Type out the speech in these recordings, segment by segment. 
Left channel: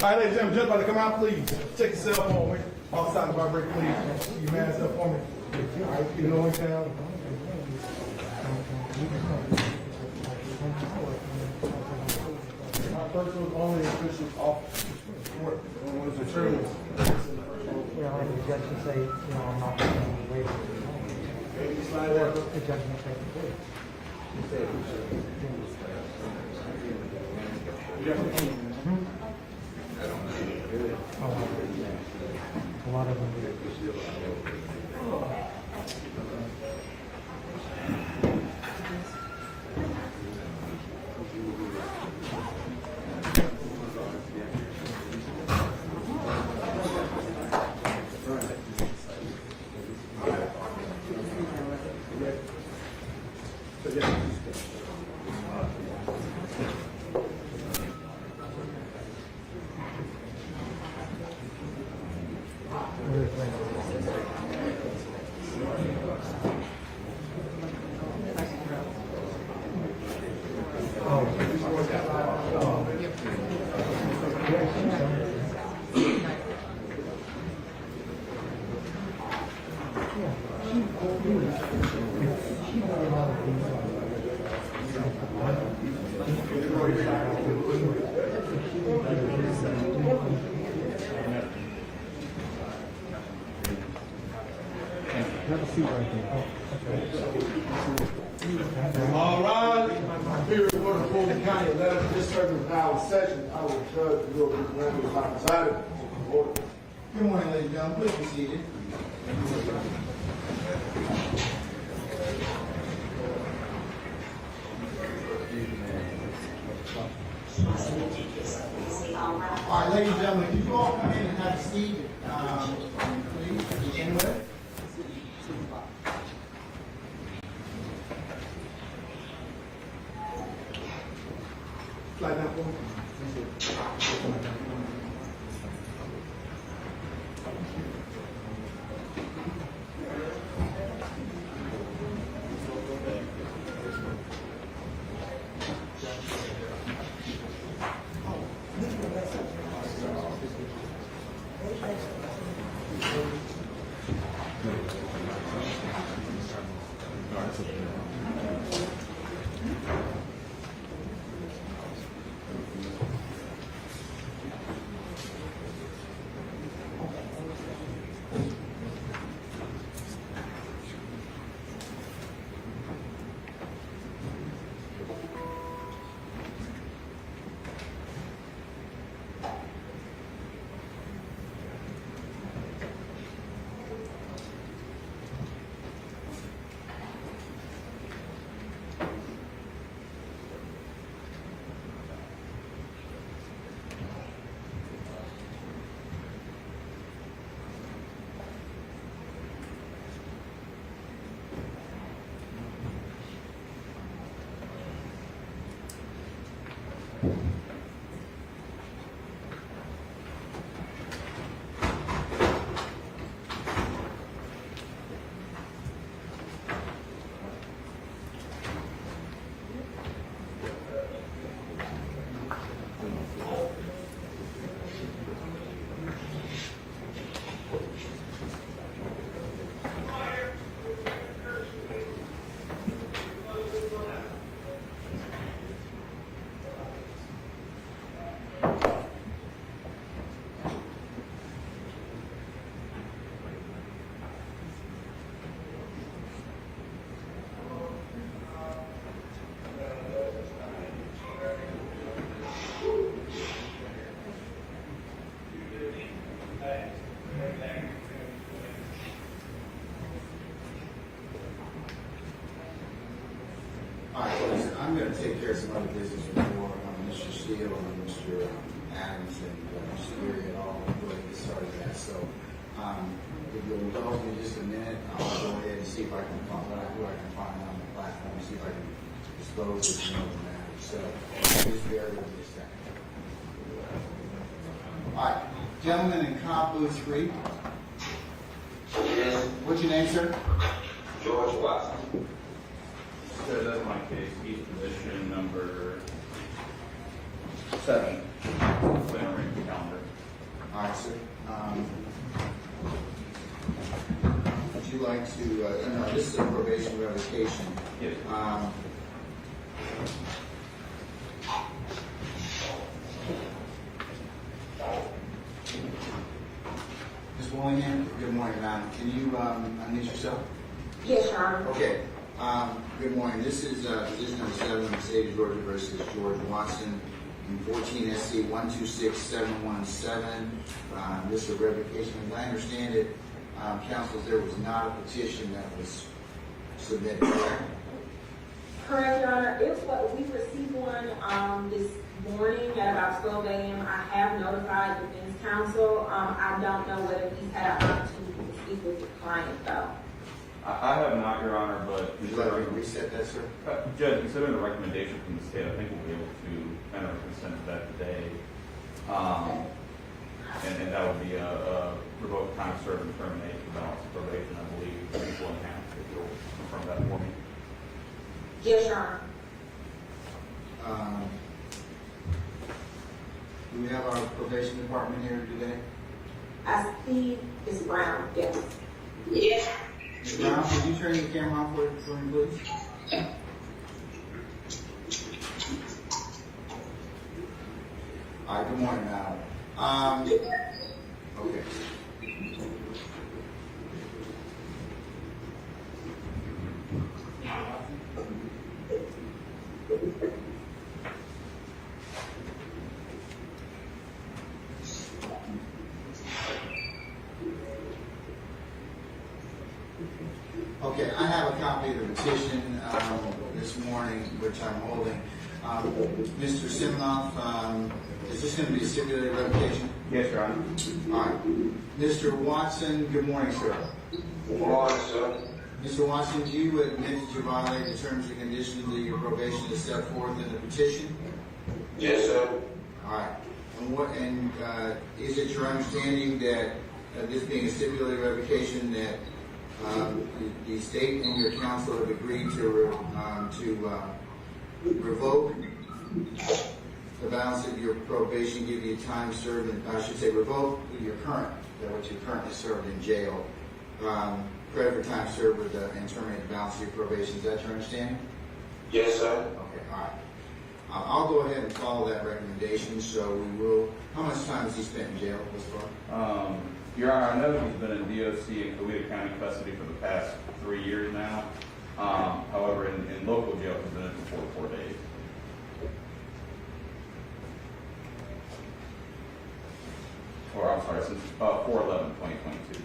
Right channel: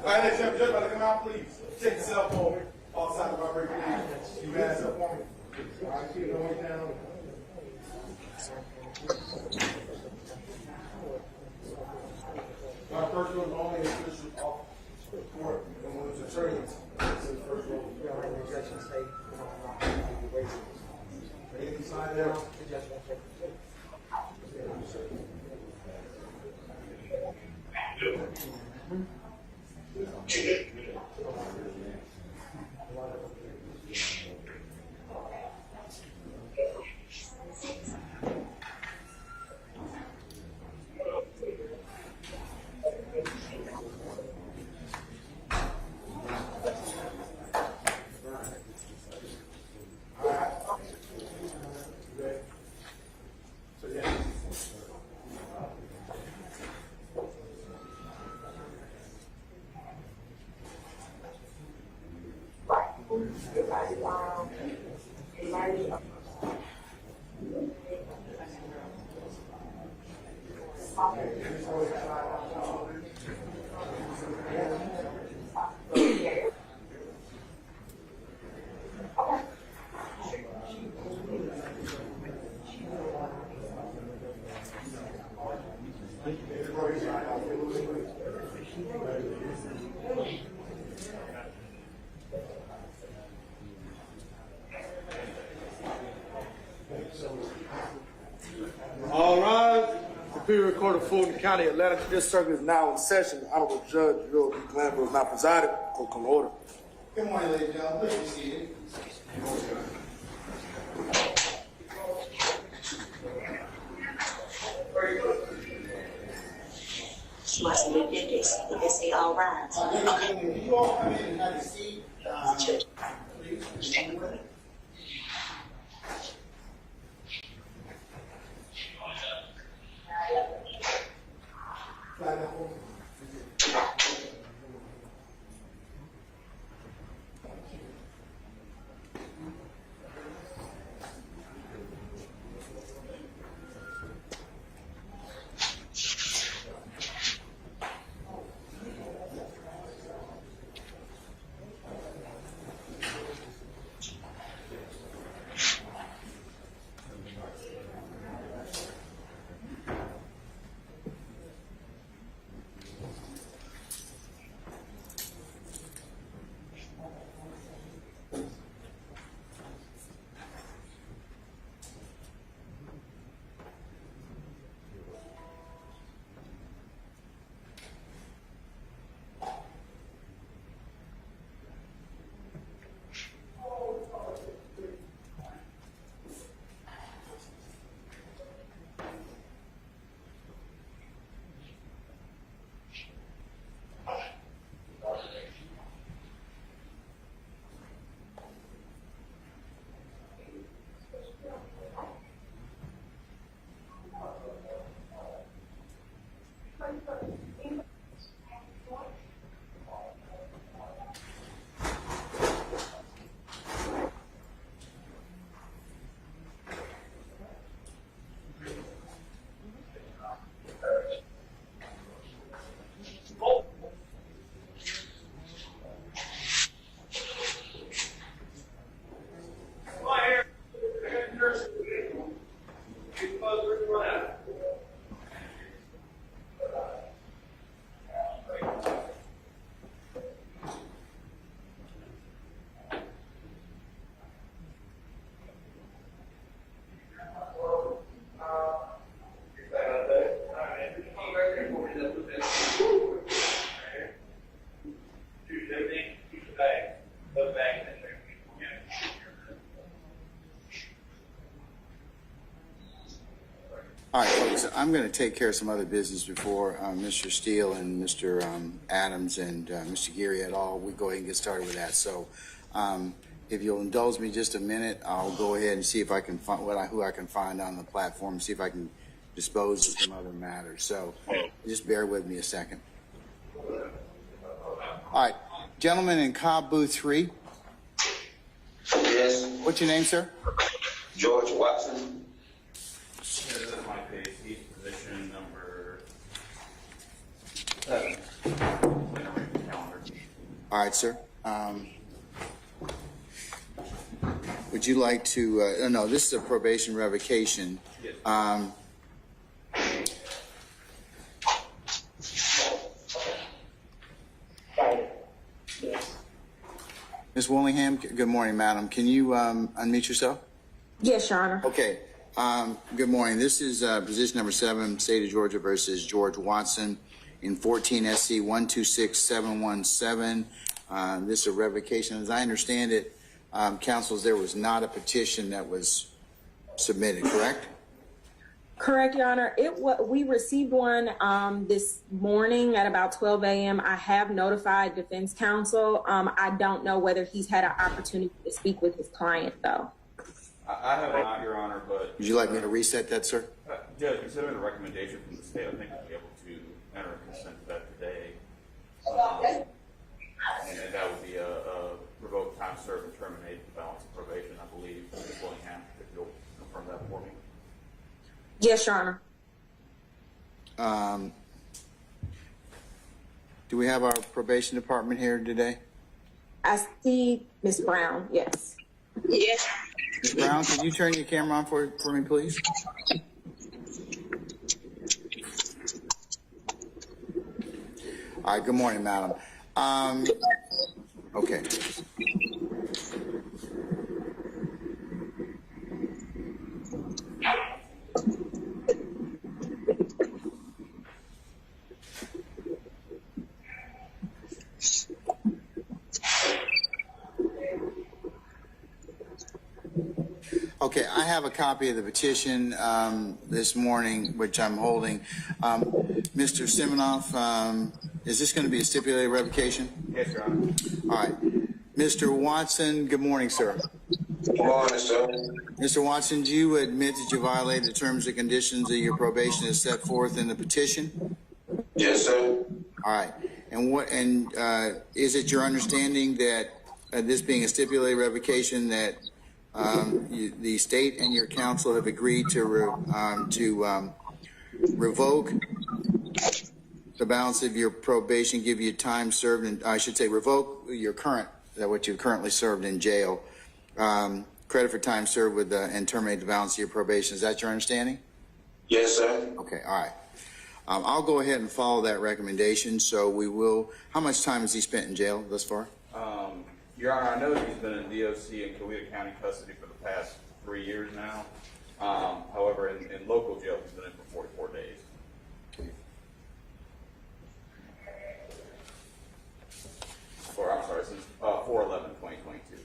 Hey, Jim, just about to come out, please. Check yourself on me. Outside of my break, please. You mask up for me. All right, keep it on down. My first was only official office report when it was attorneys. You know, and the judge can say, you know, I'm not going to be waiting. Hey, slide down. The judge may take the case. A lot of them. All right. Be recorded Fulton County 11th District is now in session. I was Judge Ural Glanville, not presiding. Will come order. Good morning, ladies and gentlemen. Please be seated. She must have been did this. Did they say all right? All right, ladies and gentlemen, if you all come in and have a seat, please. Stand up. Slide down for me. All right, folks, I'm going to take care of some other business before Mr. Steele and Mr. Adams and Mr. Geary et al. We'll go ahead and get started with that. So if you'll indulge me just a minute, I'll go ahead and see if I can find who I can find on the platform, see if I can dispose of some of the matters. So just bear with me a second. All right, gentlemen in Cobb Booth 3. Yes, What's your name, sir? George Watson. Yeah, that's my case. He's position number 7. Calendar. All right, sir. Would you like to, no, this is a probation revocation. Yes. Ms. Willingham, good morning, madam. Can you unmute yourself? Yes, Your Honor. Okay. Good morning. This is position number 7, State of Georgia versus George Watson in 14 SC 126717. This is a revocation. As I understand it, counsels, there was not a petition that was submitted, correct? Correct, Your Honor. We received one this morning at about 12 a.m. I have notified defense counsel. I don't know whether he's had an opportunity to speak with his client, though. I have not, Your Honor, but... Would you like me to reset that, sir? Judge, considering the recommendation from the state, I think we'll be able to enter a consent to that today. And that would be a revoke time served and terminate the balance of probation, I believe. Ms. Willingham, if you'll confirm that for me. Yes, Your Honor. Do we have our probation department here today? I see Ms. Brown, yes. Yes. Ms. Brown, could you turn your camera on for me, please? All right, good morning, madam. Okay. Okay, I have a copy of the petition this morning, which I'm holding. Mr. Siminoff, is this going to be a stipulated revocation? Yes, Your Honor. All right. Mr. Watson, good morning, sir. Good morning, sir. Mr. Watson, do you admit that you violated the terms and conditions of your probation as set forth in the petition? Yes, sir. All right. And is it your understanding that this being a stipulated revocation that the state and your counsel have agreed to revoke the balance of your probation, give you time served, and I should say revoke what you currently served in jail, credit for time served with and terminate the balance of your probation. Is that your understanding? Yes, sir. Okay, all right. I'll go ahead and follow that recommendation. So we will. How much time has he spent in jail thus far? Your Honor, I know he's been in DOC and Coweta County custody for the past 3 years now. However, in local jail, he's been in for 44 days. Or, I'm sorry, since 4/11/2022.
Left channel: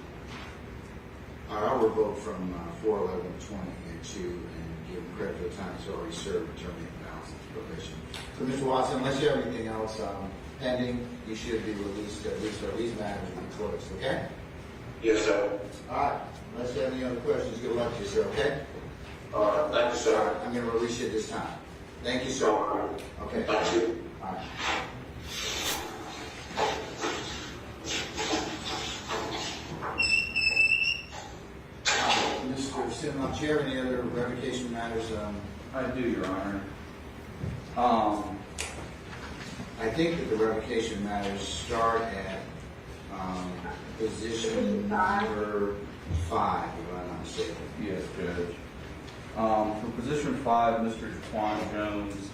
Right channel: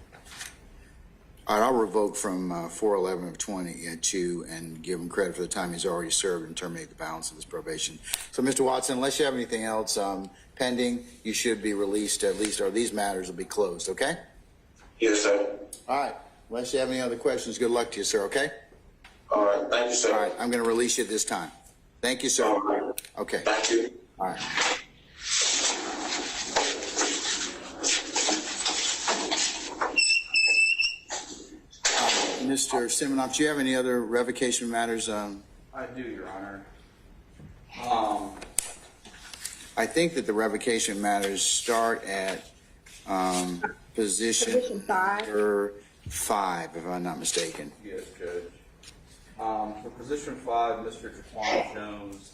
All right, I'll revoke from 4/11/22 and give him credit for the time he's already served and terminate the balance of his probation. So, Mr. Watson, unless you have anything else pending, you should be released at least, or these matters will be closed, okay? Yes, sir. All right, unless you have any other questions, good luck to you, sir, okay? All right. Thank you, All sir. right, I'm going to release you at this time. Thank you, sir. All right. Okay. Thank you. All right. Mr. Siminoff, do you have any other revocation matters? I do, Your Honor. I think that the revocation matters start at position number 5, if I'm not mistaken. Yes, Judge. For position 5, Mr. Jaquan Jones.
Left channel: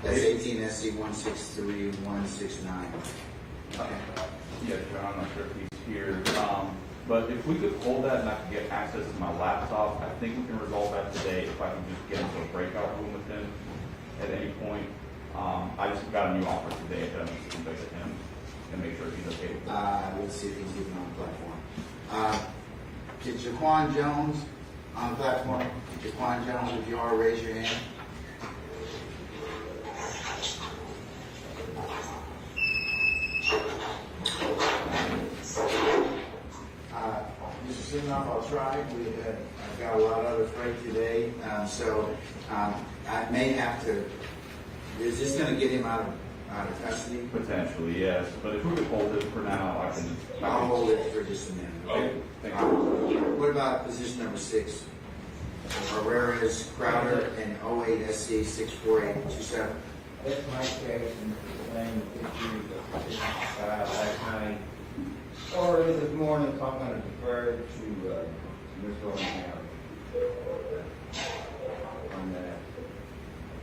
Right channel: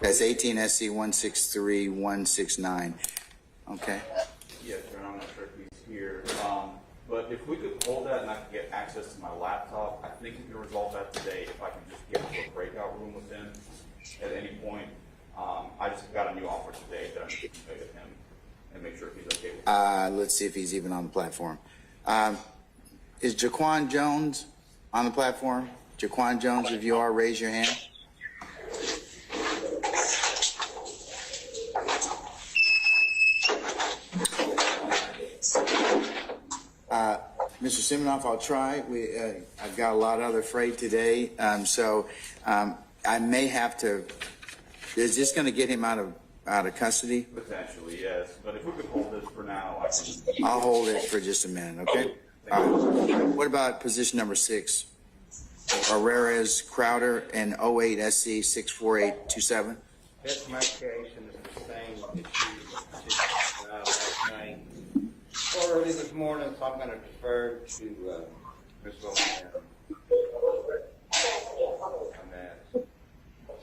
That's 18 SC 163169. Okay. Yes, Your Honor, I'm not sure if he's here. But if we could hold that and I could get access to my laptop, I think we can resolve that today if I can just get into a breakout room with him at any point. I just got a new offer today that I'm going to convey to him and make sure he's okay with it. Let's see if he's even on the platform. Is Jaquan Jones on the platform? Jaquan Jones, if you are, raise your hand. Mr. Siminoff, I'll try. I've got a lot of other freight today, so I may have to. Is this going to get him out of custody? Potentially, yes, but if we could hold it for now, I can. I'll hold it for just a minute, okay? Thank you. What about position number 6? Herrera's Crowder and 08 SC 64827? That's my case, and the same issue that filed last night. Early this morning, so I'm gonna defer to, Mr. O'Neill. On that.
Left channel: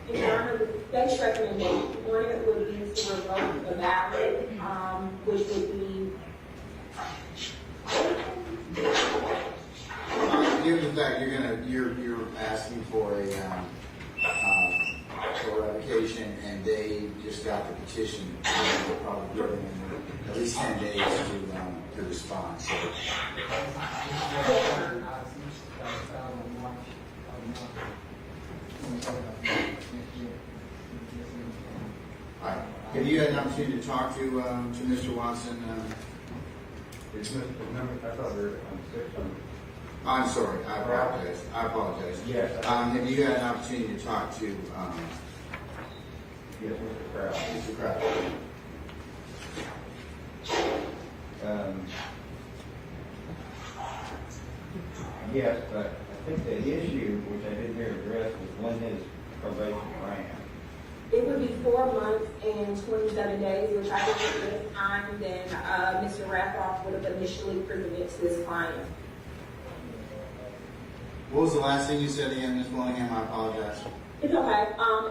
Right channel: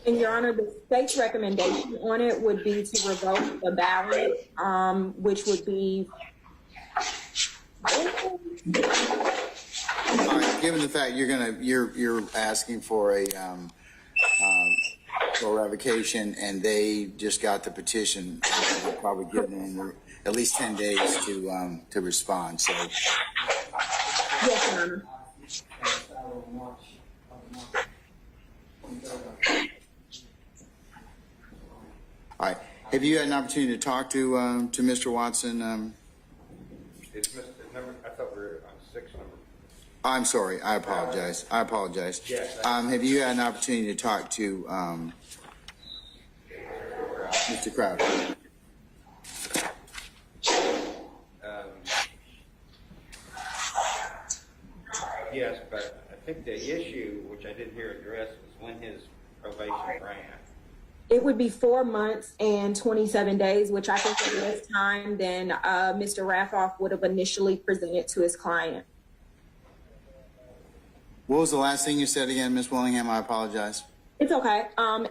And Your Honor, the state's recommendation on it would be to revoke the ballot, which would be. All right, given the fact you're asking for a revocation and they just got the petition, we'll probably give them at least 10 days to respond. So. All right. Have you had an opportunity to talk to Mr. Watson? Is Mr. Number, I thought we were on 6 on. I'm sorry. I apologize. Yes. Have you had an opportunity to talk to Mr. Crowder? Yes, but I think the issue, which I didn't hear addressed, was when his probation ran. It would be 4 months and 27 days, which I think is less time than Mr. Raffoff would have initially presented to his client. What was the last thing you said again, Ms. Willingham? I apologize. It's okay.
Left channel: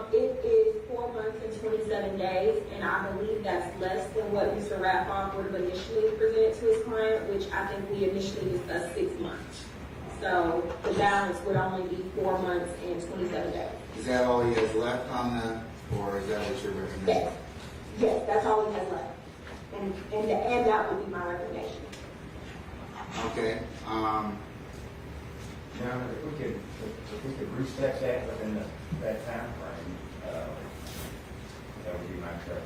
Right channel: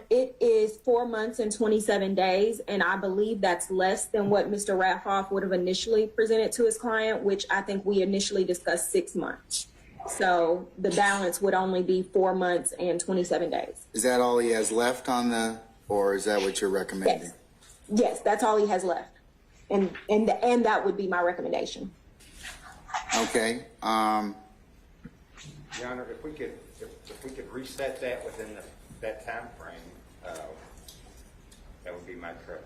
It is 4 months and 27 days, and I believe that's less than what Mr. Raffoff would have initially presented to his client, which I think we initially discussed 6 months. So the balance would only be 4 months and 27 days. Is that all he has left on the, or is that what you're recommending? Yes. Yes, that's all he has left. And that would be my recommendation. Okay. Now, if we could reset that within that time frame, that would be my preference.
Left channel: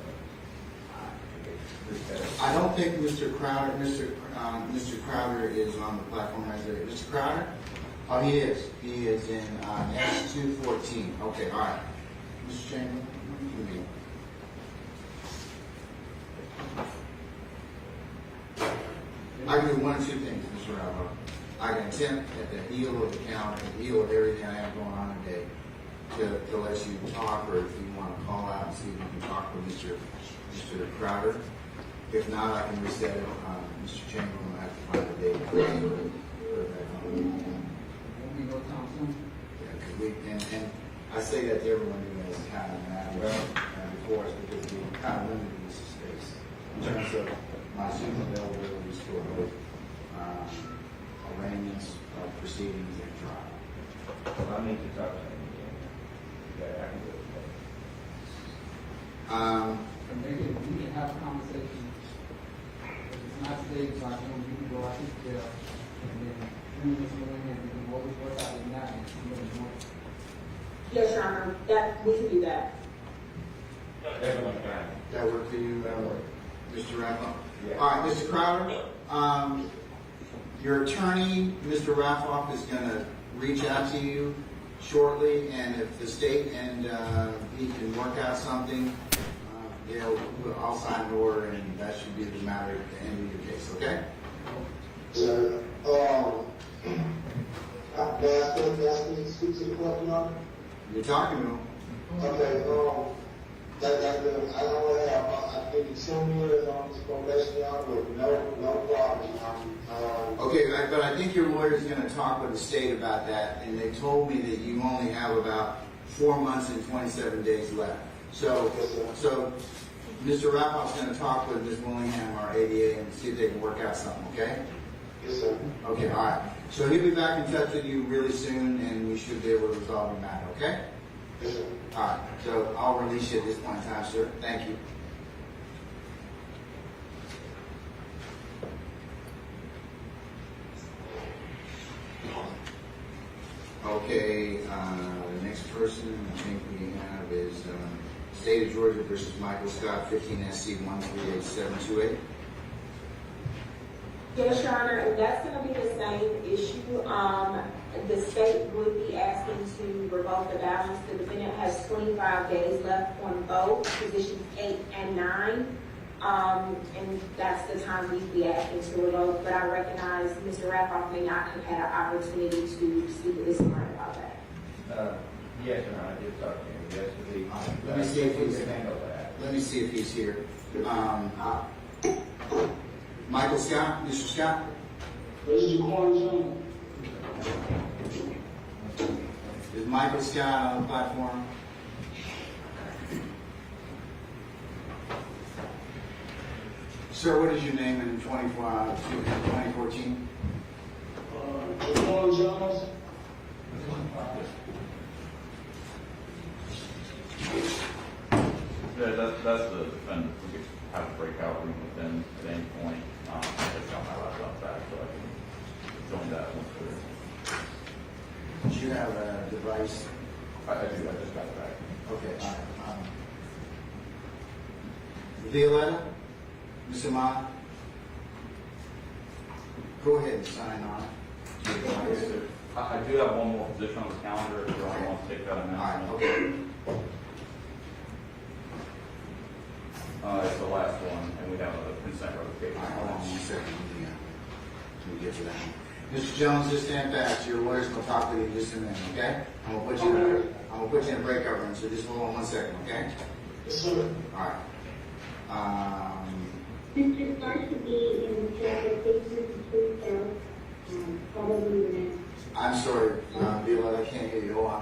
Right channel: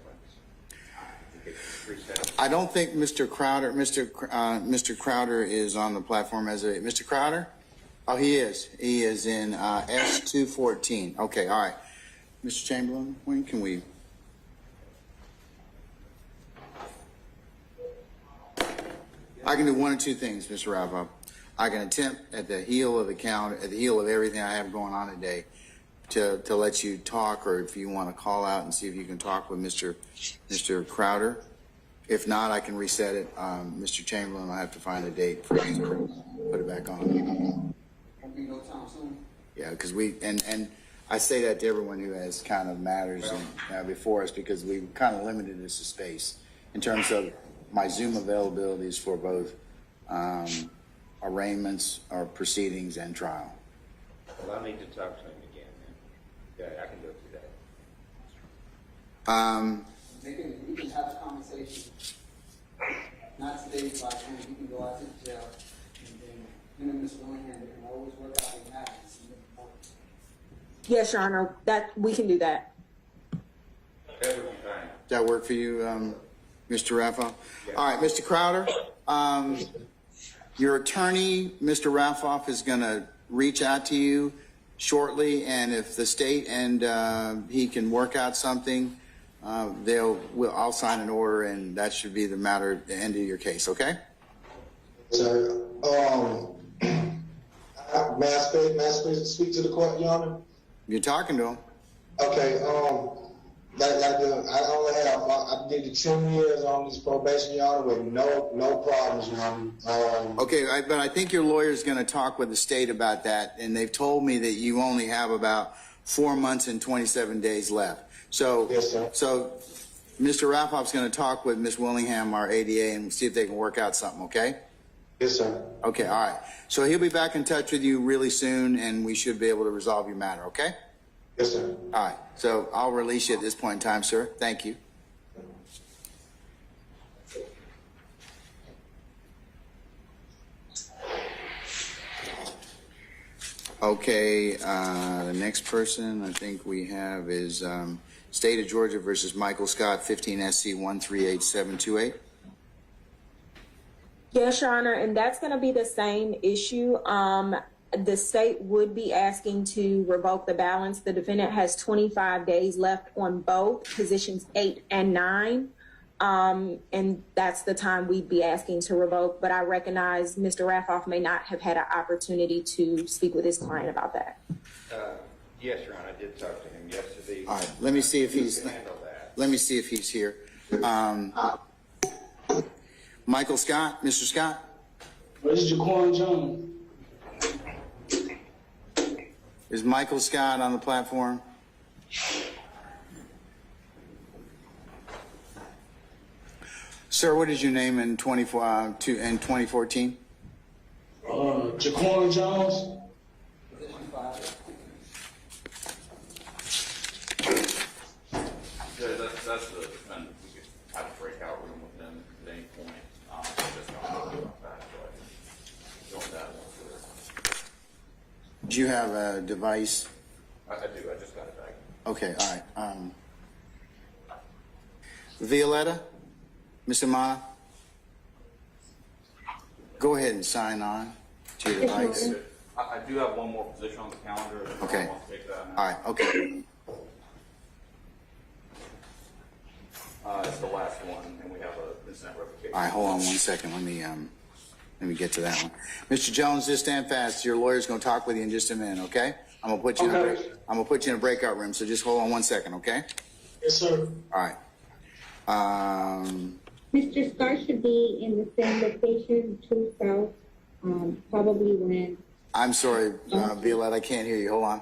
Reset it. I don't think Mr. Crowder is on the platform as a Mr. Crowder. Oh, he is. He is in S214. Okay, all right. Mr. Chamberlain, when can we? I can do one or two things, Mr. Ravo. I can attempt at the heel of the calendar, at the heel of everything I have going on today, to let you talk, or if you want to call out and see if you can talk with Mr. Crowder. If not, I can reset it. Mr. Chamberlain will have to find a date for me to put it back on. Yeah, because and I say that to everyone who has kind of matters before us, because we were kind of limited in this space in terms of my Zoom availabilities for both arraignments, or proceedings, and trial. Well, I need to talk to him again. Yeah, I can do it. We can have a conversation. It's not today, but we can go out to jail, and then you and Mr. Williams can always work out the night and see what he wants. Yes, Your Honor, that we can do that. Everyone's fine. That work for you, Mr. Raffoff? Yeah. All right, Mr. Crowder, your attorney, Mr. Raffoff, is going to reach out to you shortly, and if the state and he can work out something, I'll sign an order, and that should be the matter at the end of your case, okay? Sir, may I speak to the court, Your Honor? You're talking to him. Okay, I did 10 years on this probation, Your Honor, with no problems, Your Honor. Okay, but I think your lawyer is going to talk with the state about that, and they've told me that you only have about 4 months and 27 days left. So, Yes, sir. so Mr. Raffoff's going to talk with Ms. Willingham, our ADA, and see if they can work out something, okay? Yes, sir. Okay, all right. So he'll be back in touch with you really soon, and we should be able to resolve your matter, okay? Yes, sir. All right. So I'll release you at this point in time, sir. Thank you. Okay, the next person I think we have is State of Georgia versus Michael Scott, 15 SC 138728. Yes, Your Honor, and that's going to be the same issue. The state would be asking to revoke the balance. The defendant has 25 days left on both positions 8 and 9. And that's the time we'd be asking to revoke. But I recognize Mr. Raffoff may not have had an opportunity to speak with his client about that. Yes, Your Honor, I did talk to him yesterday. All right, let me see if he's, let me see if he's here. Michael Scott, Mr. Scott? Where's Jaquan Jones? Is Michael Scott on the platform? Sir, what is your name in 2014? Jaquan Jones? That's the defendant. We could have a breakout room with them at any point. Just don't have enough back, so I can join that one too. Do you have a device? I do. I just got it back. Okay, all right. Violetta, Mr. Ma, go ahead and sign on to your device. I do have one more position on the calendar. If Okay. I want to take that All right, okay. It's the last one, and we have a consent revocation. All right, hold on 1 second. Let me get to that one. Mr. Jones, just stand fast. Your lawyer's gonna talk with you in just a minute, okay? I'm gonna put you in a breakout room, so just hold on 1 second, okay? Yes, sir. All right. Mr. Starr should be in the same location to south, probably when. I'm sorry, Violetta, I can't hear you. Hold on.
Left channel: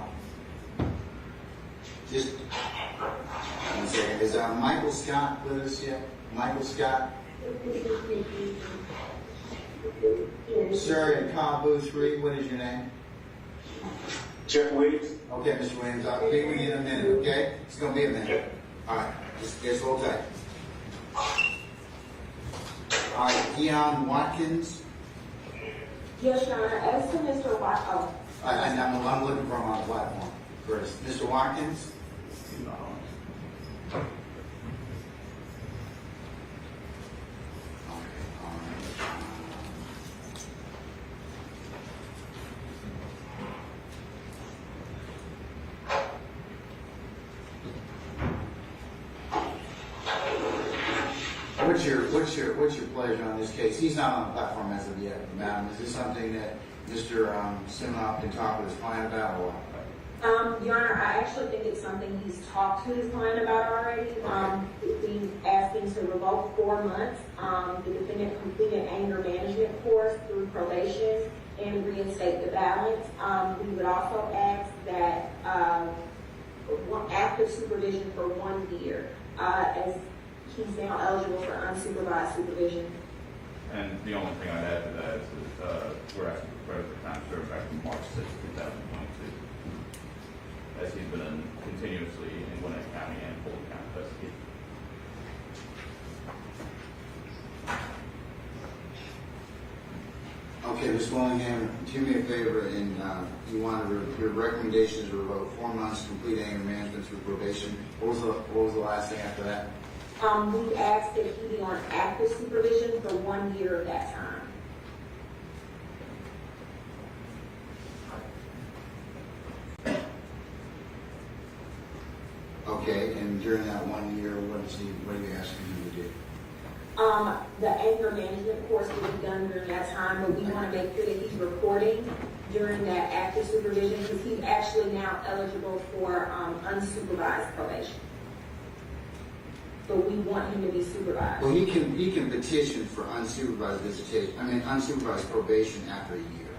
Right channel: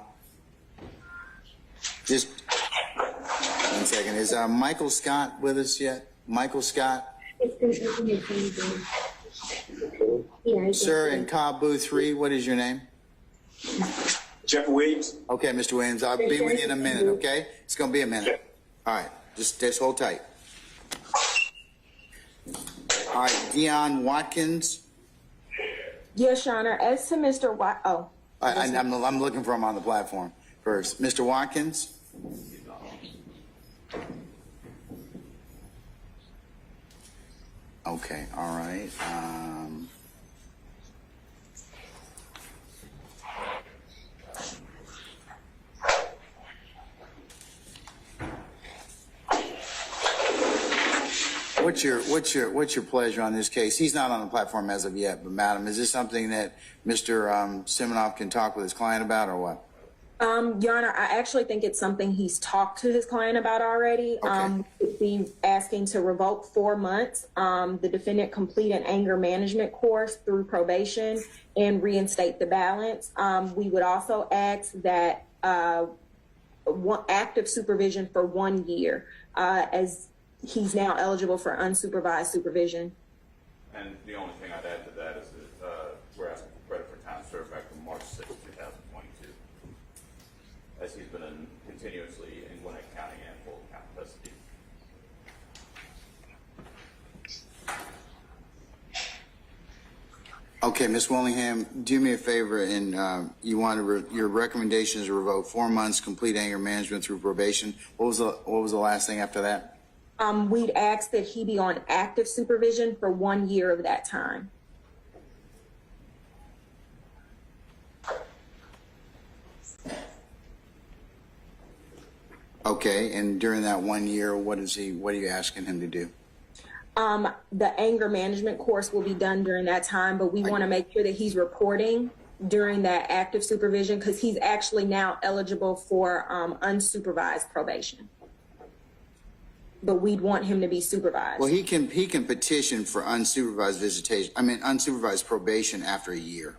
Just 1 second. Is Michael Scott with us yet? Michael Scott? Sir, in Cobb Booth 3, what is your name? Jeff Williams. Okay, Mr. Williams, I'll be with you in a minute, okay? It's gonna be a minute. All right, just hold tight. All right, Dion Watkins. Yes, Your Honor. As to Mr. I'm looking for him on the platform first. Mr. Watkins? Okay, all right. What's your pleasure on this case? He's not on the platform as of yet, but Madam, is this something that Mr. Siminoff can talk with his client about, or what? Your Honor, I actually think it's something he's talked to his client about already. Okay. He's asking to revoke 4 months. The defendant complete an anger management course through probation and reinstate the balance. We would also ask that active supervision for 1 year, as he's now eligible for unsupervised supervision. And the only thing I'd add to that is that we're asking for credit for time served back from March 6, 2022, as he's been continuously in Gwinnett County and Fulton County custody. Okay, Ms. Willingham, do me a favor, and you want your recommendation is to revoke 4 months, complete anger management through probation. What was the last thing after that? We'd ask that he be on active supervision for 1 year of that time. Okay, and during that 1 year, what are you asking him to do? The anger management course will be done during that time, but we want to make sure that he's reporting during that active supervision, because he's actually now eligible for unsupervised probation. But we'd want him to be supervised. Well, he can petition for unsupervised visitation. Unsupervised probation after a year.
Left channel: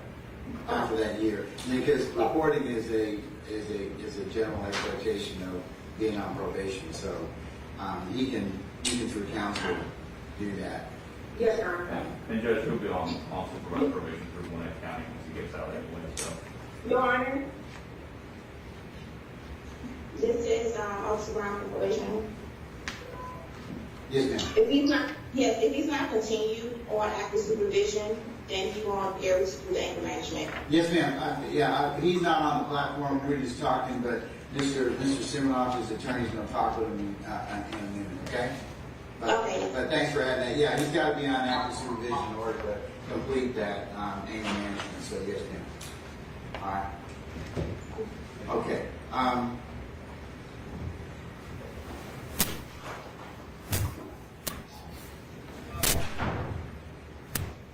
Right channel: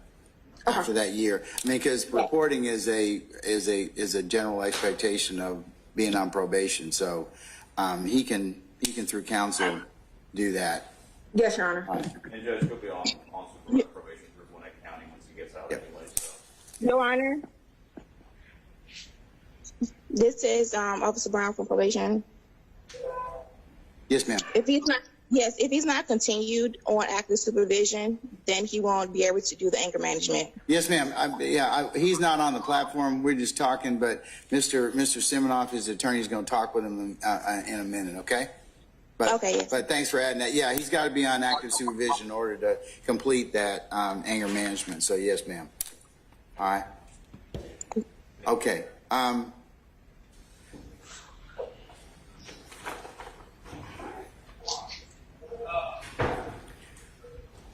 After that year, because reporting is a general expectation of being on probation. So he can through counsel do that. Yes, Your Honor. And Judge, he'll be on supervised probation for Gwinnett County once he gets out anyway. So. Your Honor. This is Officer Brown for probation. Yes, ma'am. If he's not continued on active supervision, then he won't be able to do the anger management. Yes, ma'am. He's not on the platform. We're just talking, but Mr. Siminoff, his attorney, is going to talk with him in a minute. Okay. Okay. But thanks for adding that. Yeah, he's got to be on active supervision in order to complete that anger management. So yes, ma'am. All right. Okay.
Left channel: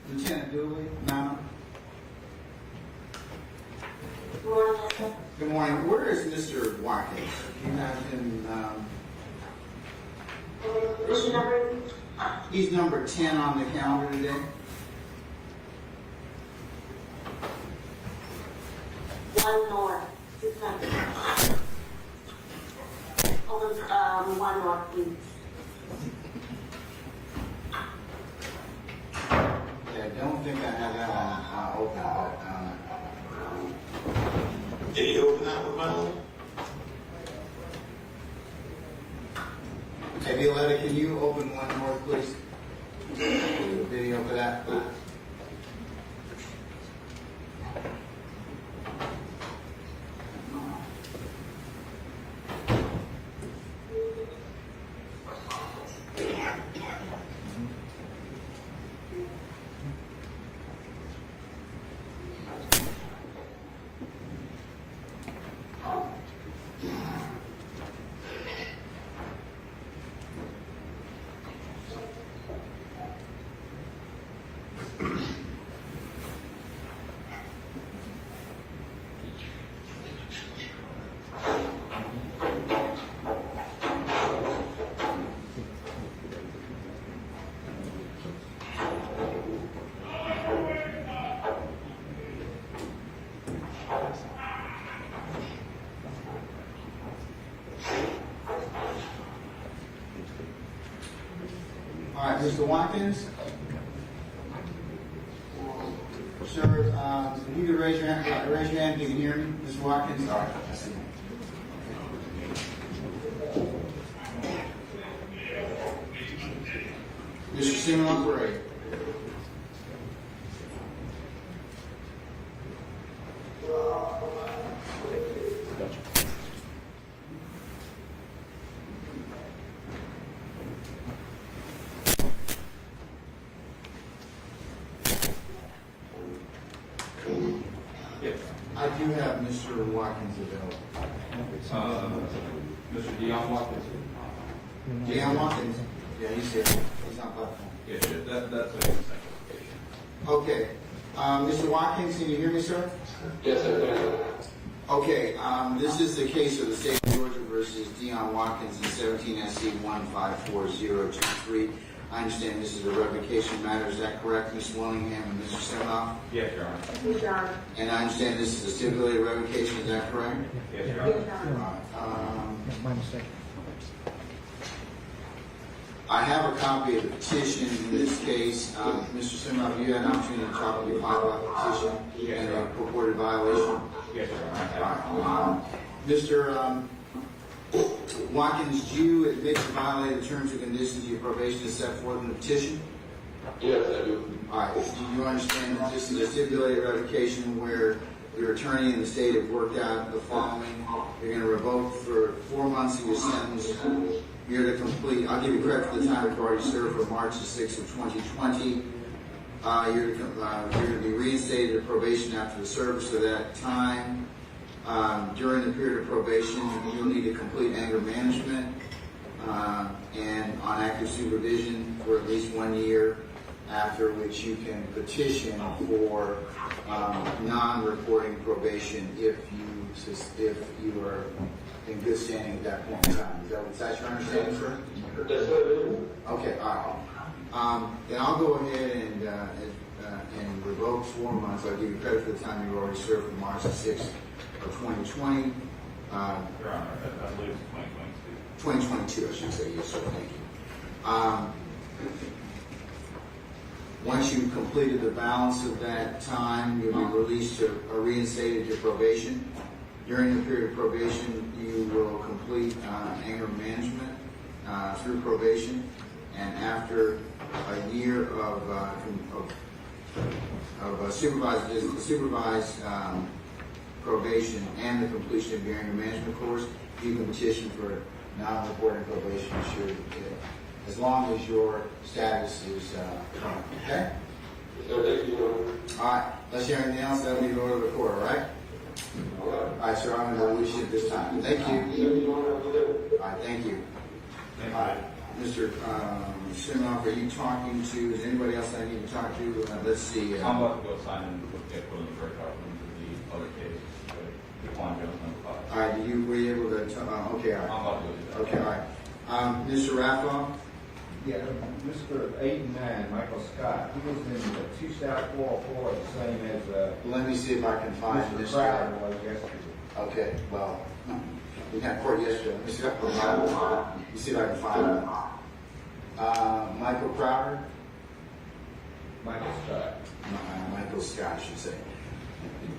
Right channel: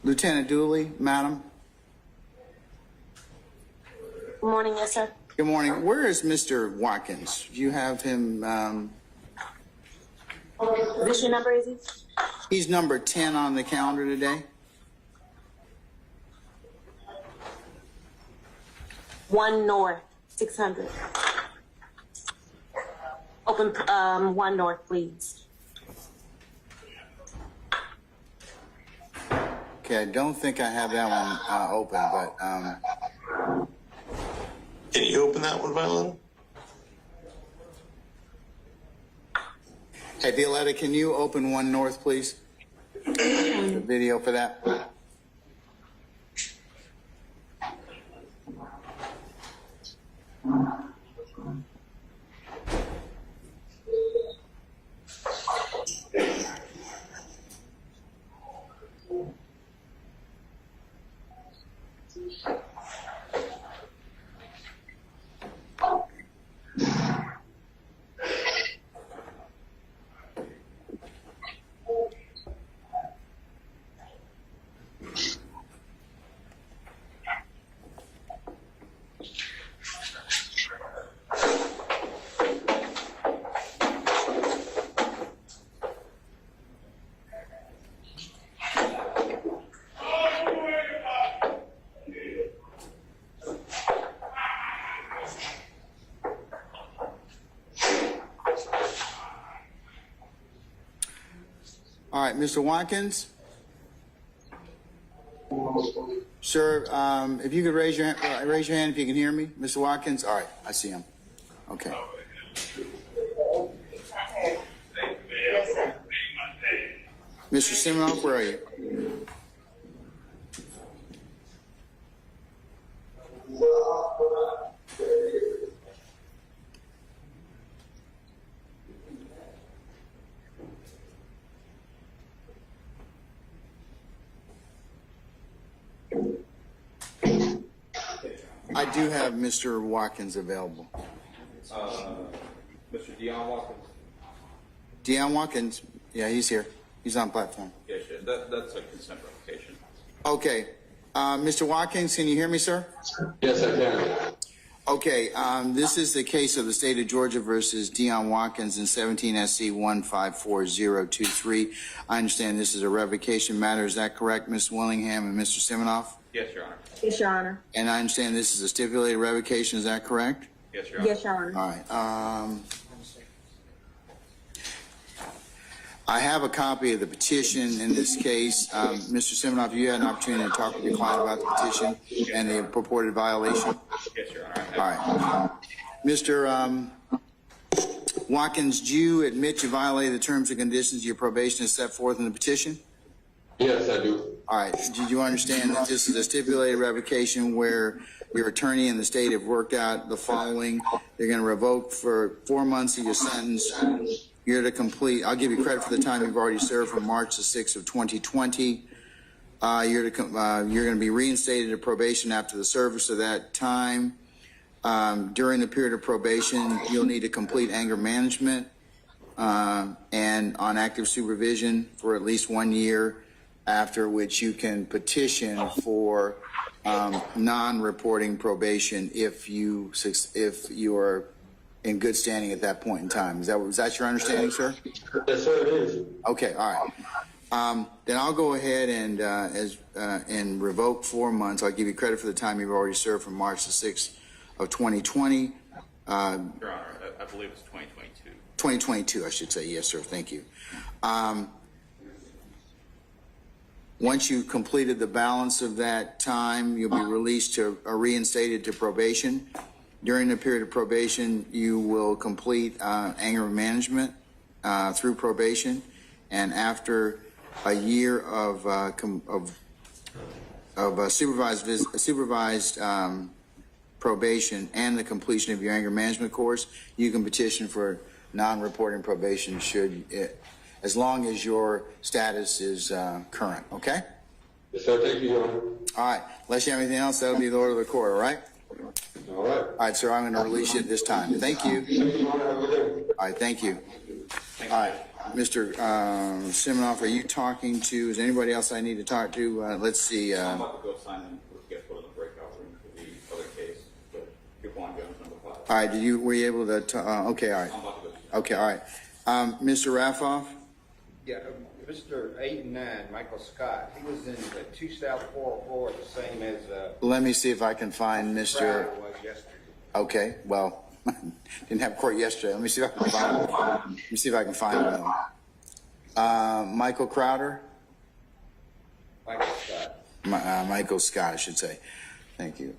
Lieutenant Dooley, madam. Good morning, yes, sir. Good morning. Where is Mr. Watkins? Do you have him? What's your number, is it? He's number 10 on the calendar today. 1 North, 600. Open 1 North, please. Okay, I don't think I have that one open, but Can you open that one, Ronald? hey, Violetta, can you open 1 North, please? Video for that. All right, Mr. Watkins. Sir, if you could raise your hand if you can hear me, Mr. Watkins. All right, I see him. Okay. Mr. Siminoff, where are you? I do have Mr. Watkins available. Mr. Deion Watkins? Deion Watkins, yeah, he's here. He's on platform. Yeah, sure. That's a consent application. Okay, Mr. Watkins, can you hear me, sir? Yes, I can. Okay, this is the case of the state of Georgia versus Deion Watkins in 17 SC 154023. I understand this is a revocation matter. Is that correct, Ms. Willingham and Mr. Siminoff? Yes, Your Honor. Yes, Your Honor. And I understand this is a stipulated revocation. Is that correct? Yes, Your Honor. Yes, Your Honor. All right. I have a copy of the petition in this case. Mr. Siminoff, you had an opportunity to talk to your client about the petition and the purported violation? Yes, Your Honor. All right. Mr. Watkins, do you admit you violated the terms and conditions of your probation as set forth in the petition? Yes, I do. All right. Did you understand that this is a stipulated revocation where your attorney and the state have worked out the following? They're going to revoke for 4 months of your sentence. You're to complete, I'll give you credit for the time you've already served from March the 6th of 2020. You're going to be reinstated to probation after the service of that time. During the period of probation, you'll need to complete anger management and on active supervision for at least 1 year, after which you can petition for non-reporting probation if you are in good standing at that point in time. Is that your understanding, sir? Yes, sir, it is. Okay, all right. Then I'll go ahead and revoke 4 months. I'll give you credit for the time you've already served from March the 6th of 2020. Your Honor, I believe it's 2022. 2022, I should say. Yes, sir. Thank you. Once you've completed the balance of that time, you'll be released to or reinstated to probation. During the period of probation, you will complete anger management through probation, and after a year of supervised probation and the completion of your anger management course, you can petition for non-reporting probation should as long as your status is current, okay? Yes, sir. Thank you, Your Honor. All right, unless you have anything else, that'll be the order of the court, all right? All right. All right, sir, I'm going to release you at this time. Thank you. Thank you, Your Honor. Have a good day. All right, thank you. All right, Mr. Siminoff, are you talking to, is there anybody else I need to talk to? Let's see. I'm about to go sign in, get put in the breakout room for the other case, the Jaquan Jones number 5. All right, were you able to, okay, all right. I'm about to do that. Okay, all right. Mr. Raffoff? Yeah, Mr. 8 and 9, Michael Scott, he was in the 2 South 404, the same as, Let me see if I can find Mr. Crowder was yesterday. Okay, well, didn't have court yesterday. Let me see if I can find him. Let me see if I can find him. Michael Crowder? Michael Scott. Michael Scott, I should say. Thank you.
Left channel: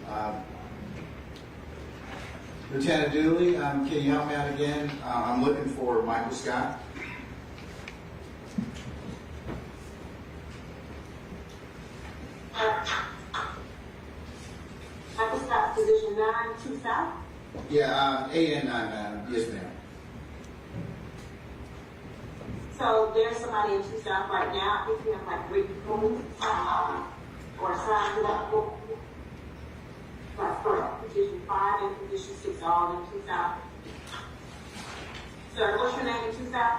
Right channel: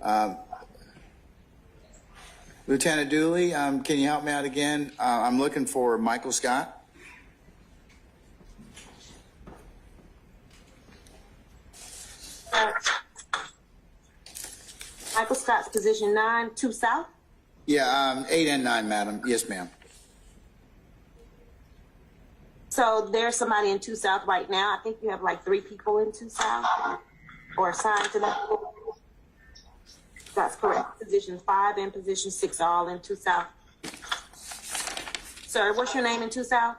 Lieutenant Dooley, can you help me out again? I'm looking for Michael Scott. Michael Scott's position 9, 2 South. Yeah, 8 and 9, madam. Yes, ma'am. So there's somebody in 2 South right now. I think you have like 3 people in 2 South or assigned to that. That's correct. Position 5 and position 6 are all in 2 South. Sir, what's your name in 2 South?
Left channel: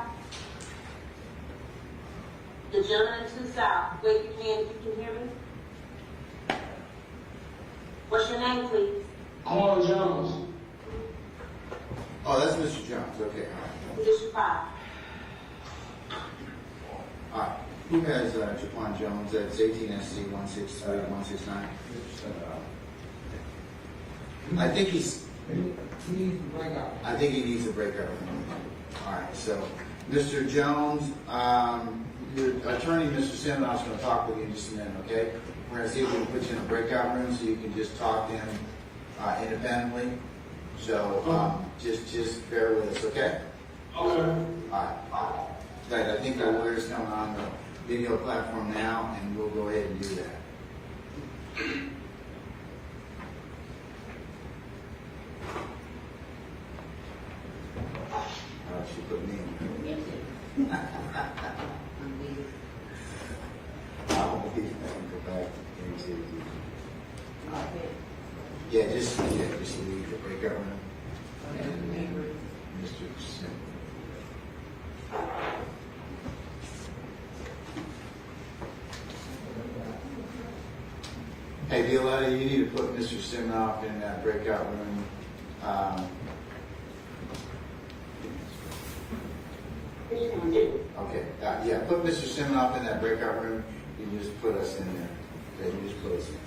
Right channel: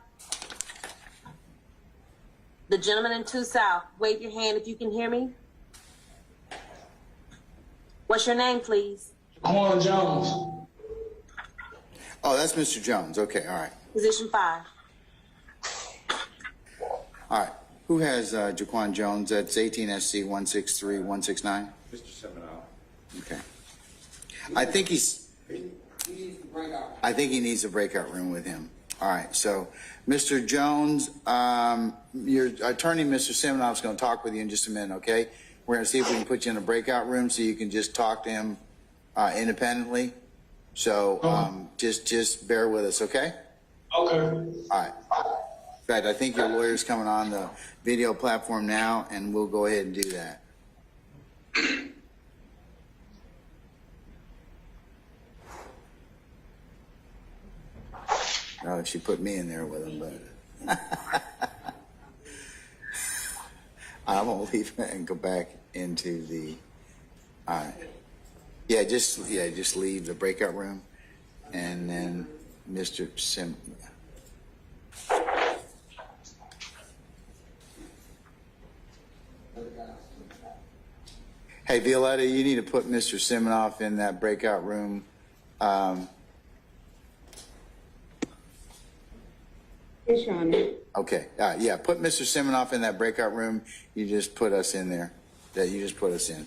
The gentleman in 2 South, wave your hand if you can hear me. What's your name, please? Corn Jones. Oh, that's Mr. Jones. Okay, all right. Position 5. All right. Who has Jaquan Jones? That's 18 SC 163169. Mr. Siminoff. Okay. I think he's. He needs to break out. I think he needs a breakout room with him. All right. So, Mr. Jones, your attorney, Mr. Siminoff, is going to talk with you in just a minute. Okay. We're going to see if we can put you in a breakout room so you can just talk to him independently. So just bear with us, okay? Okay. All right. In fact, I think your lawyer's coming on the video platform now, and we'll go ahead and do that. Oh, she put me in there with it. I'm gonna leave and go back into the. Yeah, just leave the breakout room, and then Mr. Sim. Hey, Violetta, you need to put Mr. Siminoff in that breakout room. Yes, Your Honor. Okay, yeah, put Mr. Siminoff in that breakout room. You just put us in there. That you just put us in.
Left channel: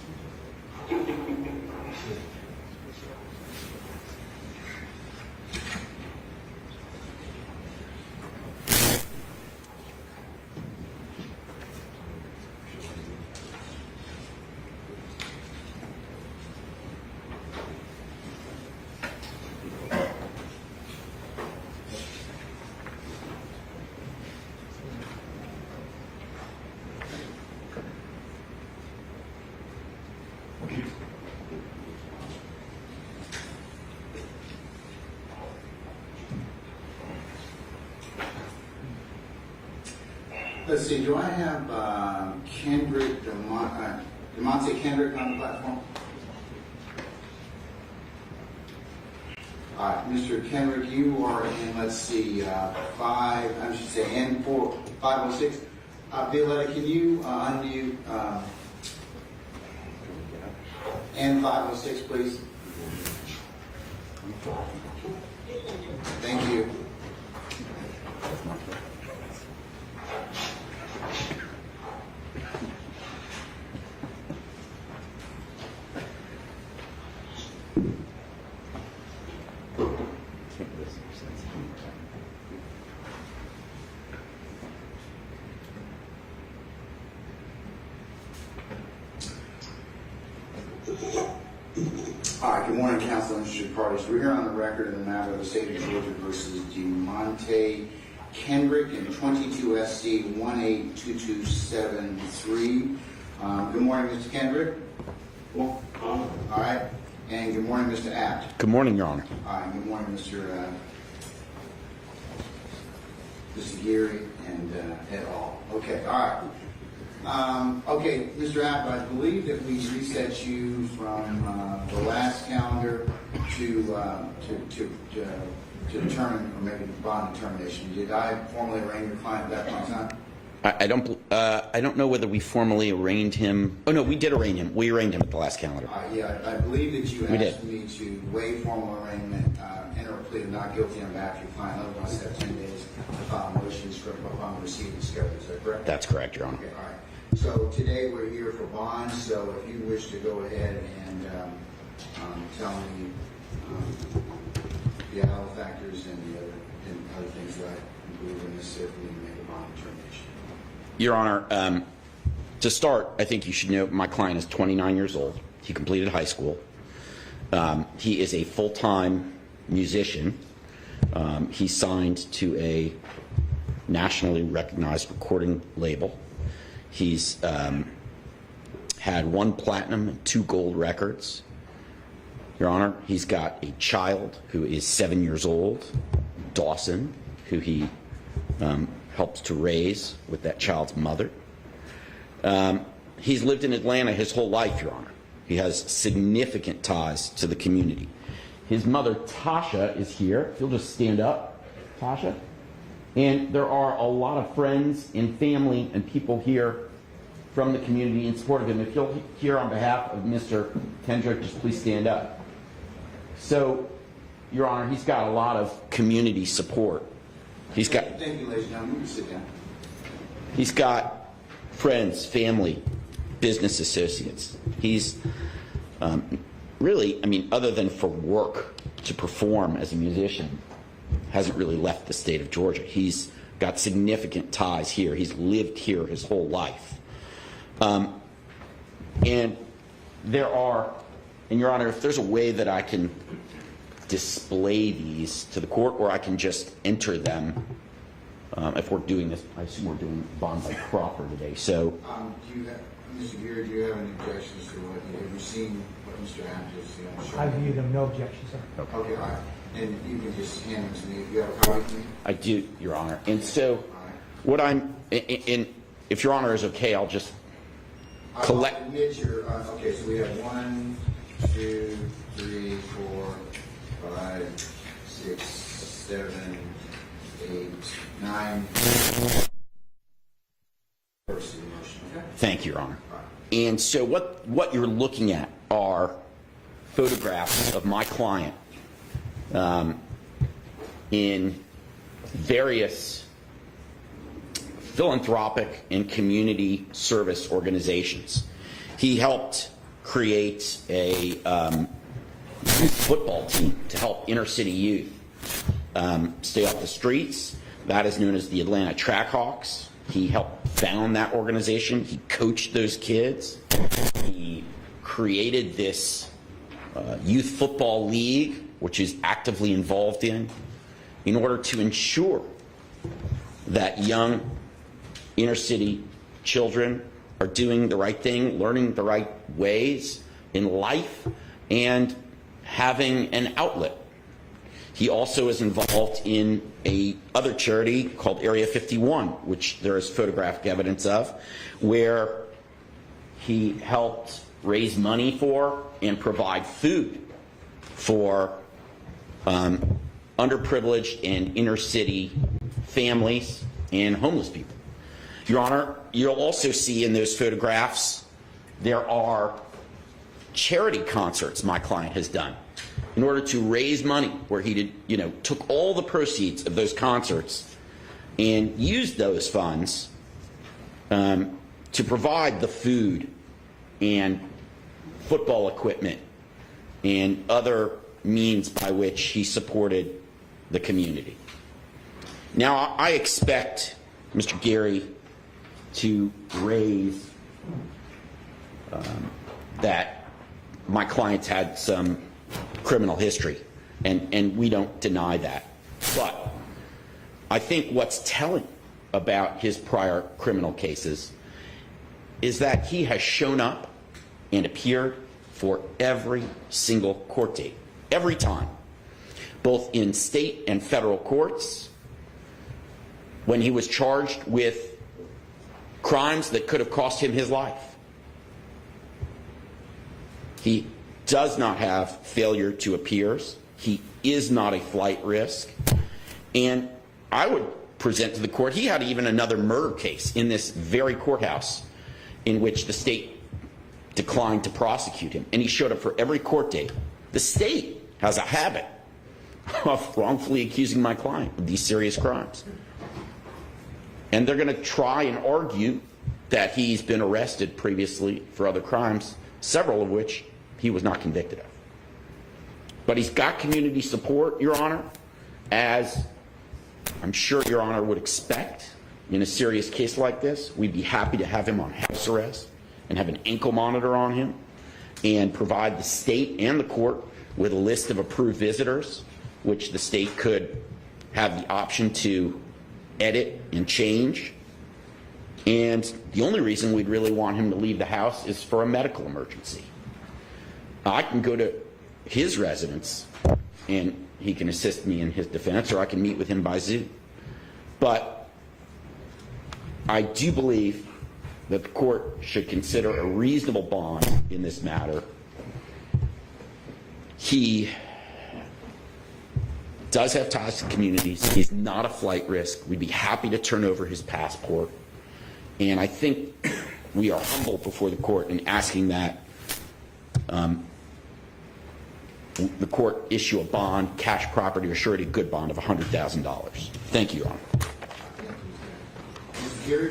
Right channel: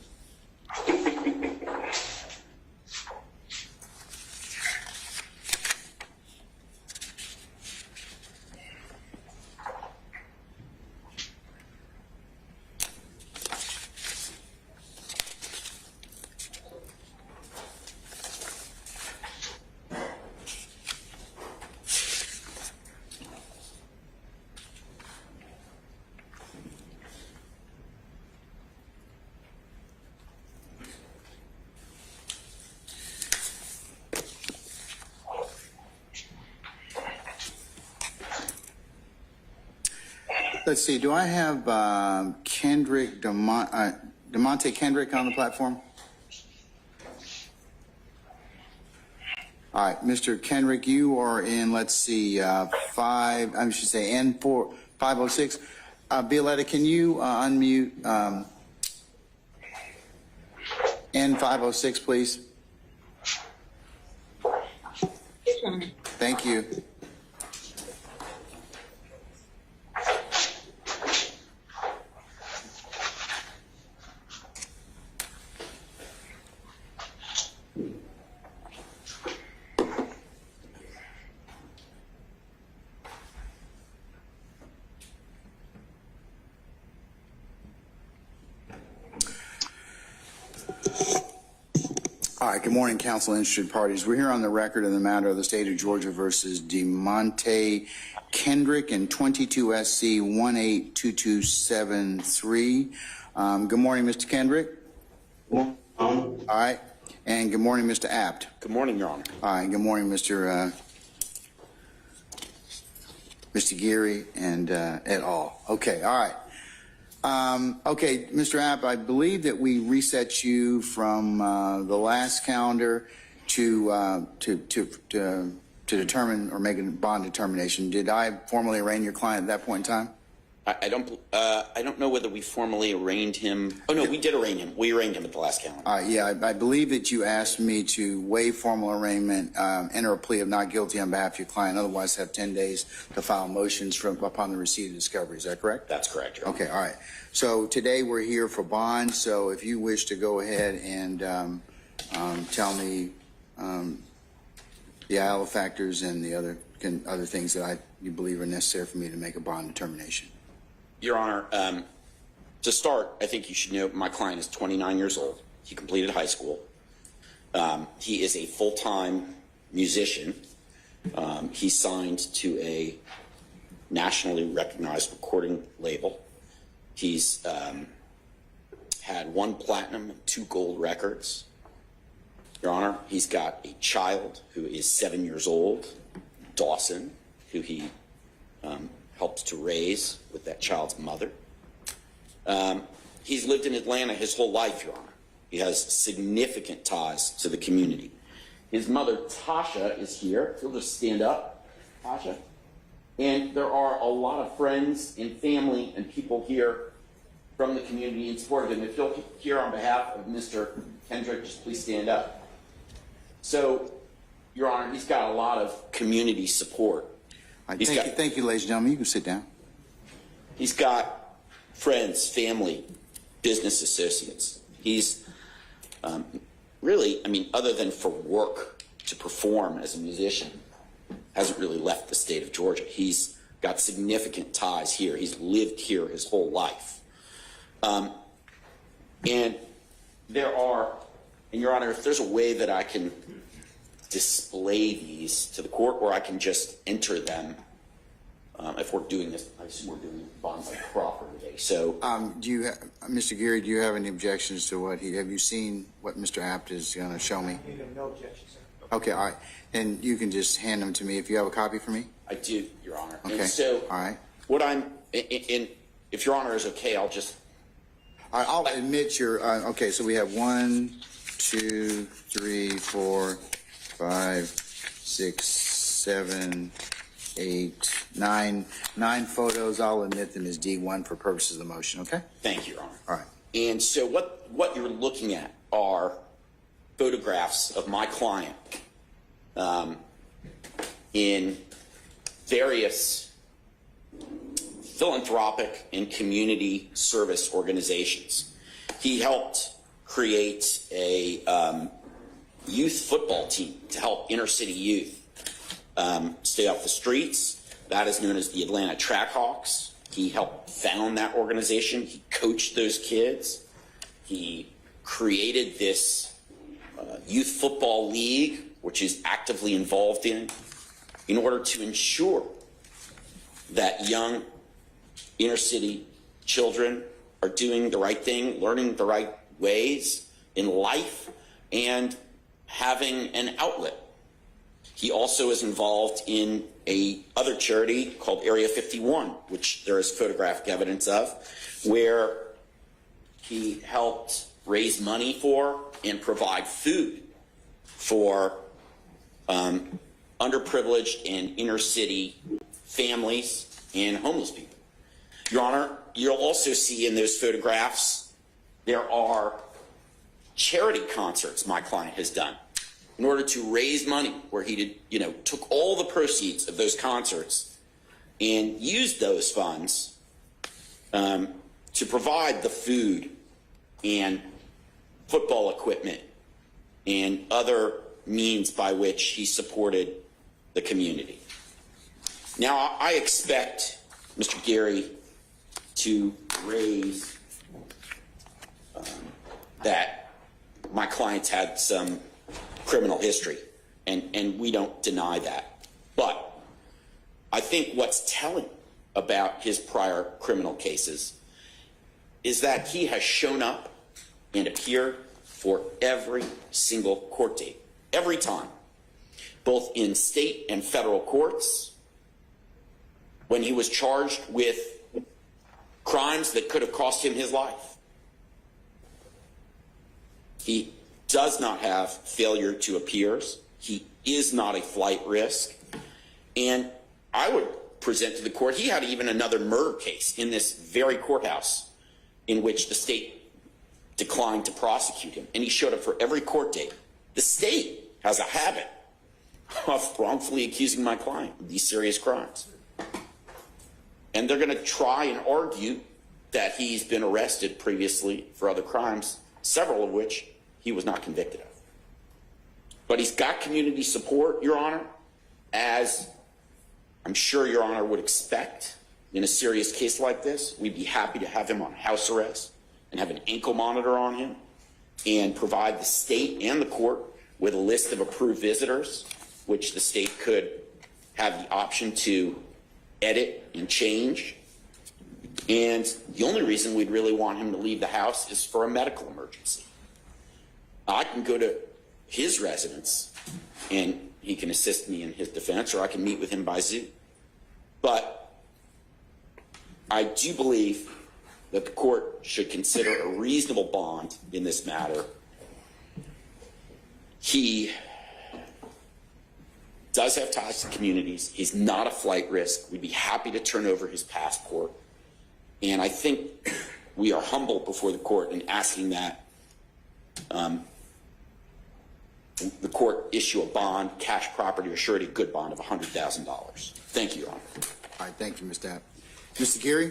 Let's see, do I have Kendrick, DeMonte Kendrick on the platform? All right, Mr. Kendrick, you are in, let's see, N4, 506. Violetta, can you unmute N506, please? Thank you. Good morning, counsel and interested parties. We're here on the record in the matter of the state of Georgia versus DeMonte Kendrick and 22 SC 182273. Good morning, Mr. Kendrick. All right. And good morning, Mr. Apt. Good morning, Your Honor. All right. Good morning, Mr. Mr. Geary, and et al. Okay, all right. Okay, Mr. App, I believe that we reset you from the last calendar to determine or make a bond determination. Did I formally arraign your client at that point in time? I don't know whether we formally arraigned him. Oh no, we did arraign him. We arraigned him at the last calendar. Yeah, I believe that you asked me to waive formal arraignment, enter a plea of not guilty on behalf of your client, otherwise have 10 days to file motions upon the receipt of discovery. Is that correct? That's correct, Your Honor. Okay, all right. So today we're here for bond, so if you wish to go ahead and tell me the IL factors and the other things that you believe are necessary for me to make a bond determination. Your Honor, to start, I think you should know my client is 29 years old. He completed high school. He is a full-time musician. He's signed to a nationally recognized recording label. He's had 1 platinum and 2 gold records. Your Honor, he's got a child who is 7 years old, Dawson, who he helps to raise with that child's mother. He's lived in Atlanta his whole life, Your Honor. He has significant ties to the community. His mother, Tasha, is here. If you'll just stand up, Tasha. And there are a lot of friends and family and people here from the community in support of him. If you'll hear on behalf of Mr. Kendrick, just please stand up. So, Your Honor, he's got a lot of community support. Thank you, ladies and gentlemen. You can sit down. He's got friends, family, business associates. He's really, I mean, other than for work to perform as a musician, hasn't really left the state of Georgia. He's got significant ties here. He's lived here his whole life. And there are, and Your Honor, if there's a way that I can display these to the court, or I can just enter them, if we're doing this, I assume we're doing bond by proffer today. So, do you, Mr. Geary, do you have any objections to what have you seen what Mr. Abt is going to show me? I view them no objection, sir. Okay, all right. And you can just hand them to me if you have a copy for me. I do, Your Honor. Okay. And so, all right. What I'm, and if Your Honor is okay, I'll just I'll admit your. Okay, so we have 1, 2, 3, 4, 5, 6, 7, 8, 9 photos. I'll admit them as D1 for purposes of the motion. Okay. Thank you, Your Honor. All right. And so what you're looking at are photographs of my client in various philanthropic and community service organizations. He helped create a youth football team to help inner city youth stay off the streets. That is known as the Atlanta Trackhawks. He helped found that organization. He coached those kids. He created this youth football league, which is actively involved in order to ensure that young inner city children are doing the right thing, learning the right ways in life, and having an outlet. He also is involved in a other charity called Area 51, which there is photographic evidence of, where he helped raise money for and provide food for underprivileged and inner city families and homeless people. Your Honor, you'll also see in those photographs there are charity concerts my client has done in order to raise money, where he did, took all the proceeds of those concerts and used those funds to provide the food and football equipment and other means by which he supported the community. Now, I expect Mr. Geary to raise that my client's had some criminal history, and we don't deny that. But I think what's telling about his prior criminal cases is that he has shown up and appeared for every single court date, every time, both in state and federal courts, when he was charged with crimes that could have cost him his life. He does not have failure to appears. He is not a flight risk. And I would present to the court, he had even another murder case in this very courthouse in which the state declined to prosecute him. And he showed up for every court date. The state has a habit of wrongfully accusing my client of these serious crimes. And they're going to try and argue that he's been arrested previously for other crimes, several of which he was not convicted of. But he's got community support, Your Honor, as I'm sure Your Honor would expect in a serious case like this. We'd be happy to have him on house arrest and have an ankle monitor on him and provide the state and the court with a list of approved visitors, which the state could have the option to edit and change. And the only reason we'd really want him to leave the house is for a medical emergency. I can go to his residence and he can assist me in his defense, or I can meet with him by Zoom. But I do believe that the court should consider a reasonable bond in this matter. He does have ties to communities. He's not a flight risk. We'd be happy to turn over his passport. And I think we are humble before the court in asking that the court issue a bond, cash property, or surety good bond of $100,000. Thank you, Your Honor. All right, thank you, Mr. Adams. Mr. Geary?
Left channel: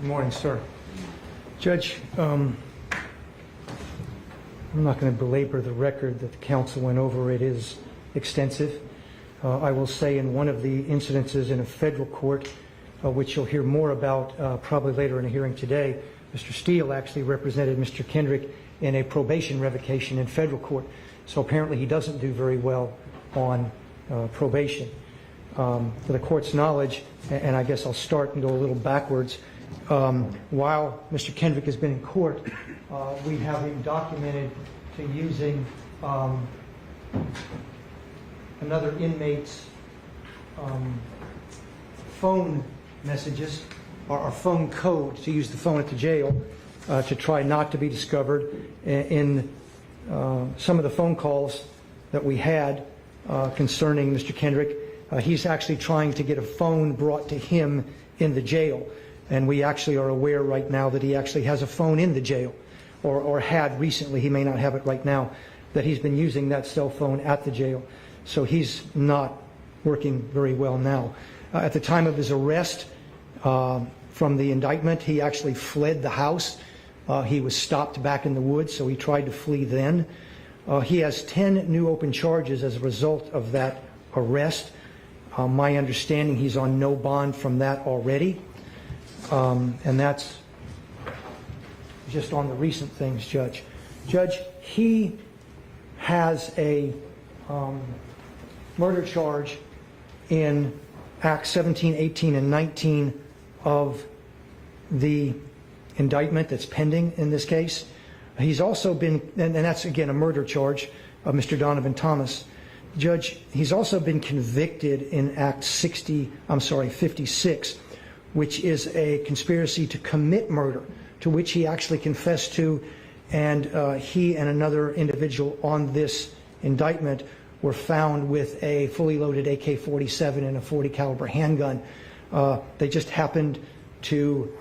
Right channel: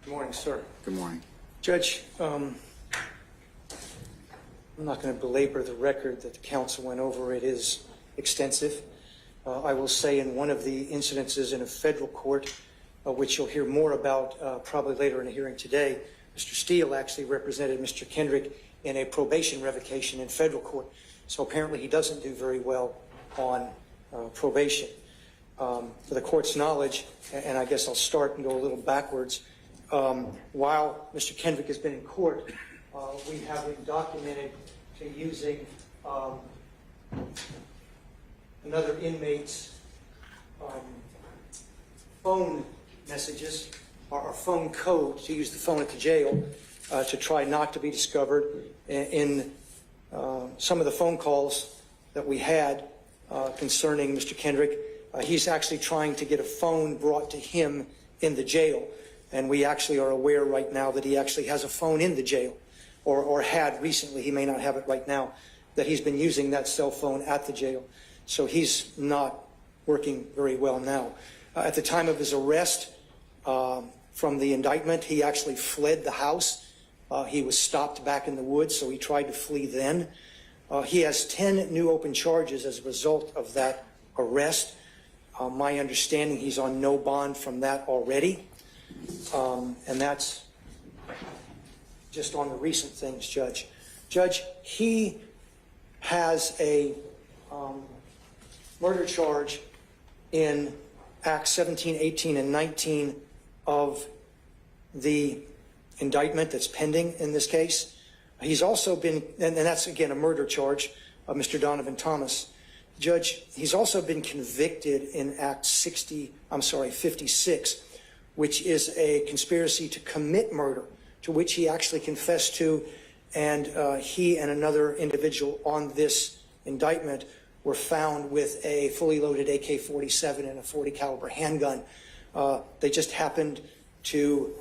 Good morning, sir. Good morning. Judge, I'm not going to belabor the record that the counsel went over. It is extensive. I will say in one of the incidences in a federal court, which you'll hear more about probably later in a hearing today, Mr. Steele actually represented Mr. Kendrick in a probation revocation in federal court. So apparently he doesn't do very well on probation. For the court's knowledge, and I guess I'll start and go a little backwards, while Mr. Kendrick has been in court, we have him documented to using another inmate's phone messages, or phone code, to use the phone at the jail to try not to be discovered. In some of the phone calls that we had concerning Mr. Kendrick, he's actually trying to get a phone brought to him in the jail. And we actually are aware right now that he actually has a phone in the jail, or had recently. He may not have it right now, that he's been using that cell phone at the jail. So he's not working very well now. At the time of his arrest, from the indictment, he actually fled the house. He was stopped back in the woods, so he tried to flee then. He has 10 new open charges as a result of that arrest. My understanding, he's on no bond from that already. And that's just on the recent things, Judge. Judge, he has a murder charge in Acts 17, 18, and 19 of the indictment that's pending in this case. He's also been, and that's again a murder charge of Mr. Donovan Thomas. Judge, he's also been convicted in Act 56, which is a conspiracy to commit murder, to which he actually confessed to, and he and another individual on this indictment were found with a fully loaded AK-47 and a .40 caliber handgun. They just happened to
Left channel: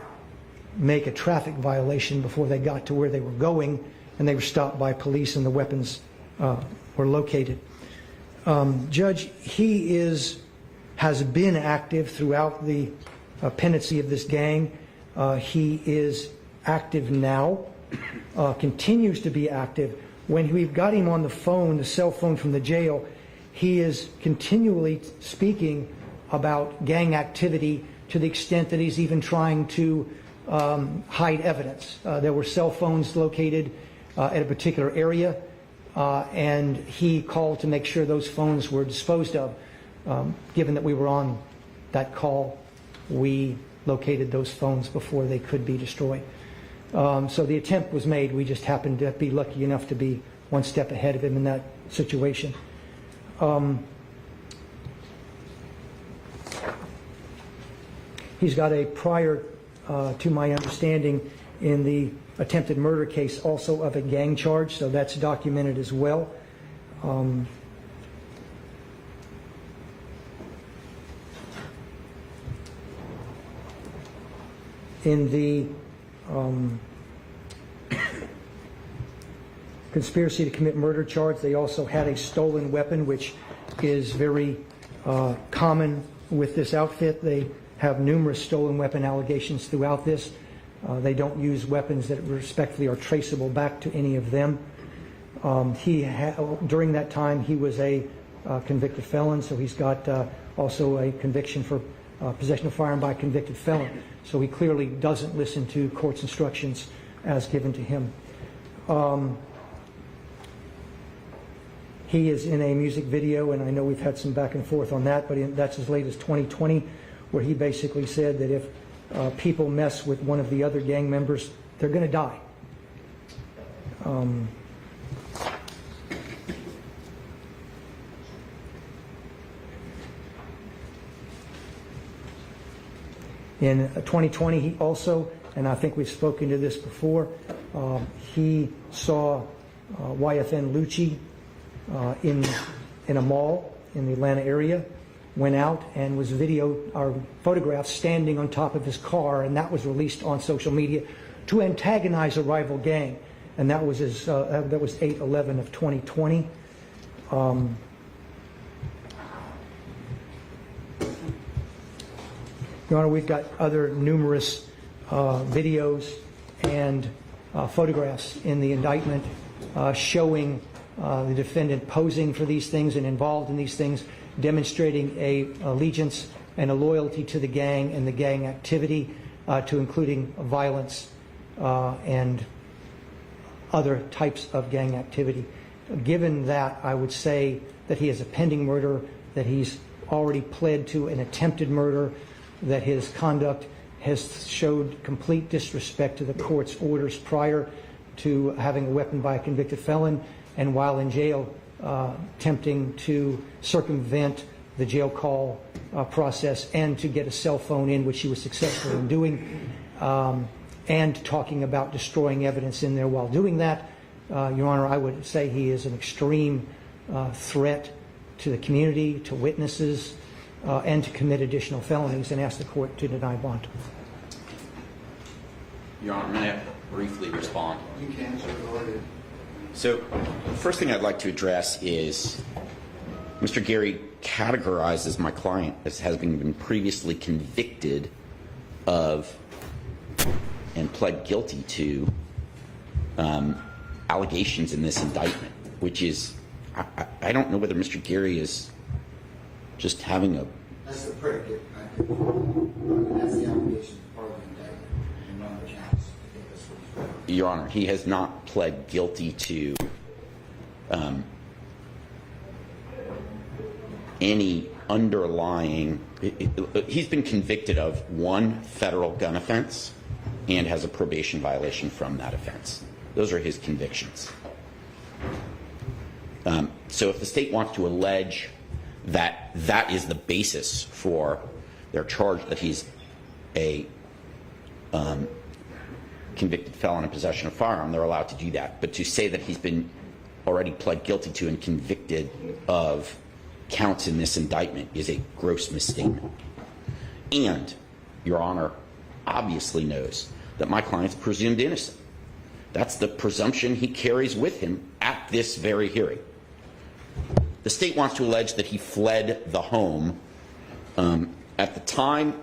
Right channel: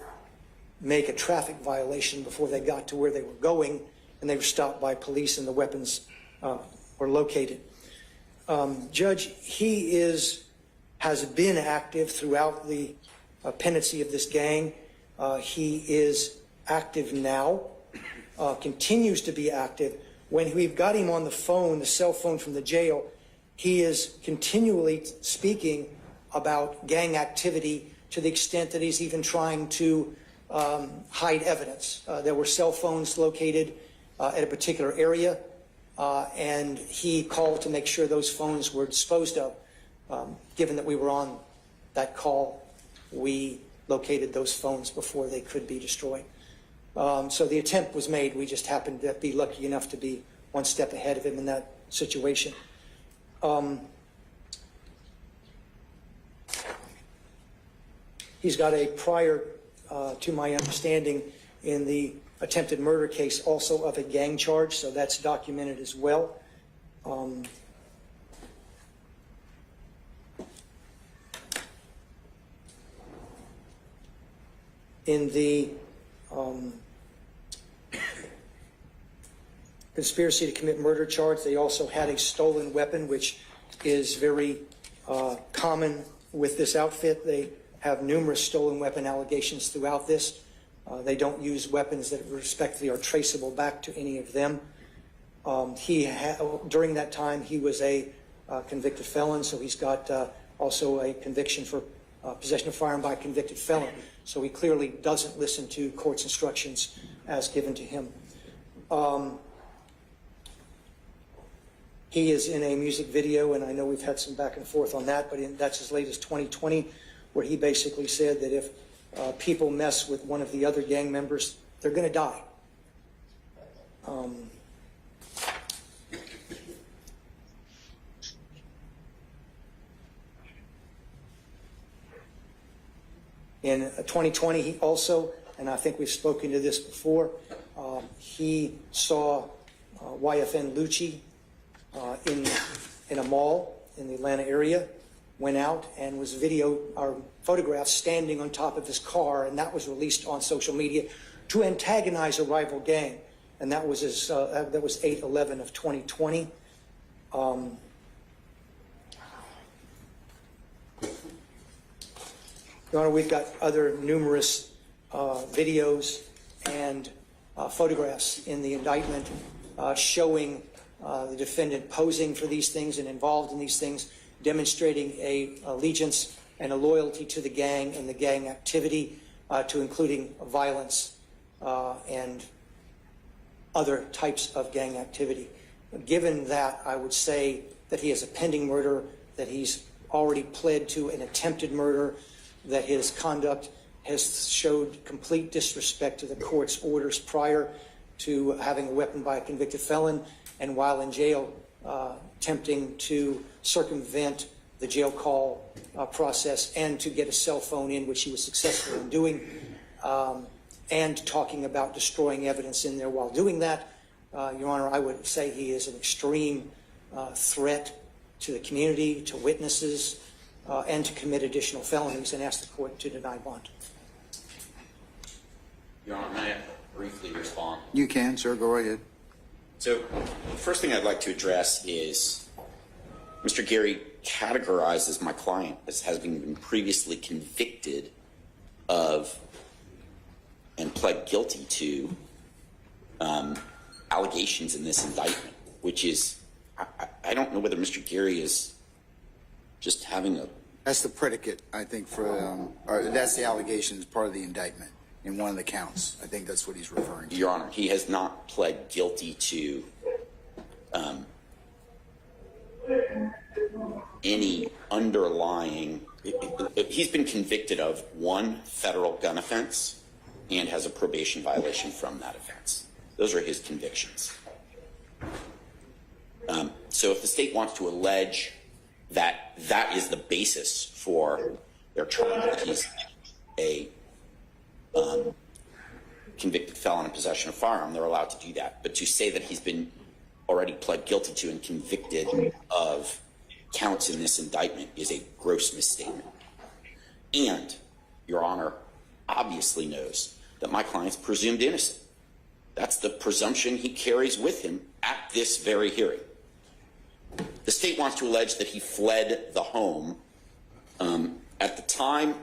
make a traffic violation before they got to where they were going, and they were stopped by police and the weapons were located. Judge, he has been active throughout the pendency of this gang. He is active now, continues to be active. When we've got him on the phone, the cell phone from the jail, he is continually speaking about gang activity to the extent that he's even trying to hide evidence. There were cell phones located at a particular area, and he called to make sure those phones were disposed of. Given that we were on that call, we located those phones before they could be destroyed. So the attempt was made. We just happened to be lucky enough to be one step ahead of him in that situation. He's got a prior, to my understanding, in the attempted murder case also of a gang charge, so that's documented as well. In the conspiracy to commit murder charge, they also had a stolen weapon, which is very common with this outfit. They have numerous stolen weapon allegations throughout this. They don't use weapons that respectively are traceable back to any of them. During that time, he was a convicted felon, so he's got also a conviction for possession of firearm by a convicted felon. So he clearly doesn't listen to court's instructions as given to him. He is in a music video, and I know we've had some back and forth on that, but that's as late as 2020, where he basically said that if people mess with one of the other gang members, they're going to die. In 2020, he also, and I think we've spoken to this before, he saw YFN Lucci in a mall in the Atlanta area, went out and was photographed standing on top of his car, and that was released on social media to antagonize a rival gang, and that was 8/11 of 2020. Your Honor, we've got other numerous videos and photographs in the indictment showing the defendant posing for these things and involved in these things, demonstrating a allegiance and a loyalty to the gang and the gang activity, to including violence and other types of gang activity. Given that, I would say that he is a pending murderer, that he's already pled to an attempted murder, that his conduct has showed complete disrespect to the court's orders prior to having a weapon by a convicted felon, and while in jail, attempting to circumvent the jail call process and to get a cell phone in, which he was successful in doing, and talking about destroying evidence in there while doing that. Your Honor, I would say he is an extreme threat to the community, to witnesses, and to commit additional felonies, and ask the court to deny bond. Your Honor, may I briefly respond? You can, sir. Go ahead. So the first thing I'd like to address is Mr. Gary categorizes my client as having been previously convicted of and pled guilty to allegations in this indictment, which is, I don't know whether Mr. Gary is just having a... That's the predicate, I think, or that's the allegation as part of the indictment in one of the counts. I think that's what he's referring to. Your Honor, he has not pled guilty to any underlying... He's been convicted of one federal gun offense and has a probation violation from that offense. Those are his convictions. So if the state wants to allege that that is the basis for their charge that he's a convicted felon in possession of a firearm, they're allowed to do that. But to say that he's been already pled guilty to and convicted of counts in this indictment is a gross misstatement. And Your Honor obviously knows that my client's presumed innocent. That's the presumption he carries with him at this very hearing. The state wants to allege that he fled the home. At the time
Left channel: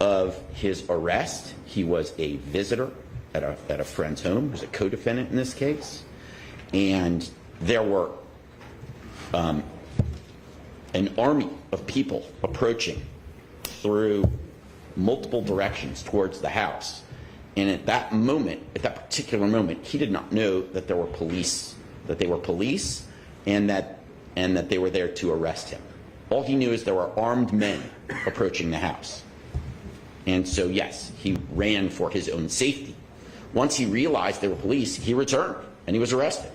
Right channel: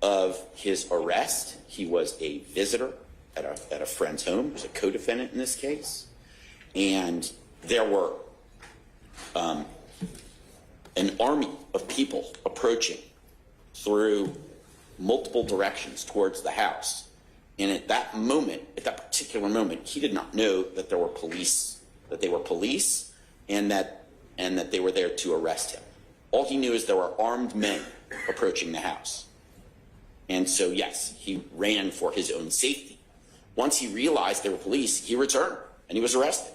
of his arrest, he was a visitor at a friend's home. He was a co-defendant in this case. And there were an army of people approaching through multiple directions towards the house. And at that moment, at that particular moment, he did not know that there were police, that they were police, and that they were there to arrest him. All he knew is there were armed men approaching the house. And so, yes, he ran for his own safety. Once he realized they were police, he returned, and he was arrested.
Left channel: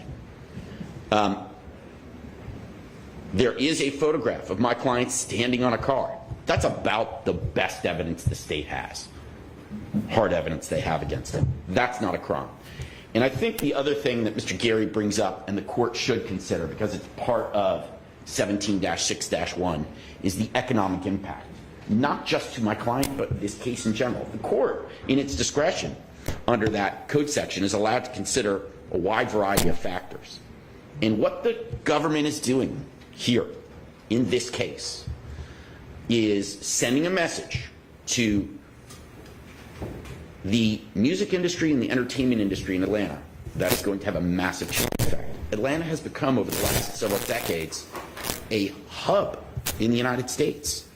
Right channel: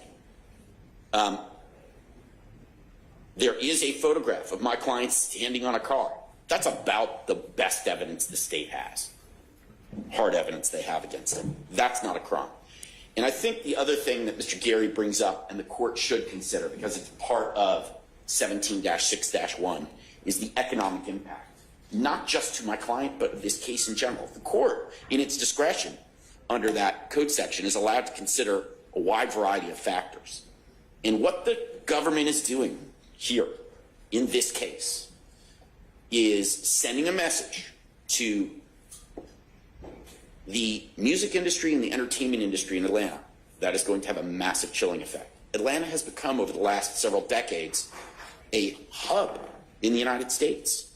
There is a photograph of my client standing on a car That's about the best evidence the state has. Hard evidence they have against it. That's not a crime. And I think the other thing that Mr. Gary brings up and the court should consider, because it's part of 17-6-1, is the economic impact. Not just to my client, but this case in general. The court, in its discretion, under that code section, is allowed to consider a wide variety of factors. And what the government is doing here, in this case, is sending a message to the music industry and the entertainment industry in Atlanta that is going to have a massive chilling effect. Atlanta has become, over the last several decades, a hub in the United States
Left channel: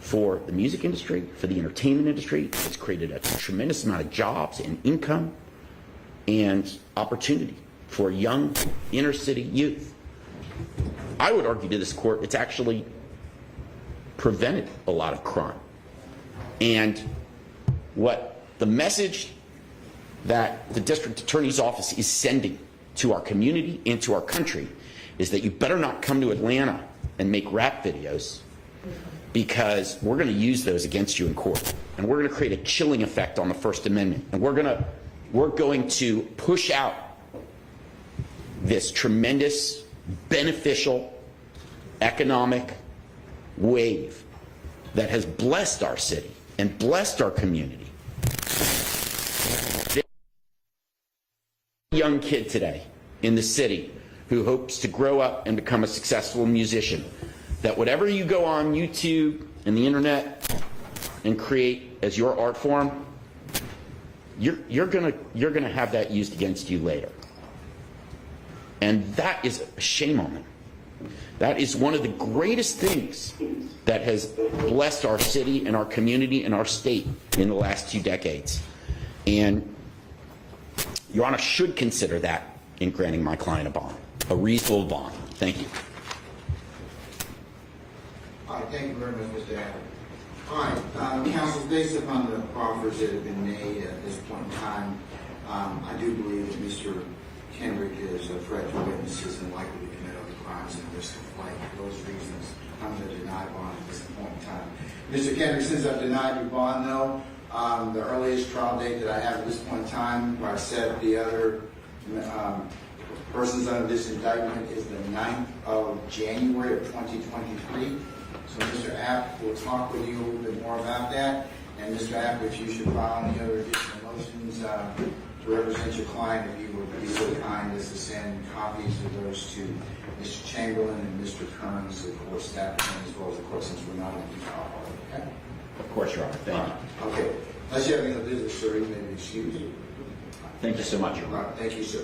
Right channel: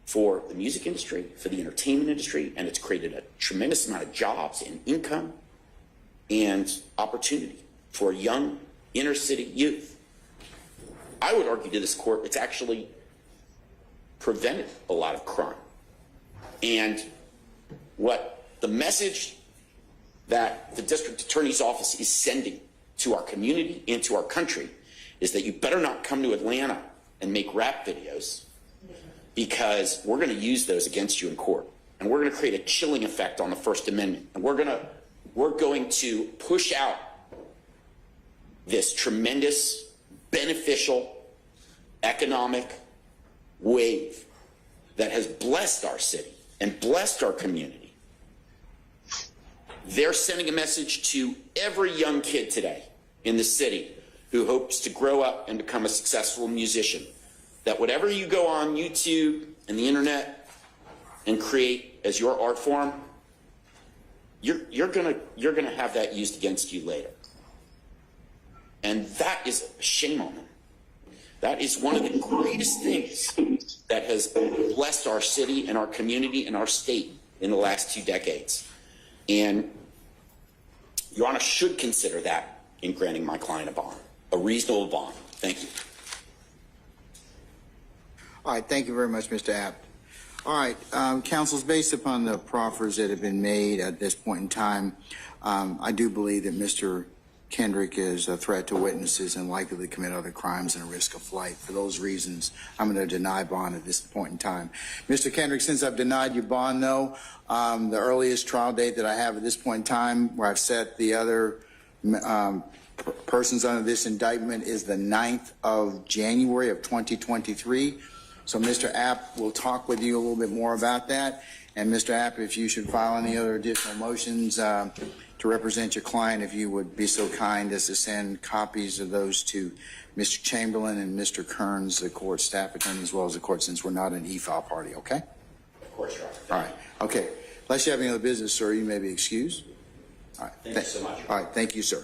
for the music industry, for the entertainment industry, and it's created a tremendous amount of jobs and income and opportunity for young inner city youth. I would argue to this court it's actually prevented a lot of crime. And what the message that the district attorney's office is sending to our community and to our country is that you better not come to Atlanta and make rap videos, because we're going to use those against you in court. And we're going to create a chilling effect on the First Amendment. And we're going to push out this tremendous, beneficial, economic wave that has blessed our city and blessed our community. They're sending a message to every young kid today in the city who hopes to grow up and become a successful musician, that whatever you go on YouTube and the internet and create as your art form, you're gonna have that used against you later. And that is a shame on them. That is one of the greatest things that has blessed our city and our community and our state in the last 2 decades. And Your Honor should consider that in granting my client a bond, a reasonable bond. Thank you. All right, thank you very much, Mr. Abbott. All right, counsels, based upon the proffers that have been made at this point in time, I do believe that Mr. Kendrick is a threat to witnesses and likely to commit other crimes and risk of flight. For those reasons, I'm going to deny bond at this point in time. Mr. Kendrick, since I've denied your bond, though, the earliest trial date that I have at this point in time, where I've set the other persons under this indictment, is the 9th of January of 2023. So Mr. App will talk with you a little bit more about that. And Mr. App, if you should file any other additional motions to represent your client, if you would be so kind as to send copies of those to Mr. Chamberlain and Mr. Kearns, the court staff attorney, as well as the court, since we're not an e-file party, okay? Of course, Your Honor. All right, okay. Unless you have any other business, sir, you may be excused. All right. Thank you so much. All right, thank you, sir.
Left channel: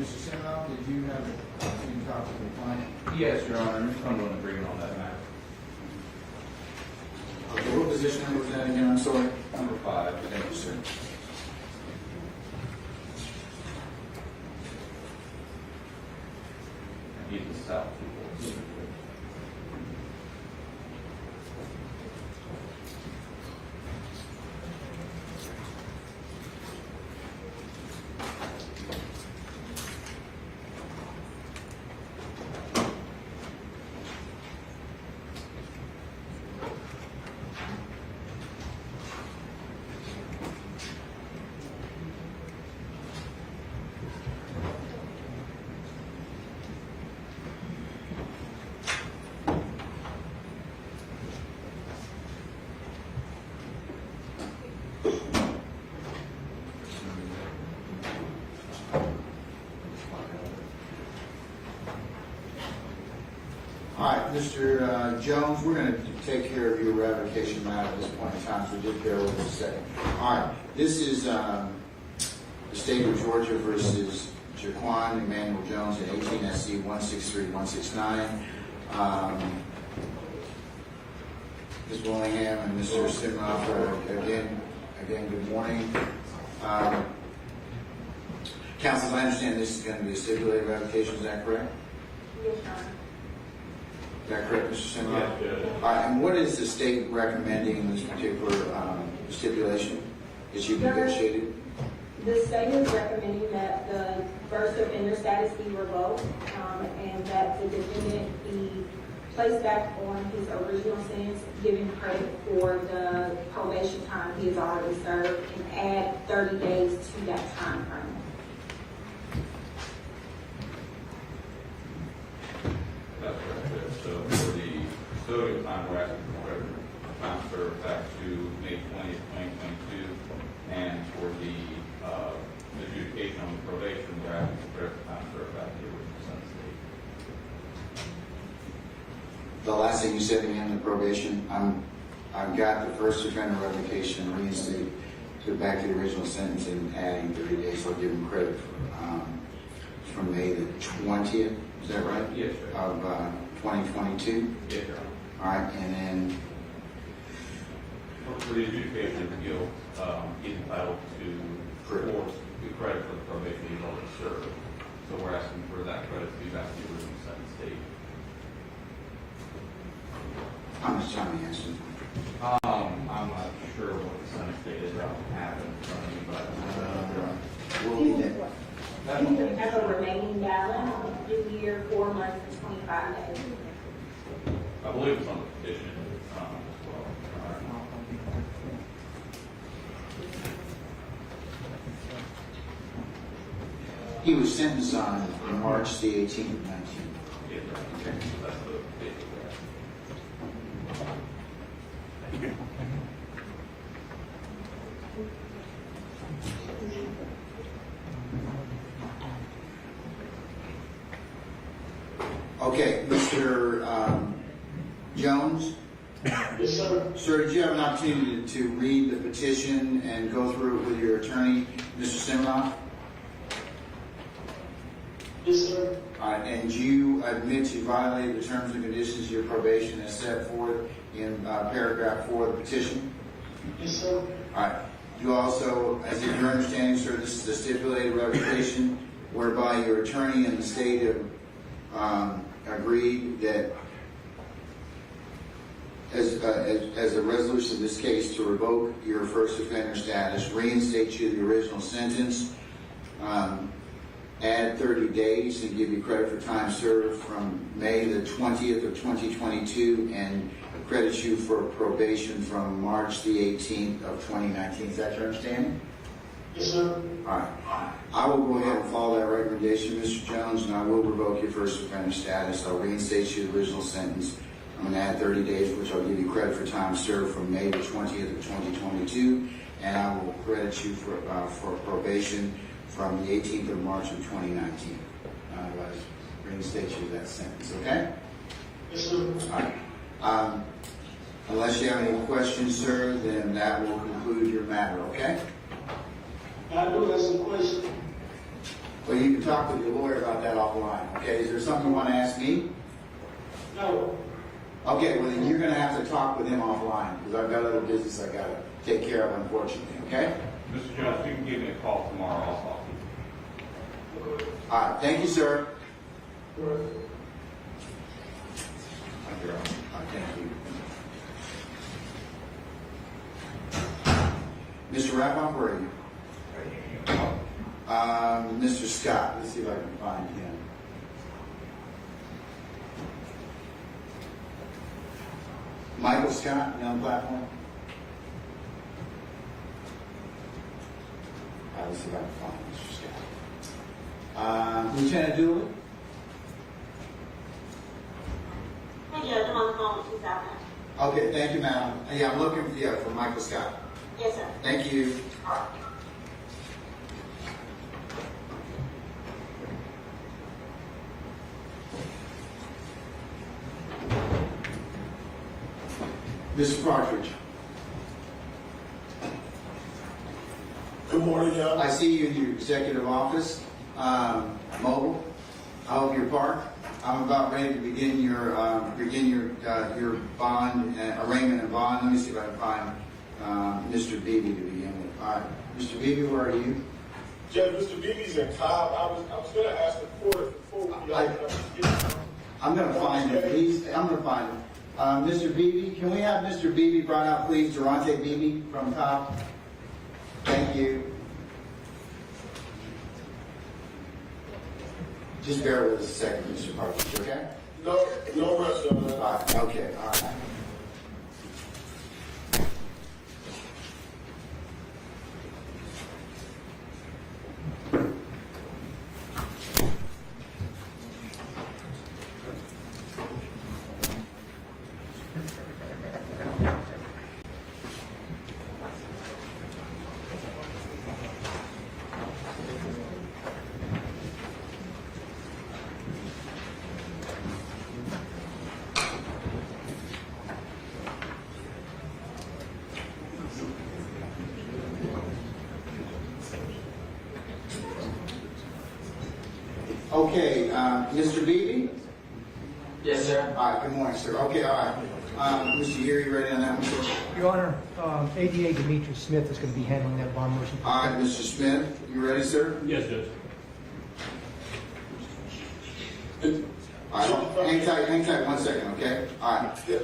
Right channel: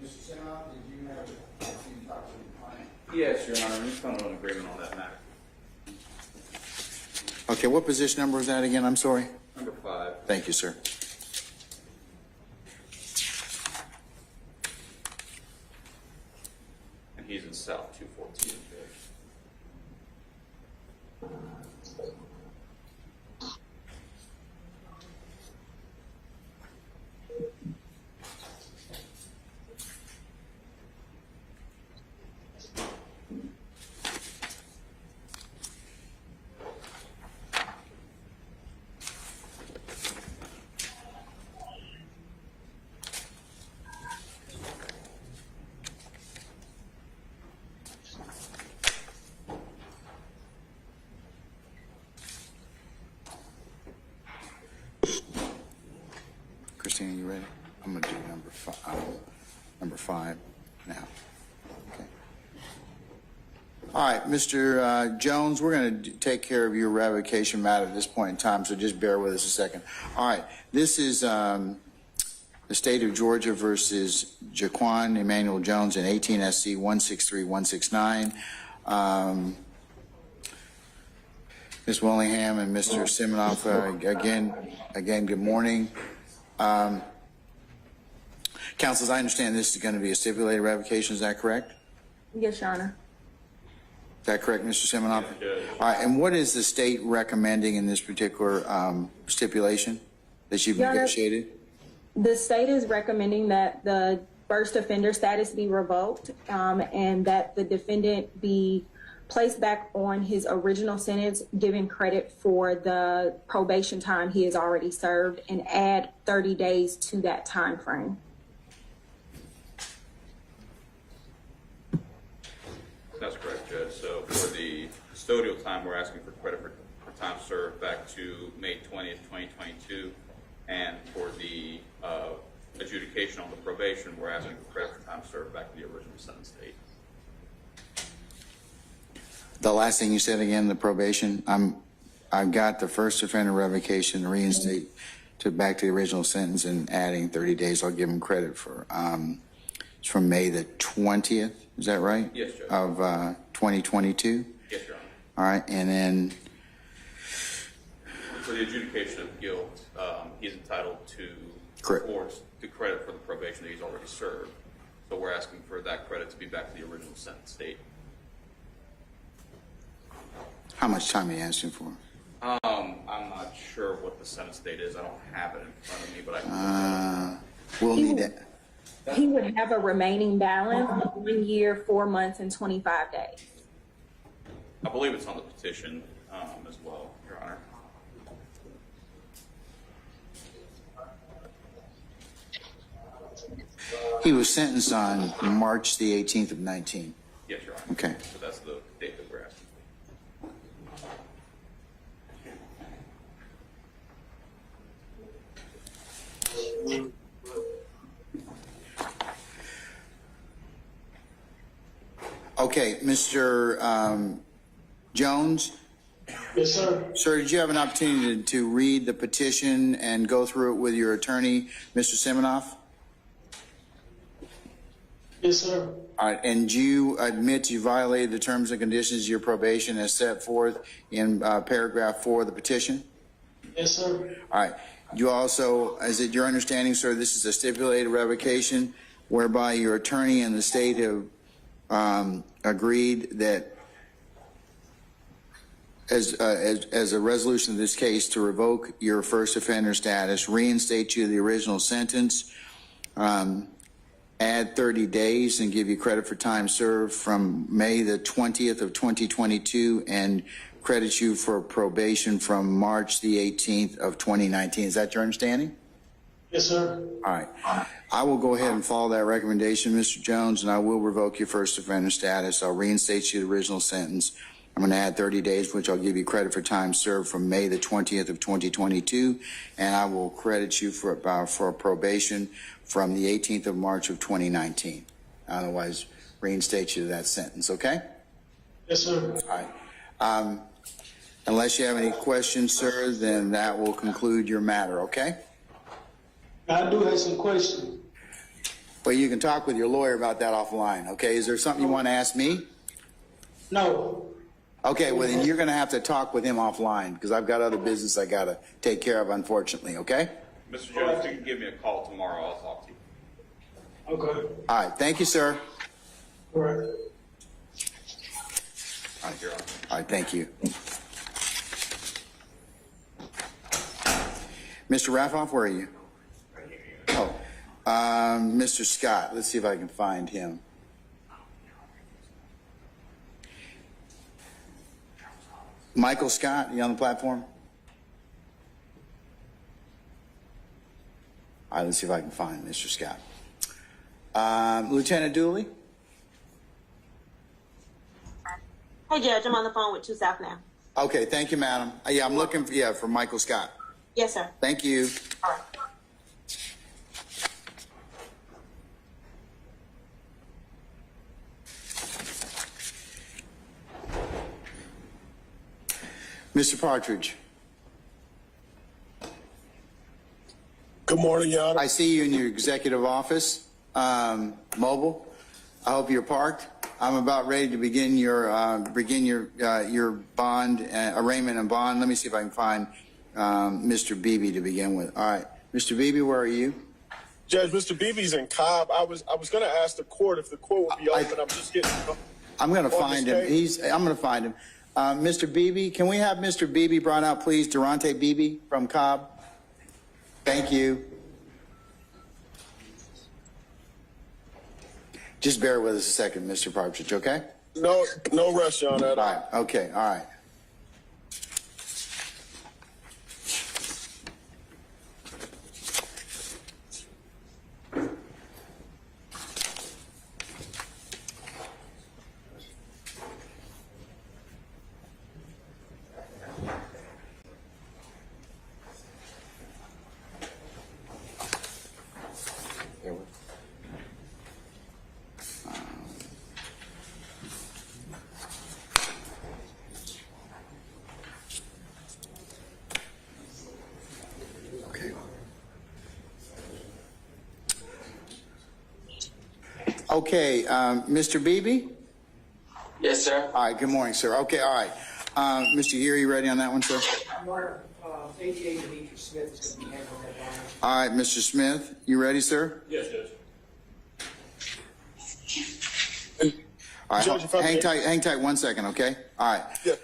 Mr. Senoff, did you have a talk to the client? Yes, Your Honor, I'm just coming to an agreement on that matter. Okay, what position number was that again? I'm sorry. Number 5. Thank you, sir. He's in South 214. Christine, you ready? I'm going to do number 5 now. All right, Mr. Jones, we're going to take care of your revocation matter at this point in time, so just bear with us a second. All right, this is the State of Georgia versus Jaquan Emmanuel Jones in 18 SC 163169. Ms. Willingham and Mr. Siminoff, again, good morning. Counsel, as I understand, this is going to be a stipulated revocation, is that correct? Yes, Your Honor. Is that correct, Mr. Siminoff? Yes. All right, and what is the state recommending in this particular stipulation that you've Your Honor, negotiated? the state is recommending that the first offender status be revoked and that the defendant be placed back on his original sentence, given credit for the probation time he has already served, and add 30 days to that time frame. That's correct, Judge. So for the custodial time, we're asking for credit for time served back to May 20th, 2022. And for the adjudication on the probation, we're asking for credit for time served back to the original sentence date. The last thing you said again, the probation, I've got the first offender revocation reinstate to back to the original sentence and adding 30 days. I'll give him credit for, it's from May the 20th, is that right? Yes, Judge. Of 2022? Yes, Your Honor. All right, and then, For the adjudication of the guilt, he's entitled to Correct. the credit for the probation he's already served. So we're asking for that credit to be back to the original sentence date. how much time are you asking for? I'm not sure what the sentence date is. I don't have it in front of me, but I can. We'll need that. He would have a remaining balance of 1 year, 4 months, and 25 days. I believe it's on the petition as well, Your Honor. He was sentenced on March the 18th of 19. Yes, Your Honor. Okay. So that's the date that we're asking. Okay, Mr. Jones? Yes, sir. Sir, did you have an opportunity to read the petition and go through it with your attorney, Mr. Siminoff? Yes, sir. All right, and do you admit you violated the terms and conditions of your probation as set forth in paragraph 4 of the petition? Yes, sir. All right. You also, is it your understanding, sir, this is a stipulated revocation whereby your attorney and the state have agreed that as a resolution of this case to revoke your first offender status, reinstate you to the original sentence, add 30 days and give you credit for time served from May the 20th of 2022 and credit you for probation from March the 18th of 2019. Is that your understanding? Yes, sir. All right. I will go ahead and follow that recommendation, Mr. Jones, and I will revoke your first offender status. I'll reinstate you to the original sentence. I'm going to add 30 days, which I'll give you credit for time served from May the 20th of 2022, and I will credit you for probation from the 18th of March of 2019. Otherwise, reinstate you to that sentence, okay? Yes, sir. All right. Unless you have any questions, sir, then that will conclude your matter, okay? I do have some questions. Well, you can talk with your lawyer about that offline, okay? Is there something you want to ask me? No. Okay, well then you're gonna have to talk with him offline, because I've got other business I gotta take care of, unfortunately, okay? Mr. Judge, you can give me a call tomorrow, I'll talk to you. Okay. All right, thank you, sir. All right. I'm here. All right, thank you. Mr. Raffoff, where are you? Oh, Mr. Scott, let's see if I can find him. Michael Scott, you on the platform? All right, let's see if I can find Mr. Scott. Lieutenant Dooley? Hey, Judge, I'm on the phone with 2 South now. Okay, thank you, madam. Yeah, I'm looking for Michael Scott. Yes, sir. Thank you. All right. Mr. Partridge, Good morning, Your Honor. I see you in your executive office, mobile. I hope you're parked. I'm about ready to begin your bond arraignment and bond. Let me see if I can find Mr. Beebe to begin with. All right, Mr. Beebe, where are you? Judge, Mr. Beebe's in Cobb. I was going to ask the court if the court would be open. I'm just getting. I'm going to find him. I'm going to find him. Mr. Beebe, can we have Mr. Beebe brought out, please? Durante Beebe from Cobb. Thank you. Just bear with us a second, Mr. Partridge, okay? No rush on that. All right, okay, all right. Okay, Mr. Beebe? Yes, sir. All right, good morning, sir. Okay, all right. Mr. Geary, you ready on that one, sir? Your Honor, ADA Demetrius Smith is going to be handling that bond motion. All right, Mr. Smith, you ready, sir? Yes, Judge. All right, hang tight 1 second, okay? All right. Yeah.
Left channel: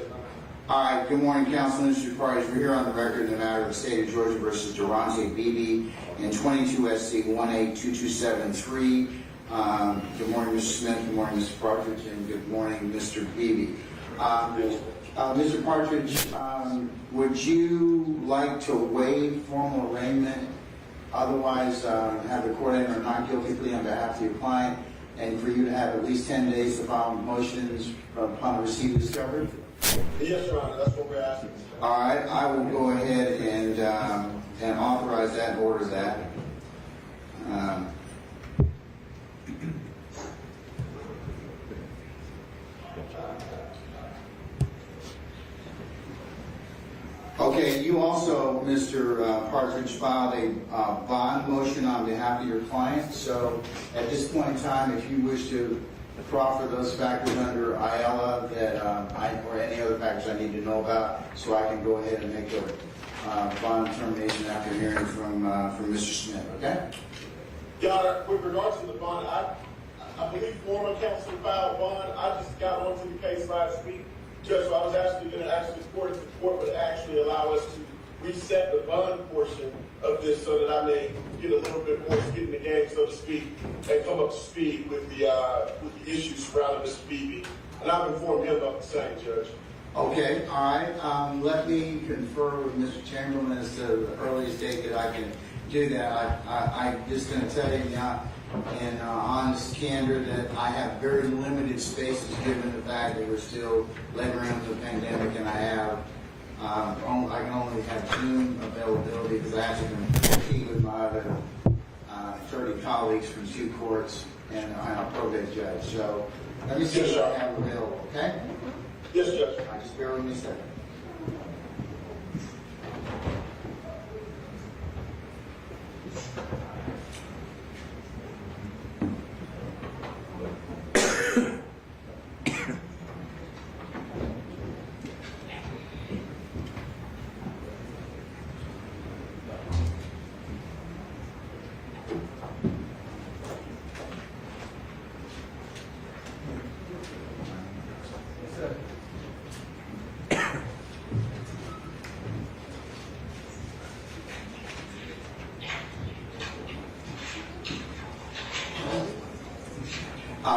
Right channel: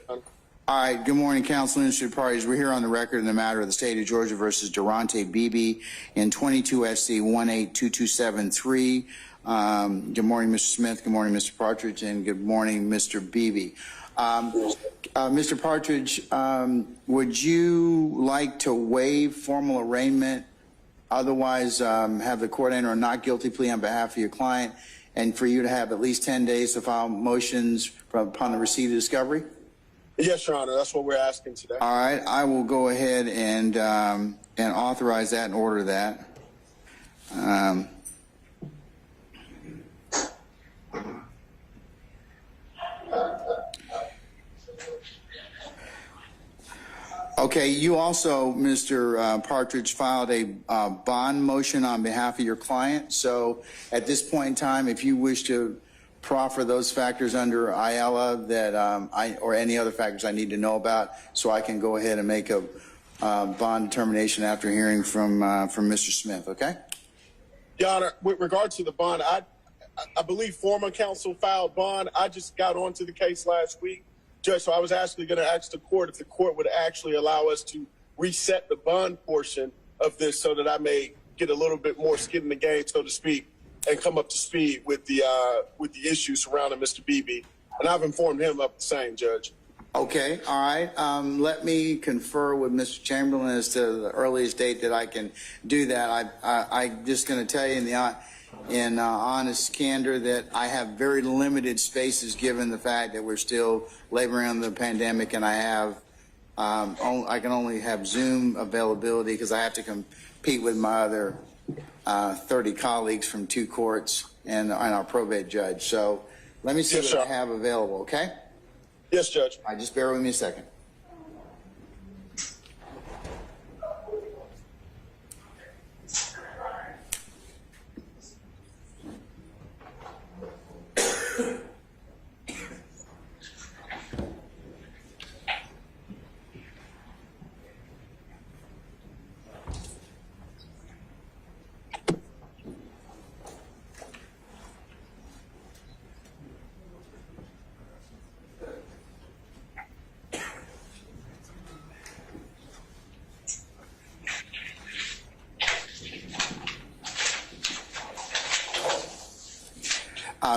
All right, good morning, counsel and interested parties. We're here on the record in the matter of the state of Georgia versus Durante Beebe in 22 SC 182273. Good morning, Mr. Smith. Good morning, Mr. Partridge, and good morning, Mr. Beebe. Mr. Partridge, would you like to waive formal arraignment, otherwise have the court enter a not guilty plea on behalf of your client, and for you to have at least 10 days to file motions upon the receipt of discovery? Yes, Your Honor. That's what we're asking today. All right, I will go ahead and authorize that and order that. Okay, you also, Mr. Partridge, filed a bond motion on behalf of your client. So at this point in time, if you wish to proffer those factors under IELA that or any other factors I need to know about, so I can go ahead and make a bond determination after hearing from Mr. Smith, okay? Your Honor, with regard to the bond, I believe former counsel filed bond. I just got onto the case last week, Judge, so I was actually going to ask the court if the court would actually allow us to reset the bond portion of this so that I may get a little bit more skin in the game, so to speak, and come up to speed with the issues surrounding Mr. Beebe. And I've informed him of the same, Judge. Okay, all right. Let me confer with Mr. Chamberlain as to the earliest date that I can do that. I'm just going to tell you in honest candor that I have very limited spaces given the fact that we're still laboring under the pandemic, and I can only have Zoom availability because I have to compete with my other 30 colleagues from 2 courts and our probate judge. So let me see what I have available, okay? Yes, Judge. All right, just bear with me a second.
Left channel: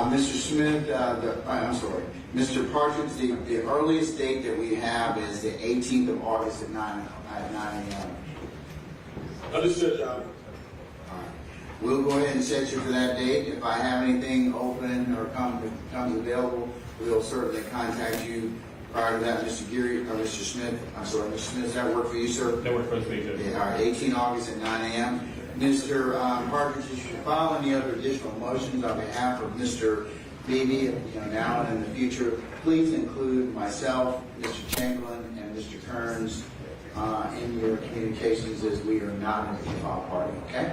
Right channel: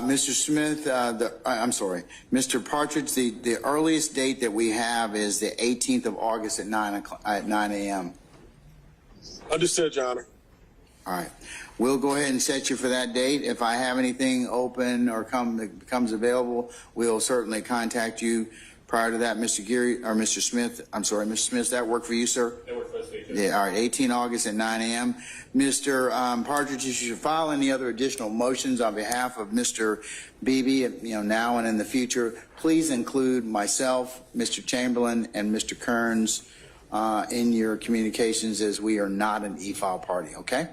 Mr. Smith, I'm sorry, Mr. Partridge, the earliest date that we have is the 18th of August at 9 a.m. Understood, Your Honor. All right. We'll go ahead and set you for that date. If I have anything open or comes available, we'll certainly contact you prior to that. Mr. Geary, or Mr. Smith, I'm sorry, Mr. Smith, does that work for you, sir? That works for me. Yeah, all right, 18 August at 9 a.m. Mr. Partridge, you should file any other additional motions on behalf of Mr. Beebe, now and in the future. Please include myself, Mr. Chamberlain, and Mr. Kearns in your communications, as we are not an e-file party, okay?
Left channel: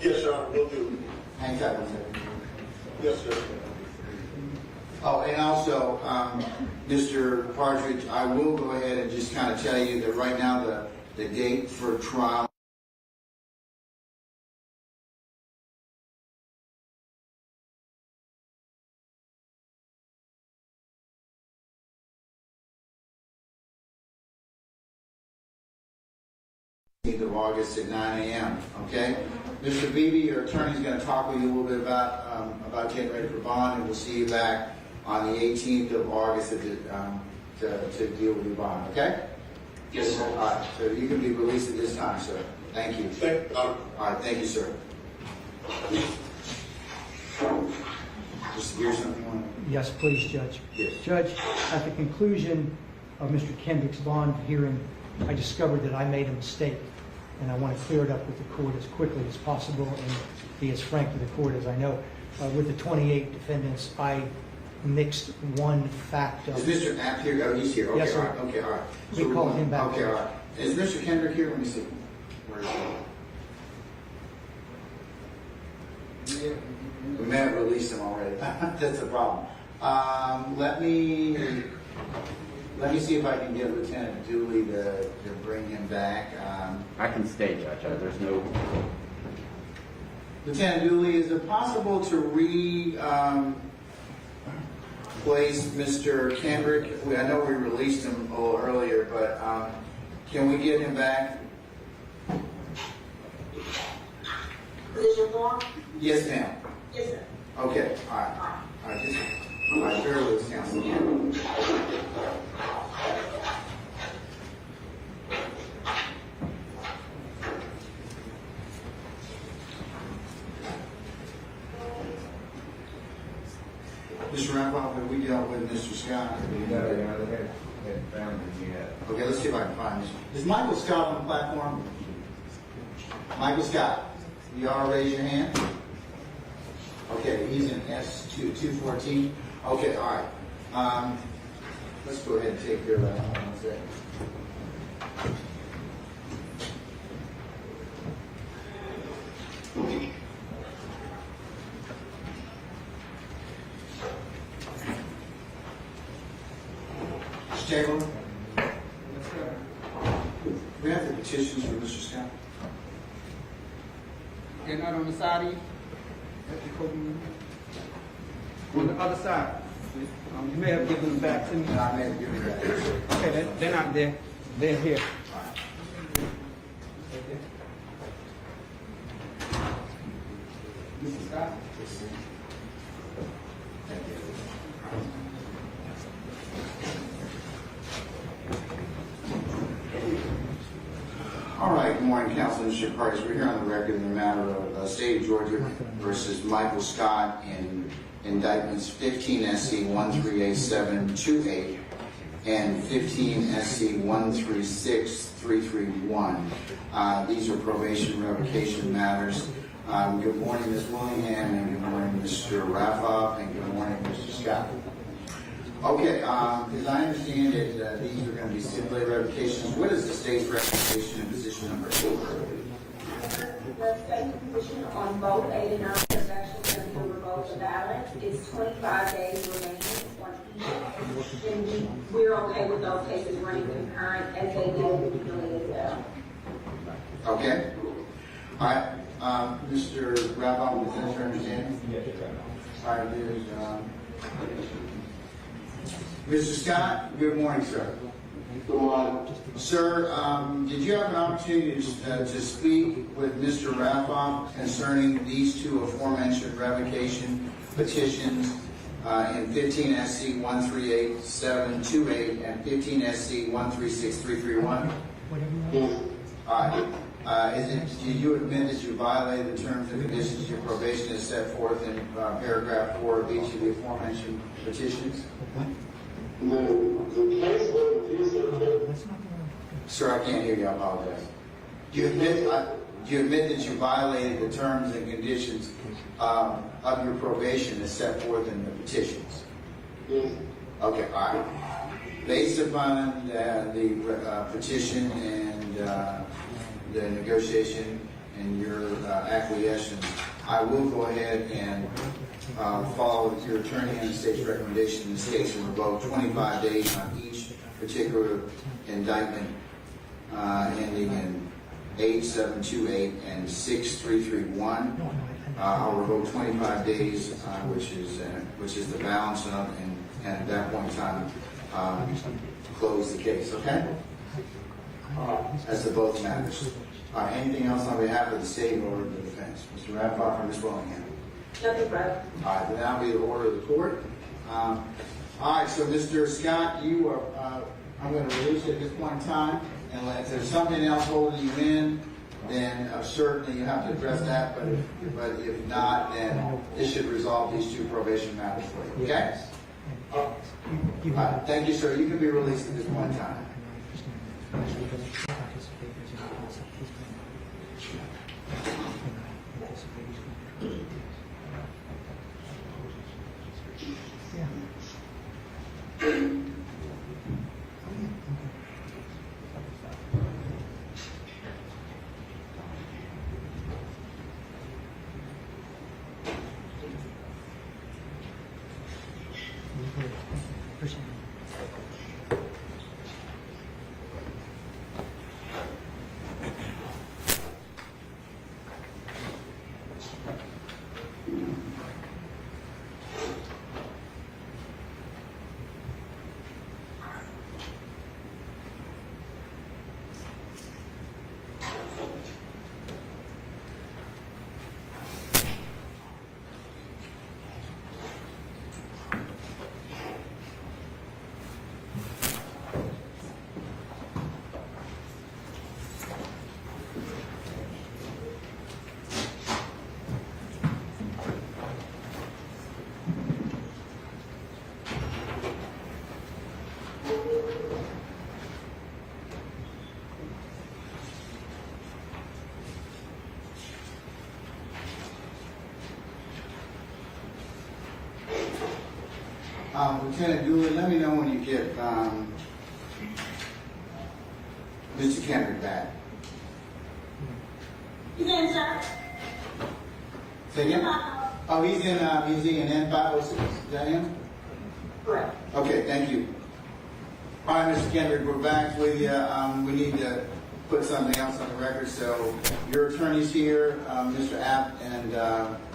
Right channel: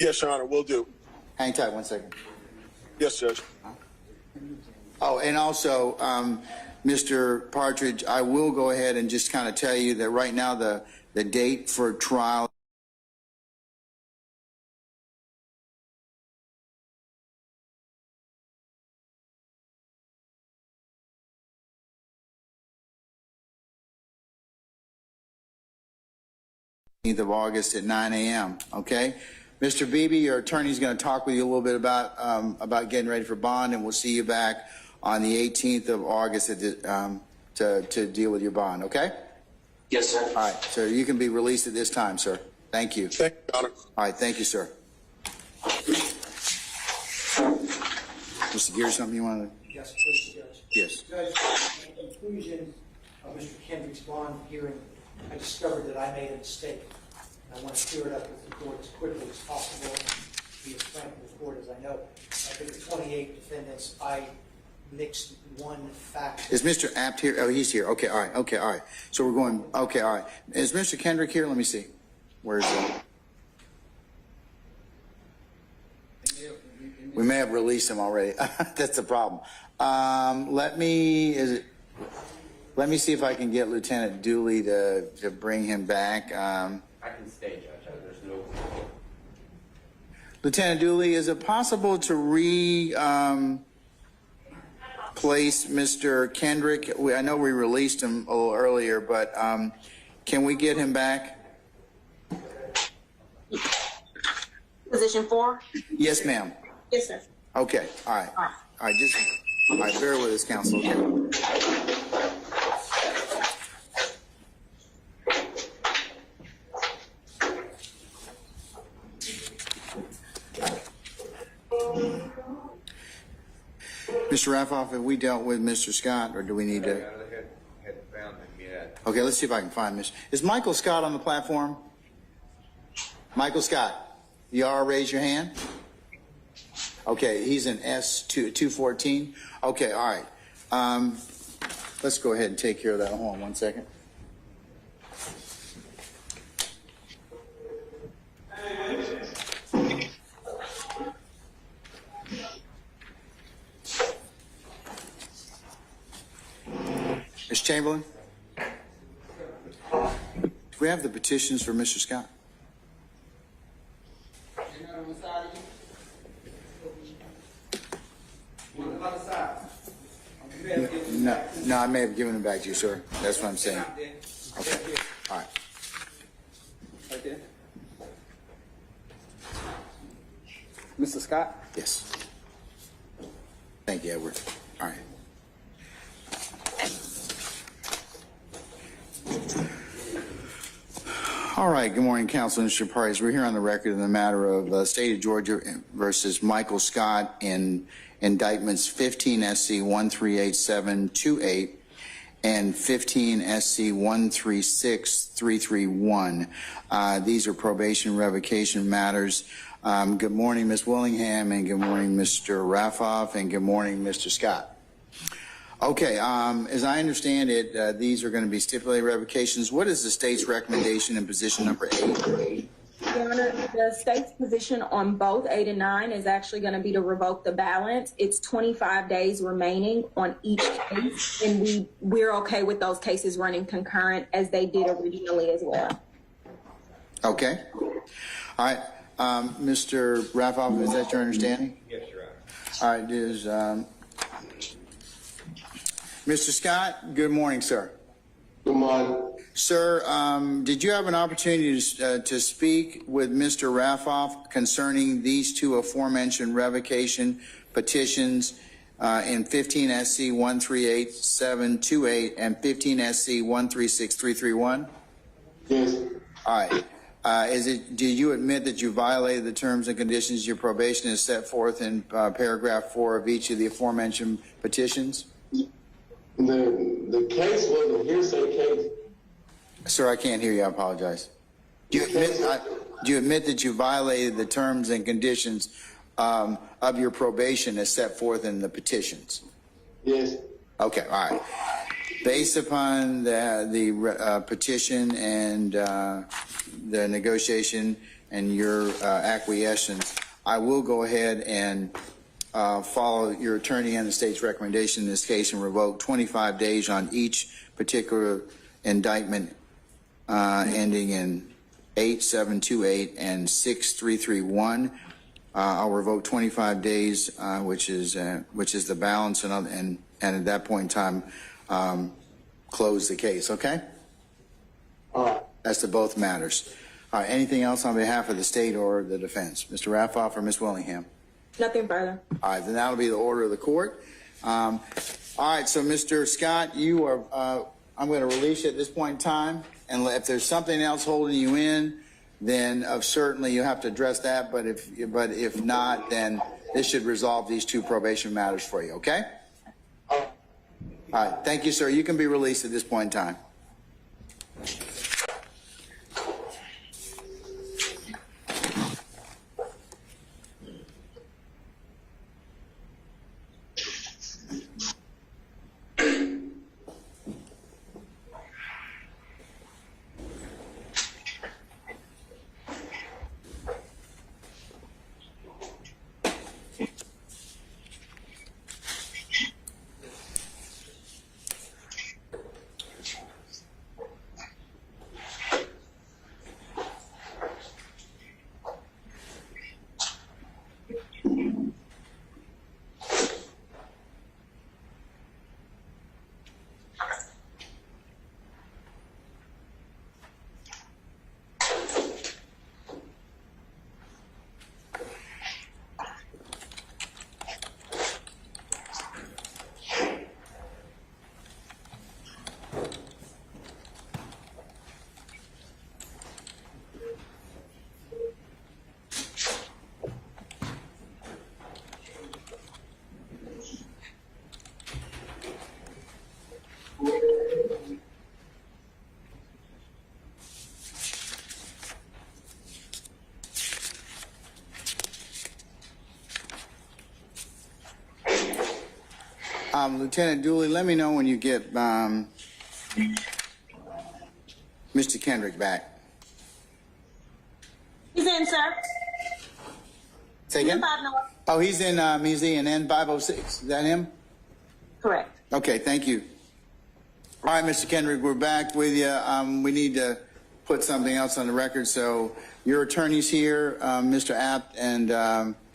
Yes, Your Honor, will do. Hang tight one second. Yes, Judge. Oh, and also, Mr. Partridge, I will go ahead and just kind of tell you that right now the date for trial of August at 9 a.m. Okay, Mr. Beebe, your attorney's going to talk with you a little bit about getting ready for bond, and we'll see you back on the 18th of August at the, to deal with your bond. Okay? Yes, sir. All right, so you can be released at this time, sir. Thank you. Thank you, Your Honor. All right, thank you, sir. Mr. Gear, something you want to? Yes, please, Judge. Yes. Judge, at the conclusion of Mr. Kendrick's bond hearing, I discovered that I made a mistake, and I want to clear it up with the court as quickly as possible and be as frank with the court as I know. With the 28 defendants, I mixed one fact. Is Mr. Apt here? Oh, he's here. Okay, Yes, all sir. right. Okay, all right. So We we're call going. him back. Okay, all right. Is Mr. Kendrick here? Let me see. Where is he? We may have released him already. That's the problem. Let me see if I can get Lieutenant Dooley to bring him back. I can stay, Judge. There's no. Lieutenant Dooley, is it possible to place Mr. Kendrick? I know we released him a little earlier, but can we get him back? Position 4? Yes, ma'am. Yes, sir. Okay, all right. All right, just, all right, bear with us, counsel. Okay. Mr. Raffoff, have we dealt with Mr. Scott, or do we need to? Okay, let's see if I can find Mr. Is Michael Scott on the platform? Michael Scott, you all raise your hand? Okay, he's in S214. Okay, all right. Let's go ahead and take care of that. Hold on one second. Mr. Chamberlain? Do we have the petitions for Mr. Scott? They're not on the side of you? On the other side. You may have given them back. No, I may have given them back to you, sir. That's what I'm They're saying. not there. They're here. All right. Right there. Mr. Scott? Yes. Thank you, Edward. All right. All right, good morning, counsel and interested parties. We're here on the record in the matter of State of Georgia versus Michael Scott in indictments 15 SC 138728 and 15 SC 136331. These are probation revocation matters. Good morning, Ms. Willingham, and good morning, Mr. Raffoff, and good morning, Mr. Scott. Okay, as I understand it, these are going to be stipulated revocations. What is the state's recommendation in position number 8? Your Honor, the state's position on both 8 and 9 is actually going to be to revoke the balance. It's 25 days remaining on each case, and we're okay with those cases running concurrent as they did originally as well. Okay. All right. Mr. Raffoff, is that your understanding? Yes, Your Honor. All right, is Mr. Scott, good morning, sir. Good morning. Sir, did you have an opportunity to speak with Mr. Raffoff concerning these two aforementioned revocation petitions in 15 SC 138728 and 15 SC 136331? Yes. All right. Do you admit that you violated the terms and conditions your probation is set forth in paragraph 4 of each of the aforementioned petitions? The case was a hearsay case. Sir, I can't hear you. I apologize. Do you admit that you violated the terms and conditions of your probation as set forth in the petitions? Yes. Okay, all right. Based upon the petition and the negotiation and your acquiescence, I will go ahead and follow your attorney and the state's recommendation in this case and revoke 25 days on each particular indictment ending in 8728 and 6331. I'll revoke 25 days, which is the balance, and at that point in time, close the case. Okay? As to both matters. Anything else on behalf of the state or the defense, Mr. Raffoff or Ms. Willingham? Nothing further. All right, then that'll be the order of the court. All right, so Mr. Scott, you are. I'm going to release you at this point in time, and if there's something else holding you in, then certainly you have to address that. But if not, then this should resolve these two probation matters for you. Okay? All right, thank you, sir. You can be released at this point in time. Lieutenant Dooley, let me know when you get Mr. Kendrick back. He's in, sir. Say again? Oh, he's in N506. Is that him? Correct. Okay, thank you. All right, Mr. Kendrick, we're back with you. We need to put something else on the record. So your attorney's here, Mr. Apt, and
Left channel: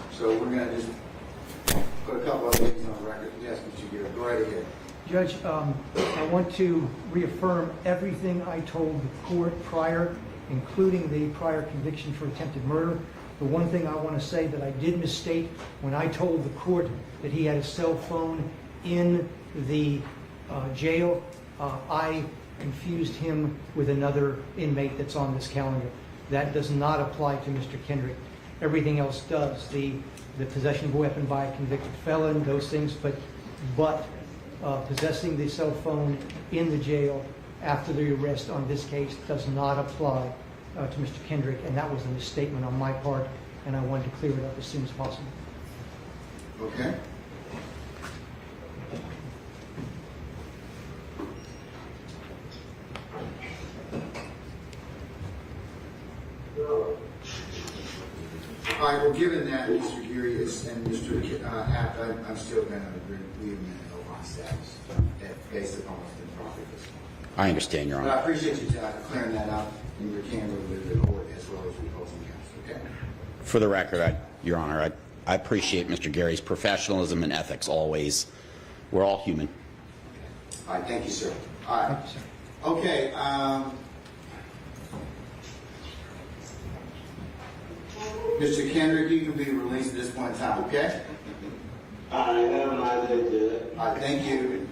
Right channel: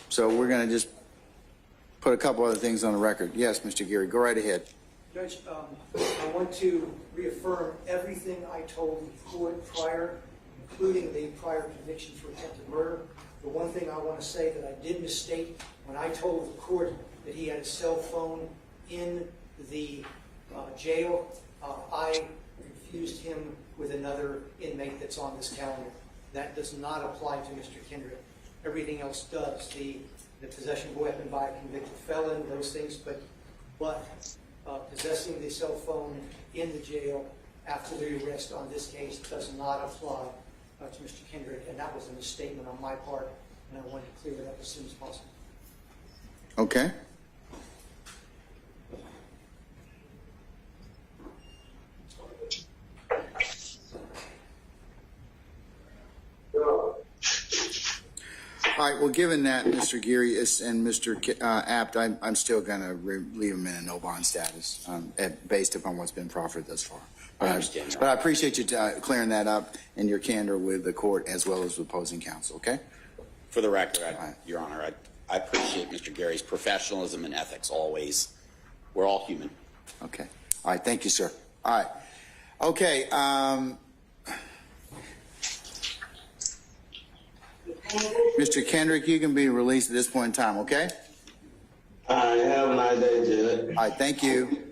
so we're going to just put a couple other things on the record. Yes, Mr. Geary, go right ahead. Judge, I want to reaffirm everything I told the court prior, including the prior conviction for attempted murder. The one thing I want to say that I did misstate when I told the court that he had a cell phone in the jail, I confused him with another inmate that's on this calendar. That does not apply to Mr. Kendrick. Everything else does. The possession of a weapon by a convicted felon, those things, but possessing the cell phone in the jail after the arrest on this case does not apply to Mr. Kendrick, and that was a misstatement on my part, and I wanted to clear it up as soon as possible. Okay. All right, well, given that, Mr. Geary and Mr. Apt, I'm still going to leave him in a no-bond status based upon what's been proffered thus far. I understand, Your Honor. But I appreciate you clearing that up and your candor with the court as well as the opposing counsel, okay? For the record, Your Honor, I appreciate Mr. Gary's professionalism and ethics always. We're all human. Okay. All right, thank you, sir. All right. Okay, Mr. Kendrick, you can be released at this point in time, okay? All right, have a nice day, Judge. All right, thank you.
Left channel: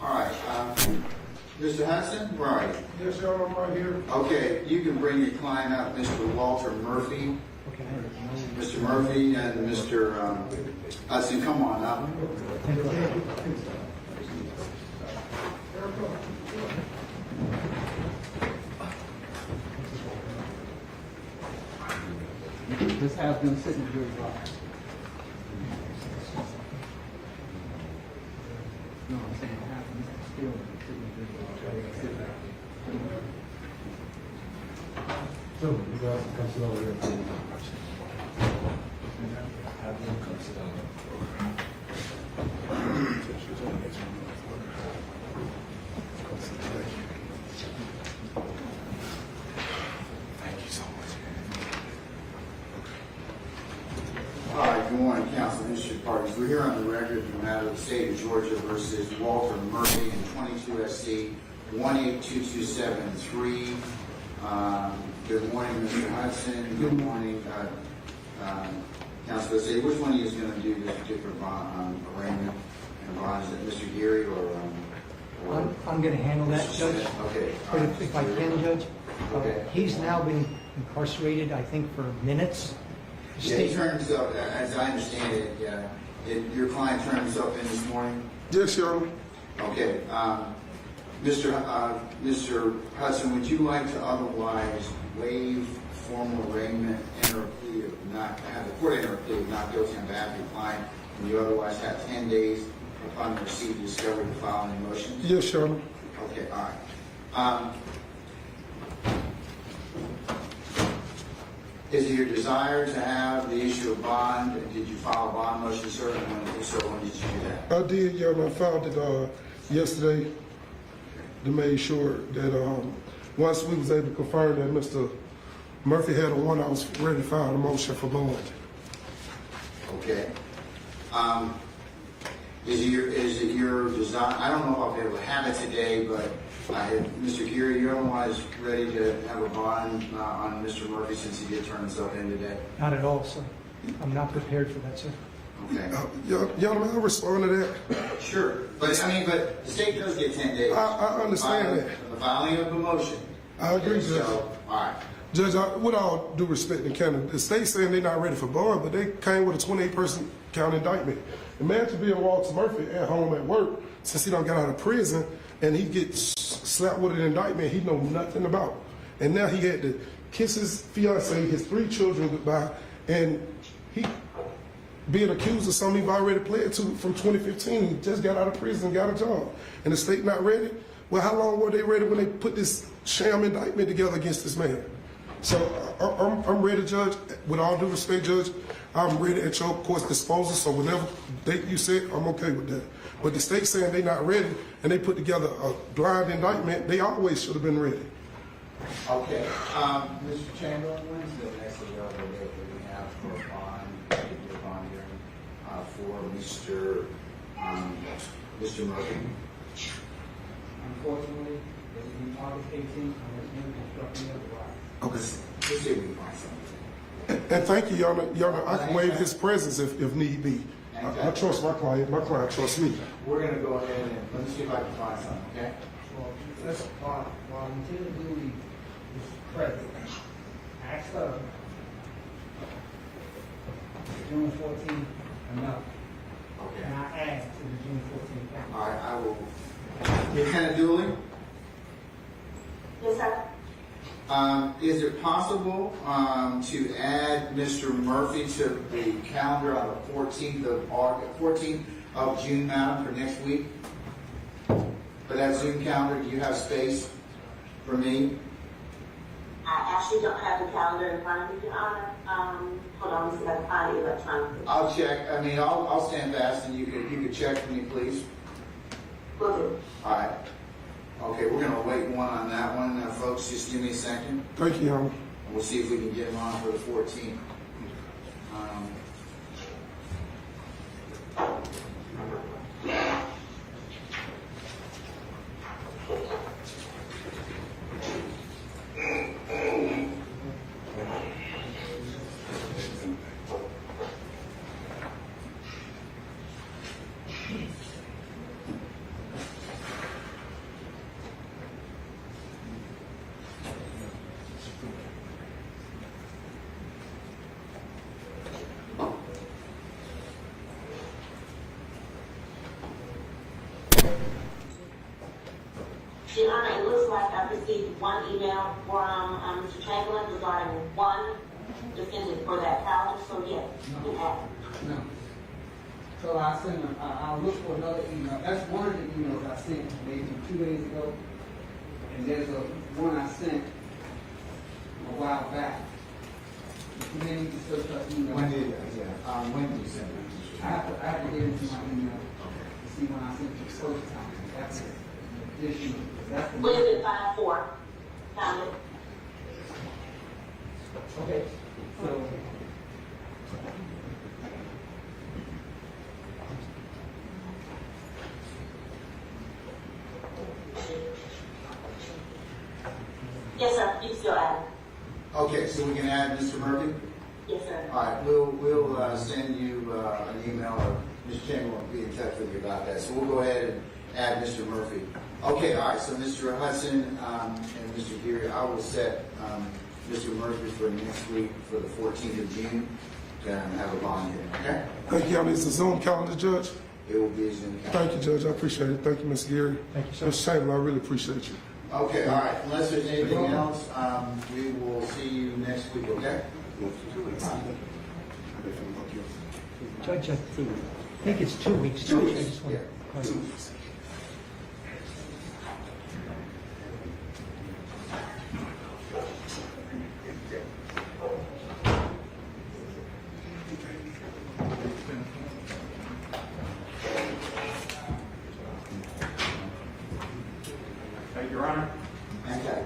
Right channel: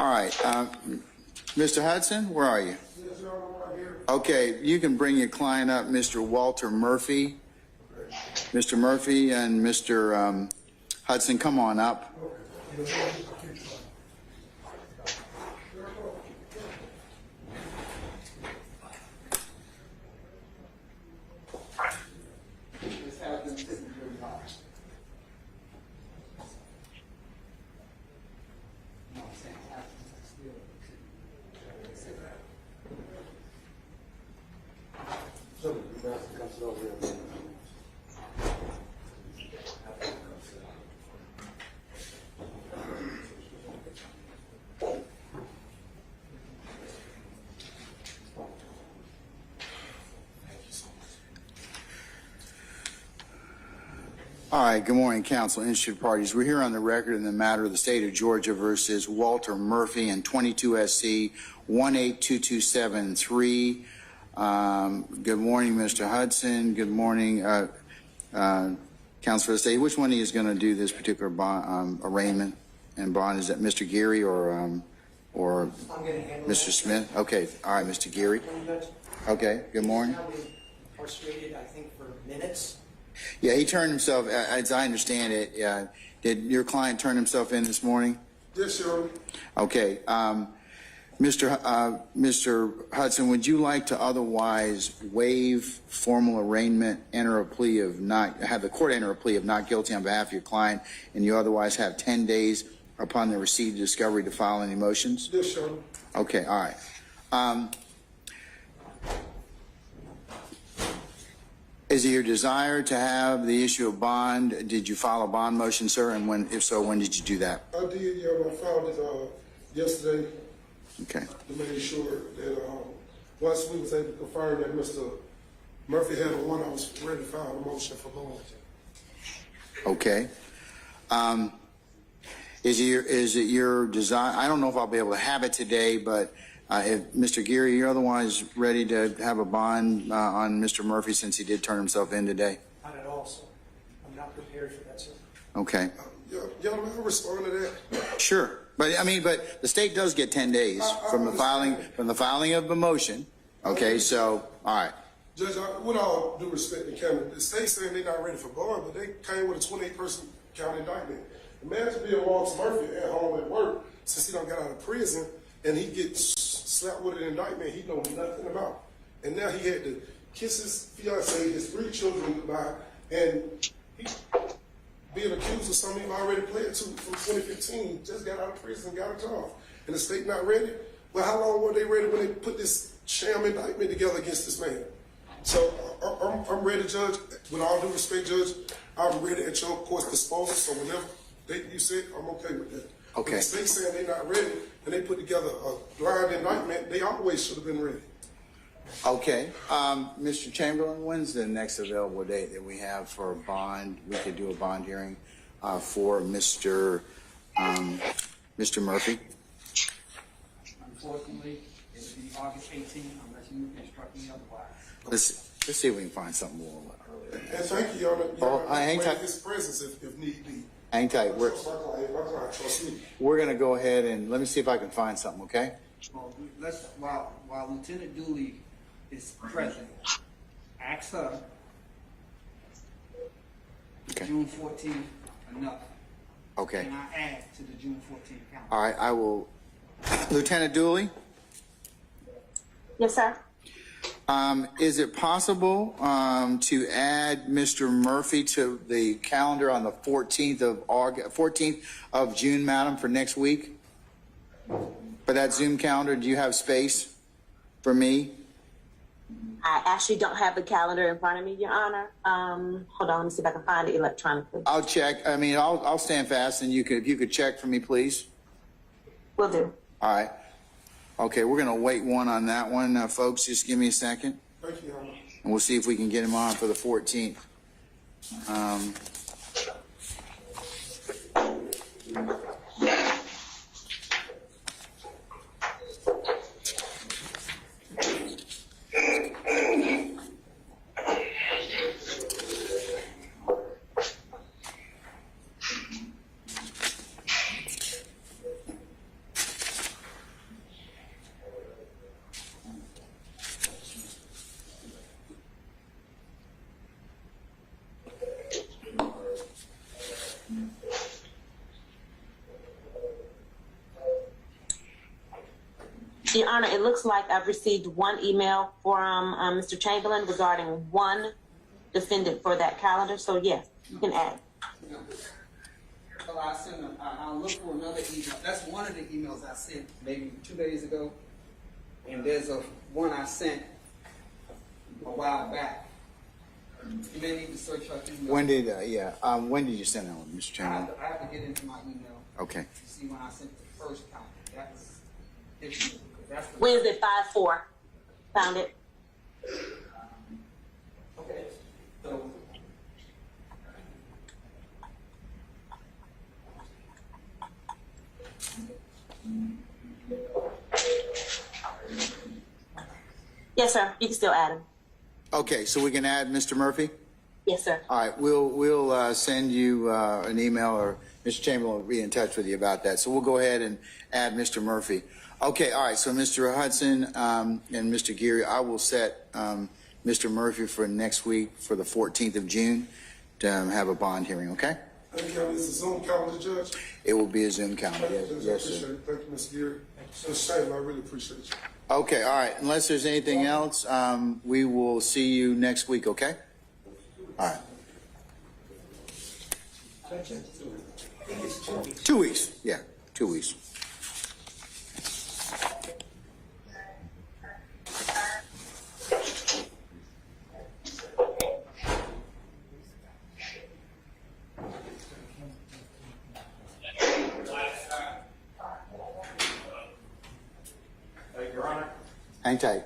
All right, Mr. Hudson, where are you? Yes, sir, I'm right here. Okay, you can bring your client up, Mr. Walter Murphy. Mr. Murphy and Mr. Hudson, come on up. Just have them sit in your box. No, I'm saying have them still sit in your box. Sit there. So, you guys come sit over here. Have them come sit over here. All right, good morning, council and interested parties. We're here on the record in the matter of the state of Georgia versus Walter Murphy and 22 SC 18227-3. Good morning, Mr. Hudson. Good morning, council for the state. Which one of you is going to do this particular bond, arraignment and bond? Is that Mr. Geary or I'm going to handle that, Mr. Smith? Judge. Okay, all right, Mr. If I Geary. can, Judge. Okay, good morning. He's now been incarcerated, I think, for minutes. Yeah, he turned himself, as I understand it, yeah. Did your client turn himself in this morning? Yes, sir. Okay, Mr. Hudson, would you like to otherwise waive formal arraignment, enter a plea of not, have the court enter a plea of not guilty on behalf of your client, and you otherwise have 10 days upon the receipt of discovery to file any motions? Yes, sir. Okay, all right. Is it your desire to have the issue of bond? Did you file a bond motion, sir? And when, if so, when did you do that? I did, yeah, I filed it yesterday Okay. to make sure that once we was able to confirm that Mr. Murphy had a warrant, I was ready to file a motion for bond. Okay. Is it your desire? I don't know if I'll be able to have it today, but if Mr. Geary, you're otherwise ready to have a bond on Mr. Murphy since he did turn himself in today? Not at all, sir. I'm not prepared for that, sir. Okay. Y'all may I respond to that? Sure. But I mean, but the state does get 10 days I from understand the filing of the motion. I Okay, agree, so, all right. Judge, with all due respect to county, the state saying they're not ready for bond, but they came with a 28-person count indictment. Imagine being Walter Murphy at home at work since he done got out of prison and he gets slapped with an indictment he know nothing about. And now he had to kiss his fiance, his 3 children goodbye, and he being accused of something he's already pled to from 2015. He just got out of prison and got a job. And the state not ready? Well, how long were they ready when they put this sham indictment together against this man? So I'm ready, Judge. With all due respect, Judge, I'm ready at your court's disposal. So whenever date you set, I'm okay with that. Okay. But the state saying they not ready and they put together a blind indictment, they always should have been ready. Okay. Mr. Chamberlain, when's the next available date that we have for a bond? We could do a bond hearing for Mr. Murphy. Unfortunately, it will be August 18th unless you instruct me otherwise. Let's see if we can find something. And thank you, y'all. I hang waive tight. his presence if need be. Hang tight. I trust my client. My client trusts me. We're going to go ahead and let me see if I can find something, okay? Well, while Lieutenant Dooley is present, ask her, Okay. June 14th enough. Okay. And I add to the June 14th count. All right, I will. Lieutenant Dooley, Yes, sir. is it possible to add Mr. Murphy to the calendar on the 14th of June, madam, for next week? For that Zoom calendar, do you have space for me? I actually don't have the calendar in front of me, Your Honor. Hold on, let me see if I can find it electronically. I'll check. I mean, I'll stand fast, and you could check for me, please. Will do. All right. Okay, we're gonna wait one on that one, folks. Just give me a second, Thank you, Your Honor. and we'll see if we can get him on for the 14th. Your Honor, it looks like I've received one email from Mr. Chamberlain regarding one defendant for that calendar, so yes, you can add. No. So I'll look for another email. That's one of the emails I sent maybe 2 days ago. And there's one I sent a while back. You may need to search up email. When did you send them, Mr. Chairman? I have to get into my email. Okay. To see when I sent it the first time. That's it. Wednesday, 5/4. Found it. Okay. So, Yes, sir. You can still add. Okay, so we can add Mr. Murphy? Yes, sir. All right, we'll send you an email, or Mr. Chamberlain will be in touch with you about that. So we'll go ahead and add Mr. Murphy. Okay, all right, so Mr. Hudson and Mr. Geary, I will set Mr. Murphy for next week for the 14th of June to have a bond hearing, okay? Thank you. It's a Zoom calendar, Judge. It will be a Zoom calendar. Thank you, Judge. I appreciate it. Thank you, Mr. Geary. Thank you, sir. Mr. Chamberlain, I really appreciate you. Okay, all right, unless there's anything else, we will see you next week, okay? All right. Judge, I think it's 2 weeks. 2 weeks, yeah, 2 weeks. Thank you, Your Honor. Hang tight.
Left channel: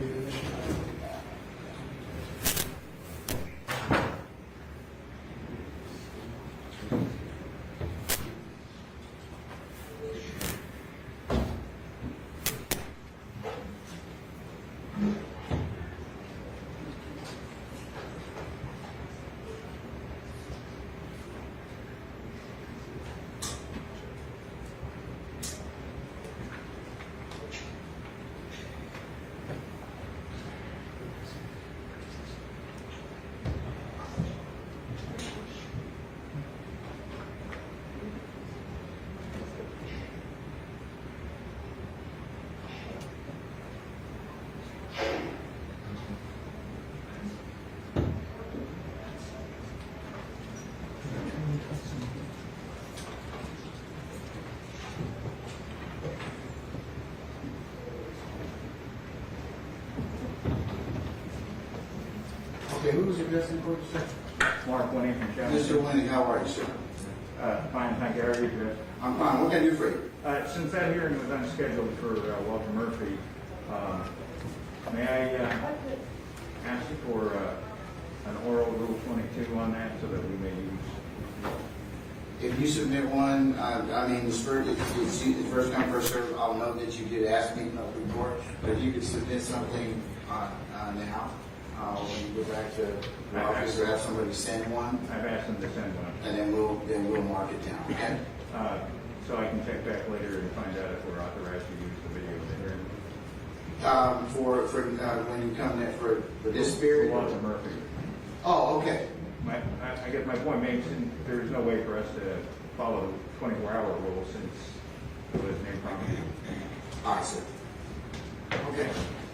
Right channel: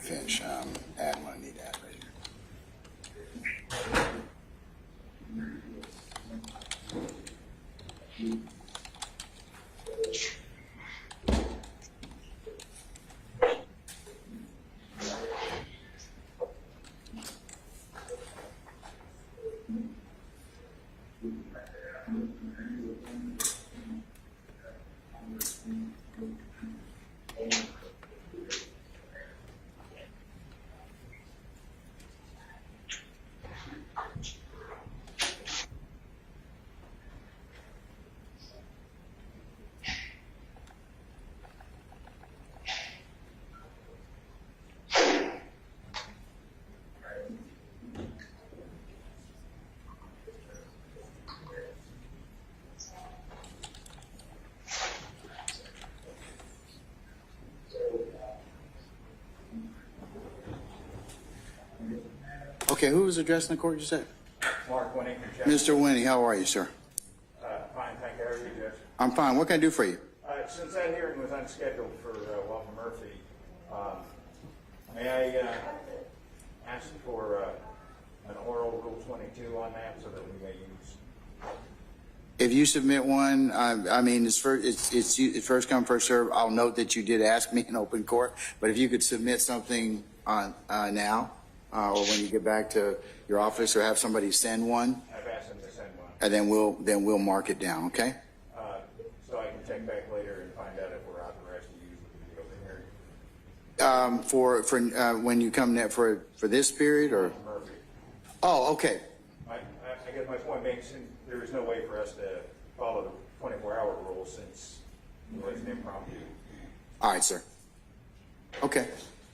Finish out that one. Okay, who was addressing the court, you said? Mark Winnie from Jessie. Mr. Winnie, how are you, sir? Fine, thank you. How are you, Judge? I'm fine. What can I do for you? Since that hearing was unscheduled for Walter Murphy, may I ask for an oral Rule 22 on that so that we may use? If you submit one, I mean, it's first come, first serve. I'll note that you did ask me in open court, but if you could submit something now, or when you get back to your office, or have somebody send one. I've asked them to send one. And then we'll mark it down, okay? So I can check back later and find out if we're authorized to use the video in the hearing. For when you come there for this period, or? Walter Murphy. Oh, okay. I guess my point being, there is no way for us to follow the 24-hour rule since it was impromptu. All right, sir. Okay.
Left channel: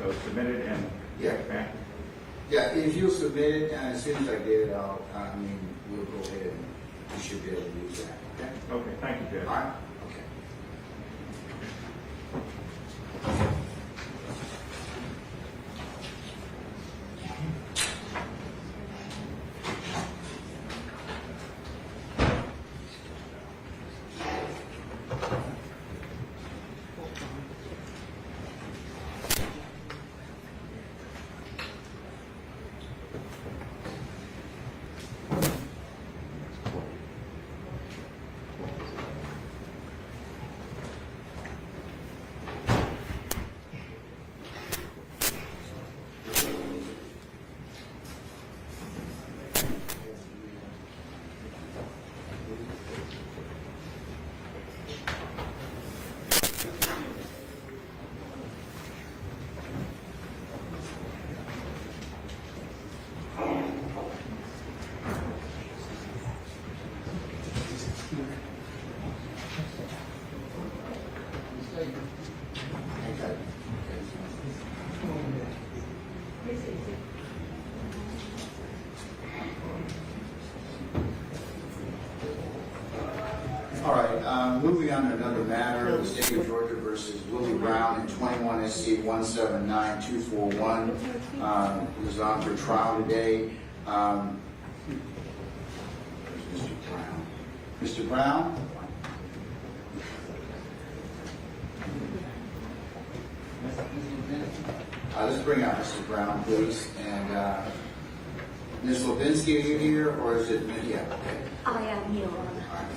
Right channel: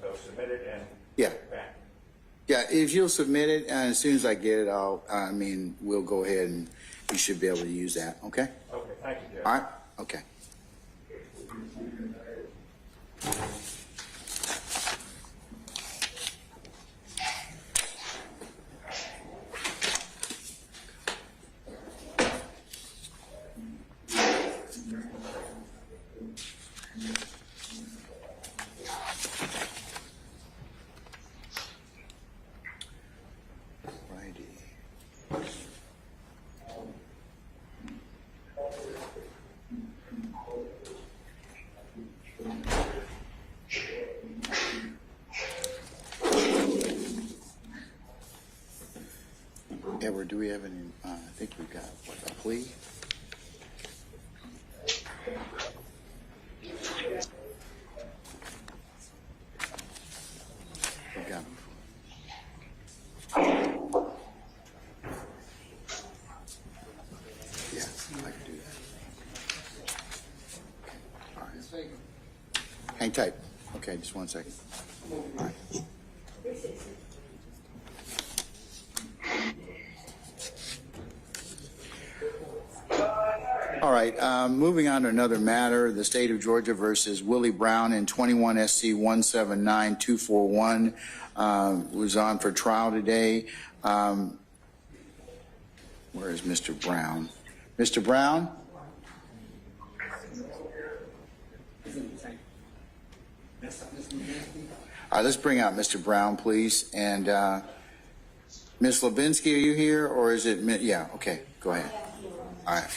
So submit it and check back. Yeah, if you'll submit it, and as soon as I get it, we'll go ahead and you should be able to use that, okay? Okay, thank you, Judge. All right, okay. Edward, do we have any, I think we got a plea. Hang tight. Okay, just 1 second. All right, moving on to another matter, the state of Georgia versus Willie Brown in 21 SC 179241 was on for trial today. Where's Mr. Brown? Mr. Brown? All right, let's bring out Mr. Brown, please. And Ms. Levinsky, are you here, or is it? Yeah, okay, go ahead. I am here. All right.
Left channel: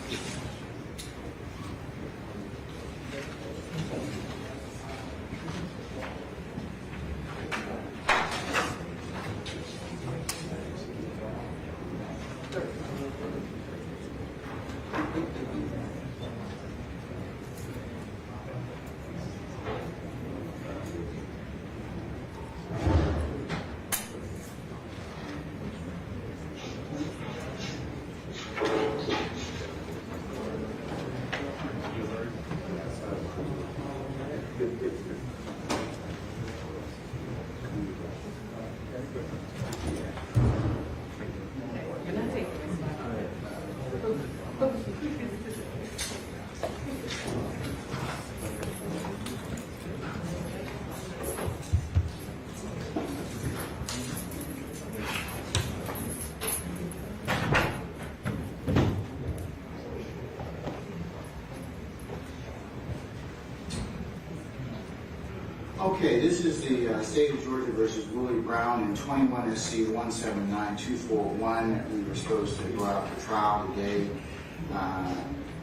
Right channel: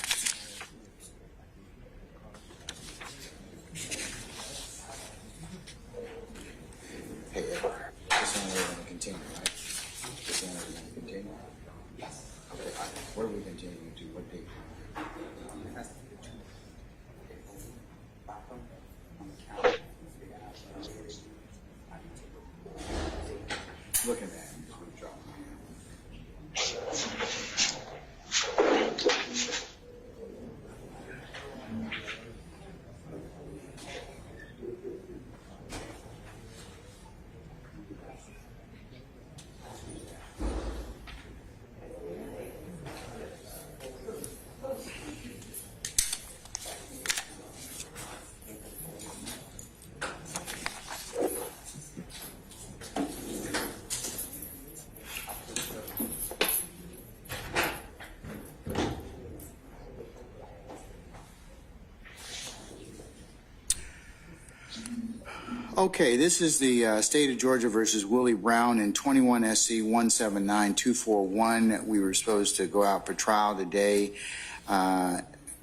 Okay, this is the state of Georgia versus Willie Brown in 21 SC 179241. We were supposed to go out for trial today.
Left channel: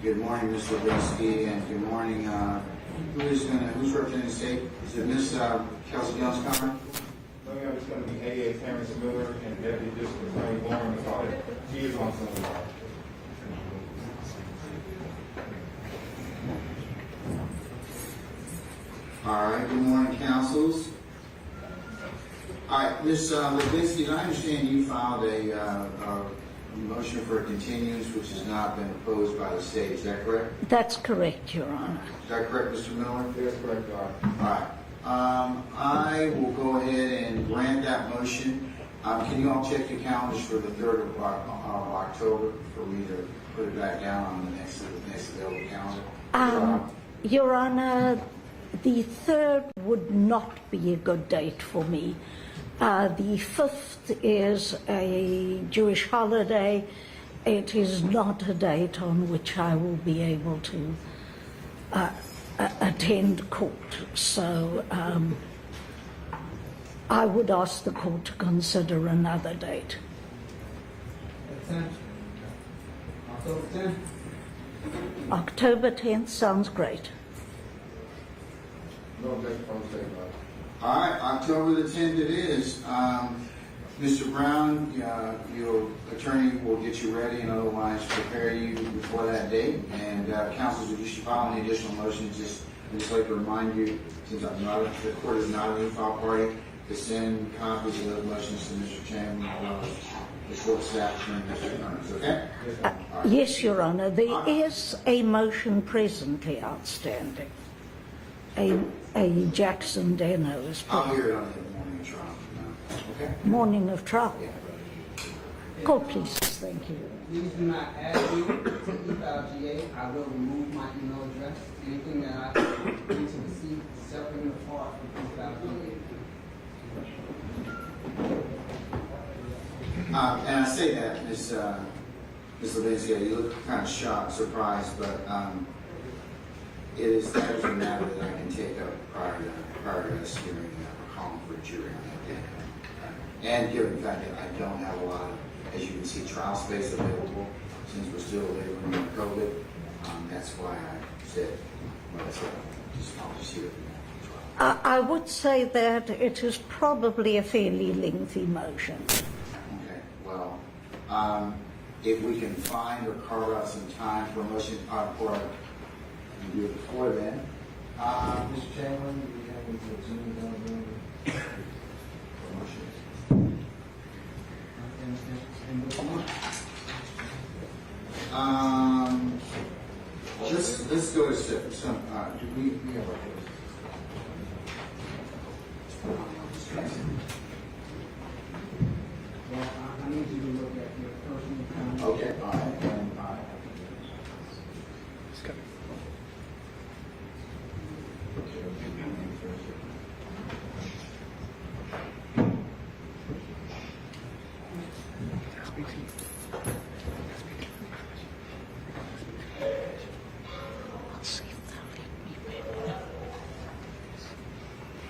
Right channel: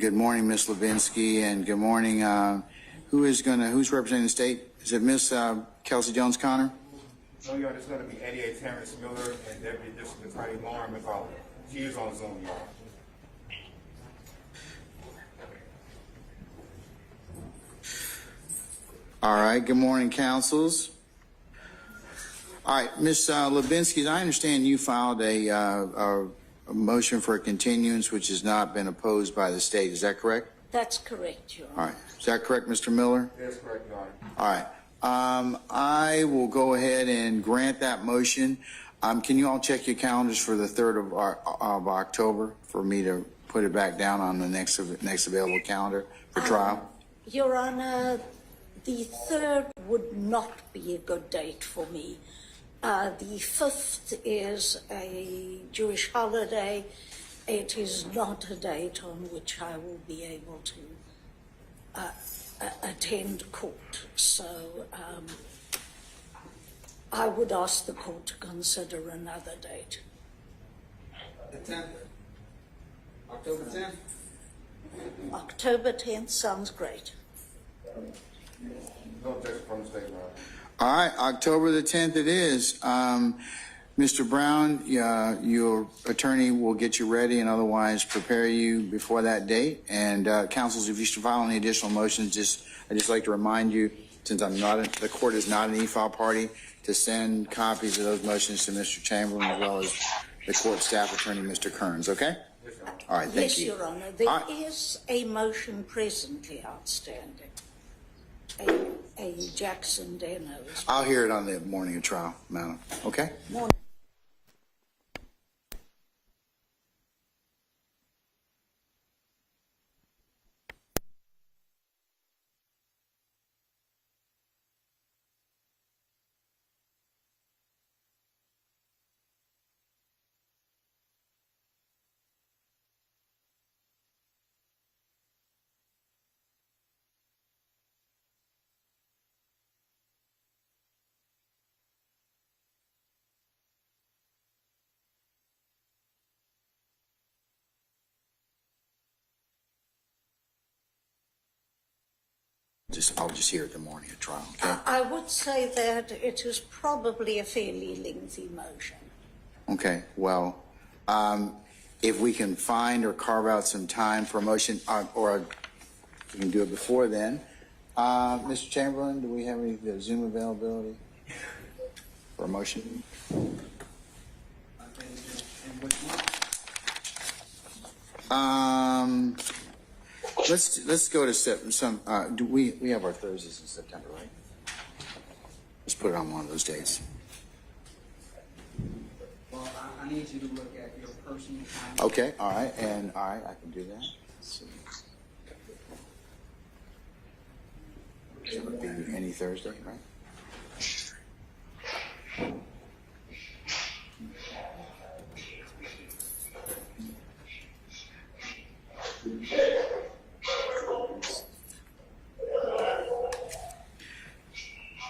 Good morning, Ms. Levinsky, and good morning. Who's representing the state? Is it Miss Kelsey Jones Connor? No, Your Honor, it's going to be 88 Terrence Miller and Deputy District Attorney Lauren McCauley. She is on Zoom. All right, good morning, councils. All right, Ms. Levinsky, I understand you filed a motion for a continuance which has not been opposed by the state. Is that correct? That's correct, Your Honor. All right. Is that correct, Mr. Miller? That's correct, Your Honor. All right. I will go ahead and grant that motion. Can you all check your calendars for the 3rd of October for me to put it back down on the next available calendar for trial? Your Honor, the 3rd would not be a good date for me. The 5th is a Jewish holiday. It is not a date on which I will be able to attend court. So I would ask the court to consider another date. The 10th? October 10th? October 10th sounds great. No objection from the state, Your Honor. All right, October the 10th it is. Mr. Brown, your attorney will get you ready and otherwise prepare you before that date. And counsels, if you should file any additional motions, I'd just like to remind you, since the court is not an e-file party, to send copies of those motions to Mr. Chamberlain as well as the court staff attorney, Mr. Kearns, okay? All right, yes, Your Honor. There is a motion presently outstanding. A Jackson Dano's. I'll hear it on the morning of trial now, okay? Morning of trial. Court, please. Thank you. Please do not add me to e-file.ga. I will remove my email address. Anything that I need to receive separate and apart from e-file.ga. And I say that, Ms. Levinsky, you look kind of shocked, surprised, but that is a matter that I can take up prior to us hearing calling for a jury on that day. And given the fact that I don't have a lot of, as you can see, trial space available since we're still laboring with COVID, that's why I said what I said. I'll just hear it the morning of trial. I would say that it is probably a fairly lengthy motion. Okay, well, If we can find or carve out some time for a motion, or we can do it before then. Mr. Chamberlain, do we have any Zoom availability for a motion? Let's go to some. Do we have our Thursdays in September? Let's put it on one of those days. Well, I need you to look at your personal time. Okay, all right, and all right, I can do that. Okay, we'll give you any Thursday.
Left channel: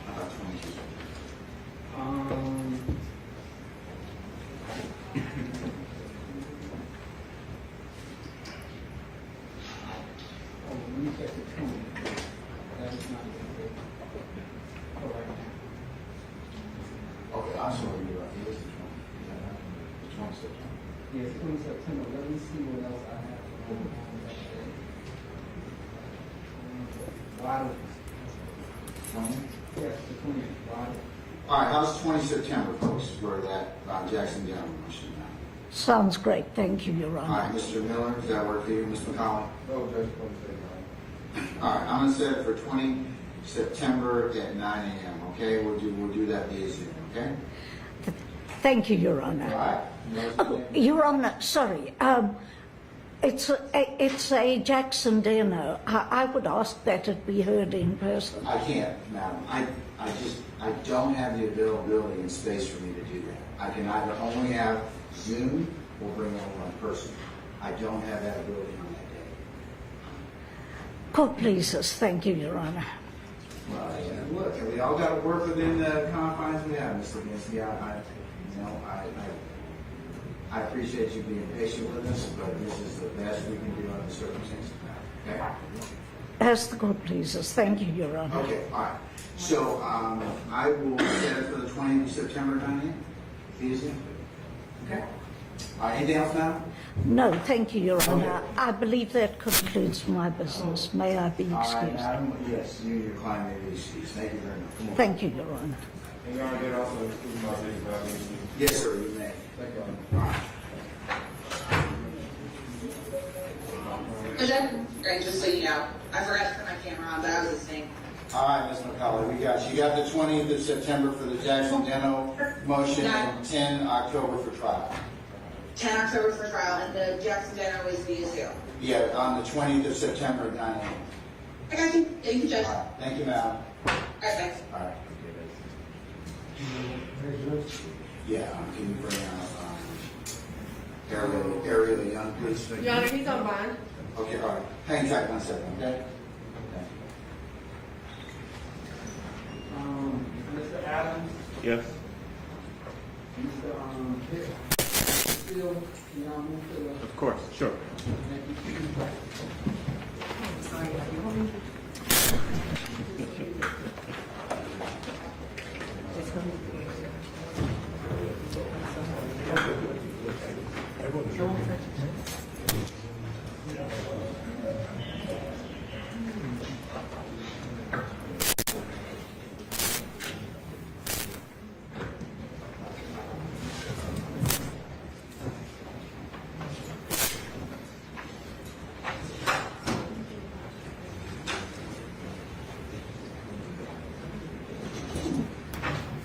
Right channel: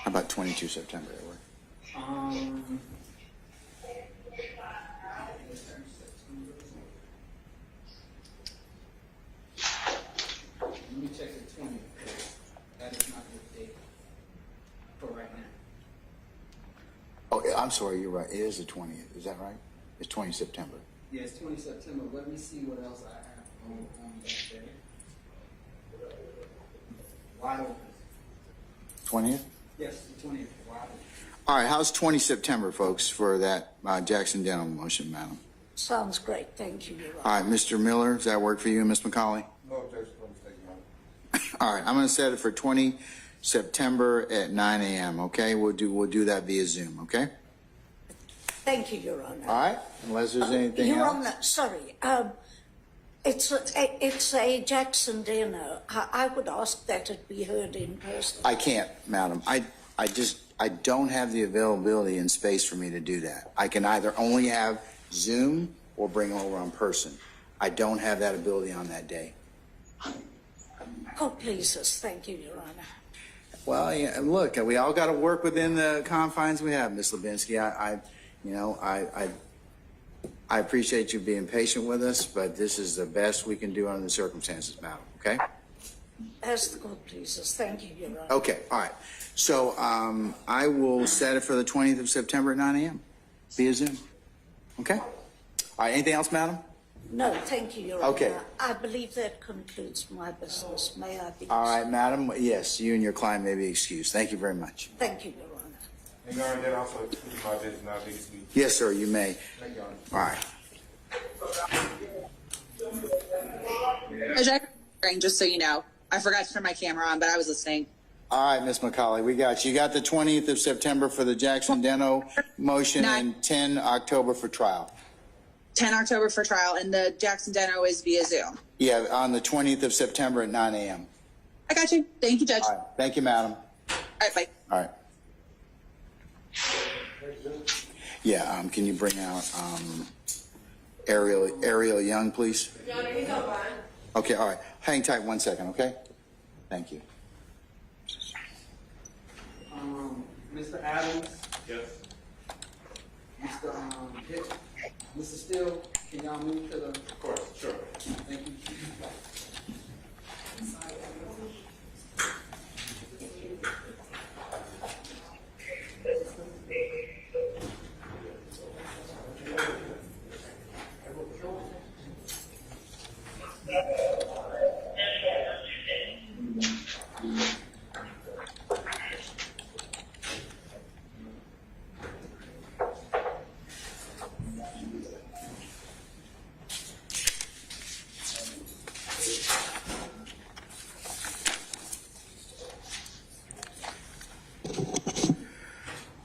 How about 22 September? Oh, yeah, I'm sorry, you're right. It is the 20th. Is that right? It's 20 September. Yeah, it's 20 September. Let me see what else I have. Why? 20th? Yes, the 20th. Why? All right, how's 20 September, folks, for that Jackson Dental motion, madam? Sounds great. Thank you, Your Honor. All right, Mr. Miller, does that work for you, Ms. McCauley? No, Judge, All right, I'm going to set it for 20 September at 9 a.m., okay? We'll do that via Zoom, okay? Thank you, Your Honor. All right, unless there's anything Your else. Honor, sorry. It's a Jackson dinner. I would ask that it be heard in person. I can't, madam. I don't have the availability and space for me to do that. I can either only have Zoom or bring over in person. I don't have that ability on that day. Court pleases. Thank you, Your Honor. Well, yeah, look, we all got to work within the confines we have, Ms. Levinsky. I appreciate you being patient with us, but this is the best we can do under the circumstances now, okay? As the court pleases. Thank you, Your Honor. Okay, all right. So I will set it for the 20th of September at 9 a.m. via Zoom. Okay? All right, anything else, madam? No, thank you, Your Honor. Okay. I believe that concludes my business. May I be All excused? right, madam. Yes, you and your client may be excused. Thank you very much. Thank you, Your Honor. You know, I did also include my business without being excused. Yes, sir, you may. Thank you, All right. Just so you know, I forgot to turn my camera on, but I was listening. All right, Ms. McCauley, we got you. You got the 20th of September for the Jackson Dental motion and 10 October for trial. 10 October for trial, and the Jackson Deno is via Zoom. Yeah, on the 20th of September at 9 a.m. I got you. Thank you, Judge. All right. Thank you, madam. All right, bye. All right. Yeah, can you bring out Ariel Young, please? Your Honor, he's on bond. Okay, all right. Hang tight 1 second, okay? Thank you. Mr. Adams, Yes. Mr. Steele, can y'all move to the... Of course, sure.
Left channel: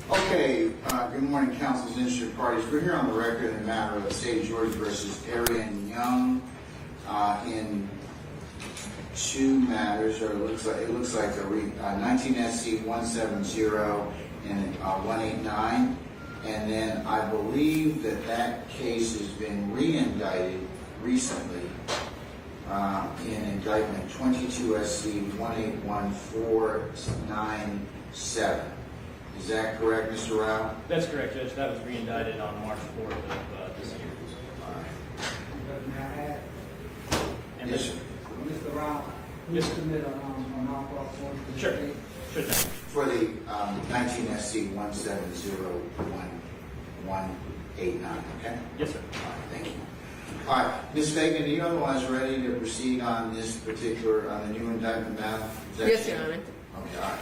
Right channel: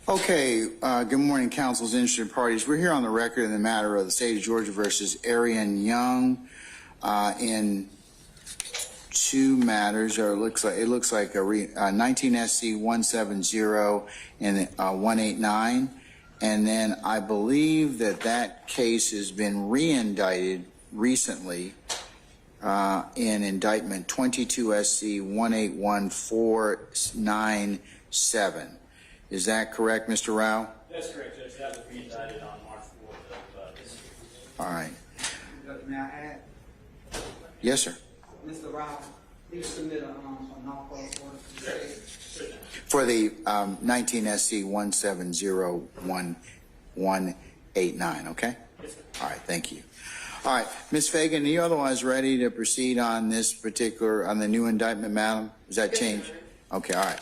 Okay, good morning, council's interested parties. We're here on the record in the matter of the state of Georgia versus Arian Young in two matters, or it looks like a 19 SC 170 and 189, and then I believe that case has been re-indicted recently in indictment 22 SC 181497. Is that correct, Mr. Rao? That's correct, Judge. That was re-indicted on March 4th of this year. All right. May I add? Yes, sir. Mr. Rao, you submit a non-false warrant for Sure. the case? Sure, Judge. For the 19 SC 17011 8-9, okay? Yes, sir. All right, thank you. All right, Ms. Fagan, are you otherwise ready to proceed on this particular, on the new indictment matter? Is that Yes, changed? Your Honor. Okay, all right.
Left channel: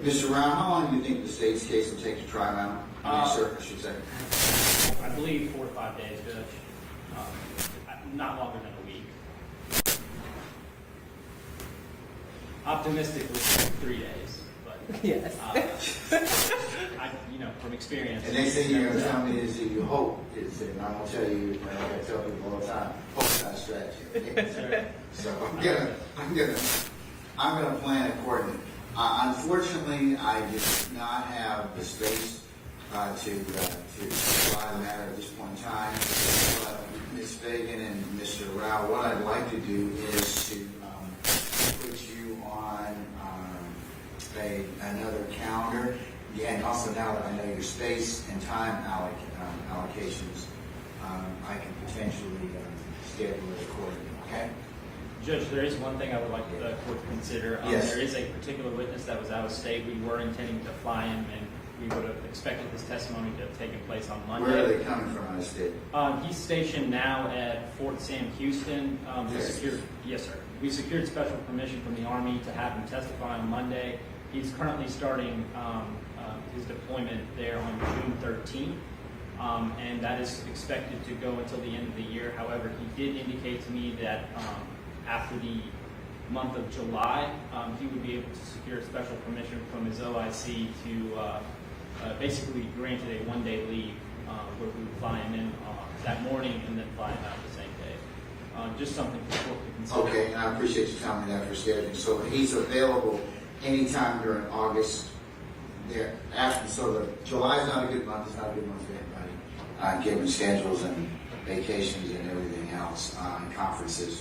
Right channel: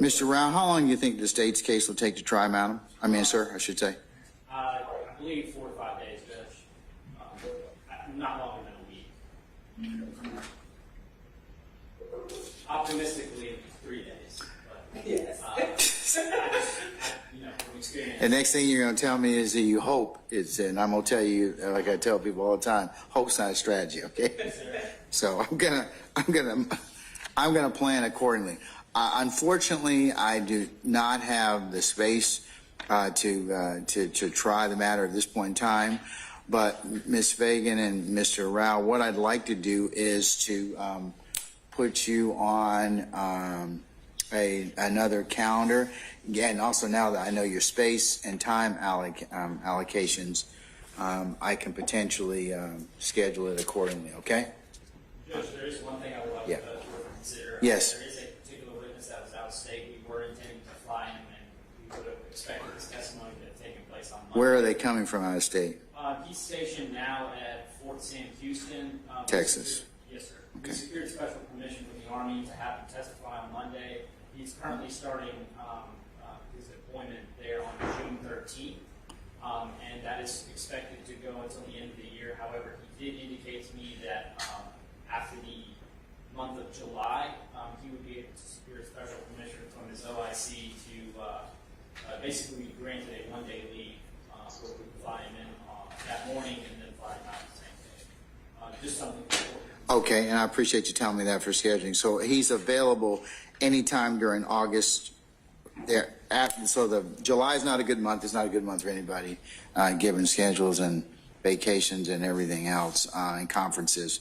Mr. Rao, how long do you think the state's case will take to try, madam? Sir, I should say. I believe 4 to 5 days, Judge. Not longer than a week. Optimistically, 3 days. But, Yes. from experience. The next thing you're gonna tell me is that you hope it's, and I'm gonna tell you, like I tell people all the time, hope's not a strategy, okay? So I'm gonna plan accordingly. Unfortunately, I do not have the space to try the matter at this point in time. But Ms. Fagan and Mr. Rao, what I'd like to do is to put you on another calendar. Again, also now that I know your space and time allocations, I can potentially schedule it accordingly, okay? Judge, there is one thing I would like the court to consider. Yes. There is a particular witness that was out of state. We were intending to fly him, and we would have expected this testimony to have taken place on Monday. Where are they coming from out of state? He's stationed now at Fort Sam Houston. Texas. Yes, sir. We secured special permission from the Army to have him testify on Monday. He's currently starting his deployment there on June 13th. And that is expected to go until the end of the year. However, he did indicate to me that after the month of July, he would be able to secure special permission from his OIC to basically granted a one-day leave where we would fly him in that morning and then fly him out the same day. Just something for the court to consider. Okay, and I appreciate you telling me that for scheduling. So he's available anytime during August. There after, so the July is not a good month. It's not a good month for anybody, given schedules and vacations and everything else and conferences.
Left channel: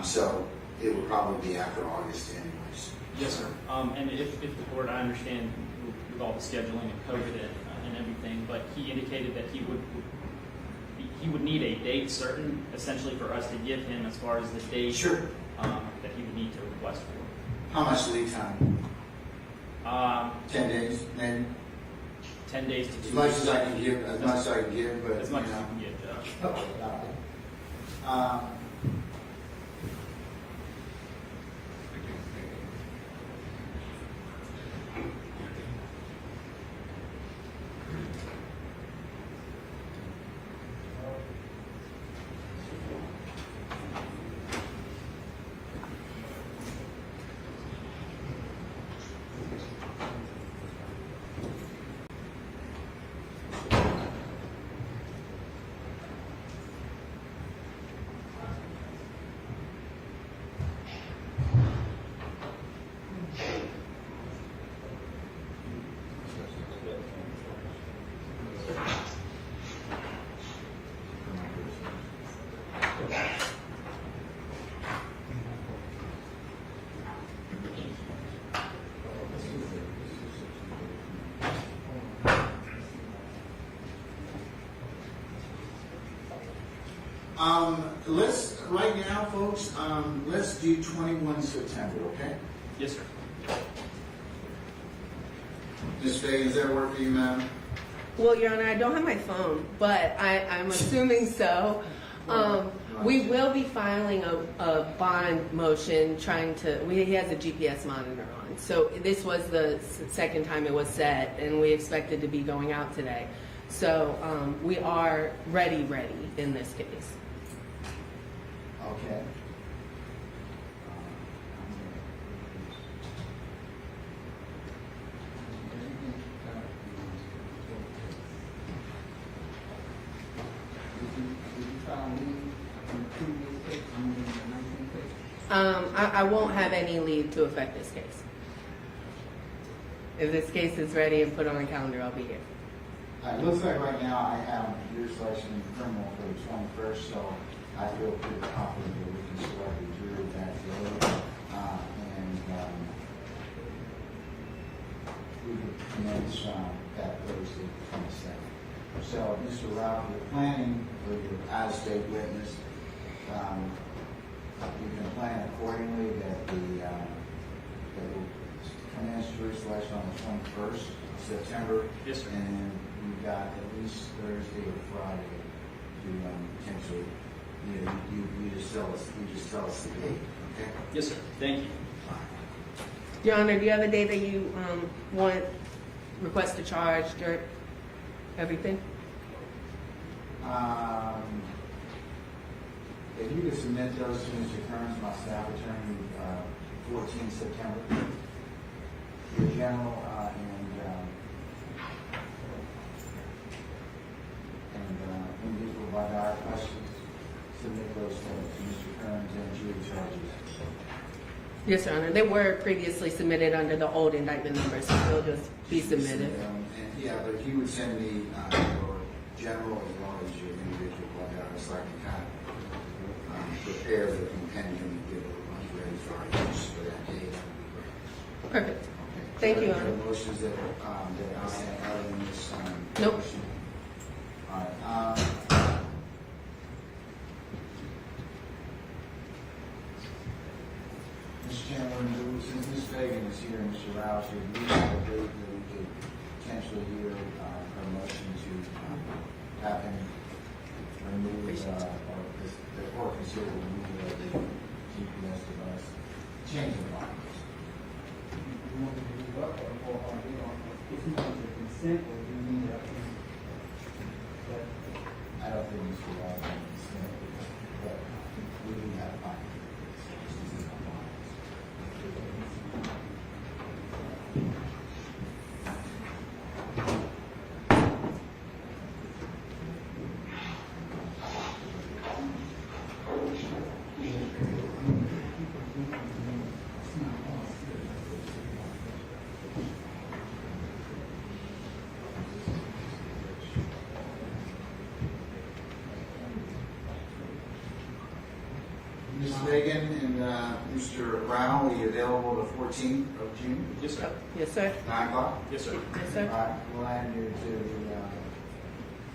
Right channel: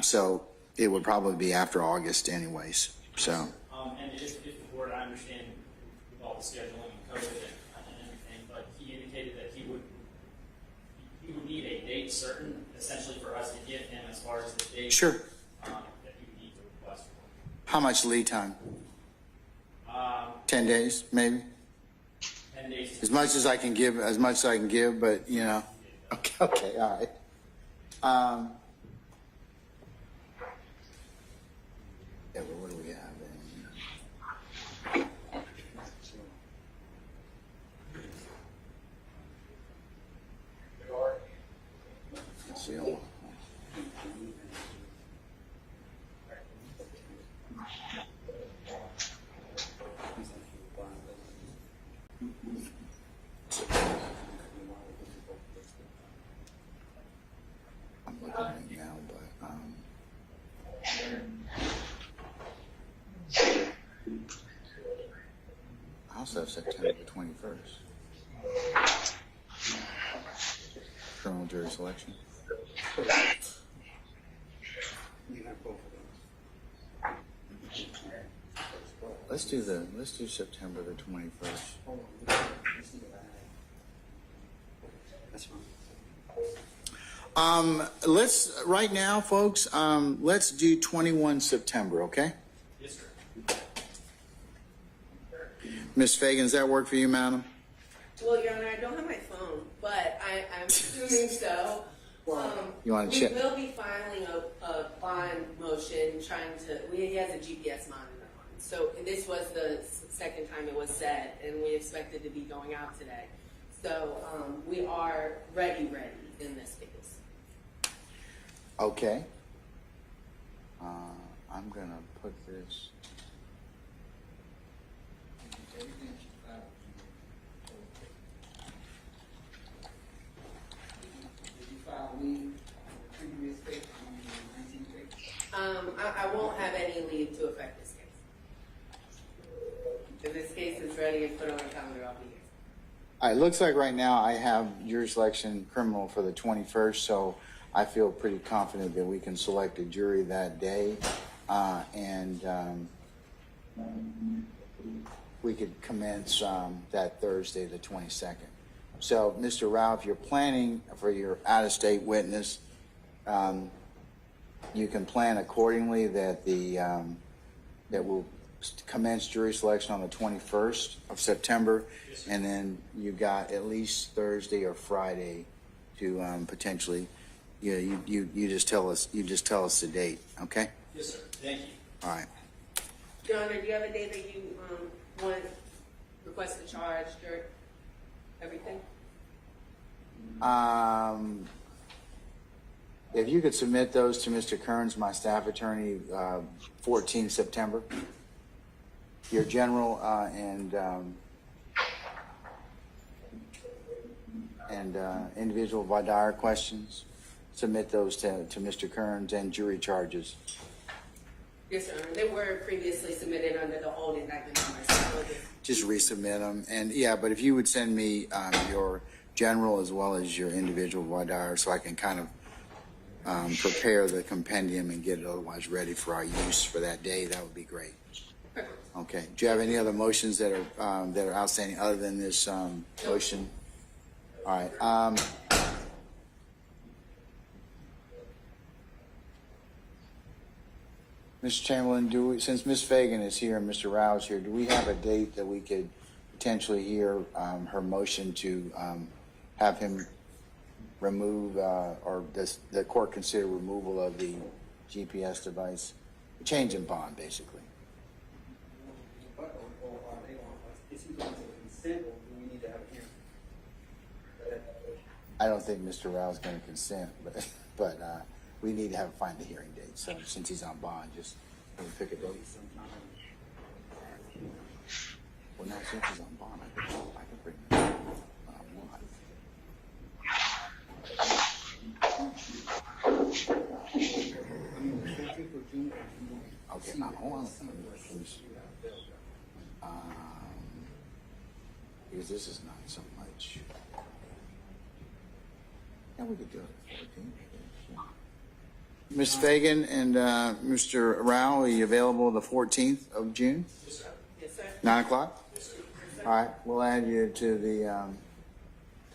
So it would probably be after August, anyways. Yes, so. sir. And if the court, I understand with all the scheduling and COVID and everything, but he indicated that he would need a date certain, essentially, for us to give him as far as the date Sure. That he would need to request for. How much lead time? 10 days, maybe. 10 days. As much as I can give, but As you much as know. you can give, Okay, all right. Also September 21st. Criminal jurisdiction. Let's do September 21st. Let's right now, folks. Let's do 21 September. Okay. Yes, sir. Ms. Fagan, does that work for you, madam? Well, Your Honor, I don't have my phone, but I'm assuming so. We check? will be filing a bond motion he has a GPS monitor on. So this was the second time it was set, and we expected to be going out today. So we are ready in this case. Okay. I'm gonna put this. I won't have any lead to affect this case. If this case is ready and put on the calendar, I'll be here. All right, looks like right now I have jury selection criminal for the 21st, so I feel pretty confident that we can select a jury that day, and we could commence that Thursday, the 22nd. So, Mr. Rao, if you're planning for your out-of-state witness, you can plan accordingly that that we'll commence jury selection on the 21st of September. Yes, sir. And then you've got at least Thursday or Friday to potentially, you just tell us the date, okay? Yes, sir. Thank you. All right. Your Honor, do you have a day that you request to charge or everything? If you could submit those to Mr. Kearns, my staff attorney, 14th September. Your general and individual voir dire questions, submit those to Mr. Kearns, and jury charges. Yes, Your Honor. They were previously submitted under the old indictment numbers, so they'll Just be resubmit submitted. them, and yeah, but if you would send me your general as well as your individual voir dire, so I can kind of prepare the compendium and get it otherwise ready for our use for that day, that would be great. Perfect. Okay. Do you have Thank any you. other motions that are outstanding other than this Nope. motion? All right. Mr. Chamberlain, since Ms. Fagan is here and Mr. Rao is here, do we have a date that we could potentially hear her motion to have him remove, or the court consider removal of the GPS device? Change in bond, basically. I don't think Mr. Rao's going to consent, but we need to have a final hearing date, so since he's on bond, just figure it out. This is Ms. Fagan and Mr. Rao, are you available the 14th of June? Yes, sir. Yes, sir. 9 o'clock? Yes, sir. Yes, All sir. right, we'll add you to the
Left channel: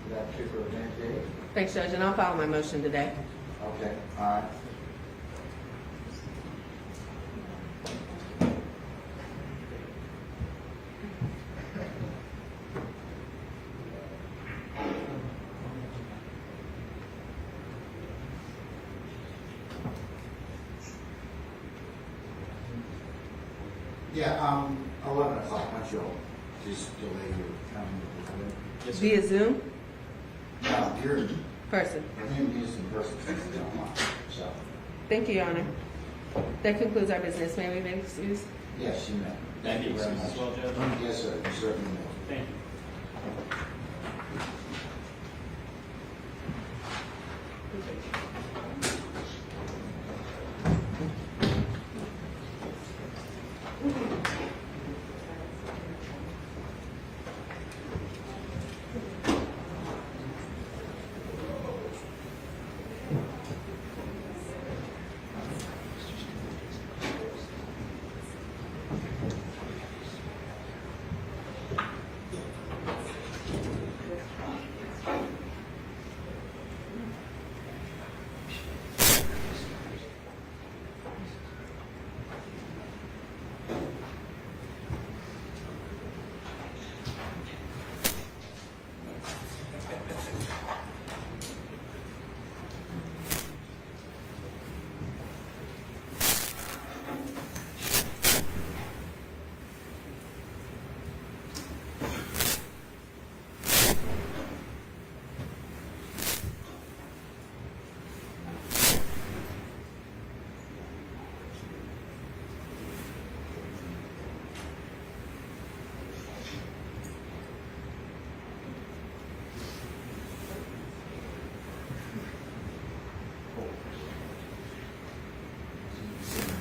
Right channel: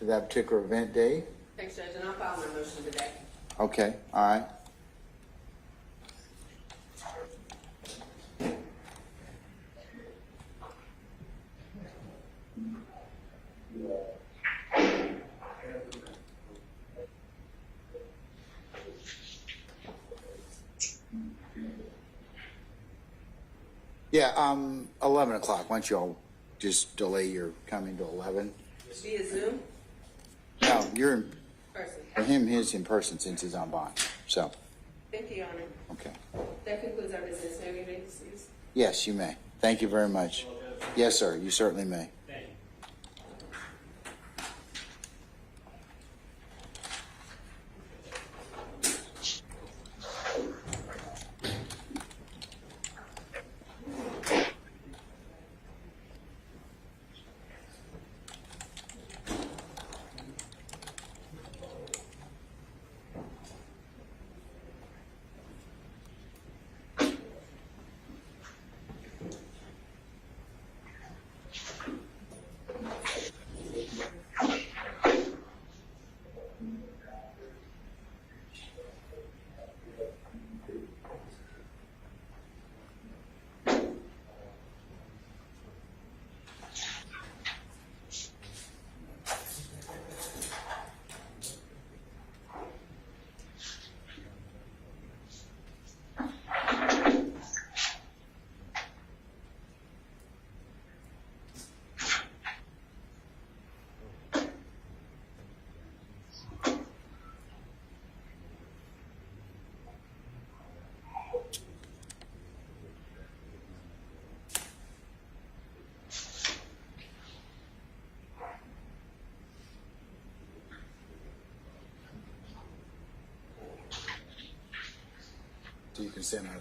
to that particular event date. Thanks, Judge, and I'll file my motion today. Okay, all right. Yeah, 11 o'clock. Why don't you all just delay your coming to 11? Via Zoom? No, you're Person. for him. He's in person since he's on bond. So Thank you, Your Honor. That concludes our business. May we be excused? yes, you may. Thank you very much. Well, Judge. Yes, sir. You certainly may. Thank you. So you can sit there.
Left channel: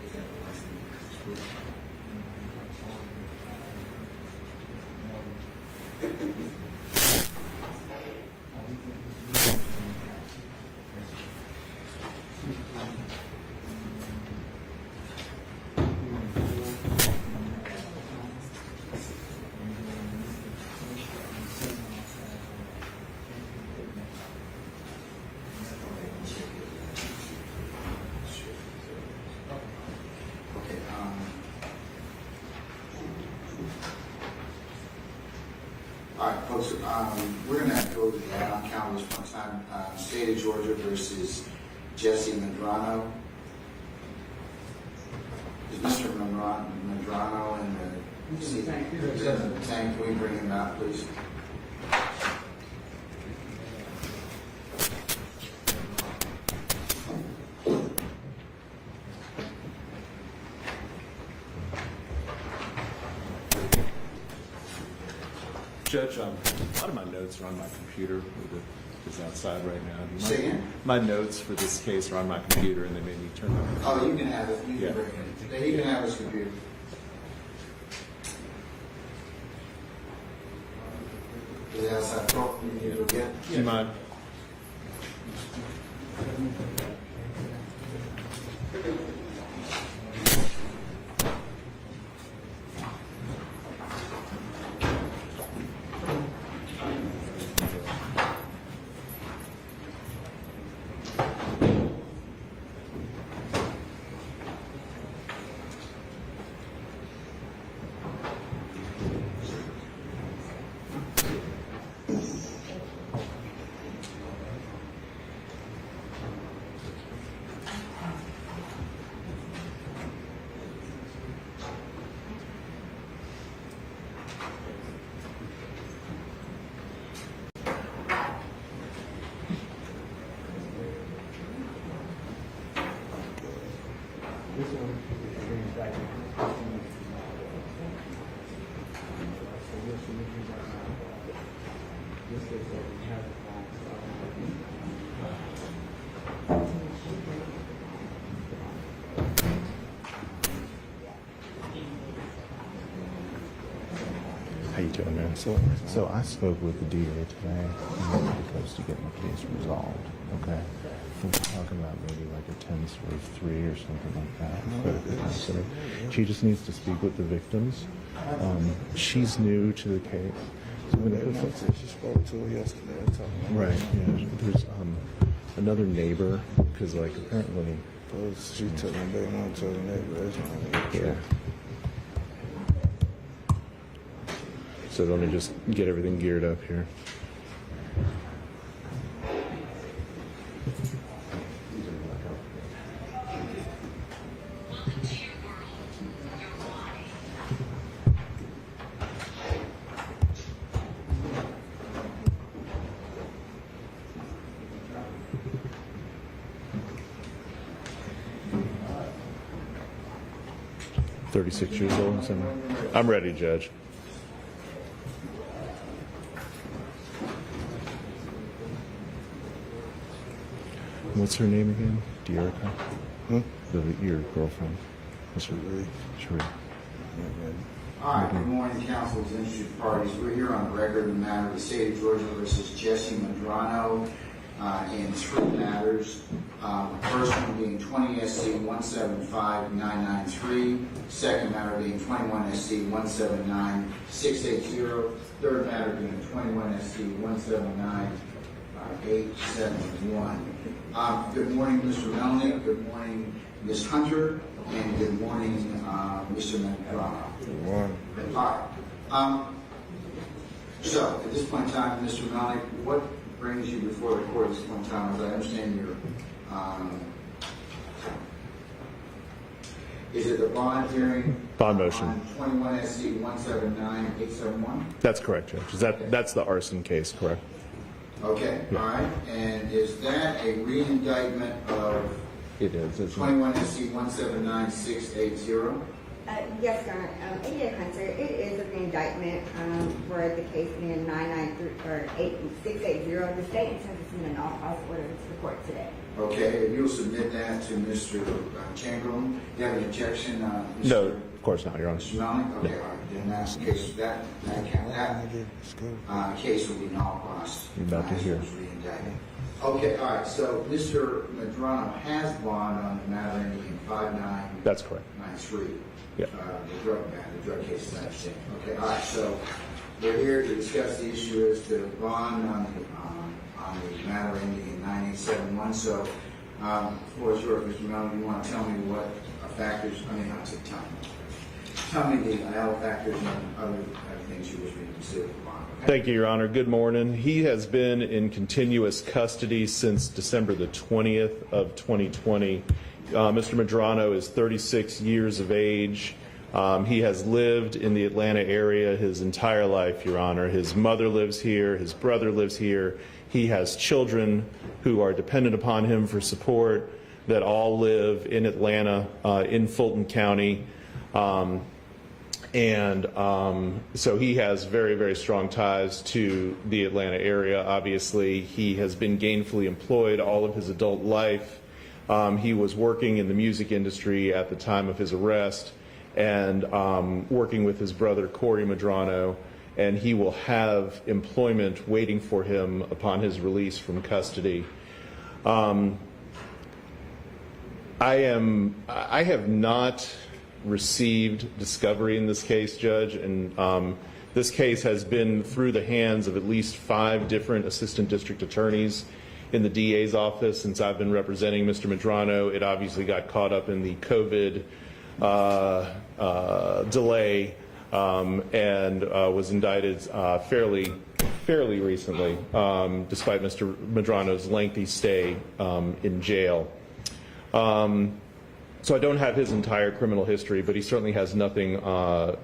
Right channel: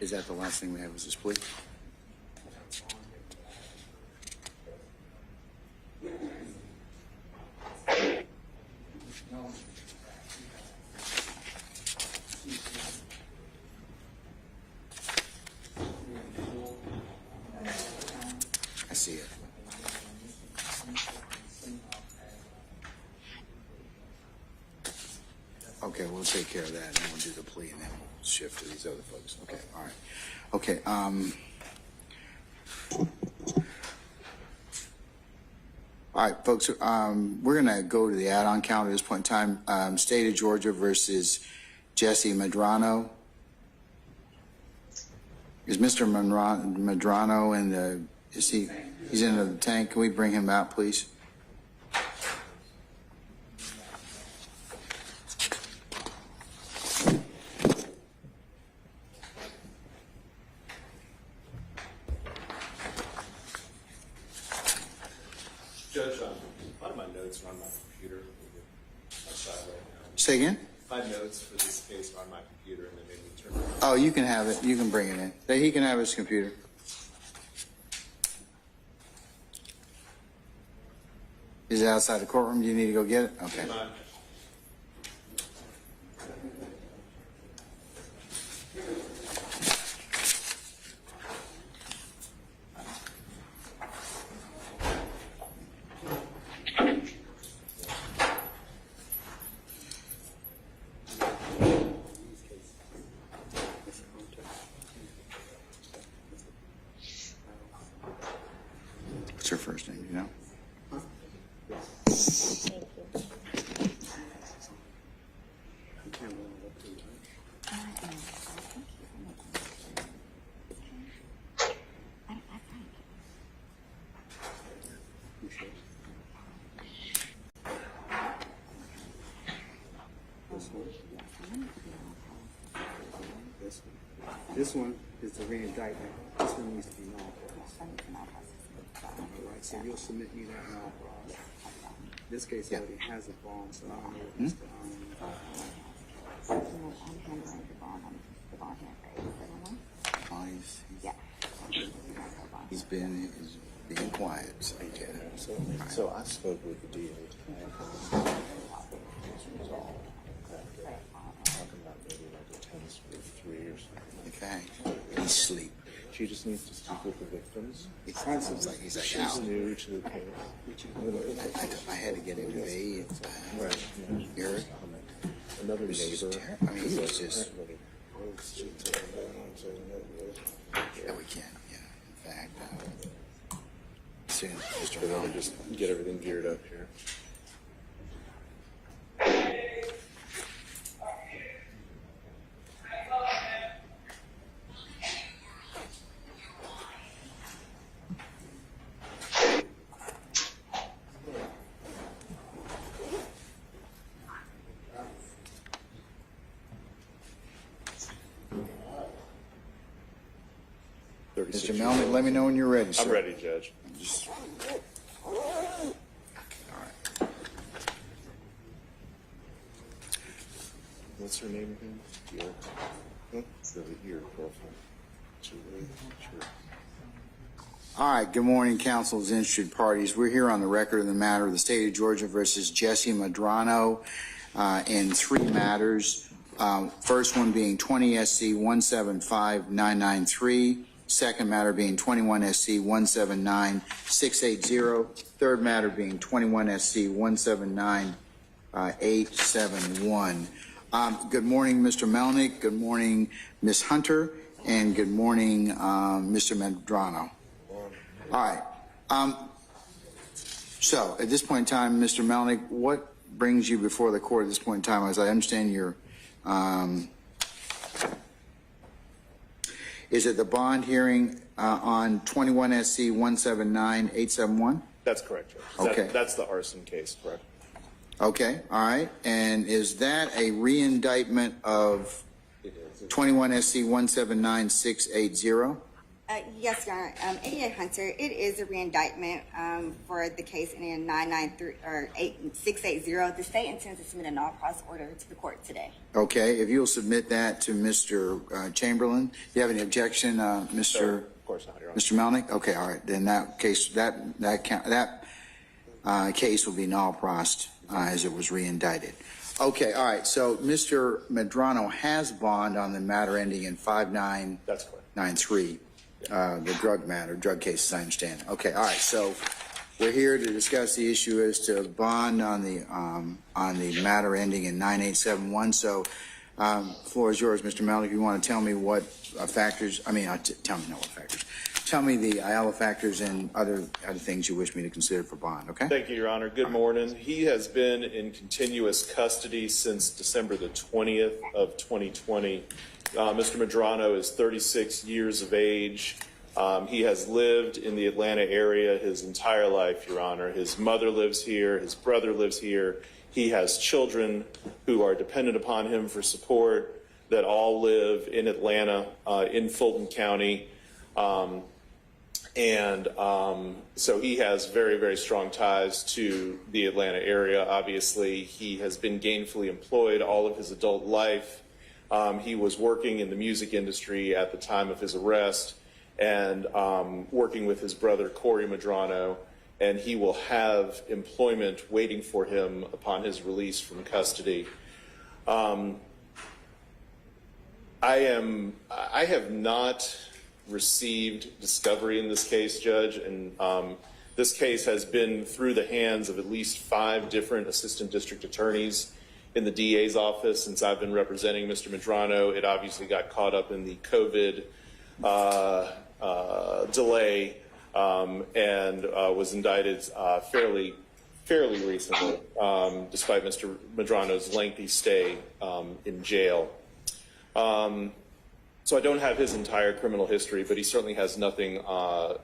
Is that the last thing we have? Is this plea? Okay, all right, folks, we're gonna go to the add-on count at this point in time. State of Georgia versus Jessie Medrano. Is Mr. Medrano in the, he's in the tank? Can we bring him out, please? Judge, a lot of my notes are on my computer, it's outside right now. Say again? My notes for this case are on my computer, and they made me turn them. Oh, you can have it. You can bring it in. He can have his computer. Is it outside the courtroom? Do you need to go get it? Do you mind? What's your first name? You know? This one is a re-indictment. This one needs to be so you'll submit me right now. This case already has a bond, so I don't know if it's He's been quiet. How you doing, man? So I spoke with the DA today, and we're supposed to get my case resolved, okay? We're talking about maybe like a 10-3 or something like that. So she just needs to speak with the victims. She's new to the case. Right, yeah. There's another neighbor who's like apparently. She took my baby mom to the neighbor. Yeah. So let me just get everything geared up here. Mr. Melvin, let me know when you're ready. I'm ready, Judge. What's her name again? Dearica? Your girlfriend. Sure. All right, good morning, council's interested parties. We're here on the record of the matter of the state of Georgia versus Jessie Medrano in 3 matters. First one being 20 SC 175993. Second matter being 21 SC 179680. Third matter being 21 SC 179871. Good morning, Mr. Melnick. Good morning, Ms. Hunter. And good morning, Mr. Medrano. Good morning. All right. So at this point in time, Mr. Melnick, what brings you before the court at this point in time? As I understand your, is it the bond hearing on 21 SC 179871? That's correct, Judge. Okay. That's the arson case, correct? Okay, all right. And is that a re-indictment of 21 SC 179680? Yes, Your Honor. 88 Hunter, it is a re-indictment for the case ending 680. The state intends to submit an all-cause order to the court today. Okay, if you'll submit that to Mr. Chamberlain. Do you have any objection, Mr.? No, of course not, Your Honor. Mr. Melnick? Okay, all right. Then that case, that case will be null prost as it was re-indicted. Okay, all right. So Mr. Medrano has bond on the matter ending in 5993. That's correct. The drug case, as I understand. Okay, all right. So we're here to discuss the issue as to bond on the matter ending in 9871. So Floor is yours, Mr. Mello. You want to tell me what factors, tell me no factors. Tell me the Ayala factors and other things you wish me to consider for bond, okay? Thank you, Your Honor. Good morning. He has been in continuous custody since December the 20th of 2020. Mr. Medrano is 36 years of age. He has lived in the Atlanta area his entire life, Your Honor. His mother lives here. His brother lives here. He has children who are dependent upon him for support that all live in Atlanta, in Fulton County. So he has very, very strong ties to the Atlanta area. Obviously, he has been gainfully employed all of his adult life. He was working in the music industry at the time of his arrest and working with his brother, Corey Medrano, and he will have employment waiting for him upon his release from custody. I have not received discovery in this case, Judge, and this case has been through the hands of at least 5 different assistant district attorneys in the DA's office since I've been representing Mr. Medrano. It obviously got caught up in the COVID delay and was indicted fairly recently, despite Mr. Medrano's lengthy stay in jail. So I don't have his entire criminal history, but he certainly has nothing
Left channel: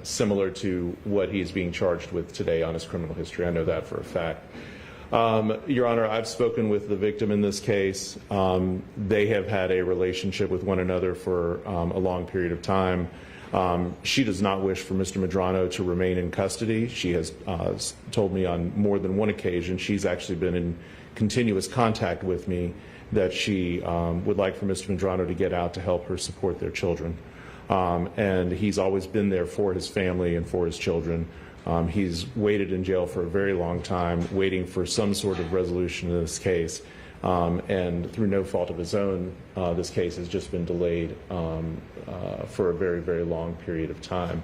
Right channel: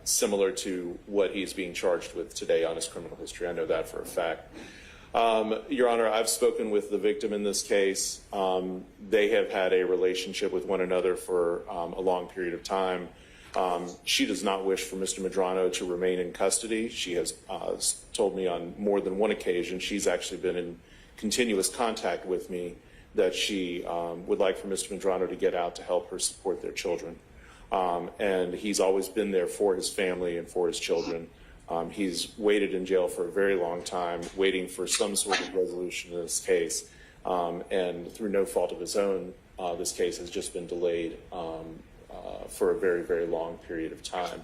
similar to what he's being charged with today on his criminal history. I know that for a fact. Your Honor, I've spoken with the victim in this case. They have had a relationship with one another for a long period of time. She does not wish for Mr. Medrano to remain in custody. She has told me on more than one occasion, she's actually been in continuous contact with me, that she would like for Mr. Medrano to get out to help her support their children. And he's always been there for his family and for his children. He's waited in jail for a very long time, waiting for some sort of resolution in this case. And through no fault of his own, this case has just been delayed for a very, very long period of time.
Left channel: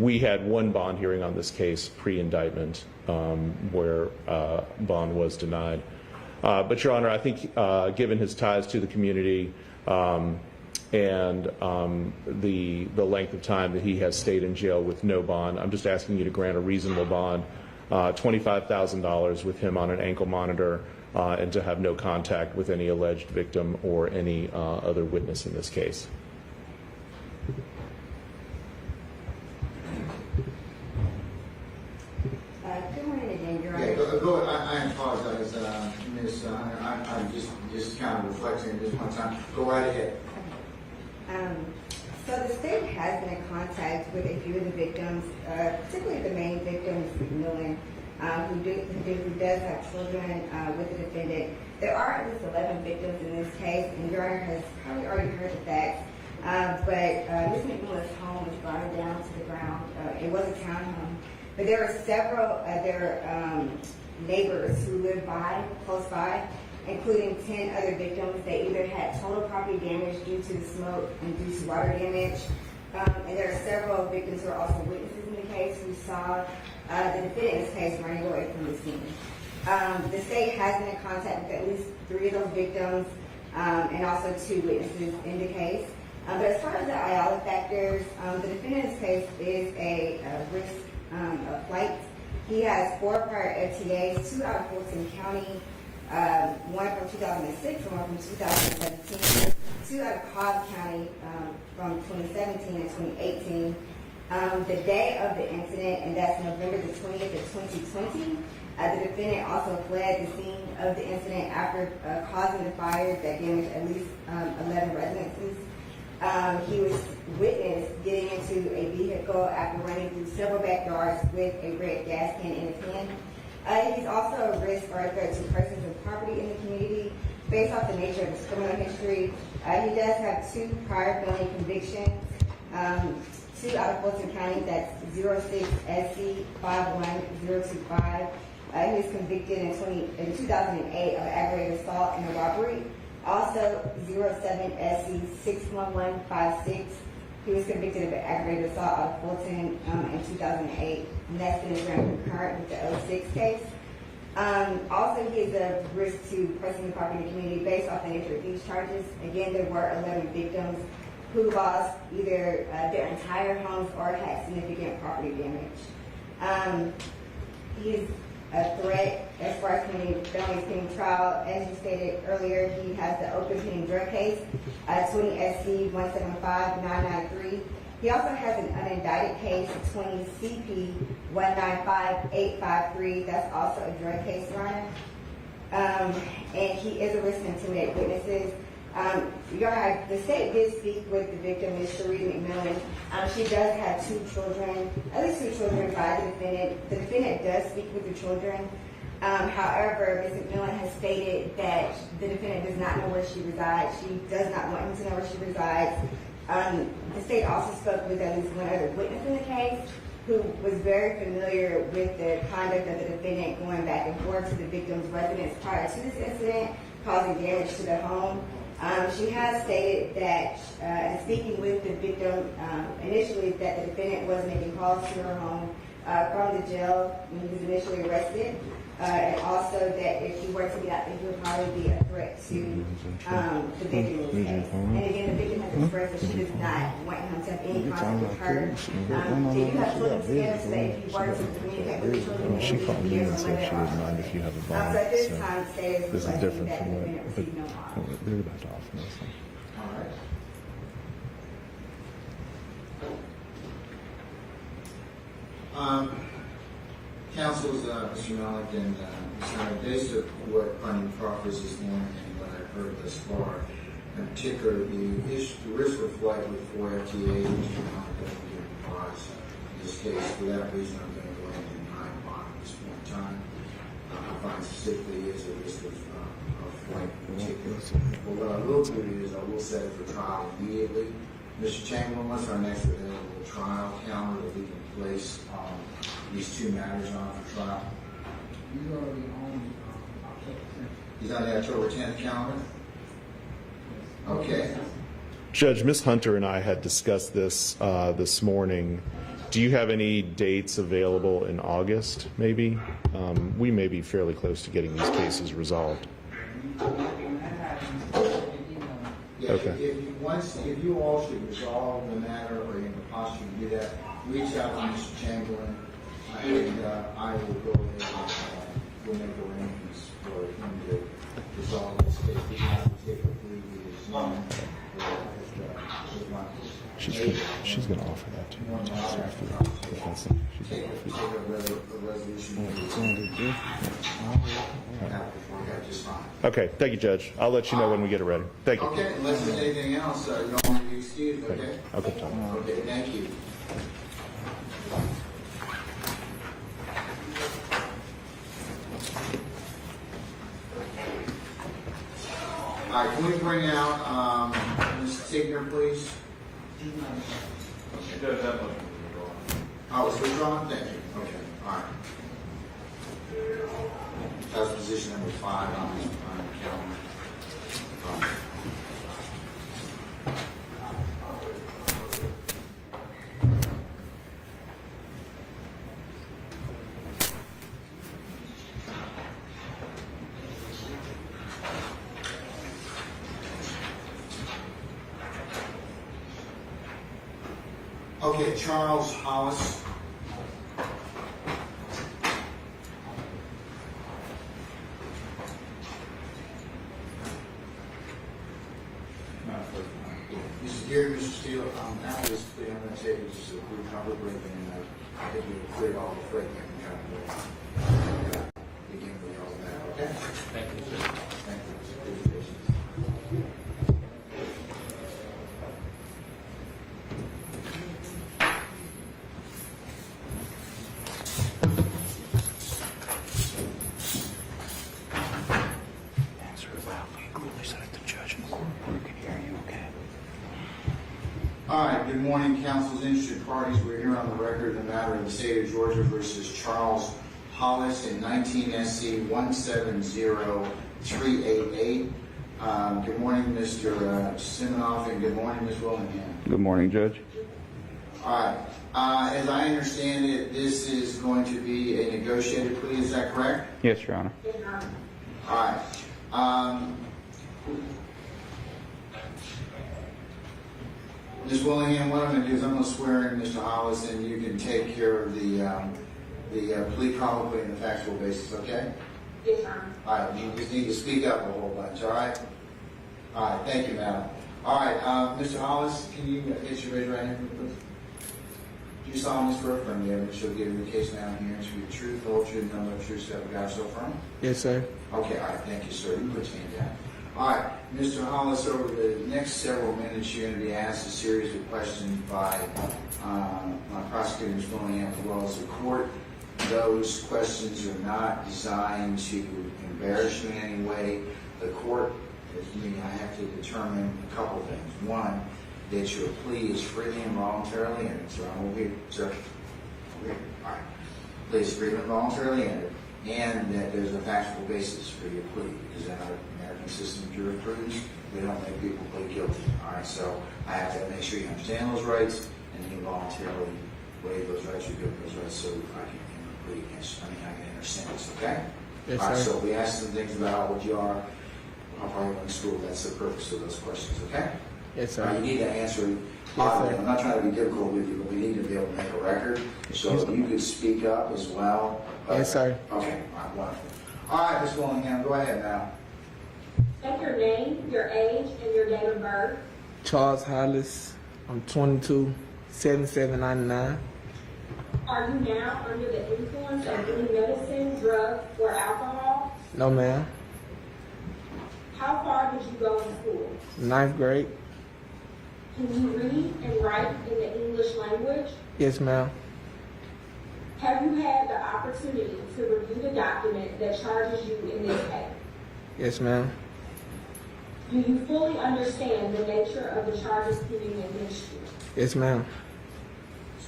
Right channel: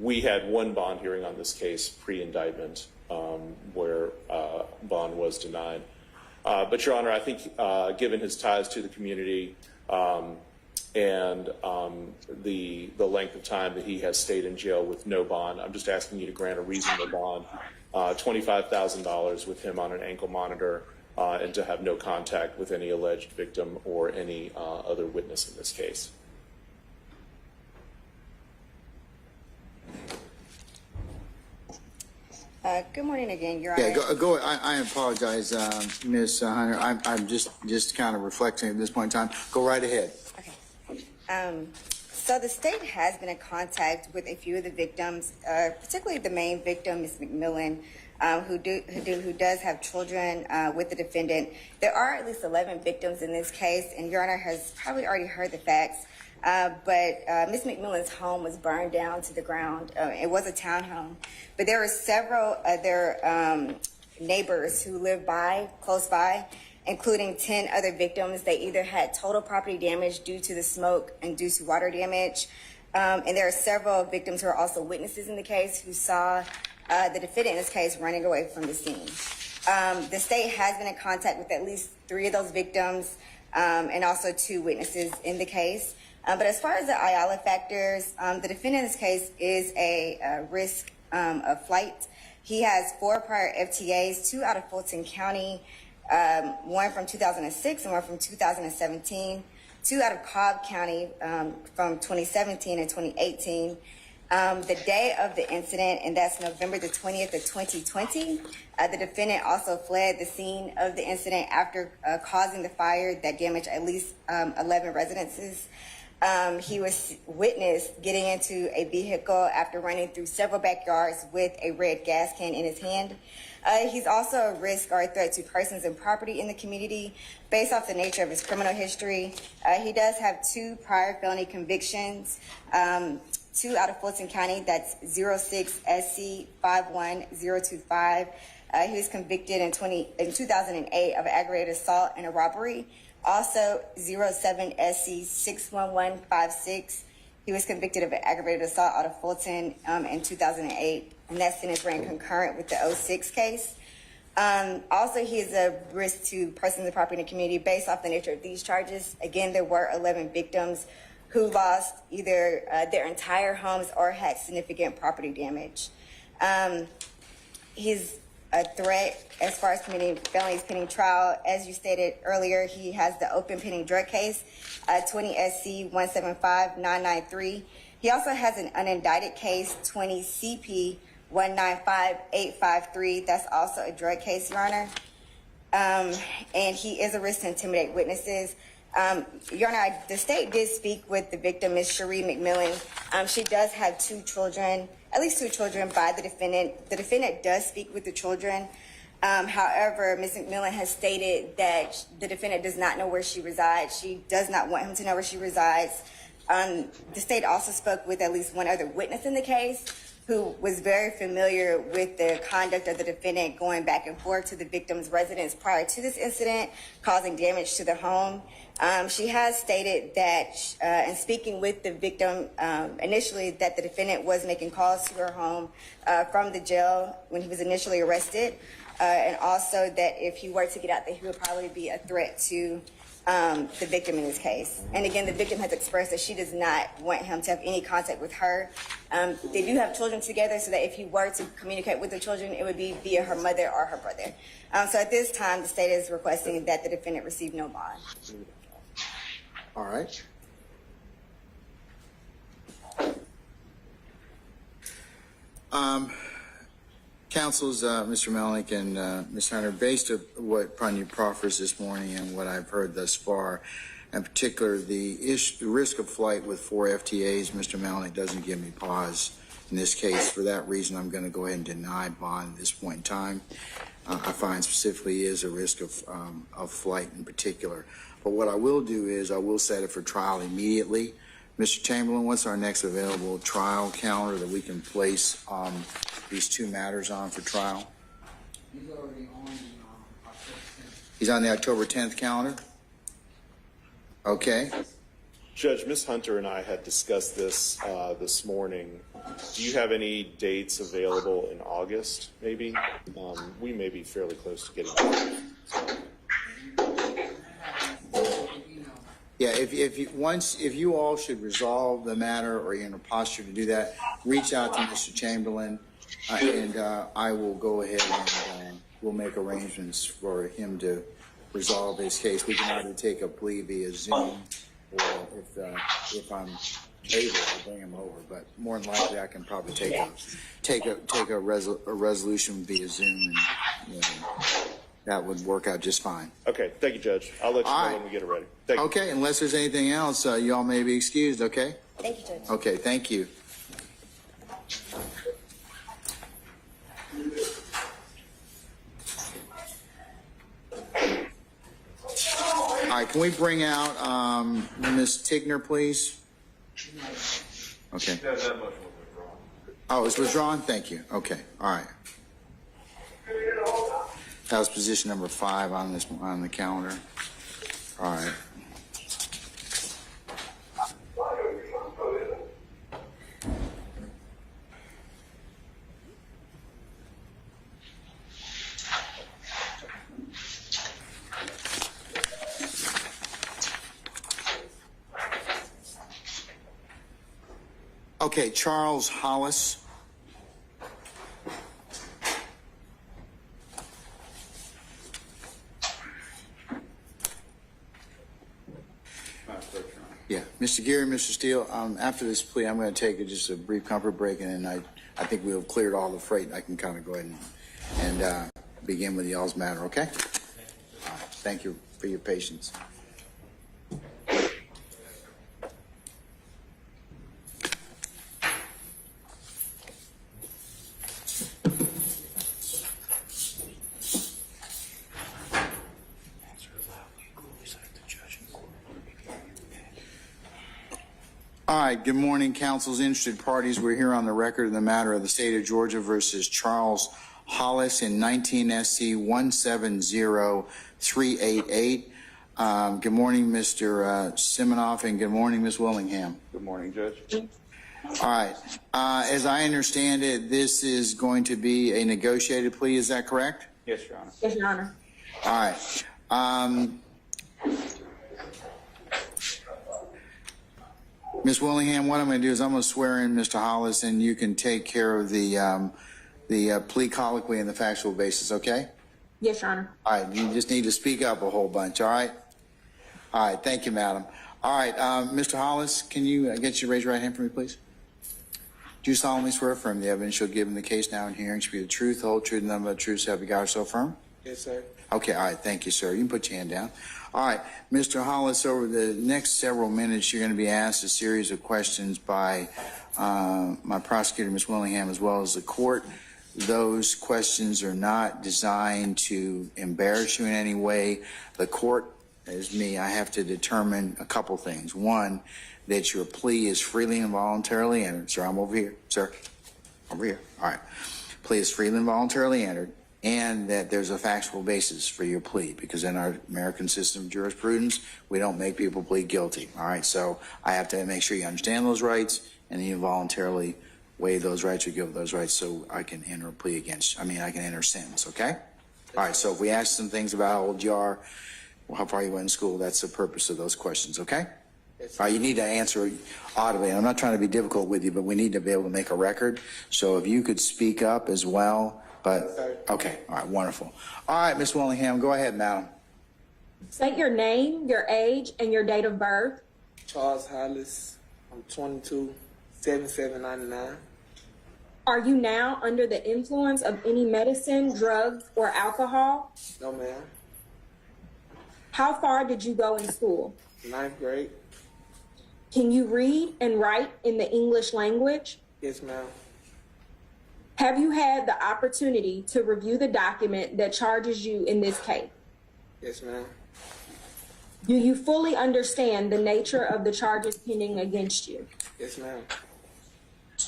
We had one bond hearing on this case pre-indictment where bond was denied. But, Your Honor, I think given his ties to the community and the length of time that he has stayed in jail with no bond, I'm just asking you to grant a reasonable bond, $25,000 with him on an ankle monitor, and to have no contact with any alleged victim or any other witness in this case. Good morning again, Your Honor. Yeah, go. I apologize, Ms. Hunter. I'm just kind of reflecting at this point in time. Go right ahead. Okay. So the state has been in contact with a few of the victims, particularly the main victim, Ms. McMillan, who does have children with the defendant. There are at least 11 victims in this case, and Your Honor has probably already heard the facts. But Ms. McMillan's home was burned down to the ground. It was a townhome. But there are several other neighbors who live close by, including 10 other victims. They either had total property damage due to the smoke-induced water damage, and there are several victims who are also witnesses in the case who saw the defendant in this case running away from the scene. The state has been in contact with at least 3 of those victims and also 2 witnesses in the case. But as far as the Ayala factors, the defendant in this case is a risk of flight. He has 4 prior FTAs, 2 out of Fulton County, 1 from 2006 and 1 from 2017, 2 out of Cobb County from 2017 and 2018. The day of the incident, and that's November the 20th of 2020, the defendant also fled the scene of the incident after causing the fire that damaged at least 11 residences. He was witnessed getting into a vehicle after running through several backyards with a red gas can in his hand. He's also a risk or a threat to persons and property in the community based off the nature of his criminal history. He does have 2 prior felony convictions, 2 out of Fulton County, that's 06 SC 51025. He was convicted in 2008 of aggravated assault and a robbery. Also, 07 SC 61156. He was convicted of an aggravated assault out of Fulton in 2008, and that sentence ran concurrent with the 06 case. Also, he is a risk to persons of property in the community based off the nature of these charges. Again, there were 11 victims who lost either their entire homes or had significant property damage. He's a threat as far as committing felonies pending trial. As you stated earlier, he has the open pending drug case, 20 SC 175993. He also has an unindicted case, 20 CP 195853. That's also a drug case, Your Honor. And he is a risk to intimidate witnesses. Your Honor, the state did speak with the victim, Ms. Cherie McMillan. She does have two children, at least two children by the defendant. The defendant does speak with the children. However, Ms. McMillan has stated that the defendant does not know where she resides. She does not want him to know where she resides. The state also spoke with at least one other witness in the case who was very familiar with the conduct of the defendant going back and forth to the victim's residence prior to this incident, causing damage to the home. She has stated that, in speaking with the victim initially, that the defendant was making calls to her home from the jail when he was initially arrested, and also that if he were to get out there, he would probably be a threat to the victim in this case. And again, the victim has expressed that she does not want him to have any contact with her. They do have children together, so that if he were to communicate with the children, it would be via her mother or her brother. So at this time, the state is requesting that the defendant receive no bond. All right. Counsels, Mr. Melnick and Ms. Hunter, based on what Pranya proffers this morning and what I've heard thus far, in particular the risk of flight with 4 FTAs, Mr. Melnick doesn't give me pause in this case. For that reason, I'm going to go ahead and deny bond at this point in time. I find specifically is a risk of flight in particular. But what I will do is I will set it for trial immediately. Mr. Chamberlain, what's our next available trial calendar that we can place these two matters on for trial? He's already on October 10th. He's on the October 10th calendar? Okay. Judge, Ms. Hunter and I had discussed this this morning. Do you have any dates available in August, maybe? We may be fairly close to getting these cases resolved. Yeah, if you all should resolve the matter or you're in a posture to do that, reach out to Mr. Chamberlain and I will go ahead and we'll make arrangements for him to resolve this case. We can either take a plea via Zoom or if I'm able, she's going to offer that too. more than likely I can probably take a resolution via Zoom. That would work out just fine. Okay, thank you, Judge. I'll let you know when we get it ready. Thank you. Okay, unless there's anything else, y'all may be excused, okay? Okay. Okay, thank you. All right, can we bring out Ms. Tigner, please? Okay. Oh, it was withdrawn? Thank you. Okay, all right. That was position number 5 on the calendar. All right. Okay, Charles Hollis. Yeah, Mr. Geary, Mr. Steele, after this plea, I'm going to take just a brief comfort break, and I think we've cleared all the freight. I can kind of go ahead and begin with y'all's matter, okay? Thank you for your patience. All right, good morning, council's interested parties. We're here on the record in the matter of the state of Georgia versus Charles Hollis in 19 SC 170388. Good morning, Mr. Simonoff, and good morning, Ms. Willingham. Good morning, Judge. All right. As I understand it, this is going to be a negotiated plea. Is that correct? Yes, Your Honor. Yes, Your Honor. All right. Ms. Willingham, what I'm going to do is I'm going to swear in Mr. Hollis, and you can take care of the plea colloquy and the factual basis, okay? Yes, Your Honor. All right, you just need to speak up a whole bunch, all right? All right, thank you, madam. All right, Mr. Hollis, can you get you to raise your right hand for me, please? Do you solemnly swear affirm the evidence you'll give in the case now and hearing should be the truth, the whole truth, and nothing but the truth, so help you God so affirm? Yes, sir. Okay, all right, thank you, sir. You can put your hand down. All right, Mr. Hollis, over the next several minutes, you're going to be asked a series of questions by my prosecutor, Ms. Willingham, as well as the court. Those questions are not designed to embarrass you in any way. The court, as me, I have to determine a couple things. One, that your plea is freely and voluntarily entered. Sir, I'm over here. Sir, over here. All right. Plea is freely and voluntarily entered, and that there's a factual basis for your plea, because in our American system of jurisprudence, we don't make people plead guilty. All right. So I have to make sure you understand those rights, and you voluntarily waive those rights or give those rights, so I can enter a plea against. I can enter sentence. Okay. Yes, all right. sir. So if we ask some things about how old you are, how far you went to school, that's the purpose of those questions. Okay. Yes, sir. You need to answer audibly. I'm not trying to be difficult with you, but we need to be able to make a record. So if you could speak up as well. But, yes, sir. Okay. All right. Wonderful. All right, Ms. Willingham, go ahead now. State your name, your age, and your date of birth. Charles Hollis. I'm 22, 7799. Are you now under the influence of any medicine, drug, or alcohol? No, ma'am. How far did you go in school? 9th grade. Can you read and write in the English language? Yes, ma'am. Have you had the opportunity to review the document that charges you in this case? Yes, ma'am. Do you fully understand the nature of the charges pending against you? Yes, ma'am.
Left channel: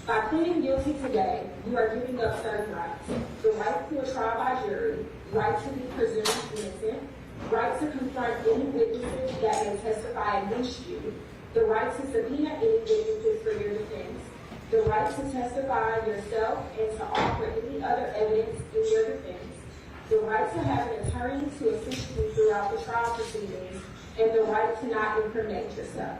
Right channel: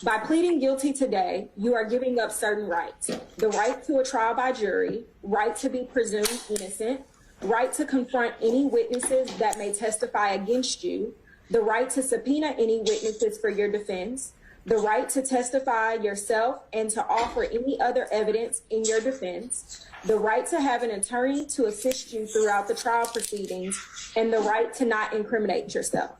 By pleading guilty today, you are giving up certain rights. The right to a trial by jury, right to be presumed innocent, right to confront any witnesses that may testify against you, the right to subpoena any witnesses for your defense, the right to testify yourself and to offer any other evidence in your defense, the right to have an attorney to assist you throughout the trial proceedings, and the right to not incriminate yourself.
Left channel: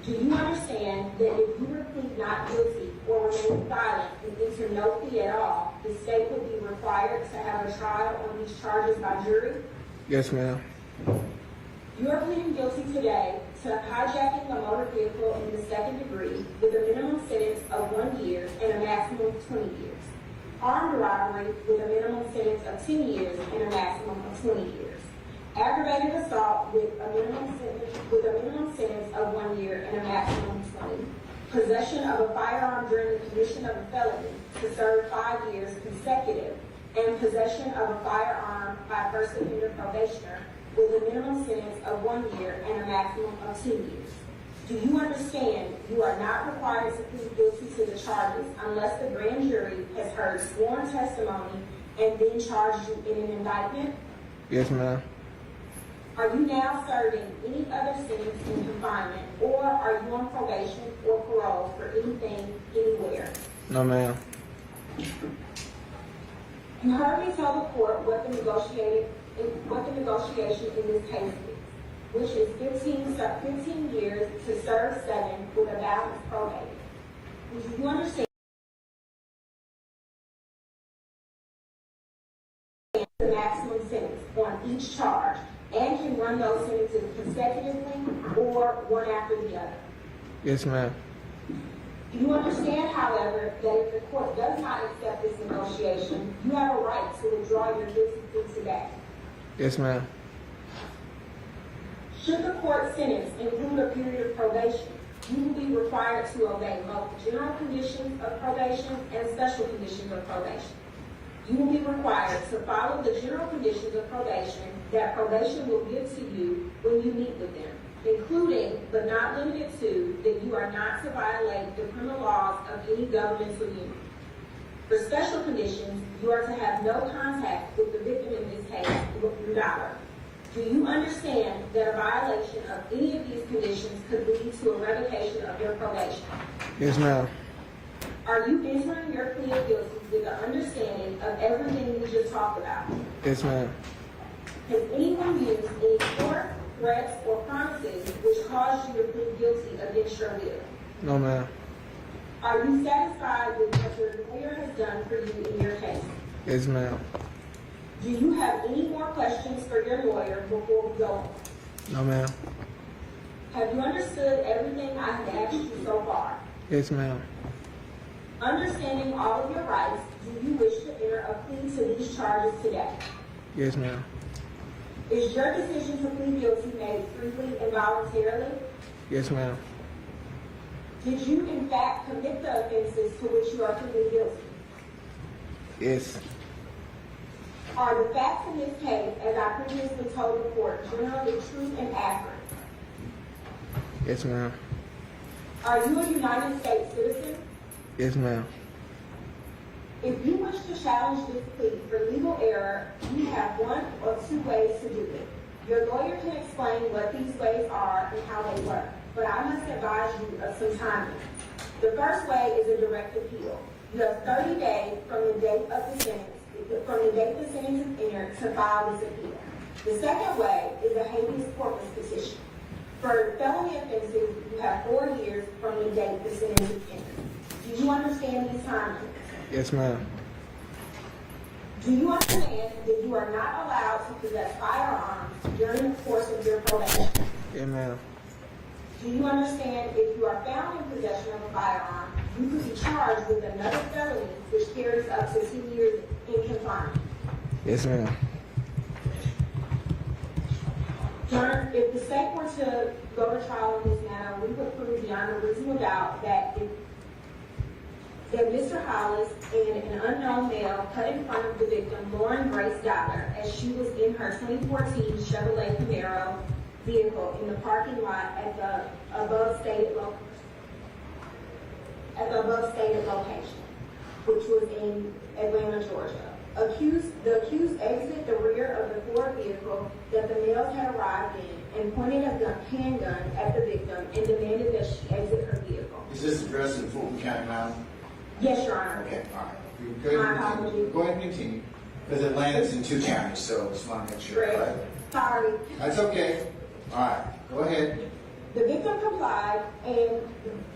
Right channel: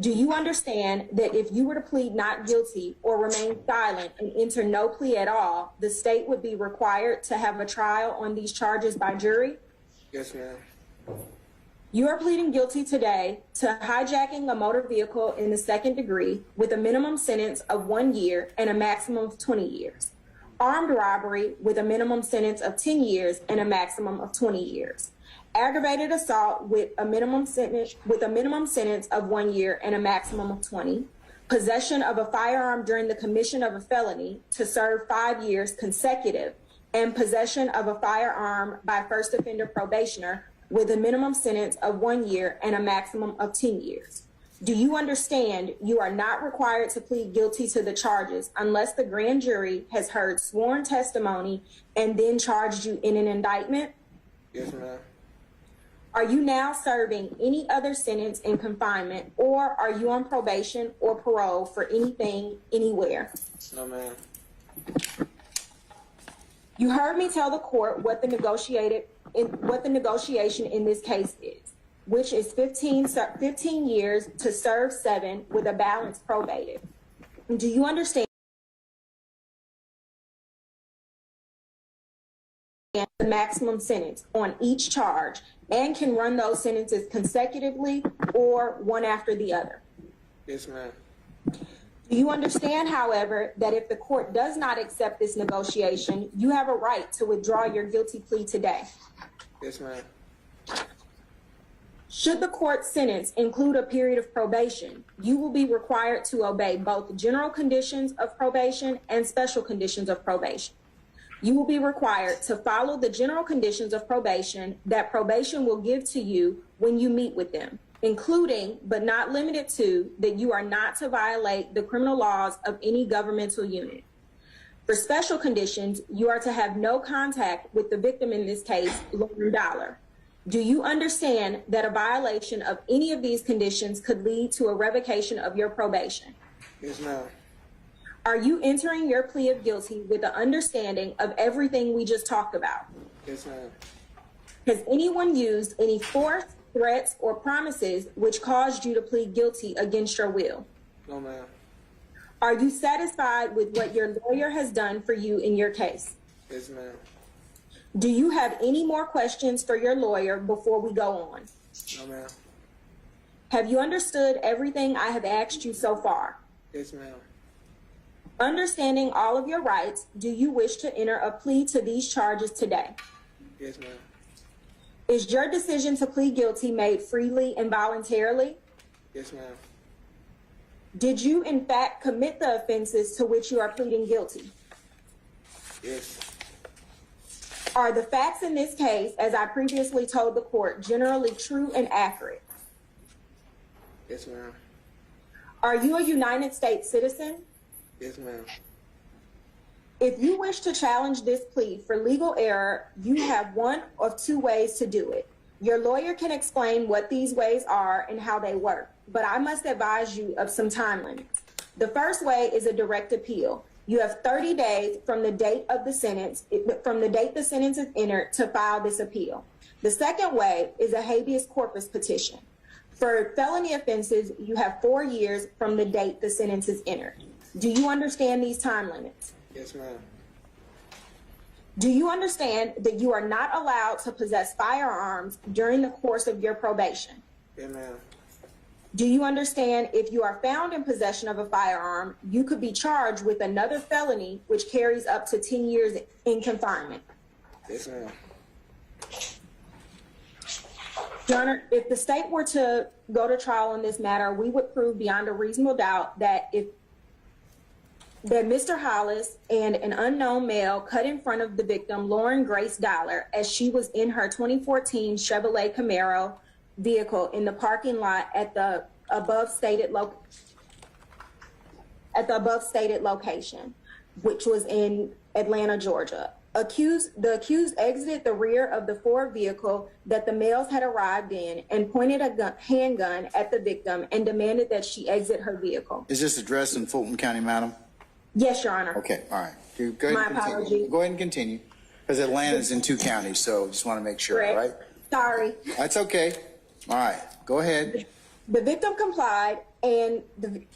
Do you understand that if you were to plead not guilty or remain silent and enter no plea at all, the state would be required to have a trial on these charges by jury? Yes, ma'am. You are pleading guilty today to hijacking a motor vehicle in the second degree with a minimum sentence of 1 year and a maximum of 20 years. Armed robbery with a minimum sentence of 10 years and a maximum of 20 years. Aggravated assault with a minimum sentence of 1 year and a maximum of 20. Possession of a firearm during the commission of a felony to serve 5 years consecutive, and possession of a firearm by first offender probationer with a minimum sentence of 1 year and a maximum of 10 years. Do you understand you are not required to plead guilty to the charges unless the grand jury has heard sworn testimony and then charged you in an indictment? Yes, ma'am. Are you now serving any other sentence in confinement, or are you on probation or parole for anything, anywhere? No, ma'am. You heard me tell the court what the negotiation in this case is, which is 15 years to serve 7 with a balance probated. Do you understand the maximum sentence on each charge and can run those sentences consecutively or one after the other? Yes, ma'am. Do you understand, however, that if the court does not accept this negotiation, you have a right to withdraw your guilty plea today? Yes, ma'am. Should the court sentence include a period of probation, you will be required to obey both general conditions of probation and special conditions of probation. You will be required to follow the general conditions of probation that probation will give to you when you meet with them, including, but not limited to, that you are not to violate the criminal laws of any governmental unit. For special conditions, you are to have no contact with the victim in this case, Looking Dollar. Do you understand that a violation of any of these conditions could lead to a revocation of your probation? Yes, ma'am. Are you entering your plea of guilty with the understanding of everything we just talked about? Yes, ma'am. Has anyone used any force, threats, or promises which caused you to plead guilty against your will? No, ma'am. Are you satisfied with what your lawyer has done for you in your case? Yes, ma'am. Do you have any more questions for your lawyer before we go on? No, ma'am. Have you understood everything I have asked you so far? Yes, ma'am. Understanding all of your rights, do you wish to enter a plea to these charges today? Yes, ma'am. Is your decision to plead guilty made freely and voluntarily? Yes, ma'am. Did you in fact commit the offenses to which you are pleading guilty? Yes. Are the facts in this case, as I previously told the court, generally true and accurate? Yes, ma'am. Are you a United States citizen? Yes, ma'am. If you wish to challenge this plea for legal error, you have one of two ways to do it. Your lawyer can explain what these ways are and how they work, but I must advise you of some time limits. The first way is a direct appeal. You have 30 days from the date of the sentence, the sentence is entered, to file this appeal. The second way is a habeas corpus petition. For felony offenses, you have 4 years from the date the sentence is entered. Do you understand these time limits? Yes, ma'am. Do you understand that you are not allowed to possess firearms during the course of your probation? Yes, ma'am. Do you understand if you are found in possession of a firearm, you could be charged with another felony which carries up to 10 years in confinement? Yes, ma'am. Your Honor, if the state were to go to trial in this matter, we would prove beyond a reasonable doubt that Mr. Hollis and an unknown male cut in front of the victim, Lauren Grace Dollar, as she was in her 2014 Chevrolet Camaro vehicle in the parking lot at the above stated location, which was in Atlanta, Georgia. The accused exited the rear of the Ford vehicle that the males had arrived in and pointed a handgun at the victim and demanded that she exit her vehicle. Is this addressed in Fulton County, madam? Yes, Your Honor. Okay, all right. You go ahead My and continue. apologies. Go ahead and continue. Because Atlanta's in 2 counties, so just want to make sure, Correct. right? Sorry. That's okay. All right, go ahead. The victim complied, and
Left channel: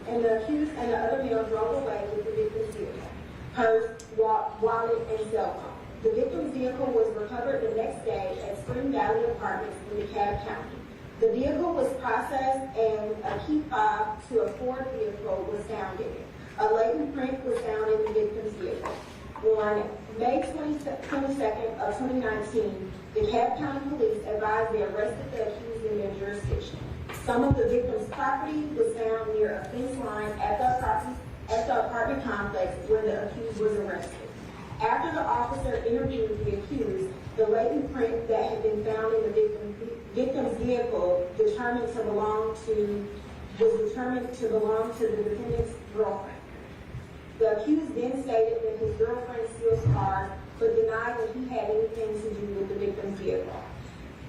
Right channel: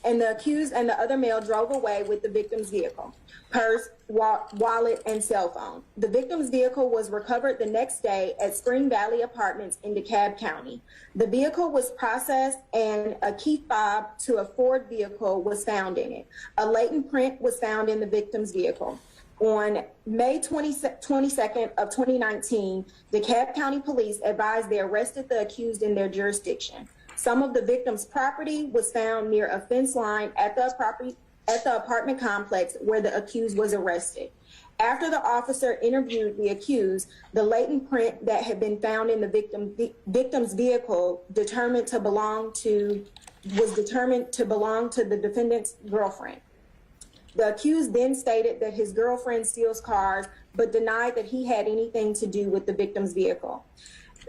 the accused and the other male drove away with the victim's vehicle, purse, wallet, and cell phone. The victim's vehicle was recovered the next day at Spring Valley Apartments in DeKalb County. The vehicle was processed, and a key fob to a Ford vehicle was found in it. A latent print was found in the victim's vehicle. On May 22nd of 2019, DeKalb County Police advised they arrested the accused in their jurisdiction. Some of the victim's property was found near a fence line at the apartment complex where the accused was arrested. After the officer interviewed the accused, the latent print that had been found in the victim's vehicle was determined to belong to the defendant's girlfriend. The accused then stated that his girlfriend steals cars, but denied that he had anything to do with the victim's vehicle.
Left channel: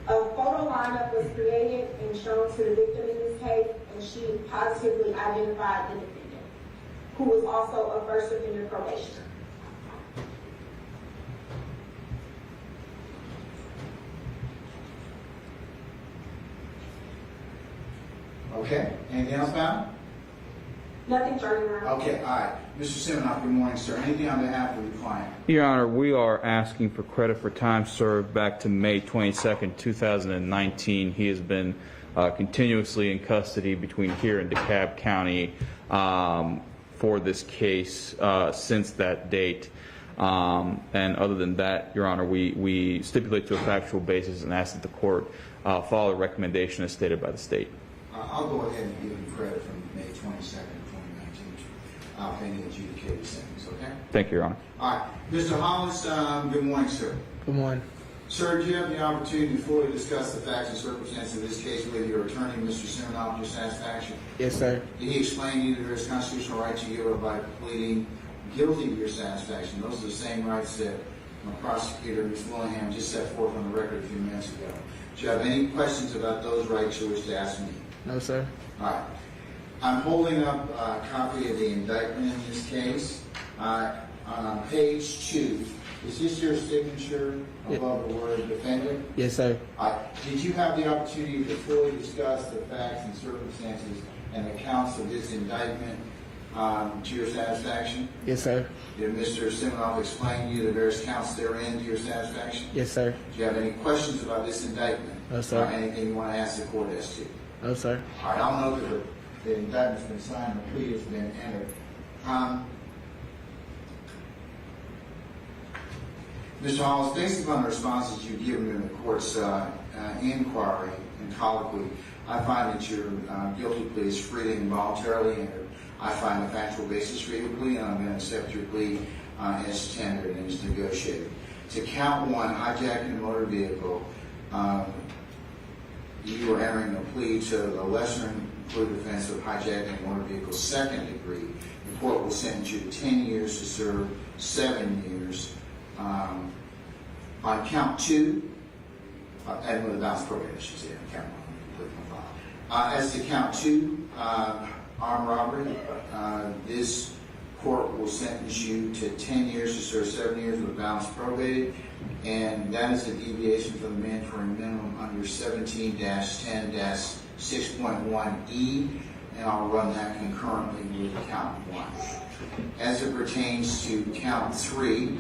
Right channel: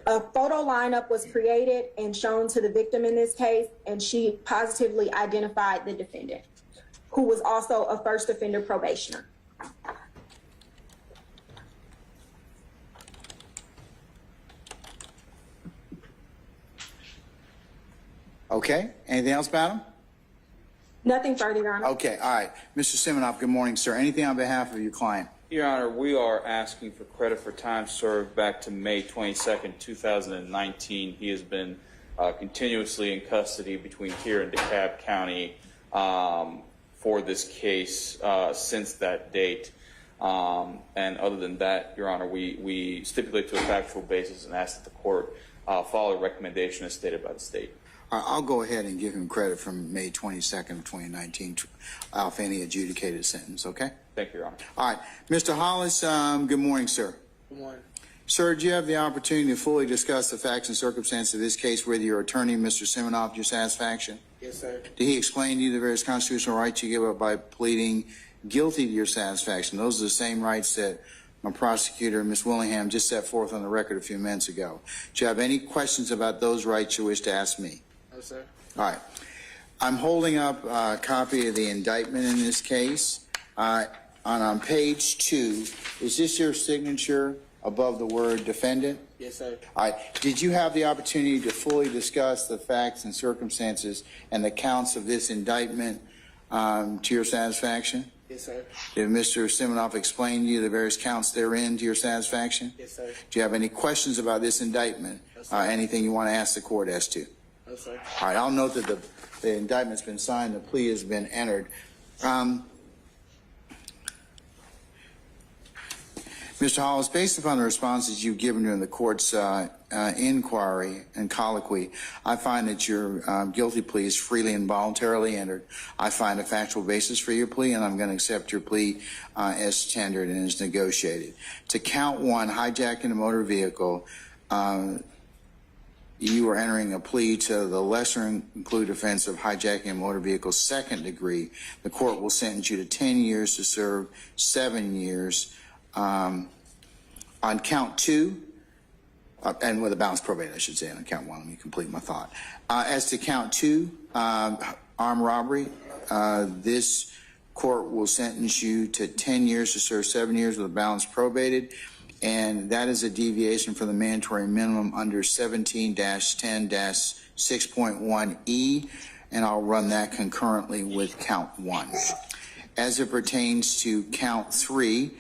A photo lineup was created and shown to the victim in this case, and she positively identified the defendant, who was also a first offender probationer. Okay, anything else, madam? Nothing further, Your Honor. Okay, all right. Mr. Siminoff, good morning, sir. Anything on behalf of your client? Your Honor, we are asking for credit for time served back to May 22nd, 2019. He has been continuously in custody between here and DeKalb County for this case since that date. And other than that, Your Honor, we stipulate to a factual basis and ask that the court follow a recommendation as stated by the state. I'll go ahead and give him credit from May 22nd of 2019 for any adjudicated sentence, okay? Thank you, Your Honor. All right. Mr. Hollis, good morning, sir. Good morning. Sir, do you have the opportunity to fully discuss the facts and circumstances of this case with your attorney, Mr. Siminoff, to your satisfaction? Yes, sir. Did he explain to you the various constitutional rights you give up by pleading guilty to your satisfaction? Those are the same rights that my prosecutor, Ms. Willingham, just set forth on the record a few minutes ago. Do you have any questions about those rights you wish to ask me? No, sir. All right. I'm holding up a copy of the indictment in this case. On page 2, is this your signature above the word defendant? Yes, sir. Did you have the opportunity to fully discuss the facts and circumstances and the counts of this indictment to your satisfaction? Yes, sir. Did Mr. Siminoff explain to you the various counts therein to your satisfaction? Yes, sir. Do you have any questions about this indictment? No, sir. Anything you want to ask the court as to? No, sir. All right, I'll note that the indictment's been signed, the plea has been entered. Mr. Hollis, based upon the responses you've given in the court's inquiry and colloquy, I find that your guilty plea is freely and voluntarily entered. I find a factual basis for your plea, and I'm going to accept your plea as tendered and as negotiated. To count 1, hijacking a motor vehicle, you are entering a plea to the lesser included offense of hijacking a motor vehicle 2nd degree. The court will sentence you to 10 years to serve 7 years. On count 2, and with a balanced probation, I should say, on count 1, let me complete my thought. As to count 2, armed robbery, this court will sentence you to 10 years to serve 7 years with a balance probated, and that is a deviation from the mandatory minimum under 17-10-6.1E, and I'll run that concurrently with count 1. As it pertains to count 3,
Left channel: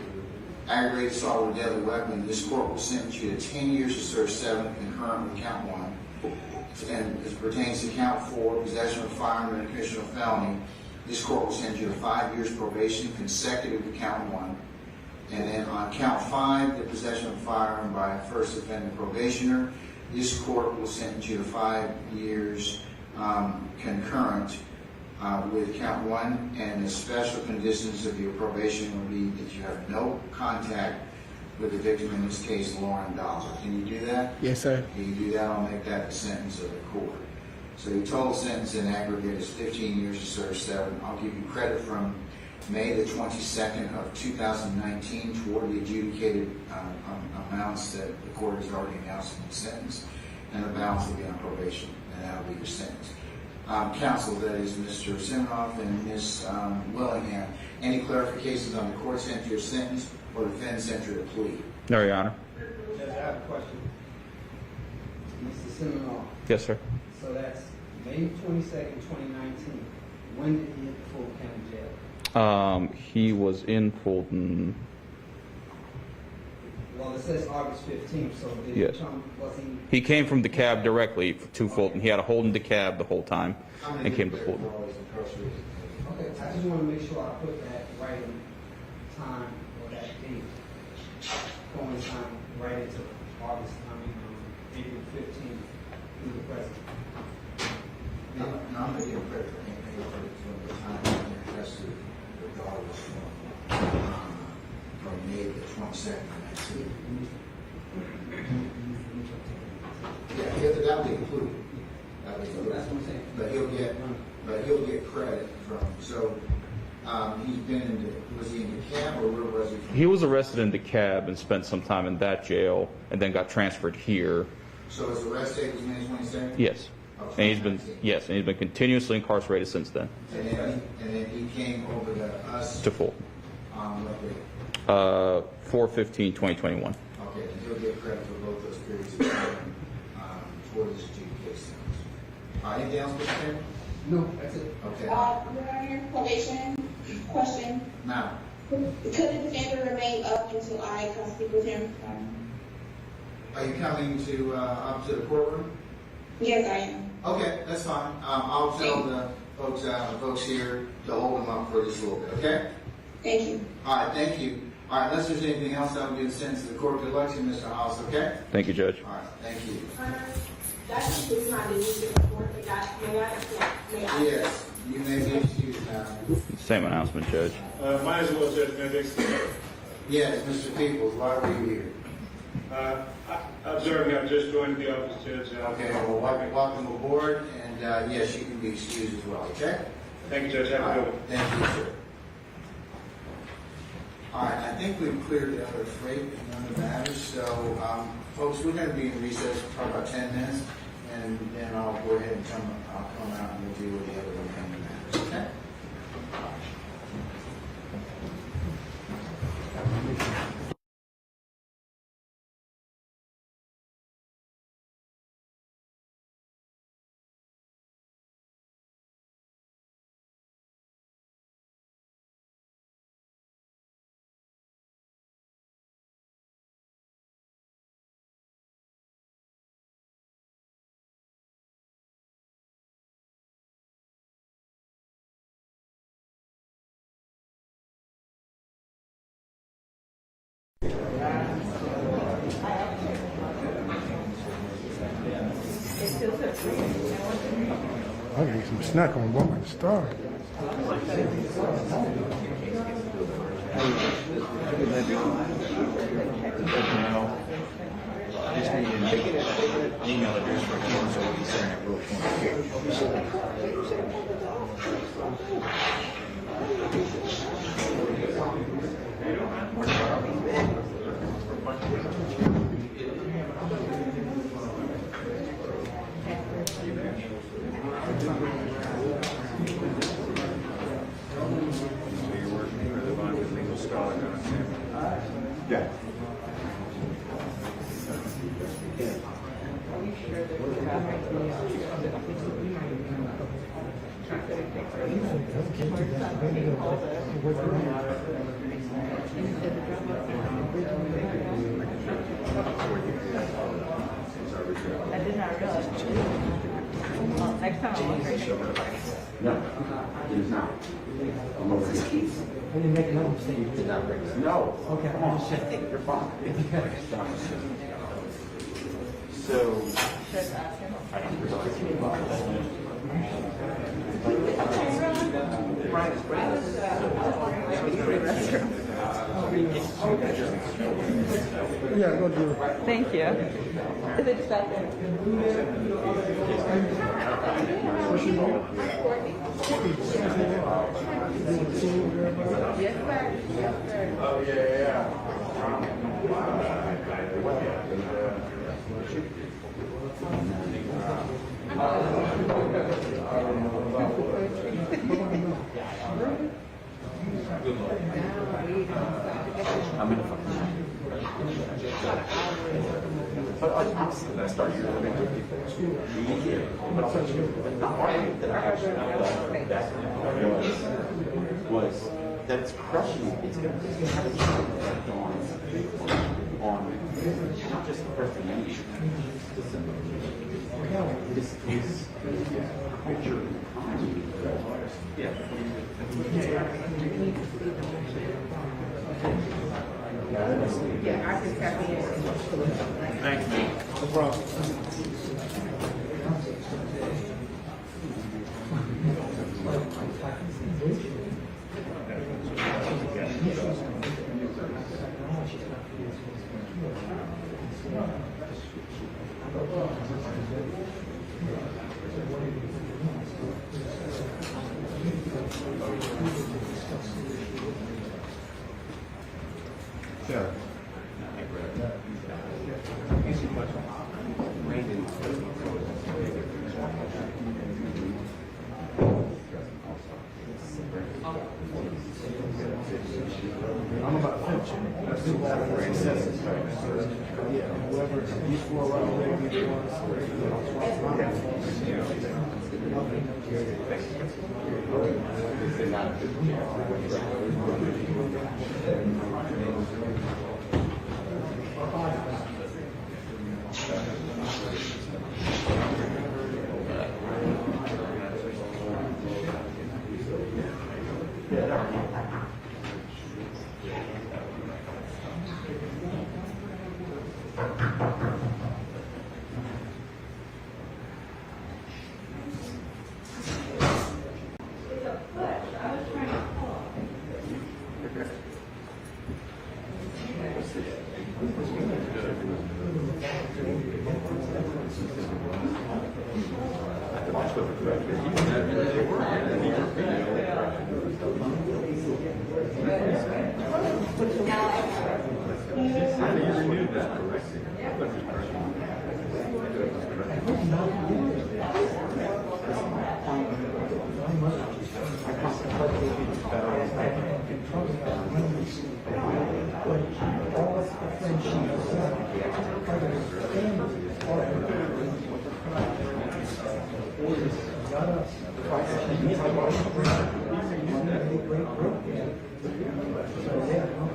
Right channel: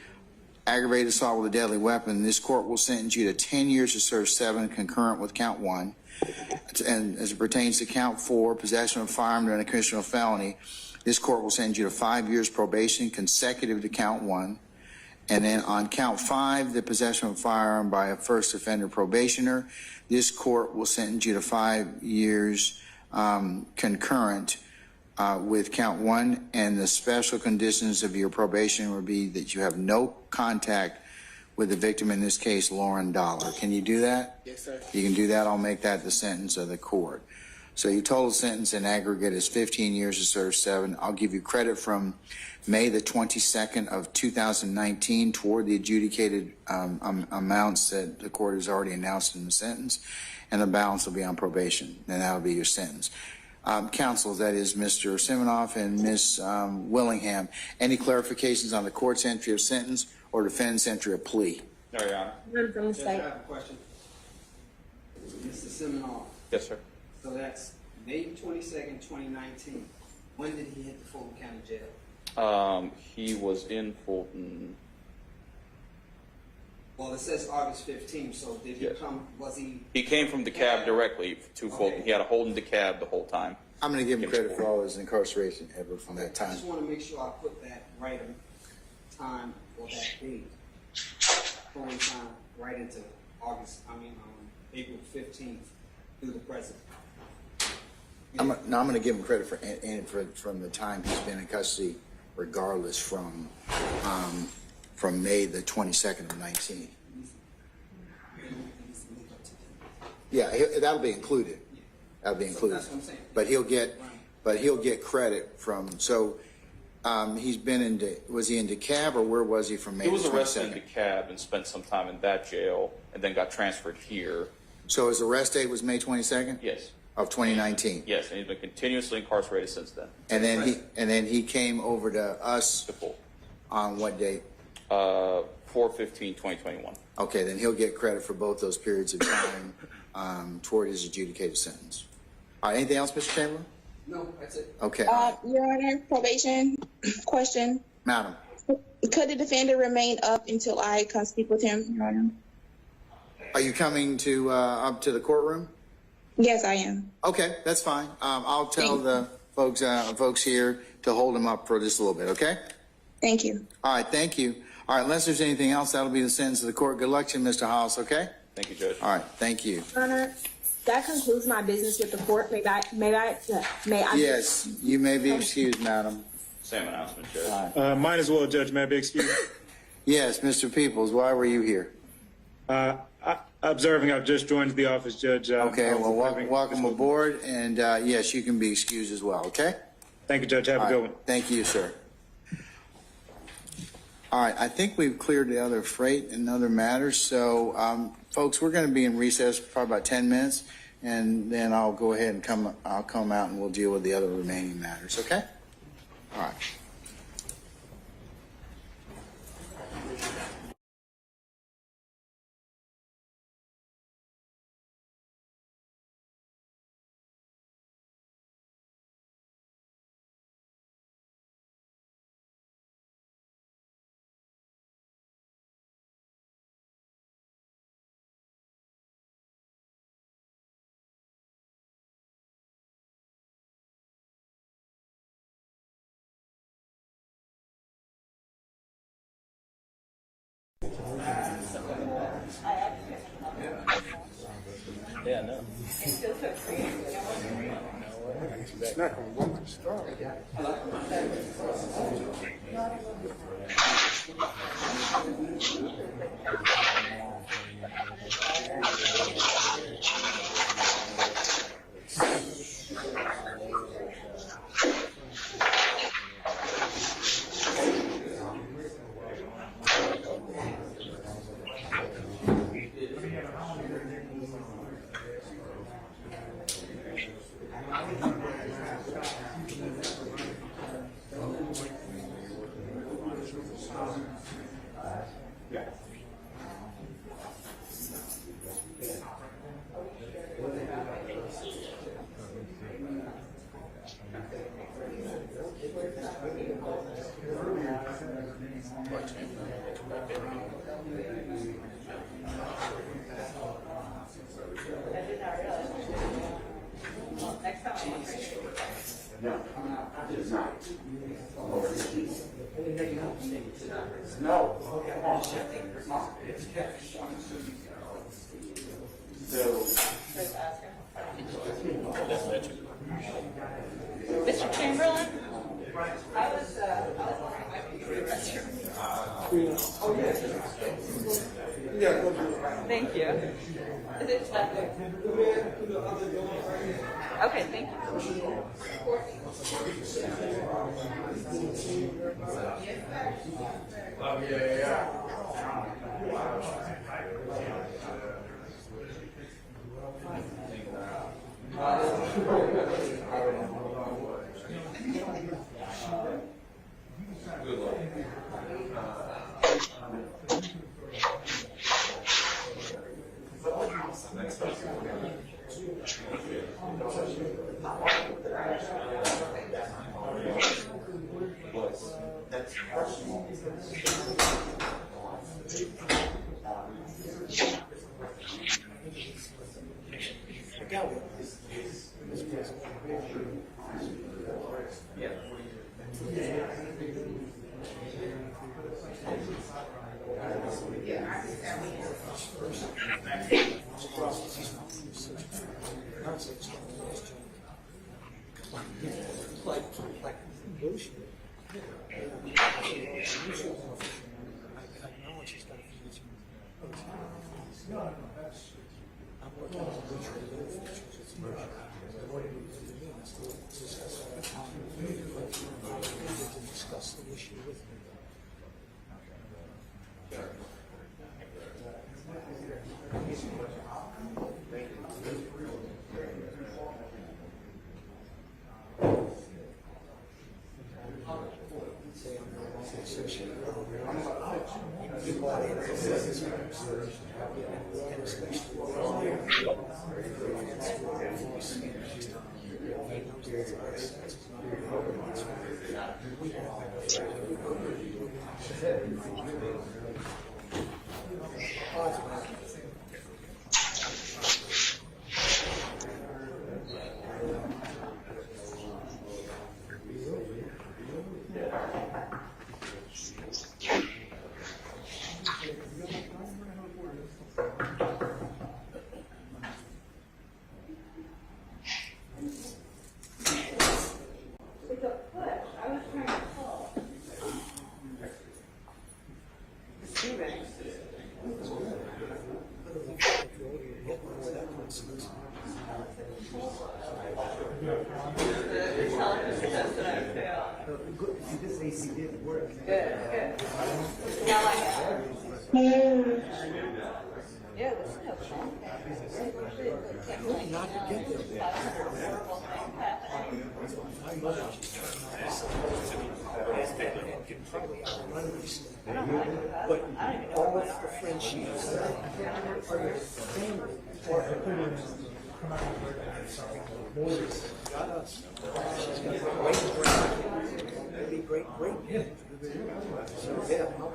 aggravated assault with a deadly weapon, this court will sentence you to 10 years to serve 7 concurrent with count 1. And as it pertains to count 4, possession of a firearm during a commission of felony, this court will send you to 5 years probation consecutive to count 1. And then on count 5, the possession of a firearm by a first offender probationer, this court will sentence you to 5 years concurrent with count 1, and the special conditions of your probation will be that you have no contact with the victim, in this case, Lauren Dollar. Can you do that? Yes, sir. You can do that. I'll make that the sentence of the court. So your total sentence in aggregate is 15 years to serve 7. I'll give you credit from May the 22nd of 2019 toward the adjudicated amounts that the court has already announced in the sentence, and the balance will be on probation, and that'll be your sentence. Counsel, that is Mr. Siminoff and Ms. Willingham, any clarifications on the court's entry of sentence or defendant's entry of plea? No, Your Honor. Judge, I have a question. Mr. Siminoff. Yes, sir. So that's May 22nd, 2019. When did he hit the Fulton County jail? He was in Fulton. Well, it says August 15th, so did Yes. he come, was he? He came from DeKalb directly to Fulton. He had a hold in DeKalb the whole time. I'm going to and give him came to credit for Fulton. all his incarceration from that I time. just want to make sure I put that right in time or that date. Coincide right into April 15th through the present. I'm going to give him credit from the time he's been in custody, regardless from May the 22nd to 19. Yeah, that'll be included. That'll be included. That's what I'm saying. But he'll get credit from. So he's been in. Was he in DeKalb or where was he from? He was arrested in DeKalb and spent some time in that jail, and then got transferred here. So his arrest date was May 22nd. Yes. Of 2019. Yes, and he's been continuously incarcerated since then. And then he came over to us to Fulton. On what date? 4/15/2021. Okay, then he'll get credit for both those periods of time toward his adjudicated sentence. Anything else, Mr. Taylor? No, that's it. Okay. Your Honor, probation question. Madam. Could the defendant remain up until I come speak with him, Your Honor? Are you coming to up to the courtroom? Yes, I am. Okay, that's fine. I'll tell the folks here to hold him up for just a little bit, okay? Thank you. All right, thank you. All right, unless there's anything else, that will be the sentence of the court. Good luck to you, Mr. Hollis, okay? Thank you, Judge. All right, thank you. That concludes my business with the court. May I? Yes, you may be excused, madam. Same announcement, Judge. Mine as well, Judge. May I be excused? Yes, Mr. Peoples, why were you here? Observing, I've just joined the office, Judge. Okay, well, welcome aboard, and yes, you can be excused as well, okay? Thank you, Judge. Have a good one. Thank you, sir. All right, I think we've cleared the other freight and other matters, so folks, we're going to be in recess for probably about 10 minutes, and then I'll go ahead and I'll come out and we'll deal with the other remaining matters, okay? All right. I gotta get some snack on one at the start. Yeah. I did not realize. Well, next time I'll work. No, it is not. I'm over here. I didn't make no mistake. No. Okay. Come on. You're fine. Okay. So. Just ask him. Mr. Chamberlain? Yeah, go do it. Thank you. Is it accepted? Okay, thank you. Yes, sir. Oh, yeah. Good luck. I'm in the fucking. That's not your was that's crushing on just the person Thank you. No problem. Sure. But all of the friends she has got are your family, are got us. She's got a great group. So yeah, I'll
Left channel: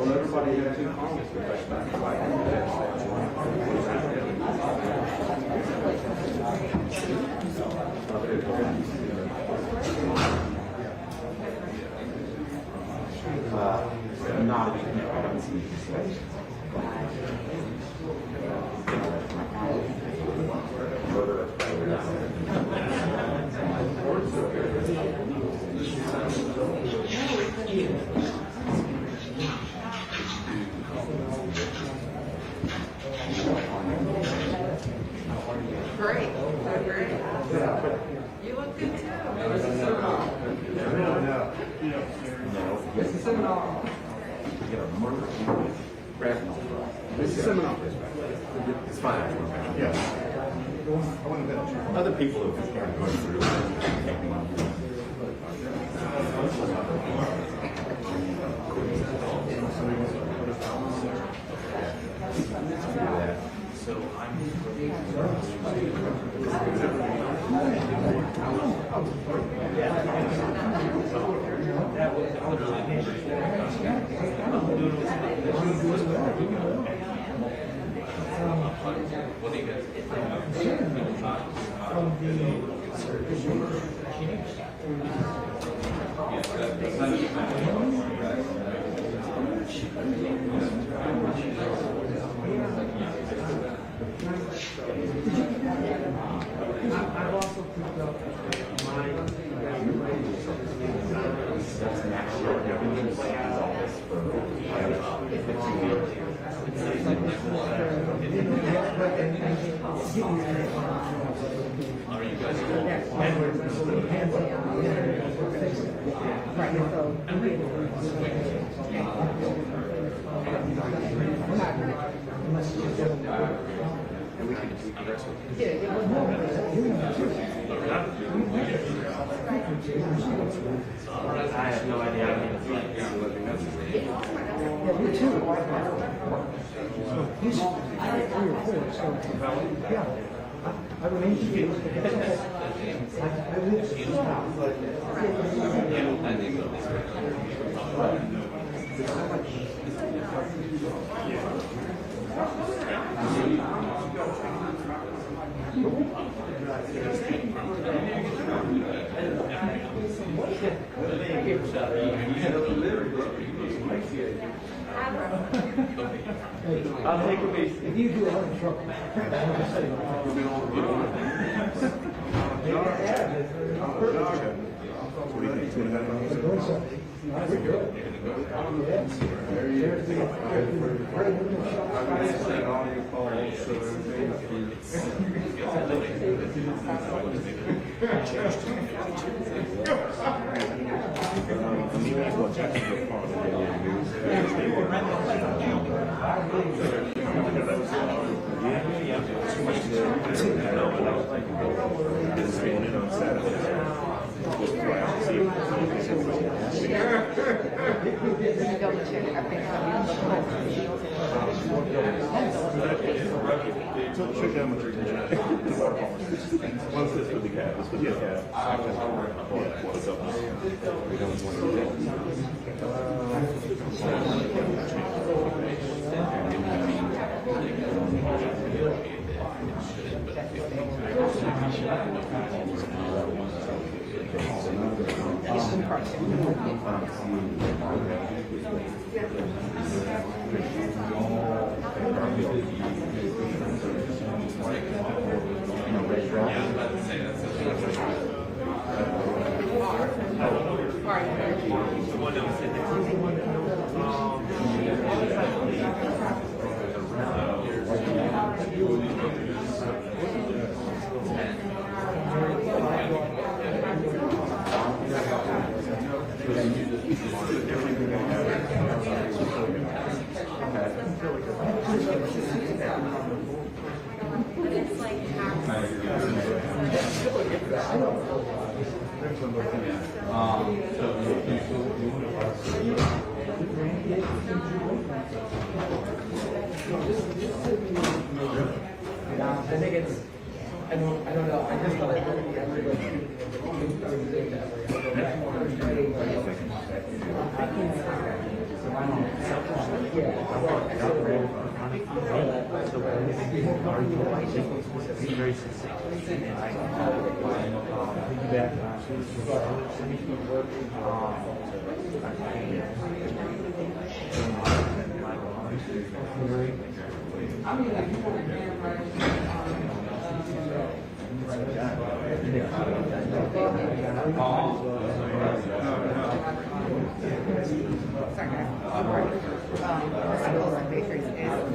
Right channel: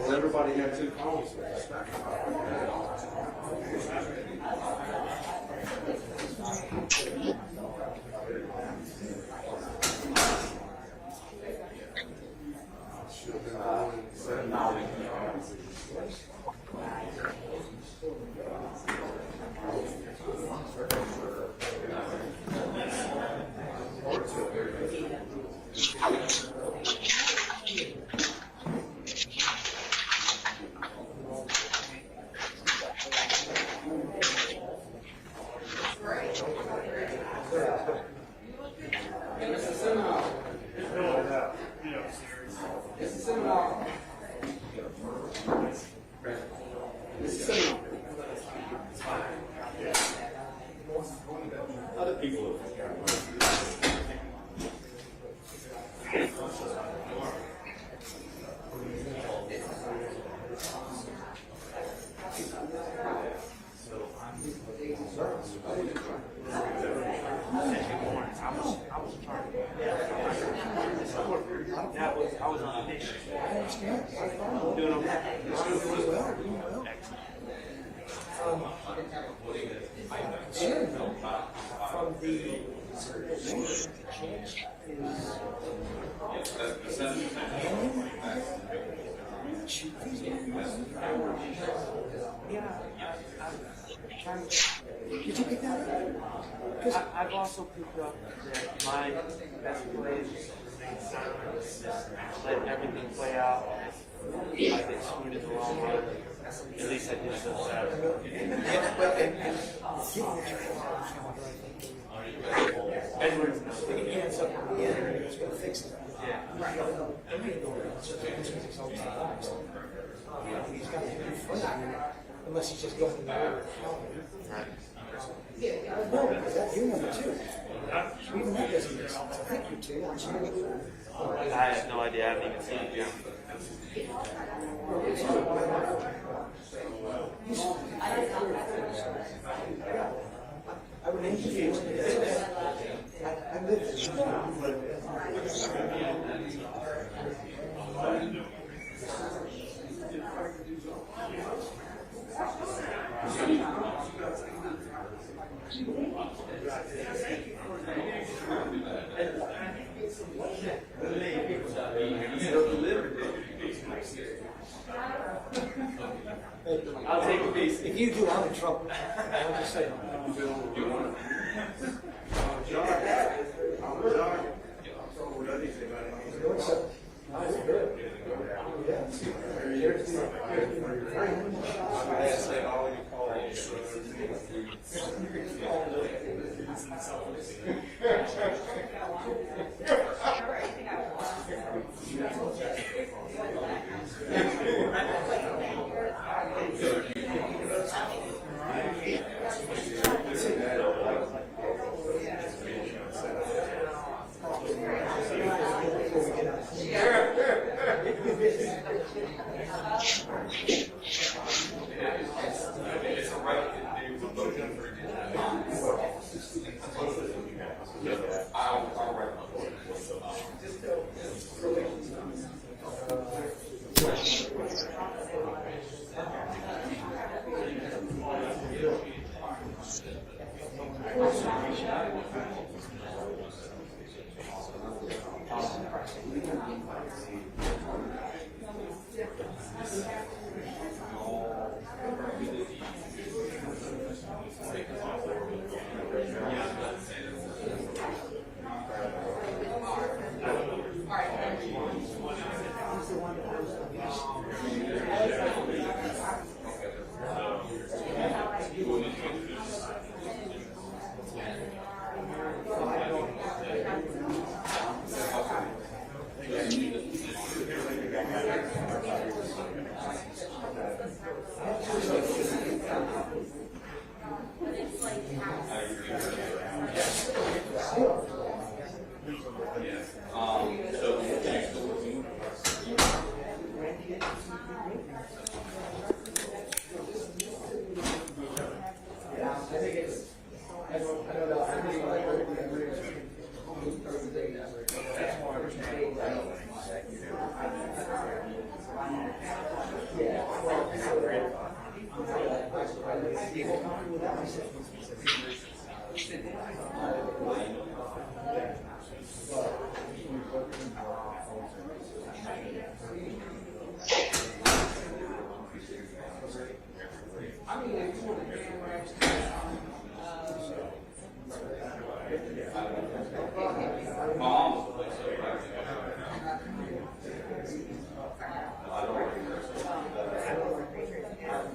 Well, everybody had two calls. It's fine. Yeah. Other people are going through I've also picked up my unless it's just doesn't work. I have no idea. I haven't even seen it. Yeah, me too. He's 3 or 4, so yeah. I remain confused. I live this. I'll take a piece. If you do, I'm in trouble. I'm just saying.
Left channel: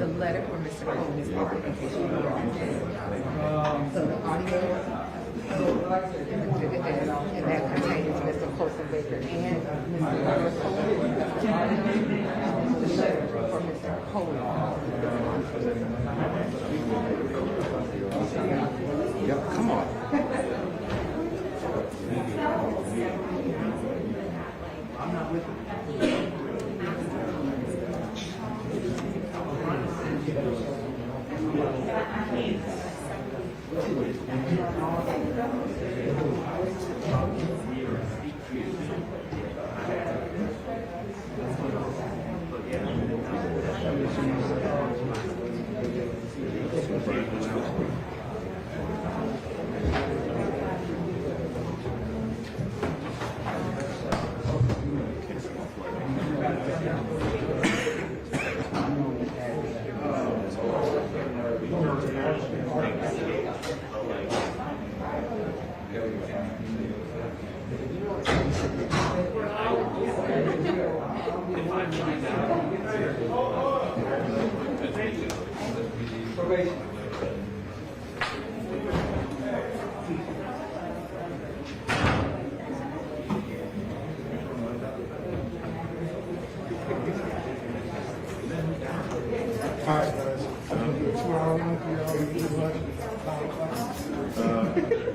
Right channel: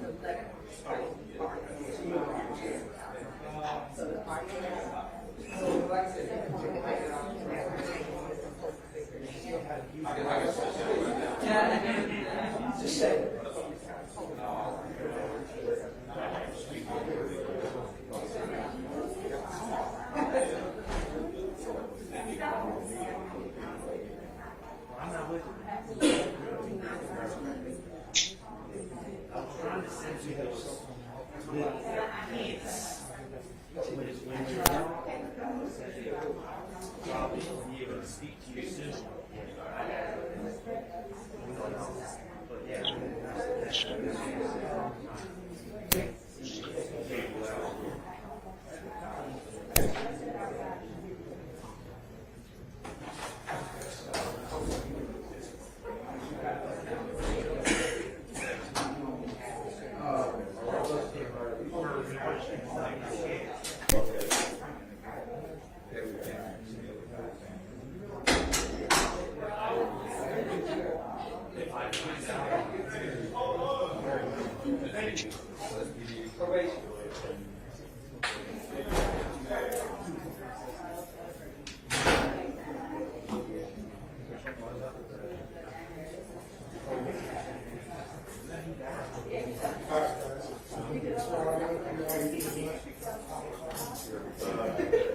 The letter from Mr. Coleman is part of the petition. So the audio, and that contains Mr. Colson Baker and Mr. The letter from Mr. Coleman. Yep, come on. I'm not with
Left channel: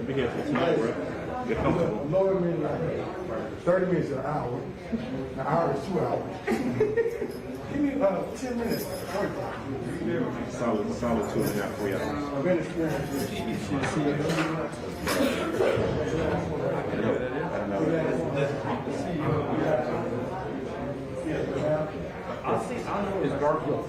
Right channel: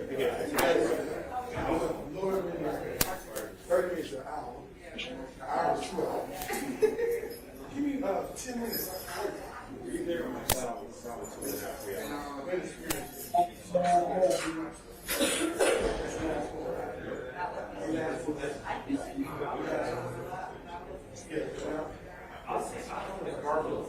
Be here for tonight, bro. Good company. Lower me like 30 minutes to an hour. An hour is 2 hours. Give me 10 minutes. Solid 2.5, 3 hours. I've been experienced with It's Garfield.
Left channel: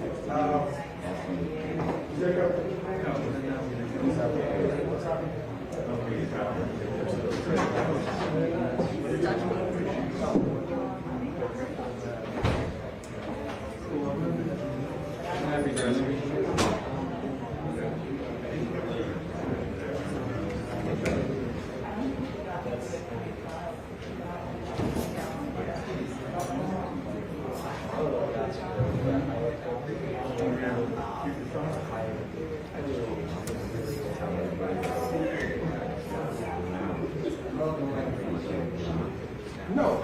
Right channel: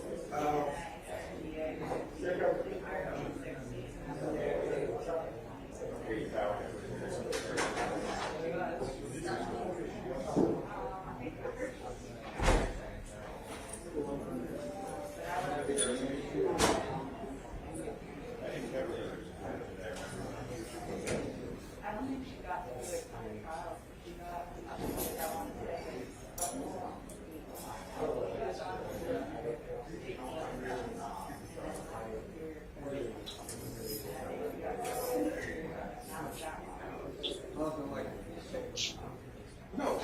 No.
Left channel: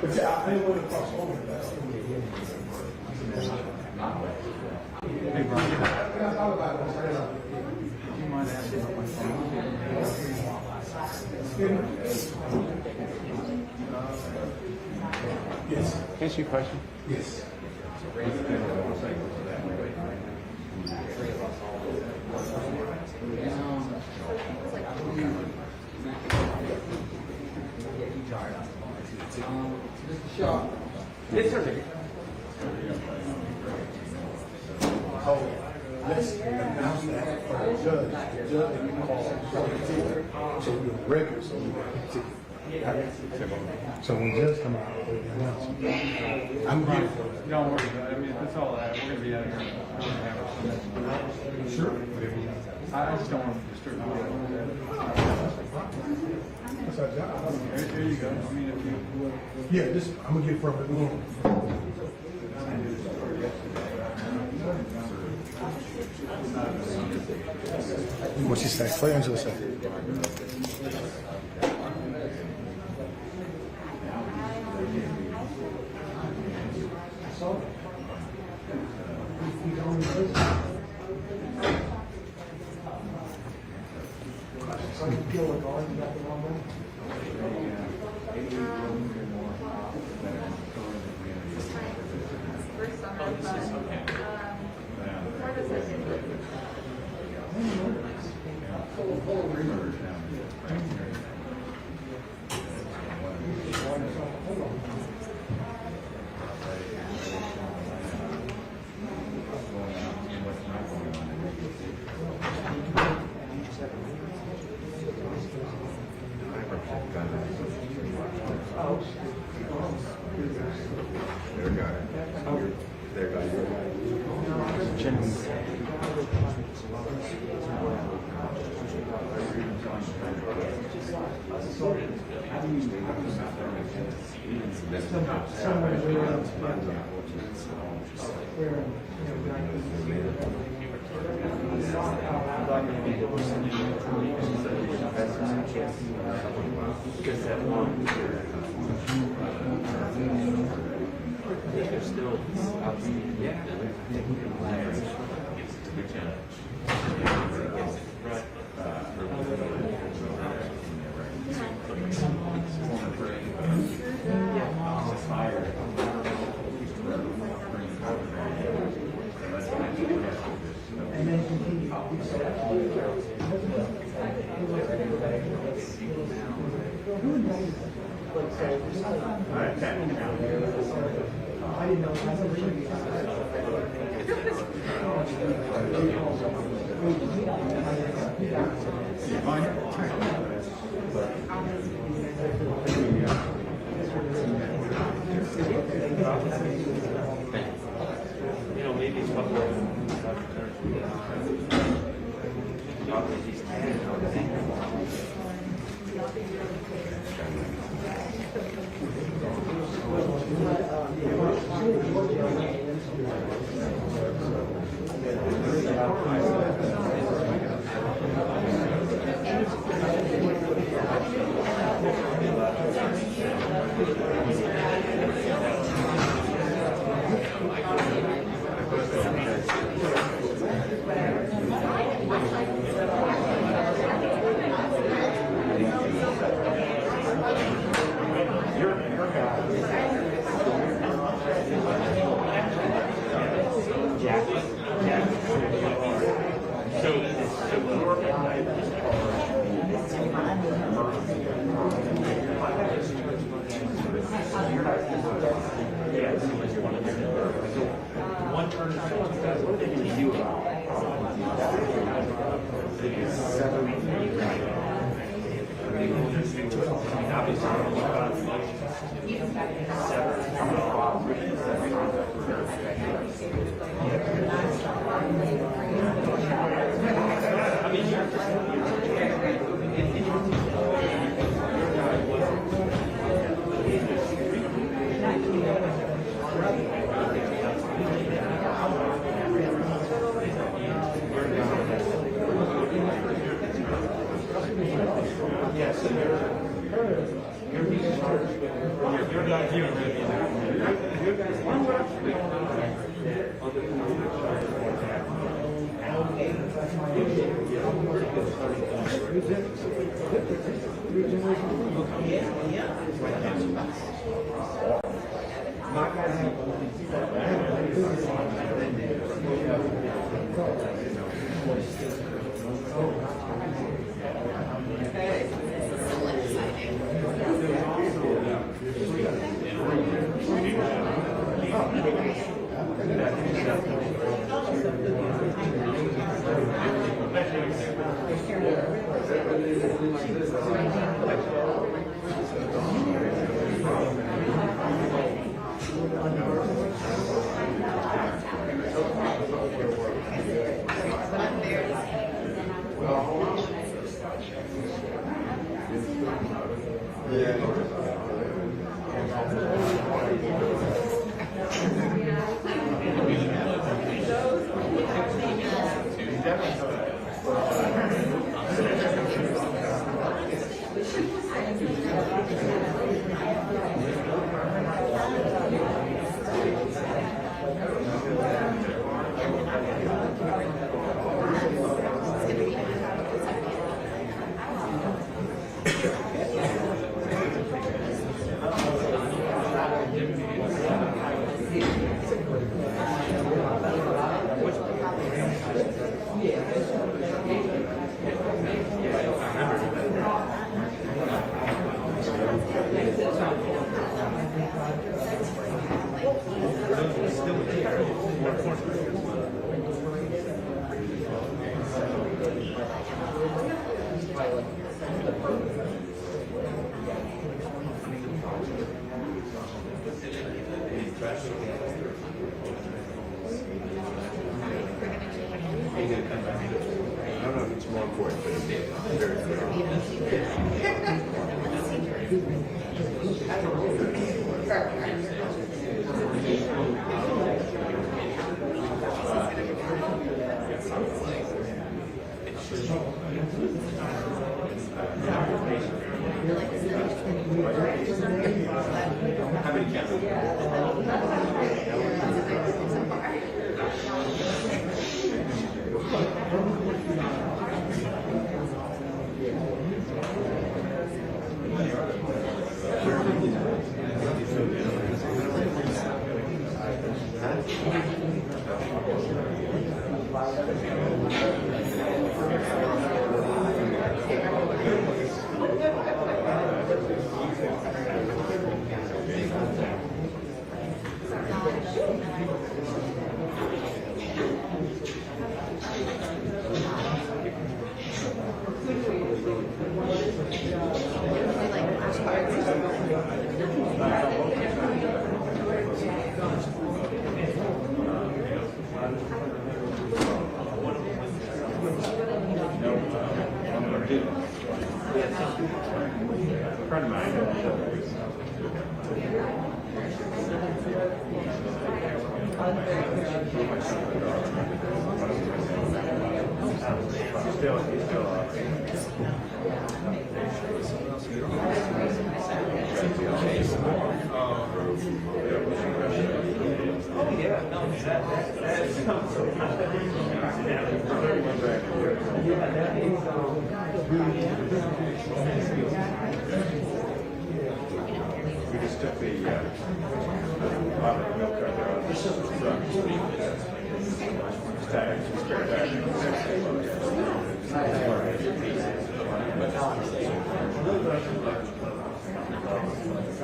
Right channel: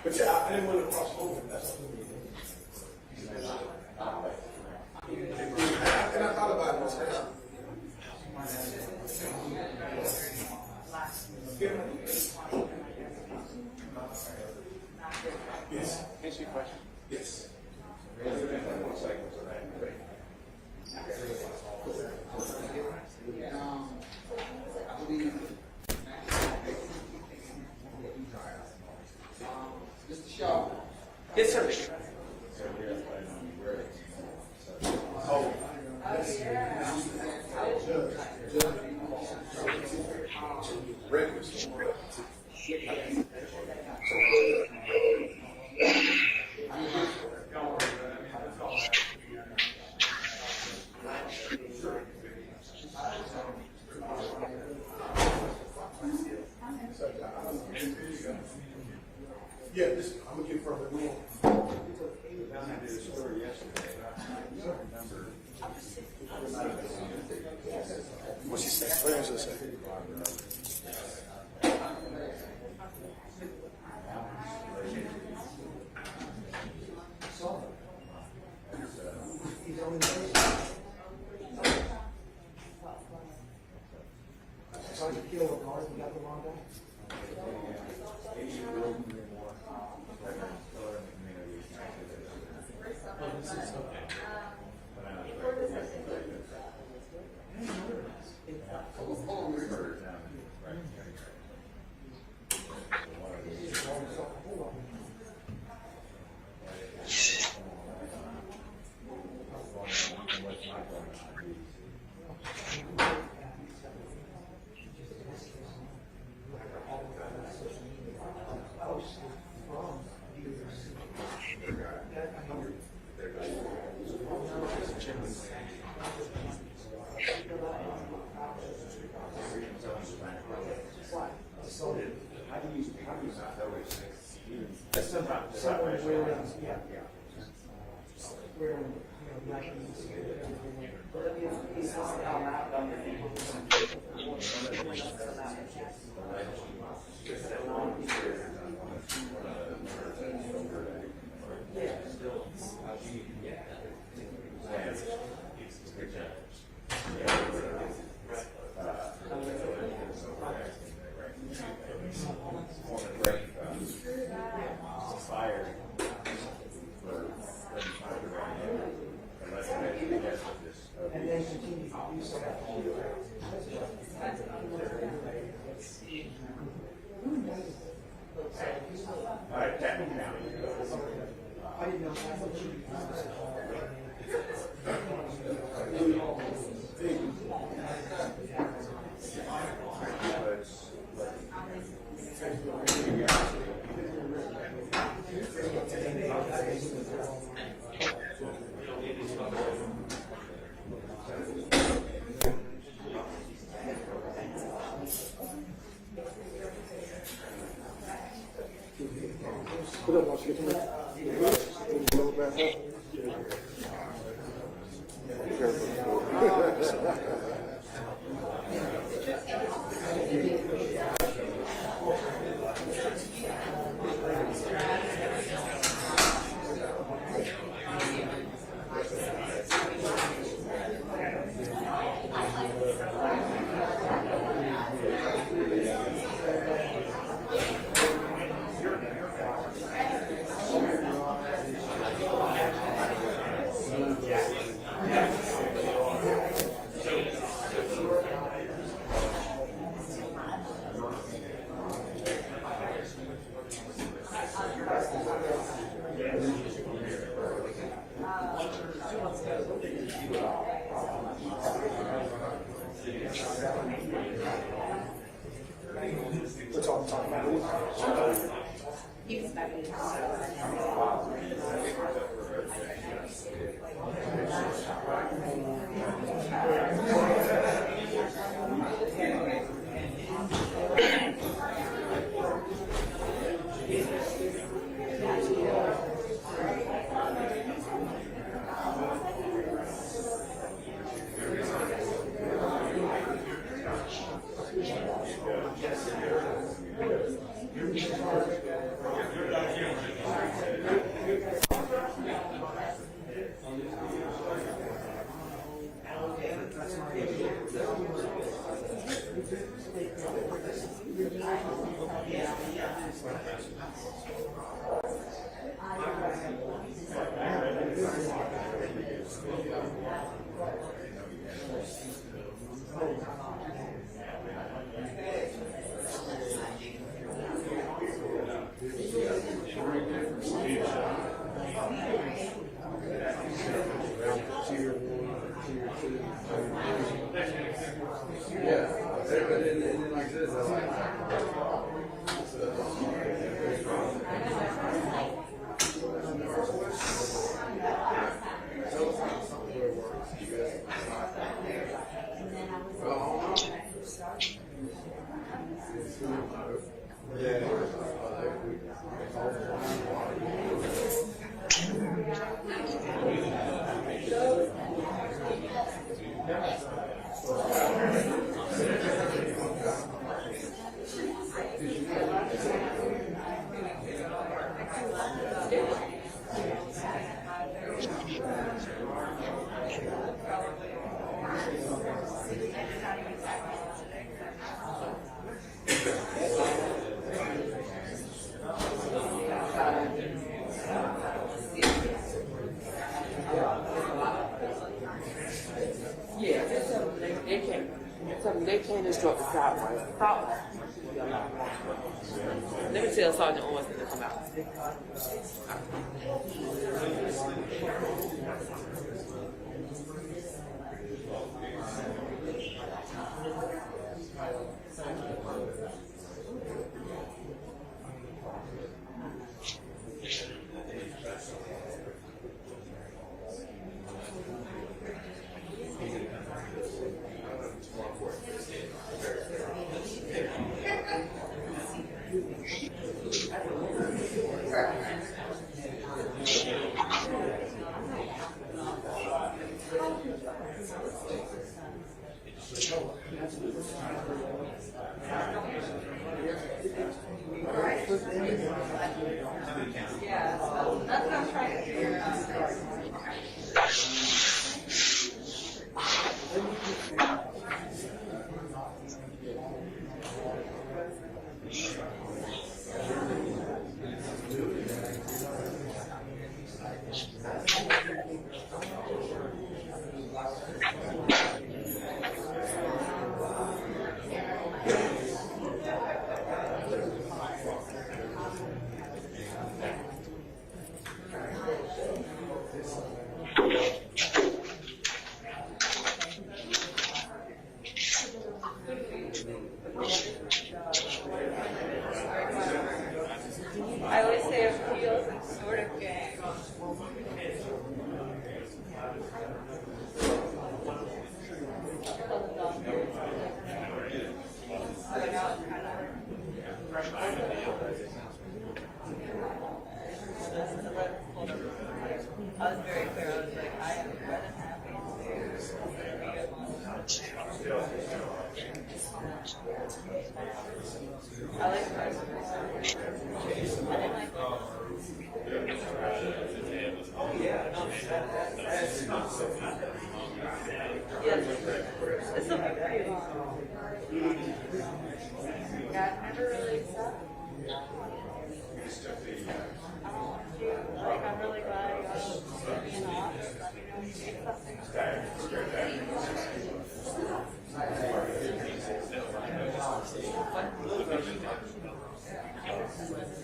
But yeah, I didn't want to cross over that. And I thought about this now. Yes. Can I ask you a question? Yes. Mr. Shaw. Yes, sir. Oh, let's announce that for the judge. The judge, we call it, so we're ready, so so when judge come out, we announce it. I'm right. Don't worry, I mean, that's all right. We're gonna be out here. Sure. I just don't want to disturb you. That's our job. There you go. I mean, if you. Yeah, just, I'm gonna get from it. What she say? What Angela say?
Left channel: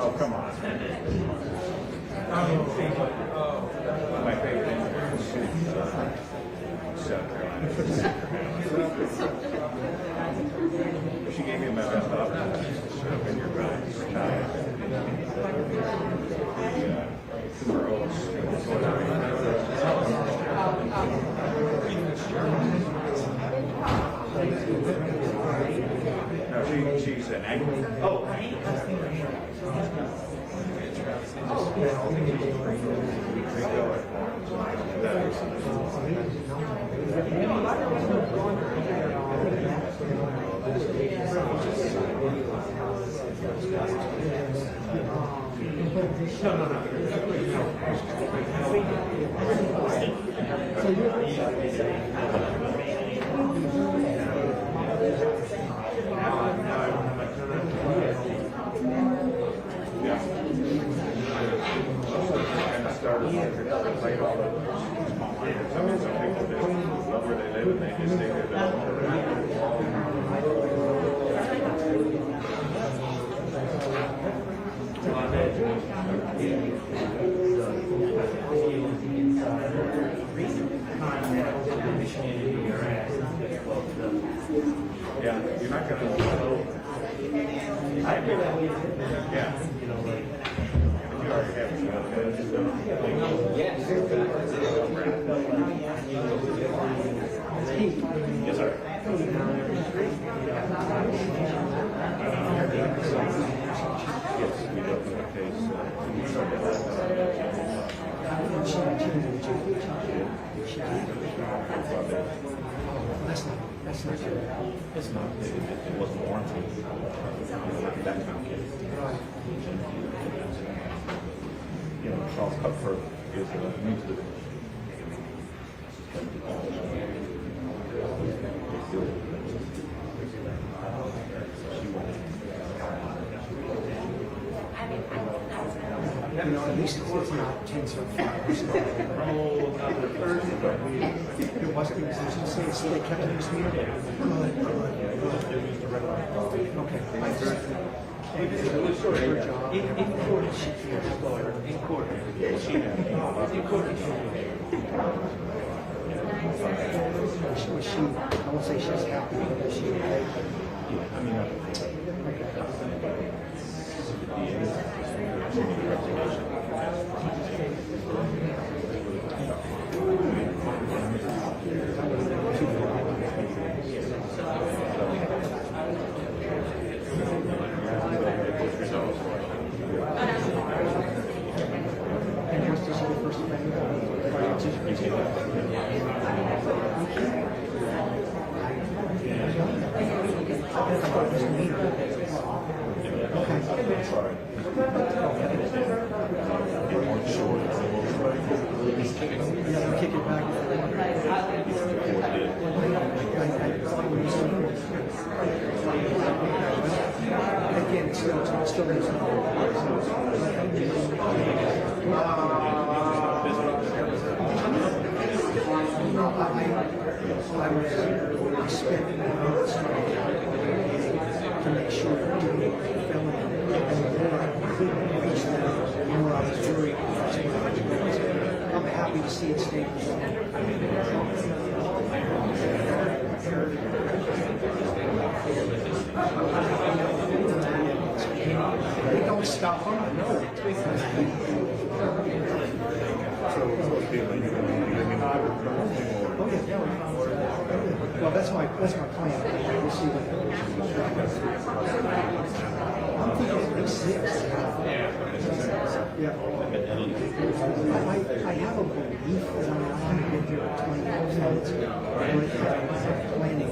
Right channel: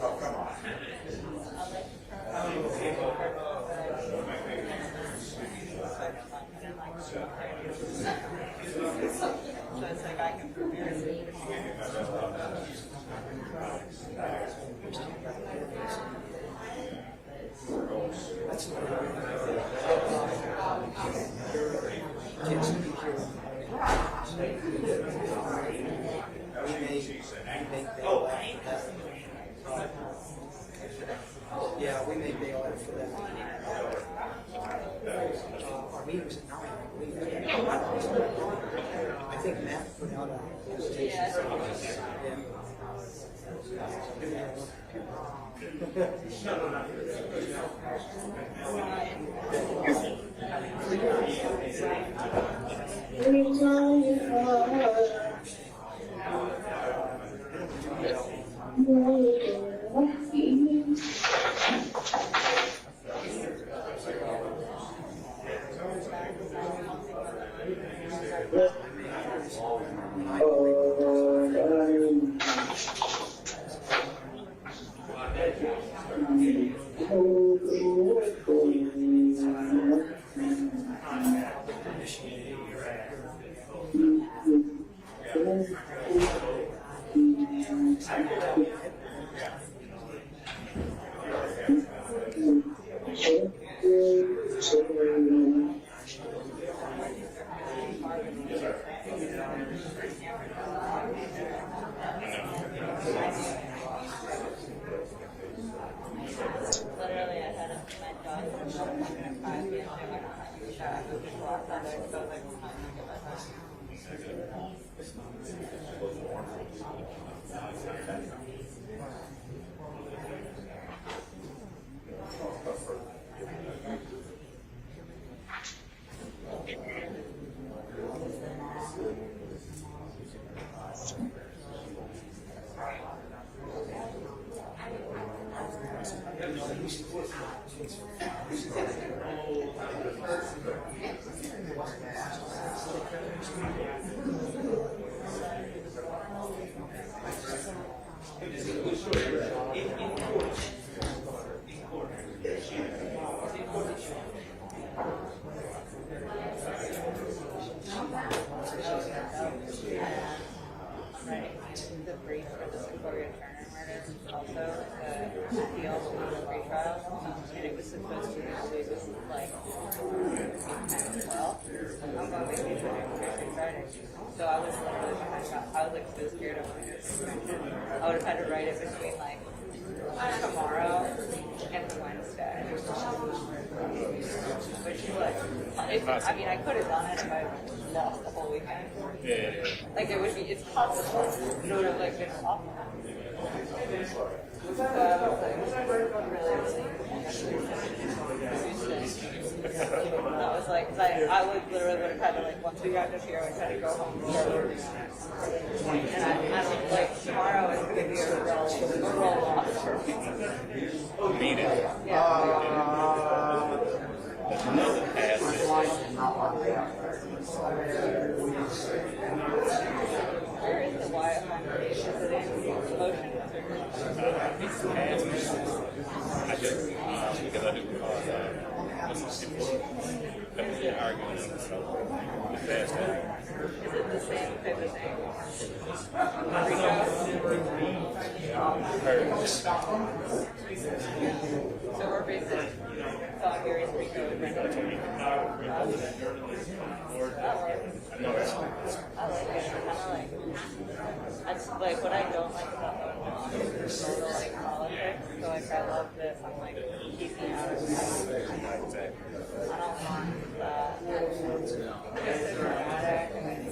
Oh, come on. My favorite thing she gave me a mess up. She's an angry. Oh, yeah, you're not going to. Yeah. Yes, sir. It's not. It wasn't warranted. You know, Charles Cutler is used to. You know, at least the court's not tense or fire. It wasn't, they kept it this meeting. Well, that's my plan. I have a week when I'm here for 20 minutes. I have planning.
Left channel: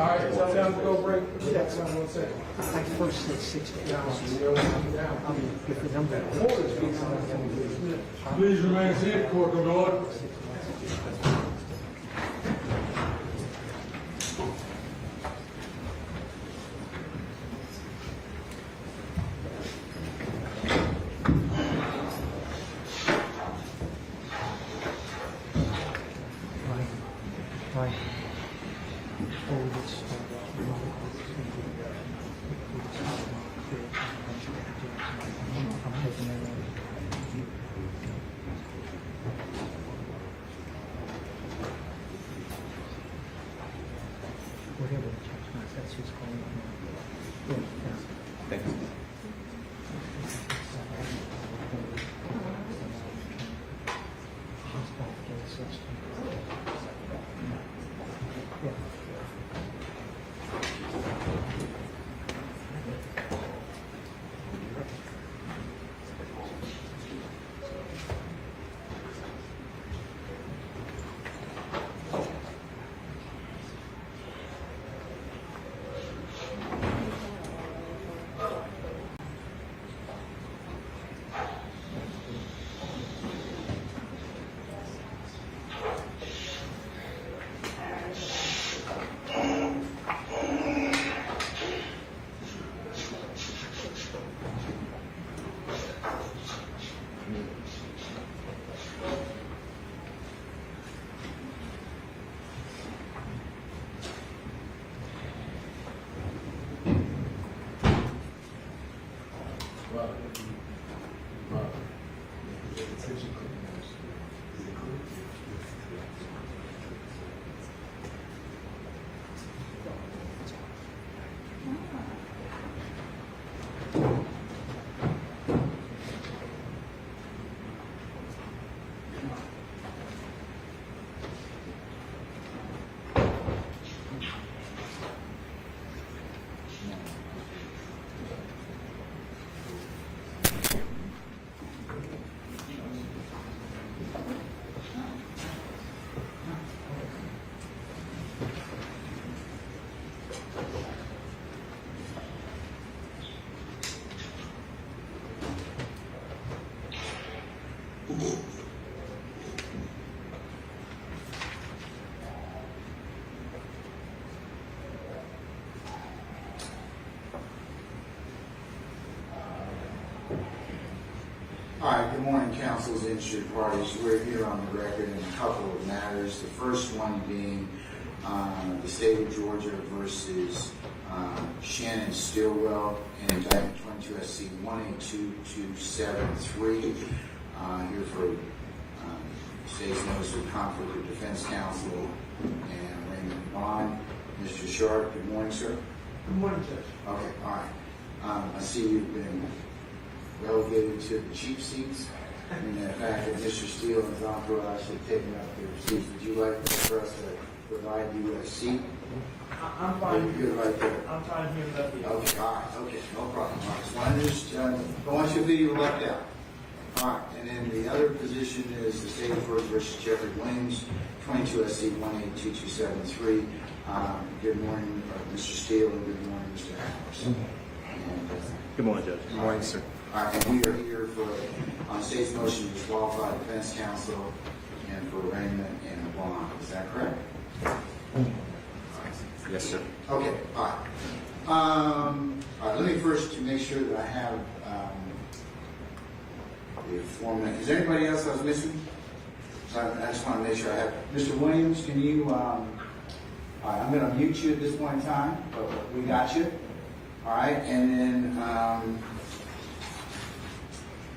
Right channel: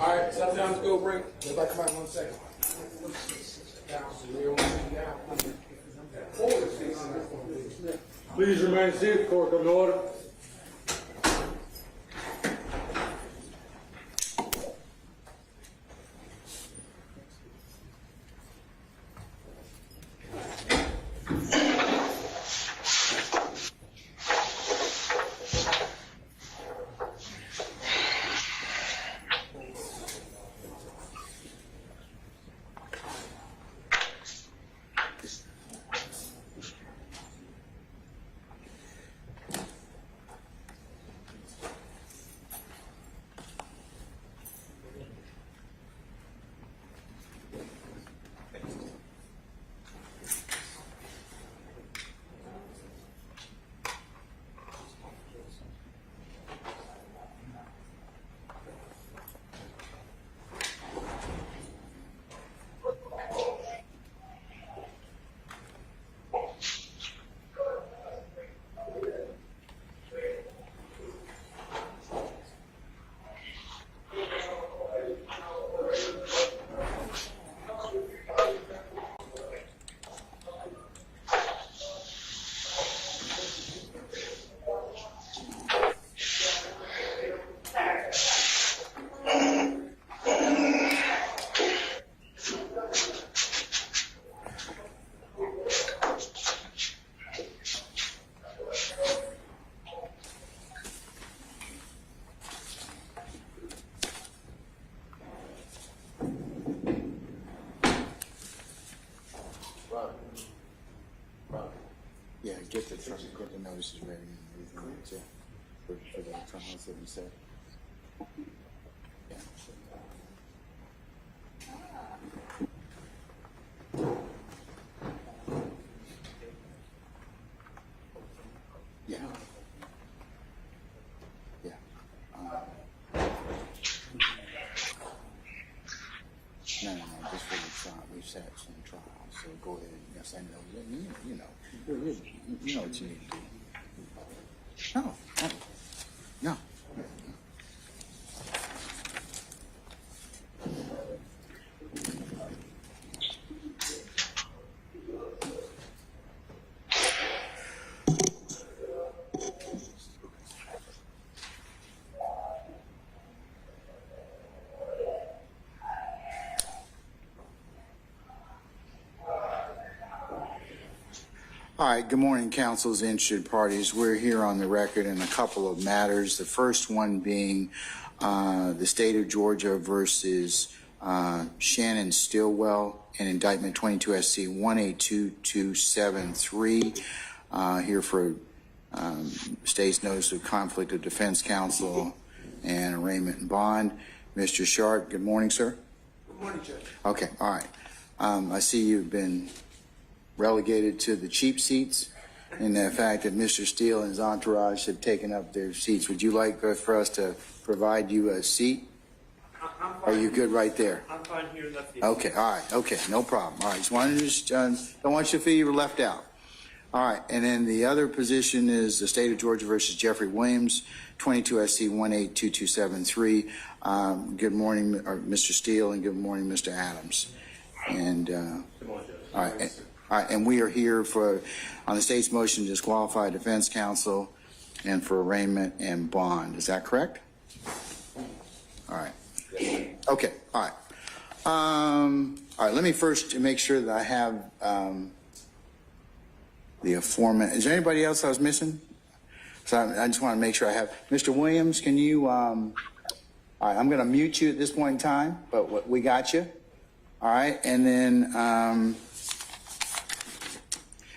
All right, sometimes go break. We'll back to like 1 second. I first said 60 pounds. Please remain seated, court of order. All right, good morning, councils, interested parties. We're here on the record in a couple of matters. The first one being the state of Georgia versus Shannon Stillwell in indictment 22 SC 182273. Here for state's notice of conflict of defense counsel and arraignment and bond. Mr. Sharp, good morning, sir. Good morning, Judge. Okay, all right. I see you've been relegated to the cheap seats, and the fact that Mr. Steele and his entourage have taken up their seats. Would you like for us to provide you a seat? I'm fine. Are you good right there? I'm fine here left here. Okay, all right, okay, no problem. All right, just wanted to don't want you to feel you were left out. All right, and then the other position is the state of Georgia versus Jeffrey Williams, 22 SC 182273. Good morning, Mr. Steele, and good morning, Mr. Adams. And Good morning, Judge. all right, sir. All right, and we are here on the state's motion to disqualify defense counsel and for arraignment and bond. Is that correct? All right. Yes, sir. Okay, all right. All right, let me first make sure that I have the aforementioned. Is there anybody else I was missing? So I just want to make sure I have. Mr. Williams, can you, all right, I'm going to mute you at this point in time, but we got you. All right, and then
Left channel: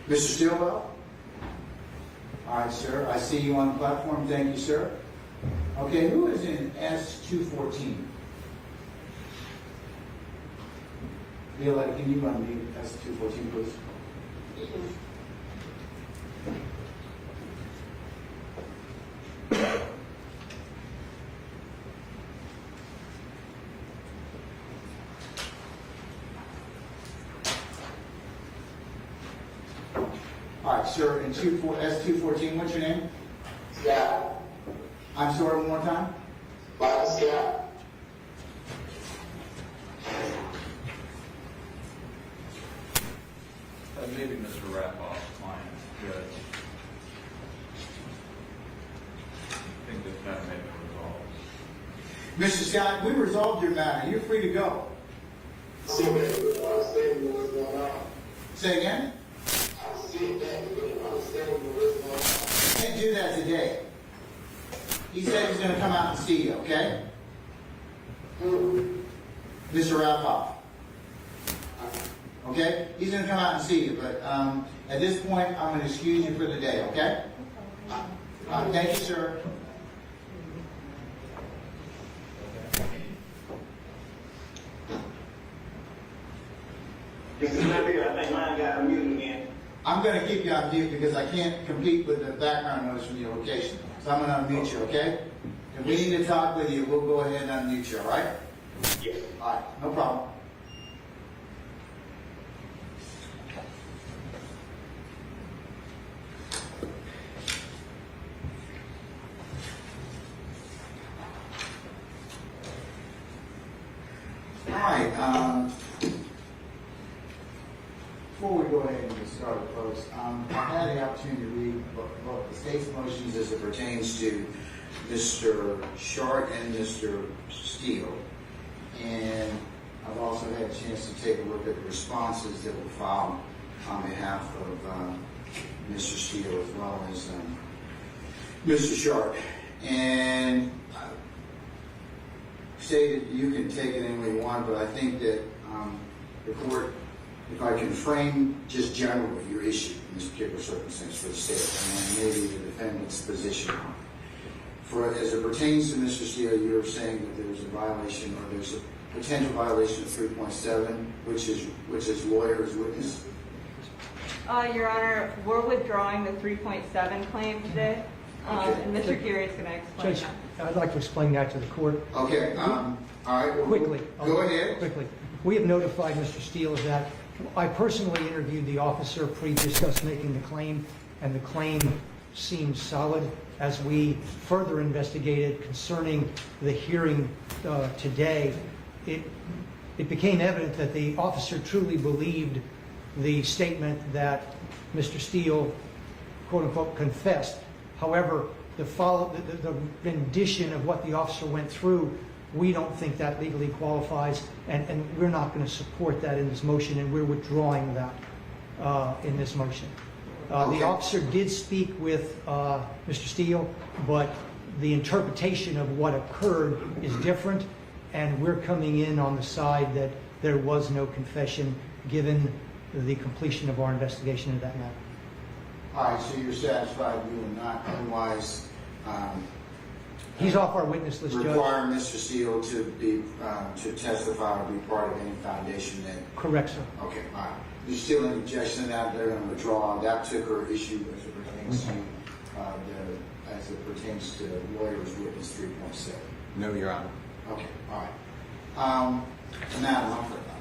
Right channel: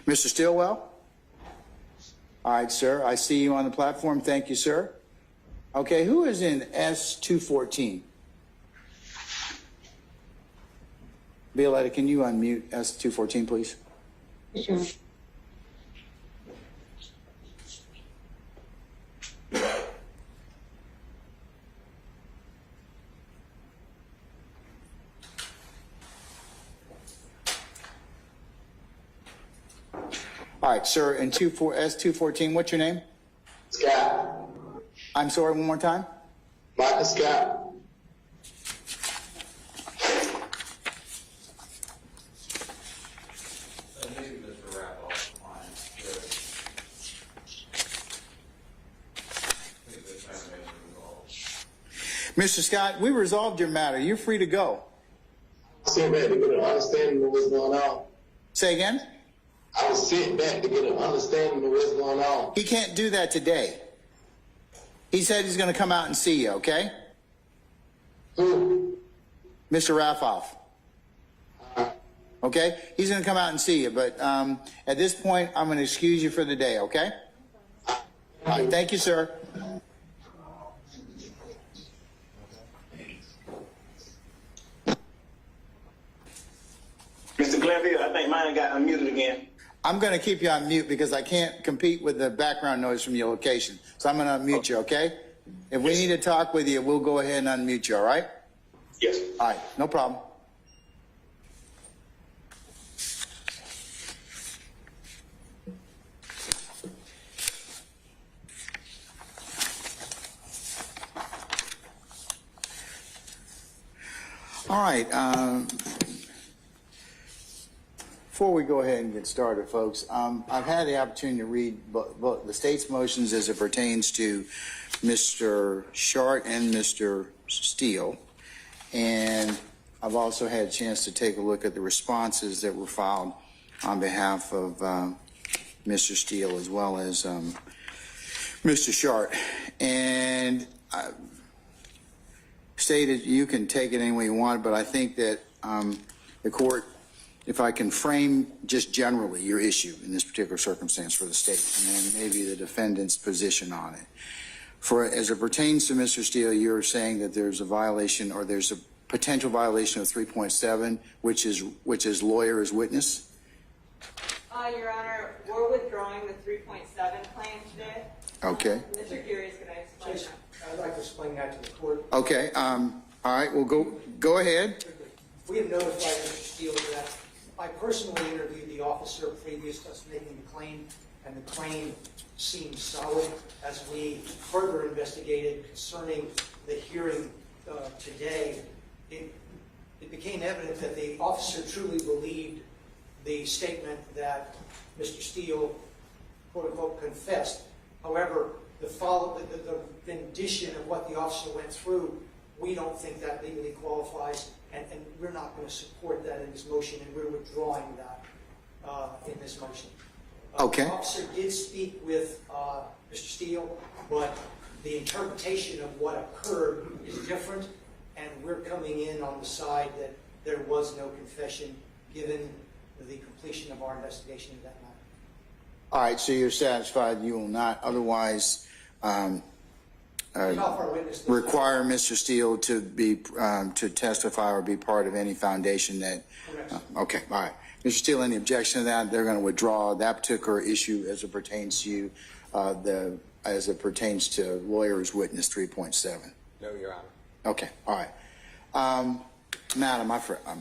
Mr. Stillwell? All right, sir, I see you on the platform. Thank you, sir. Okay, who is in S214? Violetta, can you unmute S214, please? Sure. All right, sir, in S214, what's your name? Scott. I'm sorry, one more time? Michael Scott. Maybe Mr. Raffoff's client, Jessie. I think this matter may be resolved. Mr. Scott, we resolved your matter. You're free to go. Sit back to get an understanding of what's going on. Say again? I was sitting back to get an understanding of what's going on. He can't do that today. He said he's going to come out and see you, okay? Who? Mr. Raffoff. Okay? He's going to come out and see you, but at this point, I'm going to excuse you for the day, okay? All right, thank you, sir. Mr. Glanville, I think mine got unmuted again. I'm going to keep you on mute because I can't compete with the background noise from your location. So I'm going to unmute you, okay? If we need to talk with you, we'll go ahead and unmute you, all right? Yes. All right, no problem. All right, before we go ahead and get started, folks, I've had the opportunity to read both the state's motions as it pertains to Mr. Shart and Mr. Steele, and I've also had a chance to take a look at the responses that were filed on behalf of Mr. Steele as well as Mr. Shart. And stated you can take it any way you want, but I think that the court, if I can frame just generally your issue in this particular circumstance for the state, and maybe the defendant's position on it. As it pertains to Mr. Steele, you're saying that there's a violation, or there's a potential violation of 3.7, which is lawyer as witness? Your Honor, we're withdrawing the 3.7 claim today. Okay. And Mr. Geary is going to explain Judge, that. I'd like to explain that to the court. Okay, all right, well, go ahead. Quickly. We have notified Mr. Steele that I personally interviewed the officer previous to us making the claim, and the claim seemed solid. As we further investigated concerning the hearing today, it became evident that the officer truly believed the statement that Mr. Steele, quote unquote, confessed. However, the rendition of what the officer went through, we don't think that legally qualifies, and we're not going to support that in this motion, and we're withdrawing that in this motion. The officer did speak with Mr. Steele, but the interpretation of what occurred is different, and we're coming in on the side that there was no confession given the completion of our investigation into that matter. All right, so you're satisfied you will not otherwise He's off our witness list, require Mr. Steele to be to testify or be part of any foundation that... Correct, sir. Okay, all right. Mr. Steele, any objection to that? They're going to withdraw that particular issue as it pertains to you, as it pertains to lawyer's witness 3.7. No, Your Honor. Okay, all right. Madam,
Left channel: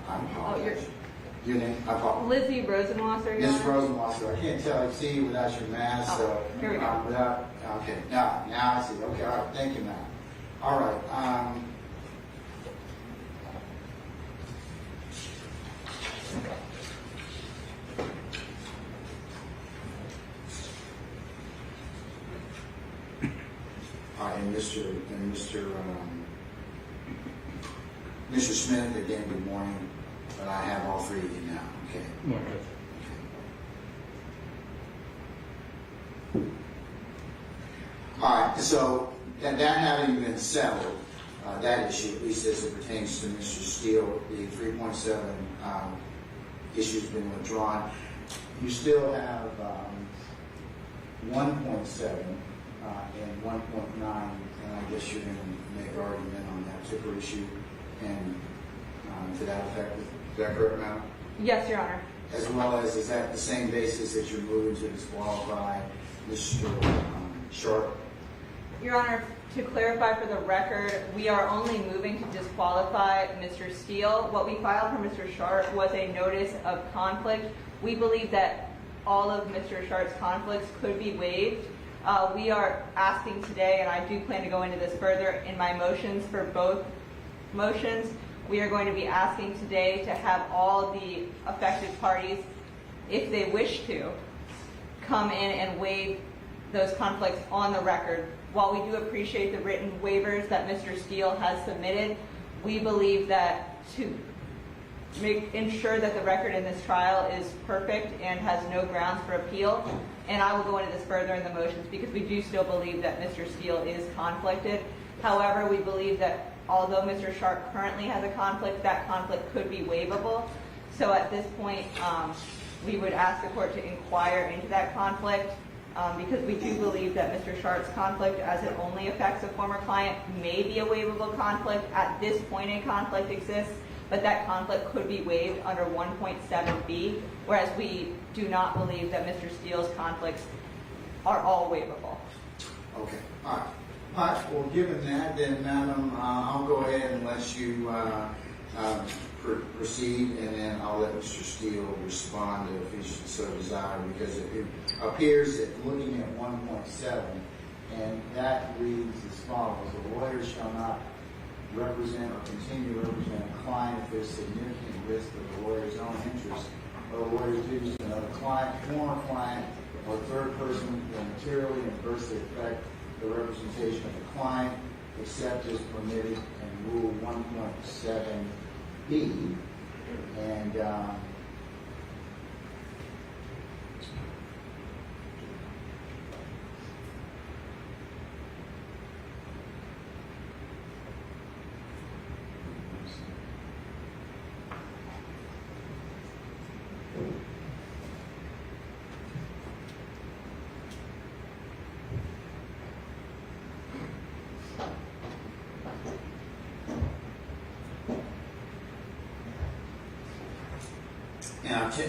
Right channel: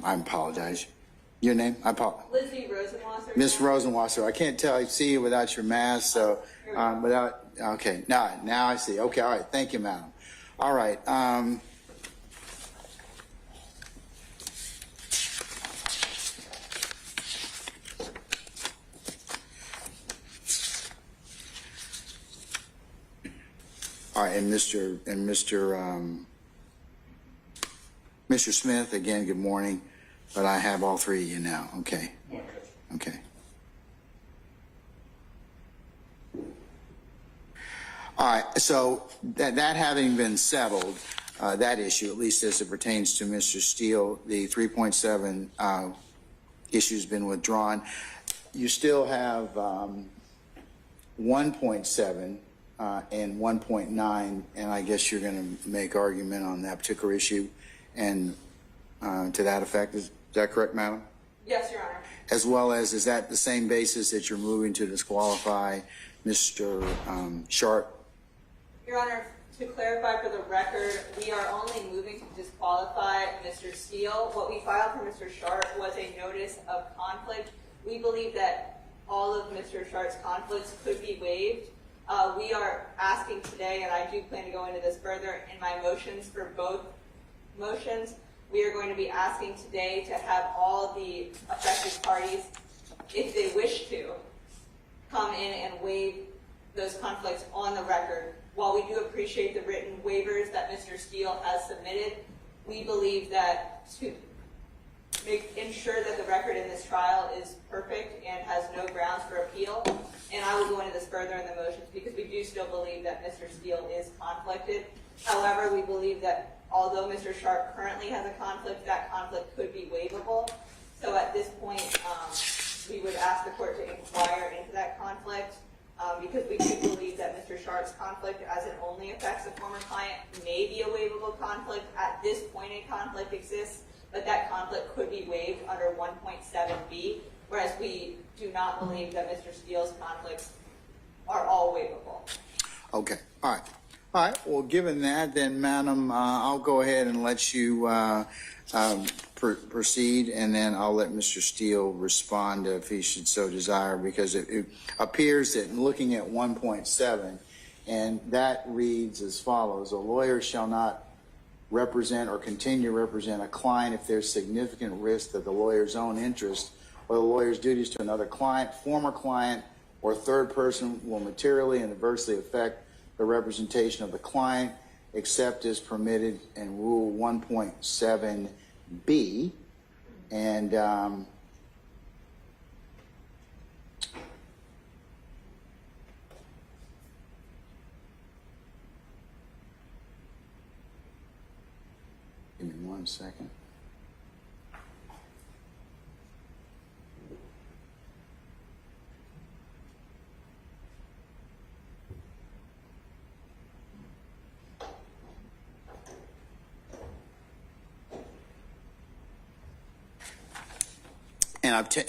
I apologize. Your name? I apologize. Lizzie Rosenwasser. Miss Rosenwasser, I can't see you without your mask, so here we go. okay, now I see. Okay, all right, thank you, madam. All right. All right, and Mr. Smith, again, good morning. But I have all three of you now. Okay. Okay. All right. So that having been settled, that issue, at least as it pertains to Mr. Steele, the 3.7 issue's been withdrawn. You still have 1.7 and 1.9, and I guess you're going to make argument on that particular issue, and to that effect. Is that correct, madam? Yes, Your Honor. As well as, is that the same basis that you're moving to disqualify Mr. Sharp? Your Honor, to clarify for the record, we are only moving to disqualify Mr. Steele. What we filed for Mr. Sharp was a notice of conflict. We believe that all of Mr. Sharp's conflicts could be waived. We are asking today, and I do plan to go into this further in my motions for both motions, we are going to be asking today to have all the affected parties, if they wish to, come in and waive those conflicts on the record. While we do appreciate the written waivers that Mr. Steele has submitted, we believe that to ensure that the record in this trial is perfect and has no grounds for appeal, and I will go into this further in the motions because we do still believe that Mr. Steele is conflicted. However, we believe that although Mr. Sharp currently has a conflict, that conflict could be waivable. So at this point, we would ask the court to inquire into that conflict because we do believe that Mr. Sharp's conflict, as it only affects a former client, may be a waivable conflict. At this point, a conflict exists, but that conflict could be waived under 1.7b, whereas we do not believe that Mr. Steele's conflicts are all waivable. Okay, all right. All right, well, given that, then, madam, I'll go ahead and let you proceed, and then I'll let Mr. Steele respond if he should so desire, because it appears that looking at 1.7, and that reads as follows: a lawyer shall not represent or continue to represent a client if there's significant risk that the lawyer's own interest or the lawyer's duties to another client, former client, or third person will materially and adversely affect the representation of the client, except as permitted in Rule 1.7b. And give me 1 second.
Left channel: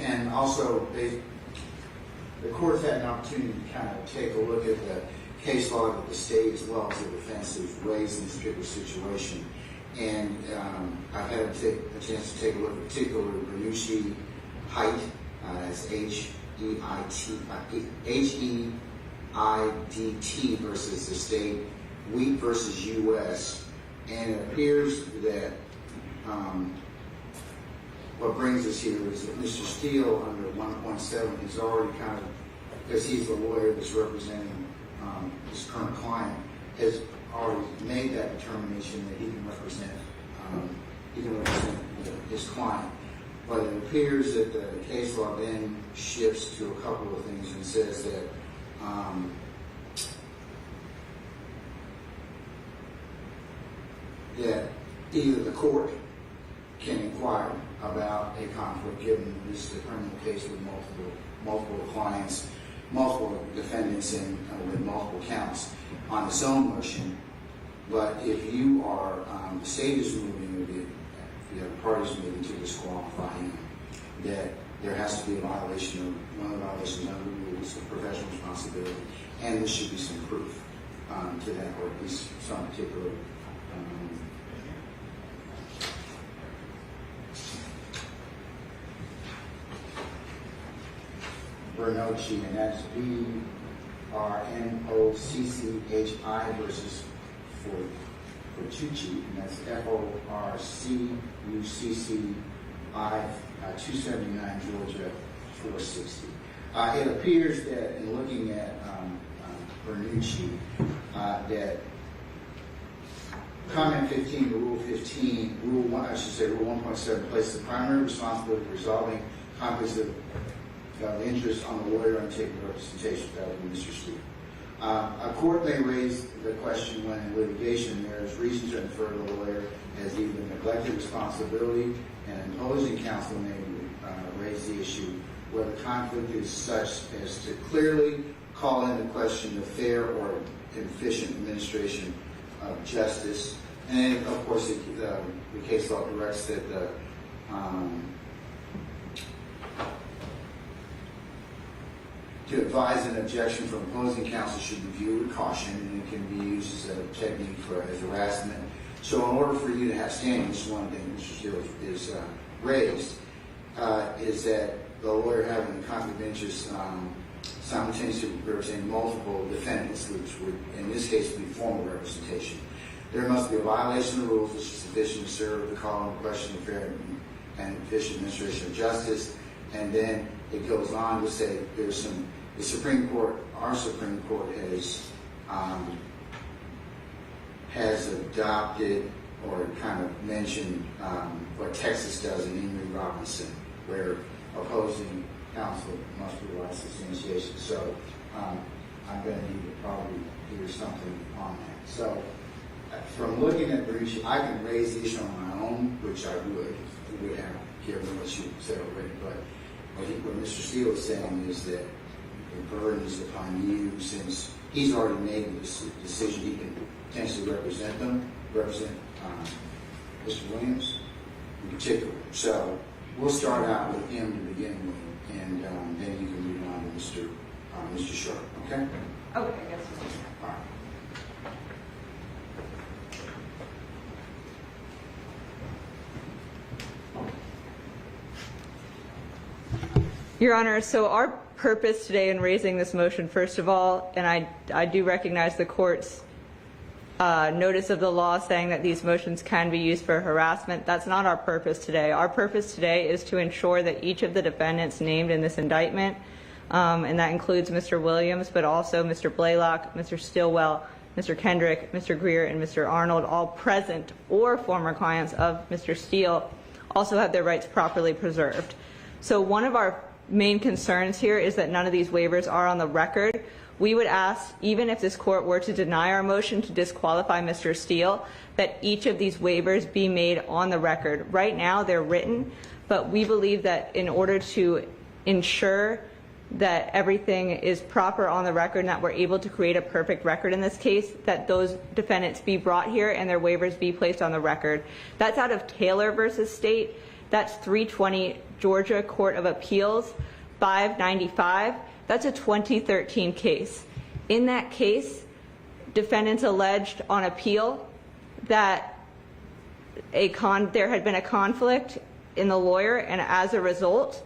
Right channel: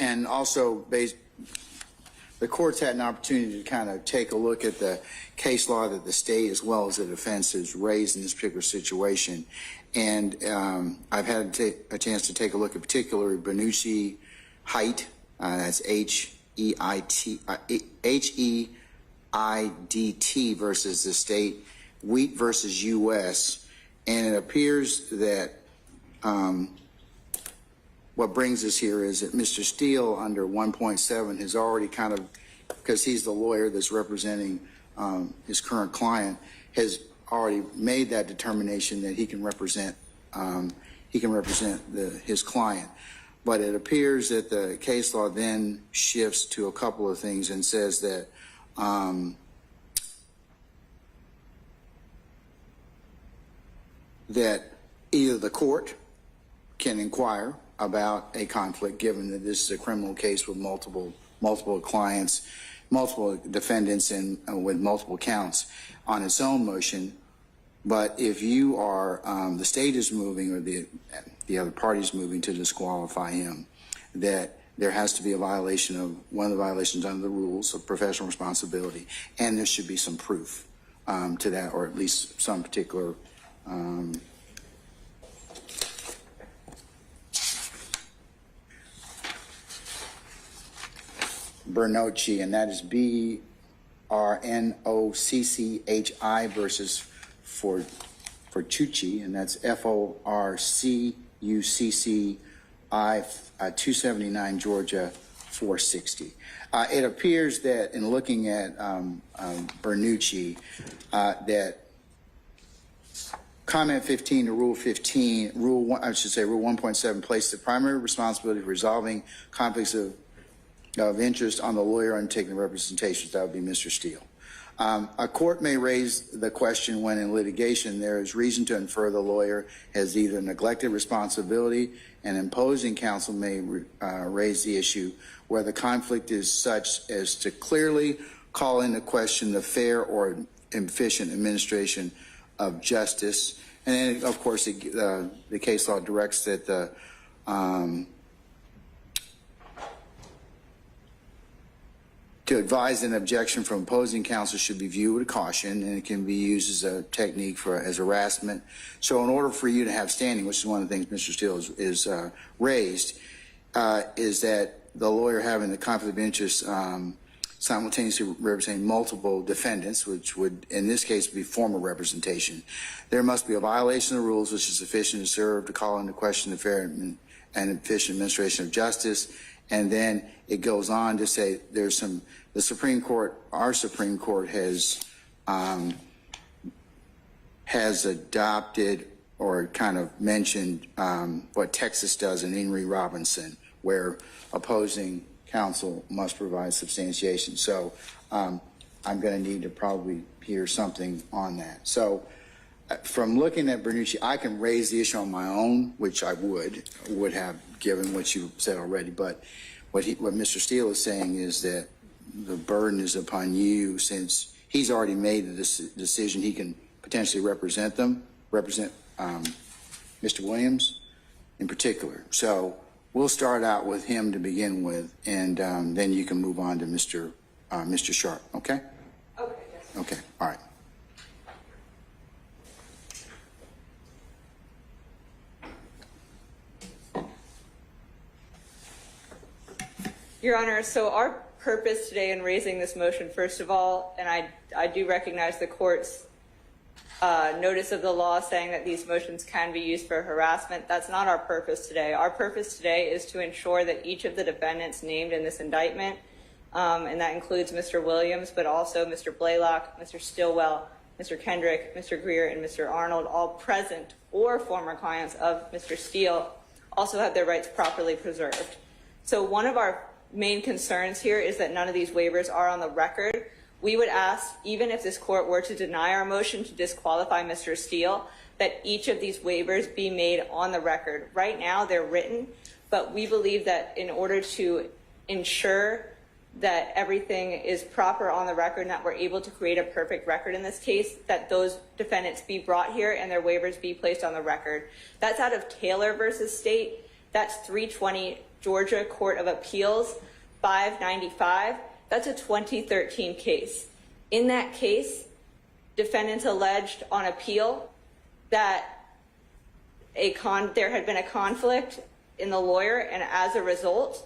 And also, the court's had an opportunity to kind of take a look at the case law that the state as well as the defense has raised in this particular situation. And I've had a chance to take a look at particular Benucci Height, that's H-E-I-D-T versus the state, Wheat versus U.S. And it appears that what brings us here is that Mr. Steele under 1.7 has already kind of, because he's the lawyer that's representing his current client, has already made that determination that he can represent his client. But it appears that the case law then shifts to a couple of things and says that that either the court can inquire about a conflict, given that this is a criminal case with multiple clients, multiple defendants, and with multiple counts on its own motion. But if you are, the state is moving, or the other party is moving to disqualify him, that there has to be a violation of one of the violations under the rules of professional responsibility, and there should be some proof to that, or at least some particular Bernocchi, and that is BRNOCCHI versus Fortucci, and that's FORCUCCI 279 Georgia 460. It appears that in looking at Bernucci, that comment 15 to rule 15, rule 1.7 places the primary responsibility of resolving conflicts of interest on the lawyer undertaking representation. That would be Mr. Steele. A court may raise the question when in litigation there is reason to infer the lawyer has either neglected responsibility, and imposing counsel may raise the issue where the conflict is such as to clearly call into question the fair or efficient administration of justice. And then, of course, the case law directs that the to advise an objection from opposing counsel should be viewed with caution, and it can be used as a technique as harassment. So in order for you to have standing, which is one of the things Mr. Steele is raised, is that the lawyer having the conflict of interest simultaneously representing multiple defendants, which would in this case be formal representation. There must be a violation of the rules which is sufficient to serve to call into question the fair and efficient administration of justice. And then it goes on to say there's some, the Supreme Court, our Supreme Court has adopted or kind of mentioned what Texas does in Henry Robinson, where opposing counsel must provide substantiation. So I'm going to need to probably hear something on that. So from looking at Bernucci, I can raise the issue on my own, which I would have given what you said already. But what Mr. Steele is saying is that the burden is upon you, since he's already made this decision. He can potentially represent Mr. Williams in particular. So we'll start out with him to begin with, and then you can move on to Mr. Sharp. Okay? Okay, yes. Okay. All right. Your Honor, so our purpose today in raising this motion, first of all, and I do recognize the court's notice of the law saying that these motions can be used for harassment. That's not our purpose today. Our purpose today is to ensure that each of the defendants named in this indictment, and that includes Mr. Williams, but also Mr. Blaylock, Mr. Stillwell, Mr. Kendrick, Mr. Greer, and Mr. Arnold, all present or former clients of Mr. Steele, also have their rights properly preserved. So one of our main concerns here is that none of these waivers are on the record. We would ask, even if this court were to deny our motion to disqualify Mr. Steele, that each of these waivers be made on the record. Right now they're written, but we believe that in order to ensure that everything is proper on the record and that we're able to create a perfect record in this case, that those defendants be brought here and their waivers be placed on the record. That's out of Taylor versus State. That's 320 Georgia Court of Appeals 595. That's a 2013 case. In that case, defendants alleged on appeal that there had been a conflict in the lawyer, and as a result,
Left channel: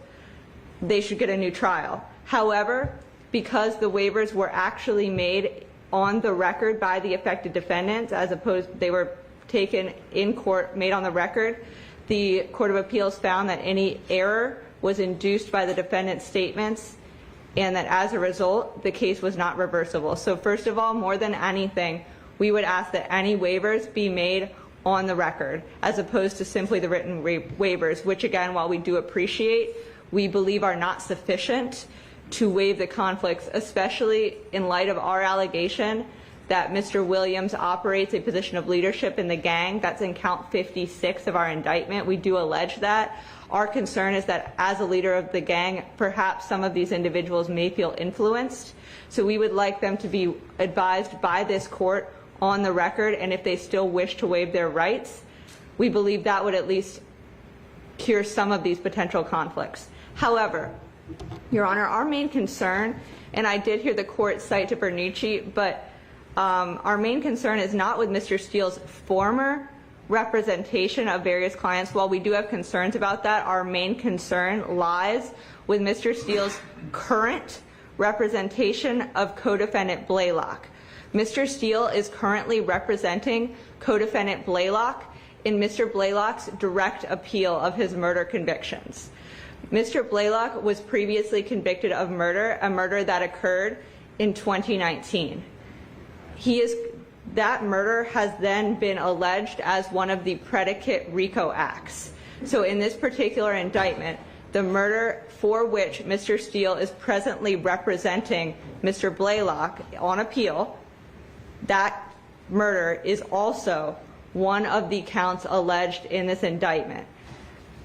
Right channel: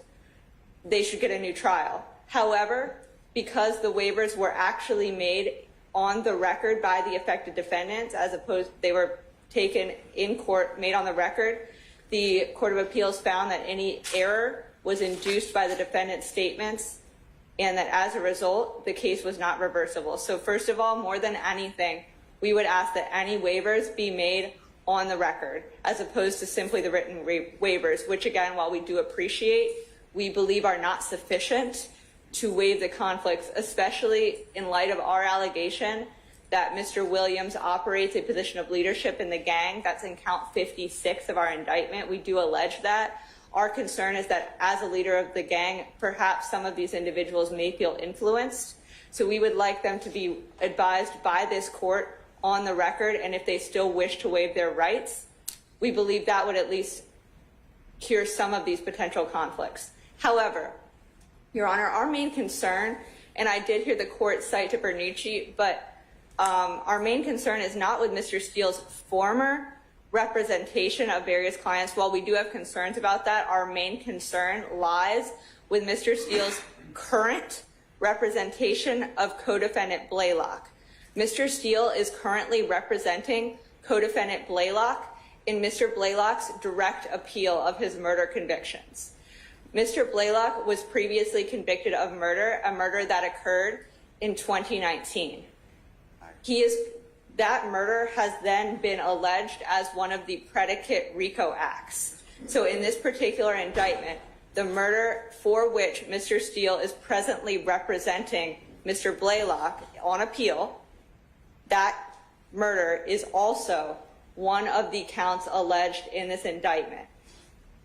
they should get a new trial. However, because the waivers were actually made on the record by the affected defendants, as opposed they were taken in court, made on the record, the Court of Appeals found that any error was induced by the defendant's statements, and that as a result, the case was not reversible. So first of all, more than anything, we would ask that any waivers be made on the record, as opposed to simply the written waivers, which again, while we do appreciate, we believe are not sufficient to waive the conflicts, especially in light of our allegation that Mr. Williams operates a position of leadership in the gang. That's in count 56 of our indictment. We do allege that. Our concern is that as a leader of the gang, perhaps some of these individuals may feel influenced. So we would like them to be advised by this court on the record, and if they still wish to waive their rights, we believe that would at least cure some of these potential conflicts. However, Your Honor, our main concern, and I did hear the court cite to Bernucci, but our main concern is not with Mr. Steele's former representation of various clients. While we do have concerns about that, our main concern lies with Mr. Steele's current representation of co-defendant Blaylock. Mr. Steele is currently representing co-defendant Blaylock in Mr. Blaylock's direct appeal of his murder convictions. Mr. Blaylock was previously convicted of murder, a murder that occurred in 2019. That murder has then been alleged as one of the predicate RICO acts. So in this particular indictment, the murder for which Mr. Steele is presently representing Mr. Blaylock on appeal, that murder is also one of the counts alleged in this indictment.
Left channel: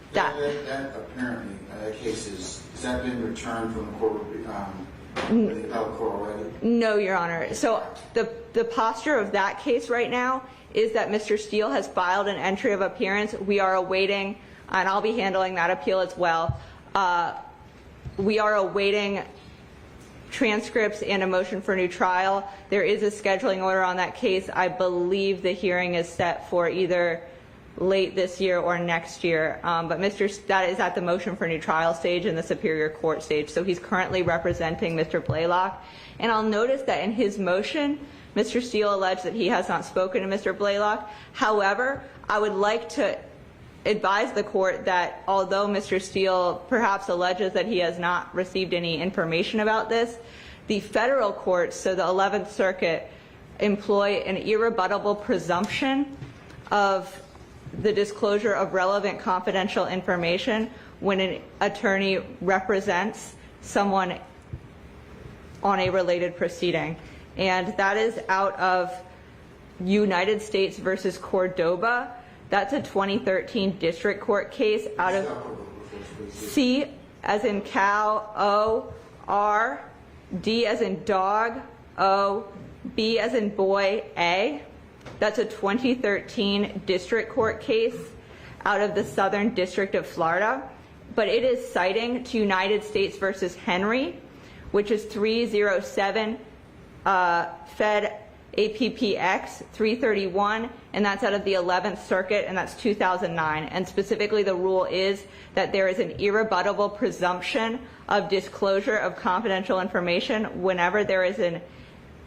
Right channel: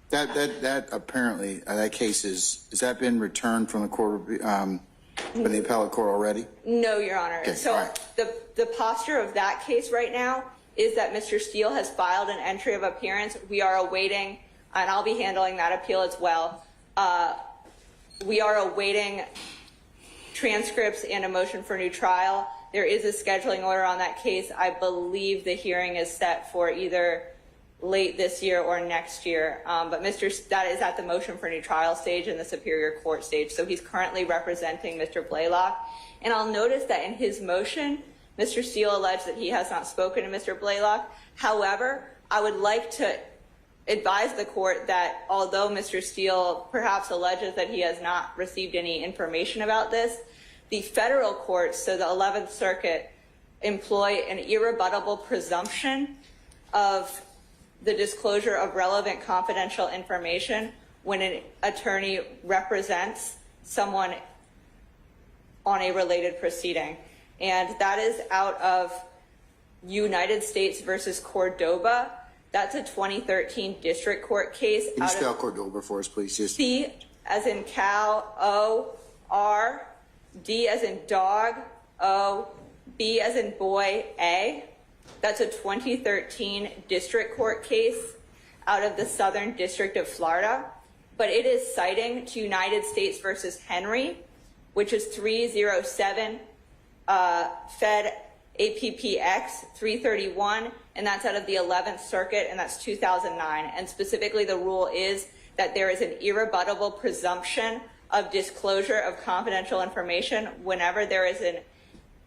That apparently, that case has that been returned from the court, from the appellate court already? No, Your Honor. Okay, so fine. the posture of that case right now is that Mr. Steele has filed an entry of appearance. We are awaiting, and I'll be handling that appeal as well. We are awaiting transcripts and a motion for new trial. There is a scheduling order on that case. I believe the hearing is set for either late this year or next year, but that is at the motion for new trial stage in the Superior Court stage, so he's currently representing Mr. Blaylock. And I'll notice that in his motion, Mr. Steele alleged that he has not spoken to Mr. Blaylock. However, I would like to advise the court that although Mr. Steele perhaps alleges that he has not received any information about this, the federal courts, so the 11th Circuit, employ an irrebuttable presumption of the disclosure of relevant confidential information when an attorney represents someone on a related proceeding. And that is out of United States versus Cordoba. That's a 2013 district court case. Can you spell Cordoba for us, please? C as in cow, O, R, D as in dog, O, B as in boy, A. That's a 2013 district court case out of the Southern District of Florida. But it is citing to United States versus Henry, which is 307 Fed APPX 331, and that's out of the 11th Circuit, and that's 2009. And specifically, the rule is that there is an irrebuttable presumption of disclosure of confidential information whenever there is an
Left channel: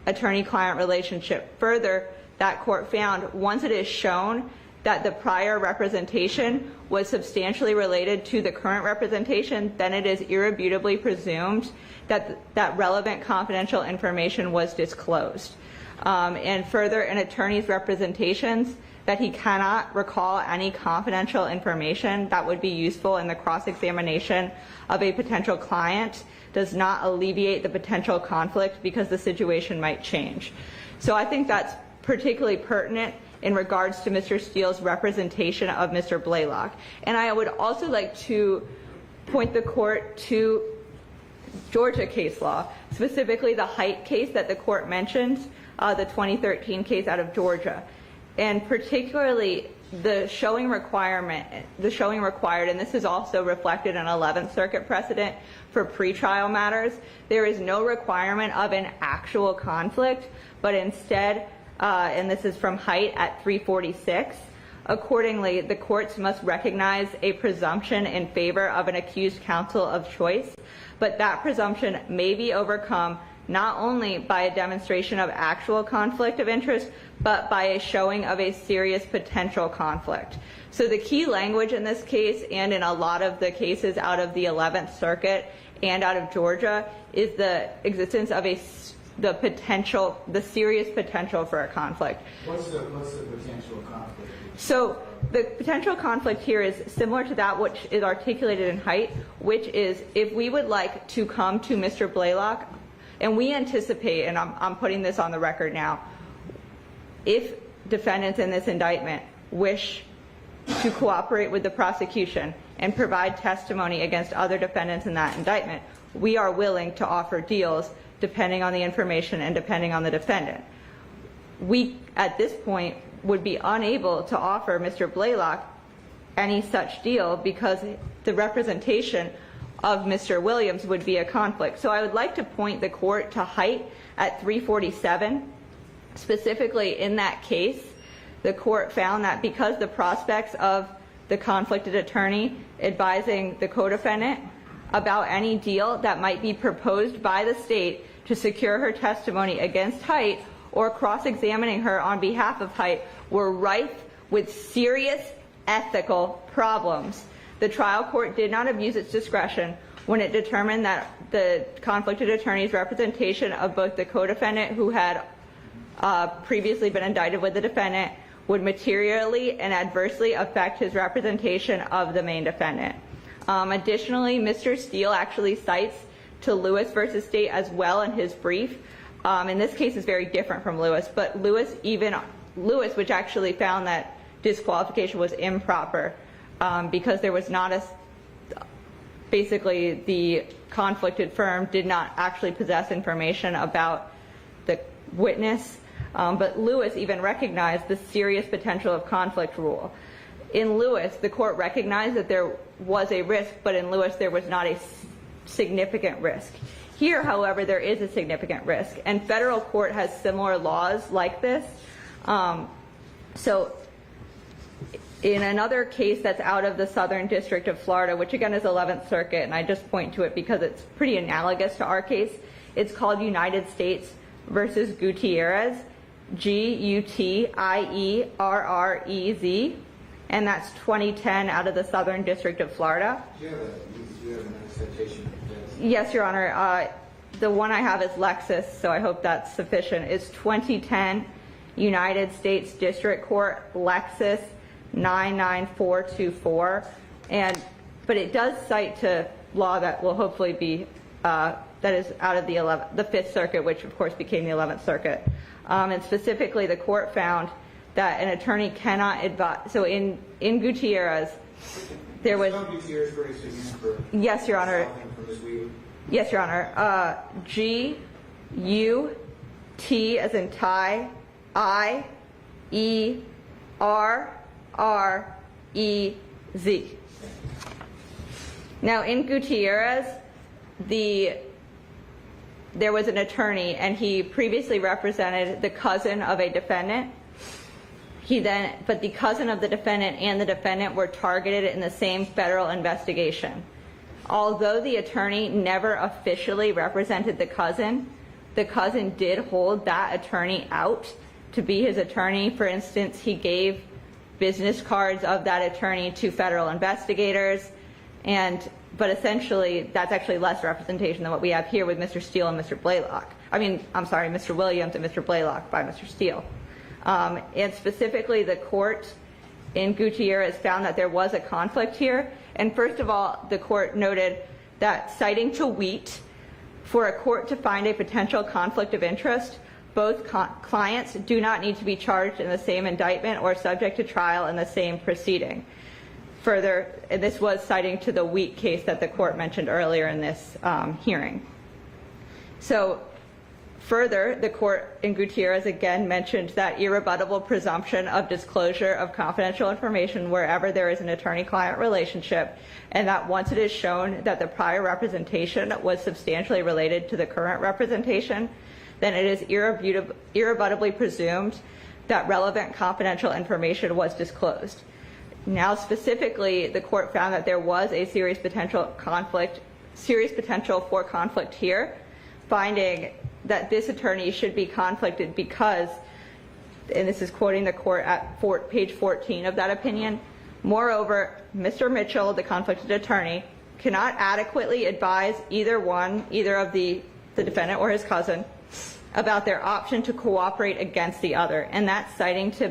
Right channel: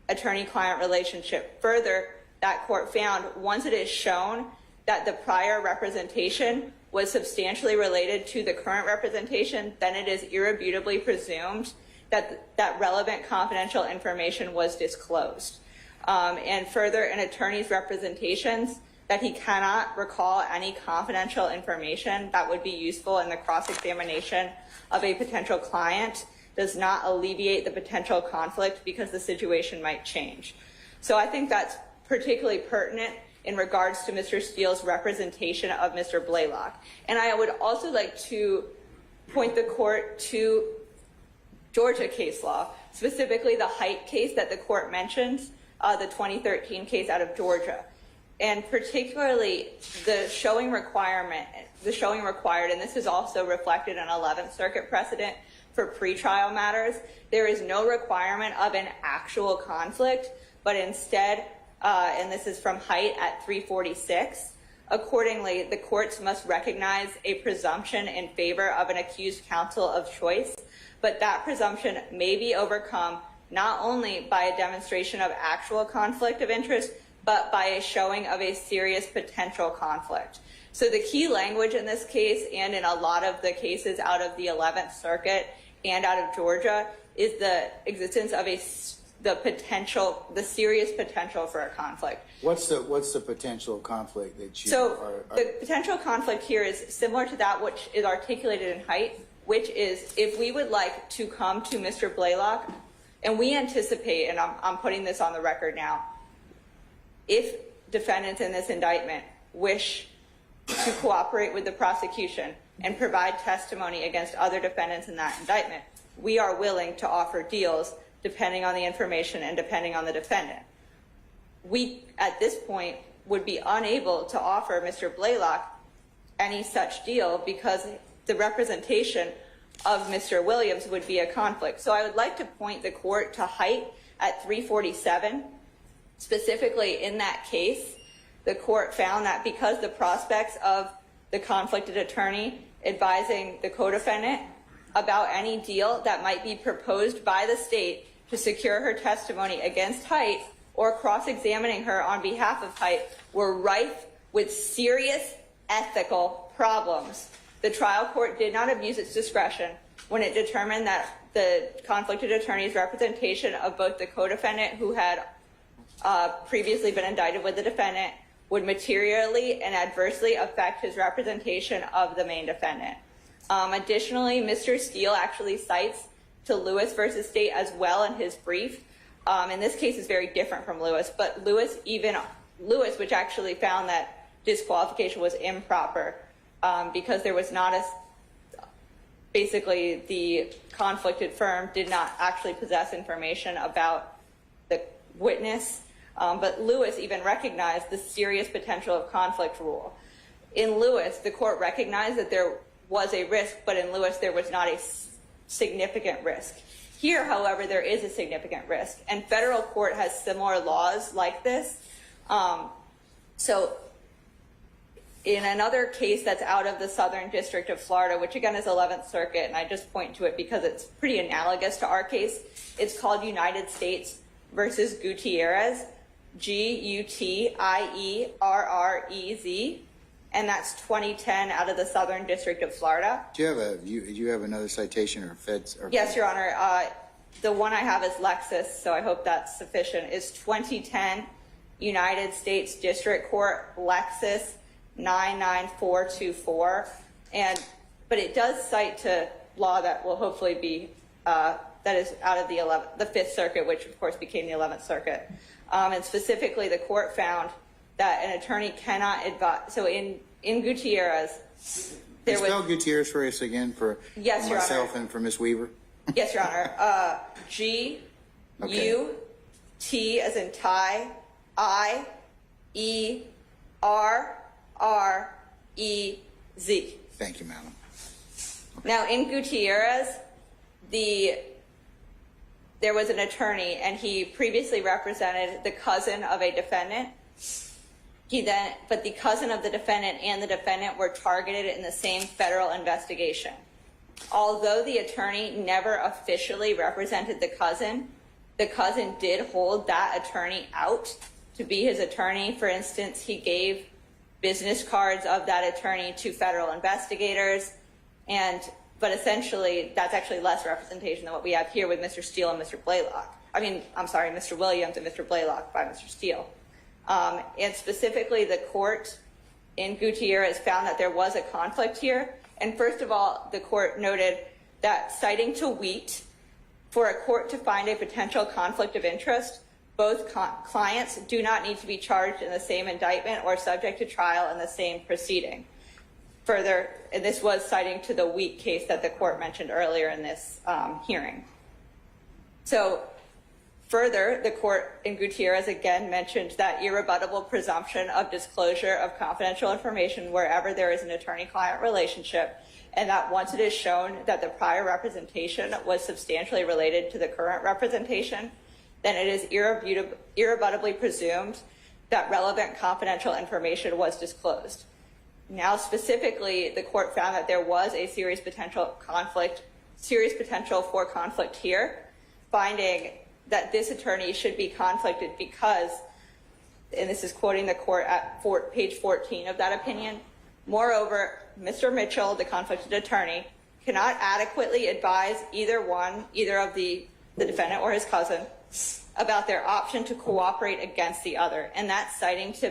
attorney-client relationship. Further, that court found once it is shown that the prior representation was substantially related to the current representation, then it is irrebutably presumed that relevant confidential information was disclosed. And further, an attorney's representations that he cannot recall any confidential information that would be useful in the cross-examination of a potential client does not alleviate the potential conflict because the situation might change. So I think that's particularly pertinent in regards to Mr. Steele's representation of Mr. Blaylock. And I would also like to point the court to Georgia case law, specifically the Height case that the court mentions, the 2013 case out of Georgia. And particularly the showing required, and this is also reflected in 11th Circuit precedent for pretrial matters, there is no requirement of an actual conflict, but instead, and this is from Height at 346, accordingly, the courts must recognize a presumption in favor of an accused counsel of choice, but that presumption may be overcome not only by a demonstration of actual conflict of interest, but by a showing of a serious potential conflict. So the key language in this case, and in a lot of the cases out of the 11th Circuit and out of Georgia, is the existence of a the serious potential for a conflict. What's the potential conflict that you So are? the potential conflict here is similar to that which is articulated in Height, which is if we would like to come to Mr. Blaylock, and we anticipate, and I'm putting this on the record now, if defendants in this indictment wish to cooperate with the prosecution and provide testimony against other defendants in that indictment, we are willing to offer deals depending on the information and depending on the defendant. We, at this point, would be unable to offer Mr. Blaylock any such deal because the representation of Mr. Williams would be a conflict. So I would like to point the court to Height at 347. Specifically in that case, the court found that because the prospects of the conflicted attorney advising the co-defendant about any deal that might be proposed by the state to secure her testimony against Height or cross-examining her on behalf of Height were rife with serious ethical problems. The trial court did not abuse its discretion when it determined that the conflicted attorney's representation of both the co-defendant who had previously been indicted with the defendant would materially and adversely affect his representation of the main defendant. Additionally, Mr. Steele actually cites to Lewis versus State as well in his brief. And this case is very different from Lewis, but Lewis, which actually found that disqualification was improper because there was not basically the conflicted firm did not actually possess information about the witness, but Lewis even recognized the serious potential of conflict rule. In Lewis, the court recognized that there was a risk, but in Lewis there was not a significant risk. Here, however, there is a significant risk, and federal court has similar laws like this. So in another case that's out of the Southern District of Florida, which again is 11th Circuit, and I just point to it because it's pretty analogous to our case, it's called United States versus Gutierrez, Gutierrez, and that's 2010 out of the Southern District of Florida. Do you have another citation or feds? Yes, Your Honor. The one I have is Lexis, so I hope that's sufficient. It's 2010 United States District Court, Lexis 99424, but it does cite to law that will hopefully be that is out of the 5th Circuit, which of course became the 11th Circuit. And specifically, the court found that an attorney cannot advise. So in Gutierrez, there was. Spell Gutierrez for us again for yes, Your Honor. Myself and for Ms. Weaver. Yes, Your Honor. G-U-T as in tie, I-E-R-R-E-Z. Thank you, ma'am. Now, in Gutierrez, there was an attorney, and he previously represented the cousin of a defendant. But the cousin of the defendant and the defendant were targeted in the same federal investigation. Although the attorney never officially represented the cousin did hold that attorney out to be his attorney. For instance, he gave business cards of that attorney to federal investigators, but essentially that's actually less representation than what we have here with Mr. Steele and Mr. Blaylock. Mr. Williams and Mr. Blaylock by Mr. Steele. And specifically, the court in Gutierrez found that there was a conflict here. And first of all, the court noted that, citing to Wheat, for a court to find a potential conflict of interest, both clients do not need to be charged in the same indictment or subject to trial in the same proceeding. Further, and this was citing to the Wheat case that the court mentioned earlier in this hearing. So, further, the court in Gutierrez again mentioned that irrebuttable presumption of disclosure of confidential information wherever there is an attorney-client relationship, and that once it is shown that the prior representation was substantially related to the current representation, then it is irrebuttably presumed that relevant confidential information was disclosed. Now, specifically, the court found that there was a serious potential for conflict here, finding that this attorney should be conflicted because, and this is quoting the court at page 14 of that opinion, moreover, Mr. Mitchell, the conflicted attorney, cannot adequately advise either of the defendant or his cousin about their option to cooperate against the other, and that's citing to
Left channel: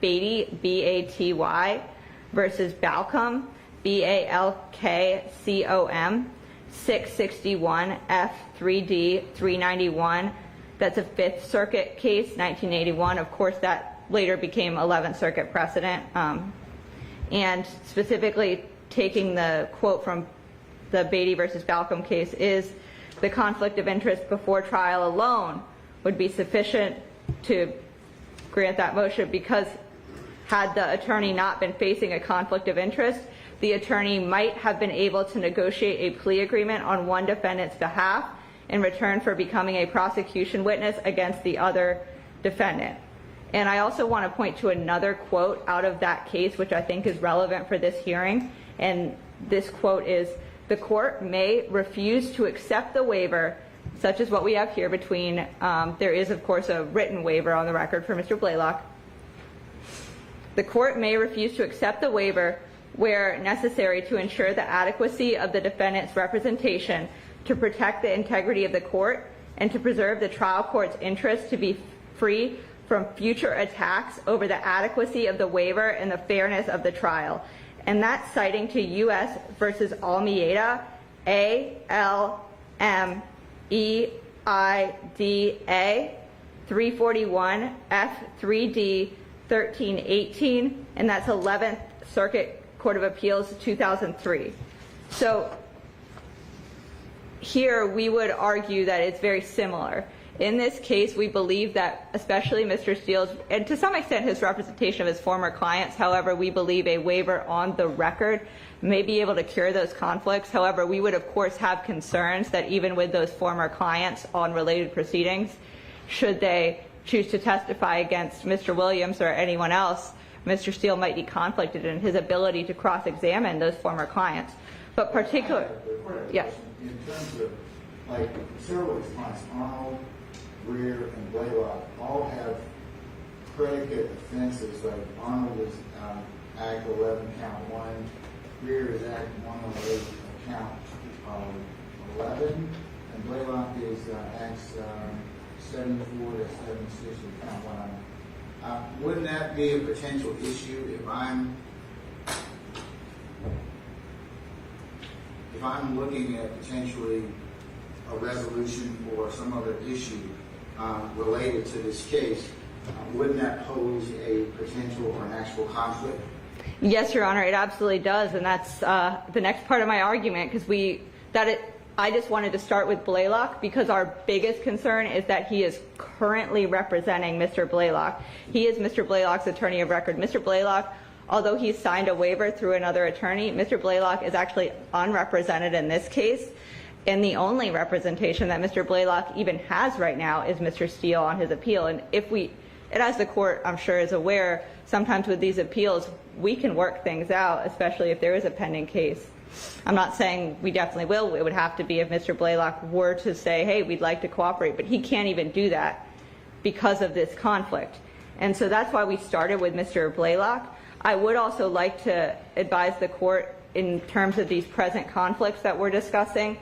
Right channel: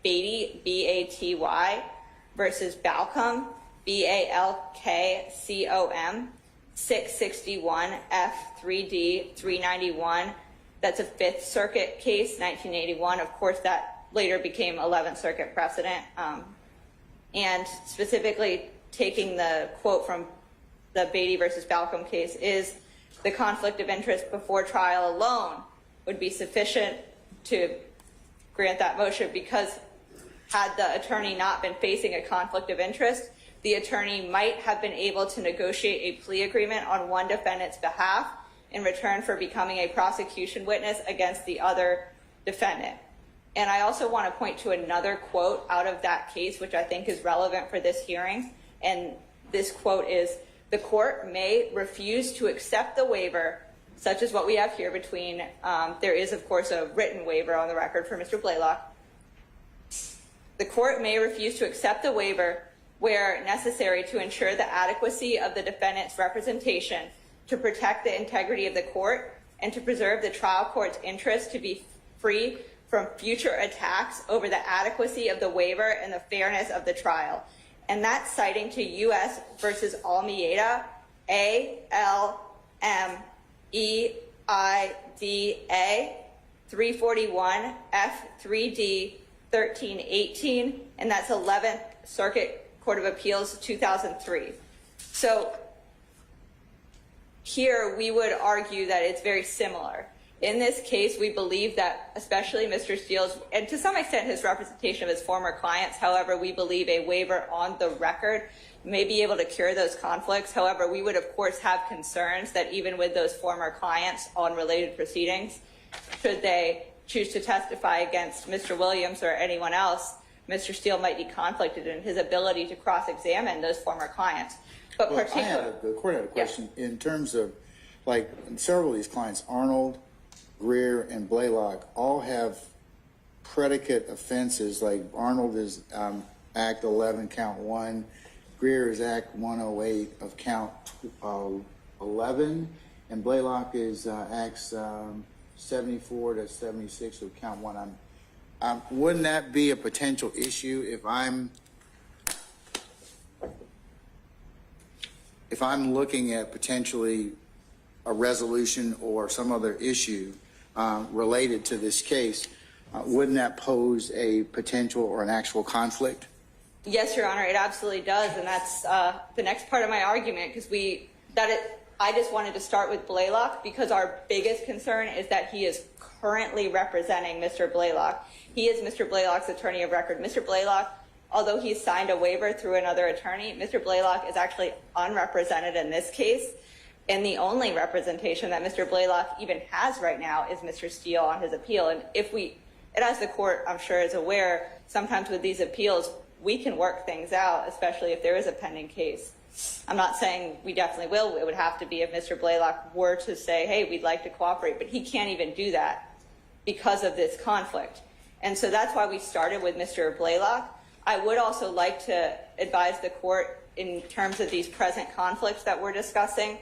Beatty, B-A-T-Y, versus Balcom, B-A-L-K-C-O-M, 661 F3D 391. That's a Fifth Circuit case, 1981. Of course, that later became 11th Circuit precedent. And specifically taking the quote from the Beatty versus Balcom case is the conflict of interest before trial alone would be sufficient to grant that motion, because had the attorney not been facing a conflict of interest, the attorney might have been able to negotiate a plea agreement on one defendant's behalf in return for becoming a prosecution witness against the other defendant. And I also want to point to another quote out of that case, which I think is relevant for this hearing. And this quote is, "The court may refuse to accept the waiver," such as what we have here between, there is of course a written waiver on the record for Mr. Blaylock. "The court may refuse to accept the waiver where necessary to ensure the adequacy of the defendant's representation, to protect the integrity of the court, and to preserve the trial court's interest to be free from future attacks over the adequacy of the waiver and the fairness of the trial." And that's citing to U.S. versus Almeida, A-L-M-E-I-D-A, 341 F3D 1318, and that's 11th Circuit Court of Appeals, 2003. So here we would argue that it's very similar. In this case, we believe that especially Mr. Steele's, and to some extent his representation of his former clients, however, we believe a waiver on the record may be able to cure those conflicts. However, we would of course have concerns that even with those former clients on related proceedings, should they choose to testify against Mr. Williams or anyone else, Mr. Steele might be conflicted in his ability to cross-examine those former clients. But particularly, the court had a question in terms of, like, several of these clients, Arnold, Greer, and Blaylock, all have predicate offenses. Like Arnold is Act 11, Count 1. Greer is Act 108 of Count 11, and Blaylock is Acts 74 to 76 of Count 1. Wouldn't that be a potential issue if I'm looking at potentially a resolution or some other issue related to this case? Wouldn't that pose a potential or an actual conflict? yes, Your Honor, it absolutely does, and that's the next part of my argument, because I just wanted to start with Blaylock because our biggest concern is that he is currently representing Mr. Blaylock. He is Mr. Blaylock's attorney of record. Mr. Blaylock, although he signed a waiver through another attorney, Mr. Blaylock is actually unrepresented in this case, and the only representation that Mr. Blaylock even has right now is Mr. Steele on his appeal. And as the court, I'm sure, is aware, sometimes with these appeals, we can work things out, especially if there is a pending case. I'm not saying we definitely will. It would have to be if Mr. Blaylock were to say, hey, we'd like to cooperate, but he can't even do that because of this conflict. And so that's why we started with Mr. Blaylock. I would also like to advise the court in terms of these present conflicts that we're discussing.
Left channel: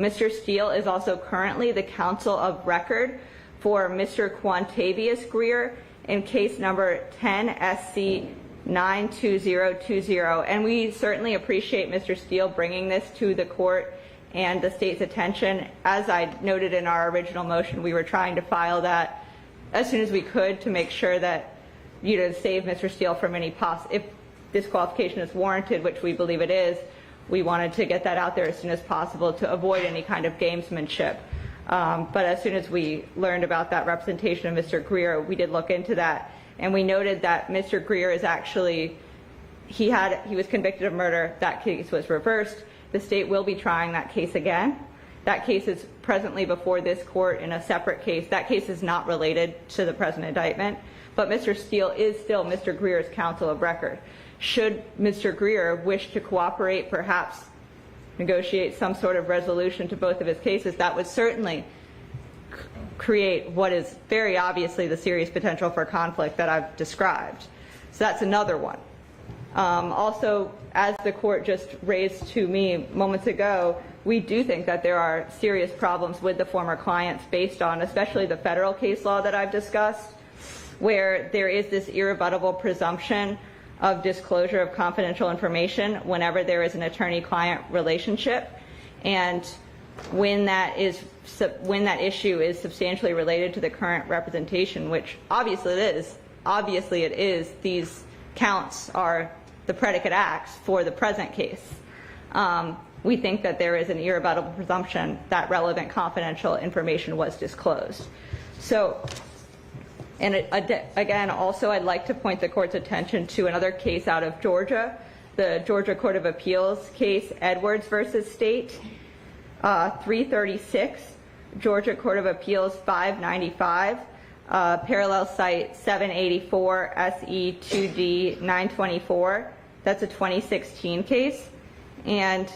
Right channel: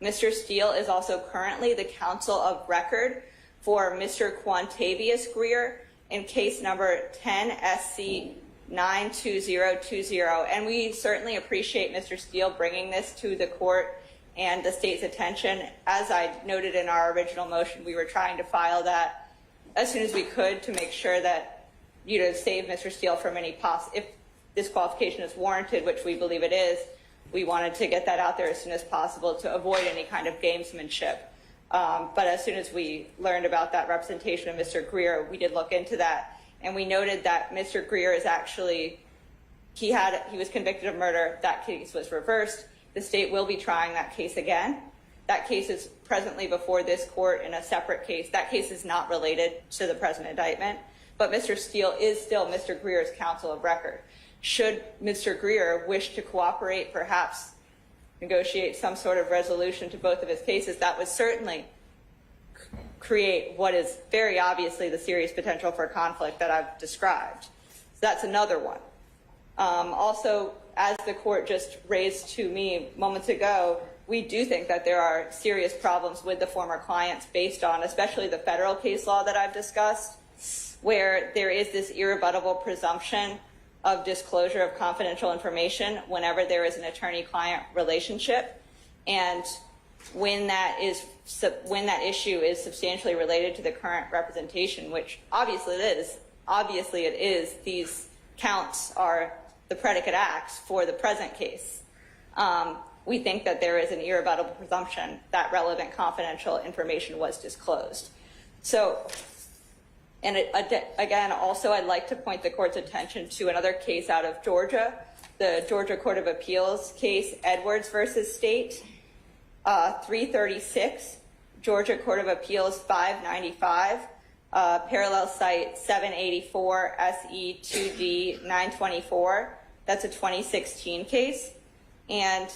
Mr. Steele is also currently the counsel of record for Mr. Quantavious Greer in case number 10-SC-92020, and we certainly appreciate Mr. Steele bringing this to the court and the state's attention. As I noted in our original motion, we were trying to file that as soon as we could to make sure that, save Mr. Steele from any if disqualification is warranted, which we believe it is, we wanted to get that out there as soon as possible to avoid any kind of gamesmanship. But as soon as we learned about that representation of Mr. Greer, we did look into that. And we noted that Mr. Greer is actually, he was convicted of murder. That case was reversed. The state will be trying that case again. That case is presently before this court in a separate case. That case is not related to the present indictment, but Mr. Steele is still Mr. Greer's counsel of record. Should Mr. Greer wish to cooperate, perhaps negotiate some sort of resolution to both of his cases, that would certainly create what is very obviously the serious potential for conflict that I've described. So that's another one. Also, as the court just raised to me moments ago, we do think that there are serious problems with the former clients based on especially the federal case law that I've discussed, where there is this irrebuttable presumption of disclosure of confidential information whenever there is an attorney-client relationship. And when that issue is substantially related to the current representation, which obviously it is, these counts are the predicate acts for the present case. We think that there is an irrebuttable presumption that relevant confidential information was disclosed. So, and again, also I'd like to point the court's attention to another case out of Georgia, the Georgia Court of Appeals case, Edwards versus State, 336, Georgia Court of Appeals 595, parallel site 784 SE 2D 924. That's a 2016 case. And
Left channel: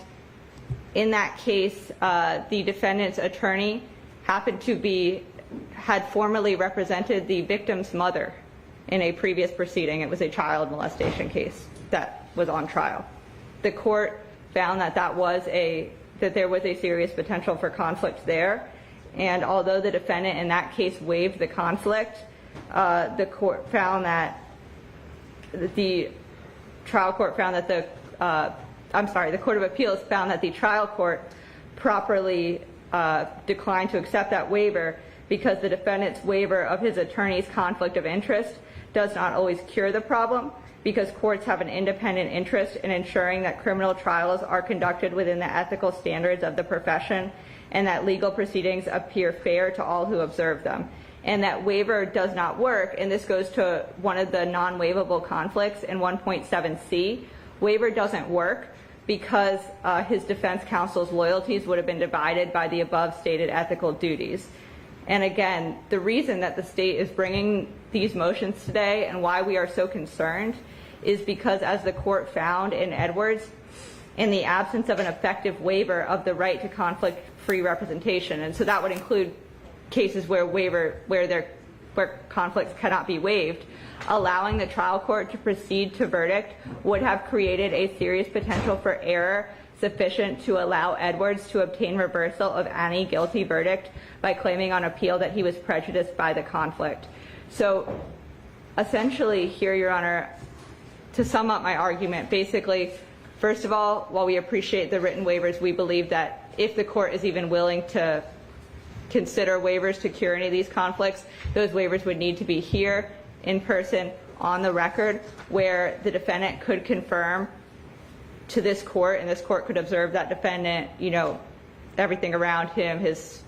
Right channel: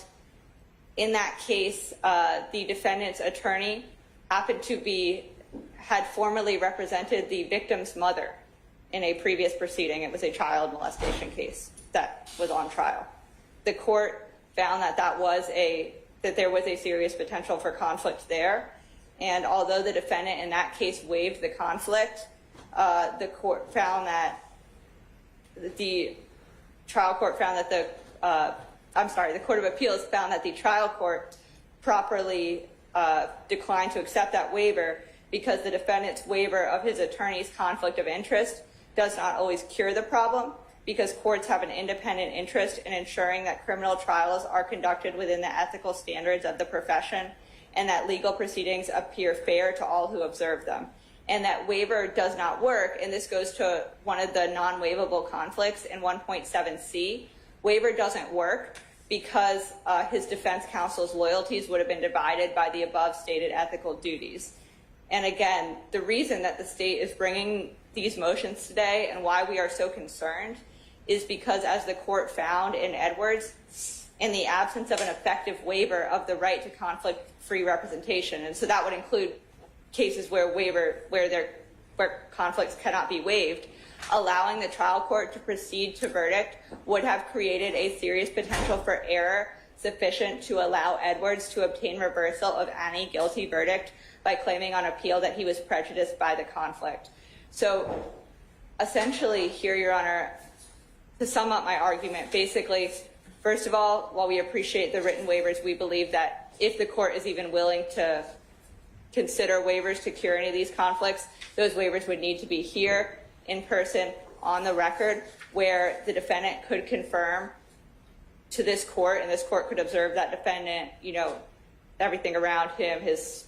in that case, the defendant's attorney had formerly represented the victim's mother in a previous proceeding. It was a child molestation case that was on trial. The court found that there was a serious potential for conflict there. And although the defendant in that case waived the conflict, the court found that the Court of Appeals found that the trial court properly declined to accept that waiver because the defendant's waiver of his attorney's conflict of interest does not always cure the problem, because courts have an independent interest in ensuring that criminal trials are conducted within the ethical standards of the profession and that legal proceedings appear fair to all who observe them. And that waiver does not work, and this goes to one of the non-waivable conflicts in 1.7c. Waiver doesn't work because his defense counsel's loyalties would have been divided by the above stated ethical duties. And again, the reason that the state is bringing these motions today and why we are so concerned is because, as the court found in Edwards, in the absence of an effective waiver of the right to conflict-free representation, and so that would include cases where conflicts cannot be waived, allowing the trial court to proceed to verdict would have created a serious potential for error sufficient to allow Edwards to obtain reversal of any guilty verdict by claiming on appeal that he was prejudiced by the conflict. So essentially here, Your Honor, to sum up my argument, basically, first of all, while we appreciate the written waivers, we believe that if the court is even willing to consider waivers to cure any of these conflicts, those waivers would need to be here, in person, on the record, where the defendant could confirm to this court, and this court could observe that defendant, everything around him, his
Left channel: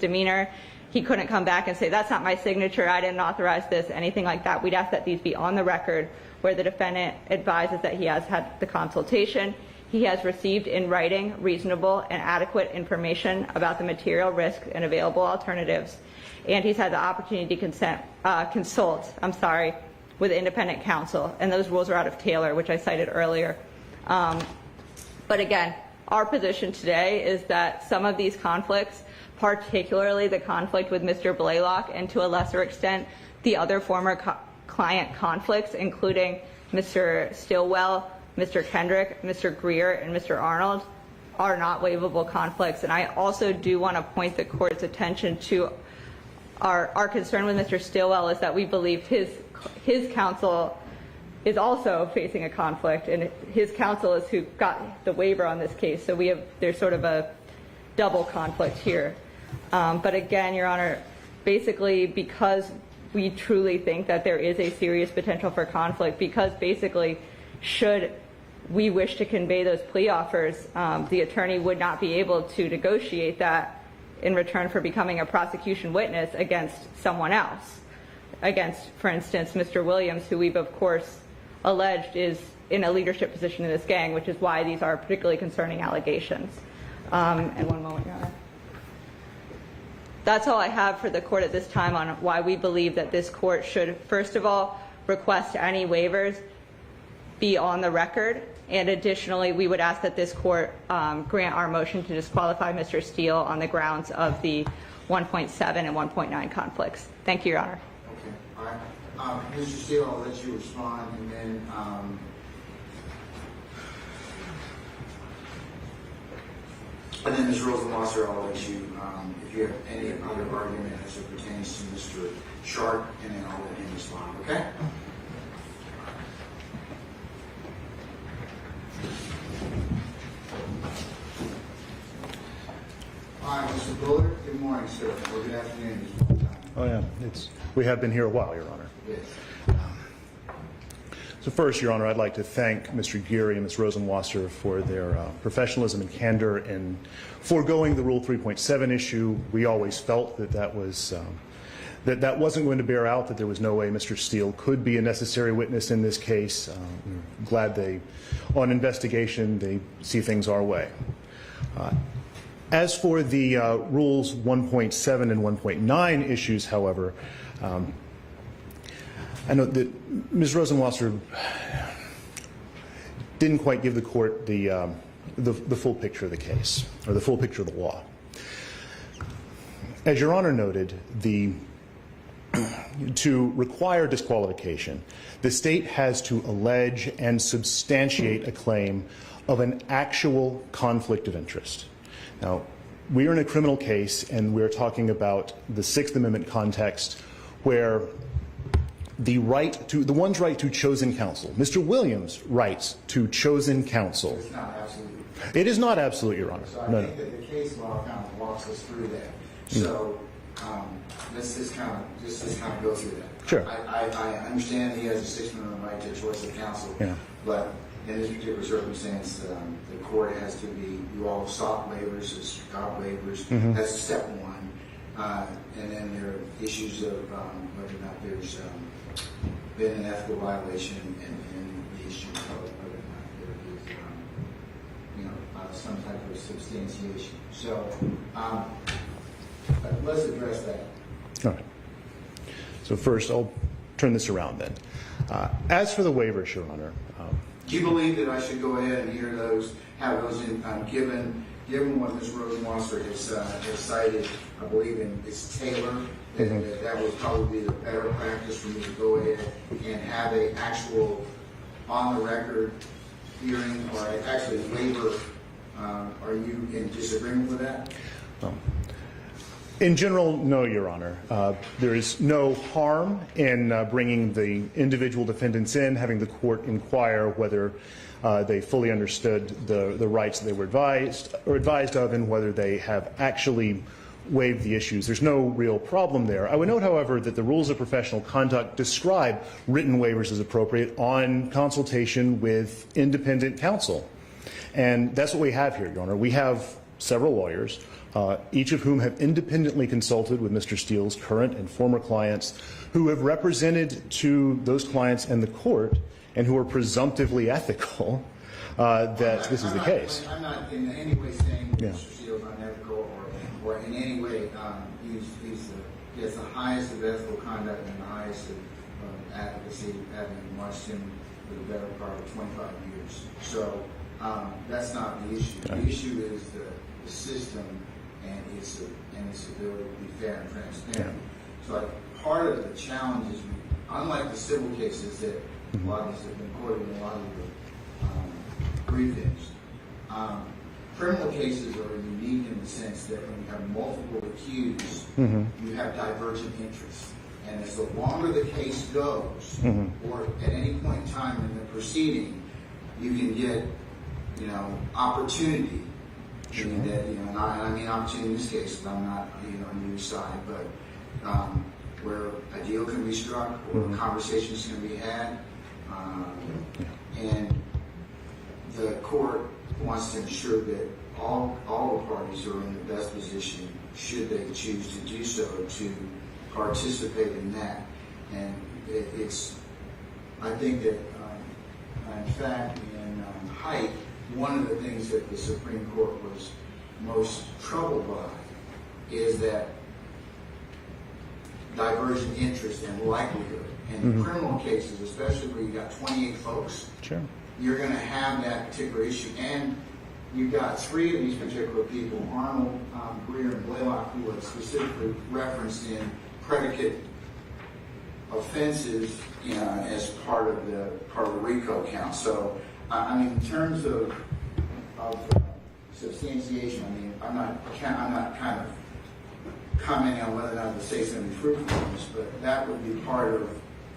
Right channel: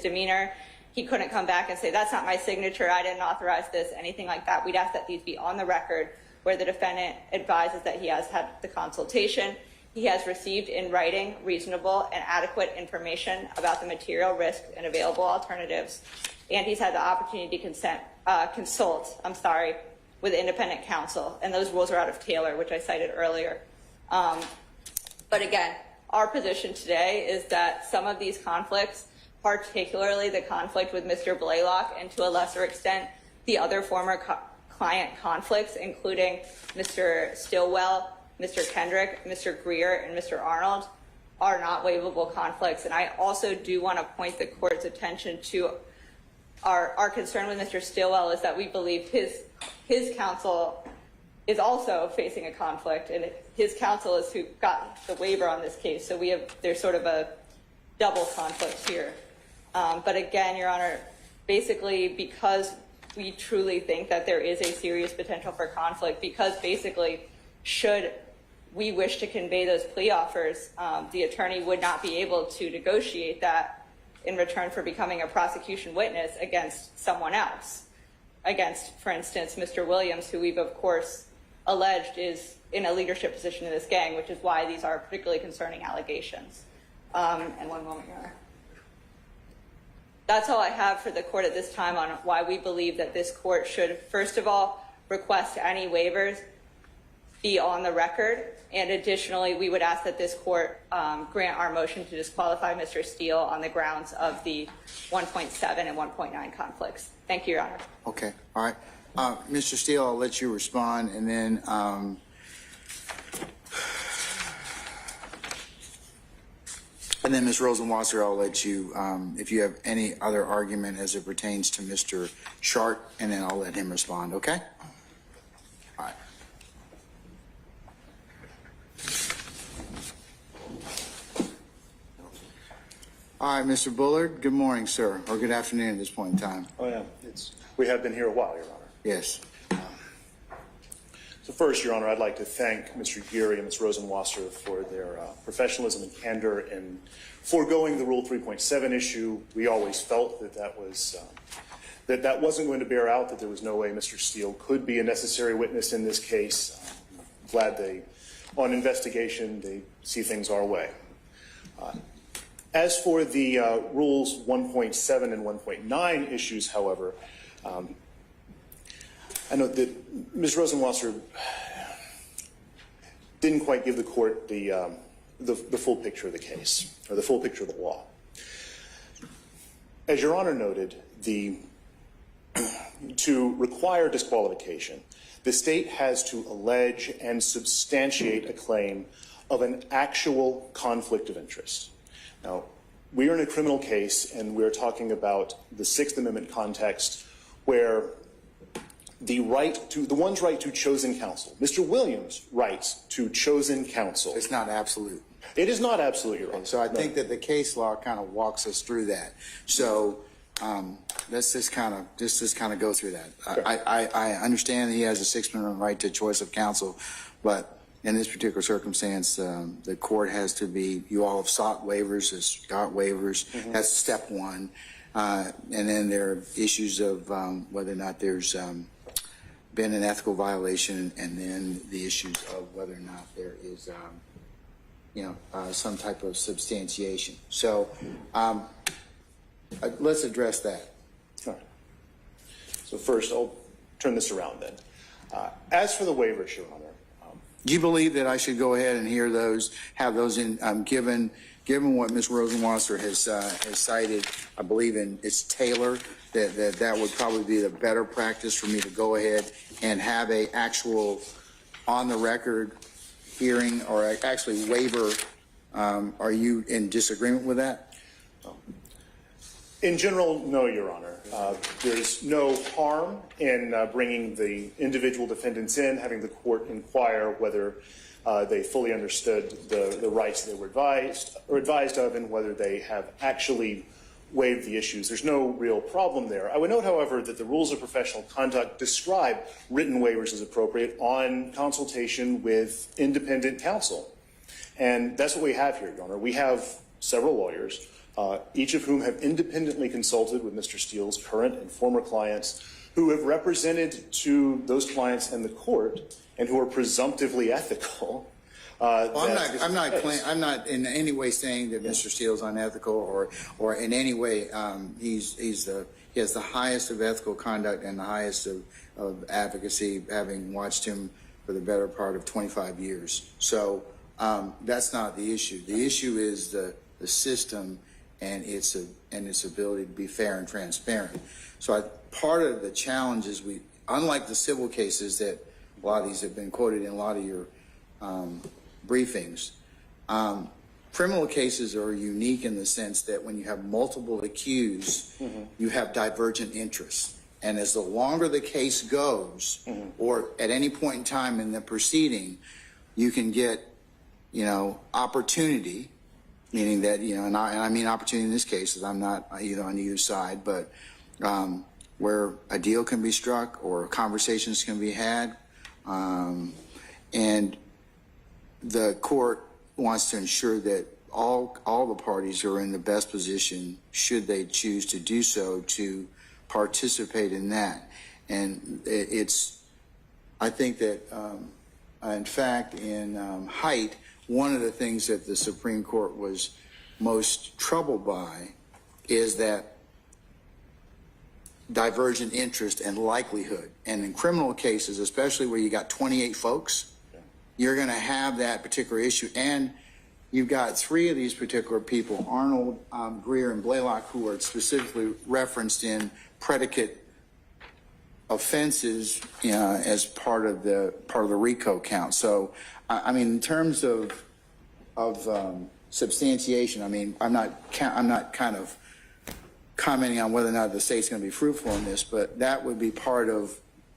demeanor. He couldn't come back and say, that's not my signature, I didn't authorize this, anything like that. We'd ask that these be on the record, where the defendant advises that he has had the consultation, he has received in writing reasonable and adequate information about the material risk and available alternatives, and he's had the opportunity to consult with independent counsel, and those rules are out of Taylor, which I cited earlier. But again, our position today is that some of these conflicts, particularly the conflict with Mr. Blaylock, and to a lesser extent, the other former client conflicts, including Mr. Stillwell, Mr. Kendrick, Mr. Greer, and Mr. Arnold, are not waivable conflicts. And I also do want to point the court's attention to our concern with Mr. Stillwell is that we believe his counsel is also facing a conflict, and his counsel is who got the waiver on this case. So there's sort of a double conflict here. But again, Your Honor, basically because we truly think that there is a serious potential for conflict, because basically should we wish to convey those plea offers, the attorney would not be able to negotiate that in return for becoming a prosecution witness against someone else, against, for instance, Mr. Williams, who we've of course alleged is in a leadership position in this gang, which is why these are particularly concerning allegations. And one moment, Your Honor. That's all I have for the court at this time on why we believe that this court should, first of all, request any waivers be on the record, and additionally, we would ask that this court grant our motion to disqualify Mr. Steele on the grounds of the 1.7 and 1.9 conflicts. Thank you, Your Honor. Okay, all right. Mr. Steele, I'll let you respond, and then And then Ms. Rosenwasser, I'll let you, if you have any other argument as it pertains to Mr. Sharp, and then I'll let him respond, okay? All right. All right, Mr. Bullard, good morning, sir, or good afternoon at this point in time. Oh, yeah, we have been here a while, Your Honor. Yes. So first, Your Honor, I'd like to thank Mr. Geary and Ms. Rosenwasser for their professionalism and candor in foregoing the Rule 3.7 issue. We always felt that that wasn't going to bear out, that there was no way Mr. Steele could be a necessary witness in this case. We're glad on investigation, they see things our way. As for the Rules 1.7 and 1.9 issues, however, I know that Ms. Rosenwasser didn't quite give the court the full picture of the case, or the full picture of the law. As Your Honor noted, to require disqualification, the state has to allege and substantiate a claim of an actual conflict of interest. Now, we are in a criminal case, and we're talking about the Sixth Amendment context, where the one's right to chosen counsel, Mr. Williams' right to chosen counsel. It's not absolute. It is not absolute, Your Honor. So I think that the case law kind of walks us through that. So let's just kind of go through that. Sure. I understand that he has a Sixth Amendment right to choice of counsel, but in this particular circumstance, the court has to be, you all have sought waivers, has got waivers. That's step one. And then there are issues of whether or not there's been an ethical violation, and then the issues of whether or not there is some type of substantiation. So let's address that. All right. So first, I'll turn this around then. As for the waivers, Your Honor. Do you believe that I should go ahead and hear those, have those in, given what Ms. Rosenwasser has cited, I believe it's Taylor, that would probably be the better practice for me to go ahead and have a actual on the record hearing, or actually waiver. Are you in disagreement with that? In general, no, Your Honor. There is no harm in bringing the individual defendants in, having the court inquire whether they fully understood the rights they were advised of, and whether they have actually waived the issues. There's no real problem there. I would note, however, that the rules of professional conduct describe written waivers as appropriate on consultation with independent counsel. And that's what we have here, Your Honor. We have several lawyers, each of whom have independently consulted with Mr. Steele's current and former clients, who have represented to those clients and the court, and who are presumptively ethical. I'm not in any way saying that Mr. Steele is unethical, or in any way he has the highest of ethical conduct and the highest of advocacy, having watched him for the better part of 25 years. So that's not the issue. The issue is the system and its ability to be fair and transparent. So part of the challenge is, unlike the civil cases that a lot of these have been quoted in a lot of your briefings, criminal cases are unique in the sense that when you have multiple accused, you have divergent interests. And as the longer the case goes, or at any point in time in the proceeding, you can get, opportunity, meaning that, and I mean opportunity in this case, I'm not either on either side, but where a deal can be struck or conversations can be had, and the court wants to ensure that all the parties are in the best position, should they choose to do so, to participate in that. And I think that, in fact, in Haidt, one of the things that the Supreme Court was most troubled by is that divergent interest and likelihood. And in criminal cases, especially where you got 28 folks, you're going to have that particular issue. And you've got three of these particular people, Arnold, Greer, and Blaylock, who are specifically referenced in predicate offenses as part of the RICO count. So, I mean, in terms of substantiation, I mean, I'm not kind of commenting on whether or not the state's going to be fruitful in this, but that would be part of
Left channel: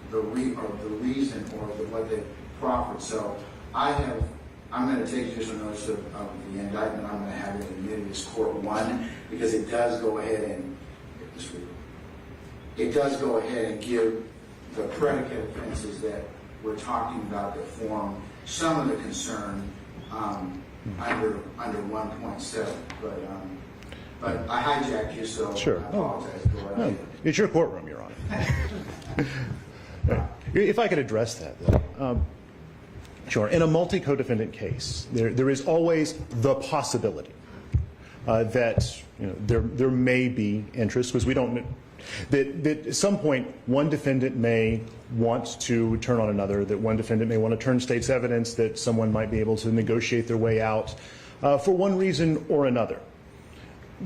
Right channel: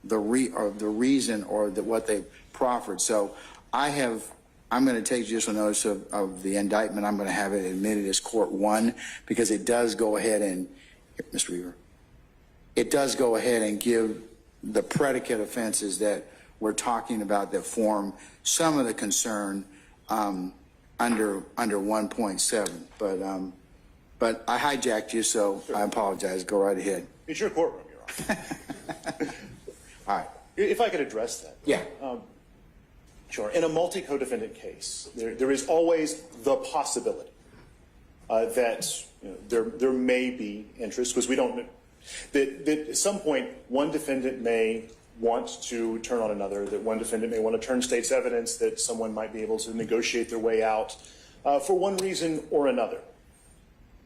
the reason or what they proffered. So I'm going to take judicial notice of the indictment. I'm going to have it admitted as Court 1 because it does go ahead and, Mr. Weaver, it does go ahead and give the predicate offenses that we're talking about that form some of the concern under 1.7. But I hijacked you, so sure. I apologize. Go right ahead. It's your courtroom, Your Honor. All right. If I could address that, though. Yeah. Sure. In a multi-co-defendant case, there is always the possibility that there may be interest, because we don't know that at some point one defendant may want to turn on another, that one defendant may want to turn state's evidence, that someone might be able to negotiate their way out for one reason or another.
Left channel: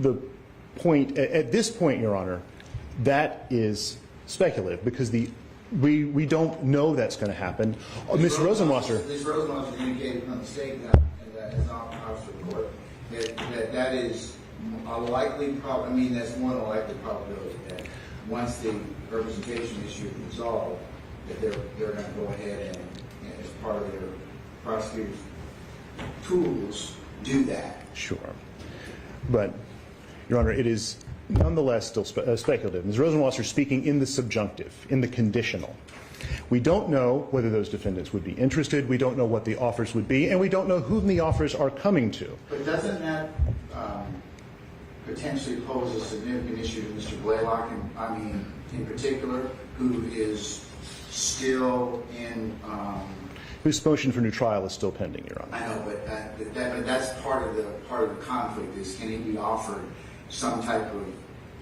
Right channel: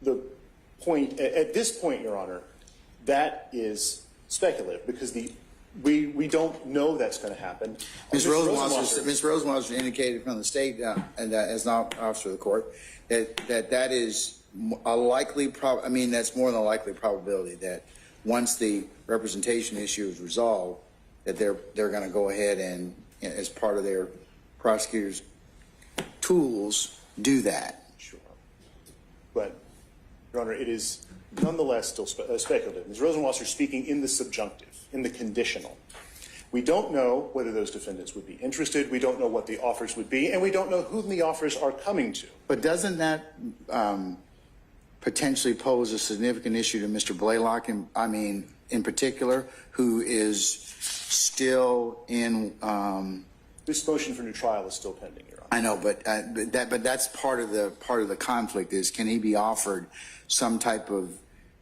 The point at this point, Your Honor, that is speculative because we don't know that's going to happen. Ms. Rosenwasser indicated from the state and that as not officer of the court that is a likely that's more than a likely probability that once the representation issue is resolved, that they're going to go ahead and, as part of their prosecutors' tools, do that. Sure, but Your Honor, it is nonetheless still speculative. Ms. Rosenwasser speaking in the subjunctive, in the conditional. We don't know whether those defendants would be interested. We don't know what the offers would be, and we don't know whom the offers are coming to. But doesn't that potentially pose a significant issue to Mr. Blaylock, in particular, who is still in... whose motion for new trial is still pending, Your Honor. I know, but that's part of the conflict is, can he be offered some type of...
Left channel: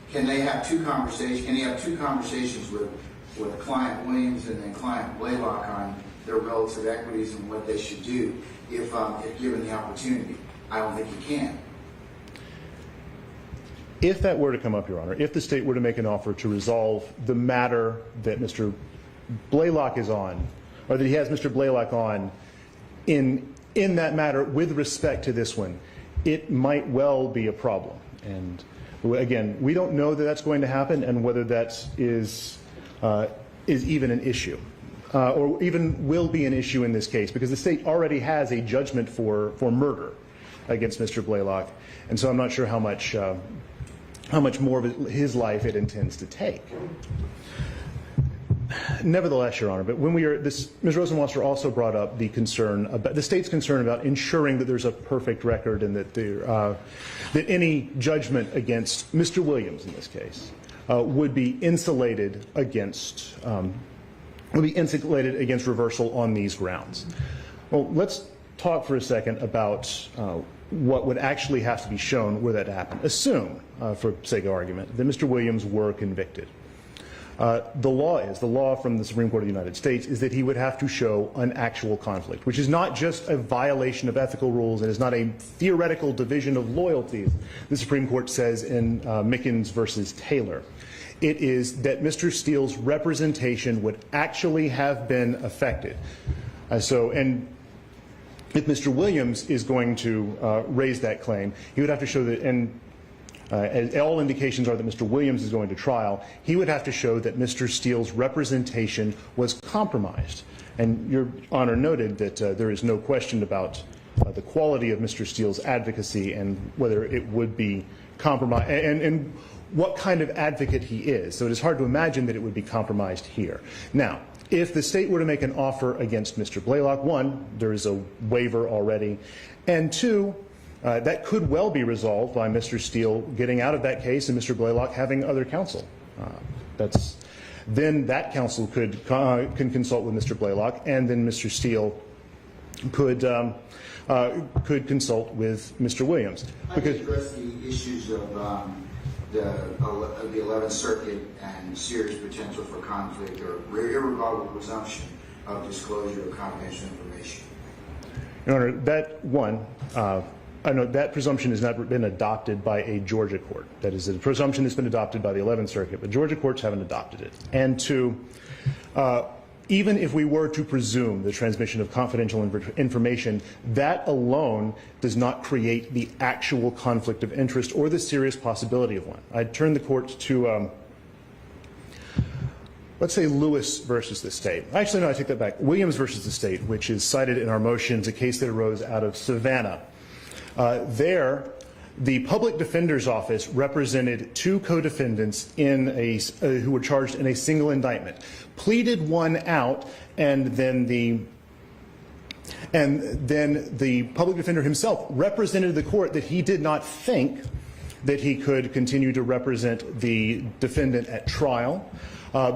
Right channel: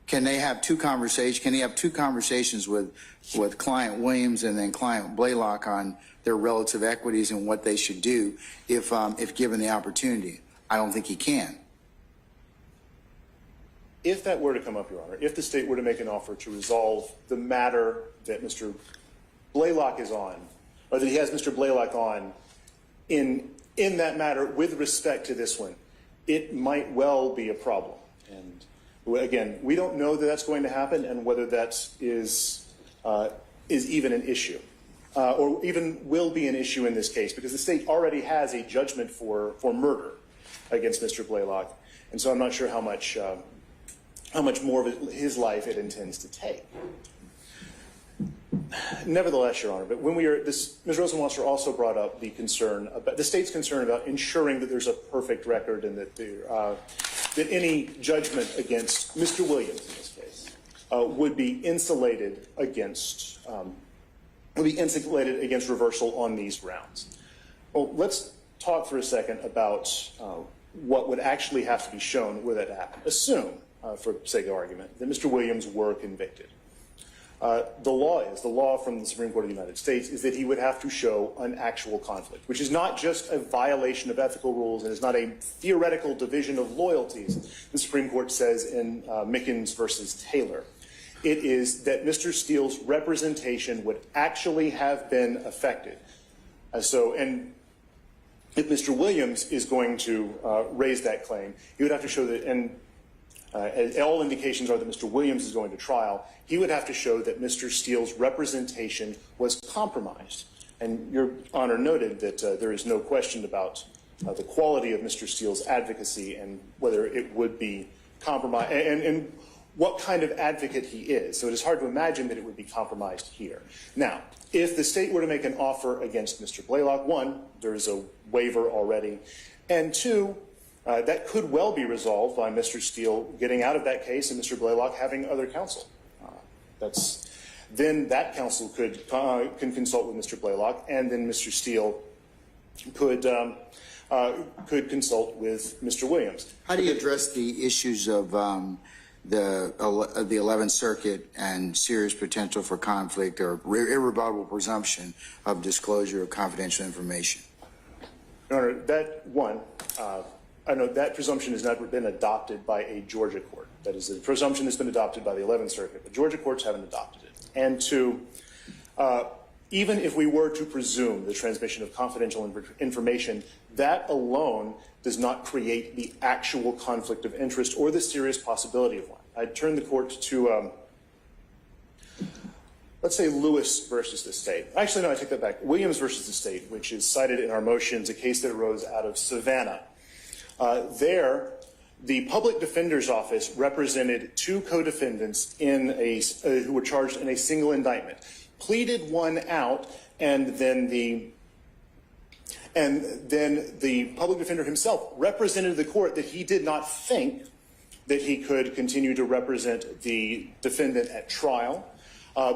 Can they have two conversations? Can he have two conversations with Client Williams and then Client Blaylock on their relative equities and what they should do if given the opportunity? I don't think he can. If that were to come up, Your Honor, if the state were to make an offer to resolve the matter that Mr. Blaylock is on, or that he has Mr. Blaylock on, in that matter with respect to this one, it might well be a problem. And again, we don't know that that's going to happen and whether that is even an issue, or even will be an issue in this case, because the state already has a judgment for murder against Mr. Blaylock, and so I'm not sure how much more of his life it intends to take. Nevertheless, Your Honor, but when Ms. Rosenwasser also brought up the concern about the state's concern about ensuring that there's a perfect record and that that any judgment against Mr. Williams in this case would be insulated against reversal on these grounds. Well, let's talk for a second about what would actually have to be shown where that happened. Assume, for sake of argument, that Mr. Williams were convicted. The law from the Supreme Court of the United States is that he would have to show an actual conflict, which is not just a violation of ethical rules and is not a theoretical division of loyalties, the Supreme Court says in Mickens versus Taylor. It is that Mr. Steele's representation would actually have been affected. And if Mr. Williams is going to raise that claim, he would have to show that, and all indications are that Mr. Williams is going to trial, he would have to show that Mr. Steele's representation was compromised. And Your Honor noted that there is no question about the quality of Mr. Steele's advocacy and whether it would be compromised, and what kind of advocate he is. So it is hard to imagine that it would be compromised here. Now, if the state were to make an offer against Mr. Blaylock, one, there is a waiver already, and two, that could well be resolved by Mr. Steele getting out of that case and Mr. Blaylock having other counsel. Then that counsel can consult with Mr. Blaylock, and then Mr. Steele could consult with Mr. Williams. How do you address the issues of the 11th Circuit and serious potential for conflict or irrebuttable presumption of disclosure of confidential information? Your Honor, that presumption has not been adopted by a Georgia court. That is a presumption that's been adopted by the 11th Circuit, but Georgia courts haven't adopted it. And two, even if we were to presume the transmission of confidential information, that alone does not create the actual conflict of interest or the serious possibility of one. I'd turn the court to, let's say, Lewis versus the state. Actually, no, I take that back. Williams versus the state, which is cited in our motions, a case that arose out of Savannah. There, the public defender's office represented two co-defendants who were charged in a single indictment, pleaded one out, and then the public defender himself represented the court that he did not think that he could continue to represent the defendant at trial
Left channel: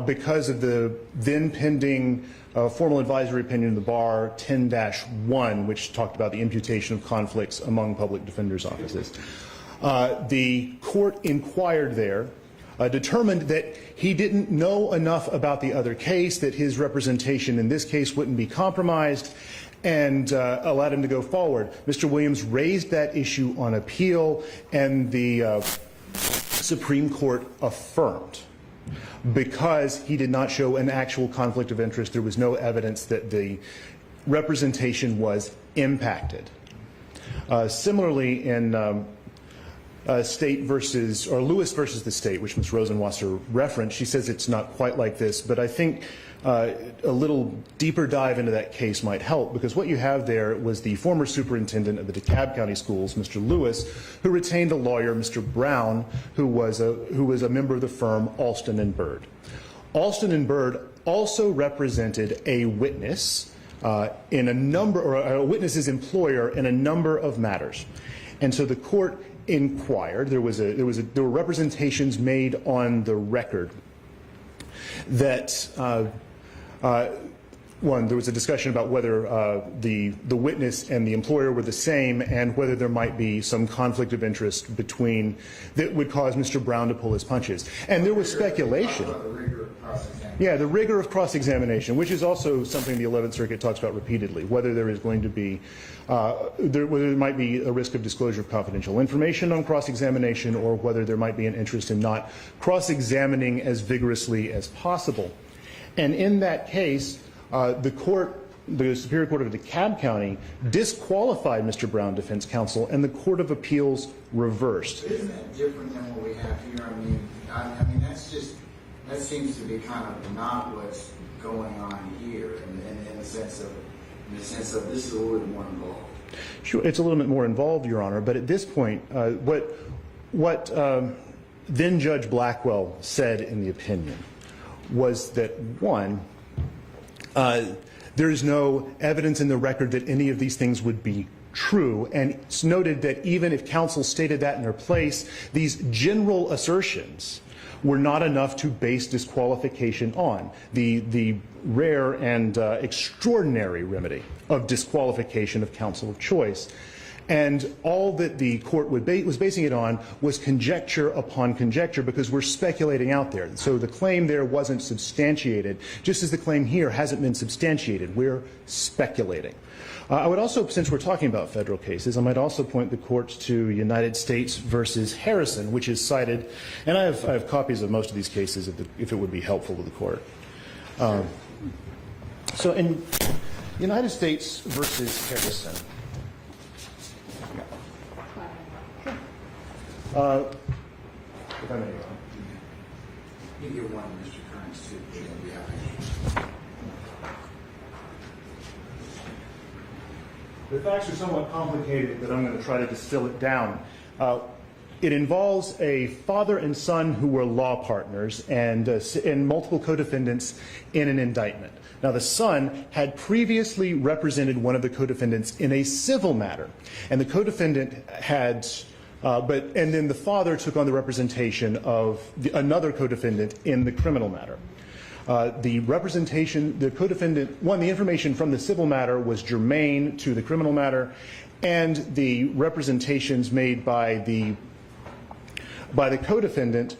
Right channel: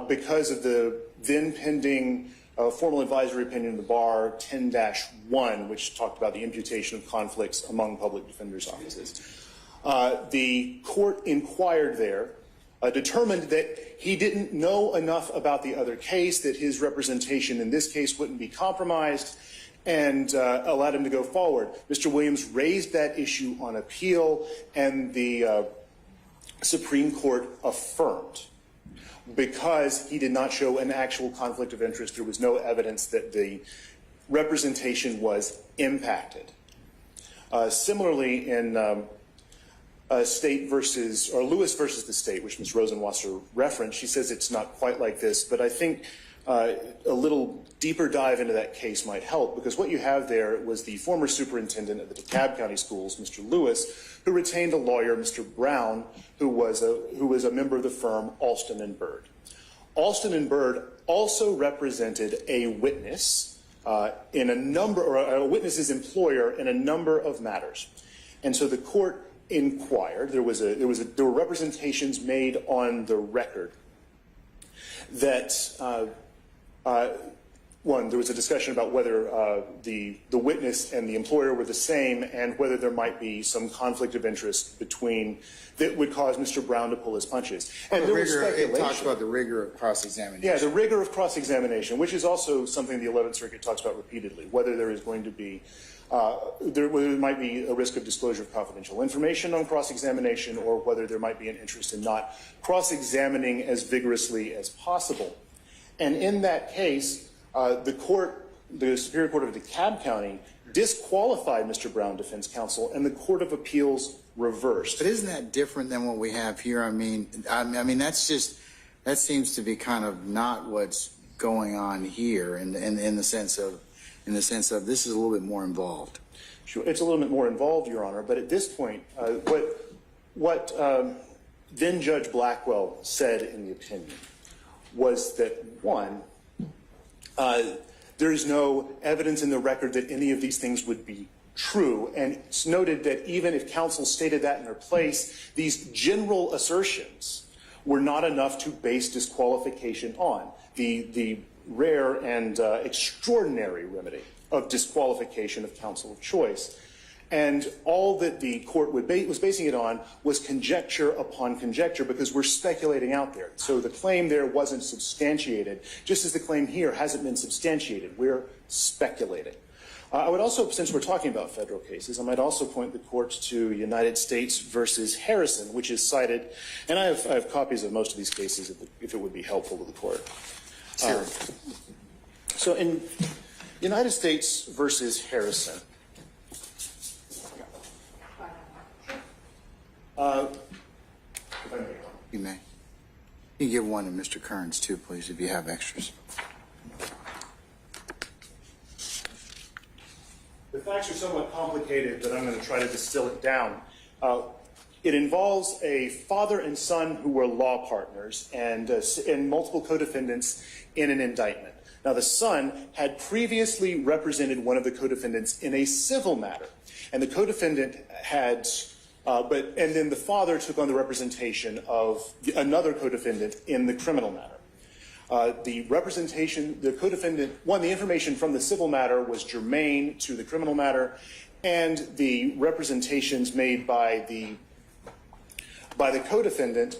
because of the then pending formal advisory opinion of the bar 10-1, which talked about the imputation of conflicts among public defenders' offices. The court inquired there, determined that he didn't know enough about the other case, that his representation in this case wouldn't be compromised, and allowed him to go forward. Mr. Williams raised that issue on appeal, and the Supreme Court affirmed, because he did not show an actual conflict of interest. There was no evidence that the representation was impacted. Similarly, in Lewis versus the state, which Ms. Rosenwasser referenced, she says it's not quite like this, but I think a little deeper dive into that case might help, because what you have there was the former superintendent of the DeKalb County Schools, Mr. Lewis, who retained a lawyer, Mr. Brown, who was a member of the firm Alston and Bird. Alston and Bird also represented a witness a witness's employer in a number of matters, and so the court inquired. There were representations made on the record that there was a discussion about whether the witness and the employer were the same, and whether there might be some conflict of interest that would cause Mr. Brown to pull his punches. And there was speculation. It talks about the rigor of cross-examination. Yeah, the rigor of cross-examination, which is also something the 11th Circuit talks about repeatedly, whether there is going to be whether there might be a risk of disclosure of confidential information on cross-examination, or whether there might be an interest in not cross-examining as vigorously as possible. And in that case, the Superior Court of DeKalb County disqualified Mr. Brown defense counsel, and the Court of Appeals reversed. But isn't that different than what we have here? I mean, that seems to be kind of not what's going on here in the sense of this is a little bit more involved. Sure, it's a little bit more involved, Your Honor. But at this point, what then Judge Blackwell said in the opinion was that, one, there is no evidence in the record that any of these things would be true, and it's noted that even if counsel stated that in their place, these general assertions were not enough to base disqualification on. The rare and extraordinary remedy of disqualification of counsel of choice. And all that the court was basing it on was conjecture upon conjecture, because we're speculating out there. So the claim there wasn't substantiated, just as the claim here hasn't been substantiated. We're speculating. I would also, since we're talking about federal cases, I might also point the courts to United States versus Harrison, which is cited, and I have copies of most of these cases if it would be helpful to the court. So in United States versus Harrison, if I may go on. You may. You can give one to Mr. Kearns too, please, if you have extras. The facts are somewhat complicated, but I'm going to try to distill it down. It involves a father and son who were law partners and multiple co-defendants in an indictment. Now, the son had previously represented one of the co-defendants in a civil matter, and the co-defendant had, and then the father took on the representation of another co-defendant in the criminal matter. The co-defendant, the information from the civil matter was germane to the criminal matter, and the representations made by the co-defendant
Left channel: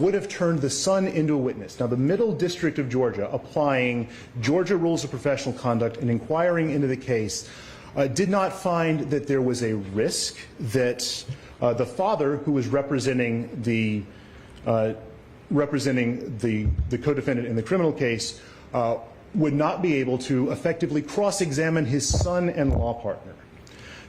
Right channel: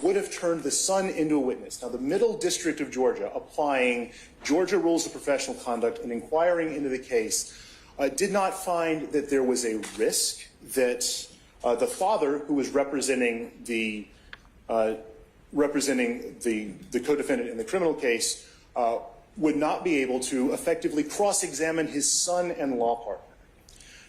would have turned the son into a witness. Now, the Middle District of Georgia, applying Georgia rules of professional conduct and inquiring into the case, did not find that there was a risk that the father, who was representing the co-defendant in the criminal case, would not be able to effectively cross-examine his son and law partner.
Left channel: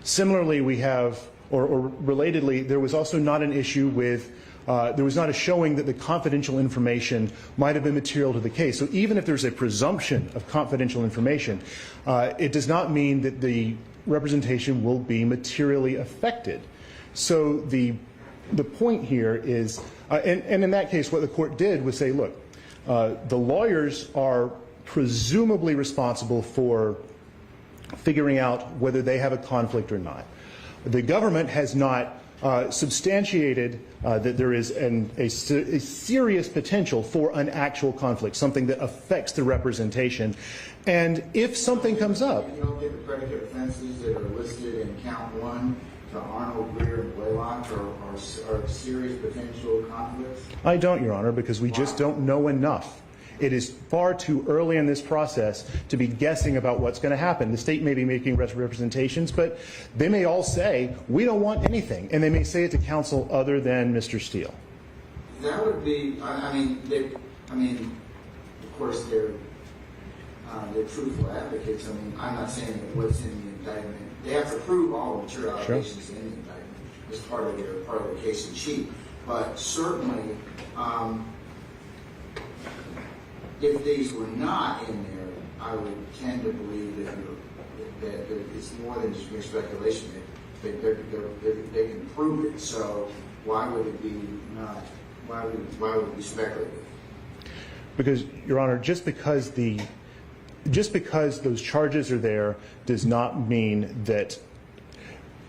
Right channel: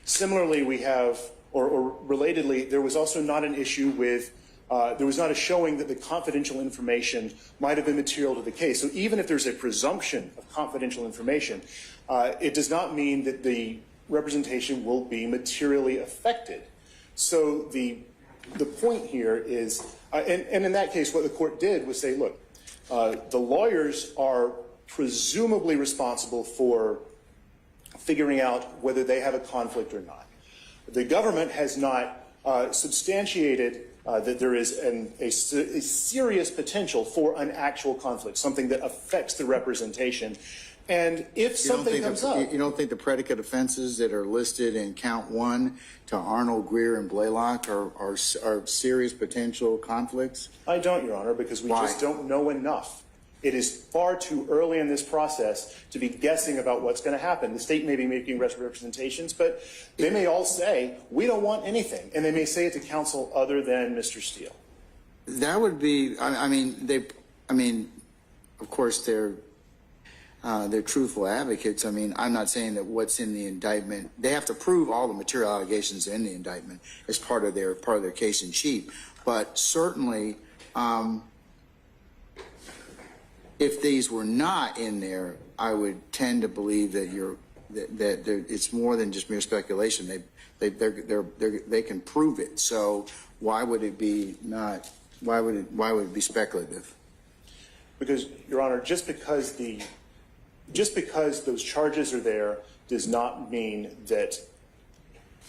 Similarly, we have, or relatedly, there was also not an issue with, there was not a showing that the confidential information might have been material to the case. So even if there's a presumption of confidential information, it does not mean that the representation will be materially affected. So the point here is, and in that case, what the court did was say, look, the lawyers are presumably responsible for figuring out whether they have a conflict or not. The government has not substantiated that there is a serious potential for an actual conflict, something that affects the representation. And if something comes up... You don't think the predicate offenses that are listed in count 1 to Arnold, Greer, and Blaylock are serious potential conflicts? I don't, Your Honor, because we just don't know enough. It is far too early in this process to be guessing about what's going to happen. The state may be making representations, but they may all say, we don't want anything. And they may say it to counsel other than Mr. Steele. That would be, I mean, of course, they're truthful advocates. I mean, I'm not saying that what's in the indictment, they have to prove all the material allegations in the indictment as part of their case in chief. But certainly, if these were not in there, I would tend to believe that it's more than just mere speculation. They can prove it. So why would it be not? Why would it be speculative? Because, Your Honor, just because those charges are there does not mean that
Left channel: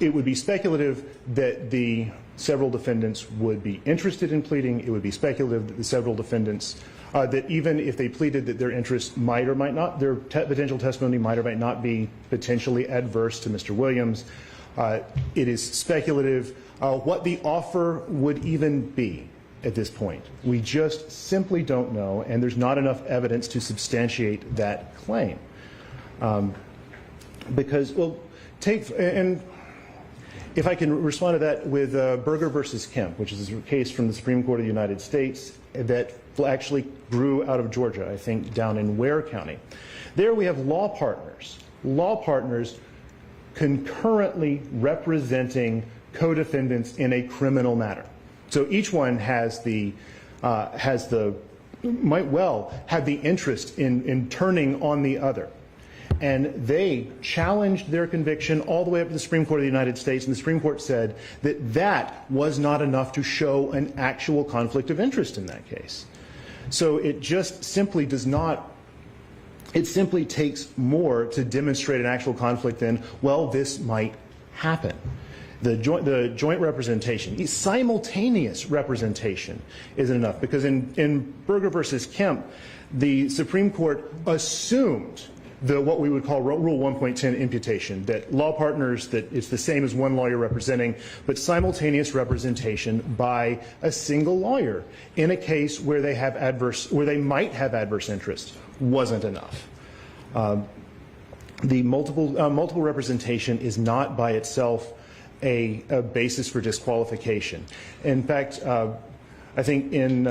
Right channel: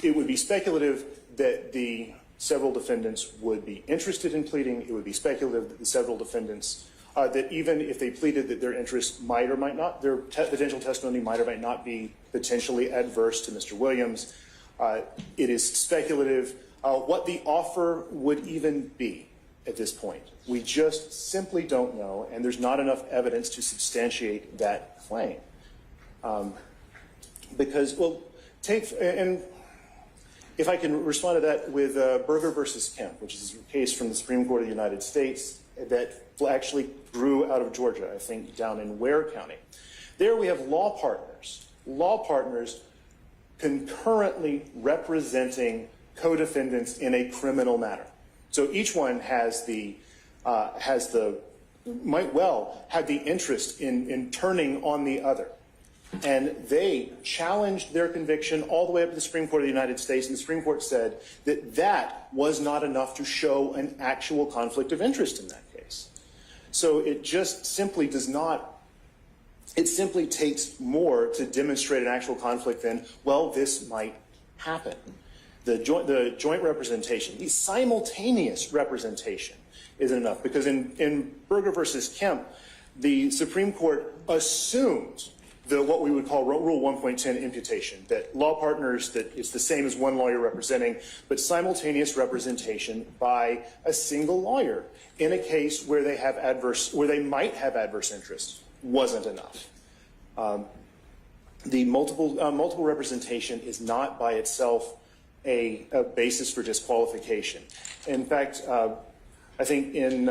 it would be speculative that the several defendants would be interested in pleading. It would be speculative that the several defendants, that even if they pleaded that their interest might or might not, their potential testimony might or might not be potentially adverse to Mr. Williams. It is speculative what the offer would even be at this point. We just simply don't know, and there's not enough evidence to substantiate that claim. Because, well, and if I can respond to that with Berger versus Kemp, which is a case from the Supreme Court of the United States that actually grew out of Georgia, I think, down in Ware County. There we have law partners concurrently representing co-defendants in a criminal matter. So each one might well have the interest in turning on the other. And they challenged their conviction all the way up to the Supreme Court of the United States, and the Supreme Court said that that was not enough to show an actual conflict of interest in that case. So it just simply does not, it simply takes more to demonstrate an actual conflict than, well, this might happen. The joint representation, simultaneous representation is enough, because in Berger versus Kemp, the Supreme Court assumed what we would call Rule 1.10 imputation, that law partners, that it's the same as one lawyer representing, but simultaneous representation by a single lawyer in a case where they might have adverse interests wasn't enough. The multiple representation is not by itself a basis for disqualification. In fact, I think in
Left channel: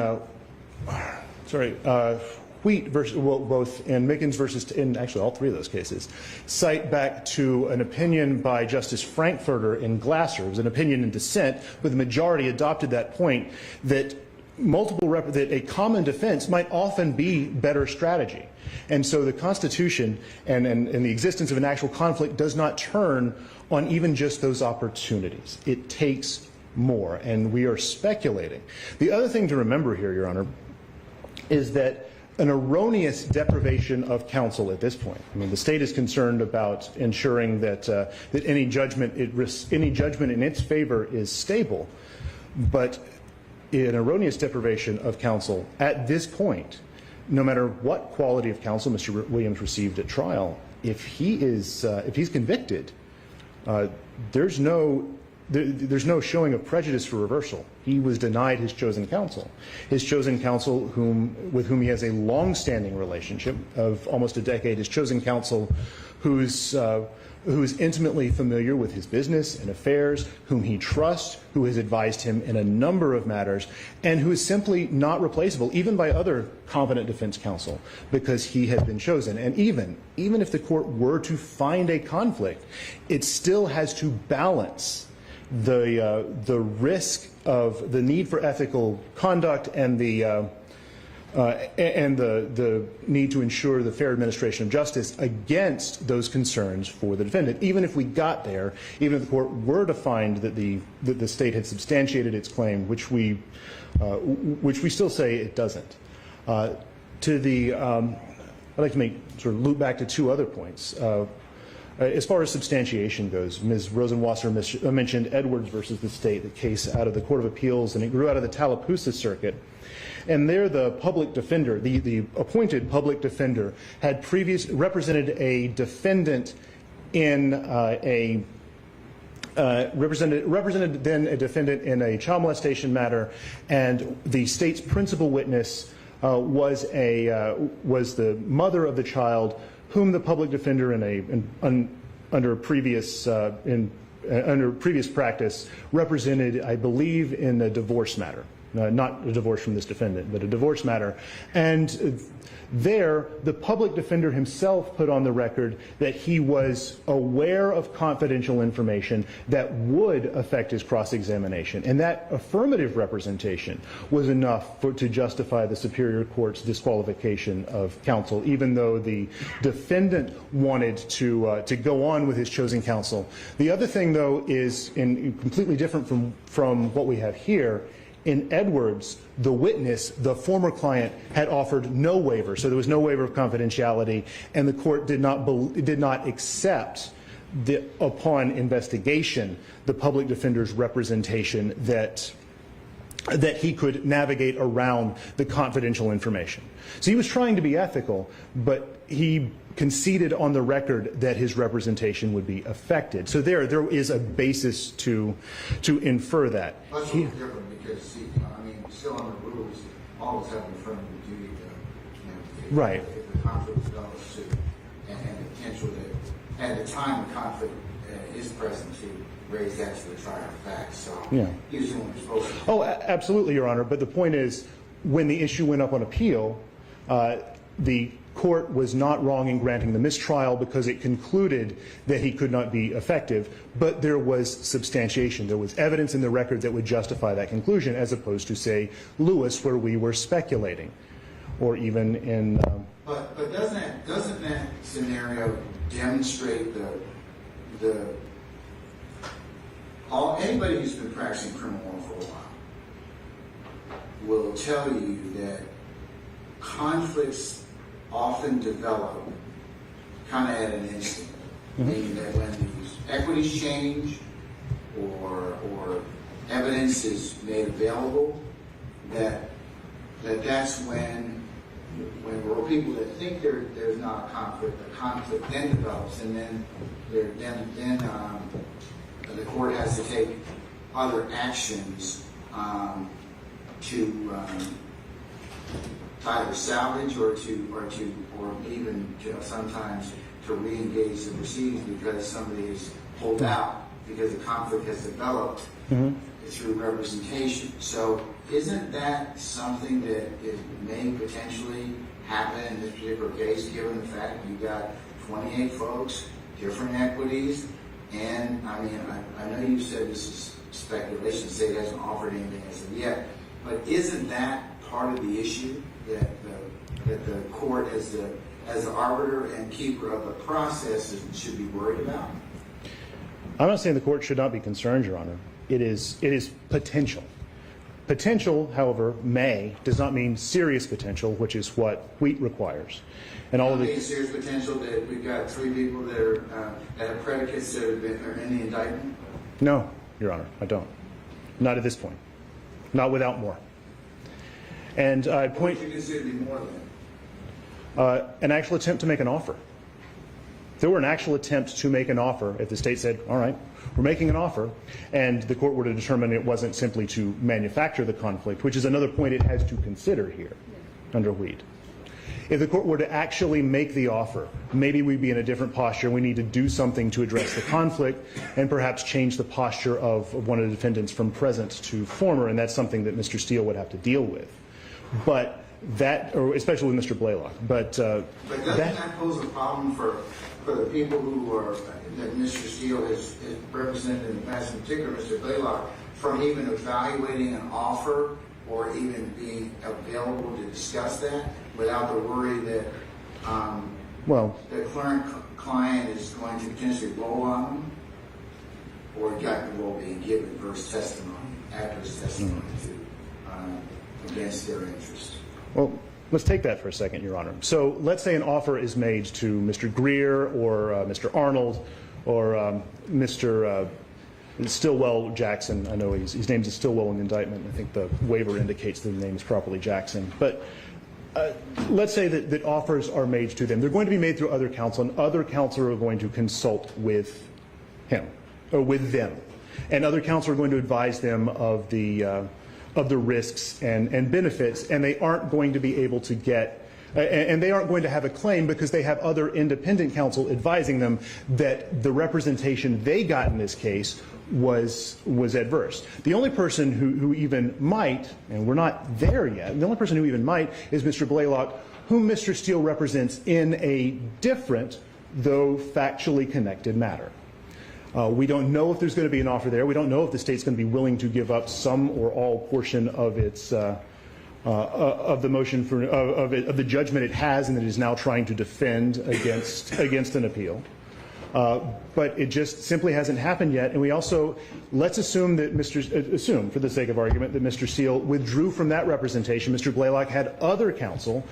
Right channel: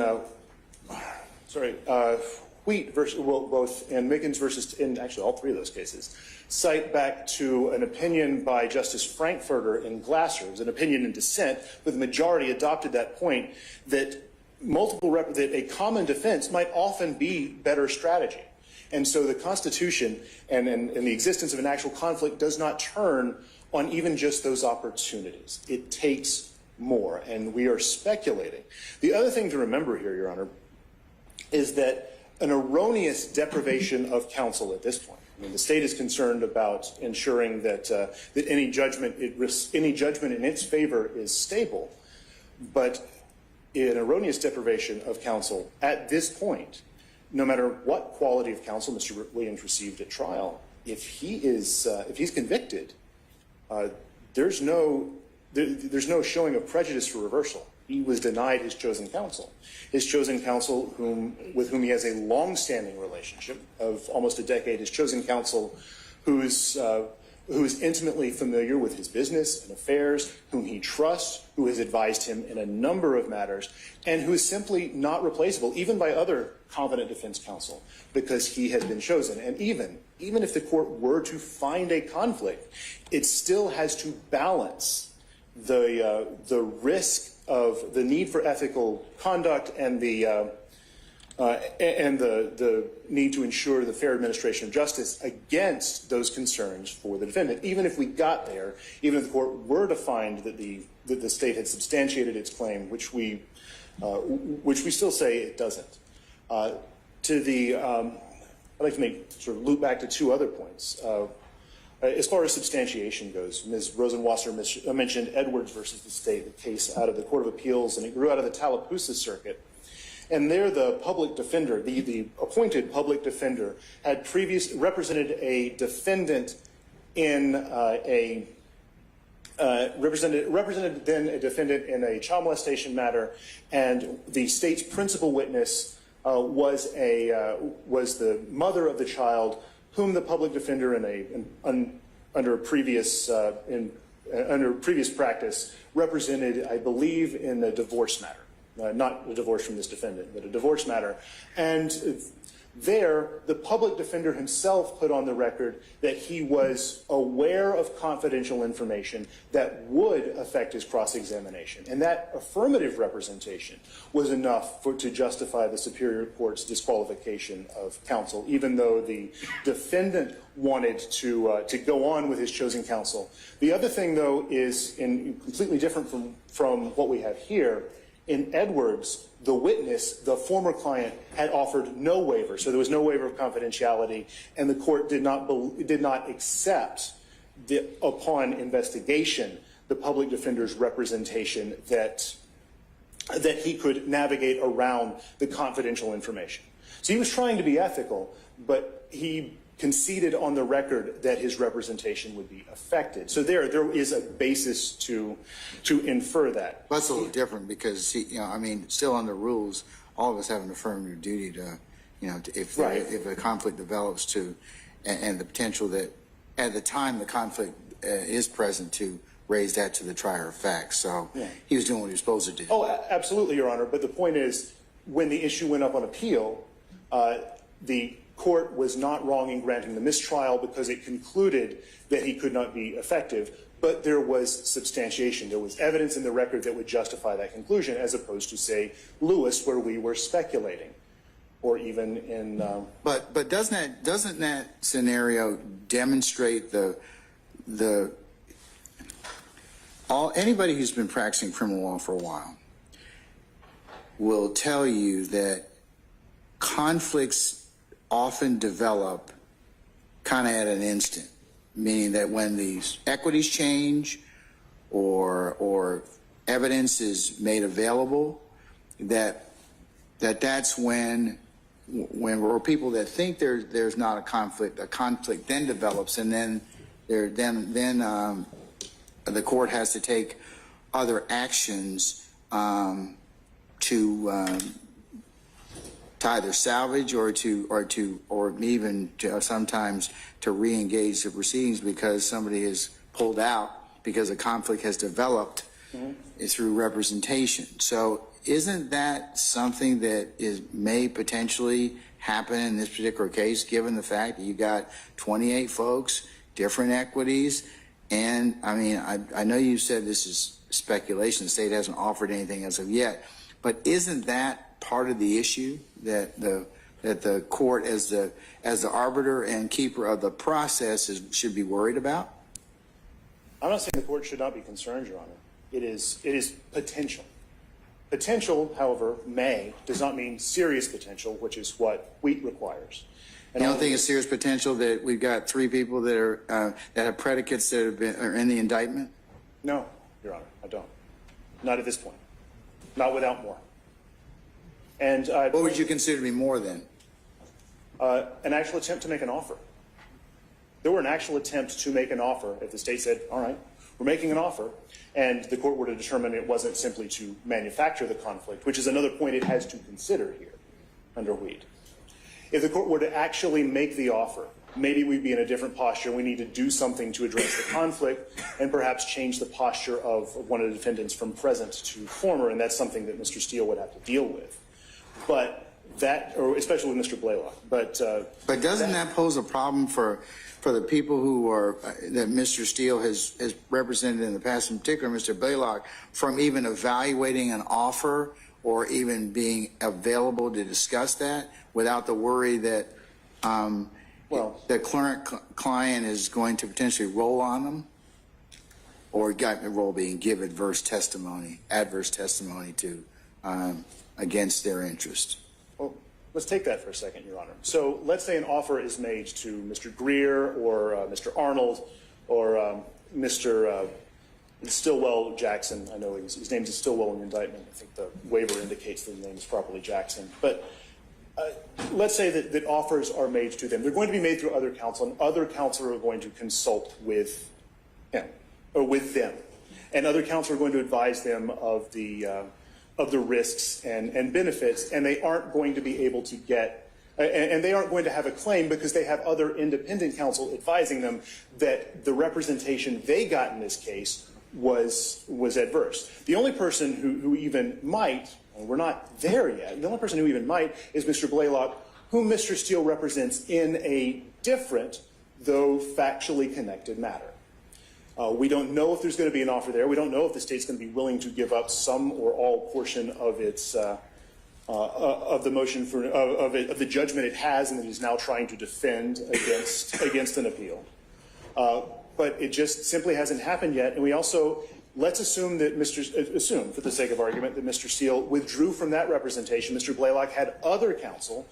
Wheat versus, well, both in Mickens versus, in actually all three of those cases, cite back to an opinion by Justice Frankfurter in Glasser. It was an opinion in dissent, but the majority adopted that point that that a common defense might often be better strategy. And so the Constitution and the existence of an actual conflict does not turn on even just those opportunities. It takes more, and we are speculating. The other thing to remember here, Your Honor, is that an erroneous deprivation of counsel at this point. I mean, the state is concerned about ensuring that that any judgment in its favor is stable, but an erroneous deprivation of counsel at this point, no matter what quality of counsel Mr. Williams received at trial, if he's convicted, there's no showing of prejudice for reversal. He was denied his chosen counsel. His chosen counsel, with whom he has a long-standing relationship of almost a decade, his chosen counsel whose who is intimately familiar with his business and affairs, whom he trusts, who has advised him in a number of matters, and who is simply not replaceable, even by other competent defense counsel, because he has been chosen. And even if the court were to find a conflict, it still has to balance the risk of the need for ethical conduct and the need to ensure the fair administration of justice against those concerns for the defendant. Even if we got there, even if the court were to find that the state had substantiated its claim, which we still say it doesn't. I'd like to loop back to two other points. As far as substantiation goes, Ms. Rosenwasser mentioned Edwards versus the state, the case out of the Court of Appeals, and it grew out of the Tallapoosa Circuit. And there the public defender, the appointed public defender, had previously represented a defendant in represented then a defendant in a child molestation matter, and the state's principal witness was the mother of the child, whom the public defender under previous practice represented, I believe, in a divorce matter. Not a divorce from this defendant, but a divorce matter. And there, the public defender himself put on the record that he was aware of confidential information that would affect his cross-examination. And that affirmative representation was enough to justify the Superior Court's disqualification of counsel, even though the defendant wanted to go on with his chosen counsel. The other thing, though, is completely different from what we have here. In Edwards, the witness, the former client, had offered no waiver, so there was no waiver of confidentiality, and the court did not accept upon investigation the public defender's representation that he could navigate around the confidential information. So he was trying to be ethical, but he conceded on the record that his representation would be affected. So there is a basis to infer that. That's a little different because, still under rules, all of us have an affirmative duty to, if a conflict develops and the potential that at the time the conflict is present to raise that to the trier of fact. So he was doing what he was supposed to do. Oh, absolutely, Your Honor. But the point is, when the issue went up on appeal, the court was not wrong in granting the mistrial because it concluded that he could not be effective, but there was substantiation. There was evidence in the record that would justify that conclusion, as opposed to, say, Lewis, where we were speculating, or even in. But doesn't that scenario demonstrate anybody who's been practicing criminal law for a while will tell you that conflicts often develop kind of at an instant, meaning that when these equities change or evidence is made available, that's when we're people that think there's not a conflict then develops, and then the court has to take other actions to either salvage or even sometimes to re-engage the proceedings because somebody is pulled out because a conflict has developed through representation. So isn't that something that may potentially happen in this particular case, given the fact that you got 28 folks, different equities, and I know you said this is speculation, the state hasn't offered anything as of yet, but isn't that part of the issue that the court as the arbiter and keeper of the process should be worried about? I'm not saying the court should not be concerned, Your Honor. It is potential. Potential, however, does not mean serious potential, which is what Wheat requires. And you don't think it's serious potential that we've got 3 people that have predicates that are in the indictment? No, Your Honor, I don't. Not at this point. Not without more. And what would you consider to be more then? An actual attempt to make an offer. If there were an actual attempt to make an offer, if the state said, all right, we're making an offer, and the court were to determine it wasn't simply to manufacture the conflict, which is another point it has to consider here under Wheat. If the court were to actually make the offer, maybe we'd be in a different posture. We need to do something to address the conflict and perhaps change the posture of one of the defendants from present to former, and that's something that Mr. Steele would have to deal with. But that, or especially with Mr. Blaylock. But doesn't that pose a problem for the people who are that Mr. Steele has represented in the past, in particular Mr. Blaylock, from even evaluating an offer or even being available to discuss that without the worry that the current client is going to potentially roll on them, or got the role being give adverse testimony to against their interest? Well, let's take that for a second, Your Honor. So let's say an offer is made to Mr. Greer or Mr. Arnold or Mr. Stillwell Jackson. I know his name is Stillwell in the indictment. I think the waiver indicates that the name is properly Jackson. But let's say that offers are made to them. They're going to be made through other counsel, and other counsel are going to consult with him or with them. And other counsel are going to advise them of the risks and benefits, and they aren't going to be able to get, and they aren't going to have a claim because they have other independent counsel advising them that the representation they got in this case was adverse. The only person who even might, and we're not there yet, the only person who even might is Mr. Blaylock, whom Mr. Steele represents in a different, though factually connected matter. We don't know if there's going to be an offer there. We don't know if the state's going to be willing to give up some or all portion of its of the motion for of the judgment it has and that it is now trying to defend against an appeal. But it just simply hasn't happened yet. And we also let's assume that assume for the sake of argument that Mr. Steele withdrew from that representation. Mr. Blaylock had other counsel.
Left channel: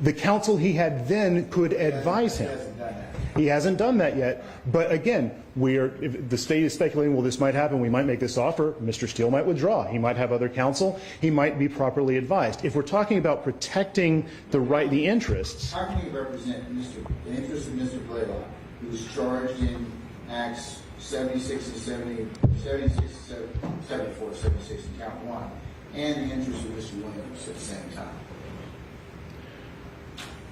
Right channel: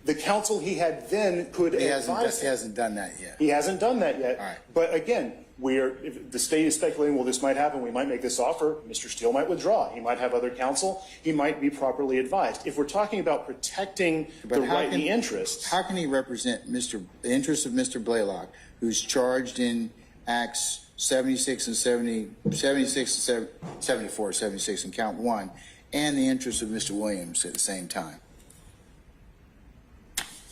The counsel he had then could advise him. He hasn't done that yet. He hasn't done that yet. Right. But again, if the state is speculating, well, this might happen, we might make this offer, Mr. Steele might withdraw. He might have other counsel. He might be properly advised. If we're talking about protecting the interests. How can he represent the interests of Mr. Blaylock, who's charged in Acts 76 and 74, 76 and count 1, and the interests of Mr. Williams at the same time?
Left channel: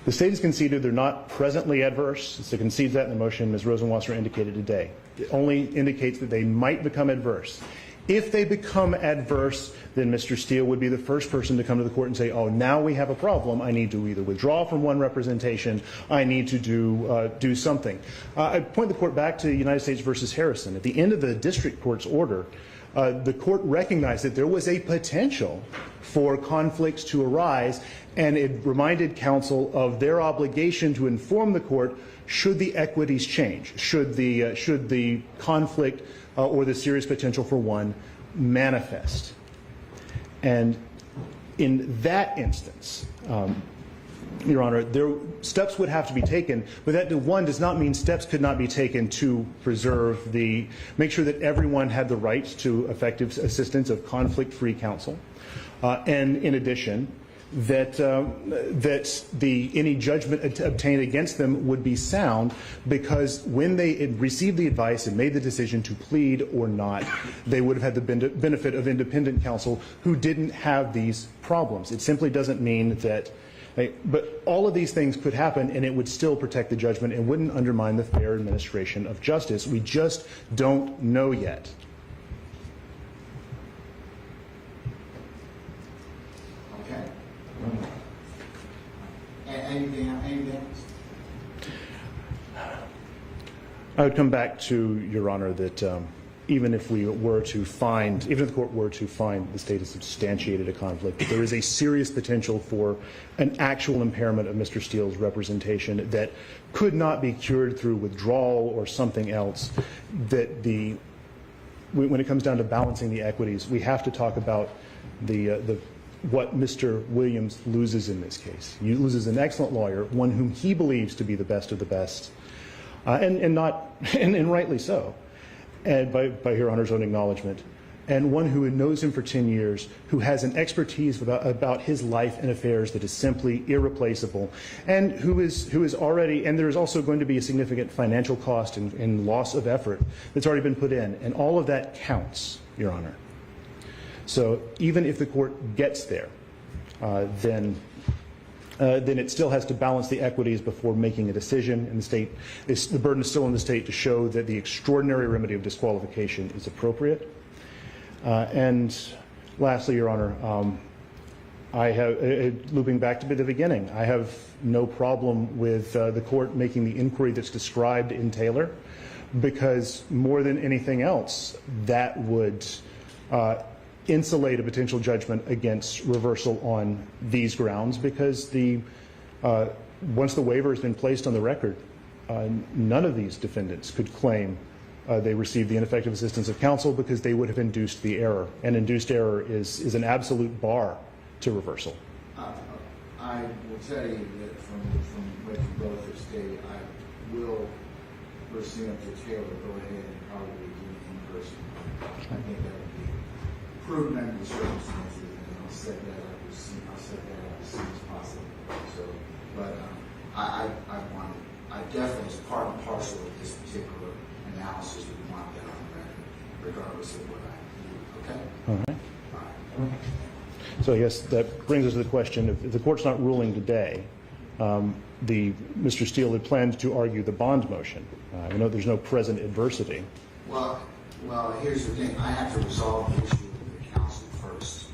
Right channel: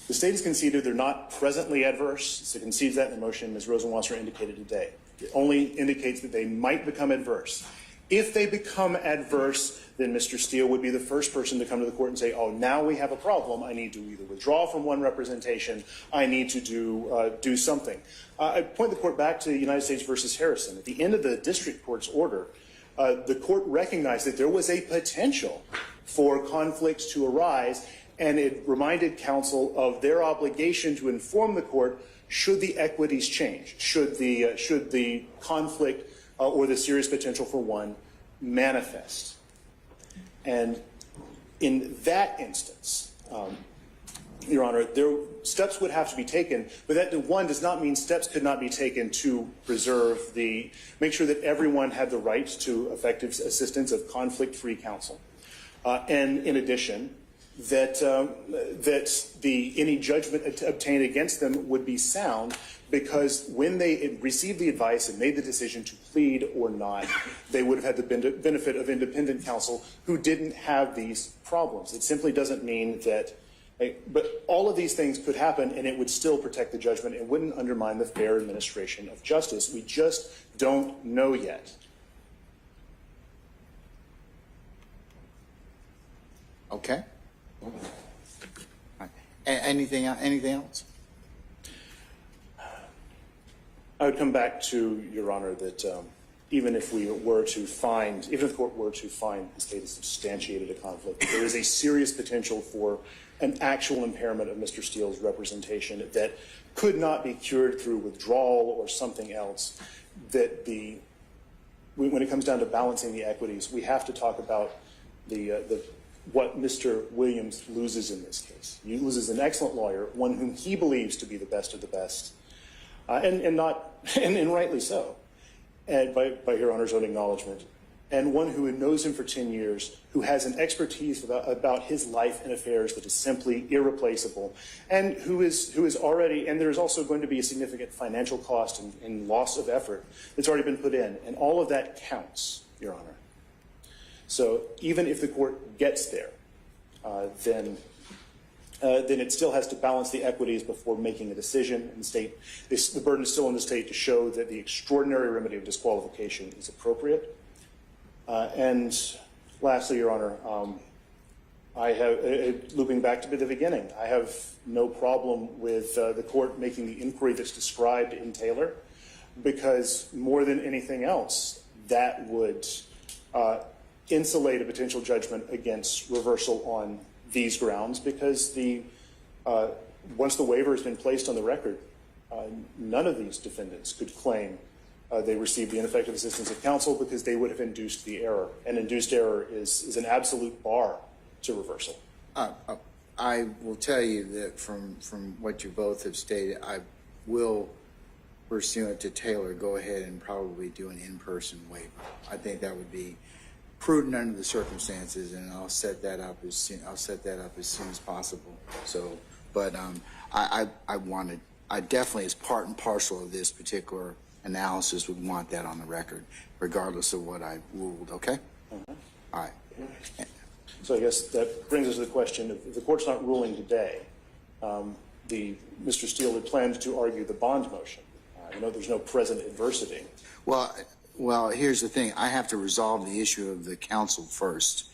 The state has conceded they're not presently adverse. It concedes that in the motion, as Rosenwasser indicated today. It only indicates that they might become adverse. If they become adverse, then Mr. Steele would be the first person to come to the court and say, oh, now we have a problem. I need to either withdraw from one representation. I need to do something. I point the court back to United States versus Harrison. At the end of the district court's order, the court recognized that there was a potential for conflicts to arise, and it reminded counsel of their obligation to inform the court should the equities change, should the conflict or the serious potential for one manifest. And in that instance, Your Honor, steps would have to be taken, but that one does not mean steps could not be taken to preserve make sure that everyone had the rights to effective assistance of conflict-free counsel. And in addition, that any judgment obtained against them would be sound, because when they received the advice and made the decision to plead or not, they would have had the benefit of independent counsel who didn't have these problems. It simply doesn't mean that, but all of these things could happen and it would still protect the judgment and wouldn't undermine the fair administration of justice. We just don't know yet. Okay. Anything else? I would come back to, Your Honor, that even if the court were to find the state has substantiated a conflict, there is a serious potential for an actual impairment of Mr. Steele's representation that could not be cured through withdrawal or something else. That when it comes down to balancing the equities, we have to talk about what Mr. Williams loses in this case. He loses an excellent lawyer, one whom he believes to be the best of the best, and rightly so, and by Your Honor's own acknowledgement, and one who knows him for 10 years, who has an expertise about his life and affairs that is simply irreplaceable, and who is already, and there's also going to be a significant financial cost and loss of effort that's already been put in, and all of that counts, Your Honor. So even if the court gets there, then then it still has to balance the equities before making a decision. And the burden is still on the state to show that the extraordinary remedy of disqualification is appropriate. And lastly, Your Honor, I have, looping back to the beginning, I have no problem with the court making the inquiry that's described in Taylor, because more than anything else, that would insulate a potential judgment against reversal on these grounds, because once the waiver has been placed on the record, none of these defendants could claim they received the ineffective assistance of counsel, because they would have induced the error, and induced error is an absolute bar to reversal. I will tell you that from what you both have stated, I will, pursuant to Taylor, go ahead and probably do an in-person waiver. I think that would be prudent under the circumstances, and I'll set that up as soon as possible. So, but I definitely, as part and parcel of this particular analysis, would want that on the record, regardless of what I ruled. Okay. All right. All right. So I guess that brings us to the question: if the court's not ruling today, Mr. Steele had planned to argue the bond motion. I know there's no present adversity. Well, here's the thing. I have to resolve the issue of the counsel first,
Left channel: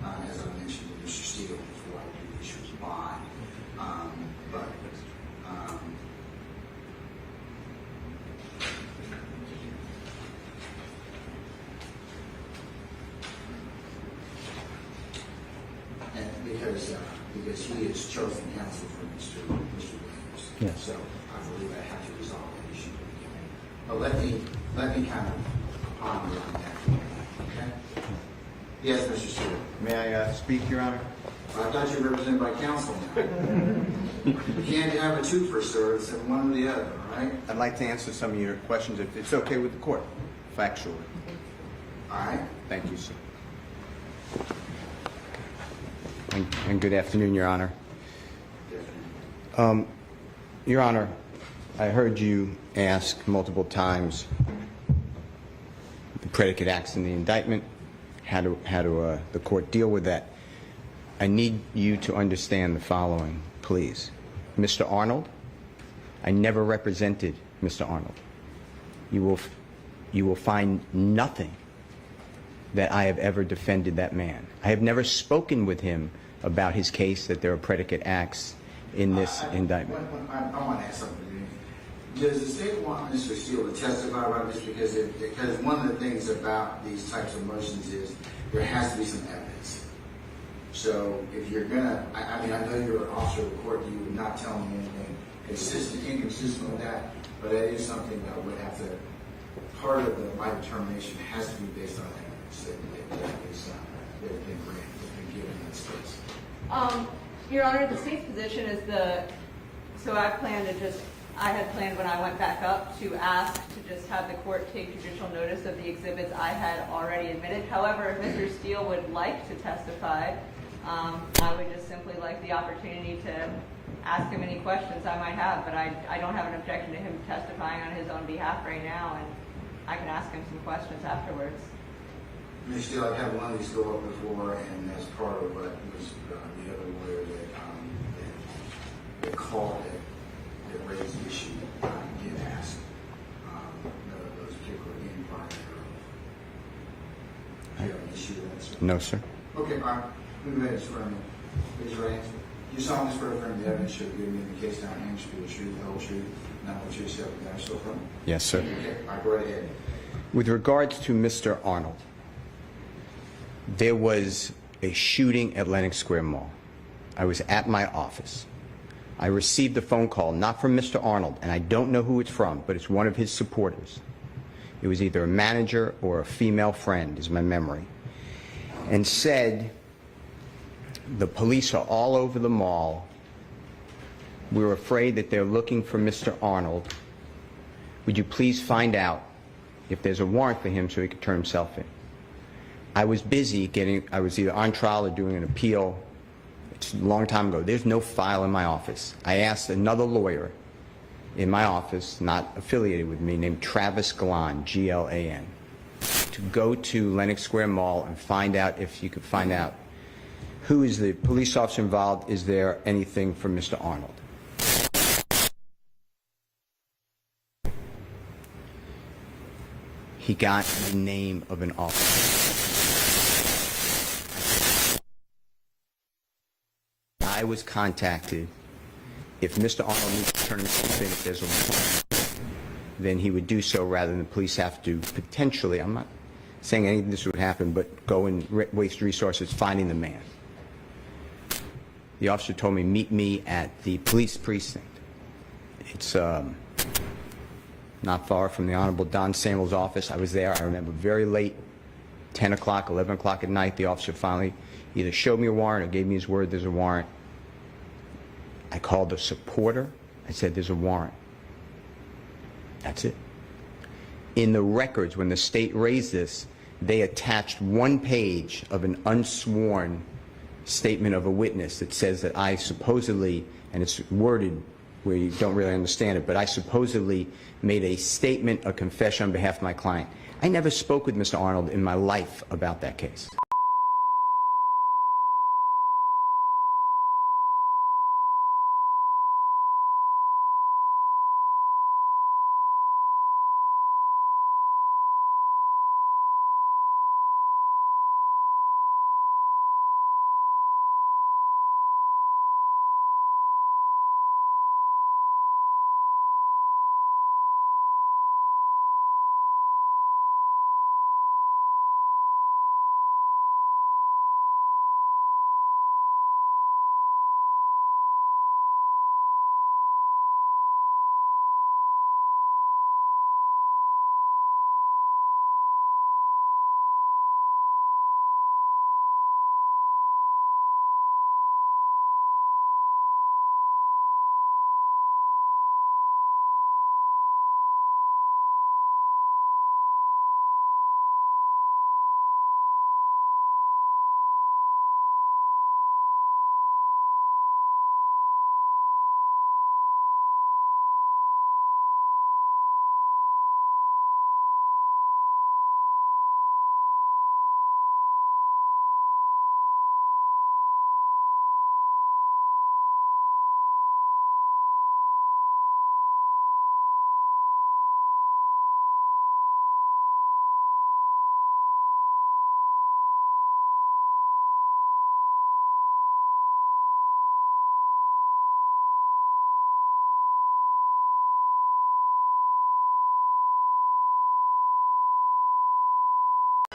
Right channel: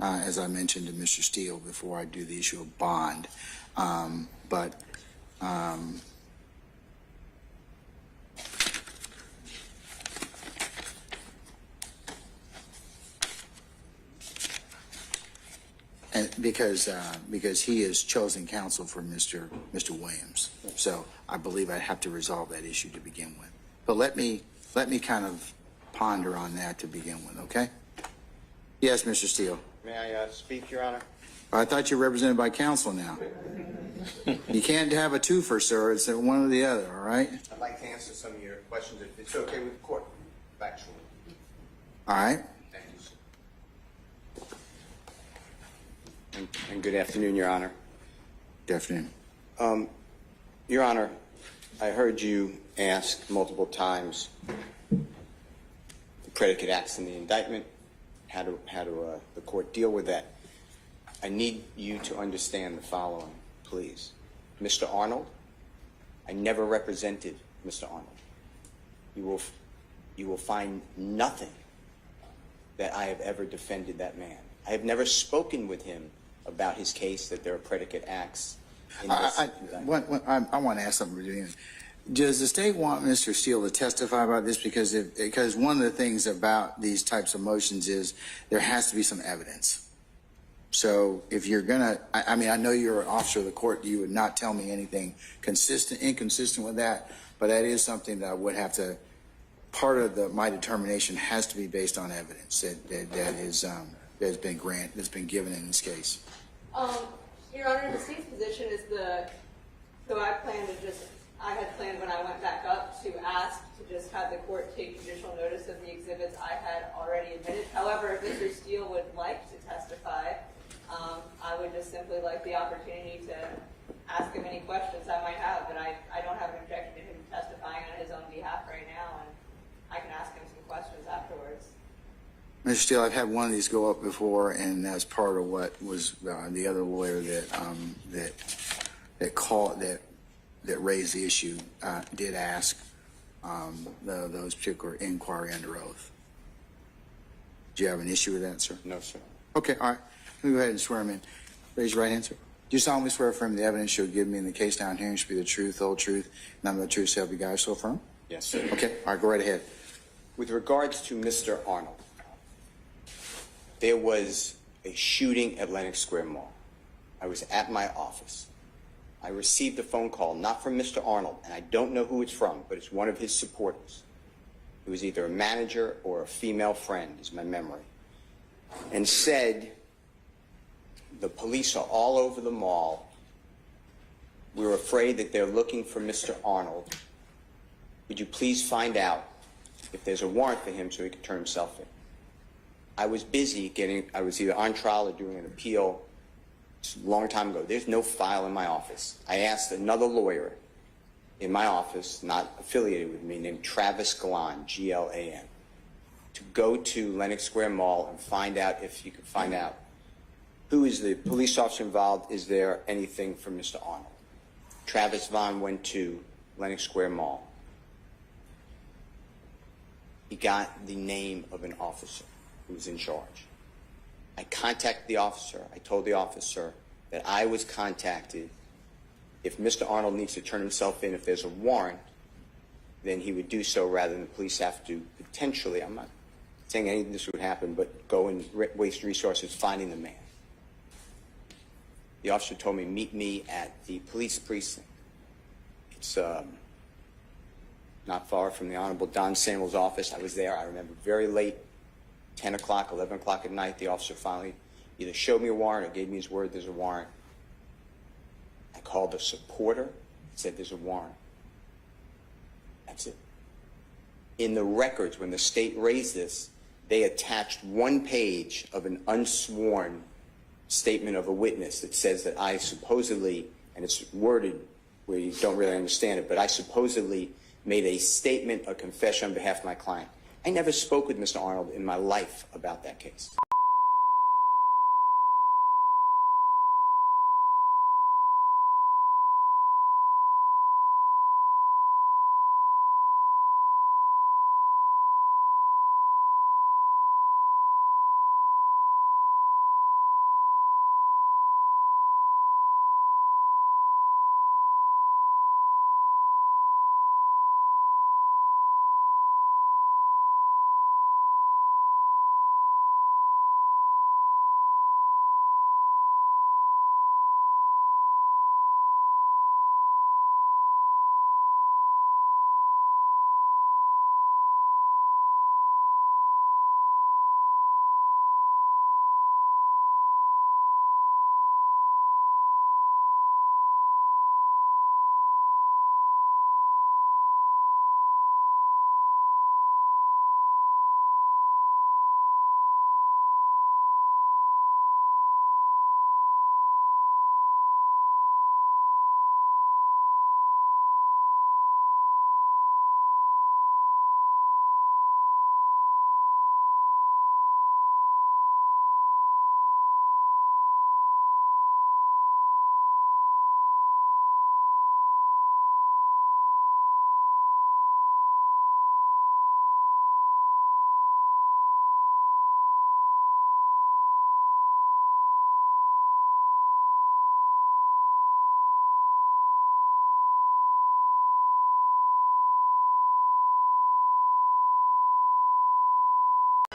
as I mentioned to Mr. Steele, before I do the issue of bond. And because he has chosen counsel for Mr. Williams, Yeah. So I believe I have to resolve that issue to begin with. But let me kind of ponder on that to begin with. Okay? Yes, Mr. Steele. May I speak, Your Honor? I thought you were represented by counsel now. You can't have a twofer, sir. It's one or the other. All right? I'd like to answer some of your questions, if it's okay with the court, factually. All right. Thank you, sir. And good afternoon, Your Honor. Good afternoon. Your Honor, I heard you ask multiple times the predicate acts in the indictment, how do the court deal with that. I need you to understand the following, please. Mr. Arnold, I never represented Mr. Arnold. You will find nothing that I have ever defended that man. I have never spoken with him about his case that there are predicate acts in this indictment. I want to ask something. Does the state want Mr. Steele to testify about this? Because one of the things about these types of motions is there has to be some evidence. So if you're gonna, I mean, I know you're an officer of the court. You would not tell me anything inconsistent with that. But that is something that I would have to. Part of my determination has to be based on evidence that's been given in this case. Your Honor, the state's position is so I had planned when I went back up to ask to just have the court take judicial notice of the exhibits I had already admitted. However, if Mr. Steele would like to testify, I would just simply like the opportunity to ask him any questions I might have, but I don't have an objection to him testifying on his own behalf right now, and I can ask him some questions afterwards. Mr. Steele, I've had one of these go up before, and as part of what was the other lawyer that raised the issue did ask those particular inquiry under oath. Do you have an issue with that, sir? No, sir. Okay, all right. Let me go ahead and swear him in. Raise your right hand, sir. Do you solemnly swear affirm the evidence you'll give me in the case down here should be the truth, the whole truth, nothing but the truth, self you guys so affirm? Yes, sir. Okay, all right, go right ahead. With regards to Mr. Arnold, there was a shooting at Lenox Square Mall. I was at my office. I received a phone call, not from Mr. Arnold, and I don't know who it's from, but it's one of his supporters. It was either a manager or a female friend, is my memory, and said, the police are all over the mall. We're afraid that they're looking for Mr. Arnold. Would you please find out if there's a warrant for him so he could turn himself in? I was busy I was either on trial or doing an appeal. It's a long time ago. There's no file in my office. I asked another lawyer in my office, not affiliated with me, named Travis Galan, G-L-A-N, to go to Lenox Square Mall and find out if you could find out Who is the police officer involved? Is there anything from Mr. Arnold? Travis Vaughn went to Lenox Square Mall. He got the name of an officer. I contacted the officer. I told the officer that I was contacted. If Mr. Arnold needs to turn himself in, if there's a warrant, then he would do so rather than the police have to potentially, I'm not saying any of this would happen, but go and waste resources finding the man. The officer told me, meet me at the police precinct. It's not far from the Honorable Don Samuel's office. I was there, I remember, very late, 10 o'clock, 11 o'clock at night. The officer finally either showed me a warrant or gave me his word there's a warrant. I called a supporter. I said, there's a warrant. That's it. In the records, when the state raised this, they attached one page of an unsworn statement of a witness that says that I supposedly, and it's worded where you don't really understand it, but I supposedly made a statement, a confession on behalf of my client. I never spoke with Mr. Arnold in my life about that case.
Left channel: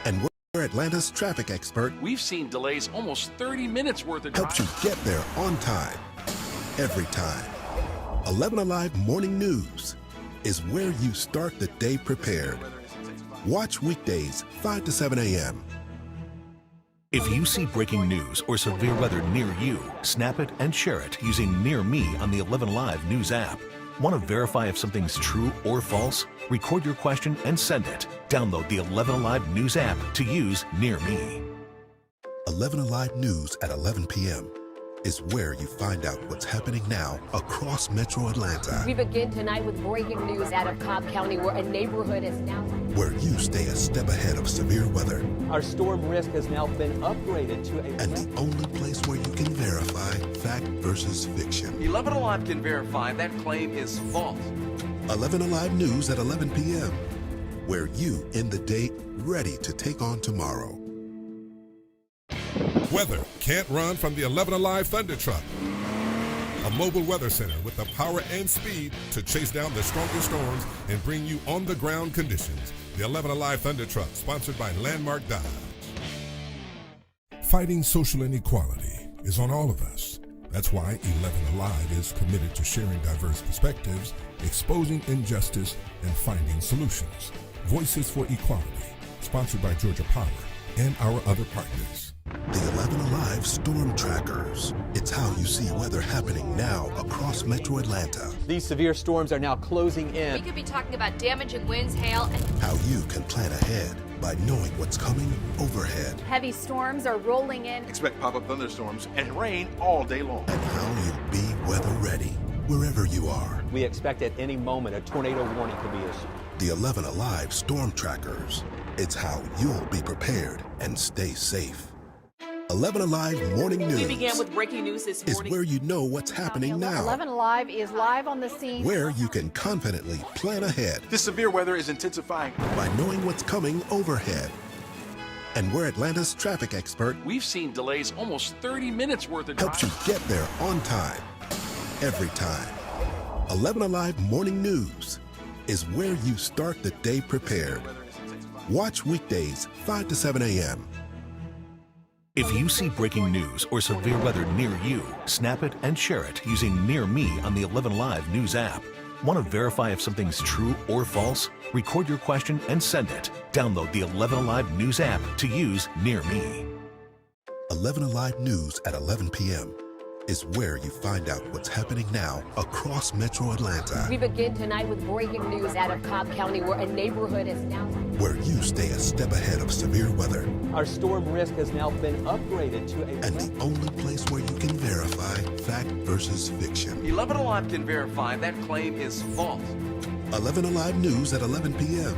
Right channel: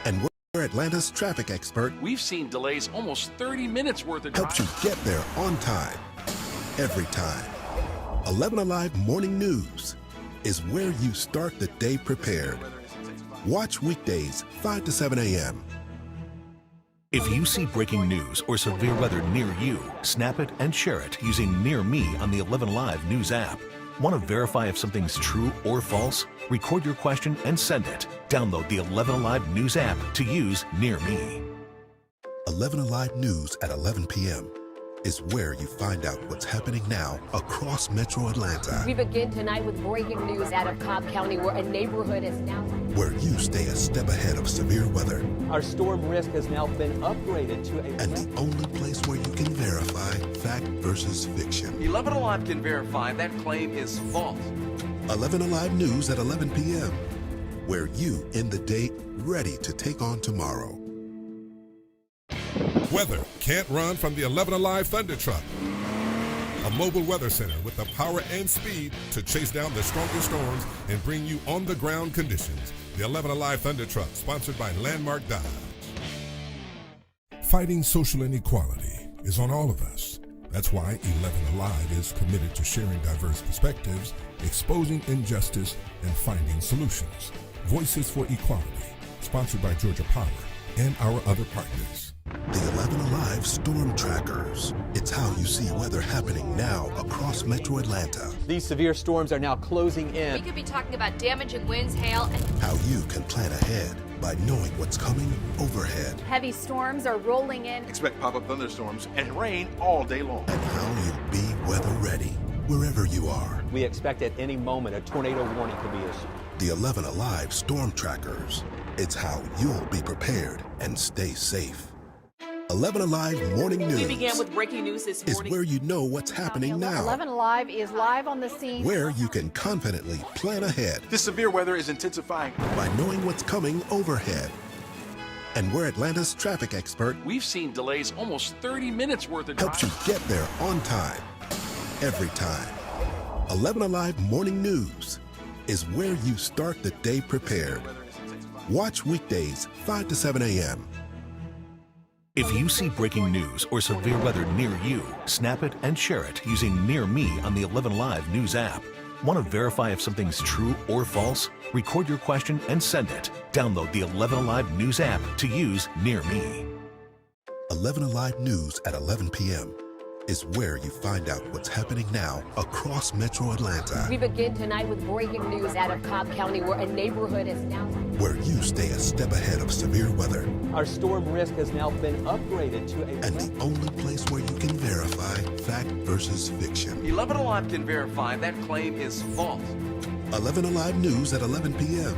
And we're Atlanta's traffic expert. We've seen delays almost 30 minutes worth of Helps you get there on time, every time. 11 Alive Morning News is where you start the day prepared. Watch weekdays 5 to 7 a.m. If you see breaking news or severe weather near you, snap it and share it using Near Me on the 11 Alive News app. Want to verify if something's true or false? Record your question and send it. Download the 11 Alive News app to use Near Me. 11 Alive News at 11 p.m. is where you find out what's happening now across Metro Atlanta. We begin tonight with breaking news out of Cobb County, where a neighborhood is now... Where you stay a step ahead of severe weather. Our storm risk has now been upgraded to a... And the only place where you can verify fact versus fiction. 11 Alive can verify that claim is false. 11 Alive News at 11 p.m. Where you end the day ready to take on tomorrow. Weather can't run from the 11 Alive Thunder Truck. A mobile weather center with the power and speed to chase down the strongest storms and bring you on-the-ground conditions. The 11 Alive Thunder Truck, sponsored by Landmark Dodge. Fighting social inequality is on all of us. That's why 11 Alive is committed to sharing diverse perspectives, exposing injustice, and finding solutions. Voices for Equality, sponsored by Georgia Power and our other partners. The 11 Alive Storm Trackers. It's how you see weather happening now across Metro Atlanta. These severe storms are now closing in. We could be talking about damaging winds, hail, and... How you can plan ahead by knowing what's coming overhead. Heavy storms are rolling in. Expect pop-up thunderstorms and rain all day long. And how you'll be weather ready wherever you are. We expect at any moment a tornado warning could be issued. The 11 Alive Storm Trackers. It's how you'll be prepared and stay safe. 11 Alive Morning News We began with breaking news this is morning. where you know what's happening now, 11 Alive is live on the scene. where you can confidently plan ahead This severe weather is intensifying. by knowing what's coming overhead, and where Atlanta's traffic expert We've seen delays almost 30 minutes worth of helps you get there on time, every time. 11 Alive Morning News is where you start the day prepared. Watch weekdays 5 to 7 a.m. If you see breaking news or severe weather near you, snap it and share it using Near Me on the 11 Live News app. Want to verify if something's true or false? Record your question and send it. Download the 11 Alive News app to use Near Me. 11 Alive News at 11 p.m. is where you find out what's happening now across Metro Atlanta, We begin tonight with breaking news out of Cobb County where a neighborhood is now... where you stay a step ahead of severe weather, Our storm risk has now been upgraded to a... and the only place where you can verify fact versus fiction. 11 Alive can verify that claim is false. 11 Alive News at 11 p.m.,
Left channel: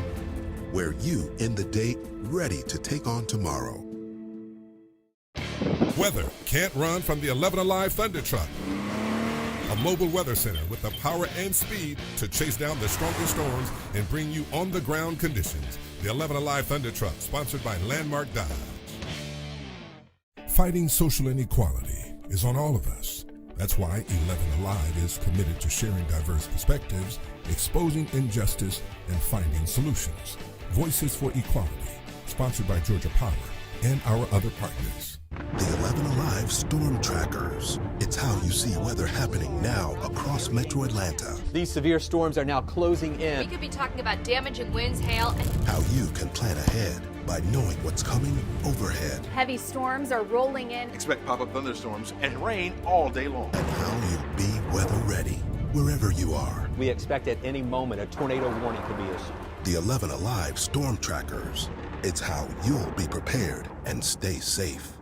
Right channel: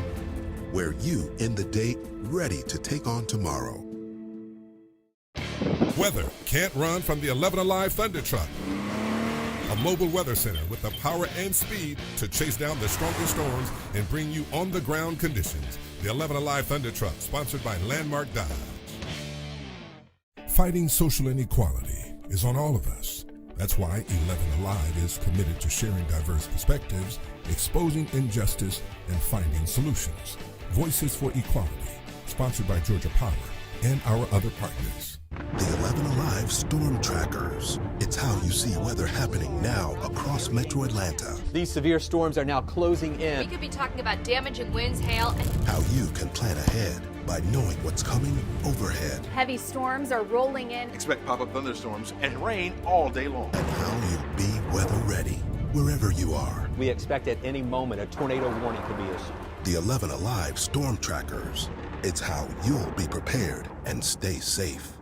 where you end the day ready to take on tomorrow. Weather can't run from the 11 Alive Thunder Truck. A mobile weather center with the power and speed to chase down the strongest storms and bring you on-the-ground conditions. The 11 Alive Thunder Truck, sponsored by Landmark Dodge. Fighting social inequality is on all of us. That's why 11 Alive is committed to sharing diverse perspectives, exposing injustice, and finding solutions. Voices for Equality, sponsored by Georgia Power and our other partners. The 11 Alive Storm Trackers. It's how you see weather happening now across Metro Atlanta. These severe storms are now closing We in. could be talking about damaging winds, hail, and How you can plan ahead by knowing what's coming overhead, Heavy storms are rolling in. Expect pop-up thunderstorms and rain all day long. and how you'll be weather ready wherever you are. We expect at any moment a tornado warning could be issued. The 11 Alive Storm Trackers. It's how you'll be prepared and stay safe.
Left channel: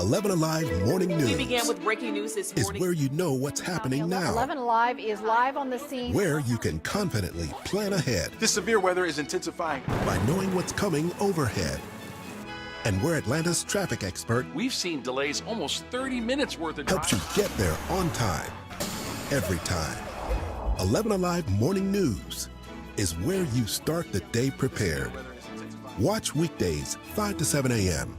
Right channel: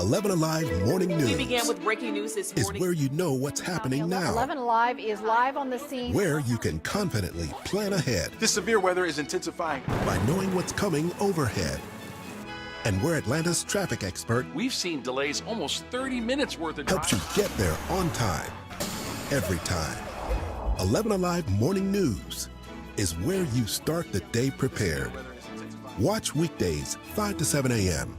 11 Alive Morning News We began with breaking news this is morning. where you know what's happening now, 11 Alive is live on the scene. where you can confidently plan ahead This severe weather is intensifying. by knowing what's coming overhead, and where Atlanta's traffic expert We've seen delays almost 30 minutes worth of helps you get there on time, every time. 11 Alive Morning News is where you start the day prepared. Watch weekdays 5 to 7 a.m.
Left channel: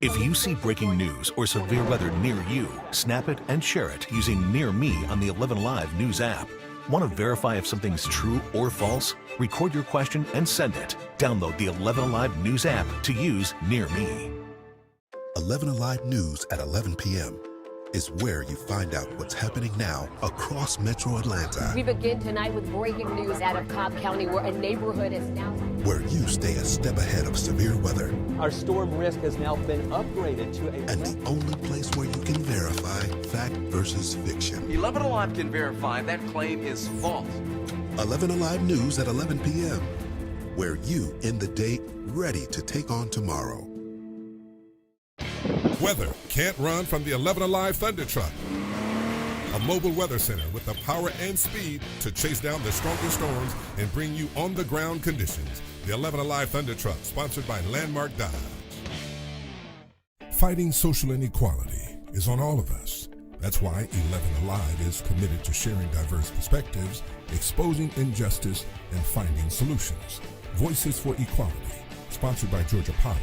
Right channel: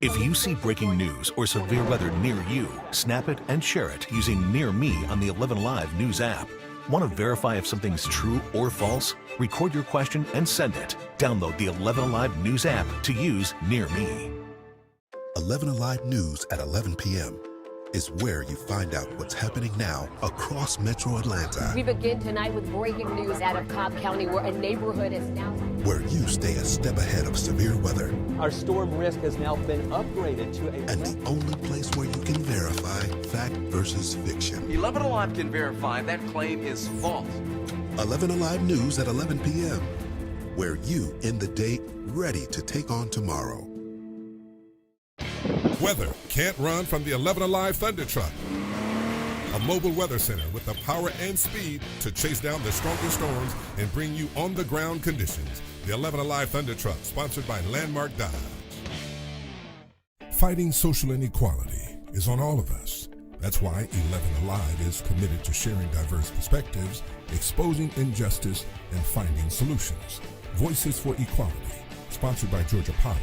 If you see breaking news or severe weather near you, snap it and share it using Near Me on the 11 Live News app. Want to verify if something's true or false? Record your question and send it. Download the 11 Alive News app to use Near Me. 11 Alive News at 11 p.m. is where you find out what's happening now across Metro Atlanta, we begin tonight with breaking news out of Cobb County where a neighborhood is now... where you stay a step ahead of severe weather, Our storm risk has now been upgraded to a... and the only place where you can verify fact versus fiction. 11 Alive can verify that claim is false. 11 Alive News at 11 p.m., where you end the day ready to take on tomorrow. Weather can't run from the 11 Alive Thunder Truck. A mobile weather center with the power and speed to chase down the strongest storms and bring you on-the-ground conditions. The 11 Alive Thunder Truck, sponsored by Landmark Dodge. Fighting social inequality is on all of us. That's why 11 Alive is committed to sharing diverse perspectives, exposing injustice, and finding solutions. Voices for Equality, sponsored by Georgia Power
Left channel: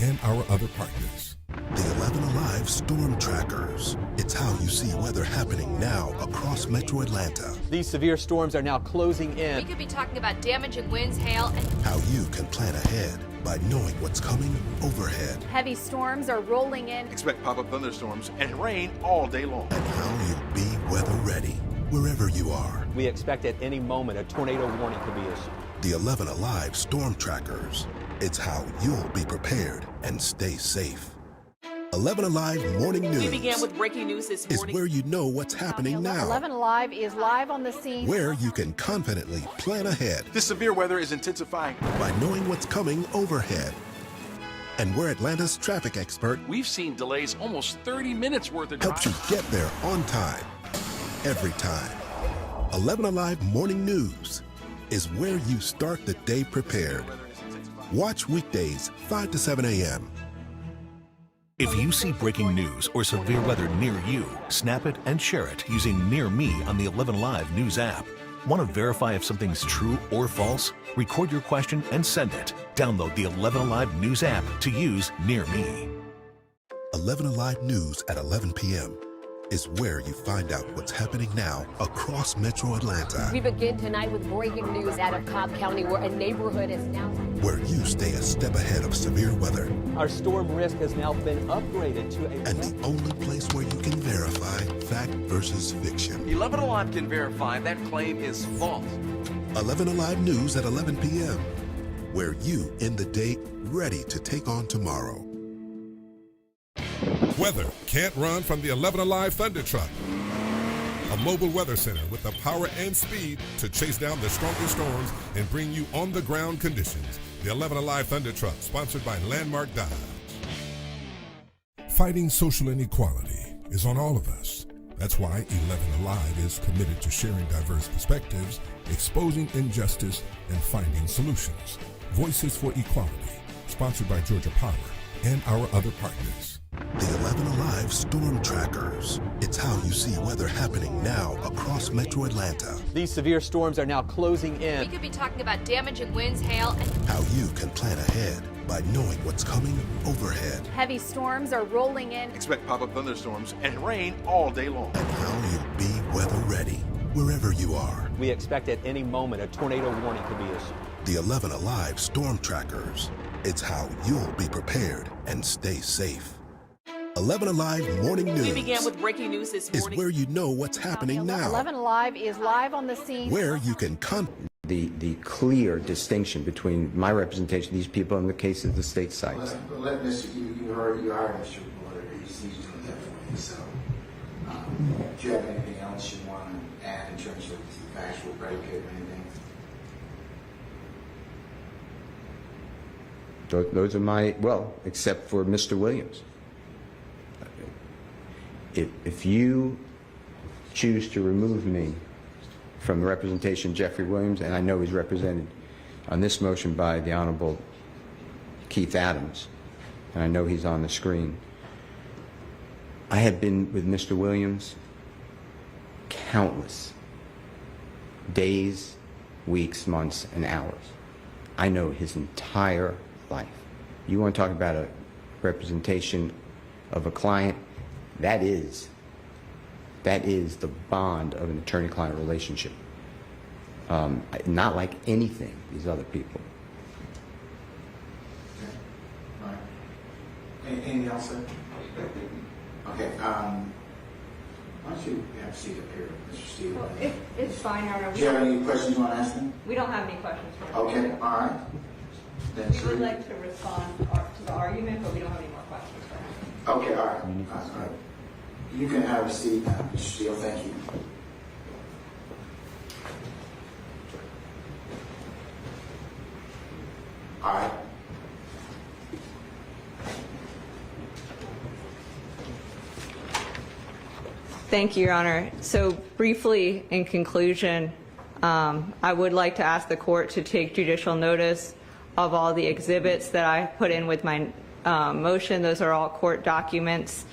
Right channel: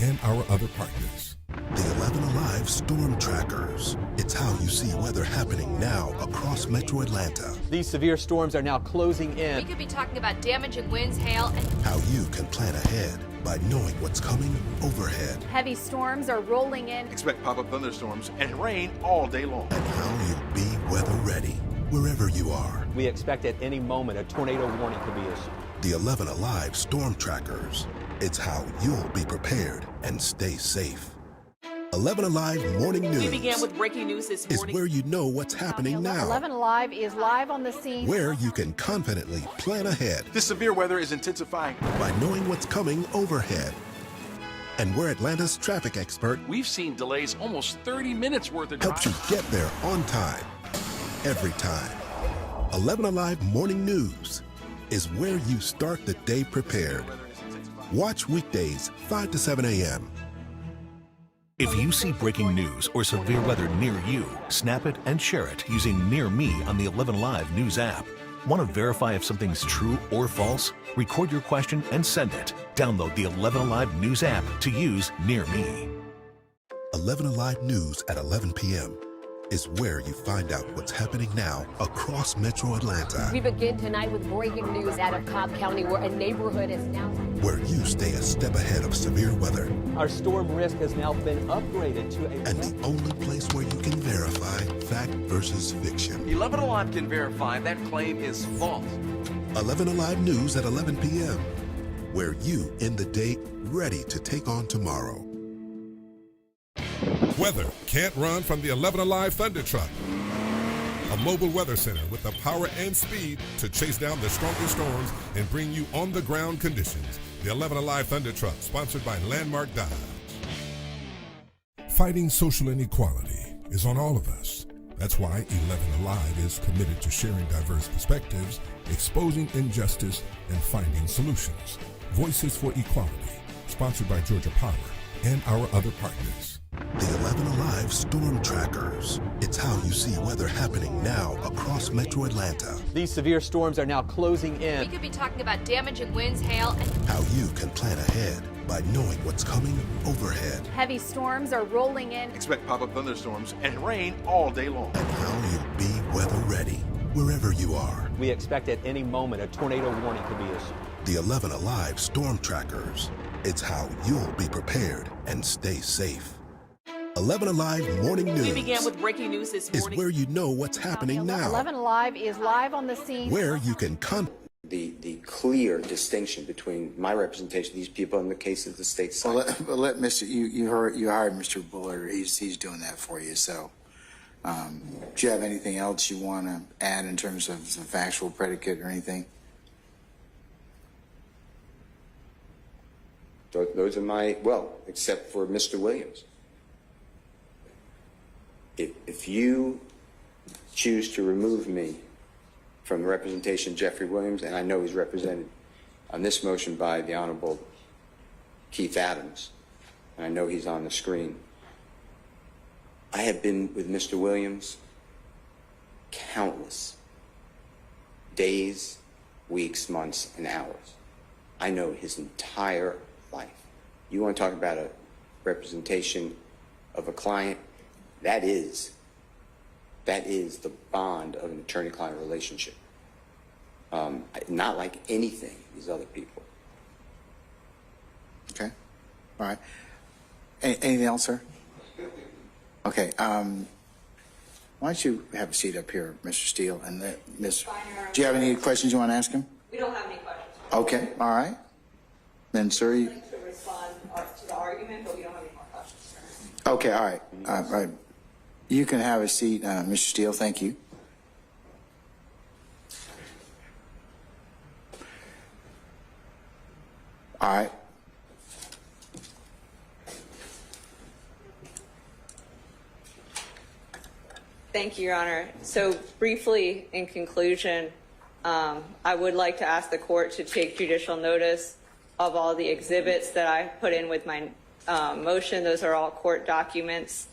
and our other partners. The 11 Alive Storm Trackers. It's how you see weather happening now across Metro Atlanta, These severe storms are now closing We in. could be talking about damaging winds, hail, and... how you can plan ahead by knowing what's coming overhead, Heavy storms are rolling in. Expect pop-up thunderstorms and rain all day long. and how you'll be weather ready wherever you are. We expect at any moment a tornado warning could be issued. The 11 Alive Storm Trackers. It's how you'll be prepared and stay safe. 11 Alive Morning News We began with breaking news this is morning. where you know what's happening now, 11 Alive is live on the scene. where you can confidently plan ahead This severe weather is intensifying. by knowing what's coming overhead, and where Atlanta's traffic expert We've seen delays almost 30 minutes worth of helps you get there on time, every time. 11 Alive Morning News is where you start the day prepared. Watch weekdays 5 to 7 a.m. If you see breaking news or severe weather near you, snap it and share it using Near Me on the 11 Live News app. Want to verify if something's true or false? Record your question and send it. Download the 11 Alive News app to use Near Me. 11 Alive News at 11 p.m. is where you find out what's happening now across Metro Atlanta. We begin tonight with breaking news out of Cobb County, where a neighborhood is now... Where you stay a step ahead of severe weather. Our storm risk has now been upgraded to a... And the only place where you can verify fact versus fiction. 11 Alive can verify that claim is false. 11 Alive News at 11 p.m. Where you end the day ready to take on tomorrow. Weather can't run from the 11 Alive Thunder Truck. A mobile weather center with the power and speed to chase down the strongest storms and bring you on-the-ground conditions. The 11 Alive Thunder Truck, sponsored by Landmark Dodge. Fighting social inequality is on all of us. That's why 11 Alive is committed to sharing diverse perspectives, exposing injustice, and finding solutions. Voices for Equality, sponsored by Georgia Power and our other partners. The 11 Alive Storm Trackers. It's how you see weather happening now across Metro Atlanta. These severe storms are now closing in. We could be talking about damaging winds, hail, and... How you can plan ahead by knowing what's coming overhead. Heavy storms are rolling in. Expect pop-up thunderstorms and rain all day long. And how you'll be weather ready wherever you are. We expect at any moment a tornado warning could be issued. The 11 Alive Storm Trackers. It's how you'll be prepared and stay safe. 11 Alive Morning News. We began with breaking news this morning. Is where you know what's happening now. 11 Alive is live on the scene. Where you can the clear distinction between my representation of these people and the case of the state side. Well, let Mr. You hired Mr. Bullard. He's doing that for you. So, do you have anything else you want to add in terms of some factual predicate or anything? Those are my, well, except for Mr. Williams. If you choose to remove me from the representation of Jeffrey Williams, and I know he's represented on this motion by the Honorable Keith Adams, and I know he's on the screen, I have been with Mr. Williams countless days, weeks, months, and hours. I know his entire life. You want to talk about a representation of a client? That is the bond of an attorney-client relationship. Not like anything these other people. Okay. All right. Anything else, sir? Okay. Why don't you have a seat up here, Mr. Steele? And It's fine, Your Honor. Do you have any questions you want to ask him? We don't have any questions. Okay. All right. Then, sir. We'd like to respond to the argument, but we don't have any more questions for him. Okay. All right. All right. You can have a seat, Mr. Steele. Thank you. All right. Thank you, Your Honor. So briefly, in conclusion, I would like to ask the court to take judicial notice of all the exhibits that I put in with my motion. Those are all court documents,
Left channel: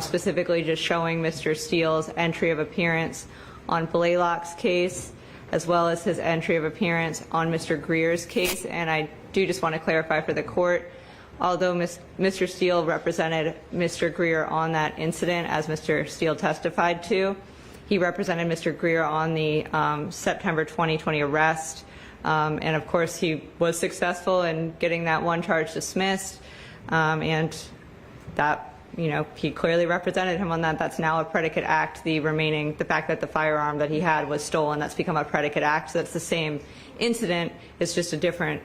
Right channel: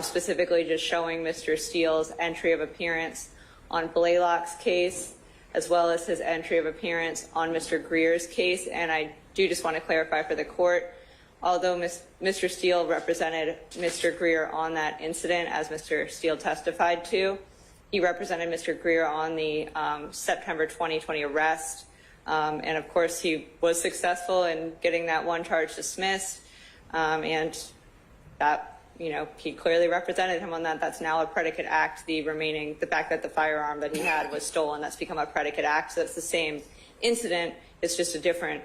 specifically just showing Mr. Steele's entry of appearance on Blaylock's case, as well as his entry of appearance on Mr. Greer's case. And I do just want to clarify for the court, although Mr. Steele represented Mr. Greer on that incident, as Mr. Steele testified to, he represented Mr. Greer on the September 2020 arrest. And of course, he was successful in getting that one charge dismissed. And that, you know, he clearly represented him on that. That's now a predicate act. The fact that the firearm that he had was stolen, that's become a predicate act. So that's the same incident. It's just a different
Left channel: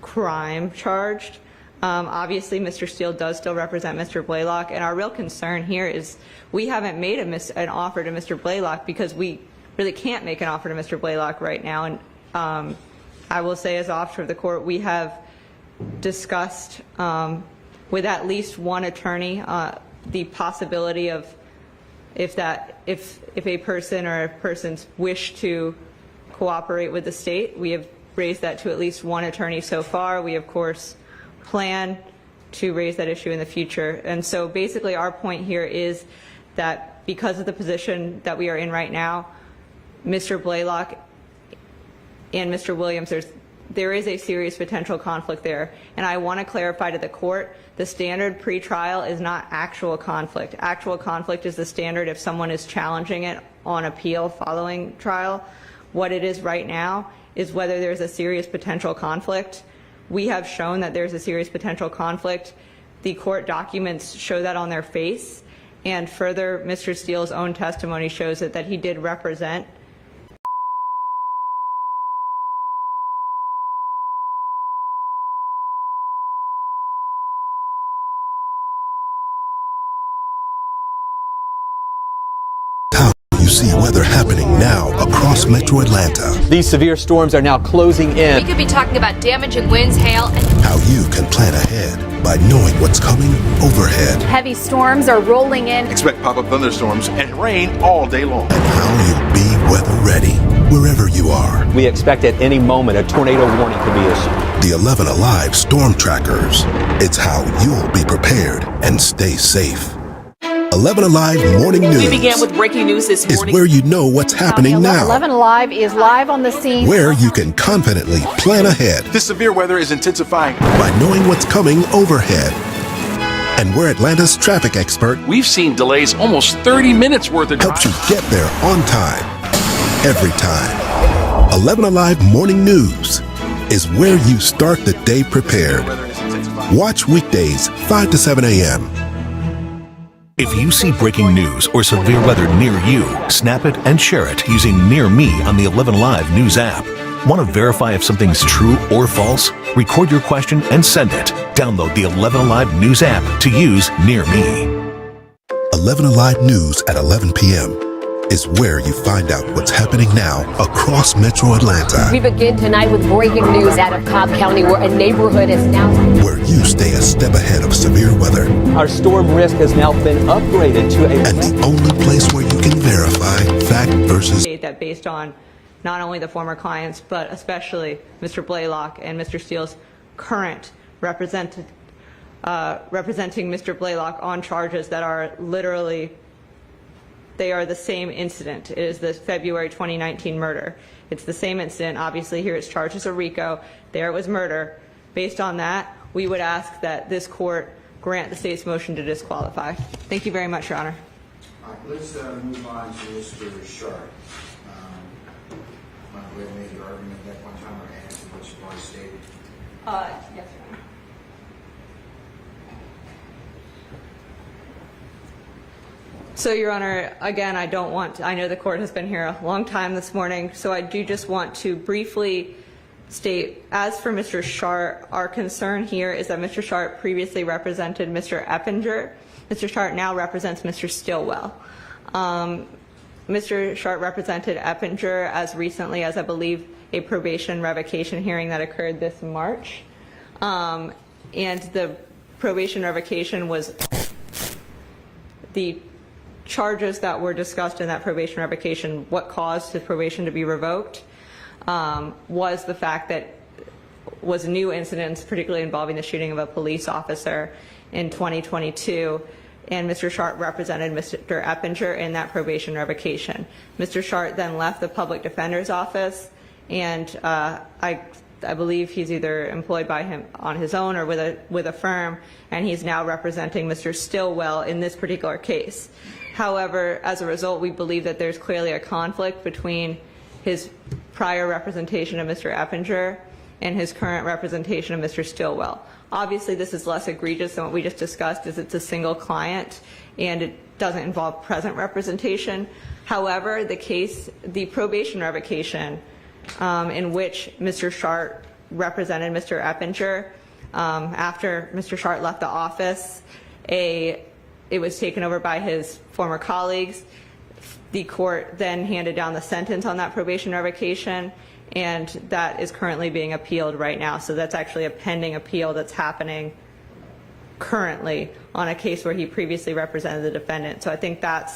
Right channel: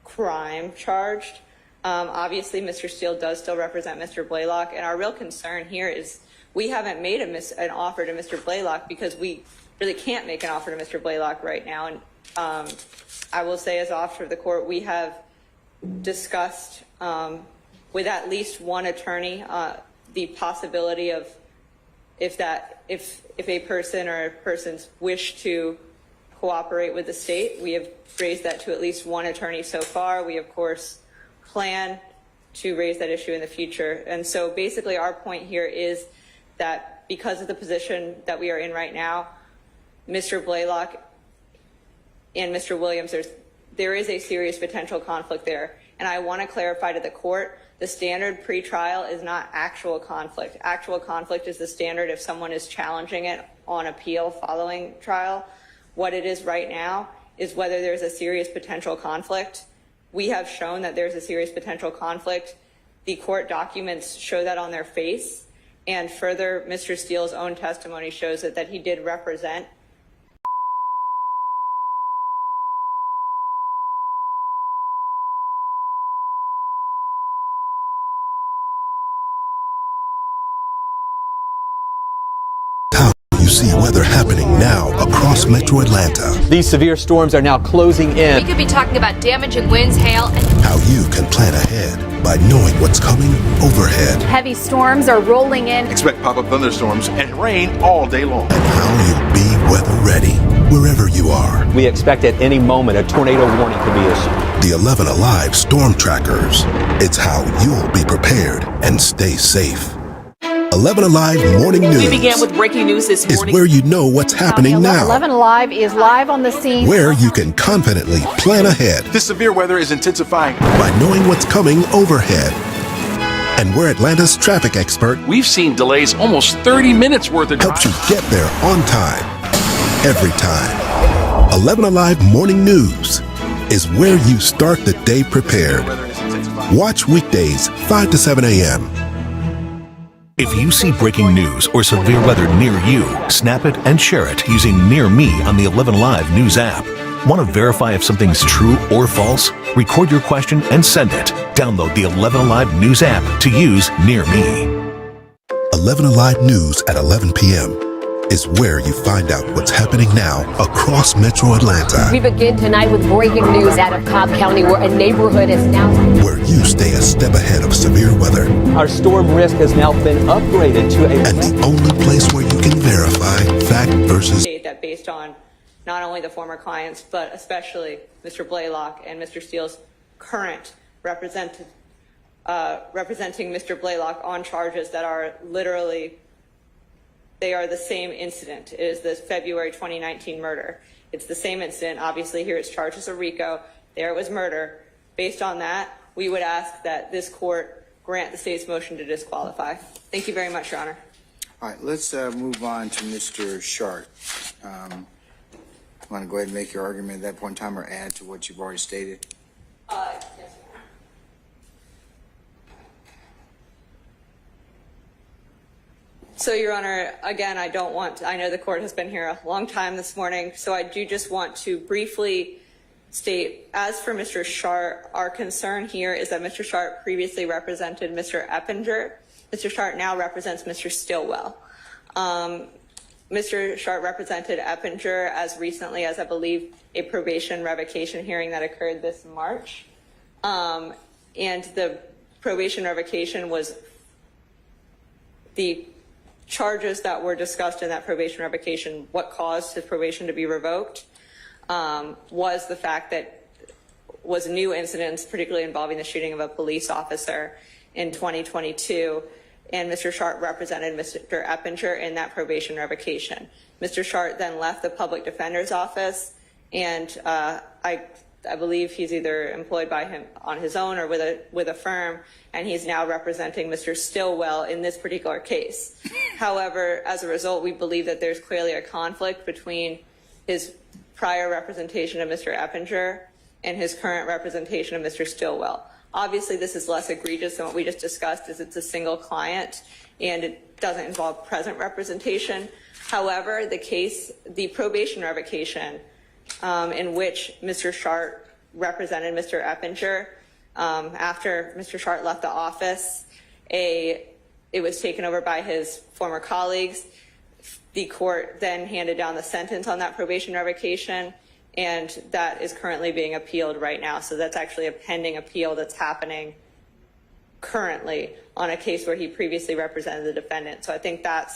crime charged. Obviously, Mr. Steele does still represent Mr. Blaylock, and our real concern here is we haven't made an offer to Mr. Blaylock because we really can't make an offer to Mr. Blaylock right now. And I will say, as officer of the court, we have discussed with at least one attorney the possibility of if a person or persons wish to cooperate with the state. We have raised that to at least one attorney so far. We, of course, plan to raise that issue in the future. And so basically our point here is that because of the position that we are in right now, Mr. Blaylock and Mr. Williams, there is a serious potential conflict there. And I want to clarify to the court, the standard pre-trial is not actual conflict. Actual conflict is the standard if someone is challenging it on appeal following trial. What it is right now is whether there's a serious potential conflict. We have shown that there's a serious potential conflict. The court documents show that on their face. And further, Mr. Steele's own testimony shows that he did represent see weather happening now across Metro Atlanta. These severe storms are now closing in. We could be talking about damaging winds, hail, and how you can plan ahead by knowing what's coming overhead. Heavy storms are rolling in. Expect pop-up thunderstorms and rain all day long. And how you'll be weather ready wherever you are. We expect at any moment a tornado warning could be issued. The 11 Alive Storm Trackers. It's how you'll be prepared and stay safe. 11 Alive Morning News. We began with breaking news this morning. Is where you know what's happening now. 11 Alive is live on the scene. Where you can confidently plan ahead. This severe weather is intensifying. By knowing what's coming overhead. And we're Atlanta's traffic expert. We've seen delays almost 30 minutes worth of helps you get there on time. Every time. 11 Alive Morning News is where you start the day prepared. Watch weekdays 5 to 7 a.m. If you see breaking news or severe weather near you, snap it and share it using Near Me on the 11 Live News app. Want to verify if something's true or false? Record your question and send it. Download the 11 Alive News app to use Near Me. 11 Alive News at 11 p.m. is where you find out what's happening now across Metro Atlanta. We begin tonight with breaking news out of Cobb County, where a neighborhood is now where you stay a step ahead of severe weather. Our storm risk has now been upgraded to a and the only place where you can verify fact versus that based on not only the former clients but especially Mr. Blaylock and Mr. Steele's current representing Mr. Blaylock on charges that are literally they are the same incident. It is the February 2019 murder. It's the same incident. Obviously, here it's charged as a RICO. There it was murder. Based on that, we would ask that this court grant the state's motion to disqualify. Thank you very much, Your Honor. All right, let's move on to Mr. Sharp. Want to go ahead and make your argument at that point in time or add to what you've already stated? Yes, Your Honor. So, Your Honor, again, I know the court has been here a long time this morning, so I do just want to briefly state, as for Mr. Sharp, our concern here is that Mr. Sharp previously represented Mr. Eppinger. Mr. Sharp now represents Mr. Stillwell. Mr. Sharp represented Eppinger as recently as, I believe, a probation revocation hearing that occurred this March. And the probation revocation was the charges that were discussed in that probation revocation, what caused his probation to be revoked, was the fact that was new incidents, particularly involving the shooting of a police officer in 2022, and Mr. Sharp represented Mr. Eppinger in that probation revocation. Mr. Sharp then left the public defender's office, and I believe he's either employed by him on his own or with a firm, and he's now representing Mr. Stillwell in this particular case. However, as a result, we believe that there's clearly a conflict between his prior representation of Mr. Eppinger and his current representation of Mr. Stillwell. Obviously, this is less egregious than what we just discussed, as it's a single client and it doesn't involve present representation. However, the probation revocation in which Mr. Sharp represented Mr. Eppinger, after Mr. Sharp left the office, it was taken over by his former colleagues. The court then handed down the sentence on that probation revocation, and that is currently being appealed right now. So that's actually a pending appeal that's happening currently on a case where he previously represented the defendant. So I think that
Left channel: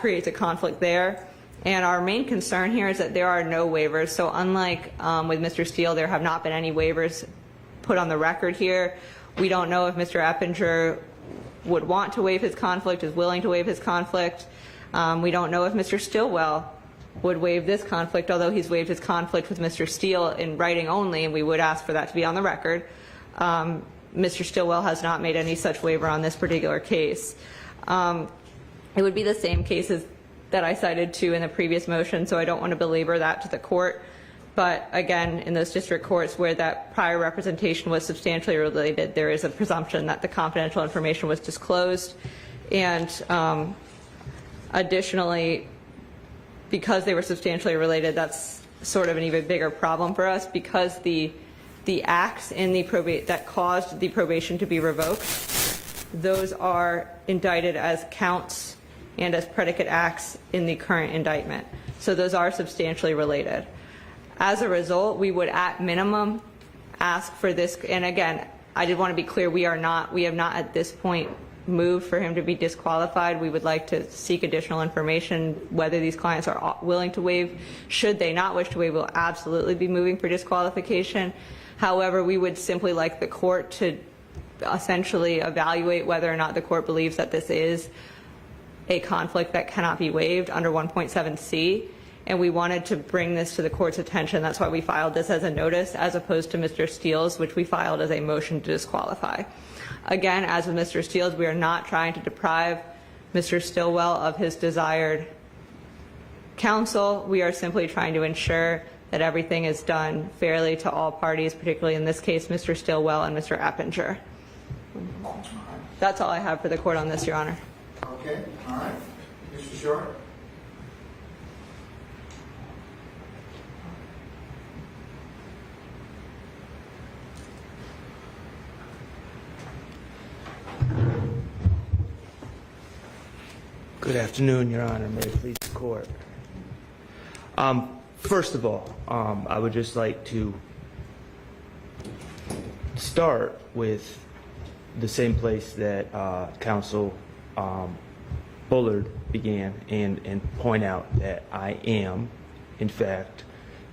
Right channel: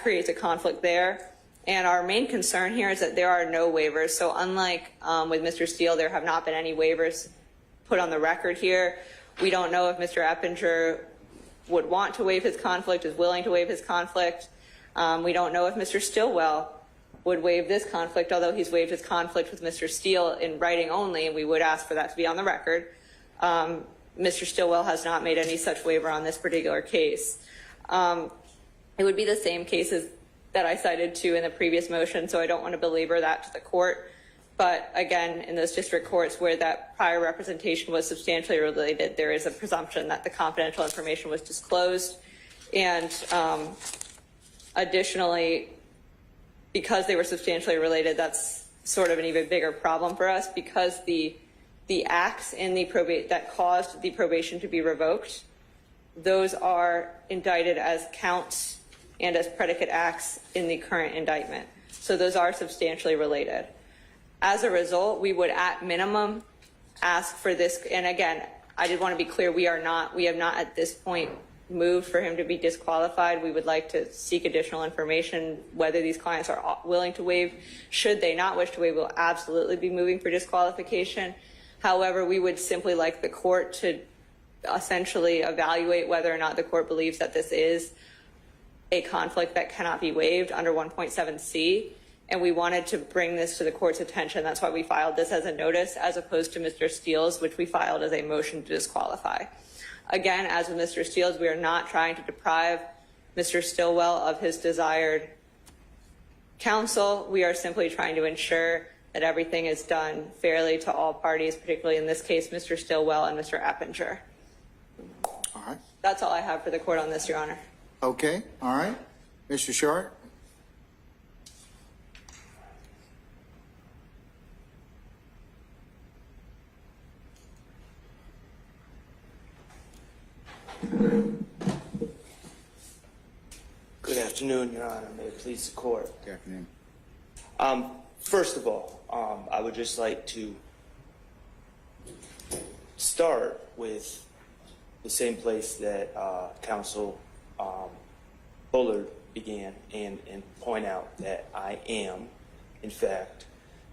creates a conflict there. And our main concern here is that there are no waivers. So unlike with Mr. Steele, there have not been any waivers put on the record here. We don't know if Mr. Eppinger would want to waive his conflict, is willing to waive his conflict. We don't know if Mr. Stillwell would waive this conflict, although he's waived his conflict with Mr. Steele in writing only, and we would ask for that to be on the record. Mr. Stillwell has not made any such waiver on this particular case. It would be the same cases that I cited to in the previous motion, so I don't want to belabor that to the court. But again, in those district courts where that prior representation was substantially related, there is a presumption that the confidential information was disclosed. And additionally, because they were substantially related, that's sort of an even bigger problem for us, because the acts in the probate that caused the probation to be revoked, those are indicted as counts and as predicate acts in the current indictment. So those are substantially related. As a result, we would at minimum ask for this, and again, I did want to be clear, we have not at this point moved for him to be disqualified. We would like to seek additional information whether these clients are willing to waive. Should they not wish to waive, we'll absolutely be moving for disqualification. However, we would simply like the court to essentially evaluate whether or not the court believes that this is a conflict that cannot be waived under 1.7c. And we wanted to bring this to the court's attention. That's why we filed this as a notice, as opposed to Mr. Steele's, which we filed as a motion to disqualify. Again, as with Mr. Steele's, we are not trying to deprive Mr. Stillwell of his desired counsel. We are simply trying to ensure that everything is done fairly to all parties, particularly in this case, Mr. Stillwell and Mr. Eppinger. All right. That's all I have for the court on this, Your Honor. Okay, all right. Mr. Short? Good afternoon, Your Honor. May it please the court. Good afternoon. First of all, I would just like to start with the same place that Counsel Bullard began and point out that I am, in fact,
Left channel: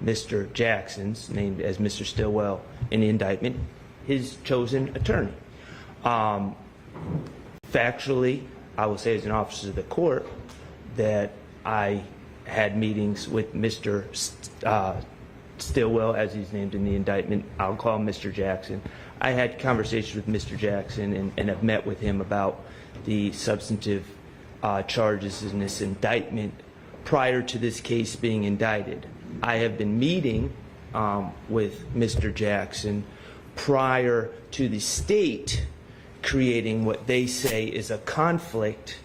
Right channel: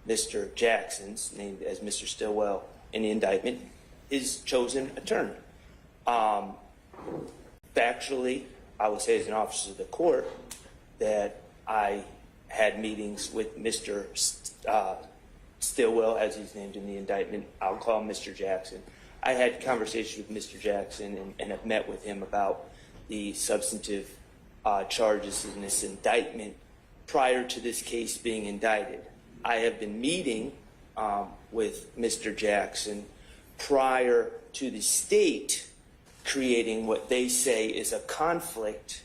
Mr. Jackson's, named as Mr. Stillwell in the indictment, his chosen attorney. Factually, I will say as an officer of the court that I had meetings with Mr. Stillwell, as he's named in the indictment. I'll call him Mr. Jackson. I had conversations with Mr. Jackson and have met with him about the substantive charges in this indictment prior to this case being indicted. I have been meeting with Mr. Jackson prior to the state creating what they say is a conflict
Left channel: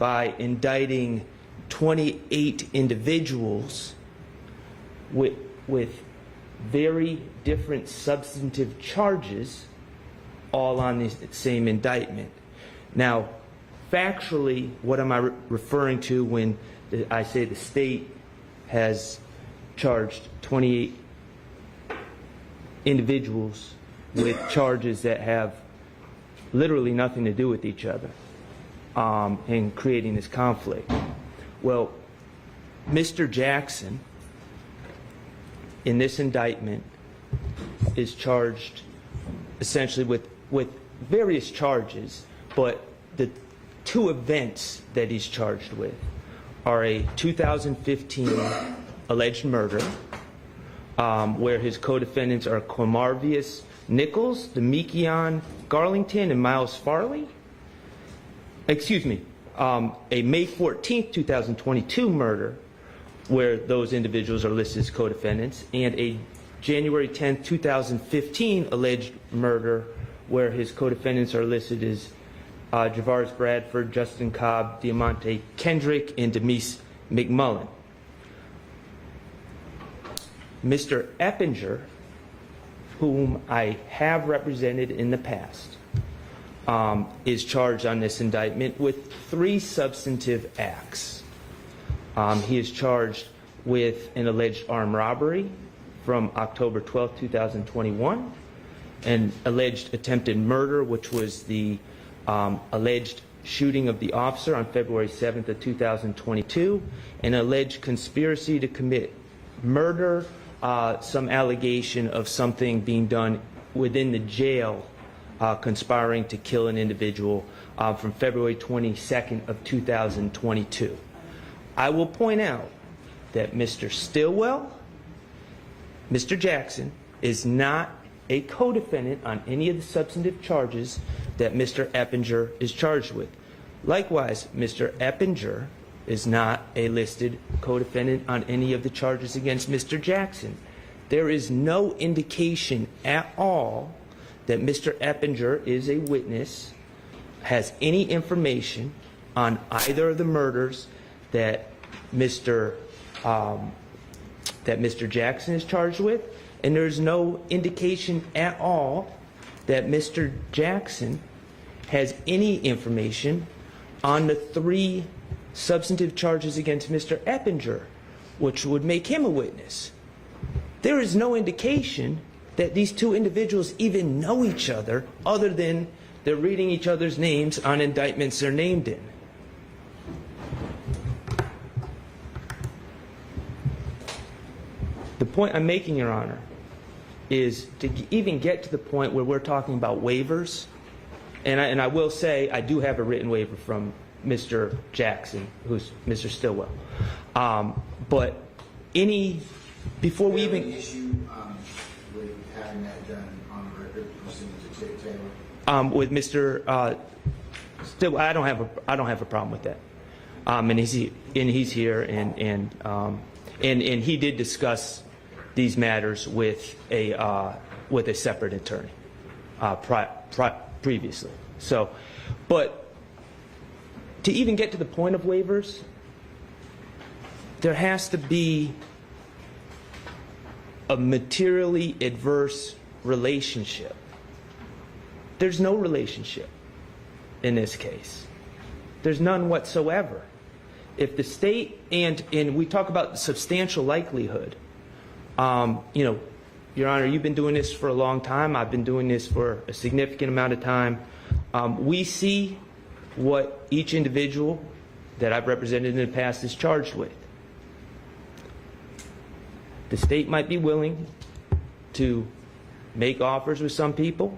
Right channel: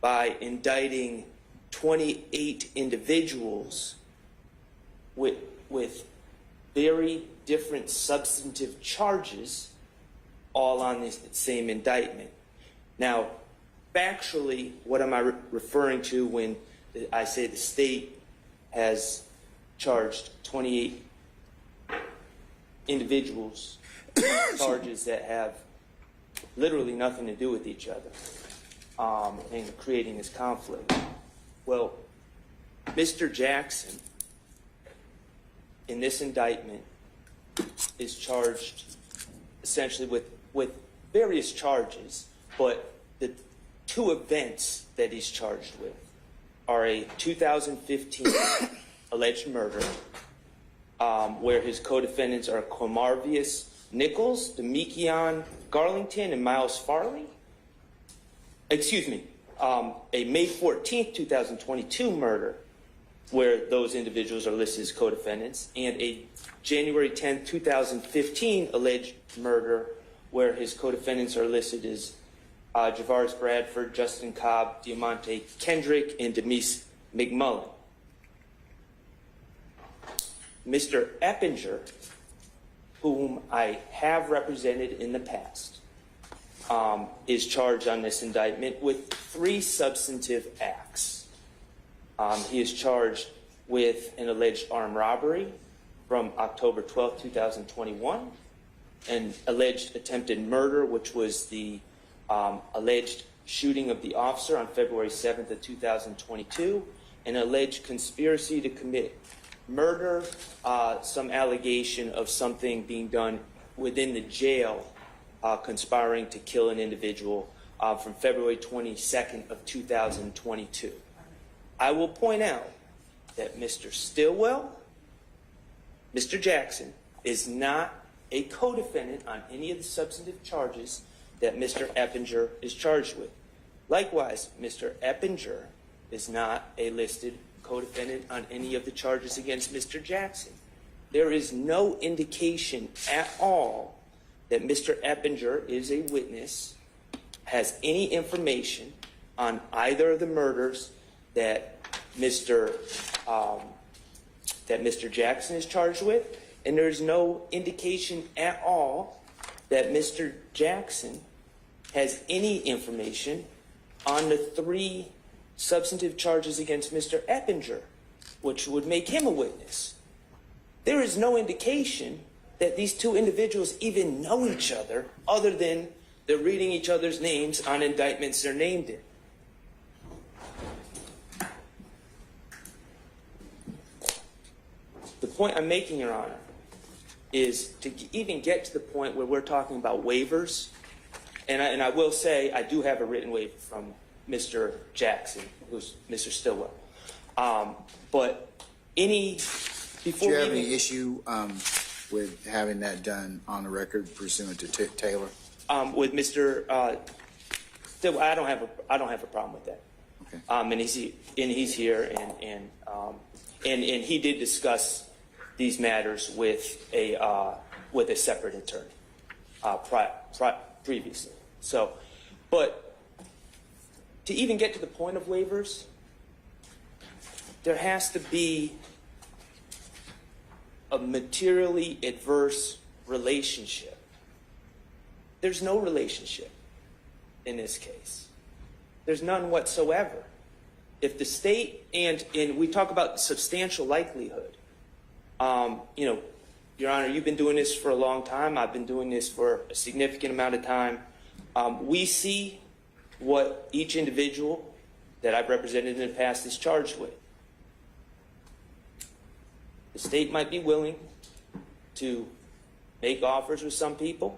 by indicting 28 individuals with very different substantive charges all on the same indictment. Now, factually, what am I referring to when I say the state has charged 28 individuals with charges that have literally nothing to do with each other in creating this conflict? Well, Mr. Jackson in this indictment is charged essentially with various charges, but the two events that he's charged with are a 2015 alleged murder where his co-defendants are Quamarvius Nichols, Demekion Garlington, and Miles Farley. Excuse me, a May 14th, 2022 murder where those individuals are listed as co-defendants, and a January 10th, 2015 alleged murder where his co-defendants are listed as Javaris Bradford, Justin Cobb, Diamante Kendrick, and Demise McMullen. Mr. Eppinger, whom I have represented in the past, is charged on this indictment with 3 substantive acts. He is charged with an alleged armed robbery from October 12, 2021, an alleged attempted murder, which was the alleged shooting of the officer on February 7th of 2022, an alleged conspiracy to commit murder, some allegation of something being done within the jail conspiring to kill an individual from February 22nd of 2022. I will point out that Mr. Stillwell, Mr. Jackson, is not a co-defendant on any of the substantive charges that Mr. Eppinger is charged with. Likewise, Mr. Eppinger is not a listed co-defendant on any of the charges against Mr. Jackson. There is no indication at all that Mr. Eppinger is a witness, has any information on either of the murders that Mr. Jackson is charged with, and there is no indication at all that Mr. Jackson has any information on the 3 substantive charges against Mr. Eppinger, which would make him a witness. There is no indication that these 2 individuals even know each other, other than they're reading each other's names on indictments they're named in. The point I'm making, Your Honor, is to even get to the point where we're talking about waivers, and I will say I do have a written waiver from Mr. Jackson, who's Mr. Stillwell. But before we Do you have even any issue with having that done on the record pursuant to Taylor? with Mr. Stillwell, I don't have a problem with that. And he's here, and he did discuss these matters with a separate attorney previously. So, but to even get to the point of waivers, there has to be a materially adverse relationship. There's no relationship in this case. There's none whatsoever. If the state, and we talk about substantial likelihood, Your Honor, you've been doing this for a long time. I've been doing this for a significant amount of time. We see what each individual that I've represented in the past is charged with. The state might be willing to make offers with some people.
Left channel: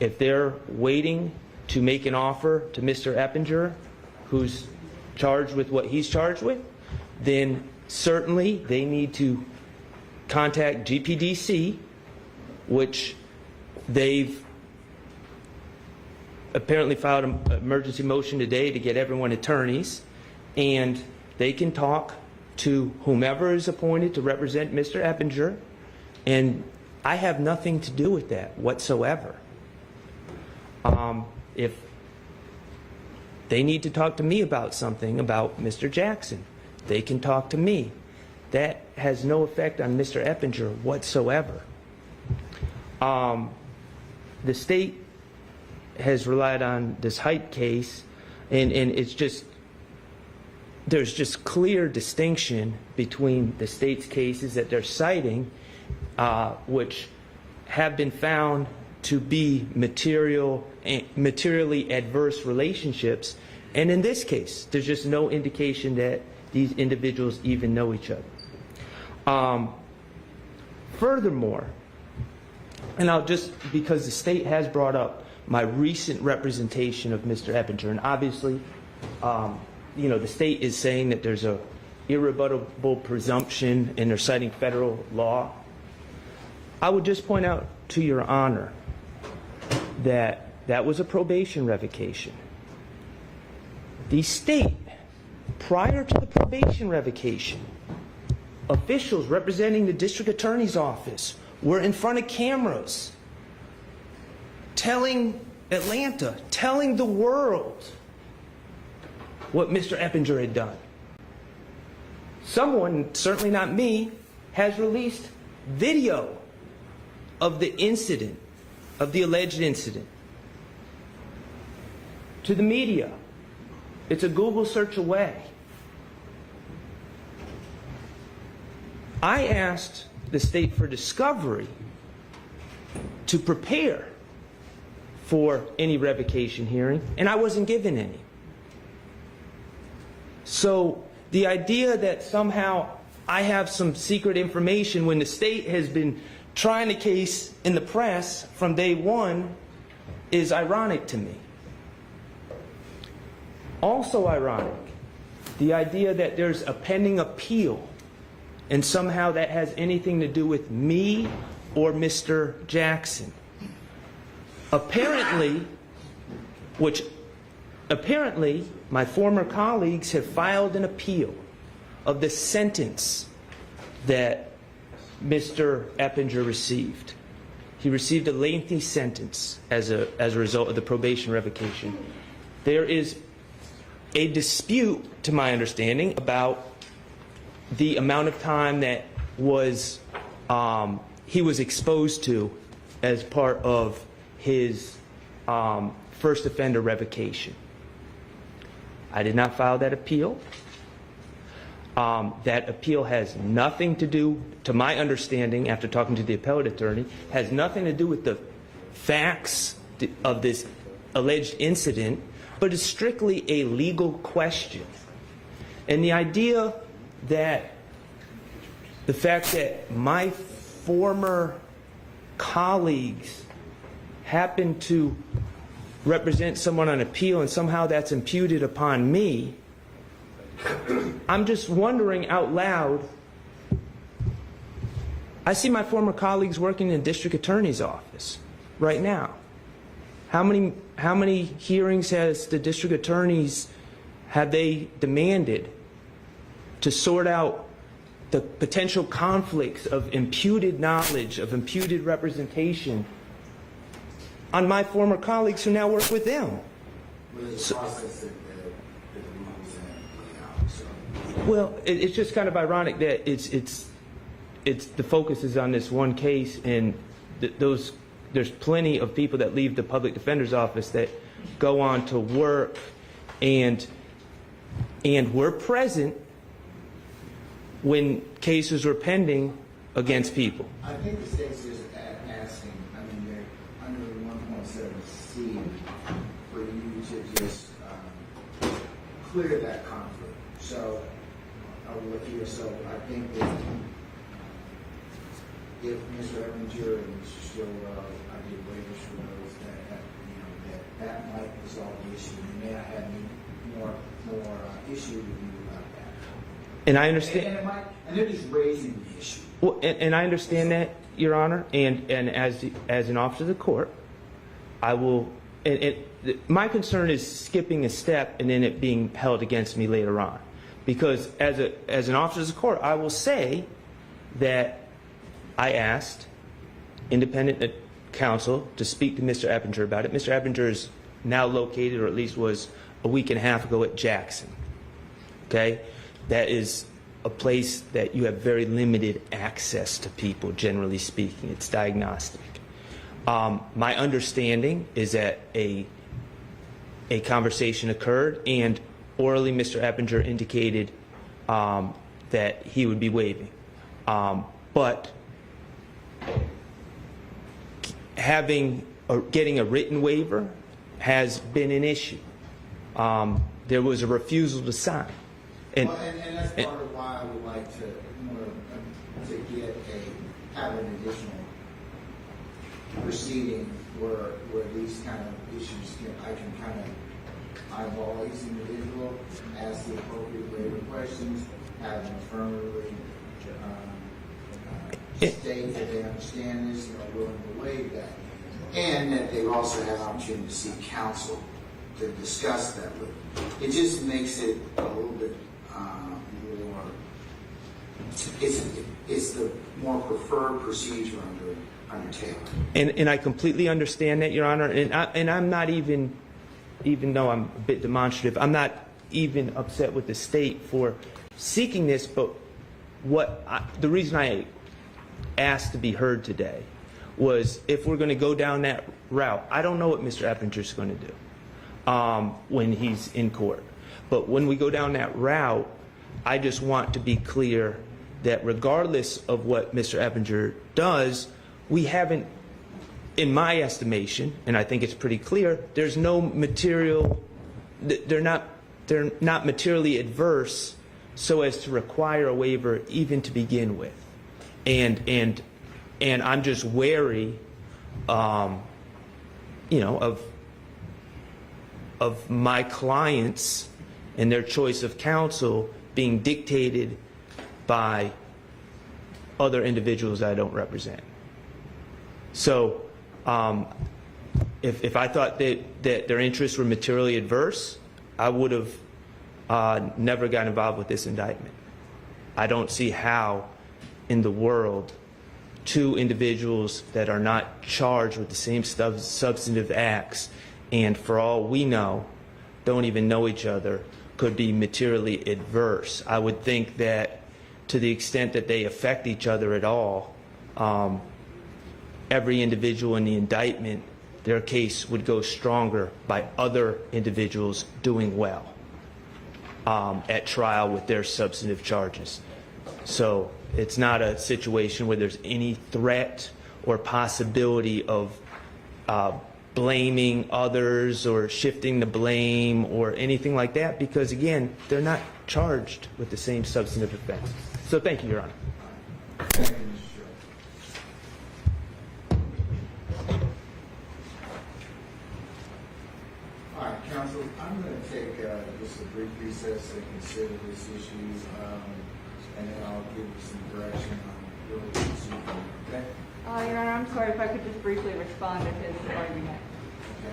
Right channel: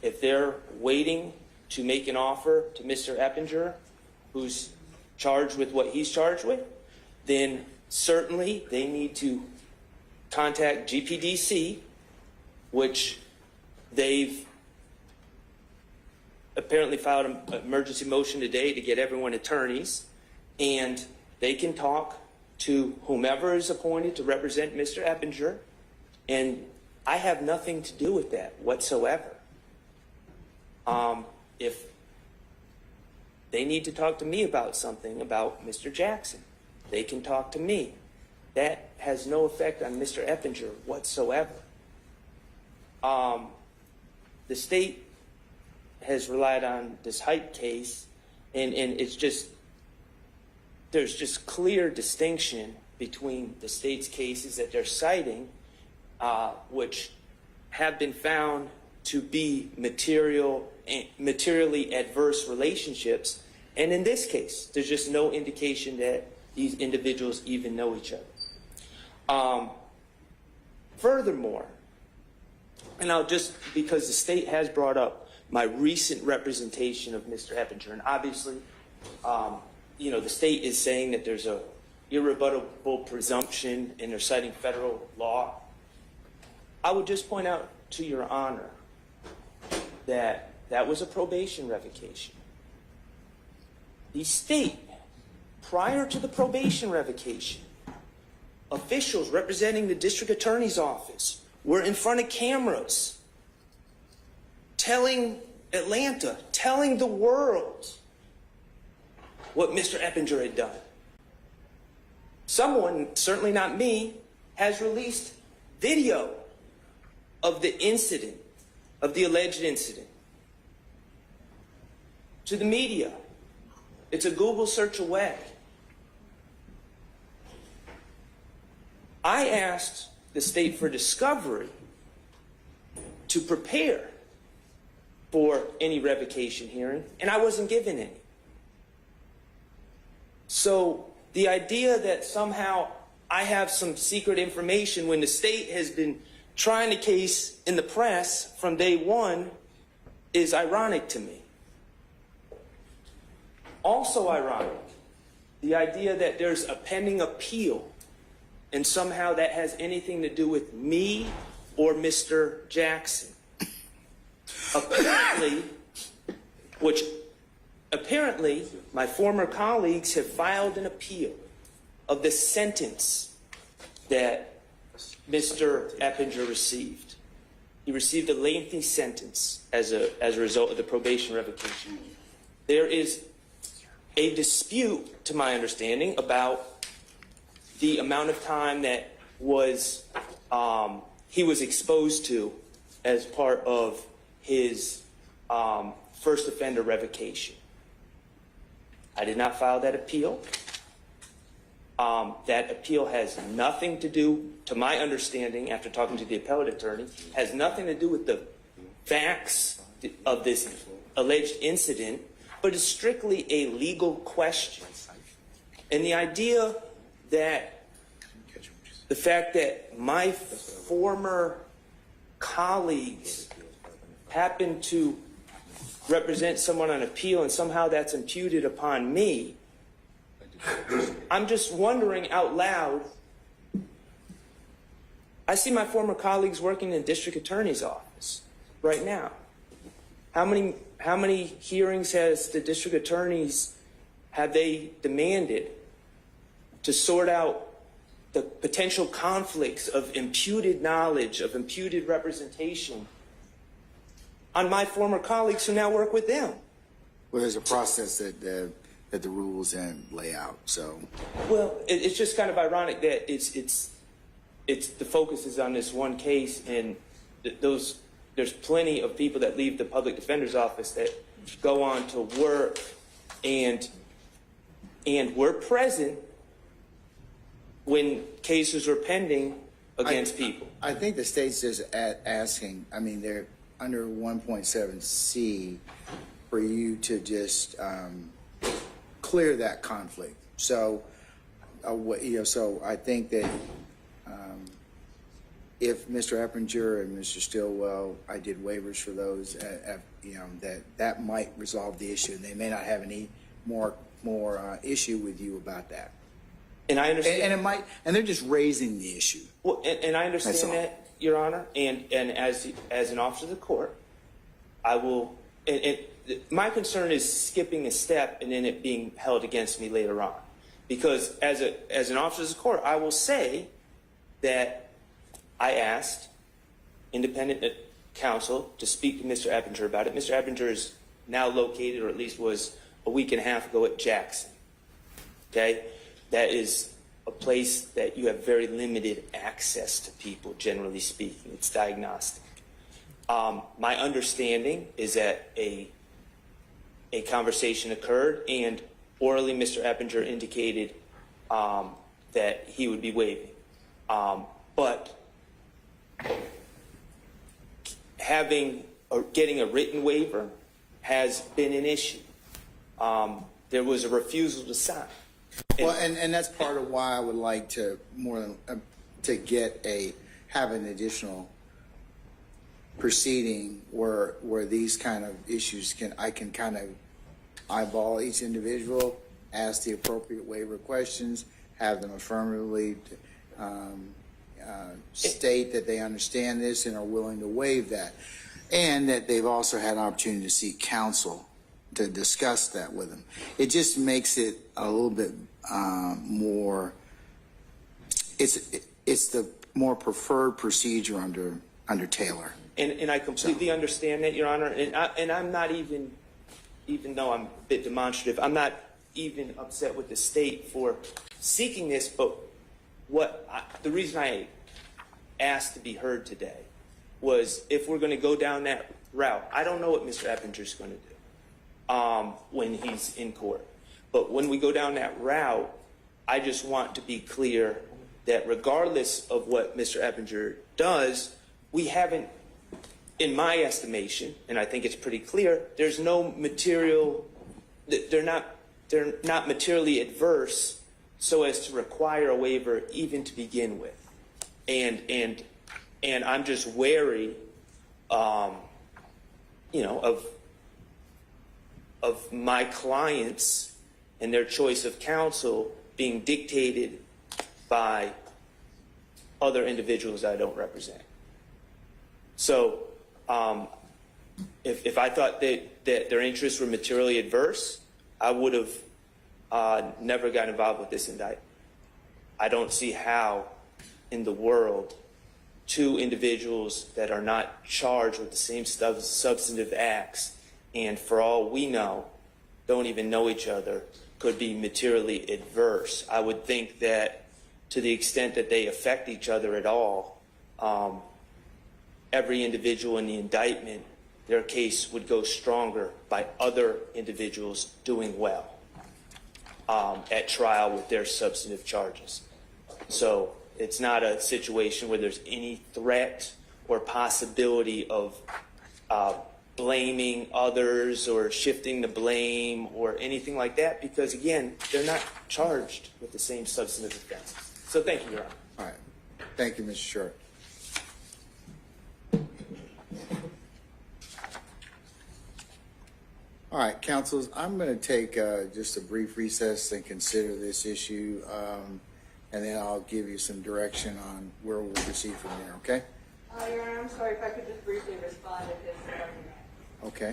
If they're waiting to make an offer to Mr. Eppinger, who's charged with what he's charged with, then certainly they need to contact GPDC, which they've apparently filed an emergency motion today to get everyone attorneys, and they can talk to whomever is appointed to represent Mr. Eppinger, and I have nothing to do with that whatsoever. If they need to talk to me about something about Mr. Jackson, they can talk to me. That has no effect on Mr. Eppinger whatsoever. The state has relied on this Height case, and it's just, there's just clear distinction between the state's cases that they're citing, which have been found to be materially adverse relationships, and in this case, there's just no indication that these individuals even know each other. Furthermore, and I'll just, because the state has brought up my recent representation of Mr. Eppinger, and obviously, the state is saying that there's a irrebuttable presumption, and they're citing federal law. I would just point out to Your Honor that that was a probation revocation. The state, prior to the probation revocation, officials representing the district attorney's office were in front of cameras telling Atlanta, telling the world what Mr. Eppinger had done. Someone, certainly not me, has released video of the incident, of the alleged incident, to the media. It's a Google search away. I asked the state for discovery to prepare for any revocation hearing, and I wasn't given any. So the idea that somehow I have some secret information when the state has been trying the case in the press from day one is ironic to me. Also ironic, the idea that there's a pending appeal and somehow that has anything to do with me or Mr. Jackson. Apparently, my former colleagues have filed an appeal of the sentence that Mr. Eppinger received. He received a lengthy sentence as a result of the probation revocation. There is a dispute, to my understanding, about the amount of time that was he was exposed to as part of his first offender revocation. I did not file that appeal. That appeal has nothing to do, to my understanding, after talking to the appellate attorney, has nothing to do with the facts of this alleged incident, but is strictly a legal question. And the idea that the fact that my former colleagues happen to represent someone on appeal and somehow that's imputed upon me, I'm just wondering out loud. I see my former colleagues working in district attorney's office right now. How many hearings has the district attorneys have they demanded to sort out the potential conflicts of imputed knowledge, of imputed representation on my former colleagues who now work with them? Well, there's a process that the rules and lay out. So, well, it's just kind of ironic that it's the focus is on this one case, and there's plenty of people that leave the public defender's office that go on to work and were present when cases were pending against people. I think the state's just asking. I mean, they're under 1.7C for you to just clear that conflict. So, so I think that if Mr. Eppinger and Mr. Stillwell, I did waivers for those, that might resolve the issue. They may not have any more issue with you about that. And I understand. And it might, and they're just raising the issue. Well, and I understand that, Your Honor. And as an officer of the court, I will. My concern is skipping a step and then it being held against me later on, because as an officer of the court, I will say that I asked independent counsel to speak to Mr. Eppinger about it. Mr. Eppinger is now located, or at least was a week and a half ago, at Jackson. Okay? That is a place that you have very limited access to people, generally speaking. It's diagnostic. My understanding is that a conversation occurred, and orally Mr. Eppinger indicated that he would be waiving. But getting a written waiver has been an issue. There was a refusal to sign. And that's part of why I would like to have an additional proceeding where these kind of issues I can kind of eyeball each individual, ask the appropriate waiver questions, have them affirmatively state that they understand this and are willing to waive that, and that they've also had an opportunity to seek counsel to discuss that with them. It just makes it a little bit more. It's the more preferred procedure under Taylor. And I completely understand that, Your Honor. And I'm not even though I'm a bit demonstrative, I'm not even upset with the state for seeking this. But the reason I asked to be heard today was, if we're going to go down that route, I don't know what Mr. Eppinger is going to do when he's in court. But when we go down that route, I just want to be clear that regardless of what Mr. Eppinger does, we haven't, in my estimation, and I think it's pretty clear, there's no material, they're not materially adverse so as to require a waiver even to begin with. And I'm just wary, of my clients and their choice of counsel being dictated by other individuals I don't represent. So if I thought that their interests were materially adverse, I would have never got involved with this indictment. I don't see how in the world two individuals that are not charged with the same substantive acts and for all we know don't even know each other could be materially adverse. I would think that to the extent that they affect each other at all, every individual in the indictment, their case would go stronger by other individuals doing well at trial with their substantive charges. So it's not a situation where there's any threat or possibility of blaming others or shifting the blame or anything like that, because again, they're not charged with the same substantive offense. So thank you, Your Honor. All right. Thank you, Mr. Short. All right, counsels, I'm going to take just a brief recess and consider this issue, and then I'll give you some direction on where we'll proceed from there, okay? Your Honor, I'm sorry if I could just briefly respond to his argument. Okay.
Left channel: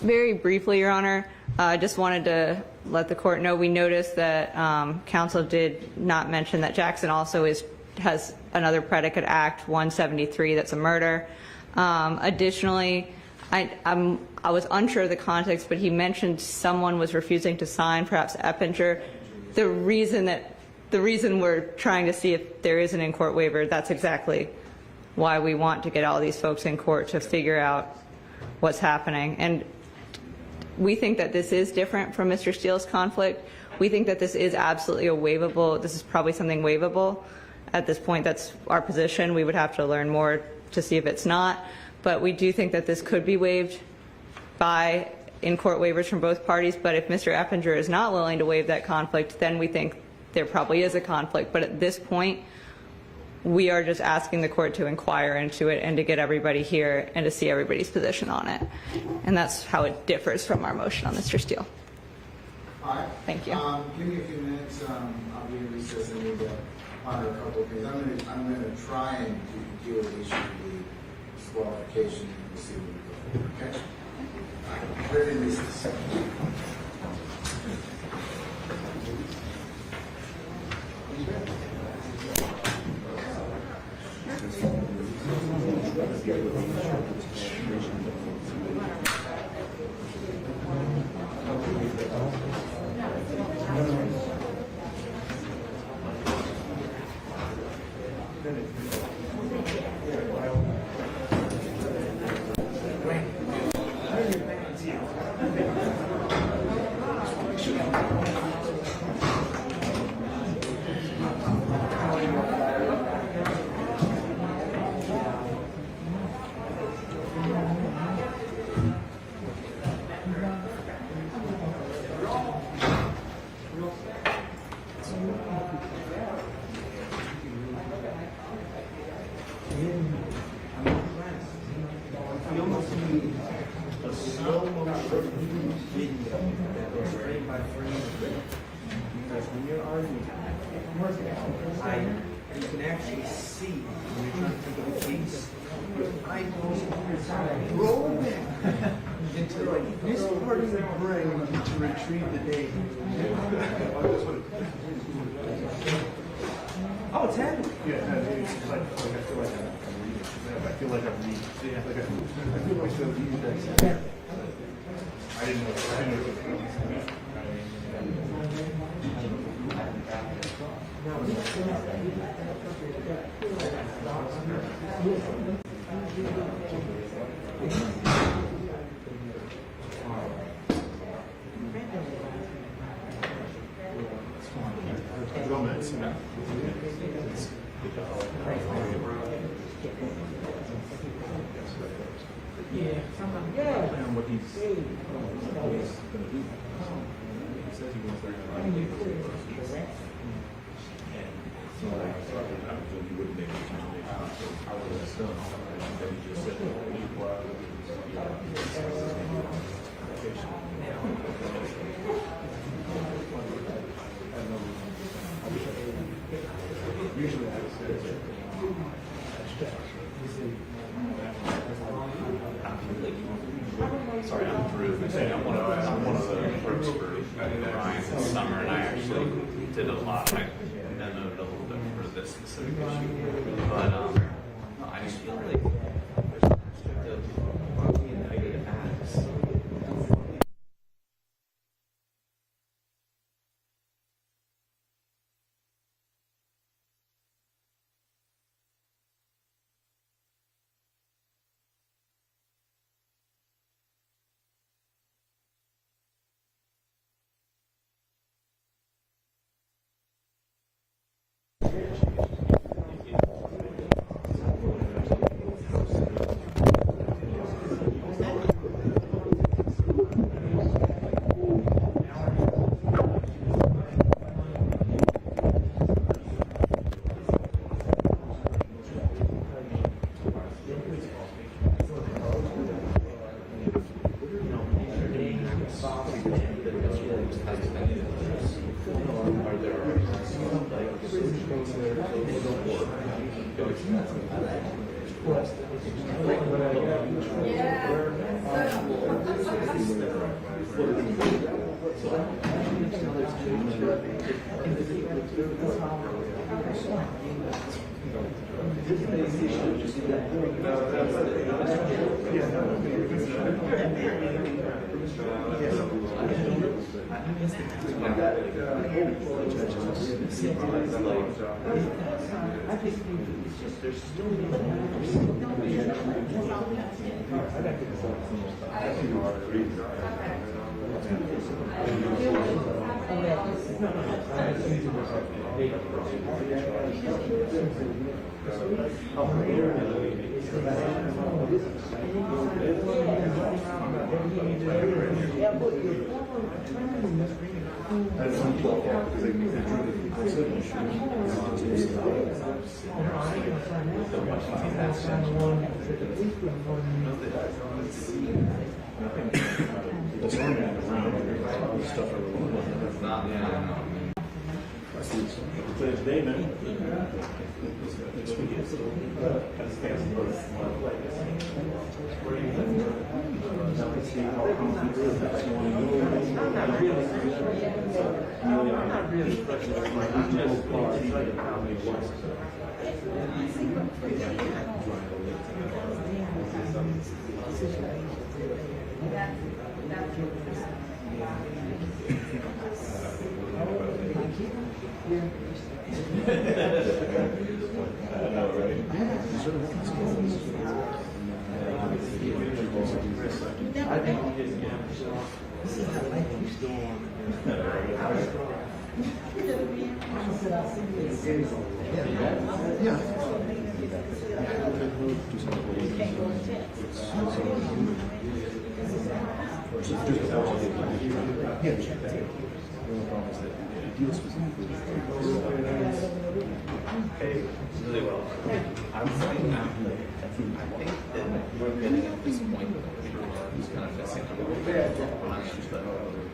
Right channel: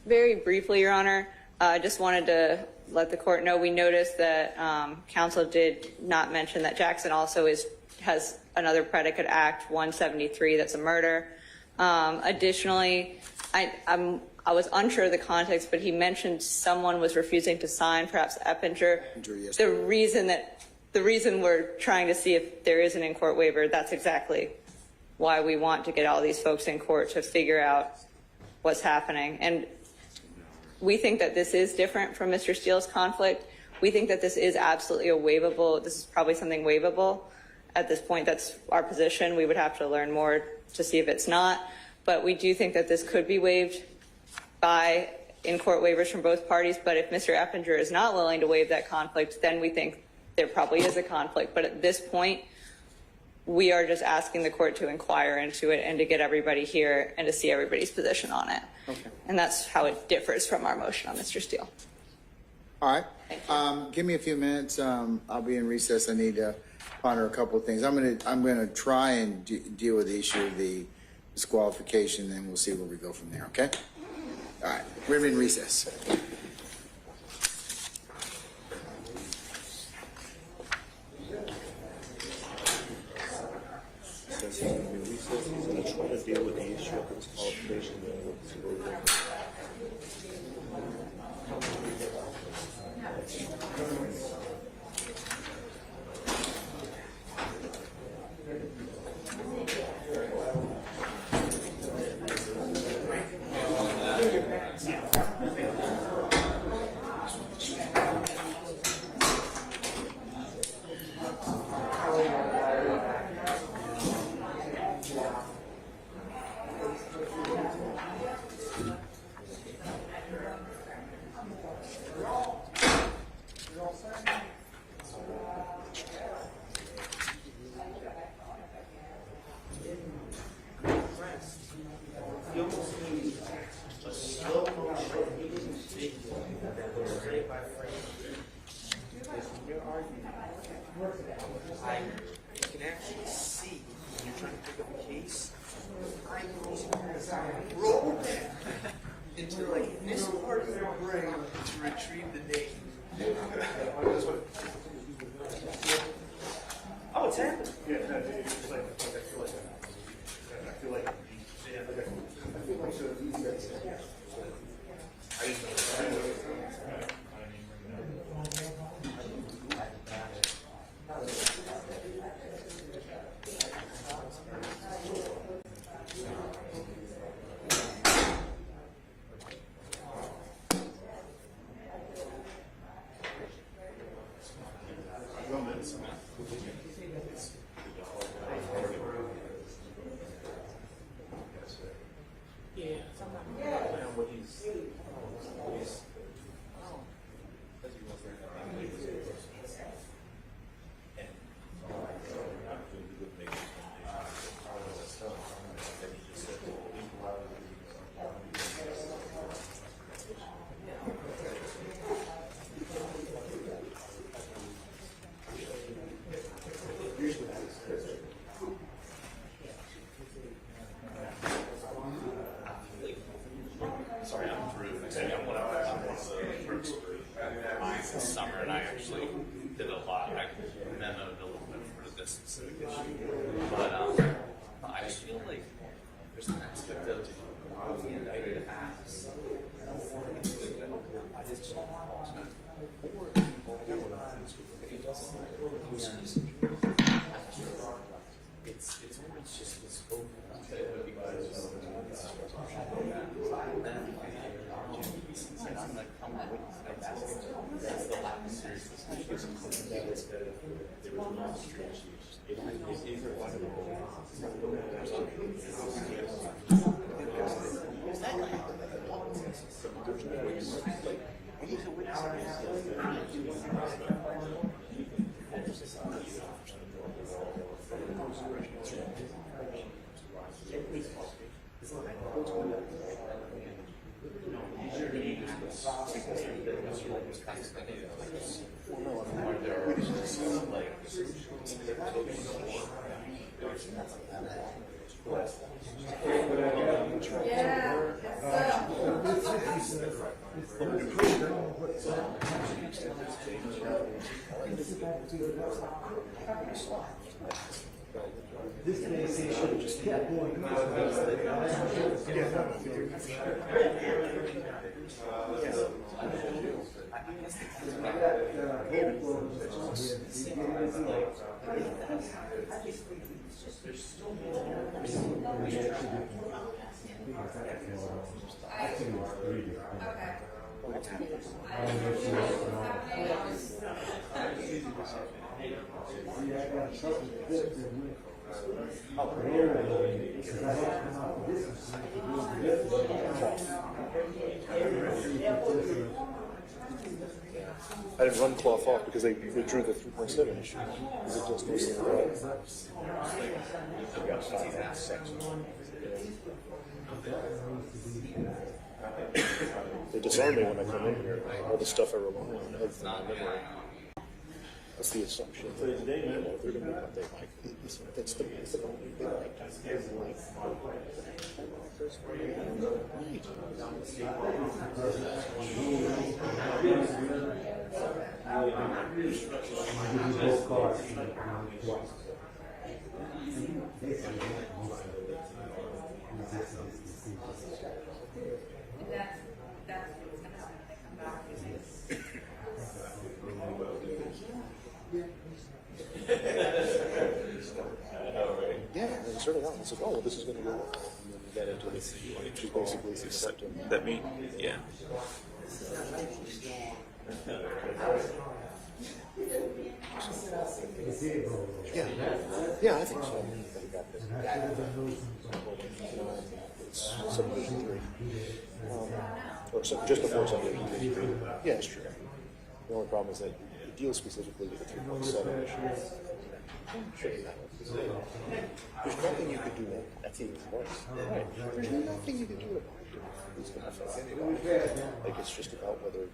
Very briefly, Your Honor, I just wanted to let the court know we noticed that counsel did not mention that Jackson also has another predicate act, 173, that's a murder. Additionally, I was unsure of the context, but he mentioned someone was refusing to sign, perhaps Eppinger. The reason we're trying to see if there is an in-court waiver, that's exactly why we want to get all these folks in court to figure out what's happening. And we think that this is different from Mr. Steele's conflict. We think that this is absolutely a waivable, this is probably something waivable. At this point, that's our position. We would have to learn more to see if it's not. But we do think that this could be waived by in-court waivers from both parties. But if Mr. Eppinger is not willing to waive that conflict, then we think there probably is a conflict. But at this point, we are just asking the court to inquire into it and to get everybody here and to see everybody's position on it. And that's how it differs from our motion on Mr. Steele. All right. Thank you. Give me a few minutes. I'll be in recess. I need to ponder a couple of things. I'm gonna try and deal with the issue of the disqualification, and we'll see where we go from here. Okay. All right. We're in recess. You can actually see when you're trying to pick up a case, your eyeballs roll back into like this part of your brain to retrieve the data. Oh, it's happening. Yeah, it's like I feel like I'm reading. I feel like I'm reading. I feel like so easy. I didn't know. Sorry, I'm Drew. I'm one of the folks for Ryan this summer, and I actually did a lot. I memoed a little bit for this specific issue, but no, I just feel like there's an aspect of the United Acts. I had one fluff off because they drew the signature. Disarming all the stuff I wrote. That's the assumption. Yeah, I think so. Just before yeah, the only problem is that it deals specifically with I was looking at that's even it's just that other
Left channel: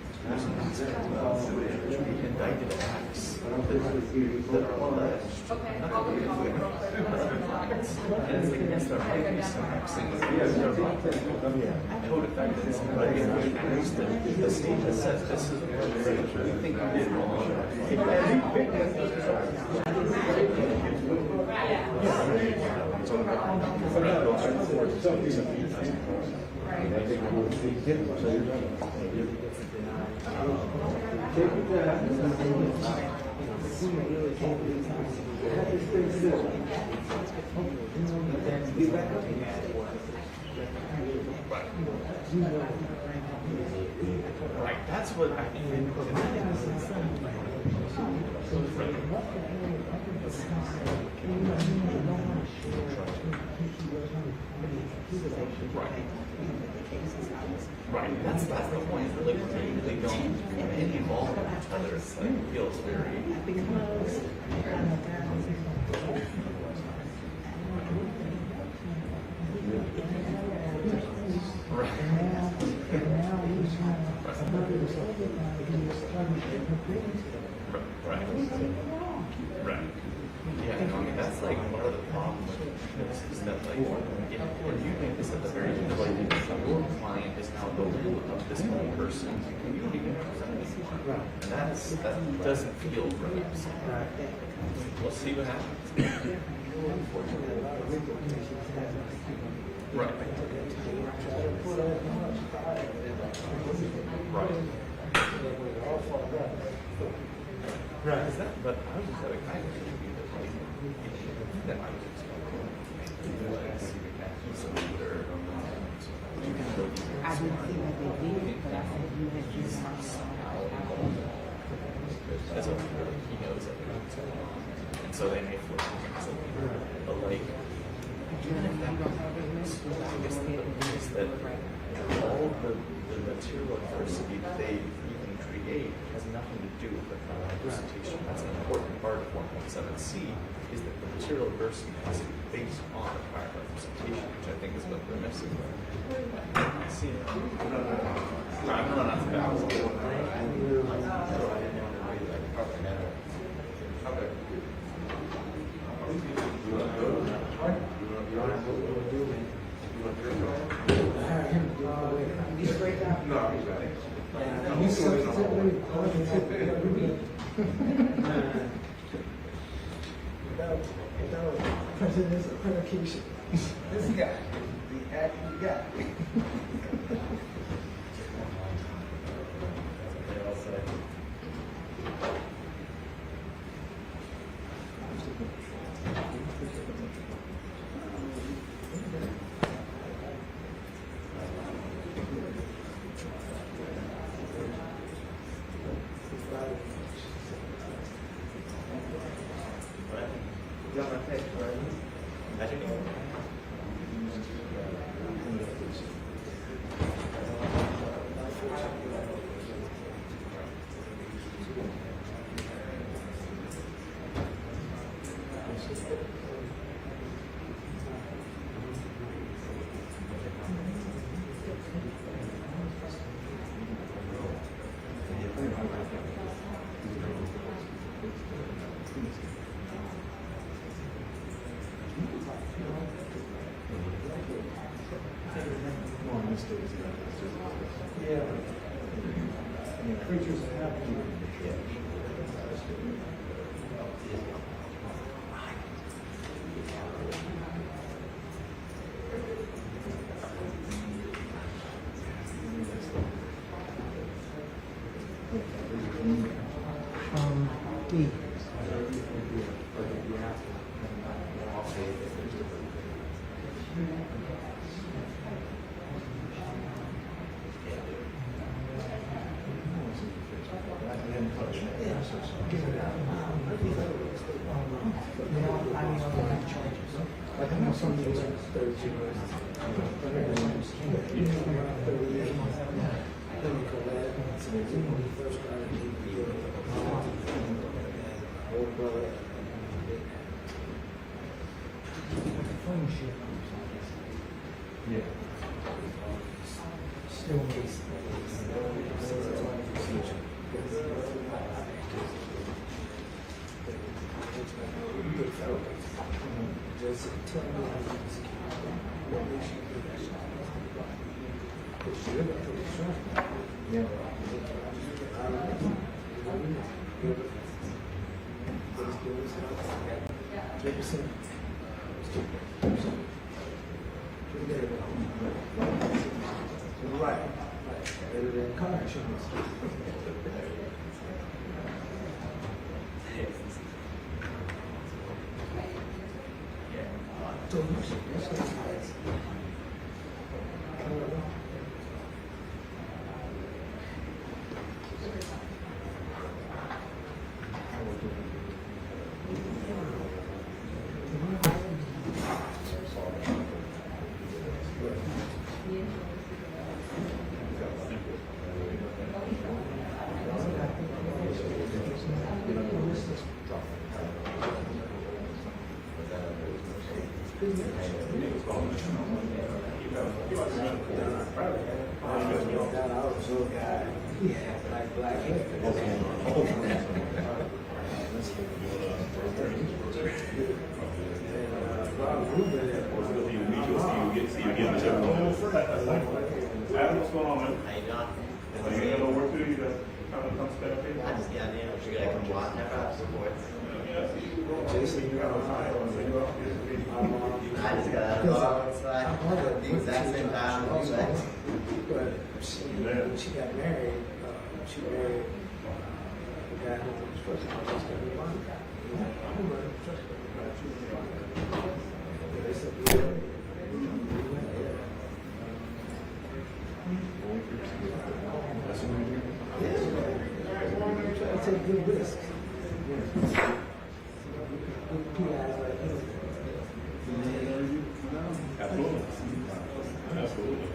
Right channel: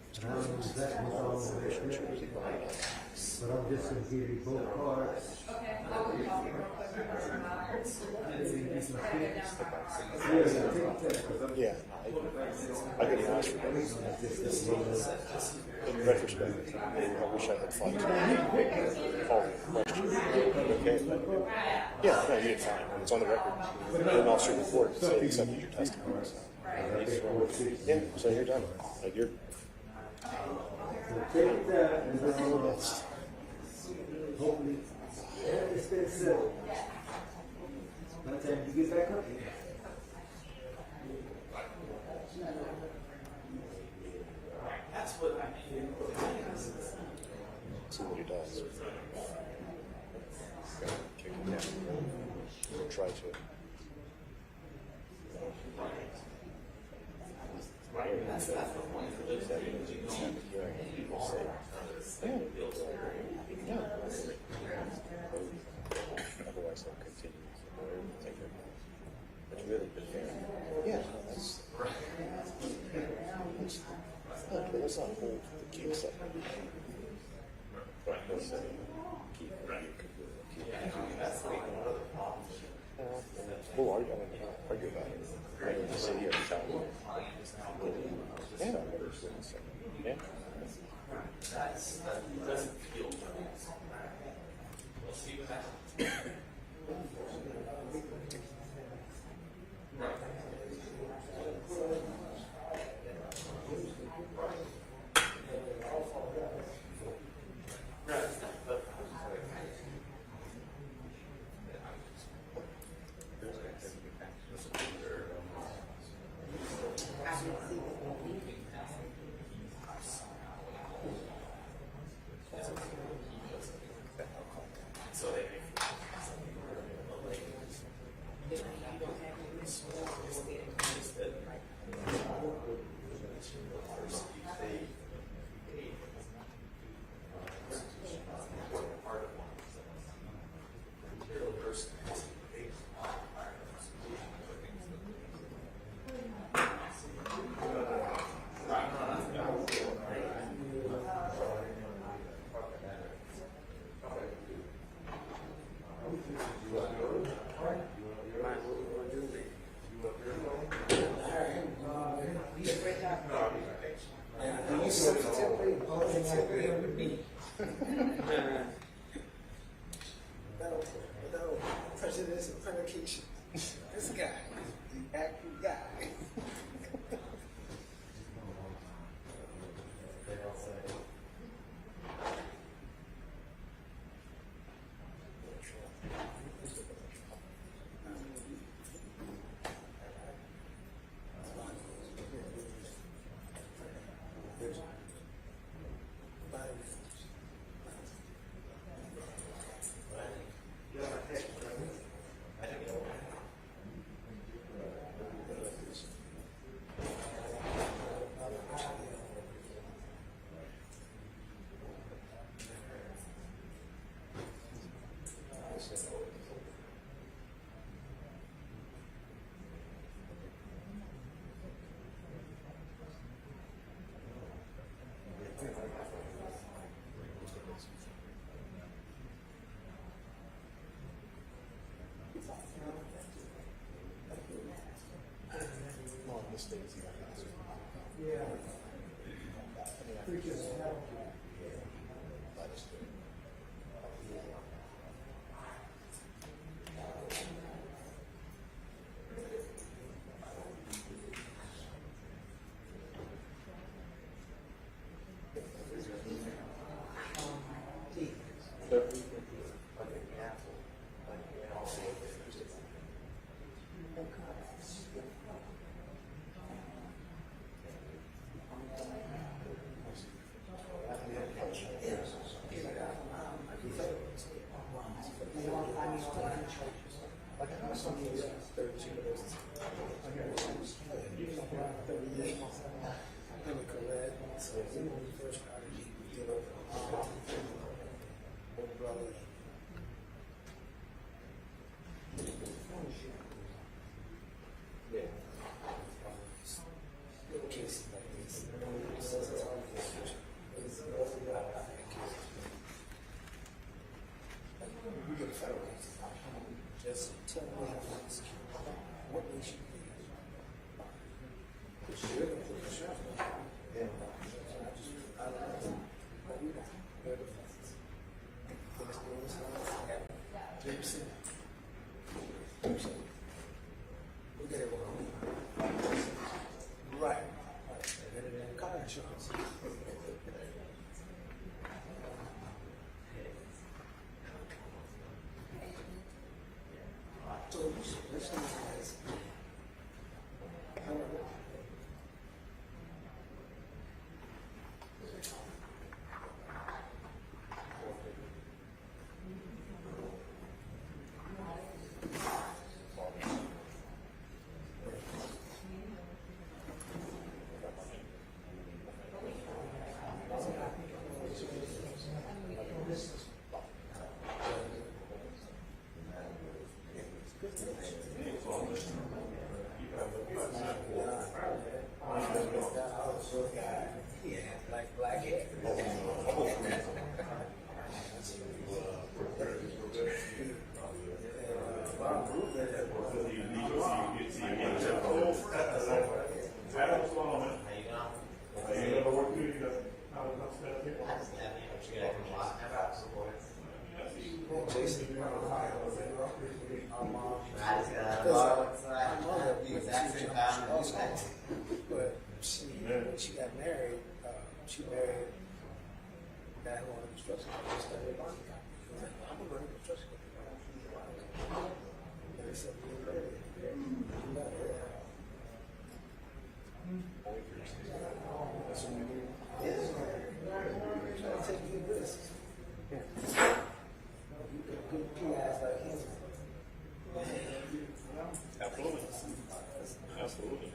it's on the officer report, so he said you testified. Yeah, so you're done. Like, that's what I think. Right, that's the point. They don't get any involvement with each other. It's like, it feels very. Right. Yeah, no, I mean, that's like part of the problem with this is that, like, when you make this at the very beginning, the client is now disciplined persons. And that doesn't feel right. We'll see what happens. Right. Right. Is that, but I was just having kind of that I was I didn't see what they did, but I said you had just that's what he knows it. And so they may force him to like is that all the material adversity that they even create has nothing to do with the representation. That's an important part of 1.7c is that the material adversity is based on the prior representation, which I think is what we're missing. I'm gonna run out of bounds. Without president's accreditation. This guy, the acting guy. Yeah. Preachers have to. Right. Better than car insurance. So that's what it is. I don't know. Adam, what's going on, man? How you doing? You got to work through, you got to come to that I just got in, but you gotta come watch that rap support. Jason, you're on high. I just got out of the bar, it's like, the exact same time. But she got married, she married a guy who was supposed to be a money guy. Take good risks. Absolutely. Absolutely.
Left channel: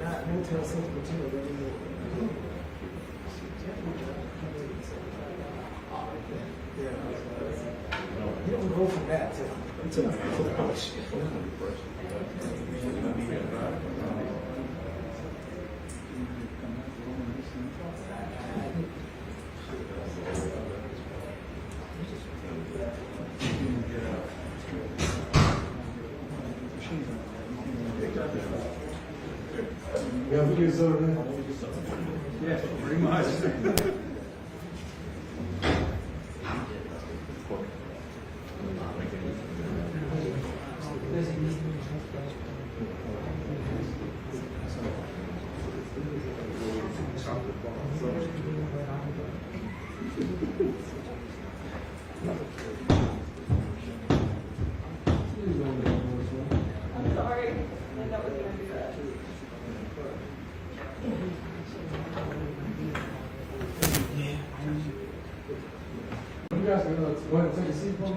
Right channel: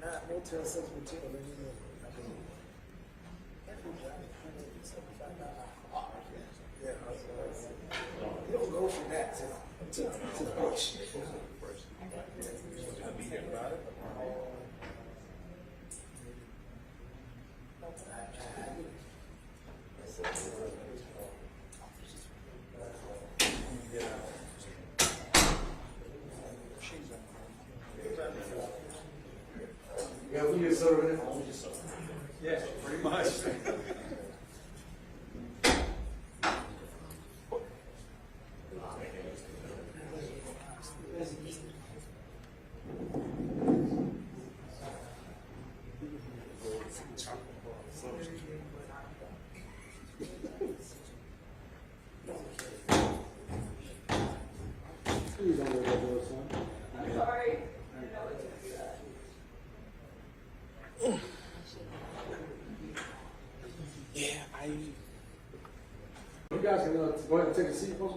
Not mental sense material anymore. You don't go from that to the push. Yeah, pretty much. I'm sorry. I know it's gonna do that. Yeah, You guys gonna want to take a seat, bro?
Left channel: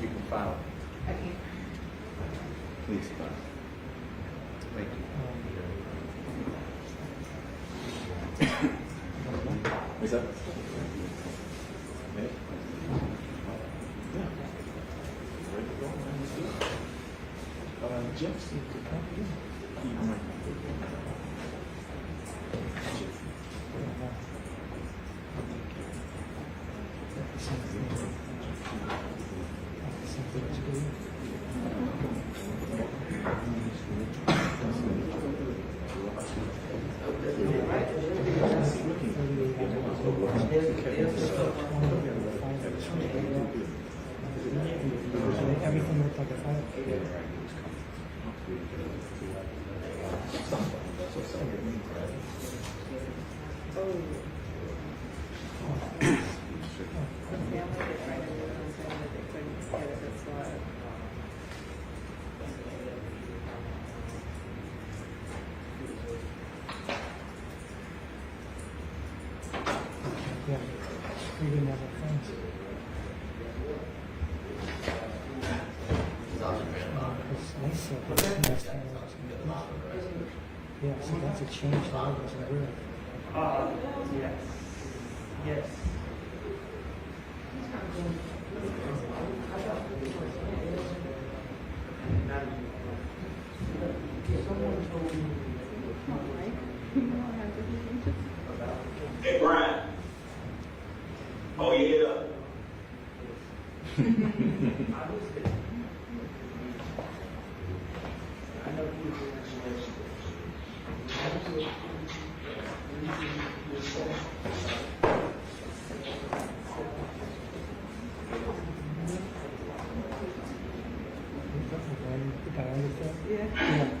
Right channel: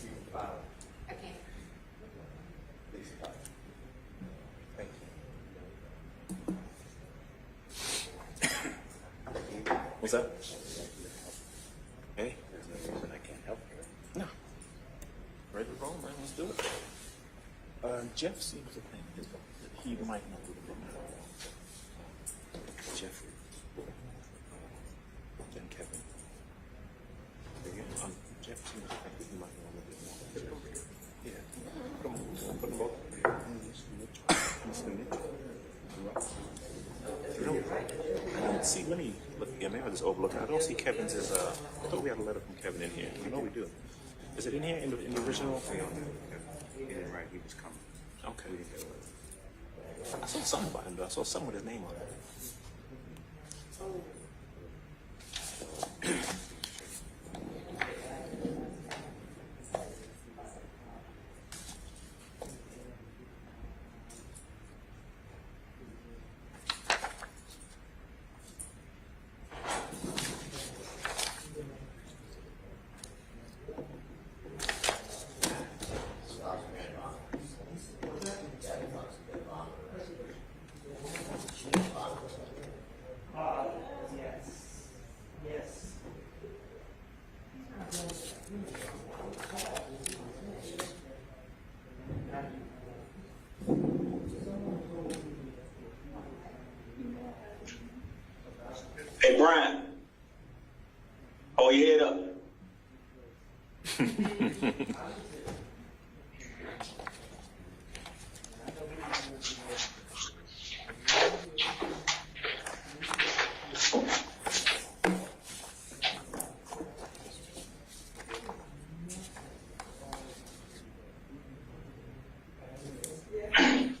You can file. Please file. Thank you. What's that? Me? Yeah. Ready to roll, man, let's do it. Jefferson, he might not be. Jeffrey. See, maybe, yeah, maybe let's go look. I see Kevin's is, don't be able to let Kevin in here. Is it in here? In the original? Yeah, right, he was coming. Okay. I saw something about him, though. I saw some of the names, right? Yeah, so that's a change. Yes. Yes. Hey, Brian. Oh, you head up.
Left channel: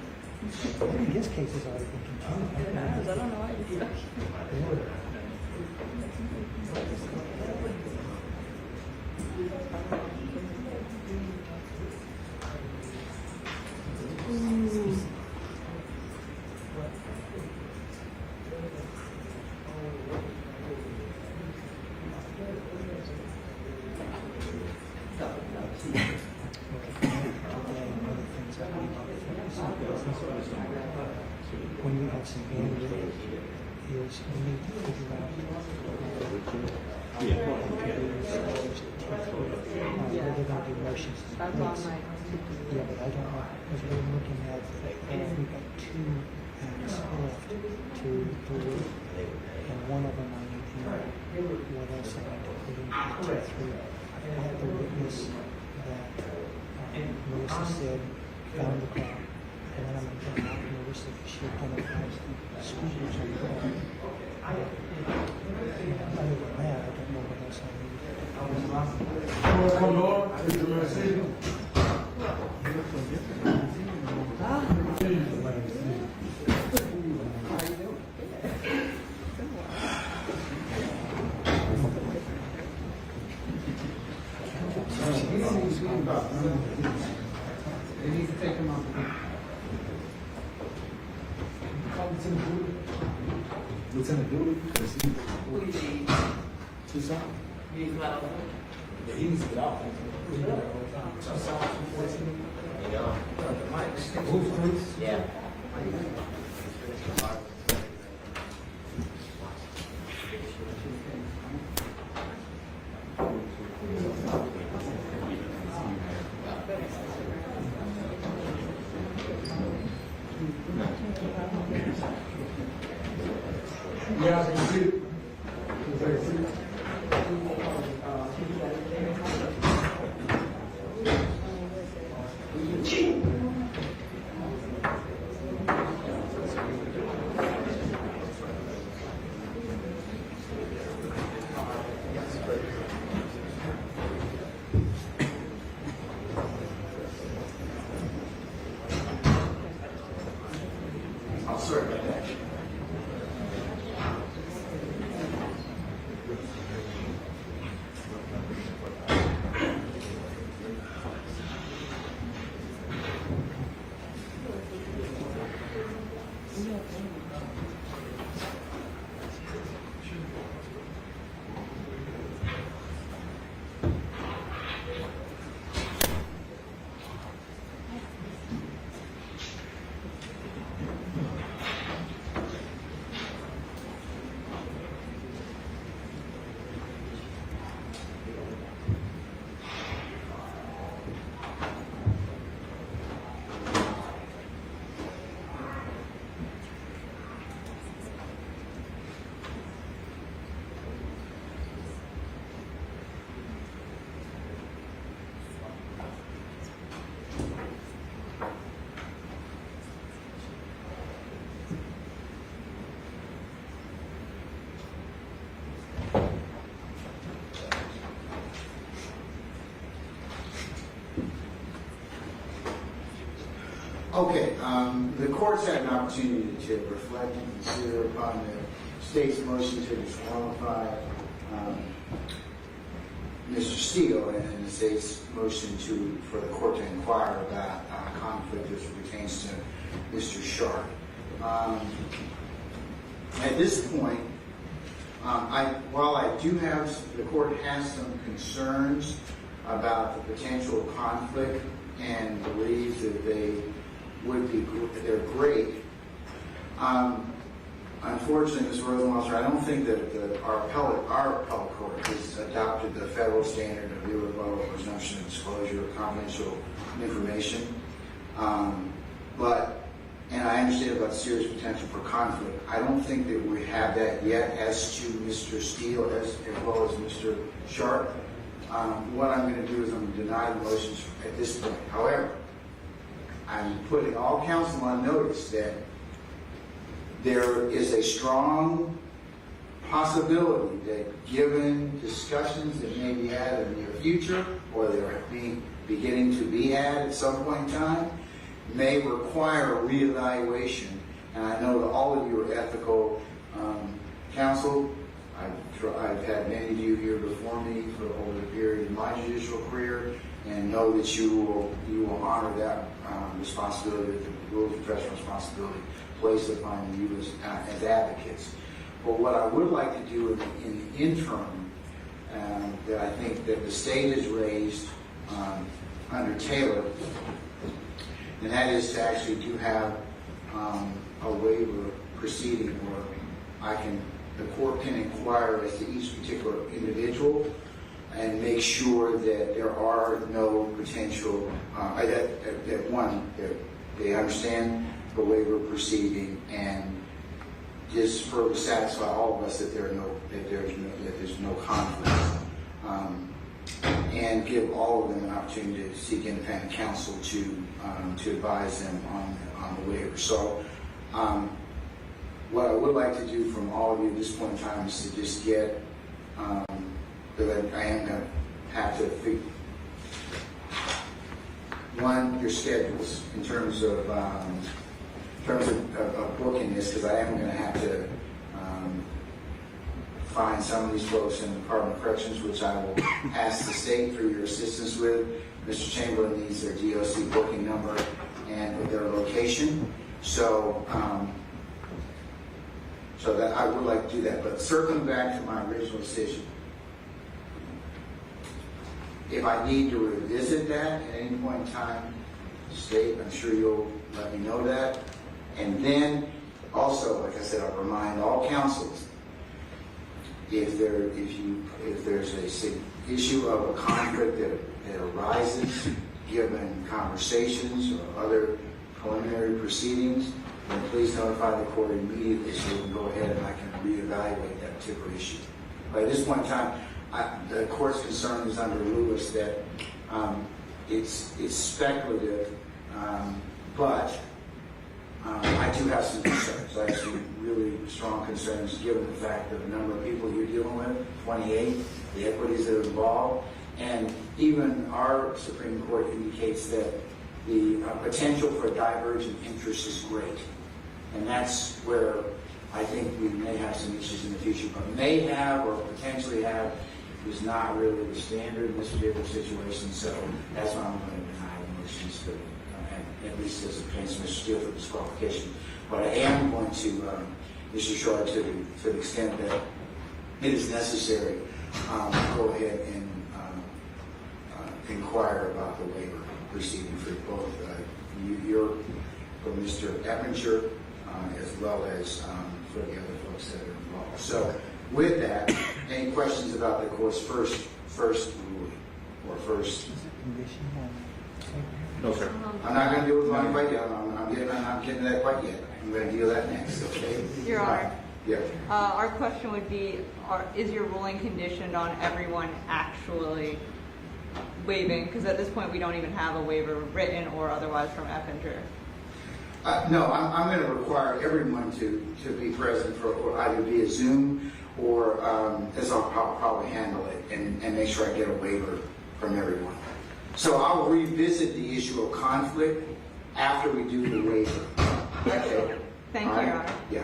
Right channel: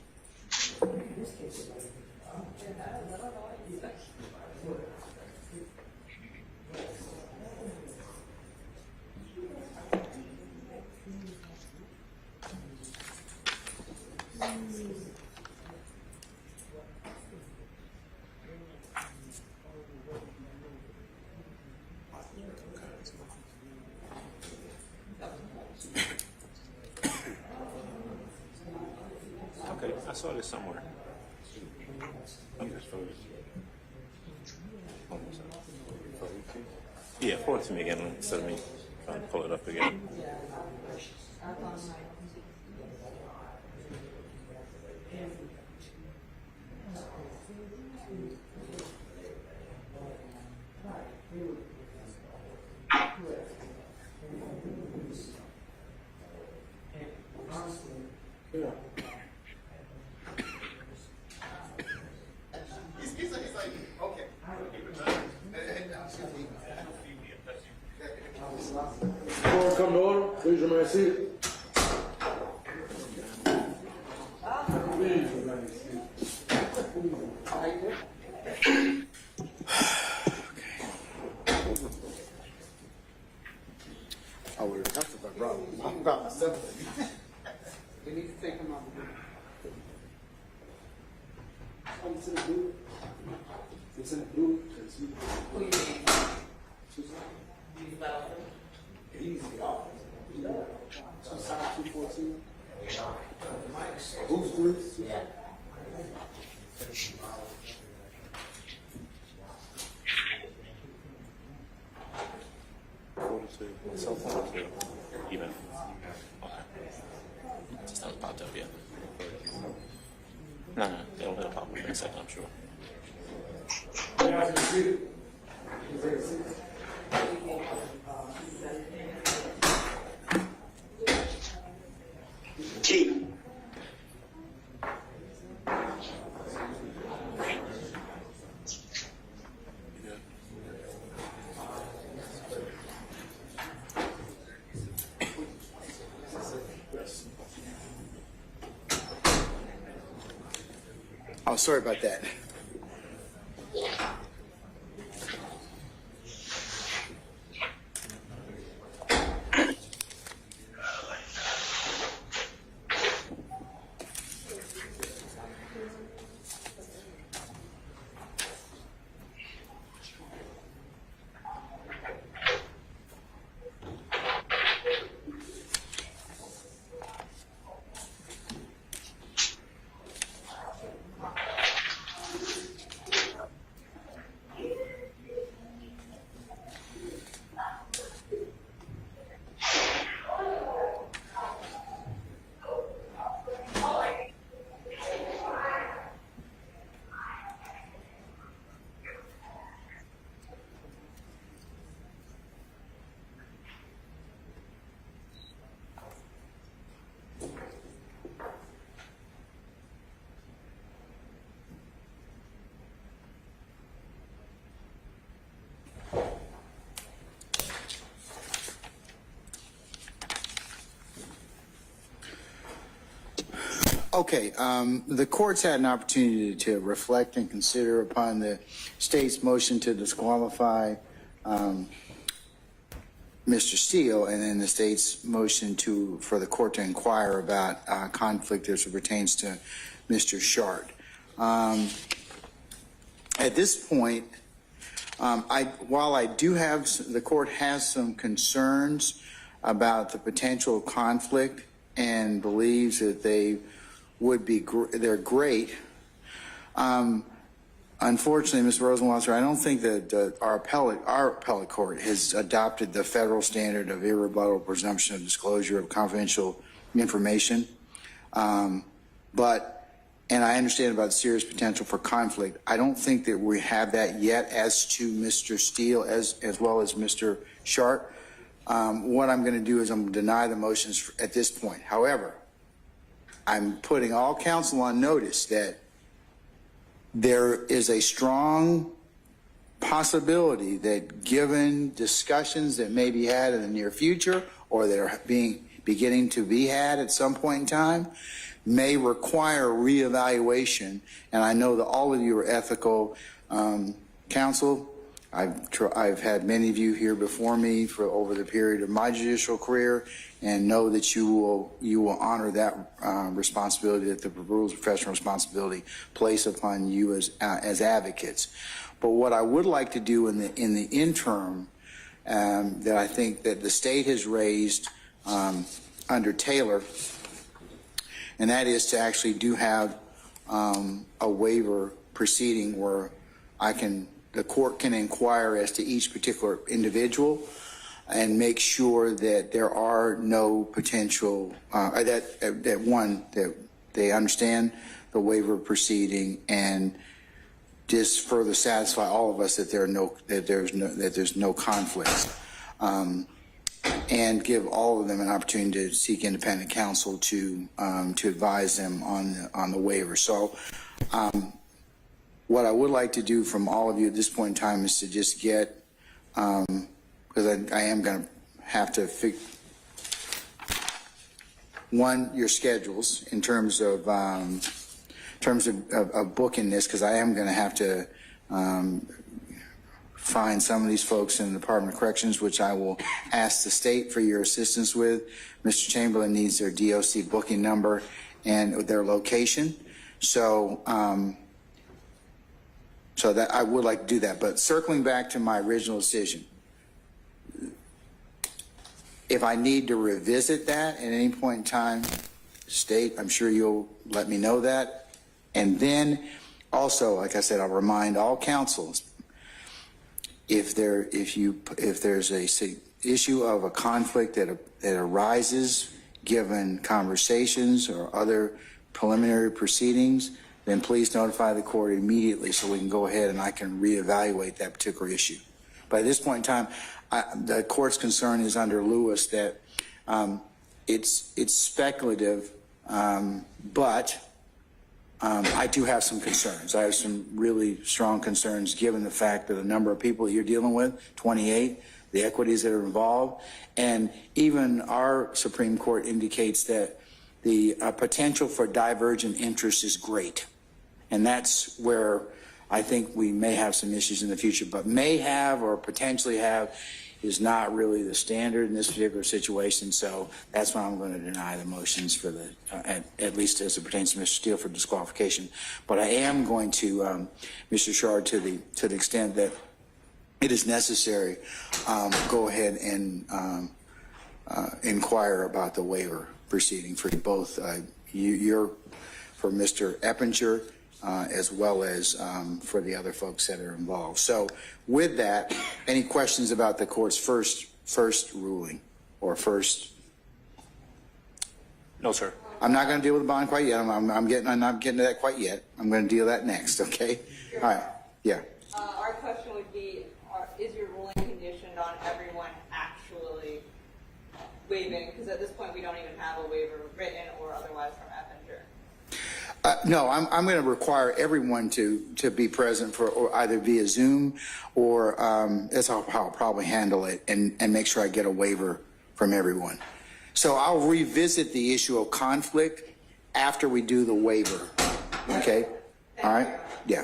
In his case, it's already been continued. I don't know why you stuck. I saw this somewhere. When we have some anger, is when we figure out. Yeah, pull it together. So pull it up again. They're gonna do motions. Yeah, but I don't know, because we're looking at, we've got 2 acts left, 2, 3, and one of them I need to know what else I have to put in to 3. I have to witness that Melissa said, found the car, and then I'm going to come out and notice that she had done it. Come on, please, my seat. Lieutenant Blue, what's up? Yeah, he's out. Roof, please? Yeah. Yeah, I can see it. Oh, sorry about that. Okay, the court's had an opportunity to reflect and consider upon the state's motion to disqualify Mr. Steele, and then the state's motion for the court to inquire about conflict as it pertains to Mr. Sharp. At this point, while I do have, the court has some concerns about the potential conflict and believes that they would be, they're great. Unfortunately, Mr. Rosenwasser, I don't think that our appellate court has adopted the federal standard of irrebuttable presumption of disclosure of confidential information. And I understand about serious potential for conflict. I don't think that we have that yet as to Mr. Steele as well as Mr. Sharp. What I'm going to do is I'm going to deny the motions at this point. However, I'm putting all counsel on notice that there is a strong possibility that given discussions that may be had in the near future or that are beginning to be had at some point in time may require reevaluation. And I know that all of you are ethical counsel. I've had many of you here before me for over the period of my judicial career, and know that you will honor responsibility that the rules of professional responsibility place upon you as advocates. But what I would like to do in the interim, that I think that the state has raised under Taylor, and that is to actually do have a waiver proceeding where the court can inquire as to each particular individual and make sure that there are no potential, that they understand the waiver proceeding and just further satisfy all of us that there's no conflicts, and give all of them an opportunity to seek independent counsel to advise them on the waiver. So what I would like to do from all of you at this point in time is to just get, because I am going to have to figure your schedules in terms of booking this, because I am going to have to find some of these folks in the Department of Corrections, which I will ask the state for your assistance with. Mr. Chamberlain needs their DOC booking number and their location. So that I would like to do that. But circling back to my original decision, if I need to revisit that at any point in time, state, I'm sure you'll let me know that. And then also, like I said, I'll remind all counsels, if there's a issue of a conflict that arises given conversations or other preliminary proceedings, then please notify the court immediately so we can go ahead and I can reevaluate that particular issue. But at this point in time, the court's concern is under Lewis that it's speculative, but I do have some concerns. I have some really strong concerns given the fact that the number of people you're dealing with, 28, the equities that are involved, and even our Supreme Court indicates that the potential for divergent interest is great. And that's where I think we may have some issues in the future, but may have or potentially have is not really the standard in this particular situation. So that's why I'm going to deny the motions for the, at least as it pertains to Mr. Steele, for disqualification. But I am going to, Mr. Shard, to the extent that it is necessary, go ahead and inquire about the waiver proceeding for both for Mr. Eppinger, as well as for the other folks that are involved. So with that, any questions about the court's first ruling or first? No, sir. I'm not going to deal with bond quite yet. I'm not getting to that quite yet. I'm going to deal with that next, okay? Your All Honor. right. Yeah. Our question would be, is your ruling conditioned on everyone actually waiving? Because at this point, we don't even have a waiver written or otherwise from Eppinger. No, I'm going to require everyone to be present for or either via Zoom or as I'll probably handle it and make sure I get a waiver from everyone. So I'll revisit the issue of conflict after we do the waiver. Okay? Thank All you, right? Your Honor. Yeah.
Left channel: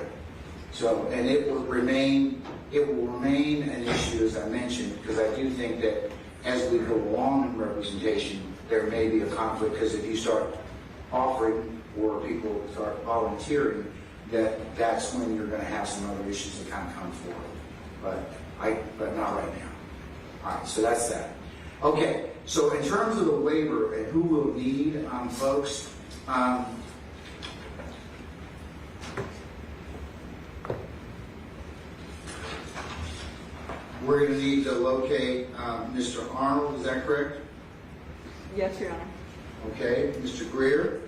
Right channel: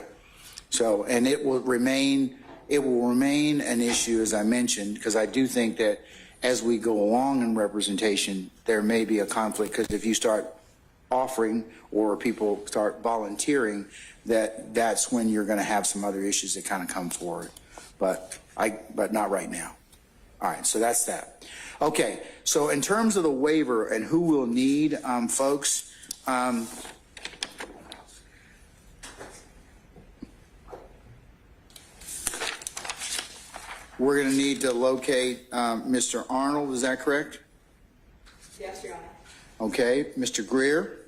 So, and it will remain an issue, as I mentioned, because I do think that as we go along in representation, there may be a conflict, because if you start offering or people start volunteering, that's when you're going to have some other issues that kind of come forward. But not right now. All right, so that's that. Okay, so in terms of the waiver and who will need, folks, we're going to need to locate Mr. Arnold, is that correct? Yes, Your Honor. Okay, Mr. Greer,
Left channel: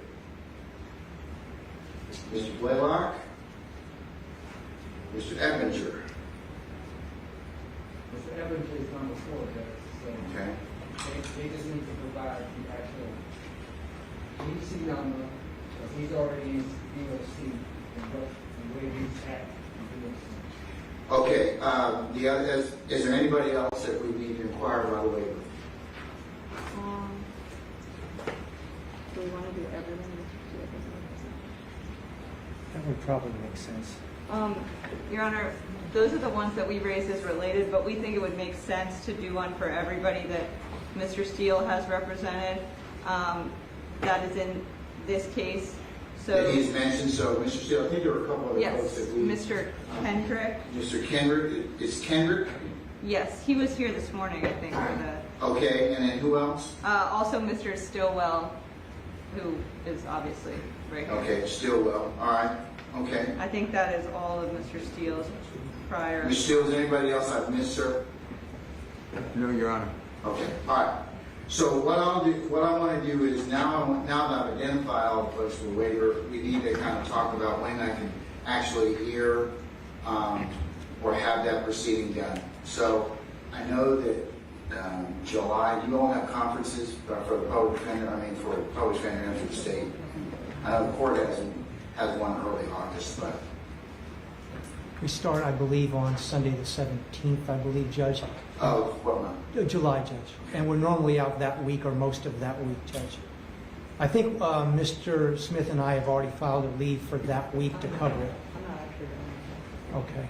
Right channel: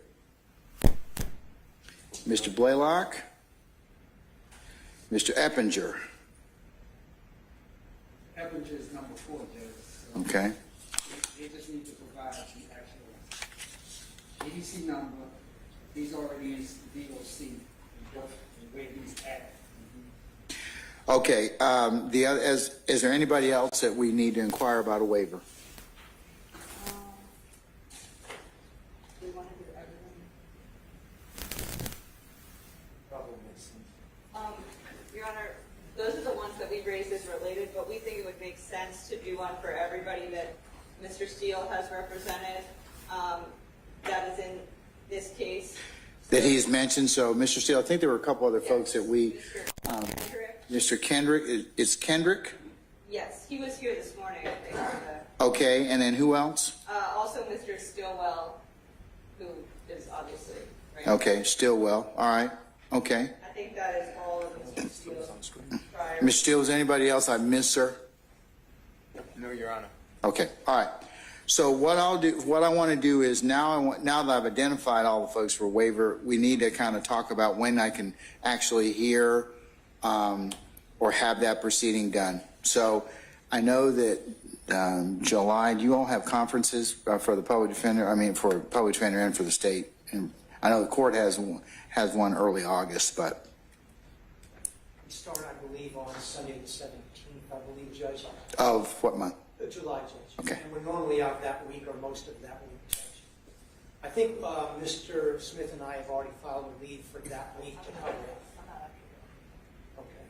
Mr. Blaylock, Mr. Eppinger. Mr. Eppinger is number 4, Judge. So Okay. they just need to provide the actual EDC number. If he's already in DOC, and the way he's acting. Okay, is there anybody else that we need to inquire about a waiver? Do we want to do everything? That would probably make sense. Your Honor, those are the ones that we raised as related, but we think it would make sense to do one for everybody that Mr. Steele has represented. That is in this case. So, that he's mentioned. So, Mr. Steele, I think there were a couple other yes, folks that we... Mr. Kendrick. Mr. Kendrick, is Kendrick? Yes, he was here this morning, I think. Okay, and then who else? Also Mr. Stillwell, who is obviously right. Okay, Stillwell. All right. Okay. I think that is all of Mr. Steele's prior. Mr. Steele, is anybody else I missed, sir? No, Your Honor. Okay. All right. So what I want to do is now that I've identified all the folks for waiver, we need to kind of talk about when I can actually hear or have that proceeding done. So I know that July, do you all have conferences for the public defender? I mean, for the public defender and for the state. And I know the court has one early August, but We start, I believe, on Sunday the 17th, I believe, Judge. of what month? July, Judge. Okay. And we're normally out that week or most of that week, Judge. I think Mr. Smith and I have already filed a leave for that week to cover it. Okay.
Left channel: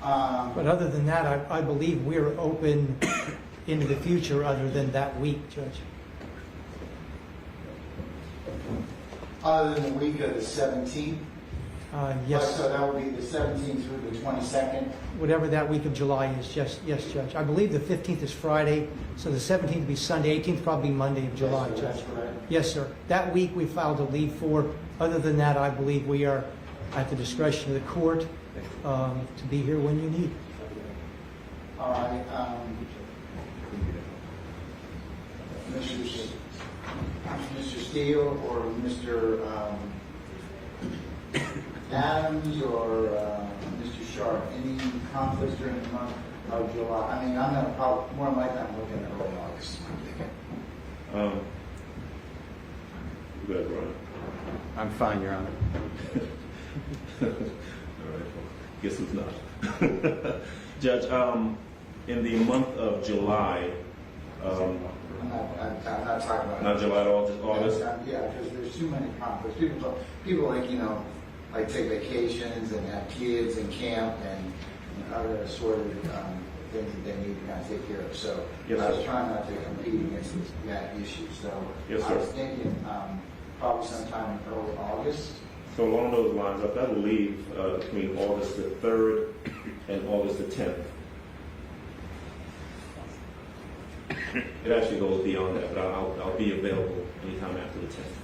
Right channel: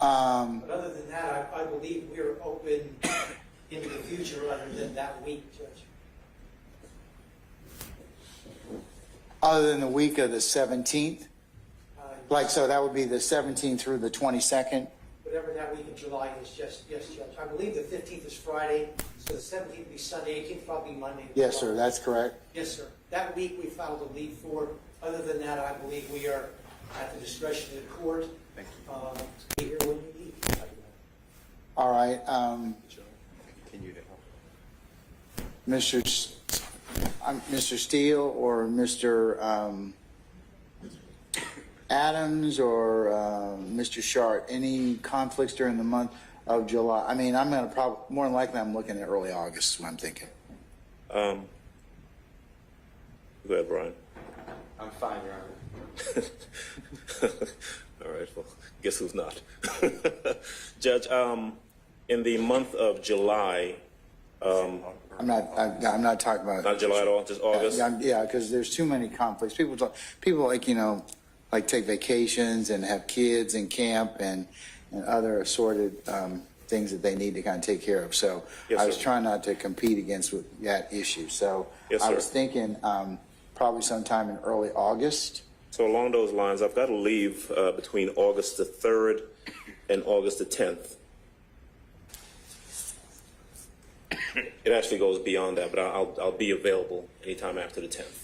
But other than that, I believe we're open into the future other than that week, Judge. Other than the week of the 17th? Yes. Like, so that would be the 17th through the 22nd? Whatever that week of July is, yes, Judge. I believe the 15th is Friday, so the 17th would be Sunday, 18th probably Monday of July. Yes, sir, that's correct. Yes, sir. That week we filed a leave for. Other than that, I believe we are at the discretion of the court to be here when you need. All right. Mr. Steele or Mr. Adams or Mr. Sharp, any conflicts during the month of July? I mean, I'm going to probably, more than likely, I'm looking at early August, I'm thinking. Go ahead, Brian. I'm fine, Your Honor. All right, well, guess who's not? Judge, in the month of July, I'm not talking about not July at all, just August. Yeah, because there's too many conflicts. People like, you know, like take vacations and have kids and camp and other assorted things that they need to kind of take care of. So Yes, I was sir. trying not to compete against with that issue. So Yes, I sir. was thinking probably sometime in early August. So along those lines, I've got to leave between August the 3rd and August the 10th. It actually goes beyond that, but I'll be available anytime after the 10th.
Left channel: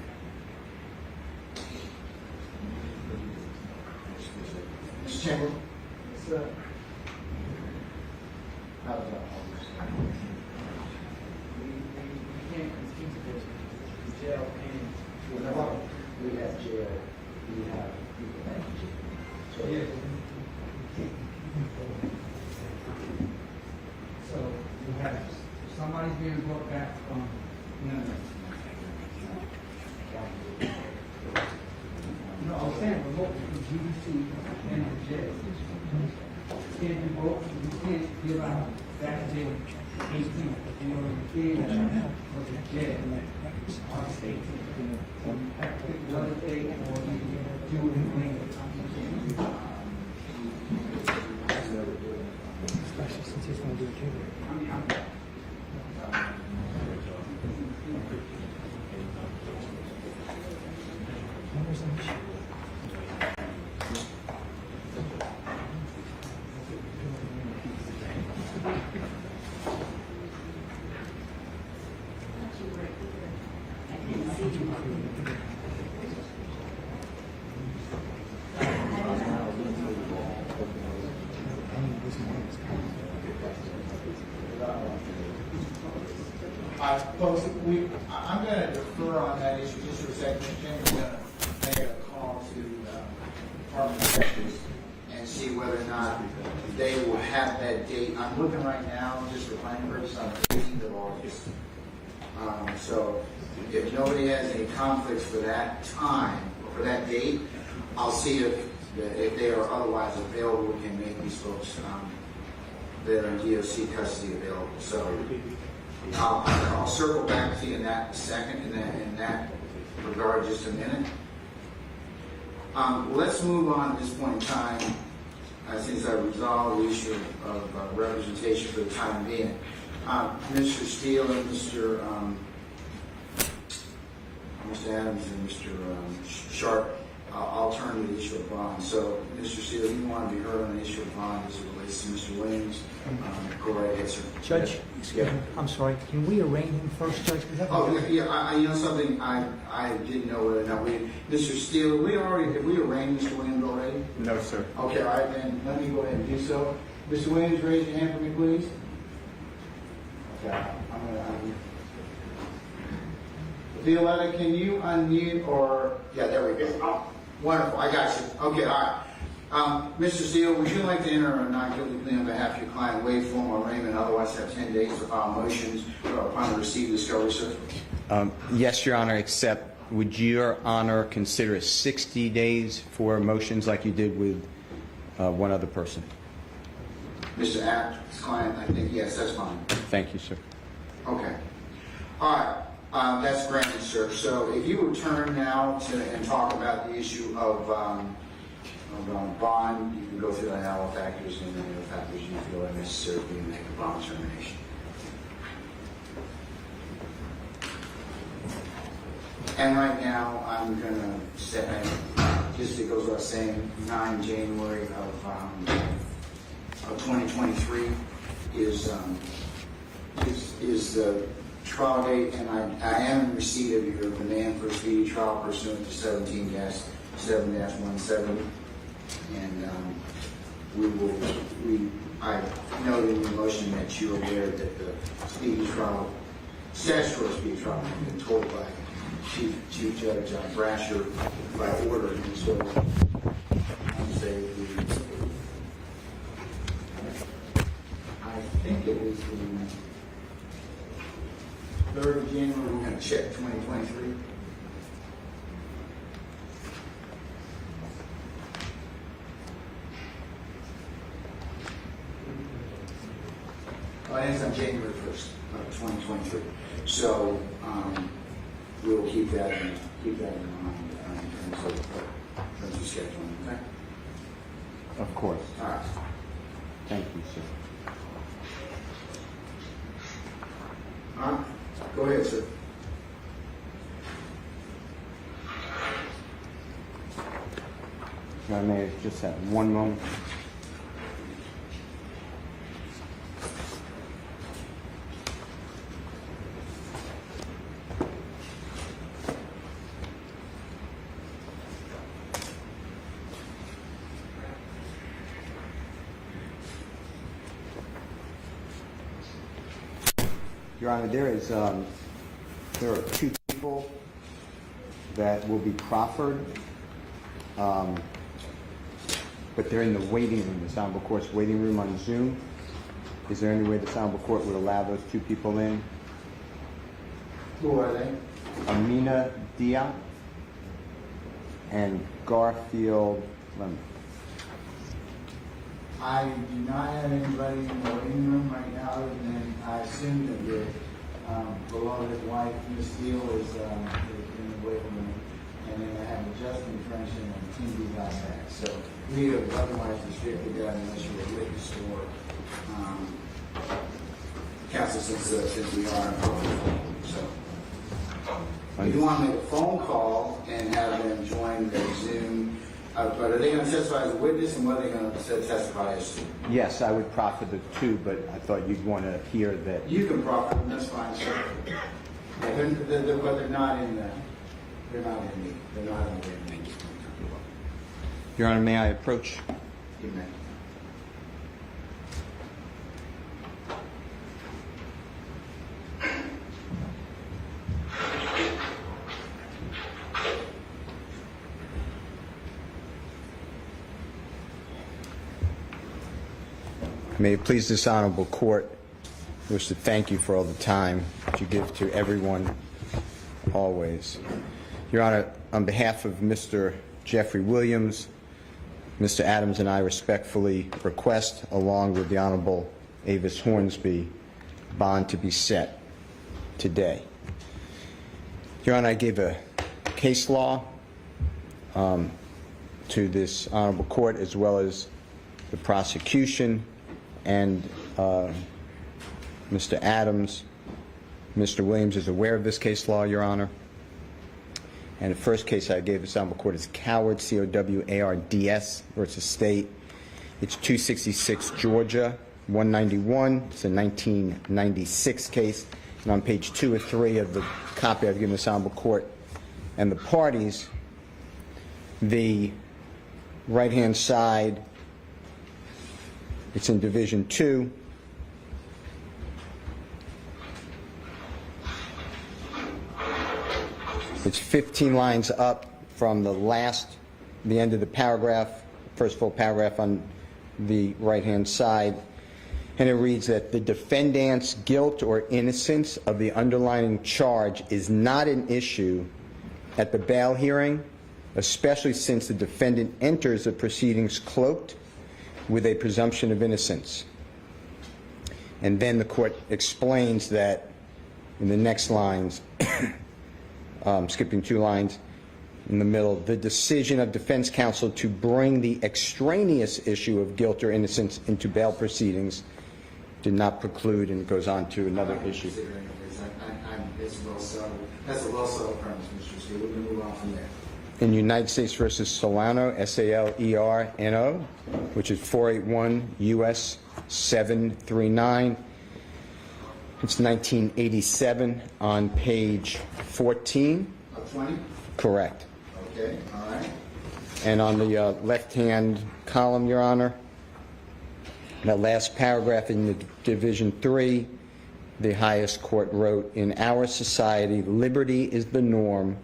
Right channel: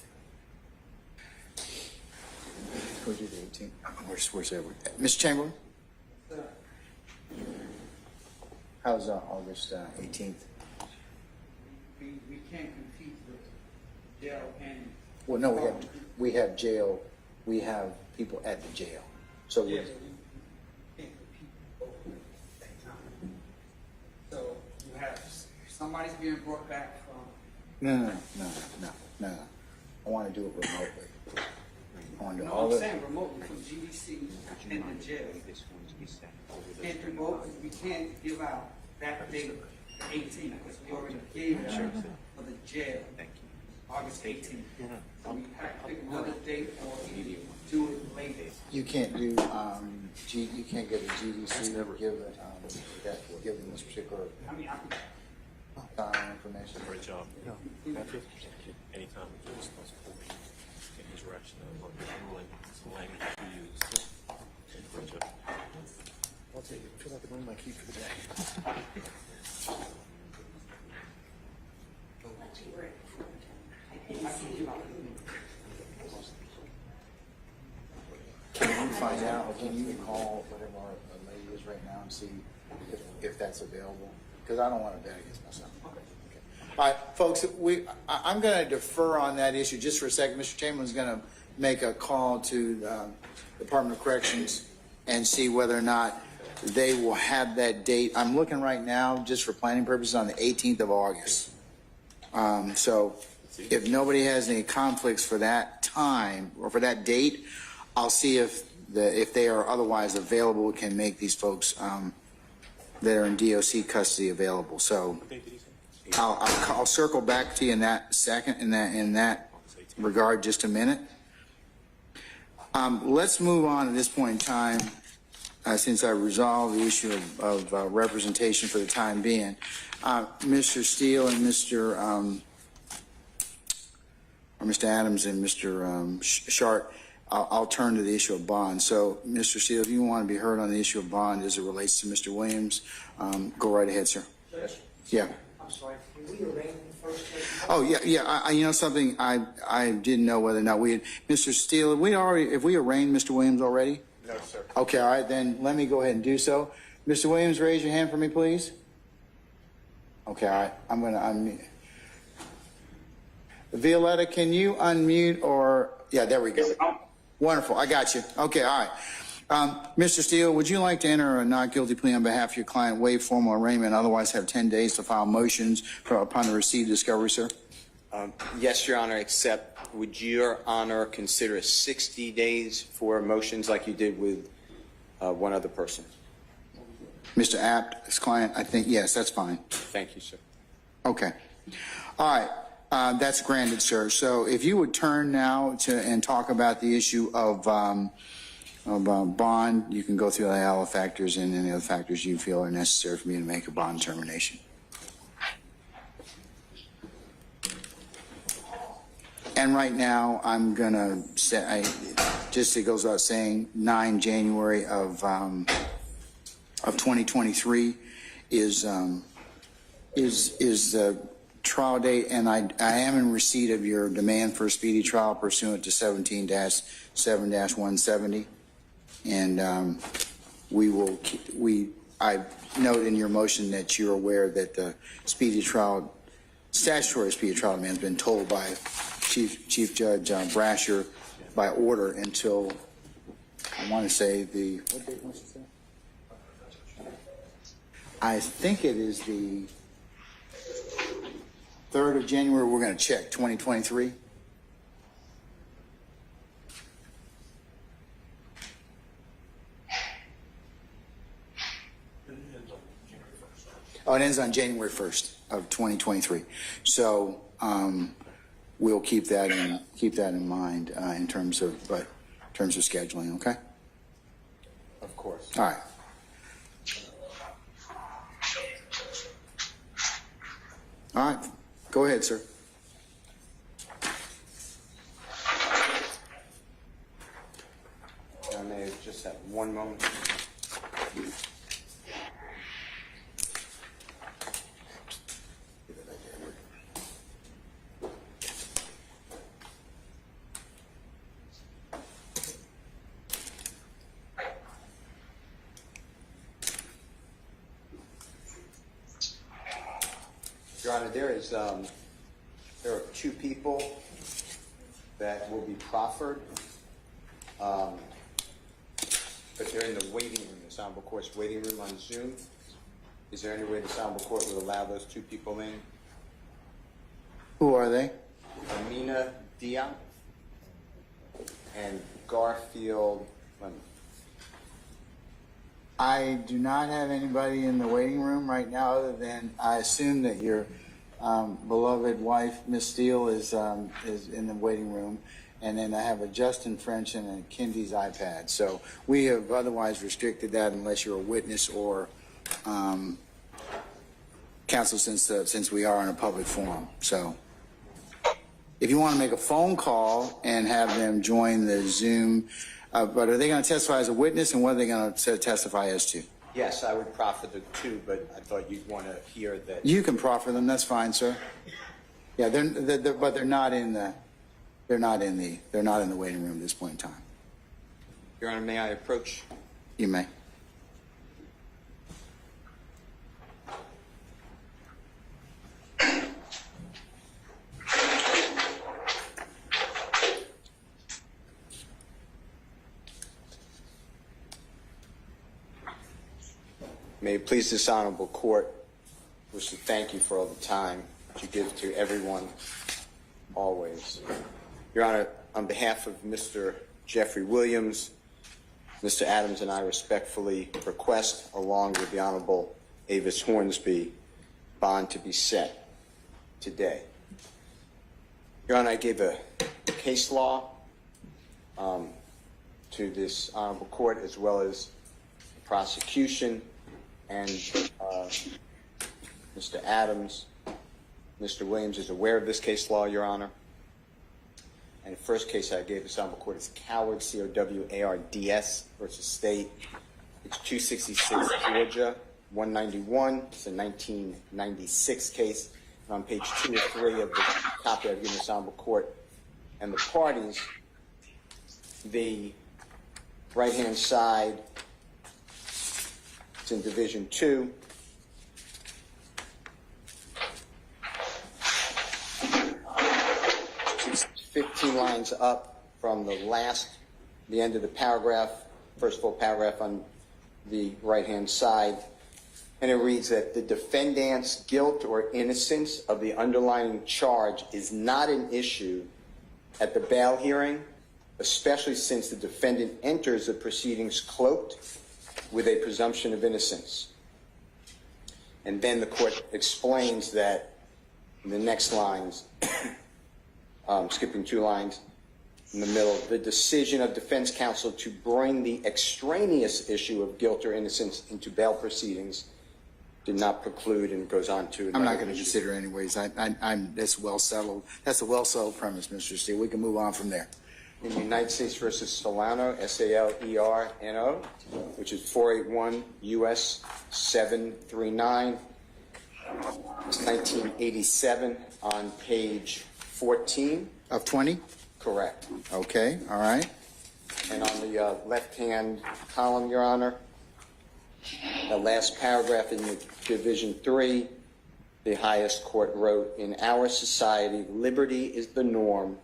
Where's that? Mr. Chamberlain? How's August 18th? We can't compete with jail and. Well, no, we have jail. We have people at the jail. So Yes. So you have, somebody's being brought back from. no. I want to do it remotely. I want to do No, all I'm of it. saying remote from GDC and the jail. Can't do both, we can't give out that day 18th, because we already gave for the jail, August 18th. So you have to pick another date or we do it later. You can't do, you can't go to GDC, never give it. I mean, Great job. Anytime. Find out if that's available, because I don't want to pay it. Folks, I'm going to defer on that issue just for a second. Mr. Chamberlain's going to make a call to Department of Corrections and see whether or not they will have that date. I'm looking right now, just for planning purposes, on the 18th of August. So if nobody has any conflicts for that time or for that date, I'll see if they are otherwise available, we can make these folks that are in DOC custody available. So I'll circle back to you in that second, in that regard, just a minute. Let's move on at this point in time, since I resolved the issue of representation for the time being. Mr. Steele and Mr. Mr. Adams and Mr. Sharp, I'll turn to the issue of bond. So, Mr. Steele, if you want to be heard on the issue of bond as it relates to Mr. Williams, go right ahead, sir. Judge, Yeah. I'm sorry, can we arraign him first, Judge? Oh, yeah. You know something? I didn't know whether or not we had, Mr. Steele, have we arraigned Mr. Williams already? No, sir. Okay, all right, then let me go ahead and do so. Mr. Williams, raise your hand for me, please. Okay, all right. I'm going to unmute. Violetta, can you unmute or... Yeah, there we go. Wonderful, I got you. Okay, all right. Mr. Steele, would you like to enter a not guilty plea on behalf of your client, waive formal arraignment, otherwise have 10 days to file motions upon the receipt of discovery, sir? Yes, Your Honor, except would Your Honor consider 60 days for motions like you did with one other person? Mr. Apt, his client, I think, yes, that's fine. Thank you, sir. Okay. All right. That's granted, sir. So if you would turn now and talk about the issue of bond, you can go through all the factors and any other factors you feel are necessary for me to make a bond determination. And right now, I'm going to say, just it goes without saying, 9 January of 2023 is the trial date, and I am in receipt of your demand for a speedy trial pursuant to 17-7-170, and I note in your motion that you're aware that the statutory speedy trial demand has been told by Chief Judge Brasher by order until, I want to say I think it is the 3rd of January, we're going to check 2023. Oh, it ends on January 1st of 2023. So we'll keep that in mind in terms of scheduling. Okay. Of course. All right. Thank you, sir. All right. Go ahead, sir. I may just have one moment. Your Honor, there are 2 people that will be proffered, but they're in the waiting room, the Honorable Court's waiting room on Zoom. Is there any way the Honorable Court would allow those 2 people in? Who are they? Amina Diop and Garfield Lemon. I do not have anybody in the waiting room right now other than I assume that your beloved wife, Miss Steele, is in the waiting room. And then I have a Justin French and a Kindy's iPad. So we have otherwise restricted that unless you're a witness or counsel since we are in a public forum. So if you want to make a phone call and have them join the Zoom, but are they going to testify as a witness, and what are they going to testify as to? Yes, I would proffer the 2, but I thought you'd want to hear that. You can proffer them. That's fine, sir. Yeah, but they're not in the waiting room at this point in time. Your Honor, may I approach? You may. May it please this honorable court, I wish to thank you for all the time that you give to everyone, always. Your Honor, on behalf of Mr. Jeffrey Williams, Mr. Adams and I respectfully request, along with the Honorable Avis Hornsby, bond to be set today. Your Honor, I gave a case law to this honorable court, as well as the prosecution, and Mr. Adams. Mr. Williams is aware of this case law, Your Honor. And the first case I gave this honorable court is Coward, C-O-W-A-R-D-S versus State. It's 266 Georgia, 191. It's a 1996 case. And on page 2 or 3 of the copy I've given this honorable court and the parties, the right-hand side, it's in Division 2. It's 15 lines up from the end of the paragraph, first full paragraph on the right-hand side. And it reads that the defendant's guilt or innocence of the underlying charge is not an issue at the bail hearing, especially since the defendant enters the proceedings cloaked with a presumption of innocence. And then the court explains that in the next lines, skipping 2 lines in the middle, the decision of defense counsel to bring the extraneous issue of guilt or innocence into bail proceedings did not preclude, and it goes on to another I'm not going to issue. consider anyways. That's well settled. That's a well settled premise, Mr. Steele. We can move on from there. In United States versus Solano, S-A-L-E-R-N-O, which is 481 U.S. 739. It's 1987 on page 14. Of 20? Correct. Okay, all right. And on the left-hand column, Your Honor, that last paragraph in Division 3, the highest court wrote, in our society, liberty is the norm,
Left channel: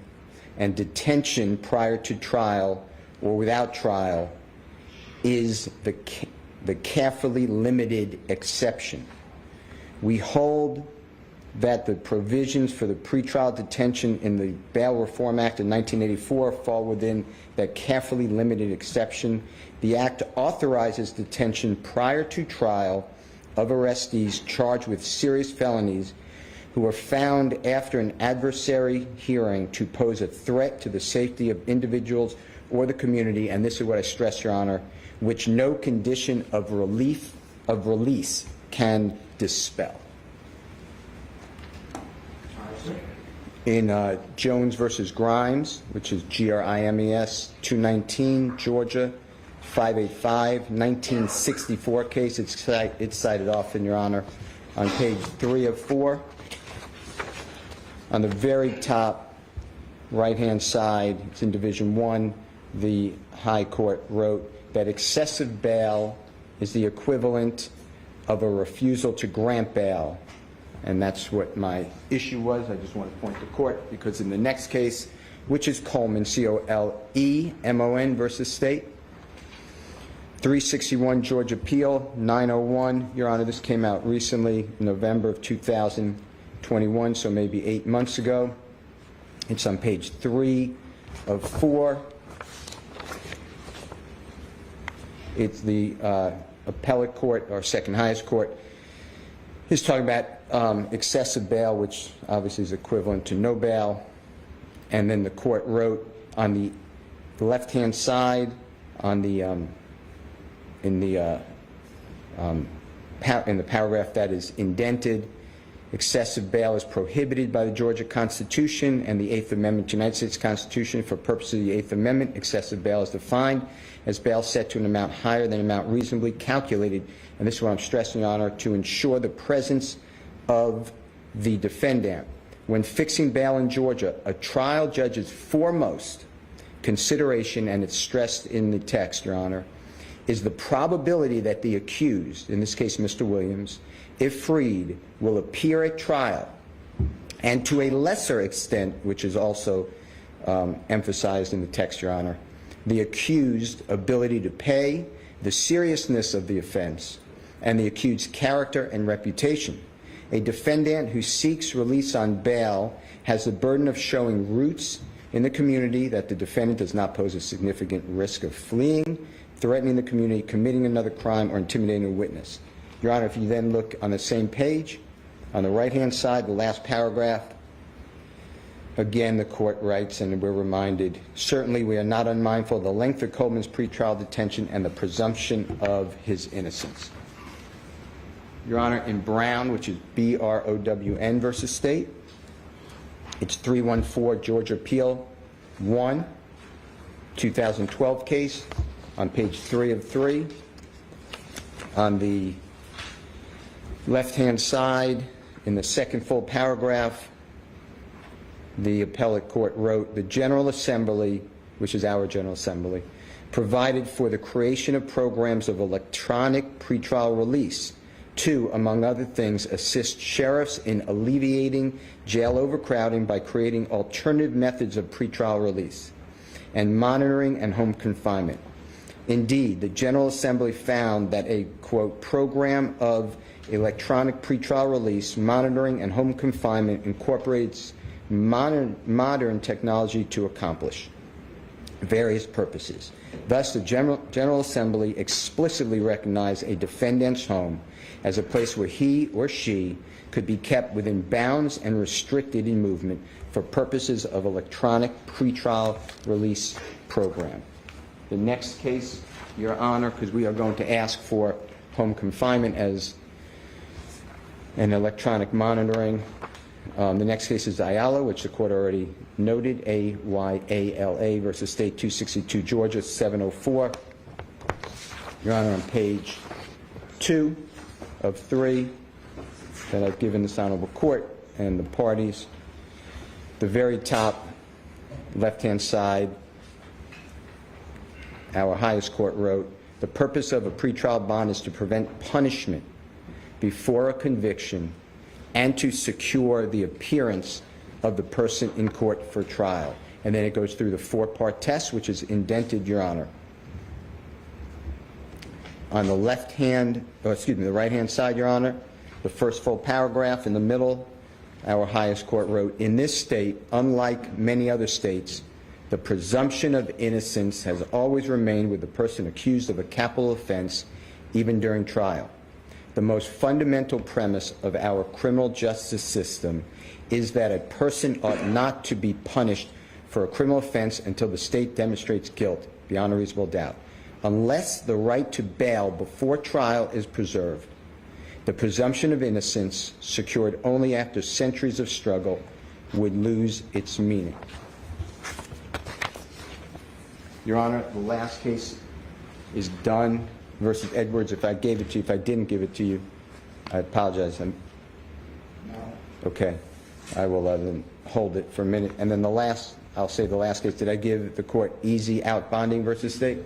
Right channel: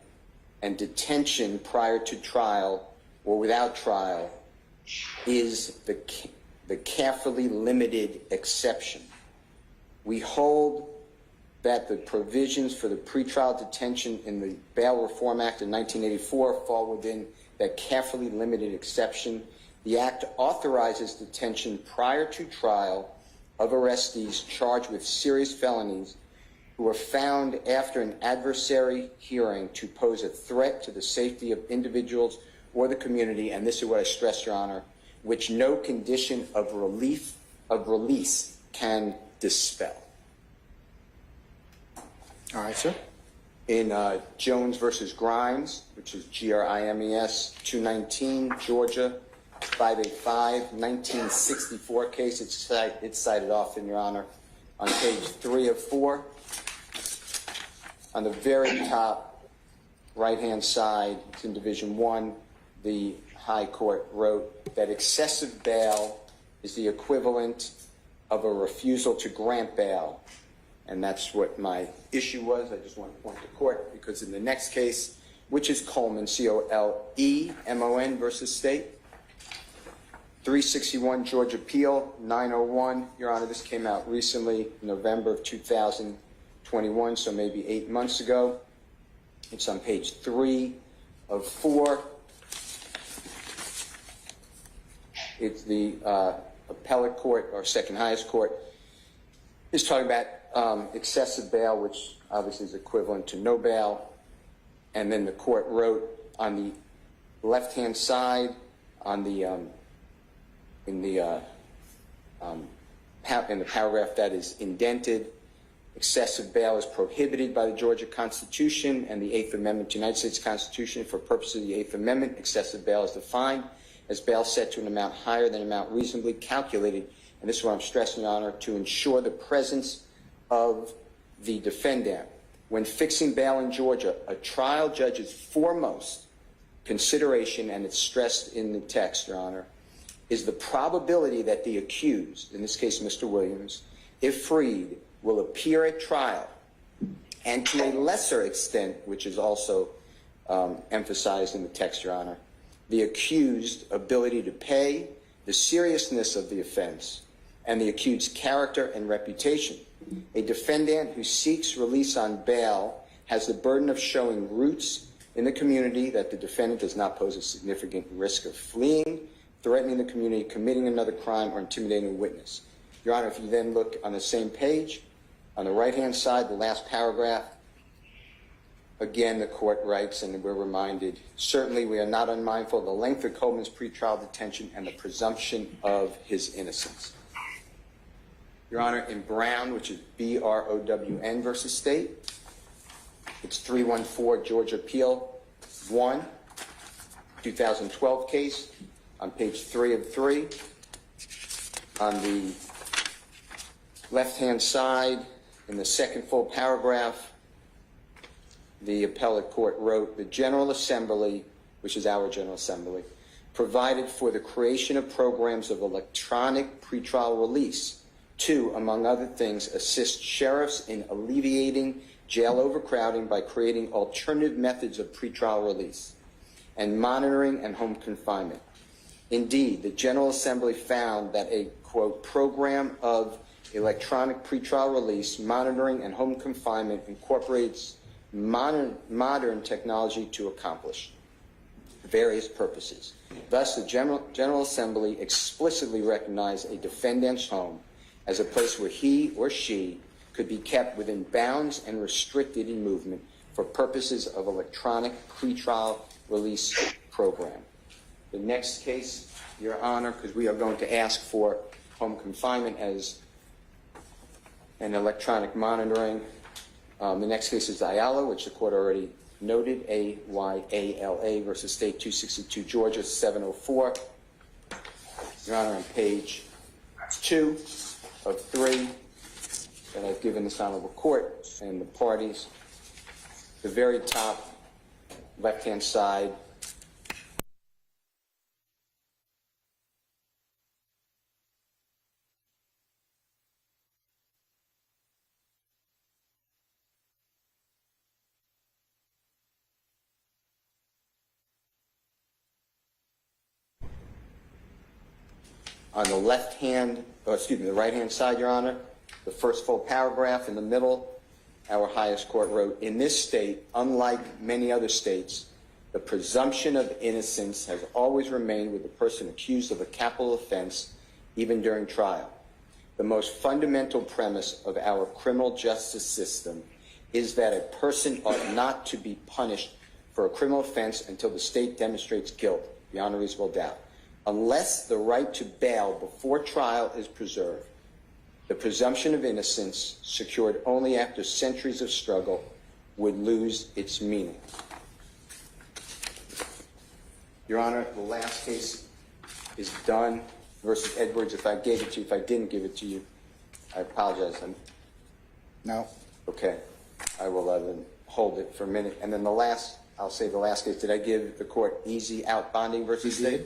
and detention prior to trial or without trial is the carefully limited exception. We hold that the provisions for the pretrial detention in the Bail Reform Act of 1984 fall within that carefully limited exception. The Act authorizes detention prior to trial of arrestees charged with serious felonies who are found after an adversary hearing to pose a threat to the safety of individuals or the community, and this is what I stress, Your Honor, which no condition of release can dispel. All right, sir. In Jones versus Grimes, which is G-R-I-M-E-S, 219, Georgia, 585, 1964 case. It's cited often, Your Honor, on page 3 of 4. On the very top right-hand side, it's in Division 1, the High Court wrote that excessive bail is the equivalent of a refusal to grant bail. And that's what my issue was. I just want to point to court because in the next case, which is Coleman, C-O-L-E-M-O-N versus State, 361 Georgia Appeal, 901. Your Honor, this came out recently, November of 2021, so maybe 8 months ago. It's on page 3 of 4. It's the appellate court, or second highest court, is talking about excessive bail, which obviously is equivalent to no bail. And then the court wrote on the left-hand side, on the in the paragraph that is indented, excessive bail is prohibited by the Georgia Constitution and the 8th Amendment to the United States Constitution. For purposes of the 8th Amendment, excessive bail is defined as bail set to an amount higher than an amount reasonably calculated, and this is what I'm stressing, Your Honor, to ensure the presence of the defendant. When fixing bail in Georgia, a trial judge's foremost consideration, and it's stressed in the text, Your Honor, is the probability that the accused, in this case Mr. Williams, if freed, will appear at trial, and to a lesser extent, which is also emphasized in the text, Your Honor, the accused ability to pay, the seriousness of the offense, and the accused's character and reputation. A defendant who seeks release on bail has the burden of showing roots in the community that the defendant does not pose a significant risk of fleeing, threatening the community, committing another crime, or intimidating a witness. Your Honor, if you then look on the same page, on the right-hand side, the last paragraph, again, the court writes, and we're reminded, certainly we are not unmindful of the length of Coleman's pretrial detention and the presumption of his innocence. Your Honor, in Brown, which is B-R-O-W-N versus State, it's 314 Georgia Appeal, 1, 2012 case on page 3 of 3. On the left-hand side, in the second full paragraph, the appellate court wrote, the General Assembly, which is our General Assembly, provided for the creation of programs of electronic pretrial release to, among other things, assist sheriffs in alleviating jail overcrowding by creating alternative methods of pretrial release and monitoring and home confinement. Indeed, the General Assembly found that a, quote, program of electronic pretrial release, monitoring, and home confinement incorporates modern technology to accomplish various purposes. Thus, the General Assembly explicitly recognized a defendant's home as a place where he or she could be kept within bounds and restricted in movement for purposes of electronic pretrial release program. The next case, Your Honor, because we are going to ask for home confinement as an electronic monitoring. The next case is Ayala, which the court already noted, A-Y-A-L-A versus State 262, Georgia, 704. Your Honor, on page 2 of 3 that I've given this honorable court and the parties, the very top left-hand side, our highest court wrote, the purpose of a pretrial bond is to prevent punishment before a conviction and to secure the appearance of the person in court for trial. And then it goes through the 4-part test, which is indented, Your Honor. On the the right-hand side, Your Honor, the first full paragraph in the middle, our highest court wrote, in this state, unlike many other states, the presumption of innocence has always remained with the person accused of a capital offense, even during trial. The most fundamental premise of our criminal justice system is that a person ought not to be punished for a criminal offense until the state demonstrates guilt beyond a reasonable doubt, unless the right to bail before trial is preserved. The presumption of innocence, secured only after centuries of struggle, would lose its meaning. Your Honor, the last case is Dunn versus Edwards. If I gave it to you, if I didn't give it to you, I apologize. No. Okay. I will then hold it for a minute. And then the last, I'll say the last case, did I give the court easy out bonding versus state?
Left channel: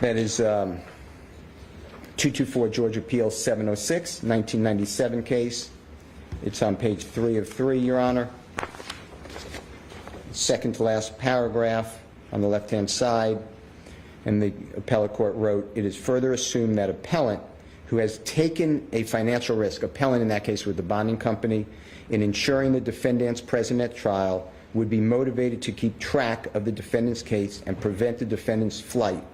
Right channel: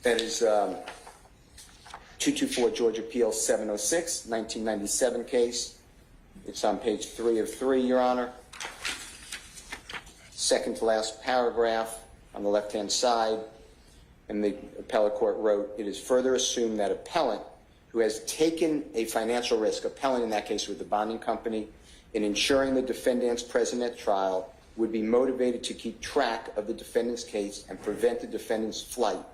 That is 224 Georgia Appeals 706, 1997 case. It's on page 3 of 3, Your Honor. Second to last paragraph on the left-hand side. And the appellate court wrote, it is further assumed that appellant who has taken a financial risk, appellant in that case with the bonding company, in ensuring the defendant's presence at trial would be motivated to keep track of the defendant's case and prevent the defendant's flight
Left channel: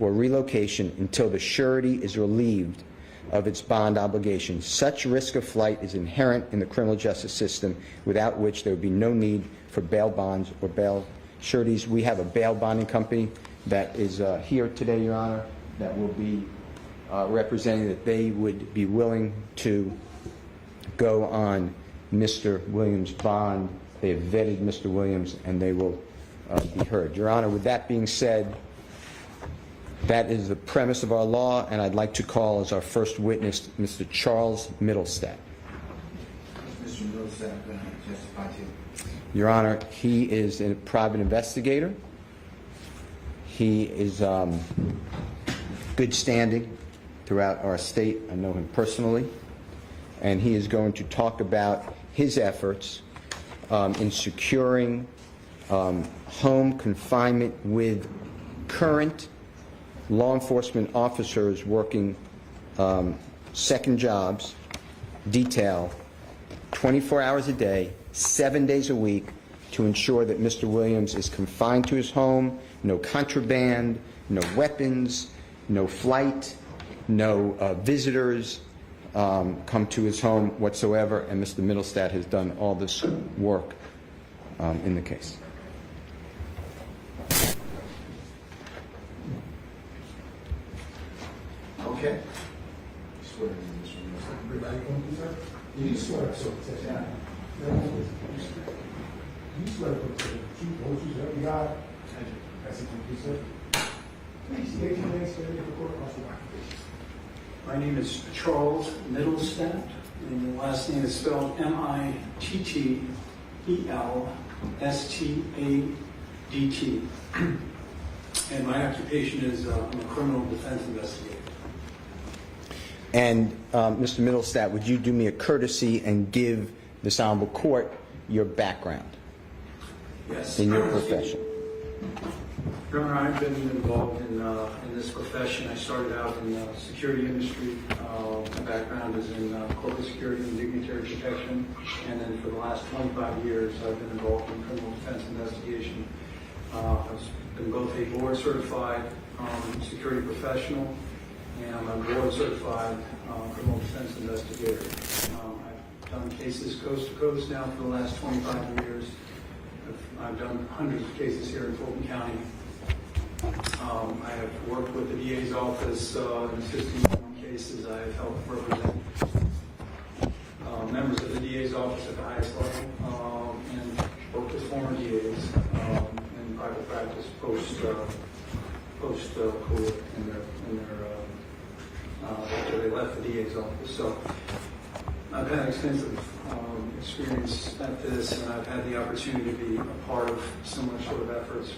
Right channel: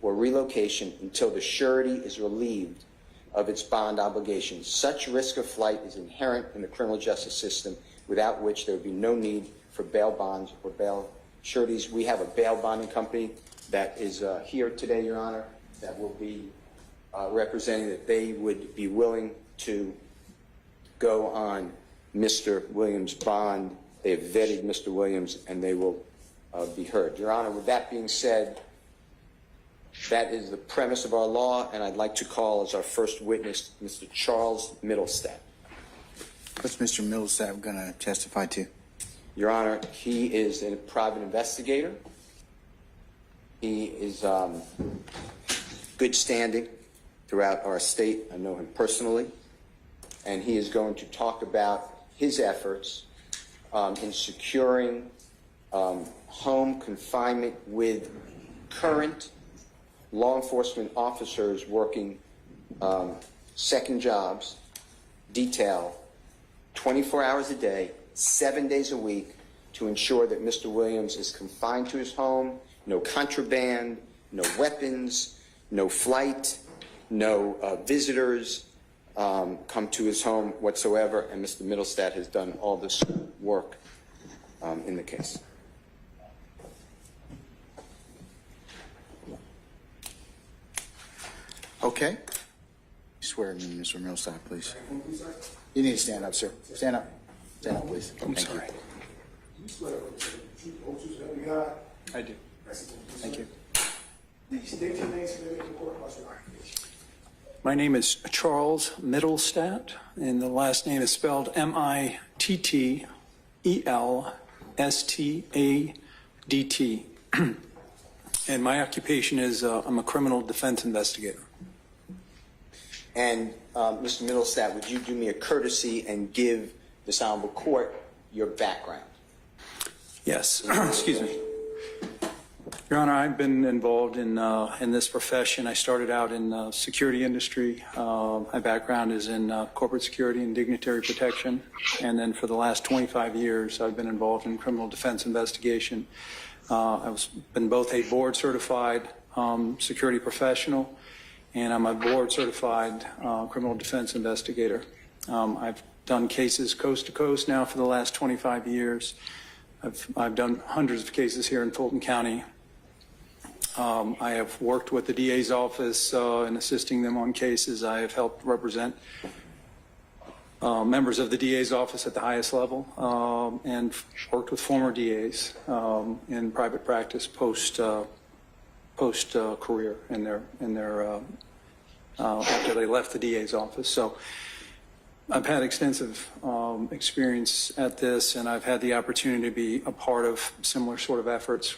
or relocation until the surety is relieved of its bond obligation. Such risk of flight is inherent in the criminal justice system, without which there would be no need for bail bonds or bail sureties. We have a bail bonding company that is here today, Your Honor, that will be representing that they would be willing to go on Mr. Williams' bond. They have vetted Mr. Williams, and they will be heard. Your Honor, with that being said, that is the premise of our law, and I'd like to call as our first witness Mr. Charles Middlestadt. What's Mr. Middlestadt going to testify to? Your Honor, he is a private investigator. He is good standing throughout our state. I know him personally. And he is going to talk about his efforts in securing home confinement with current law enforcement officers working second jobs, detail, 24 hours a day, 7 days a week, to ensure that Mr. Williams is confined to his home, no contraband, no weapons, no flight, no visitors come to his home whatsoever, and Mr. Middlestadt has done all this work in the case. Okay. Swear to me, Mr. Middlestadt, please. You need to stand up, sir. Stand up. Stand up, please. I'm sorry. You swear to the truth, don't you swear to God? I do. That's a complete sir. Please state your name, spell it for court, also occupation. My name is Charles Mittelstadt, and the last name is spelled Mittelstadt. And my occupation is I'm a criminal defense investigator. And Mr. Mittelstadt, would you do me a courtesy and give this honorable court your background? Yes. In your Excuse me. Your Honor, I've been involved in this profession. I started out in the security industry. My background is in corporate security and dignitary protection. And then for the last 25 years, I've been involved in criminal defense investigation. I've been both a board certified security professional, and I'm a board certified criminal defense investigator. I've done cases coast to coast now for the last 25 years. I've done hundreds of cases here in Fulton County. I have worked with the DA's office in assisting them on cases. I have helped represent members of the DA's office at the highest level, and worked with former DAs in private practice post career in their after they left the DA's office. So I've had extensive experience at this, and I've had the opportunity to be a part of similar sort of efforts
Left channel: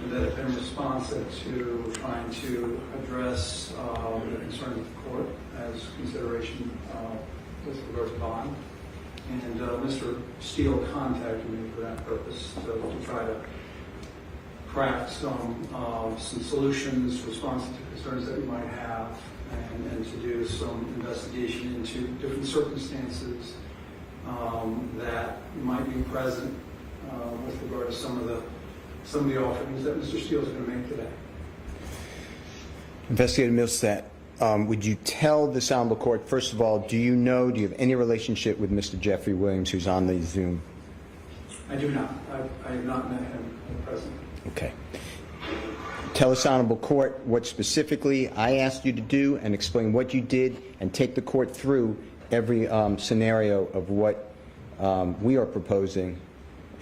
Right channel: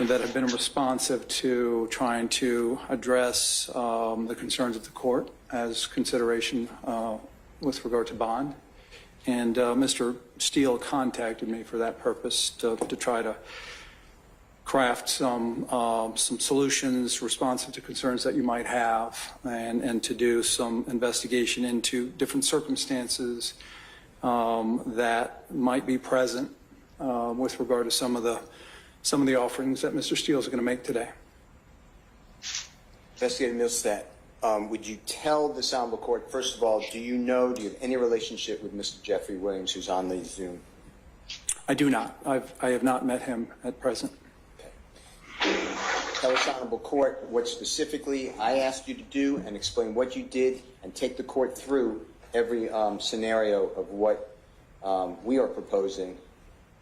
that have been responsive to trying to address the concerns of the court as consideration with regard to bond. And Mr. Steele contacted me for that purpose to try to craft some solutions responsive to concerns that you might have, and to do some investigation into different circumstances that might be present with regard to some of the offerings that Mr. Steele is going to make today. Investigator Mittelstadt, would you tell this honorable court, first of all, do you have any relationship with Mr. Jeffrey Williams, who's on the Zoom? I do not. I have not met him at present. Okay. Tell this honorable court what specifically I asked you to do, and explain what you did, and take the court through every scenario of what we are proposing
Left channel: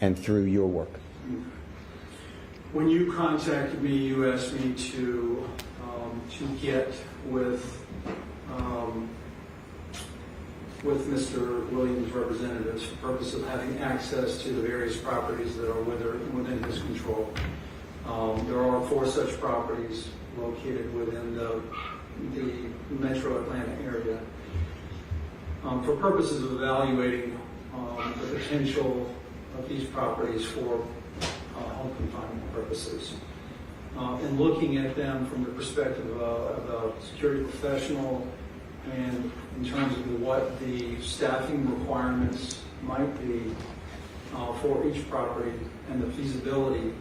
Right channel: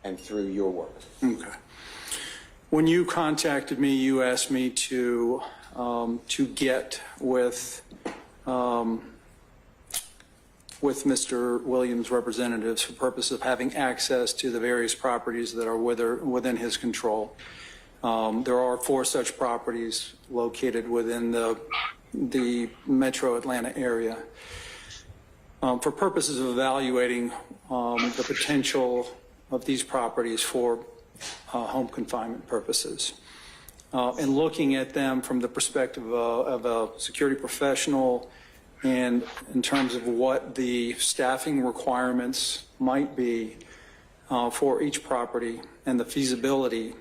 and through your work. Okay. When you contacted me, you asked me to get with Mr. Williams' representatives for purpose of having access to the various properties that are within his control. There are 4 such properties located within the metro Atlanta area. For purposes of evaluating the potential of these properties for home confinement purposes, and looking at them from the perspective of a security professional, and in terms of what the staffing requirements might be for each property, and the feasibility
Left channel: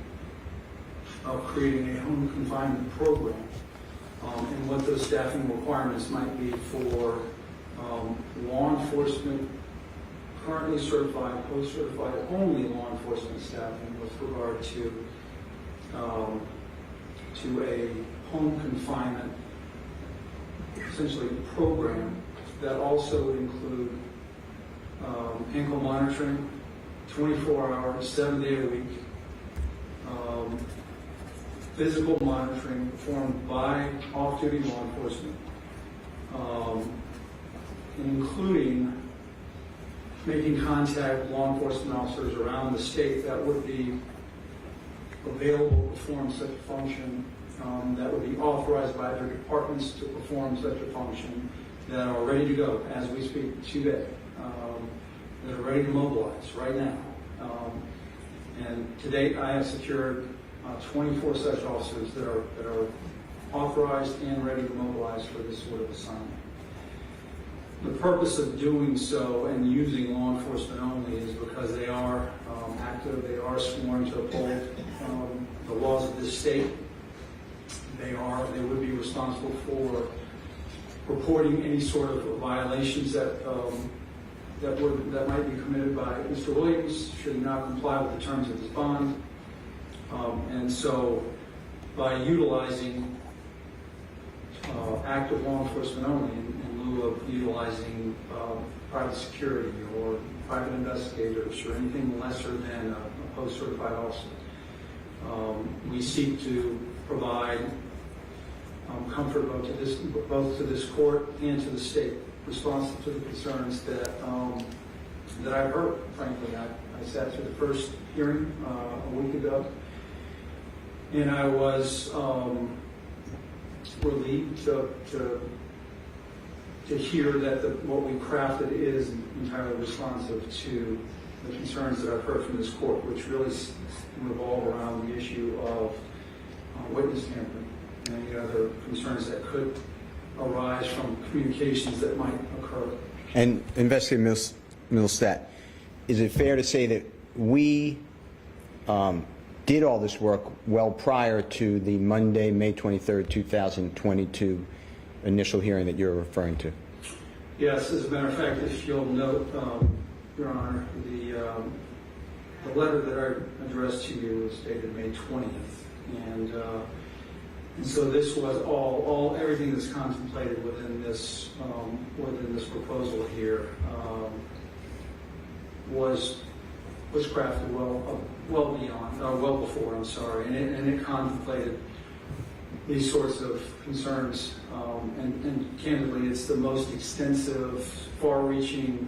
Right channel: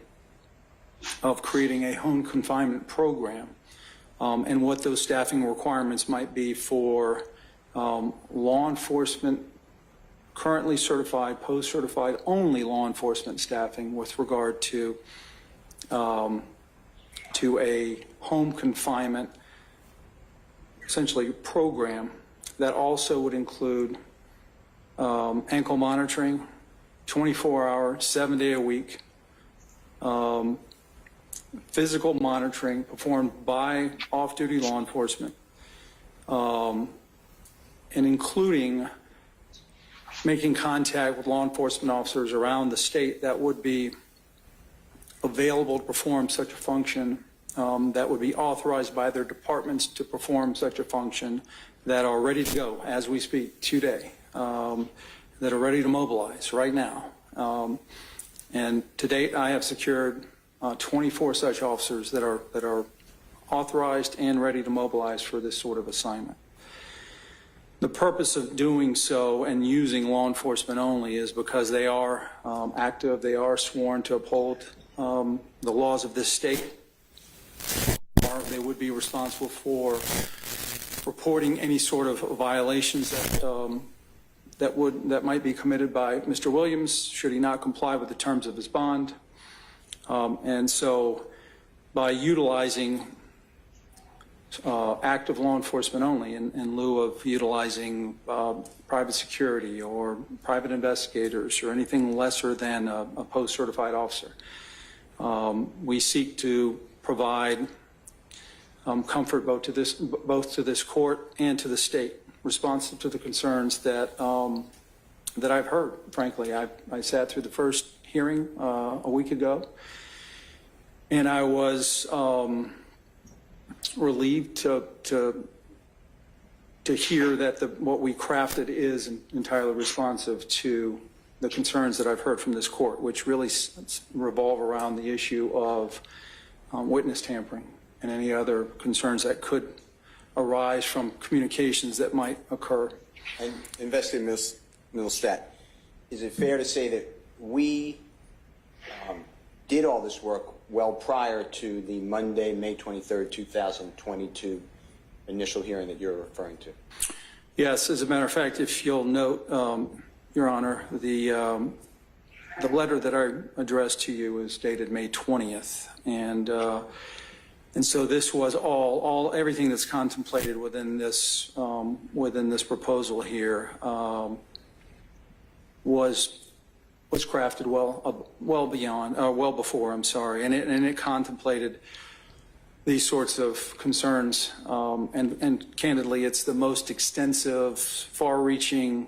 of creating a home confinement program, and what those staffing requirements might be for law enforcement, currently certified, post-certified, only law enforcement staffing with regard to a home confinement, essentially, program that also would include ankle monitoring, 24-hour, 7-day-a-week, physical monitoring performed by off-duty law enforcement, and including making contact with law enforcement officers around the state that would be available to perform such a function, that would be authorized by their departments to perform such a function, that are ready to go as we speak today, that are ready to mobilize right now. And to date, I have secured 24 such officers that are authorized and ready to mobilize for this sort of assignment. The purpose of doing so and using law enforcement only is because they are active, they are sworn to uphold the laws of this state. They would be responsible for reporting any sort of violations that might be committed by Mr. Williams should he not comply with the terms of his bond. And so by utilizing active law enforcement only in lieu of utilizing private security or private investigators or anything lesser than a post-certified officer. We seek to provide comfort both to this court and to the state, responsive to the concerns that I've heard. Frankly, I sat through the first hearing a week ago, and I was relieved to hear that what we crafted is entirely responsive to the concerns that I've heard from this court, which really revolve around the issue of witness tampering and any other concerns that could arise from communications that might occur. And Investigator Milstat, is it fair to say that we did all this work well prior to the Monday, May 23rd, 2022 initial hearing that you're referring to? Yes, as a matter of fact, if you'll note, Your Honor, the letter that I addressed to you is dated May 20th, and so this was everything that's contemplated within this proposal here was crafted well before. I'm sorry, and it contemplated these sorts of concerns, and candidly, it's the most extensive, far-reaching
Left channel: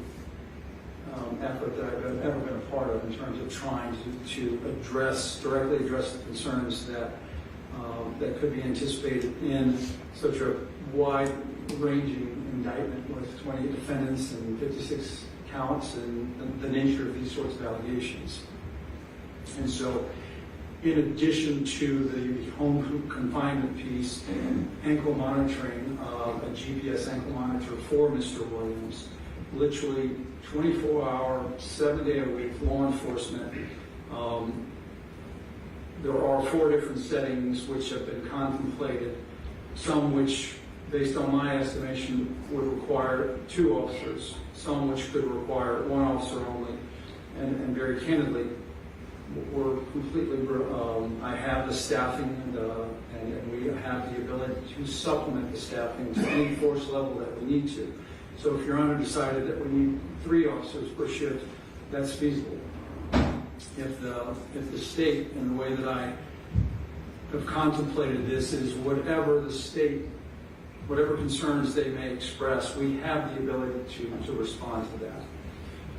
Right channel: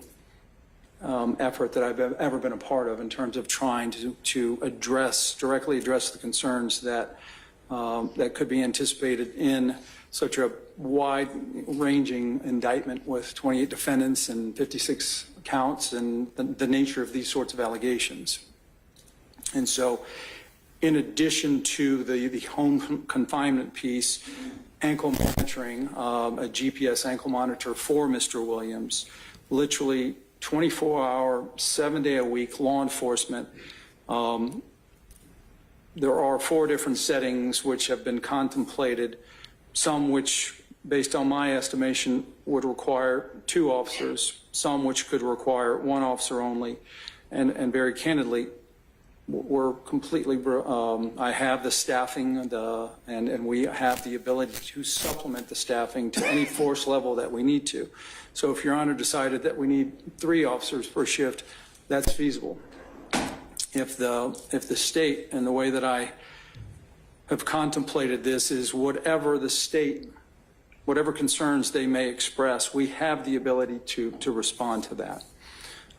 effort that I've ever been a part of in terms of trying to directly address the concerns that could be anticipated in such a wide-ranging indictment with 28 defendants and 56 counts and the nature of these sorts of allegations. And so, in addition to the home confinement piece, ankle monitoring, a GPS ankle monitor for Mr. Williams, literally 24-hour, 7-day-a-week law enforcement. There are 4 different settings which have been contemplated, some which, based on my estimation, would require 2 officers, some which could require 1 officer only, and very candidly, we're completely, I have the staffing and we have the ability to supplement the staffing to any force level that we need to. So if Your Honor decided that we need 3 officers per shift, that's feasible. If the state, and the way that I have contemplated this is whatever the state, whatever concerns they may express, we have the ability to respond to that.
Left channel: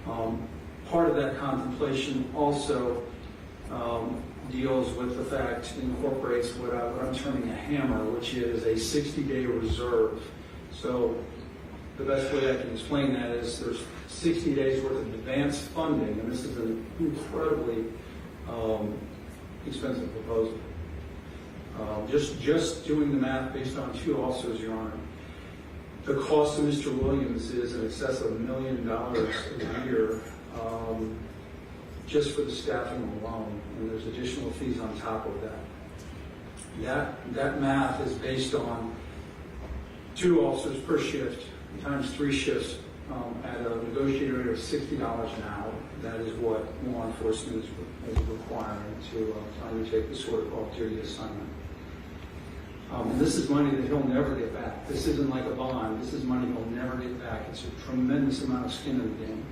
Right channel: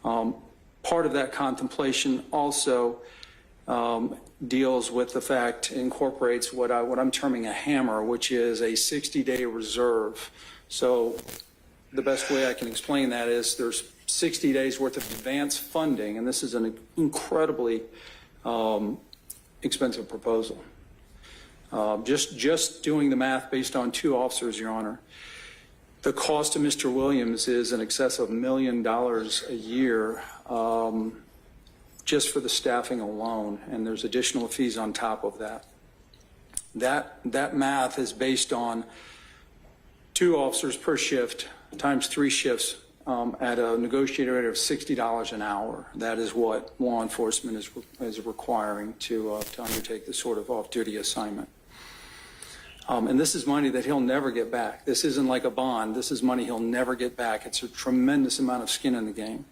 Part of that contemplation also deals with the fact, incorporates what I'm terming a hammer, which is a 60-day reserve. So the best way I can explain that is there's 60 days worth of advance funding, and this is an incredibly expensive proposal. Just doing the math based on 2 officers, Your Honor, the cost to Mr. Williams is in excess of $1 million a year just for the staffing alone, and there's additional fees on top of that. That math is based on 2 officers per shift times 3 shifts at a negotiated rate of $60 an hour. That is what law enforcement is requiring to undertake this sort of off-duty assignment. And this is money that he'll never get back. This isn't like a bond. This is money he'll never get back. It's a tremendous amount of skin in the game.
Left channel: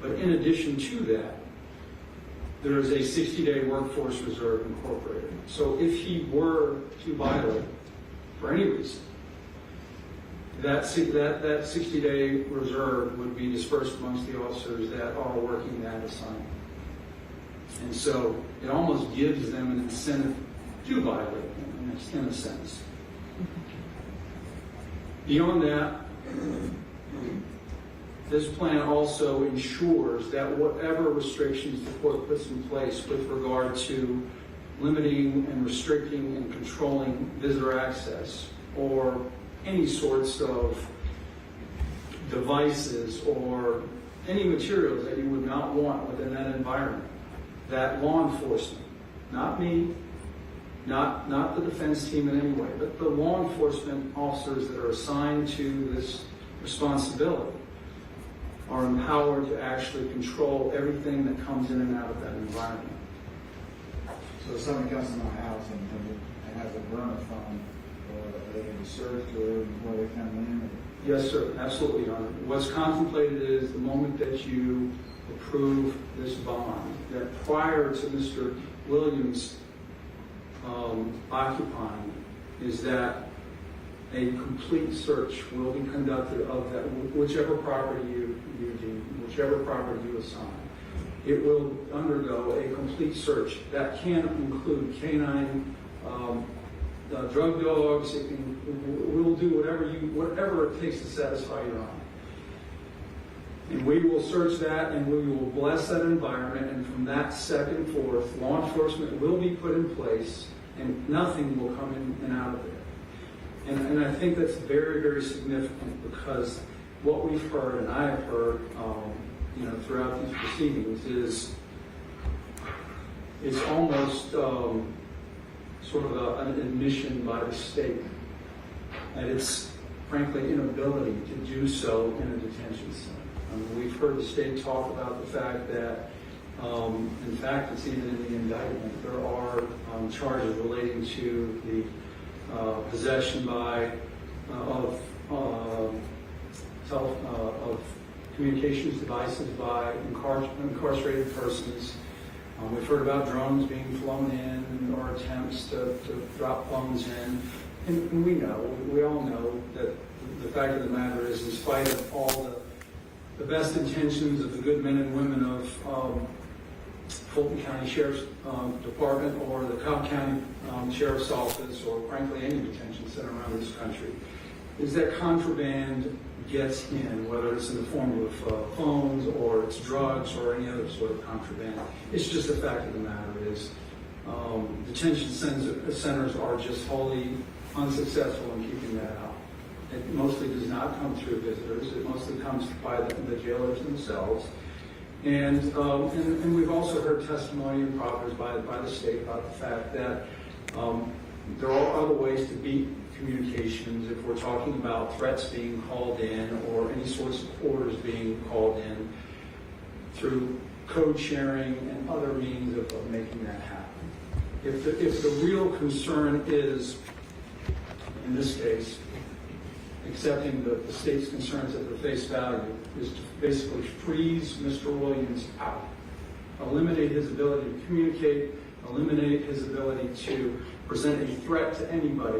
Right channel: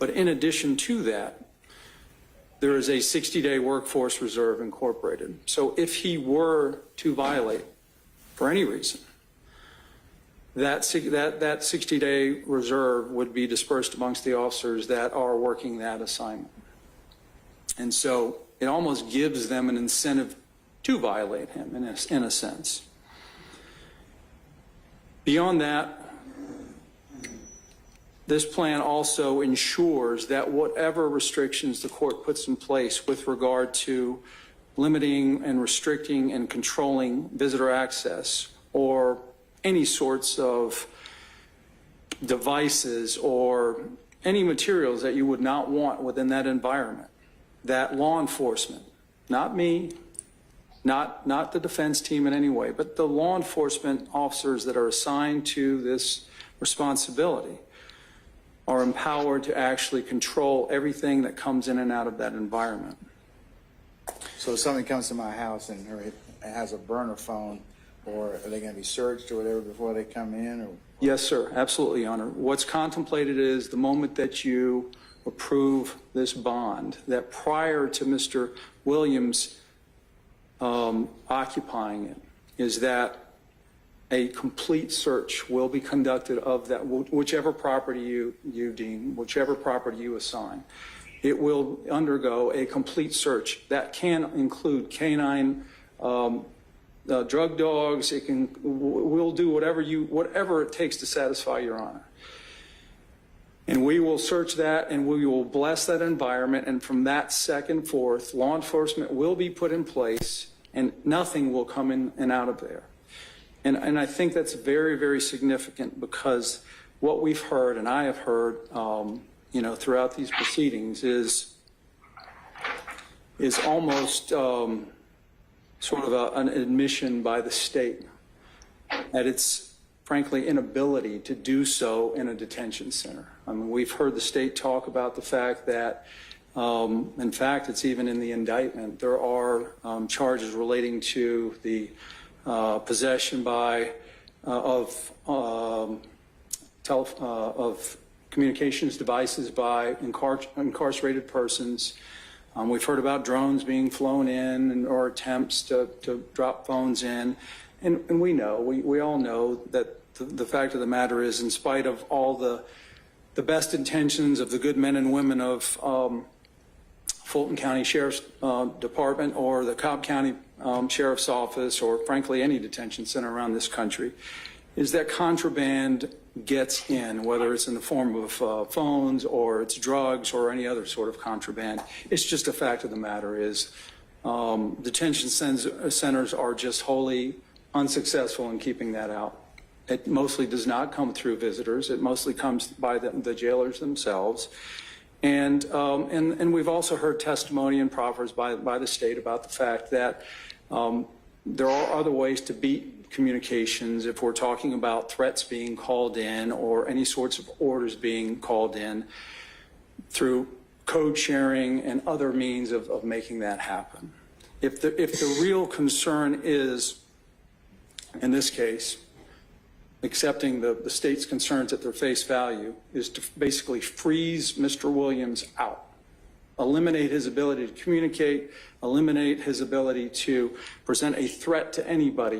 But in addition to that, there is a 60-day workforce reserve incorporated. So if he were to violate for any reason, that 60-day reserve would be dispersed amongst the officers that are working that assignment. And so it almost gives them an incentive to violate him in a sense. Beyond that, this plan also ensures that whatever restrictions the court puts in place with regard to limiting and restricting and controlling visitor access or any sorts of devices or any materials that you would not want within that environment, that law enforcement, not me, not the defense team in any way, but the law enforcement officers that are assigned to this responsibility are empowered to actually control everything that comes in and out of that environment. So if somebody comes to my house and it has a burner phone, or are they going to be searched or whatever before they come in? Or? Yes, sir. Absolutely, Your Honor. What's contemplated is the moment that you approve this bond, that prior to Mr. Williams occupying it, is that a complete search will be conducted of that, whichever property you deem, whichever property you assign. It will undergo a complete search. That can include canine drug dogs. We'll do whatever it takes to satisfy Your Honor. And we will search that, and we will bless that environment, and from that second forth, law enforcement will be put in place, and nothing will come in and out of there. And I think that's very, very significant, because what we've heard, and I have heard, throughout these proceedings, is almost sort of an admission by the state at its, frankly, inability to do so in a detention center. I mean, we've heard the state talk about the fact that, in fact, it's even in the indictment, there are charges relating to the possession of communications devices by incarcerated persons. We've heard about drones being flown in or attempts to drop phones in. And we all know that the fact of the matter is, in spite of all the best intentions of the good men and women of Fulton County Sheriff's Department or the Cobb County Sheriff's Office, or frankly any detention center around this country, is that contraband gets in, whether it's in the form of phones or it's drugs or any other sort of contraband. It's just a fact of the matter is detention centers are just wholly unsuccessful in keeping that out. It mostly does not come through visitors. It mostly comes by the jailers themselves. And we've also heard testimony and proffers by the state about the fact that there are other ways to beat communications if we're talking about threats being called in or any sorts of orders being called in, through code sharing and other means of making that happen. If the real concern is, in this case, accepting the state's concerns at their face value, is to basically freeze Mr. Williams out, eliminate his ability to communicate, eliminate his ability to present a threat to anybody.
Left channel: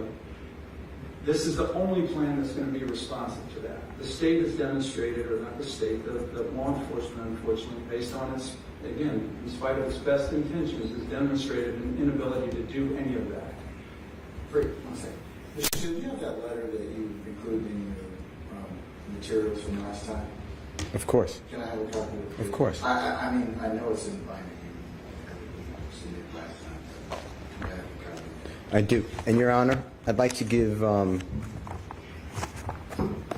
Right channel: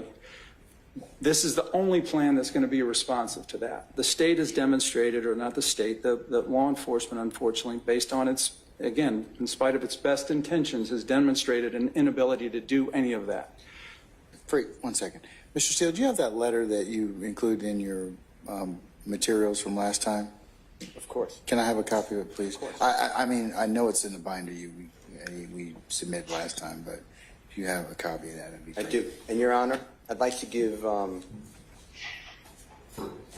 This is the only plan that's going to be responsive to that. The state has demonstrated, or not the state, the law enforcement, unfortunately, based on its, again, in spite of its best intentions, has demonstrated an inability to do any of that. Wait 1 second. Mr. Steele, do you have that letter that you included in your materials from last time? Of course. Can I have a copy of it, please? Of course. I mean, I know it's in the binder we submitted last time, but if you have a copy of that. I do. And Your Honor, I'd like to give I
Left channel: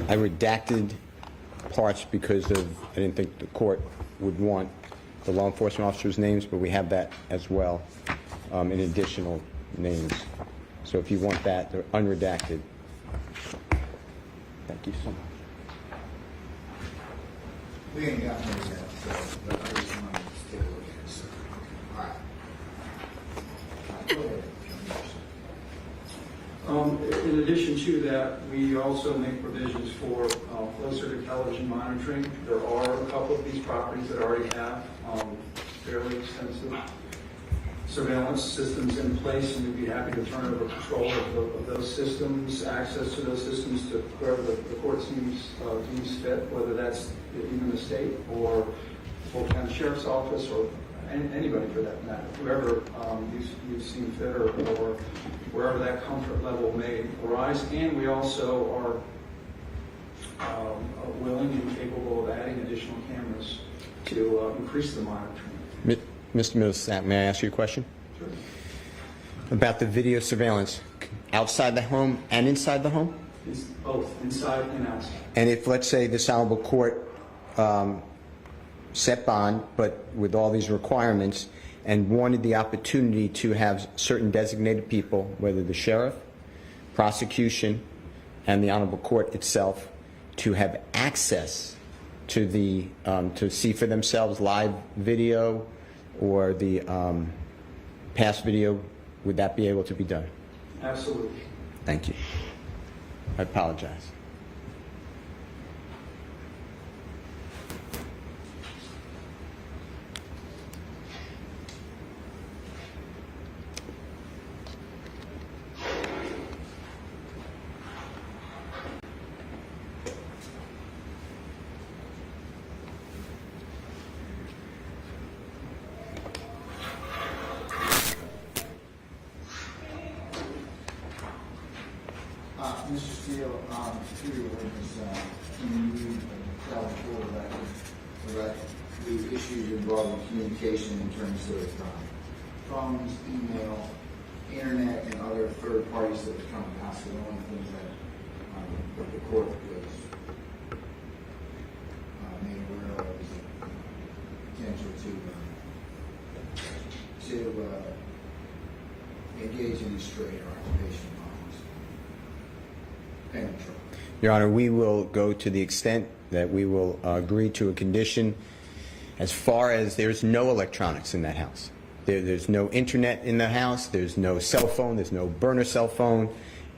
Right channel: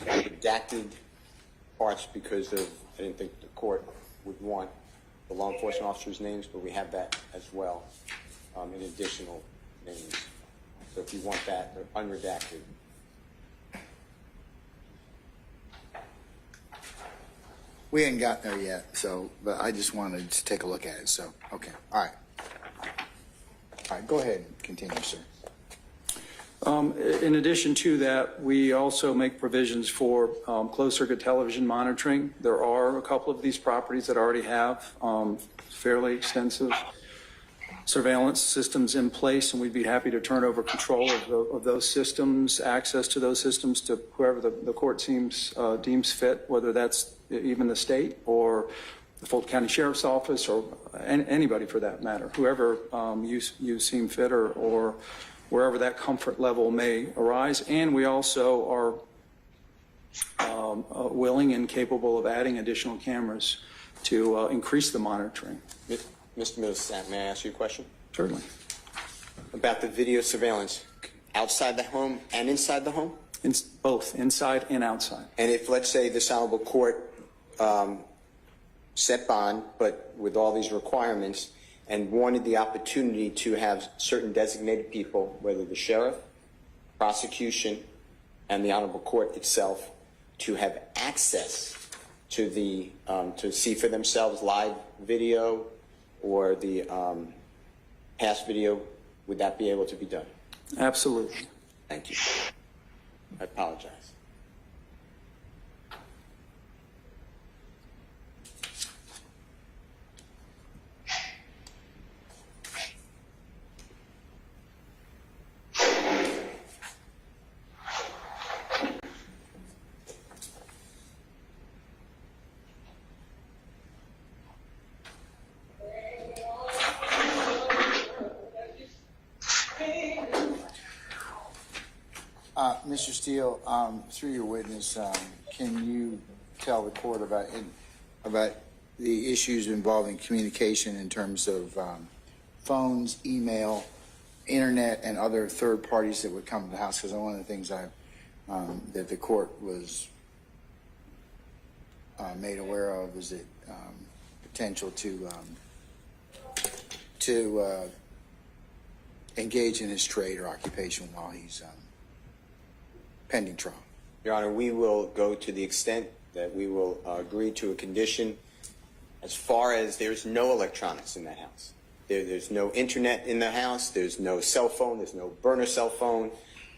redacted parts because I didn't think the court would want the law enforcement officers' names, but we have that as well in additional names. So if you want that, they're unredacted. Thank you so much. We ain't gotten there yet, but I just wanted to take a look at it, so, okay. All right. All right, go ahead. Continue, sir. In addition to that, we also make provisions for closed-circuit television monitoring. There are a couple of these properties that already have fairly extensive surveillance systems in place, and we'd be happy to turn over control of those systems, access to those systems, to whoever the court deems fit, whether that's even the state or the Fulton County Sheriff's Office or anybody for that matter, whoever you seem fit or wherever that comfort level may arise. And we also are willing and capable of adding additional cameras to increase the monitoring. Mr. Millsap, may I ask you a question? Certainly. About the video surveillance, outside the home and inside the home? Both, inside and outside. And if, let's say, this honorable court set bond, but with all these requirements, and wanted the opportunity to have certain designated people, whether the sheriff, prosecution, and the honorable court itself, to have access to the to see for themselves live video or the past video, would that be able to be done? Absolutely. Thank you. I apologize. Mr. Steele, through your witness, can you tell the court about the issues involving communication in terms of phones, email, internet, and other third parties that would come to the house? Because one of the things that the court was made aware of was the potential to engage in his trade or occupation while he's pending trial. Your Honor, we will go to the extent that we will agree to a condition as far as there's no electronics in that house. There's no internet in the house, there's no cell phone, there's no burner cell phone.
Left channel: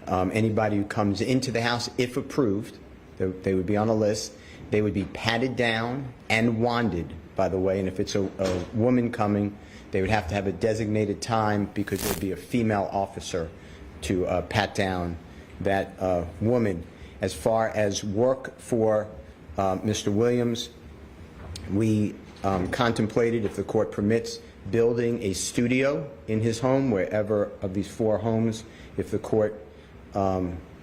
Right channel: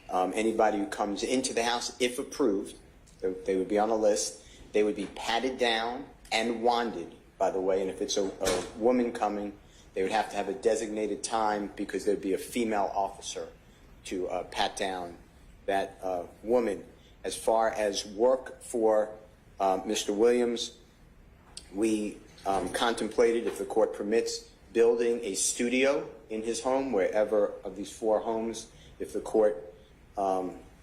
Anybody who comes into the house, if approved, they would be on a list. They would be patted down and wanded, by the way, and if it's a woman coming, they would have to have a designated time because there'd be a female officer to pat down that woman. As far as work for Mr. Williams, we contemplated, if the court permits, building a studio in his home, wherever of these 4 homes, if the court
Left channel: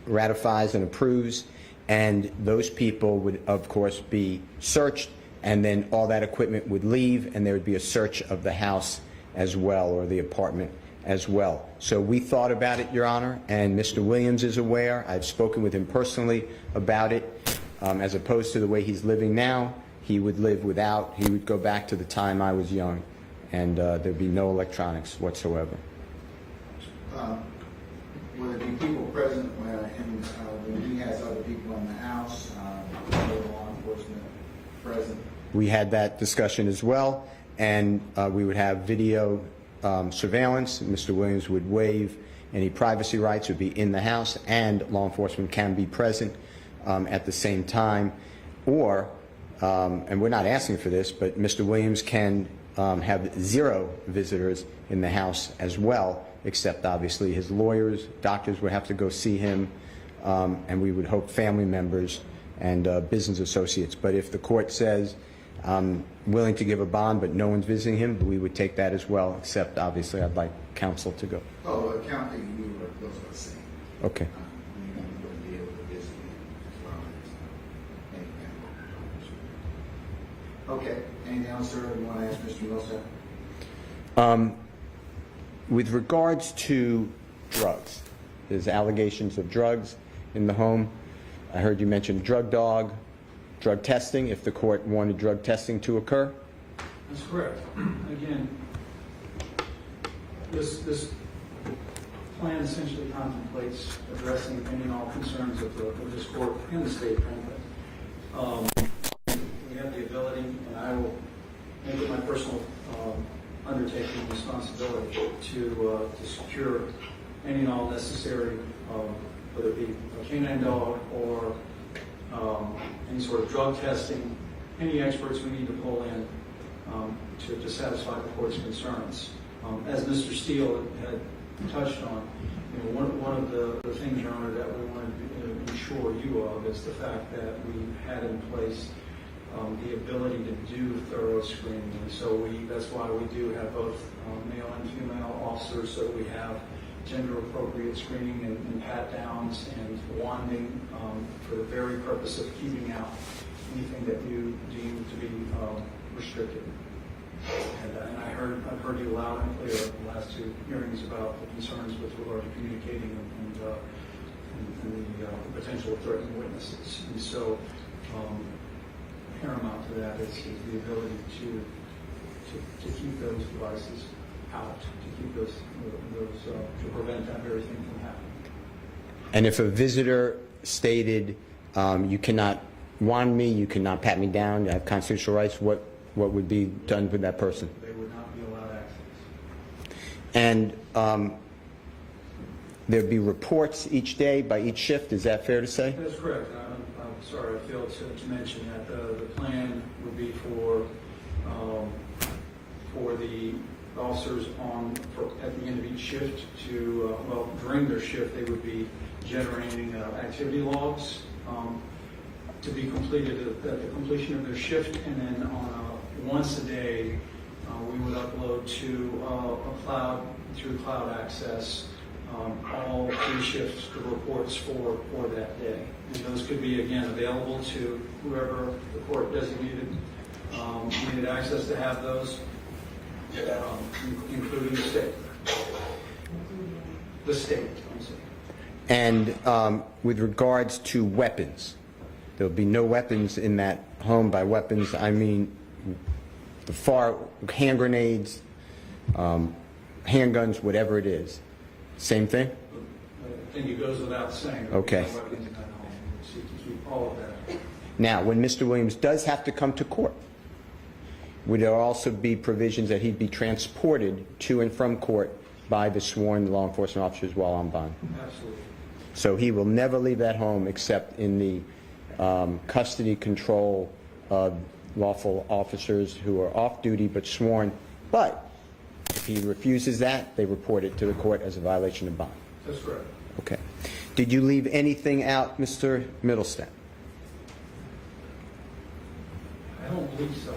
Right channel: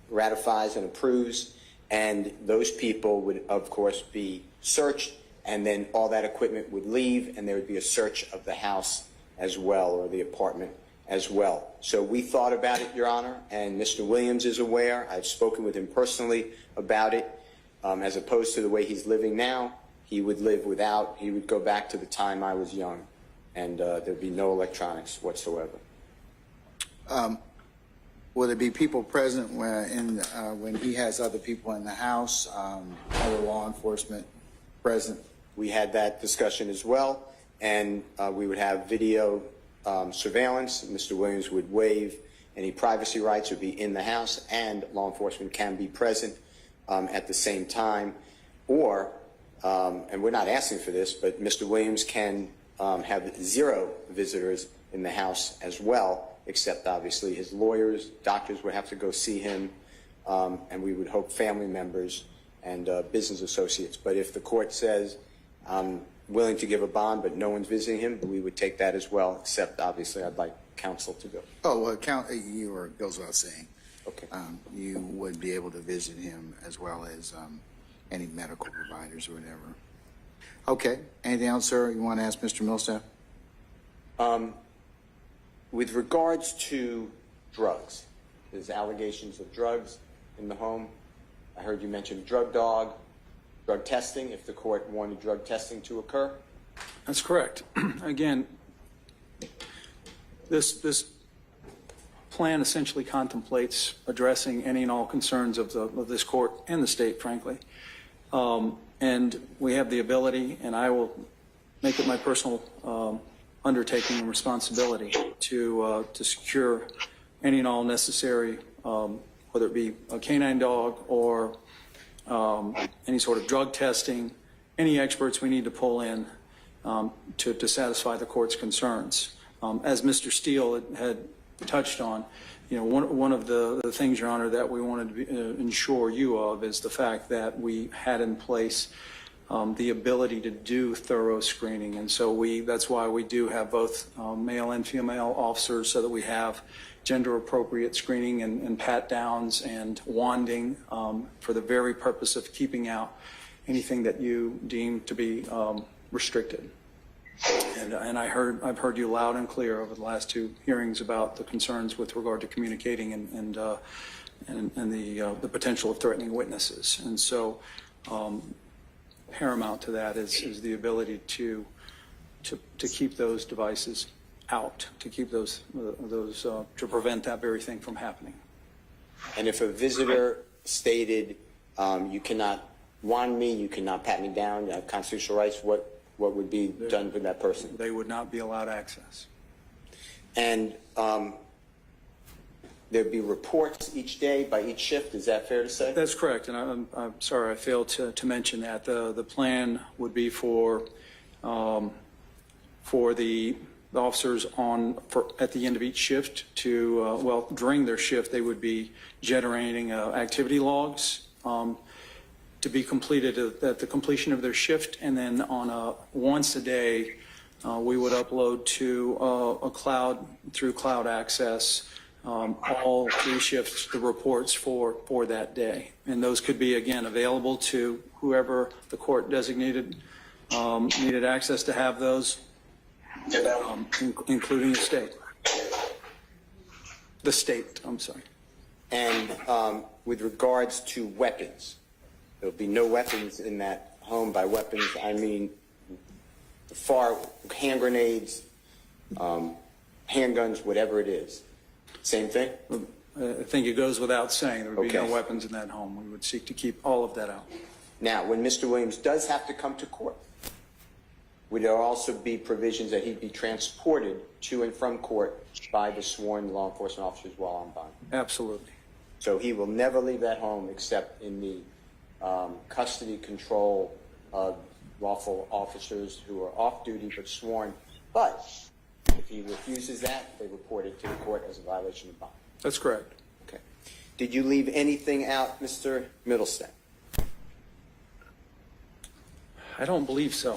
ratifies and approves, and those people would, of course, be searched, and then all that equipment would leave, and there would be a search of the house as well, or the apartment as well. So we thought about it, Your Honor, and Mr. Williams is aware. I've spoken with him personally about it. As opposed to the way he's living now, he would live without, he would go back to the time I was young, and there'd be no electronics whatsoever. Will there be people present when he has other people in the house, other law enforcement present? We had that discussion as well, and we would have video surveillance. Mr. Williams would waive any privacy rights, would be in the house, and law enforcement can be present at the same time. Or, and we're not asking for this, but Mr. Williams can have 0 visitors in the house as well, except obviously his lawyers, doctors would have to go see him, and we would hope family members and business associates. But if the court says, I'm willing to give a bond, but no one's visiting him, we would take that as well, except obviously I'd like counsel to go. Oh, you were, goes without saying. Okay. You would be able to visit him as well as any medical providers or whatever. Okay. Anything else, sir, you want to ask Mr. Millsap? With regards to drugs, there's allegations of drugs in the home. I heard you mention drug dog, drug testing, if the court wanted drug testing to occur. That's correct. Again, this plan essentially contemplates addressing any and all concerns of this court and the state, frankly. And we have the ability, and I will make it my personal undertaking and responsibility to secure any and all necessary, whether it be a canine dog or any sort of drug testing, any experts we need to pull in to satisfy the court's concerns. As Mr. Steele had touched on, you know, one of the things, Your Honor, that we wanted to ensure you of is the fact that we had in place the ability to do thorough screening, and so that's why we do have both male and female officers, so that we have gender-appropriate screening and pat-downs and wanding for the very purpose of keeping out anything that you deem to be restricted. And I've heard you loud and clear over the last 2 hearings about the concerns with regard to communicating and the potential of threatening witnesses. And so paramount to that is the ability to keep those devices out, to keep those to prevent that very thing from happening. And if a visitor stated, you cannot wand me, you cannot pat me down, you have constitutional rights, what would be done with that person? They would not be allowed access. And there'd be reports each day by each shift. Is that fair to say? That's correct, and I'm sorry I failed to mention that. The plan would be for the officers at the end of each shift to, well, during their shift, they would be generating activity logs to be completed at the completion of their shift, and then on once a day, we would upload to a cloud, through cloud access, all 3 shifts, the reports for that day. And those could be, again, available to whoever the court designated needed access to have those, including the state. The state, I'm sorry. And with regards to weapons, there will be no weapons in that home. By weapons, I mean hand grenades, handguns, whatever it is. Same thing? I think it goes without saying there would be no weapons in that home. We would seek to keep all of that out. Now, when Mr. Williams does have to come to court, would there also be provisions that he'd be transported to and from court by the sworn law enforcement officers while on bond? Absolutely. So he will never leave that home except in the custody control of lawful officers who are off duty but sworn. But if he refuses that, they report it to the court as a violation of bond. That's correct. Okay. Did you leave anything out, Mr. Middlestead? I don't believe so.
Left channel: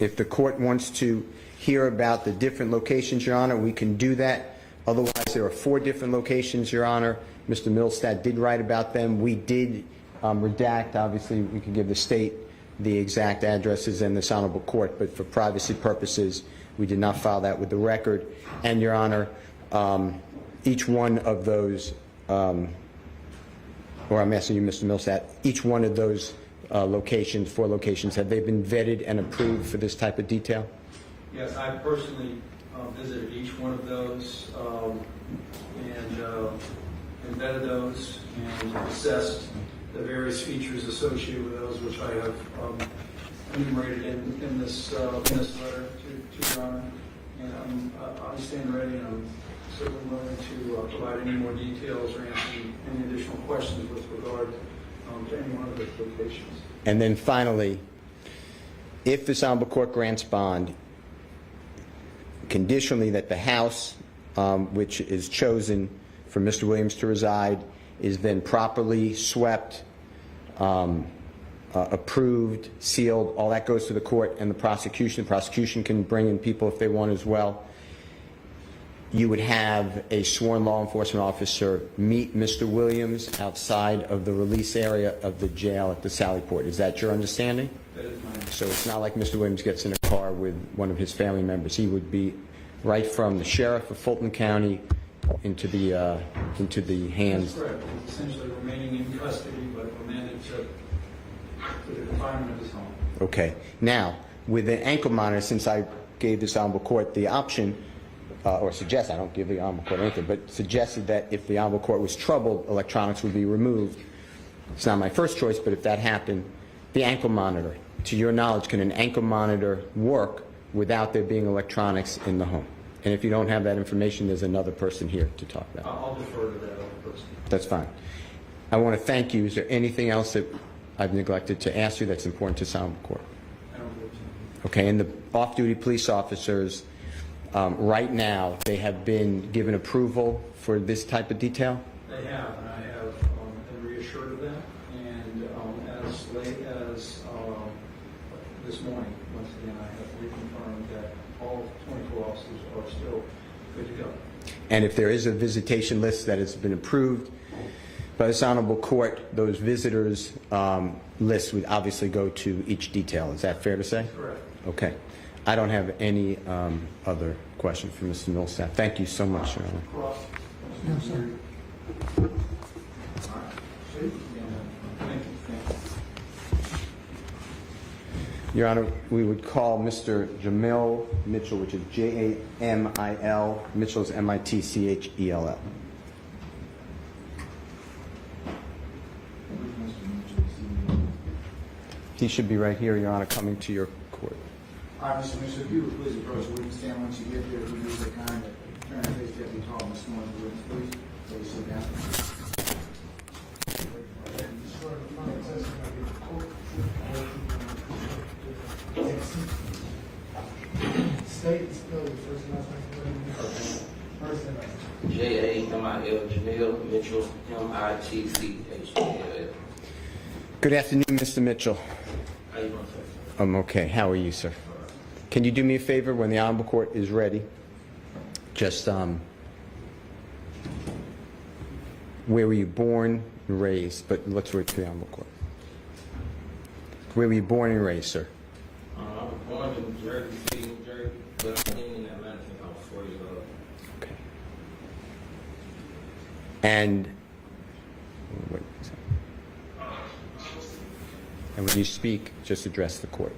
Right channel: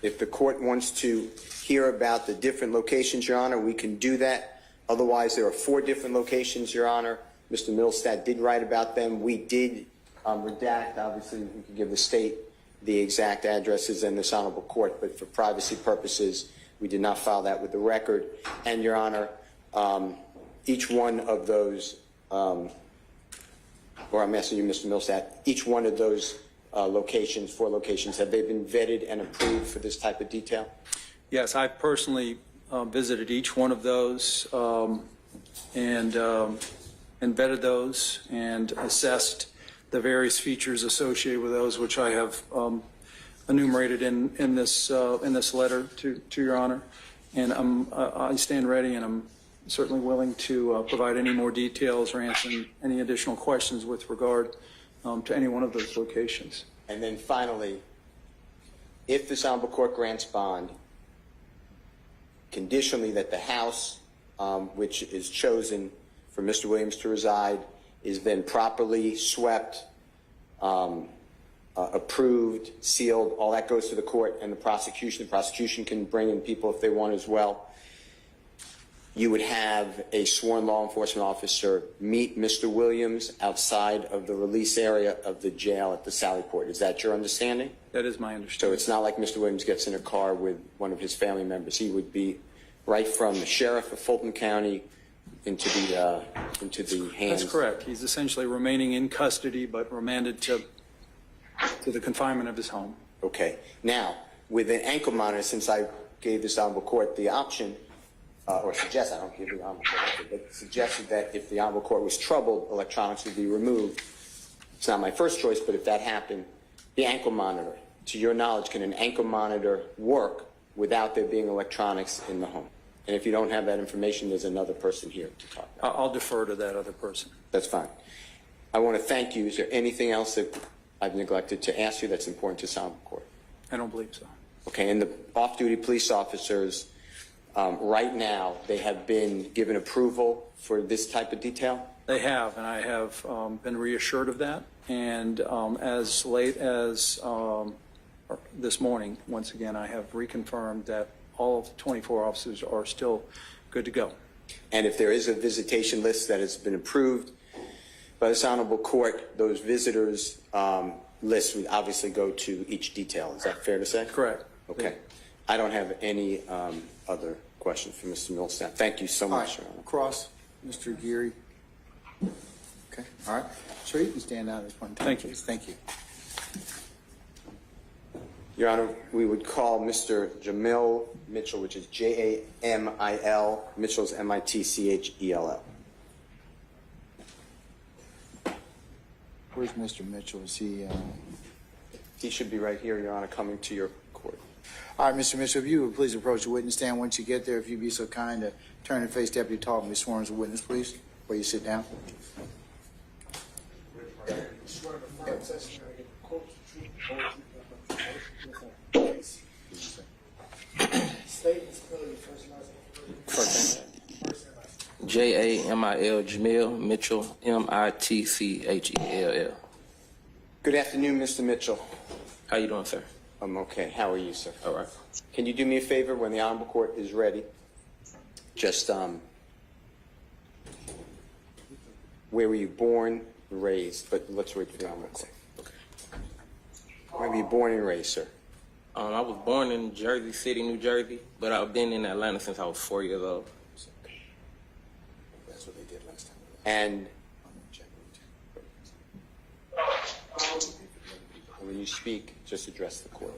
If the court wants to hear about the different locations, Your Honor, we can do that. Otherwise, there are 4 different locations, Your Honor. Mr. Middlestead did write about them. We did redact. Obviously, we could give the state the exact addresses in this honorable court, but for privacy purposes, we did not file that with the record. And, Your Honor, each one of those, or I'm asking you, Mr. Middlestead, each one of those locations, 4 locations, have they been vetted and approved for this type of detail? Yes, I personally visited each one of those and vetted those and assessed the various features associated with those, which I have enumerated in this letter to Your Honor. And I stand ready, and I'm certainly willing to provide any more details or answer any additional questions with regard to any one of those locations. And then finally, if this honorable court grants bond, conditionally that the house which is chosen for Mr. Williams to reside is then properly swept, approved, sealed, all that goes to the court and the prosecution. The prosecution can bring in people if they want as well. You would have a sworn law enforcement officer meet Mr. Williams outside of the release area of the jail at the Sally Port. Is that your understanding? That is my understanding. So it's not like Mr. Williams gets in a car with one of his family members. He would be right from the sheriff of Fulton County into the hands. That's correct. He's essentially remaining in custody, but remanded to the confinement of his home. Okay. Now, with an ankle monitor, since I gave this honorable court the option, or suggest, I don't give the honorable court anything, but suggested that if the honorable court was troubled, electronics would be removed. It's not my first choice, but if that happened, the ankle monitor, to your knowledge, can an ankle monitor work without there being electronics in the home? And if you don't have that information, there's another person here to talk about. I'll defer to that other person. That's fine. I want to thank you. Is there anything else that I've neglected to ask you that's important to sound court? I don't believe so. Okay, and the off-duty police officers, right now, they have been given approval for this type of detail? They have, and I have been reassured of that. And as late as this morning, once again, I have reconfirmed that all of the 24 officers are still good to go. And if there is a visitation list that has been approved by this honorable court, those visitors lists would obviously go to each detail. Is that fair to say? Correct. Okay. I don't have any other questions for Mr. Millsap. Thank you so much, Your Honor. Cross, Mr. Geary. Okay, all right. Sure, you can stand out. Thank you. Thank you. Your Honor, we would call Mr. Jamil Mitchell, which is Jamil. Mitchell's Mitchell. Where's Mr. Mitchell? Is he? He should be right here, Your Honor, coming to your court. All right, Mr. Mitchell, if you would please approach the witness stand once you get there. If you'd be so kind to turn and face Deputy Talton, be sworn as a witness, please. Please sit down. Jamil Jamil Mitchell, Mittchell. Good afternoon, Mr. Mitchell. How you doing, sir? I'm okay. How are you, sir? All right. Can you do me a favor when the Honorable Court is ready? Just, where were you born and raised? But let's wait for the Honorable Court. Where were you born and raised, sir? I was born in Jersey City, New Jersey, but I've been in Atlanta since I was 4 years old. Okay. And when you speak, just address the court.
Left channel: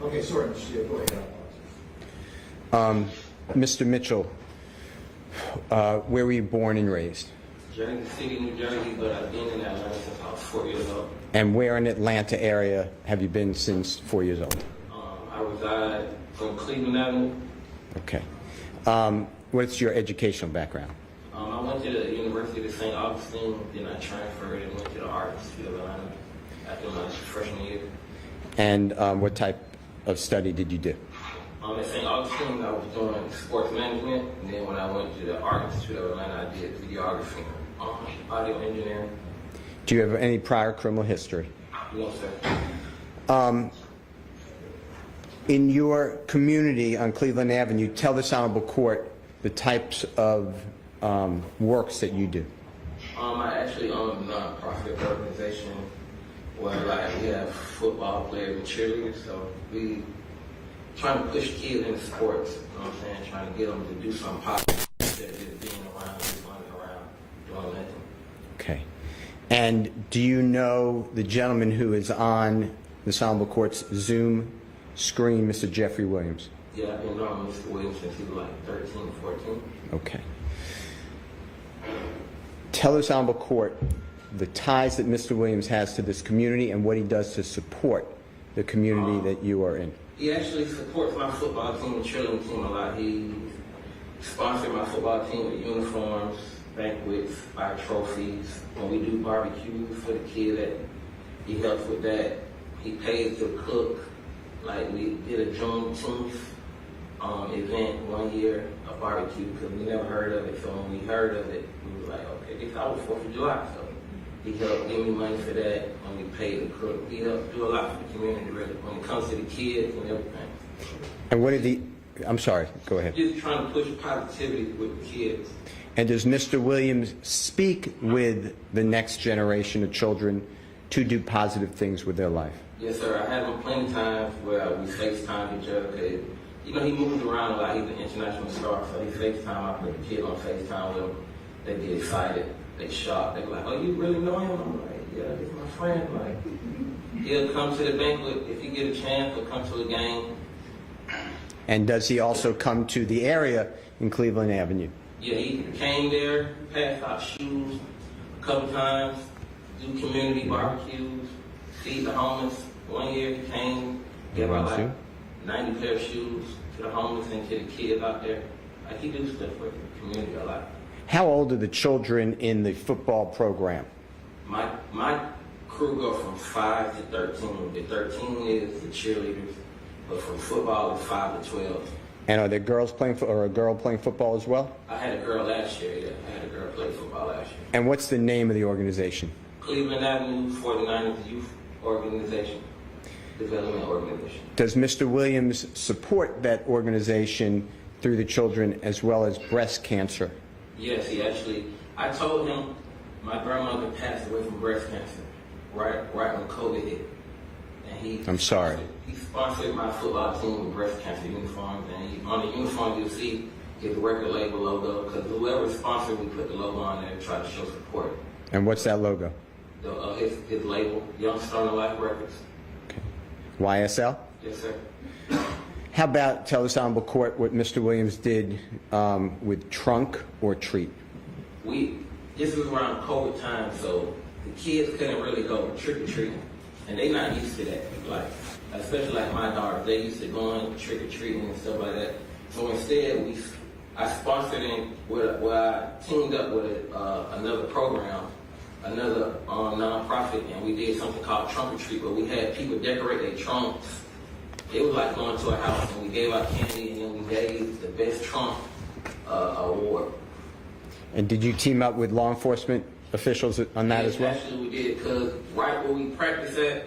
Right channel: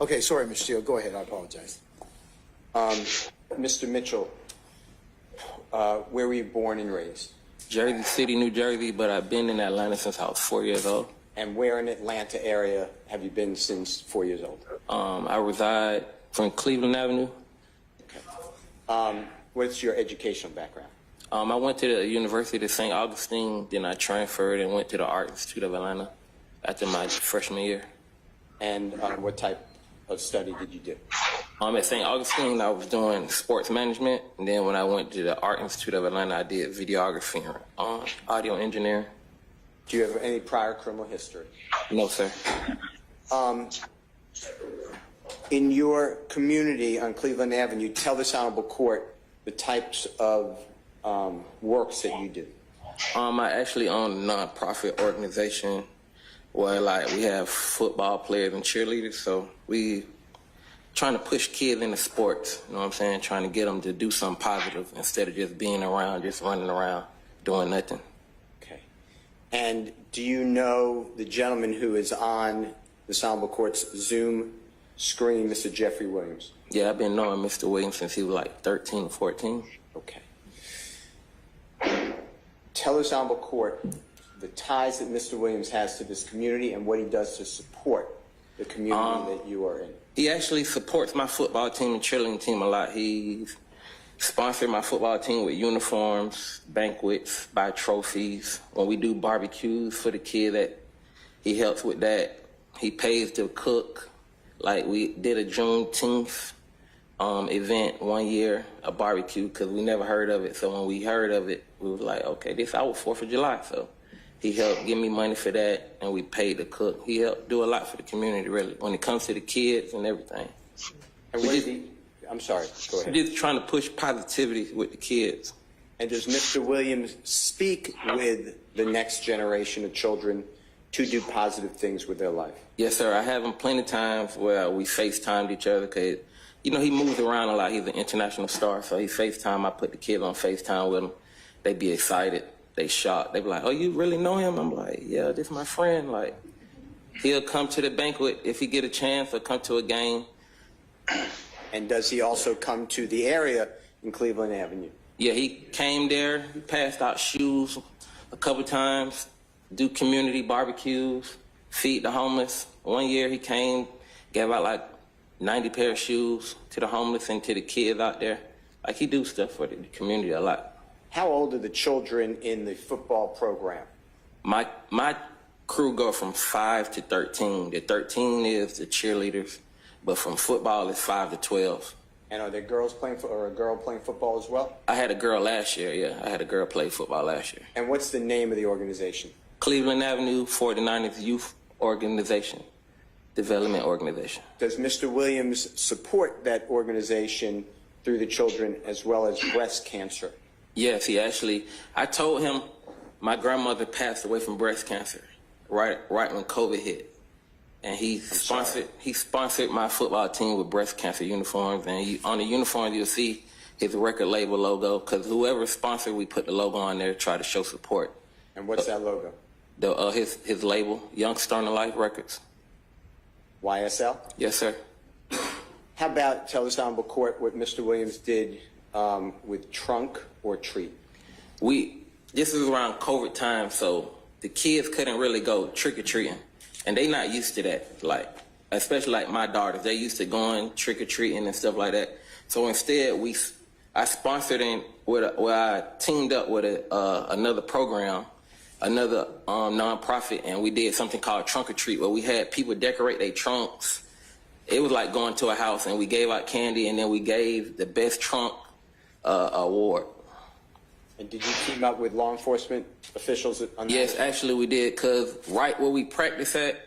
Okay, sorry, Mr. Steele. Go ahead. I apologize. Mr. Mitchell, where were you born and raised? Jersey City, New Jersey, but I've been in Atlanta since I was 4 years old. And where in Atlanta area have you been since 4 years old? I reside from Cleveland Avenue. Okay. What's your educational background? I went to the University of St. Augustine, then I transferred and went to the Art Institute of Atlanta after my freshman year. And what type of study did you do? At St. Augustine, I was doing sports management, and then when I went to the Art Institute of Atlanta, I did videography, audio engineering. Do you have any prior criminal history? No, sir. In your community on Cleveland Avenue, tell this Honorable Court the types of works that you do. I actually own a non-profit organization where we have football players and cheerleaders, so we trying to push kids into sports, you know what I'm saying? Trying to get them to do something positive instead of just being around, just running around, doing nothing. Okay. And do you know the gentleman who is on this Honorable Court's Zoom screen, Mr. Jeffrey Williams? Yeah, I've been knowing Mr. Williams since he was like 13, 14. Okay. Tell this Honorable Court the ties that Mr. Williams has to this community and what he does to support the community that you are in. He actually supports my football team and cheerleading team a lot. He sponsored my football team with uniforms, banquets, buy trophies. When we do barbecues for the kid, he helps with that. He pays to cook. Like we did a Juneteenth event one year, a barbecue, because we never heard of it. So when we heard of it, we were like, okay, this is our 4th of July. So he helped give me money for that, and we paid to cook. He helped do a lot for the community, really, when it comes to the kids and everything. And what did he, I'm sorry, go ahead. He's trying to push positivity with the kids. And does Mr. Williams speak with the next generation of children to do positive things with their life? Yes, sir. I have him plenty of times where we FaceTimed each other, because, he moves around a lot. He's an international star, so he FaceTime. I put the kids on FaceTime with him. They be excited. They shocked. They be like, oh, you really know him? I'm like, yeah, this is my friend. Like, he'll come to the banquet if he get a chance, or come to a game. And does he also come to the area in Cleveland Avenue? Yeah, he came there, passed out shoes a couple times, do community barbecues, feed the homeless. One year he came, gave out like 90 pair of shoes to the homeless and to the kids out there. Like, he do stuff for the community a lot. How old are the children in the football program? My crew go from 5 to 13. The 13 is the cheerleaders, but from football it's 5 to 12. And are there girls playing, or a girl playing football as well? I had a girl last year, yeah. I had a girl play football last year. And what's the name of the organization? Cleveland Avenue 49th Youth Organization, Development Organization. Does Mr. Williams support that organization through the children as well as breast cancer? Yes, he actually, I told him my grandmother passed away from breast cancer right when COVID hit. And he sponsored my football team with breast cancer uniforms. And on the uniform, you'll see his record label logo, because whoever sponsored, we put the logo on there to try to show support. And what's that logo? His label, Young Star Life Records. YSL? Yes, sir. How about tell this honorable court what Mr. Williams did with trunk or treat? This is around COVID time, so the kids couldn't really go trick-or-treating. And they not used to that, like, especially like my daughters. They used to going trick-or-treating and stuff like that. So instead, I sponsored where I teamed up with another program, another nonprofit, and we did something called Trunk or Treat, where we had people decorate their trunks. It was like going to a house, and we gave out candy, and then we gave the best trunk award. And did you team up with law enforcement officials on that as well? Yes, actually we did, because right where we practice at,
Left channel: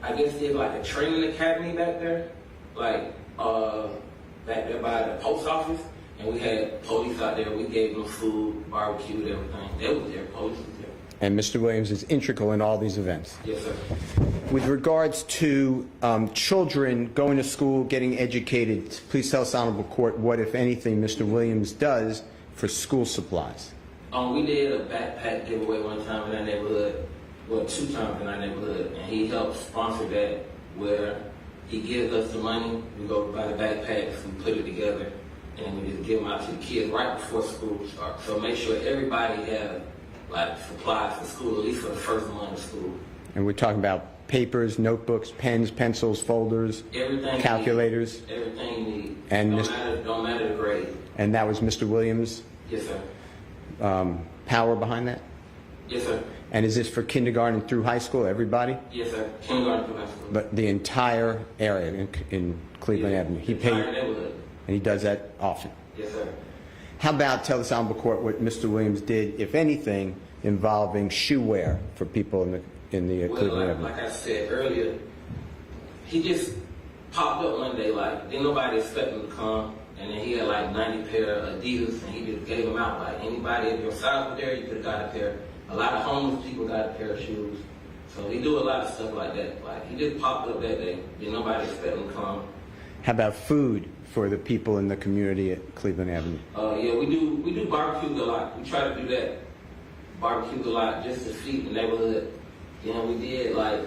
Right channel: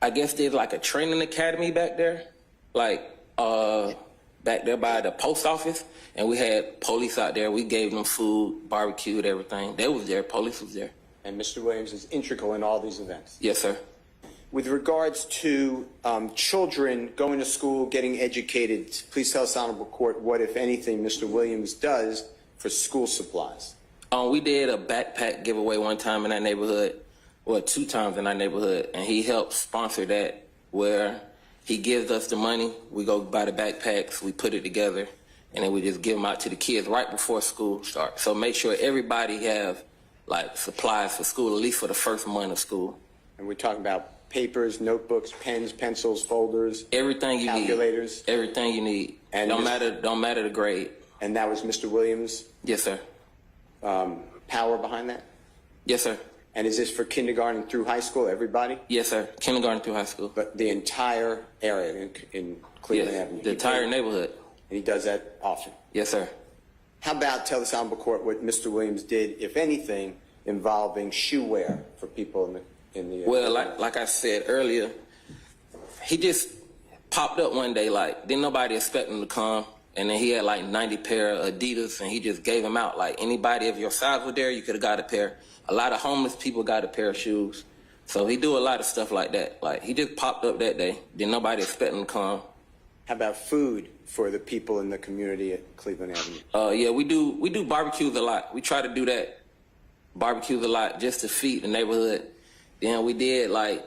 I guess there's like a training academy back there, like back there by the post office, and we had police out there. We gave them food, barbecued, everything. They was there, police was there. And Mr. Williams is integral in all these events? Yes, sir. With regards to children going to school, getting educated, please tell us, honorable court, what, if anything, Mr. Williams does for school supplies. We did a backpack giveaway one time in our neighborhood, well, 2 times in our neighborhood, and he helped sponsor that, where he gives us the money, we go buy the backpacks, we put it together, and then we just give them out to the kids right before school starts. So make sure everybody have like supplies for school, at least for the first month of school. And we're talking about papers, notebooks, pens, pencils, folders, everything, calculators, everything you need. And don't matter the grade. And that was Mr. Williams? Yes, sir. Power behind that? Yes, sir. And is this for kindergarten through high school, everybody? Yes, sir. Kindergarten through high school. But the entire area in Cleveland Avenue? The entire neighborhood. And he does that often? Yes, sir. How about tell this honorable court what Mr. Williams did, if anything, involving shoe wear for people in the well, like I said earlier, he just popped up one day, like, didn't nobody expect him to come, and then he had like 90 pair of Adidas, and he just gave them out. Like, anybody of your size was there, you could have got a pair. A lot of homeless people got a pair of shoes. So he do a lot of stuff like that. Like, he just popped up that day, didn't nobody expect him to come. How about food for the people in the community at Cleveland Avenue? Yeah, we do barbecues a lot. We try to do that, barbecues a lot, just to feed the neighborhood. Then we did like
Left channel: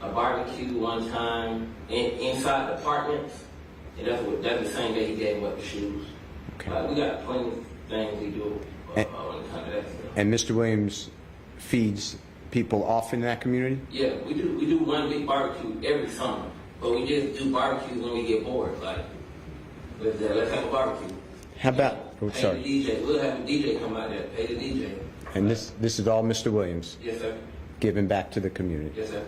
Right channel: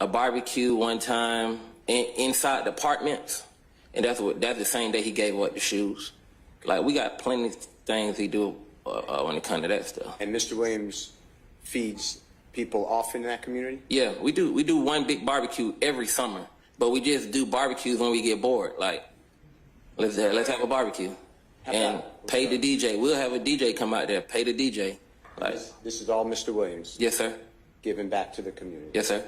a barbecue one time inside the apartments, and that's the same day he gave away the shoes. Okay. Like, we got plenty of things he do when it comes to that stuff. And Mr. Williams feeds people off in that community? Yeah, we do one big barbecue every summer, but we just do barbecues when we get bored. Like, let's have a barbecue. How about pay the DJ? We'll have a DJ come out there, pay the DJ. And like, this is all Mr. Williams? Yes, sir. Giving back to the community? Yes, sir.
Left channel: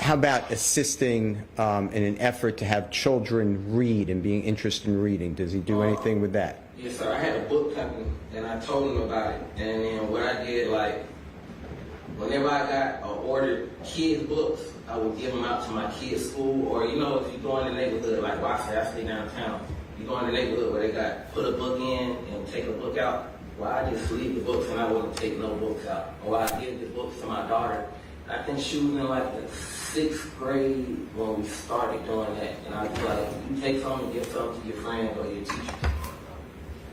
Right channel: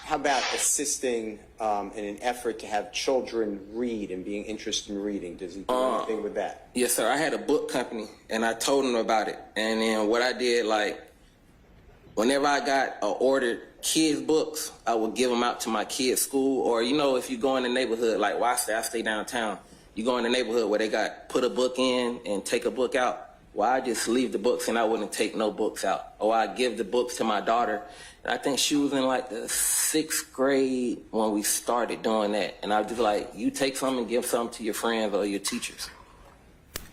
How about assisting in an effort to have children read and being interested in reading? Does he do anything with that? Yes, sir. I had a book company, and I told him about it. And then what I did, like, whenever I got ordered kids' books, I would give them out to my kids' school. Or, you know, if you go in the neighborhood, like, well, I stay downtown. You go in the neighborhood where they got put a book in and take a book out. Well, I just leave the books and I wouldn't take no books out. Or I'd give the books to my daughter. And I think she was in like the 6th grade when we started doing that. And I was just like, you take some and give some to your friends or your teachers.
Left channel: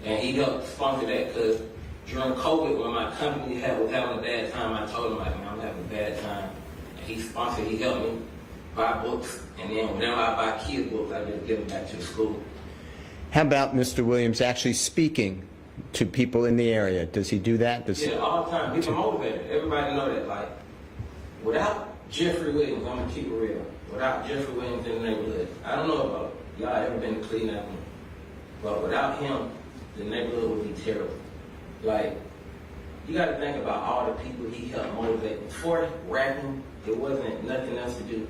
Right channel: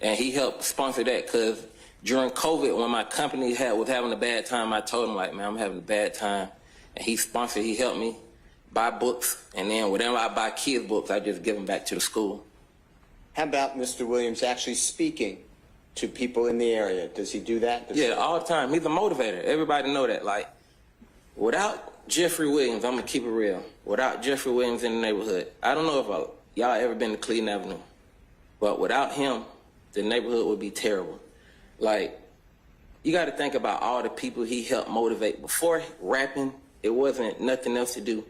And he helped sponsor that, because during COVID, when my company was having a bad time, I told him, like, man, I'm having a bad time. And he helped me buy books. And then whenever I buy kids' books, I just give them back to the school. How about Mr. Williams actually speaking to people in the area? Does he do that? Yeah, all the time. He's a motivator. Everybody know that. Like, without Jeffrey Williams, I'm going to keep it real. Without Jeffrey Williams in the neighborhood, I don't know if y'all ever been to Cleveland Avenue, but without him, the neighborhood would be terrible. Like, you got to think about all the people he helped motivate. Before rapping, it wasn't nothing else to do.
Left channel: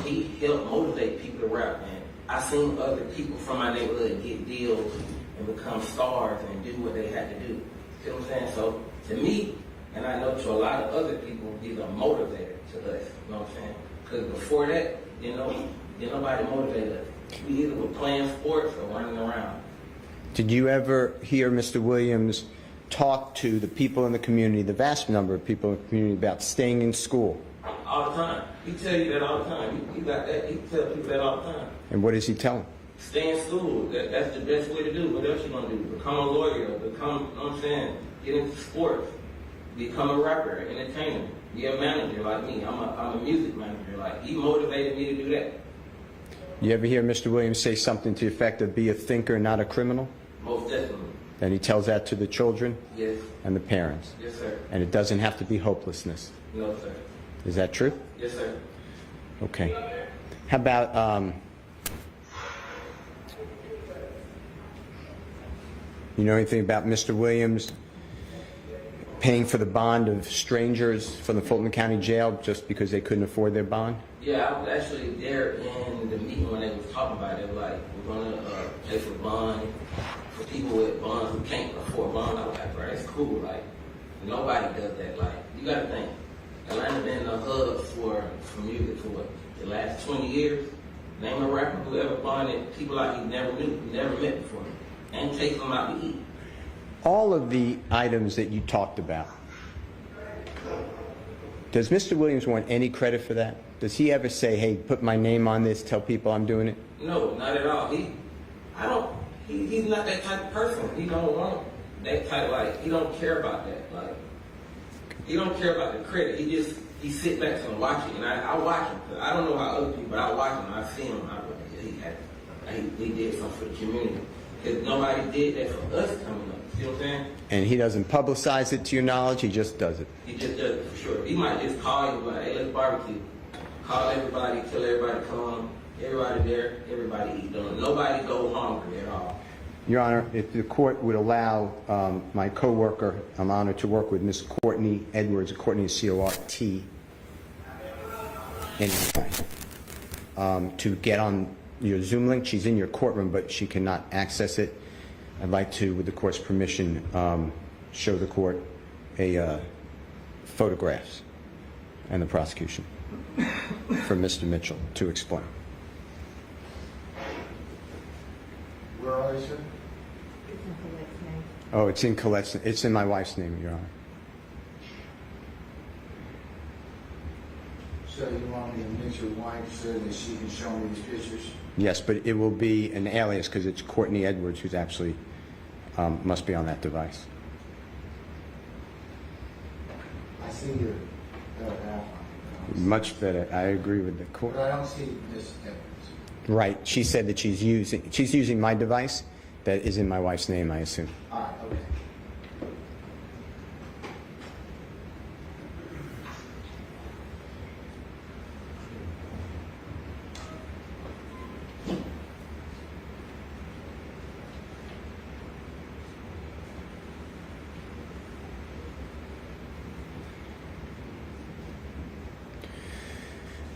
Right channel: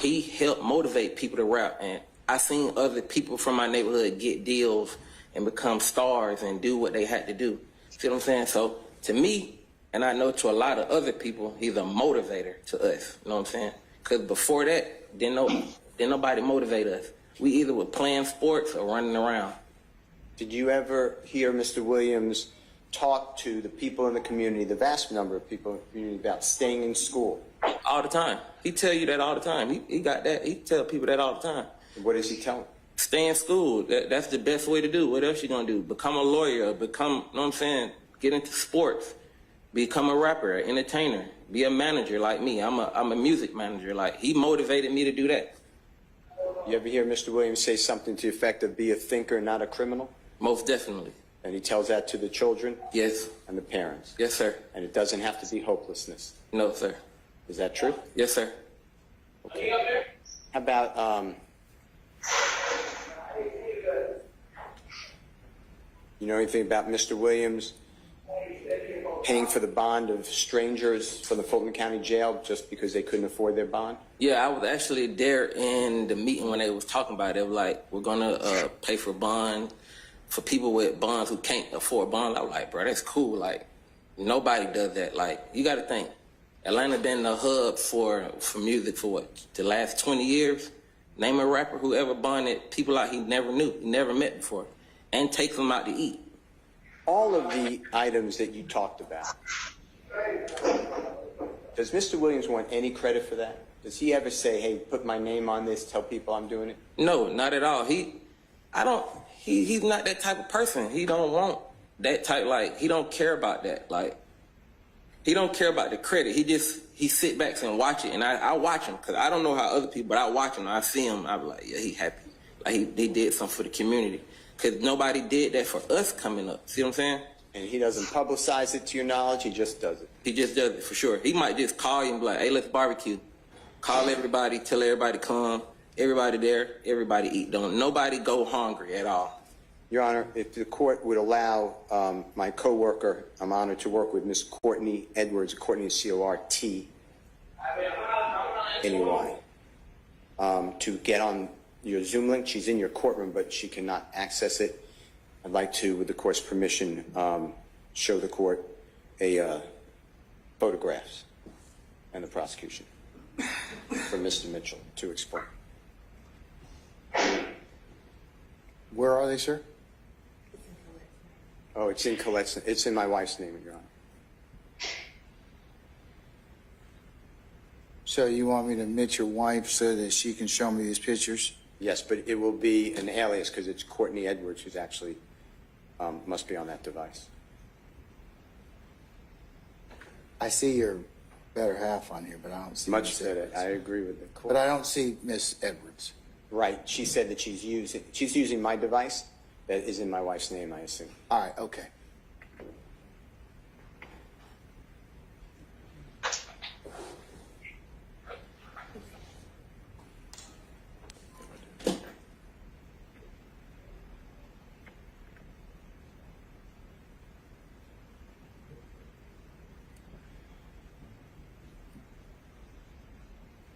He helped motivate people to rap, and I seen other people from my neighborhood get deals and become stars and do what they had to do. See what I'm saying? So to me, and I know to a lot of other people, he's a motivator to us. You know what I'm saying? Because before that, didn't nobody motivate us. We either were playing sports or running around. Did you ever hear Mr. Williams talk to the people in the community, the vast number of people in the community, about staying in school? All the time. He tell you that all the time. He got that. He tell people that all the time. And what does he tell them? Stay in school. That's the best way to do. What else you gonna do? Become a lawyer. Become, you know what I'm saying? Get into sports. Become a rapper, entertainer. Be a manager like me. I'm a music manager. Like, he motivated me to do that. You ever hear Mr. Williams say something to the effect of be a thinker, not a criminal? Most definitely. And he tells that to the children? Yes. And the parents? Yes, sir. And it doesn't have to be hopelessness? No, sir. Is that true? Yes, sir. Okay. How about, you know anything about Mr. Williams paying for the bond of strangers from the Fulton County Jail just because they couldn't afford their bond? Yeah, I was actually there in the meeting when they was talking about it. They were like, we're gonna pay for bond for people with bonds who can't afford bond. I'm like, bro, that's cool. Like, nobody does that. Like, you gotta think, Atlanta been the hub for music for what, the last 20 years? Name a rapper who ever bonded people out he never knew, never met before, and takes them out to eat. All of the items that you talked about, does Mr. Williams want any credit for that? Does he ever say, hey, put my name on this, tell people I'm doing it? No, not at all. He's not that type of person. He don't want that type, like, he don't care about that. Like, he don't care about the credit. He sit back and watch it, and I watch him, because I don't know how other people, but I watch him, I see him, I'm like, yeah, he happy. Like, he did something for the community. Because nobody did that for us coming up. See what I'm saying? And he doesn't publicize it to your knowledge, he just does it? He just does it for sure. He might just call you and be like, hey, let's barbecue. Call everybody, tell everybody come, everybody there, everybody eat. Don't nobody go hungry at all. Your Honor, if the court would allow my co-worker, I'm honored to work with Ms. Courtney Edwards, Courtney is C-O-R-T, anyway, to get on your Zoom link. She's in your courtroom, but she cannot access it. I'd like to, with the court's permission, show the court photographs and the prosecution for Mr. Mitchell to explain. Where are they, sir? Oh, it's in Colette's. It's in my wife's name, Your Honor. So you want me to admit your wife so that she can show me these pictures? Yes, but it will be an alias because it's Courtney Edwards who's actually must be on that device. I see your better half on here, but I don't see Much better. I agree with the court. But I don't see Miss Edwards. Right. She said that she's using my device that is in my wife's name, I assume. All right, okay.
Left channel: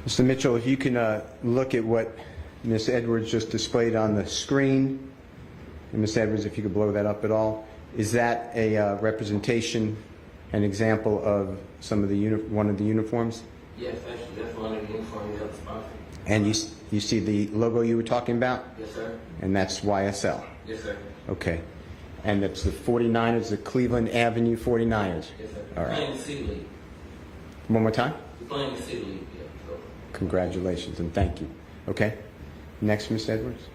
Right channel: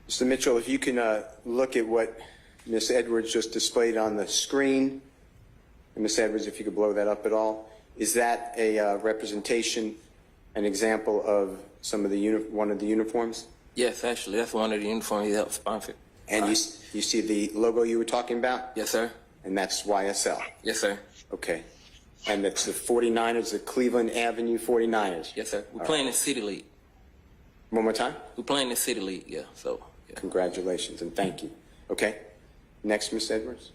Mr. Mitchell, if you can look at what Ms. Edwards just displayed on the screen, and Ms. Edwards, if you could blow that up at all, is that a representation, an example of some of the one of the uniforms? Yes, actually, that's one of the uniforms he helped sponsor. And you see the logo you were talking about? Yes, sir. And that's YSL? Yes, sir. Okay. And it's the 49ers, the Cleveland Avenue 49ers? Yes, sir. We're All playing right. the City League. One more time? We're playing the City League, yeah, so. Congratulations and thank you. Okay. Next, Ms. Edwards.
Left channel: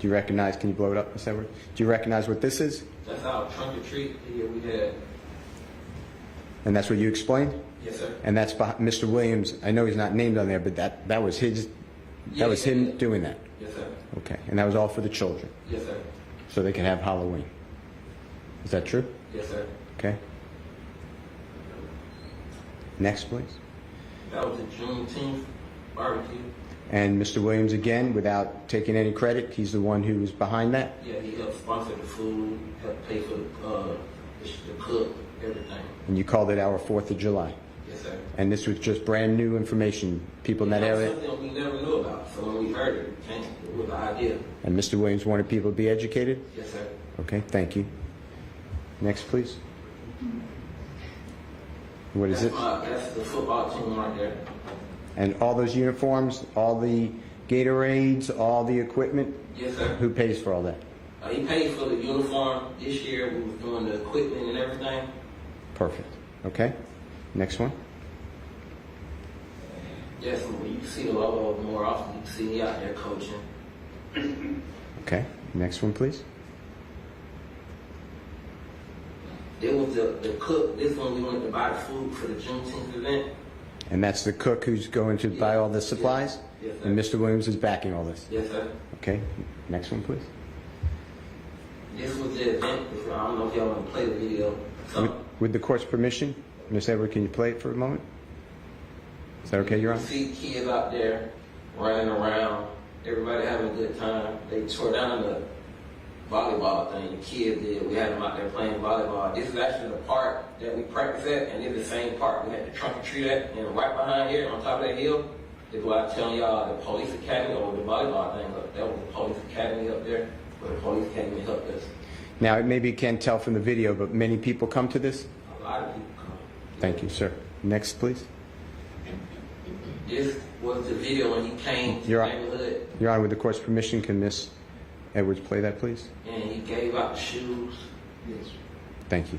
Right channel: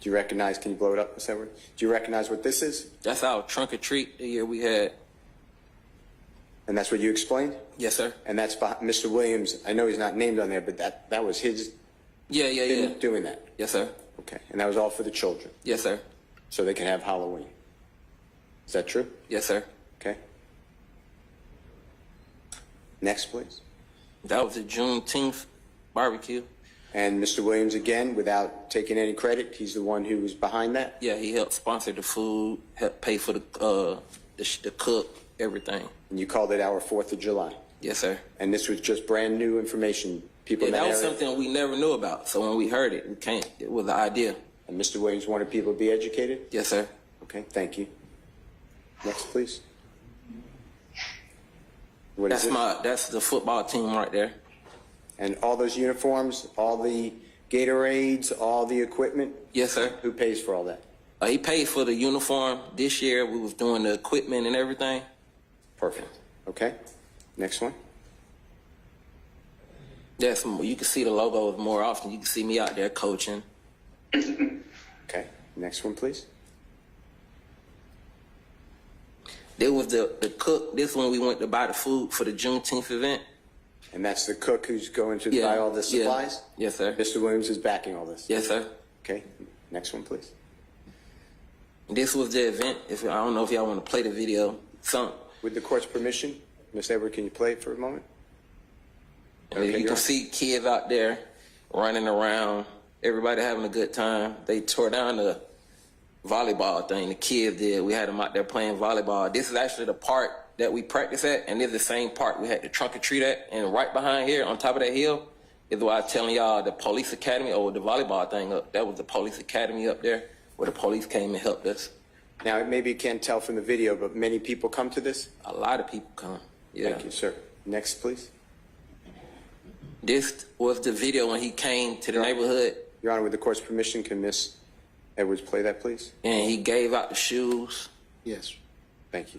Do you recognize, can you blow it up, Ms. Edwards? Do you recognize what this is? That's our trunk or treat the year we had. And that's what you explained? Yes, sir. And that's Mr. Williams. I know he's not named on there, but that was his. Yeah, that was him doing that. Yes, sir. Okay. And that was all for the children. Yes, sir. So they could have Halloween. Is that true? Yes, sir. Okay. Next, please. That was a Juneteenth barbecue. And Mr. Williams, again, without taking any credit, he's the one who was behind that? Yeah, he helped sponsor the food, helped pay for the cook, everything. And you called it our 4th of July? Yes, sir. And this was just brand new information. People in that that was area? something we never knew about. So when we heard it, it was the idea. And Mr. Williams wanted people to be educated? Yes, sir. Okay, thank you. Next, please. What is it? That's the football team right there. And all those uniforms, all the Gatorades, all the equipment? Yes, sir. Who pays for all that? He paid for the uniform. This year we was doing the equipment and everything. Perfect. Okay. Next one. Yes, you can see the logo more often. You can see me out there coaching. Okay, next one, please. There was the cook. This one we went to buy the food for the Juneteenth event. And that's the cook who's going to buy all the supplies? Yeah. Yes, sir. And Mr. Williams is backing all this? Yes, sir. Okay, next one, please. This was the event. I don't know if y'all want to play the video. With the court's permission, Ms. Edward, can you play it for a moment? Is that okay, You can see kids out there running around, everybody having a good time. They tore down the volleyball thing the kids did. We had them out there playing volleyball. This is actually the park that we practice at, and it's the same park we had the trunk or treat at. And right behind here, on top of that hill, is where I was telling y'all the police academy, or the volleyball thing up. That was the police academy up there, where the police came and helped us. Now, maybe you can't tell from the video, but many people come to this? A lot of people come. Yeah. Thank you, sir. Next, please. This was the video when he came to the neighborhood. Your Honor, with the court's permission, can Ms. Edwards play that, please? And he gave out the shoes. Yes. Thank you.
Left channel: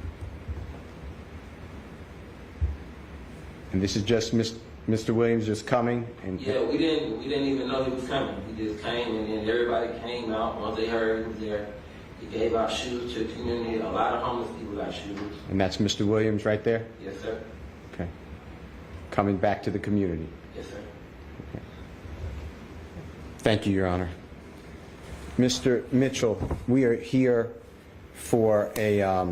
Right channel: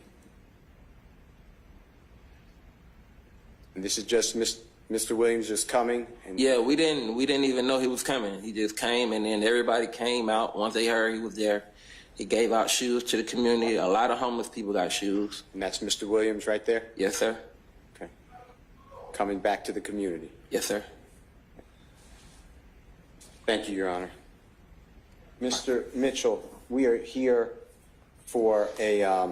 And this is just Mr. Williams just coming? And Yeah, we didn't even know he was coming. He just came, and then everybody came out. Once they heard he was there, he gave out shoes to the community. A lot of homeless people got shoes. And that's Mr. Williams right there? Yes, sir. Okay. Coming back to the community? Yes, sir. Okay. Thank you, Your Honor. Mr. Mitchell, we are here for a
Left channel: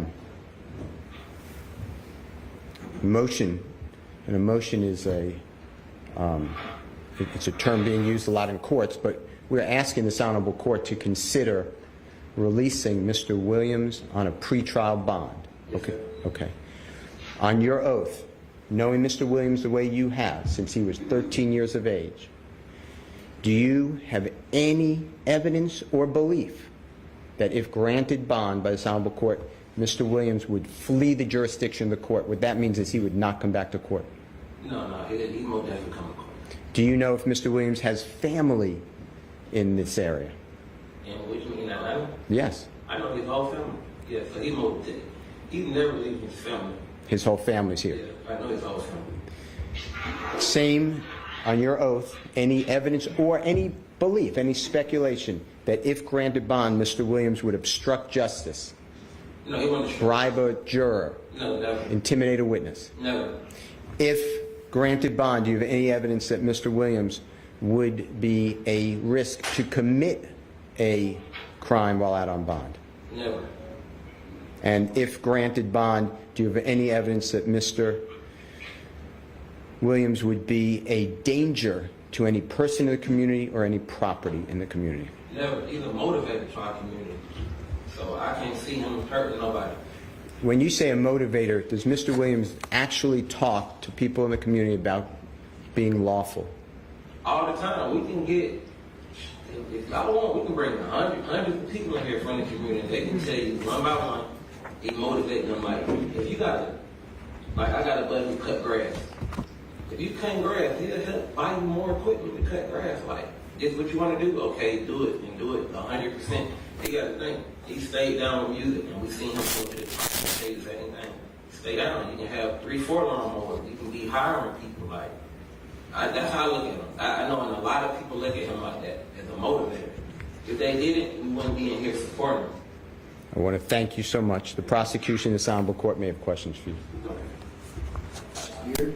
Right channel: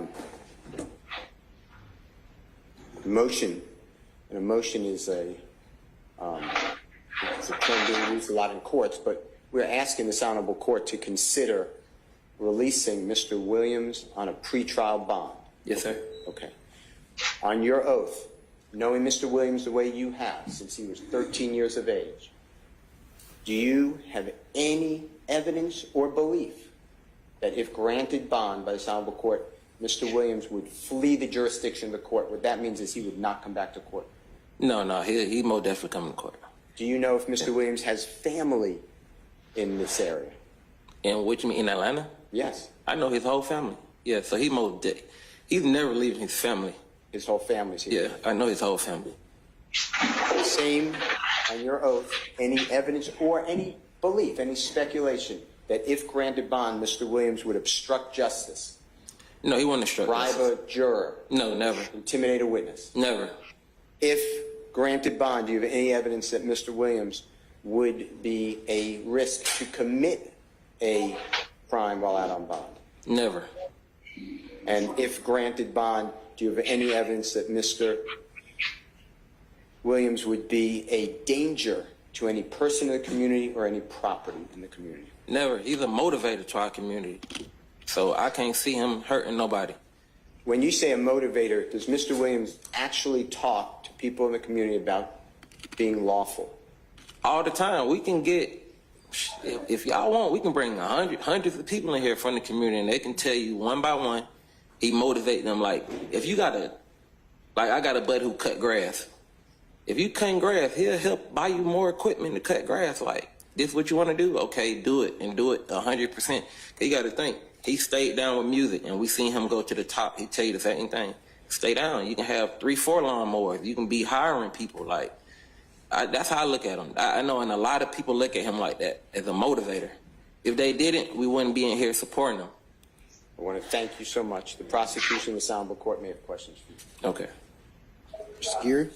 motion. And a motion is it's a term being used a lot in courts, but we're asking this honorable court to consider releasing Mr. Williams on a pretrial bond. Yes, sir. Okay. On your oath, knowing Mr. Williams the way you have since he was 13 years of age, do you have any evidence or belief that if granted bond by this honorable court, Mr. Williams would flee the jurisdiction of the court? What that means is he would not come back to court. No, he most definitely come to court. Do you know if Mr. Williams has family in this area? And what you mean, in Atlanta? Yes. I know his whole family. Yeah, so he's never leaving his family. His whole family's here? Yeah, I know his whole family. Same on your oath, any evidence or any belief, any speculation that if granted bond, Mr. Williams would obstruct justice? No, he wouldn't obstruct bribe justice. a juror? No, never. Intimidate a witness? Never. If granted bond, do you have any evidence that Mr. Williams would be a risk to commit a crime while out on bond? Never. And if granted bond, do you have any evidence that Mr. Williams would be a danger to any person in the community or any property in the community? Never. He's a motivator to our community. So I can't see him hurting nobody. When you say a motivator, does Mr. Williams actually talk to people in the community about being lawful? All the time. We can get, if y'all want, we can bring hundreds of people in here from the community, and they can tell you one by one, he motivated them. Like, if you got I got a buddy who cut grass. If you cut grass, he'll help buy you more equipment to cut grass. Like, this is what you want to do? Okay, do it, and do it 100%. He got to think. He stayed down with music, and we seen him go to the top and say the same thing. Stay down. You can have 3-4 lawnmowers. You can be hiring people. Like, that's how I look at him. I know, and a lot of people look at him like that, as a motivator. If they didn't, we wouldn't be in here supporting him. I want to thank you so much. The prosecution in this honorable court may have questions for you. Okay. Mr. Geary?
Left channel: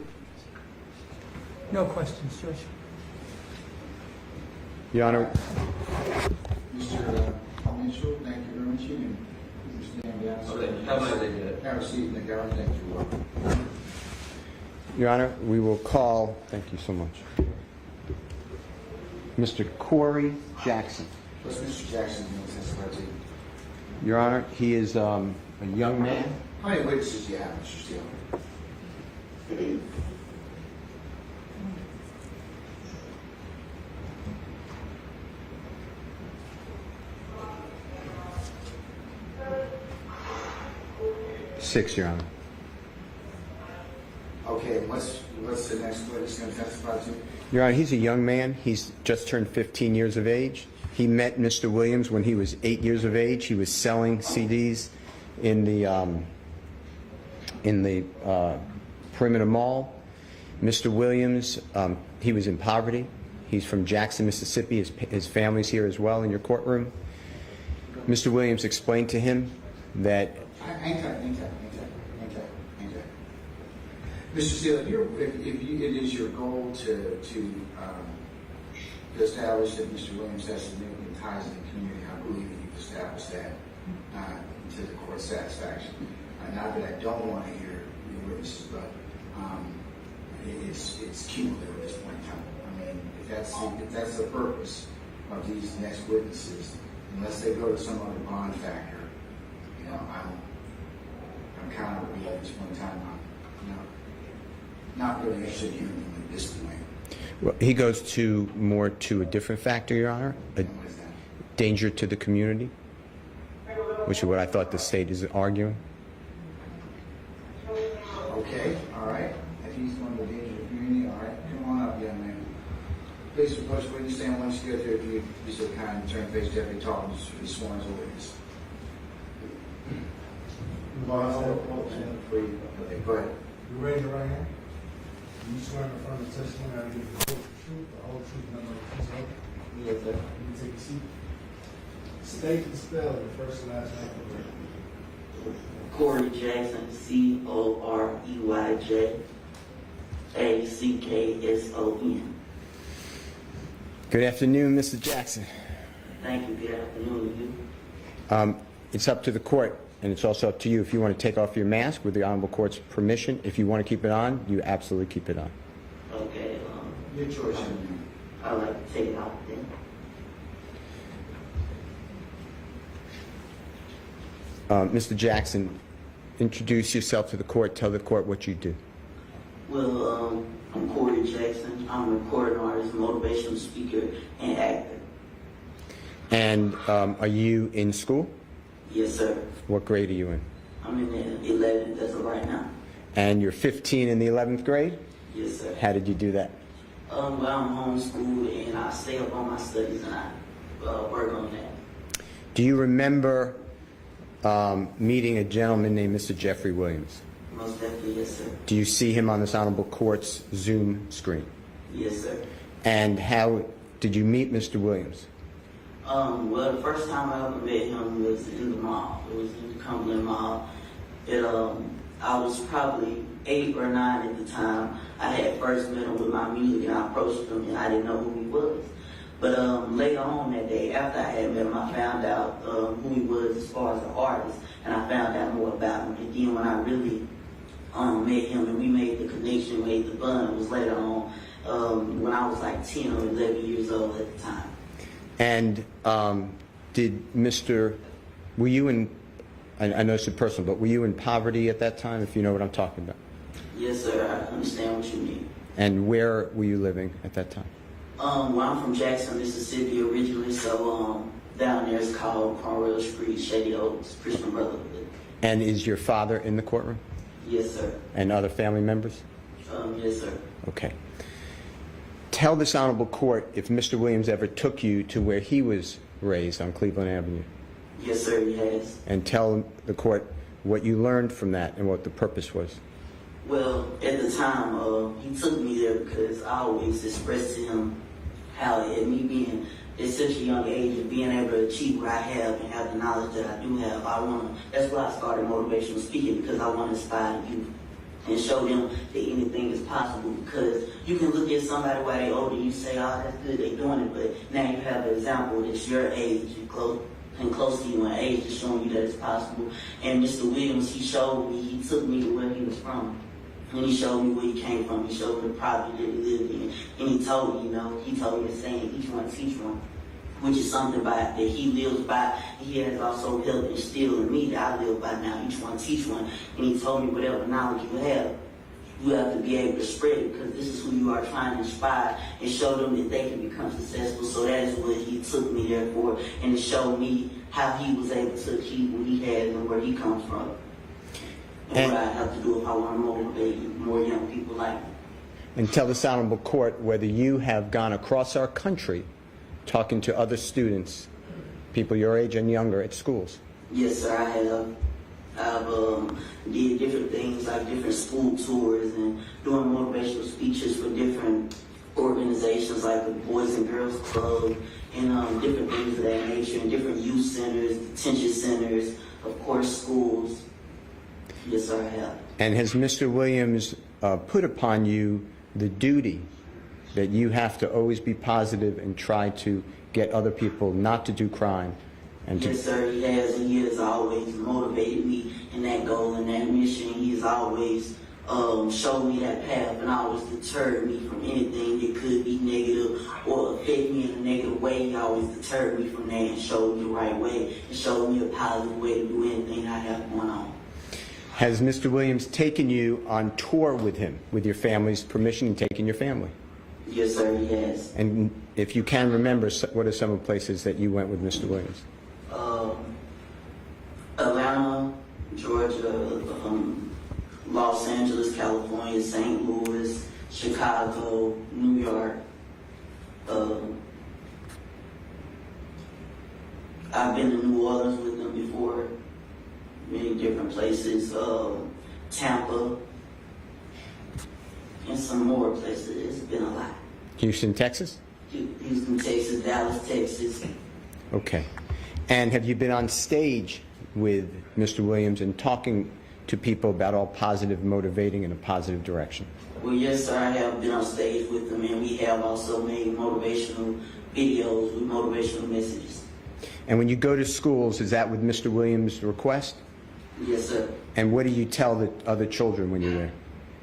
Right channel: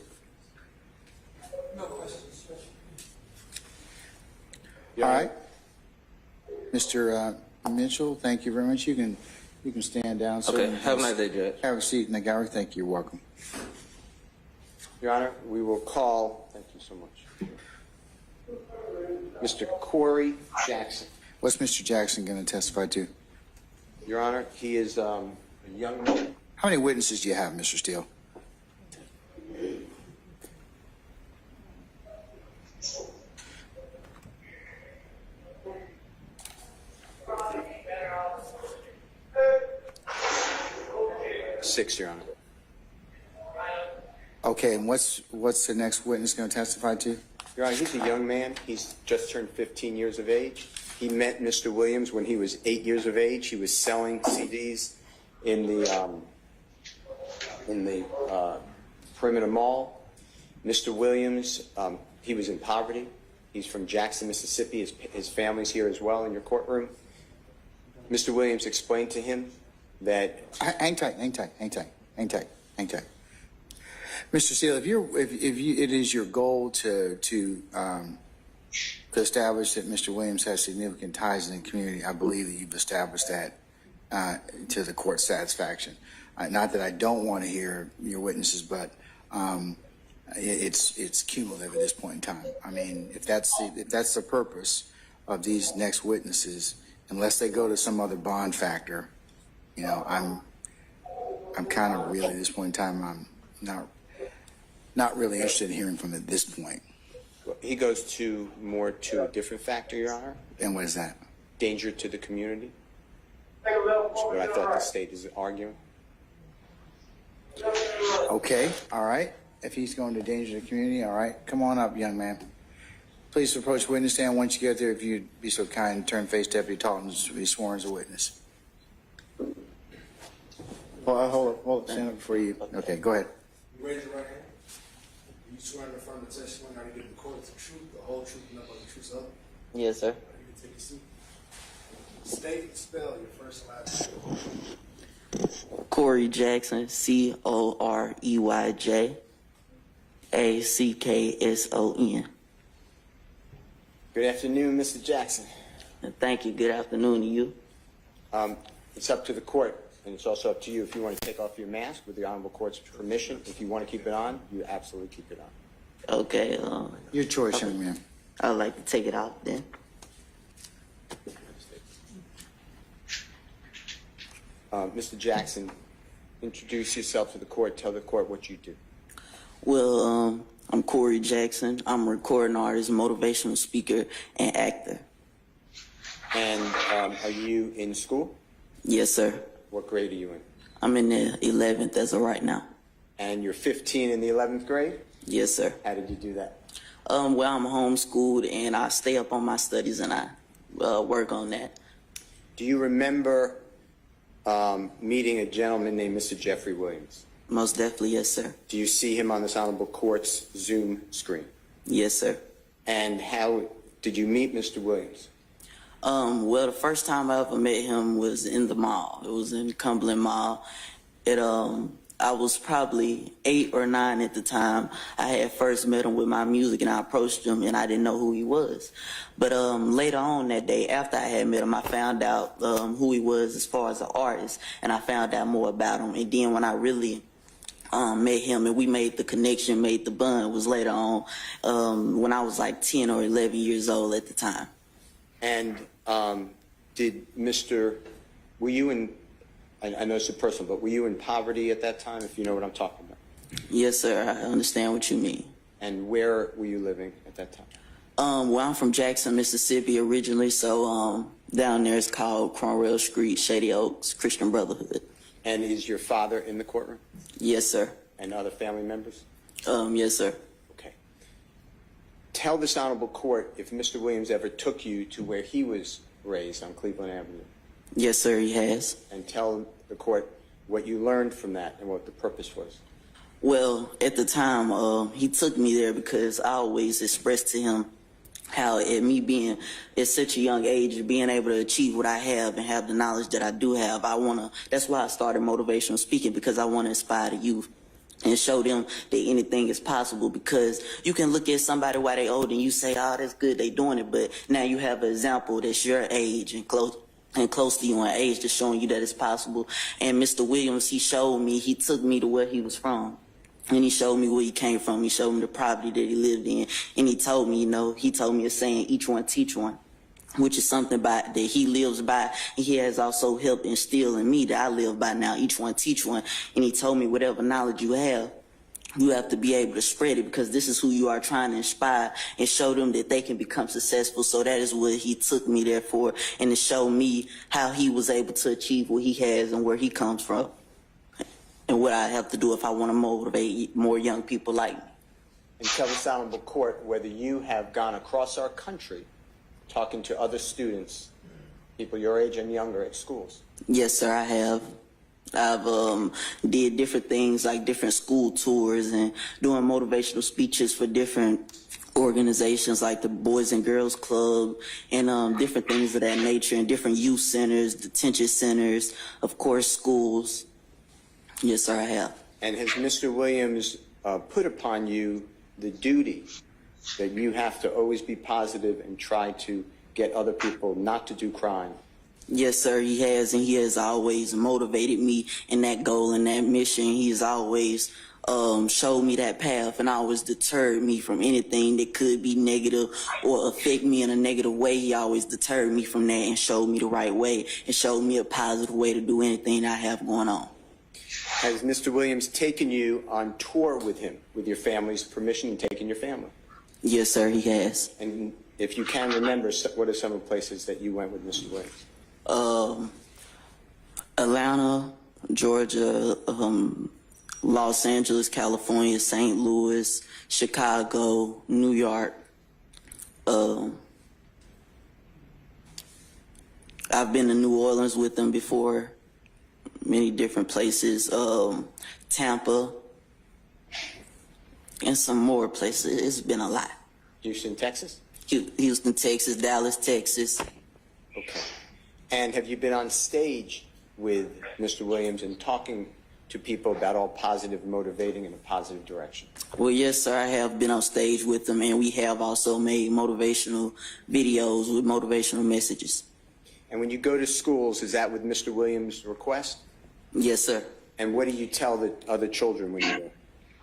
No questions, Judge. Your Honor. Mr. Mitchell, thank you very much. You can stand down. Okay. Have a nice day, Judge. Have a seat in the gallery. Thank you. You're welcome. Your Honor, we will call, thank you so much, Mr. Corey Jackson. What's Mr. Jackson going to testify to? Your Honor, he is a young man. How many witnesses do you have, Mr. Steele? Six, Your Honor. Okay, and what's the next witness going to testify to? Your Honor, he's a young man. He's just turned 15 years of age. He met Mr. Williams when he was 8 years of age. He was selling CDs in the Perimeter Mall. Mr. Williams He was in poverty. He's from Jackson, Mississippi. His family's here as well in your courtroom. Mr. Williams explained to him that... Hang tight. Mr. Steele, if it is your goal to establish that Mr. Williams has significant ties in the community, I believe that you've established that to the court's satisfaction. Not that I don't want to hear your witnesses, but it's cumulative at this point in time. I mean, if that's the purpose of these next witnesses, unless they go to some other bond factor, you know, I'm kind of really at this point in time, I'm not really interested in hearing from at this point. Well, he goes to a different factor, Your Honor. And what is that? Danger to the community, which is what I thought the state is arguing. Okay, all right. If he's going to danger the community, all right. Come on up, young man. Please approach the witness stand. Once you get there, if you'd be so kind and turn to face Deputy Talton to be sworn as a witness. Hold it, stand up before you. Okay, go ahead. You raise your right hand. You swear in front of the testimony I will give the court the truth, the whole truth, and nothing but the truth, sir? Yes, sir. You can take a seat. State and spell your first and last name. Corey Jackson, COREYJACKSON. Good afternoon, Mr. Jackson. Thank you. Good afternoon to you. It's up to the court, and it's also up to you if you want to take off your mask with the Honorable Court's permission. If you want to keep it on, you absolutely keep it on. Okay. Your choice, young man. I would like to take it off then. Mr. Jackson, introduce yourself to the court. Tell the court what you do. Well, I'm Corey Jackson. I'm a recording artist, motivational speaker, and actor. And are you in school? Yes, sir. What grade are you in? I'm in the 11th as of right now. And you're 15 in the 11th grade? Yes, sir. How did you do that? Well, I'm homeschooled, and I stay up on my studies, and I work on that. Do you remember meeting a gentleman named Mr. Jeffrey Williams? Most definitely, yes, sir. Do you see him on this Honorable Court's Zoom screen? Yes, sir. And how did you meet Mr. Williams? Well, the first time I ever met him was in the mall. It was in Cumberland Mall. I was probably 8 or 9 at the time. I had first met him with my music, and I approached him, and I didn't know who he was. But later on that day, after I had met him, I found out who he was as far as an artist, and I found out more about him. And then when I really met him and we made the connection, made the bond, was later on when I was like 10 or 11 years old at the time. And were you in, I know it's personal, but were you in poverty at that time, if you know what I'm talking about? Yes, sir. I understand what you mean. And where were you living at that time? Well, I'm from Jackson, Mississippi originally, so down there it's called Cromwell Street, Shady Oaks, Christian Brotherhood. And is your father in the courtroom? Yes, sir. And other family members? Yes, sir. Okay. Tell this Honorable Court if Mr. Williams ever took you to where he was raised on Cleveland Avenue. Yes, sir, he has. And tell the court what you learned from that and what the purpose was. Well, at the time, he took me there because I always expressed to him how at me being at such a young age of being able to achieve what I have and have the knowledge that I do have, that's why I started motivational speaking, because I want to inspire the youth and show them that anything is possible. Because you can look at somebody while they're older and you say, oh, that's good, they doing it, but now you have an example that's your age and close to you in age that's showing you that it's possible. And Mr. Williams, he took me to where he was from. And he showed me where he came from. He showed me the property that he lived in. And he told me, a saying, each one teach one, which is something that he lives by. And he has also helped instill in me that I live by now, each one teach one. And he told me whatever knowledge you have to be able to spread it, because this is who you are trying to inspire and show them that they can become successful. So that is what he took me there for, and to show me how he was able to achieve what he has and where he comes from. And what I have to do if I want to motivate more young people like me. And tell this Honorable Court whether you have gone across our country talking to other students, people your age and younger, at schools. Yes, sir, I have. I've did different things like different school tours and doing motivational speeches for different organizations like the Boys and Girls Club and different things of that nature, and different youth centers, detention centers, of course, schools. Yes, sir, I have. And has Mr. Williams put upon you the duty that you have to always be positive and try to get other people not to do crime? Yes, sir, he has, and he has always motivated me in that goal and that mission. He's always showed me that path and always deterred me from anything that could be negative or affect me in a negative way. He always deterred me from that and showed me the right way and showed me a positive way to do anything I have going on. Has Mr. Williams taken you on tour with him, with your family's permission, and taken your family? Yes, sir, he has. And if you can remember, what are some of the places that you went with Mr. Williams? Atlanta, Georgia, Los Angeles, California, St. Louis, Chicago, New York. I've been to New Orleans with them before, many different places, Tampa, and some more places. It's been a lot. Houston, Texas? Houston, Texas, Dallas, Texas. Okay. And have you been on stage with Mr. Williams and talking to people about all positive, motivating in a positive direction? Well, yes, sir, I have been on stage with them, and we have also made motivational videos with motivational messages. And when you go to schools, is that with Mr. Williams' request? Yes, sir. And what do you tell the other children when you're there?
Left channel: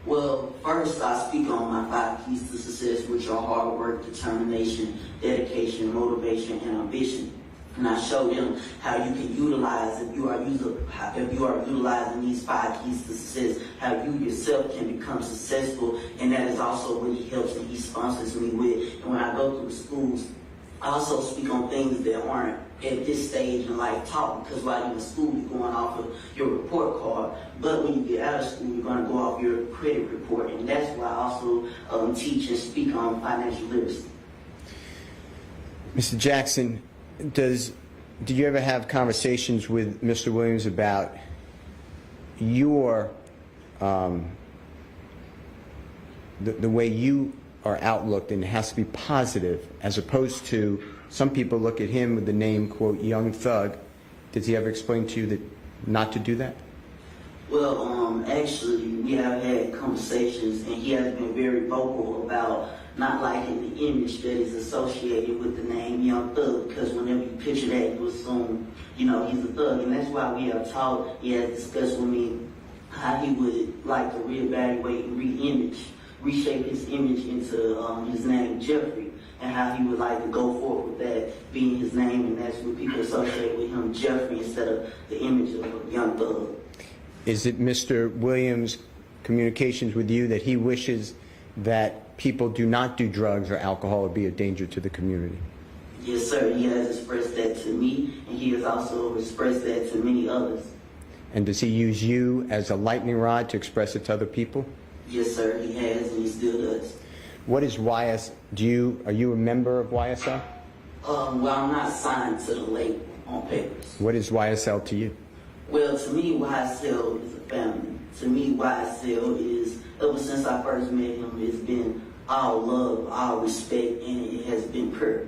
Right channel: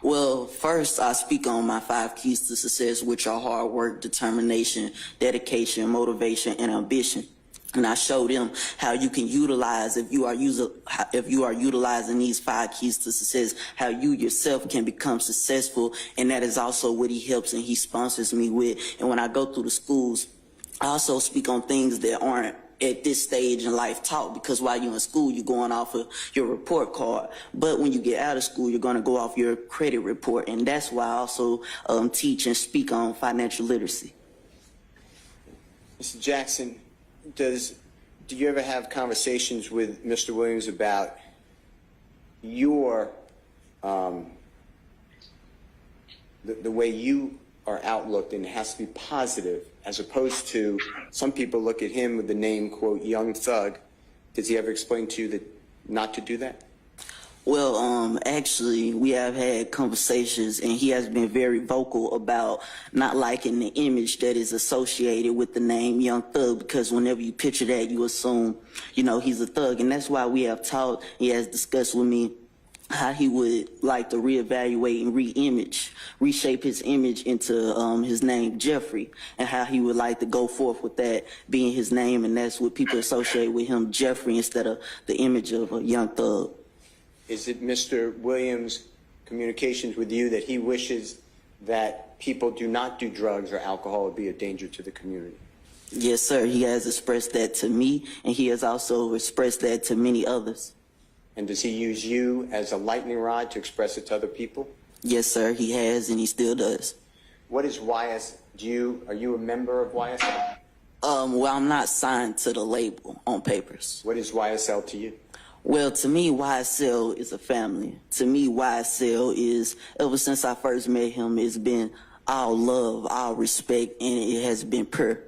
Well, first, I speak on my 5 keys to success, which are hard work, determination, dedication, motivation, and ambition. And I show them how you can utilize, if you are utilizing these 5 keys to success, how you yourself can become successful. And that is also what he helps and he sponsors me with. And when I go through the schools, I also speak on things that aren't at this stage in life taught, because while you're in school, you're going off of your report card. But when you get out of school, you're going to go off your credit report. And that's why I also teach and speak on financial literacy. Mr. Jackson, did you ever have conversations with Mr. Williams about your the way you are outlooked, and it has to be positive, as opposed to some people look at him with the name, quote, young thug? Does he ever explain to you that not to do that? Well, actually, we have had conversations, and he has been very vocal about not liking the image that is associated with the name Young Thug, because whenever you picture that, you assume, he's a thug. And that's why we have talked, he has discussed with me how he would like to reevaluate and reshape his image into his name, Jeffrey, and how he would like to go forth with that being his name, and that's what people associate with him, Jeffrey, instead of the image of a young thug. Is it Mr. Williams' communications with you that he wishes that people do not do drugs or alcohol or be a danger to the community? Yes, sir. He has expressed that to me, and he has also expressed that to many others. And does he use you as a lightning rod to express it to other people? Yes, sir. He has, and he still does. What is are you a member of YSL? Well, I'm not signed to the label on papers. What is YSL to you? Well, to me, YSL is a family. To me, YSL is, ever since I first met him, it's been all love, all respect, and it has been pure.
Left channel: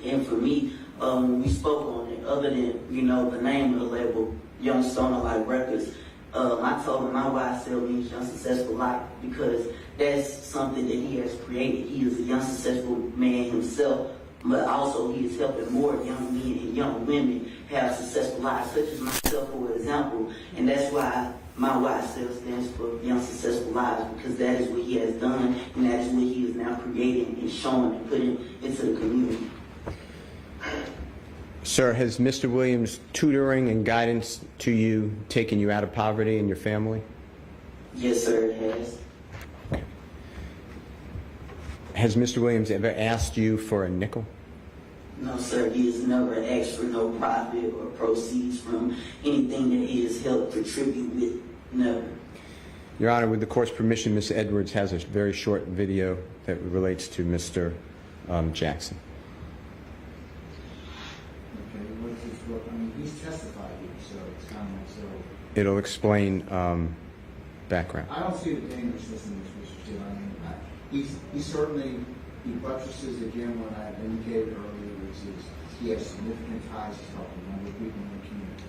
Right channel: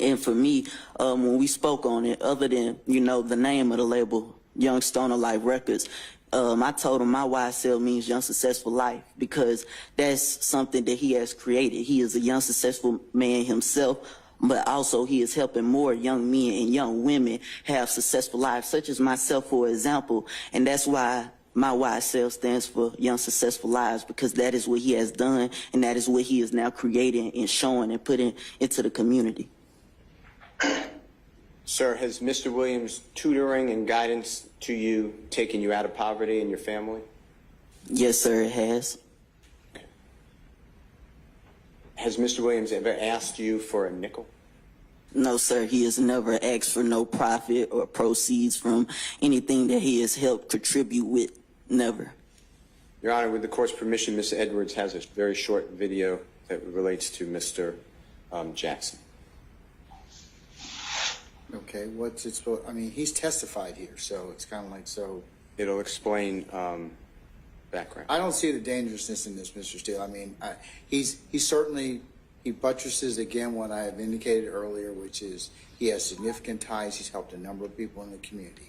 And for me, when we spoke on it, other than, the name of the label, Young Stoner Life Records, I told him my YSL means Young Successful Life, because that's something that he has created. He is a young successful man himself, but also he is helping more young men and young women have successful lives, such as myself, for example. And that's why my YSL stands for Young Successful Lives, because that is what he has done, and that is what he is now creating and showing and putting into the community. Sir, has Mr. Williams' tutoring and guidance to you taken you out of poverty and your family? Yes, sir, it has. Has Mr. Williams ever asked you for a nickel? No, sir. He has never asked for no profit or proceeds from anything that he has helped contribute with. Never. Your Honor, with the court's permission, Ms. Edwards has a very short video that relates to Mr. Jackson. Okay. Okay, what's it supposed, I mean, he's testified here, so it's kind of like, so. It'll explain background. I don't see the dangerousness in this, Mr. Steele. I mean, he certainly, he buttresses again what I have indicated earlier, which is he has significant ties. He's helped a number of people in the community.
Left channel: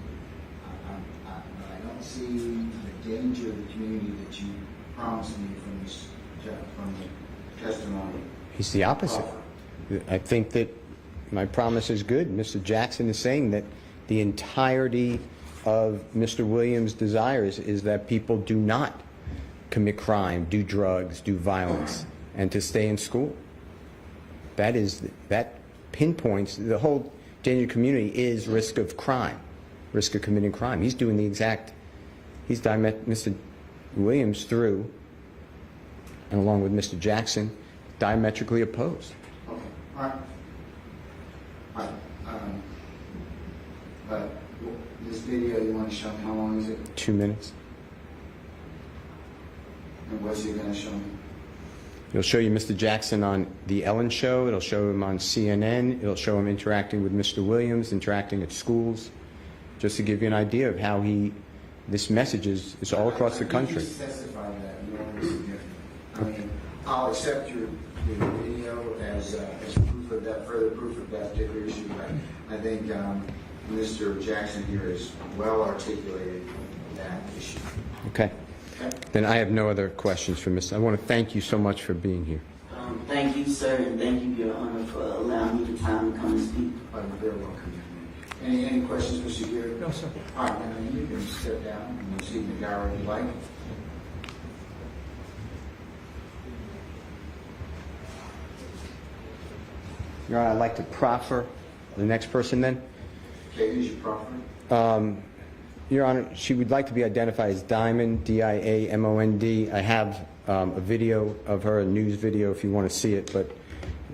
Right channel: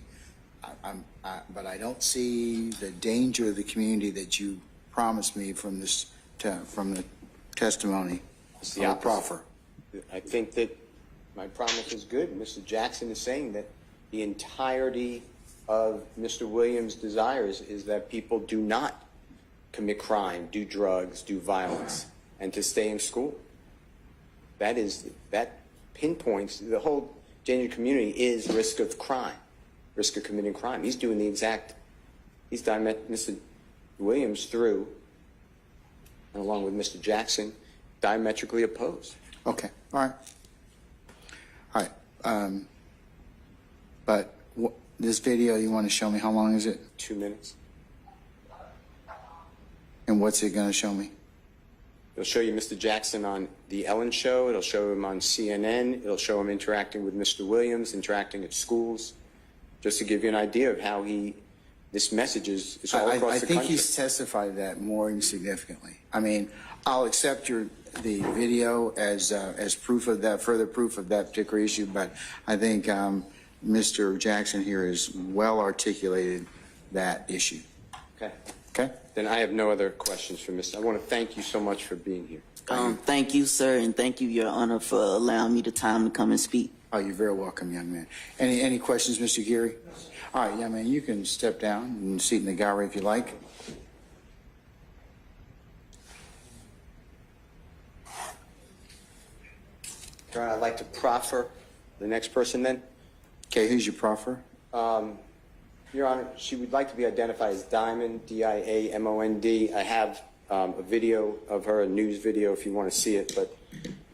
But I don't see the danger of the community that you promised me from this, from the testimony. He's the opposite. I think that my promise is good. Mr. Jackson is saying that the entirety of Mr. Williams' desires is that people do not commit crime, do drugs, do violence, and to stay in school. That pinpoints the whole danger community is risk of crime, risk of committing crime. He's doing the exact, Mr. Williams through, and along with Mr. Jackson, diametrically opposed. Okay, all right. All right. But this video, you want to show me, how long is it? 2 minutes. And what's it going to show me? It'll show you Mr. Jackson on The Ellen Show. It'll show him on CNN. It'll show him interacting with Mr. Williams, interacting at schools, just to give you an idea of how this message is all across the country. I think he's testified that more significantly. I mean, I'll accept the video as proof of that, further proof of that particular issue, but I think Mr. Jackson here has well articulated that issue. Okay. Okay. Then I have no other questions for Mr. I want to thank you so much for being here. Thank you, sir, and thank you, Your Honor, for allowing me the time to come and speak. Oh, you're very welcome, young man. Any questions, Mr. Geary? No, sir. All right, young man, you can step down and sit in the gallery if you like. Your Honor, I'd like to proffer the next person then. Okay, who's your proffer? Your Honor, she would like to be identified as Diamond, D-I-A-M-O-N-D. I have a video of her, a news video if you want to see it, but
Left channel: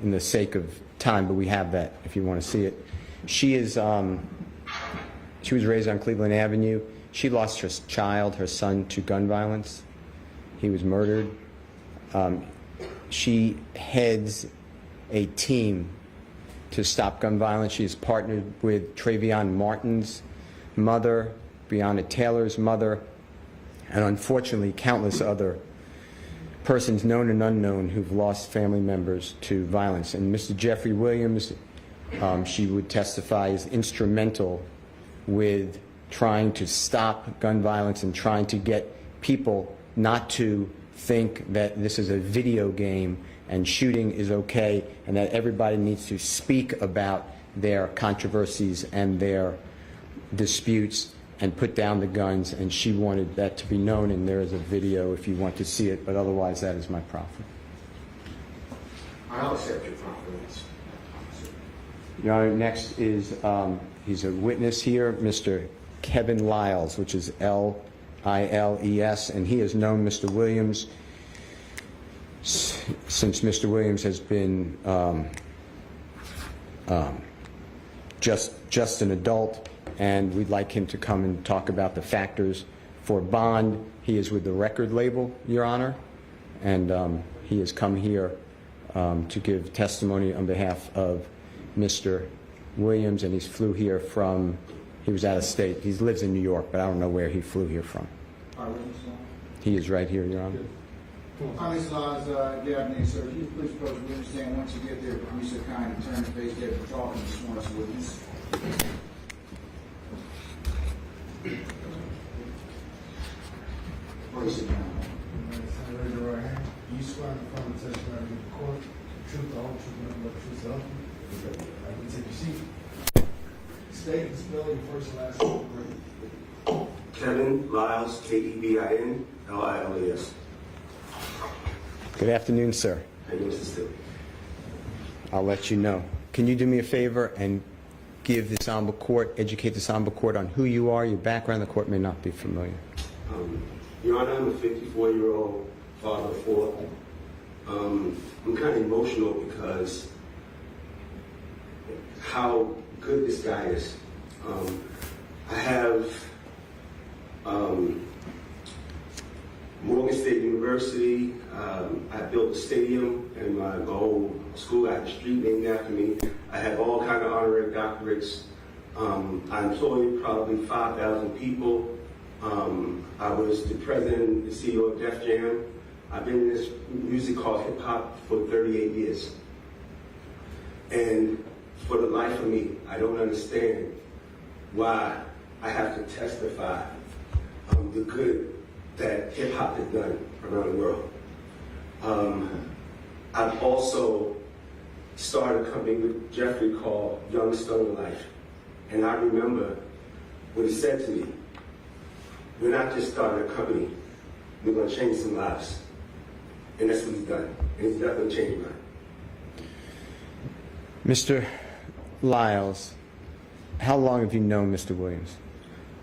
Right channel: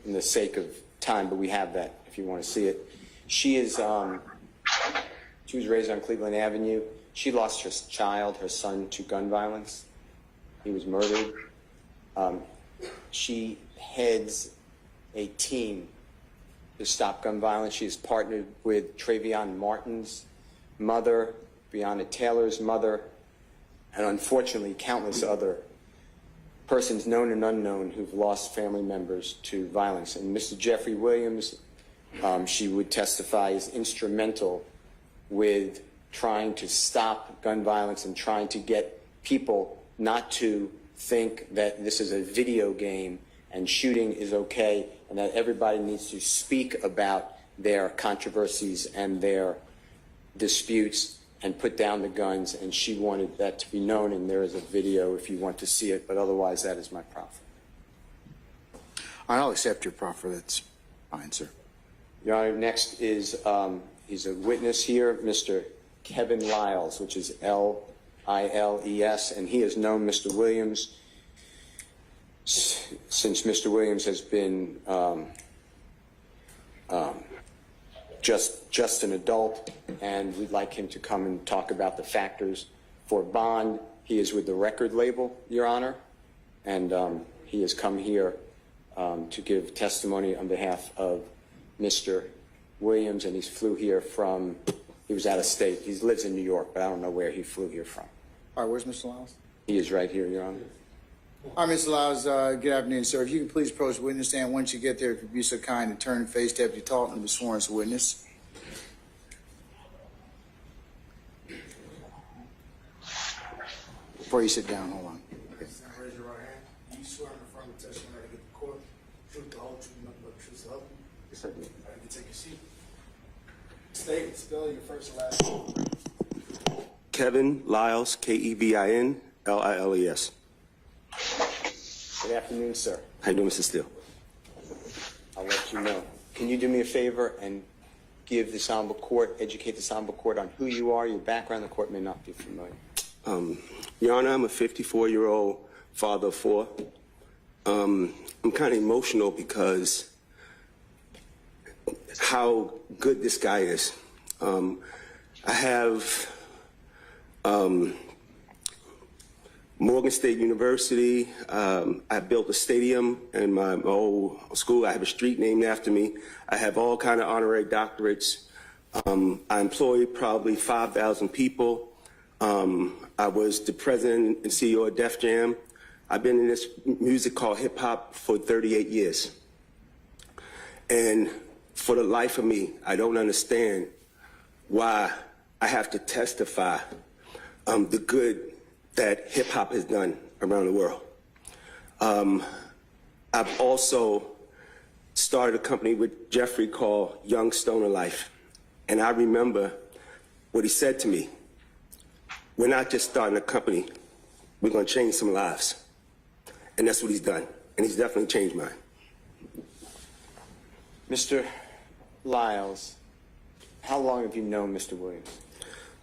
in the sake of time, but we have that if you want to see it. She was raised on Cleveland Avenue. She lost her child, her son, to gun violence. He was murdered. She heads a team to stop gun violence. She is partnered with Travion Martin's mother, Breonna Taylor's mother, and unfortunately countless other persons known and unknown who've lost family members to violence. And Mr. Jeffrey Williams, she would testify, is instrumental with trying to stop gun violence and trying to get people not to think that this is a video game and shooting is okay, and that everybody needs to speak about their controversies and their disputes and put down the guns. And she wanted that to be known, and there is a video if you want to see it, but otherwise that is my proffer. I'll accept your proffer. That's fine, sir. Your Honor, next is, he's a witness here, Mr. Kevin Lyles, which is L-I-L-E-S, and he has known Mr. Williams since Mr. Williams has been just an adult, and we'd like him to come and talk about the factors for bond. He is with the record label, Your Honor, and he has come here to give testimony on behalf of Mr. Williams, and he flew here from, he was out of state. He lives in New York, but I don't know where he flew here from. All right, where's Mr. Lyles? He is right here, Your Honor. All right, Mr. Lyles, good afternoon, sir. If you could please approach the witness stand. Once you get there, be so kind to turn and face Deputy Talton, the sworn as witness. Before you sit down, hold on. Raise your right hand. Do you swear in front of the testimony in the court, the truth, the whole truth, and nothing but the truth, so help you? All right, you take your seat. State and spell your first and last name. Kevin Lyles, Kevin Lyles. Good afternoon, sir. How you doing, Mr. Steele? I'll let you know. Can you do me a favor and give this honorable court, educate this honorable court on who you are, your background? The court may not be familiar. Your Honor, I'm a 54-year-old father of four. I'm kind of emotional because how good this guy is. I have Morgan State University. I built a stadium in my old school. I have a street named after me. I have all kind of honorary doctorates I employed probably 5,000 people. I was the president and CEO of Def Jam. I've been in this music called hip hop for 38 years. And for the life of me, I don't understand why I have to testify the good that hip hop has done around the world. I've also started a company with Jeffrey called Young Stoner Life. And I remember what he said to me. We're not just starting a company, we're gonna change some lives. And that's what he's done. And he's definitely changed mine. Mr. Lyles, how long have you known Mr. Williams?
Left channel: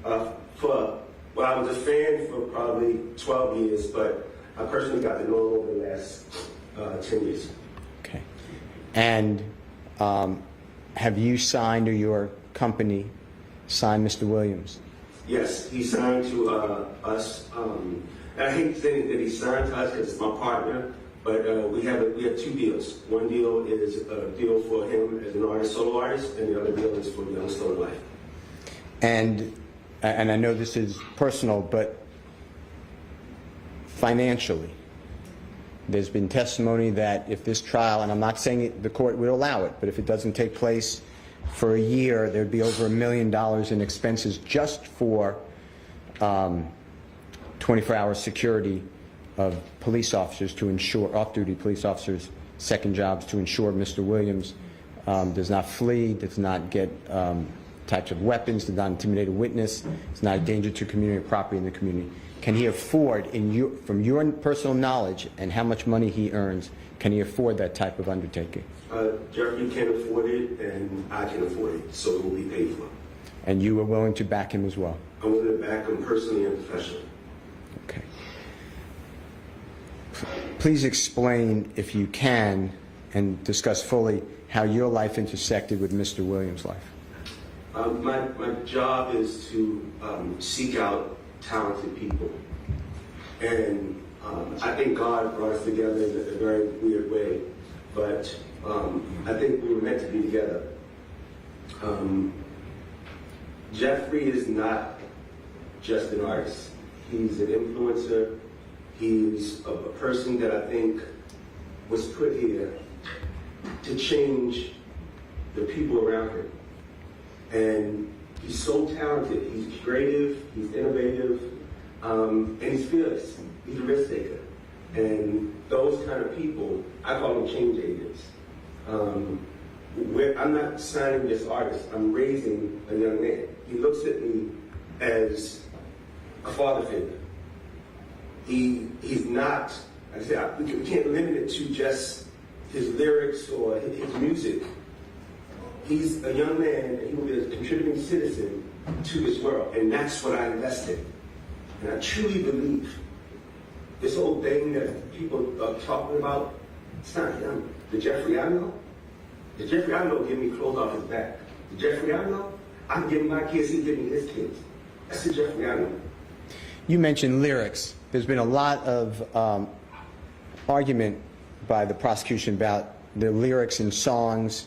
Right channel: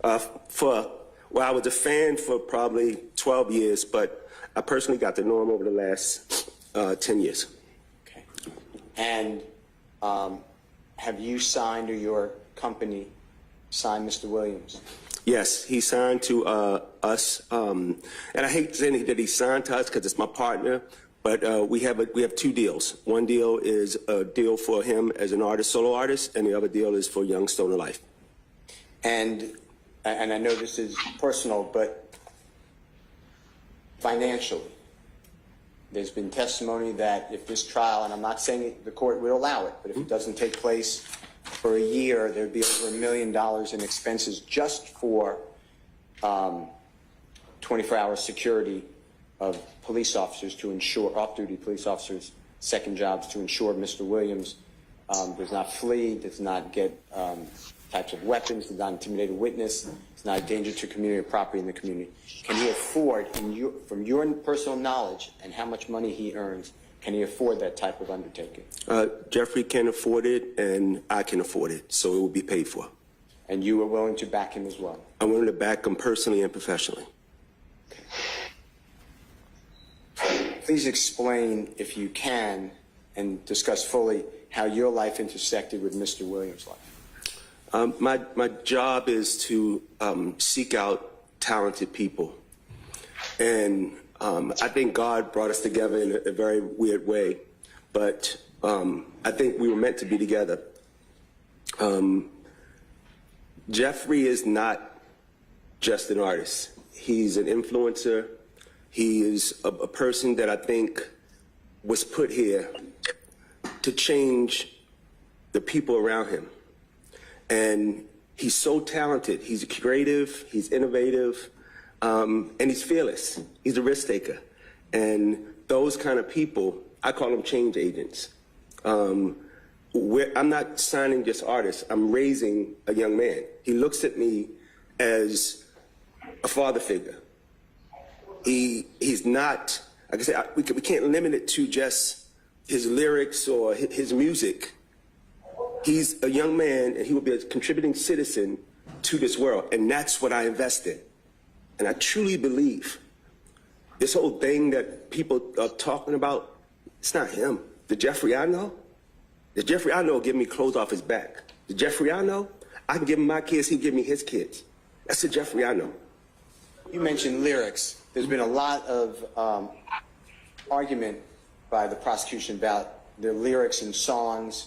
Well, I was a fan for probably 12 years, but I personally got to know him over the last 10 years. Okay. And have you signed, or your company signed Mr. Williams? Yes, he signed to us, and I hate saying that he signed to us because it's my partner, but we have two deals. One deal is a deal for him as an artist, solo artist, and the other deal is for Young Stoner Life. And I know this is personal, but financially, there's been testimony that if this trial, and I'm not saying the court would allow it, but if it doesn't take place for a year, there'd be over $1 million in expenses just for 24-hour security of police officers to ensure, off-duty police officers' second jobs to ensure Mr. Williams does not flee, does not get types of weapons, does not intimidate a witness, is not a danger to community or property in the community. Can he afford, from your personal knowledge and how much money he earns, can he afford that type of undertaking? Jeffrey can afford it, and I can afford it, so it will be paid for. And you are willing to back him as well? I'm willing to back him personally and professionally. Okay. Please explain, if you can, and discuss fully how your life intersected with Mr. Williams' life. My job is to seek out talented people. And I think God brought us together in a very weird way, but I think we were meant to be together. Jeffrey is not just an artist. He's an influencer. He is a person that I think was put here to change the people around him. And he's so talented. He's creative, he's innovative, and he's fearless. He's a risk taker. And those kind of people, I call them change agents. I'm not signing just artists, I'm raising a young man. He looks at me as a father figure. He's not, like I said, we can't limit it to just his lyrics or his music. He's a young man, and he will be a contributing citizen to this world, and that's what I invest in. And I truly believe this whole thing that people are talking about, it's not him. The Jeffrey I know, give me clothes off his back. The Jeffrey I know, I'm giving my kids, he'll give me his kids. That's the Jeffrey I know. You mentioned lyrics. There's been a lot of argument by the prosecution about the lyrics in songs.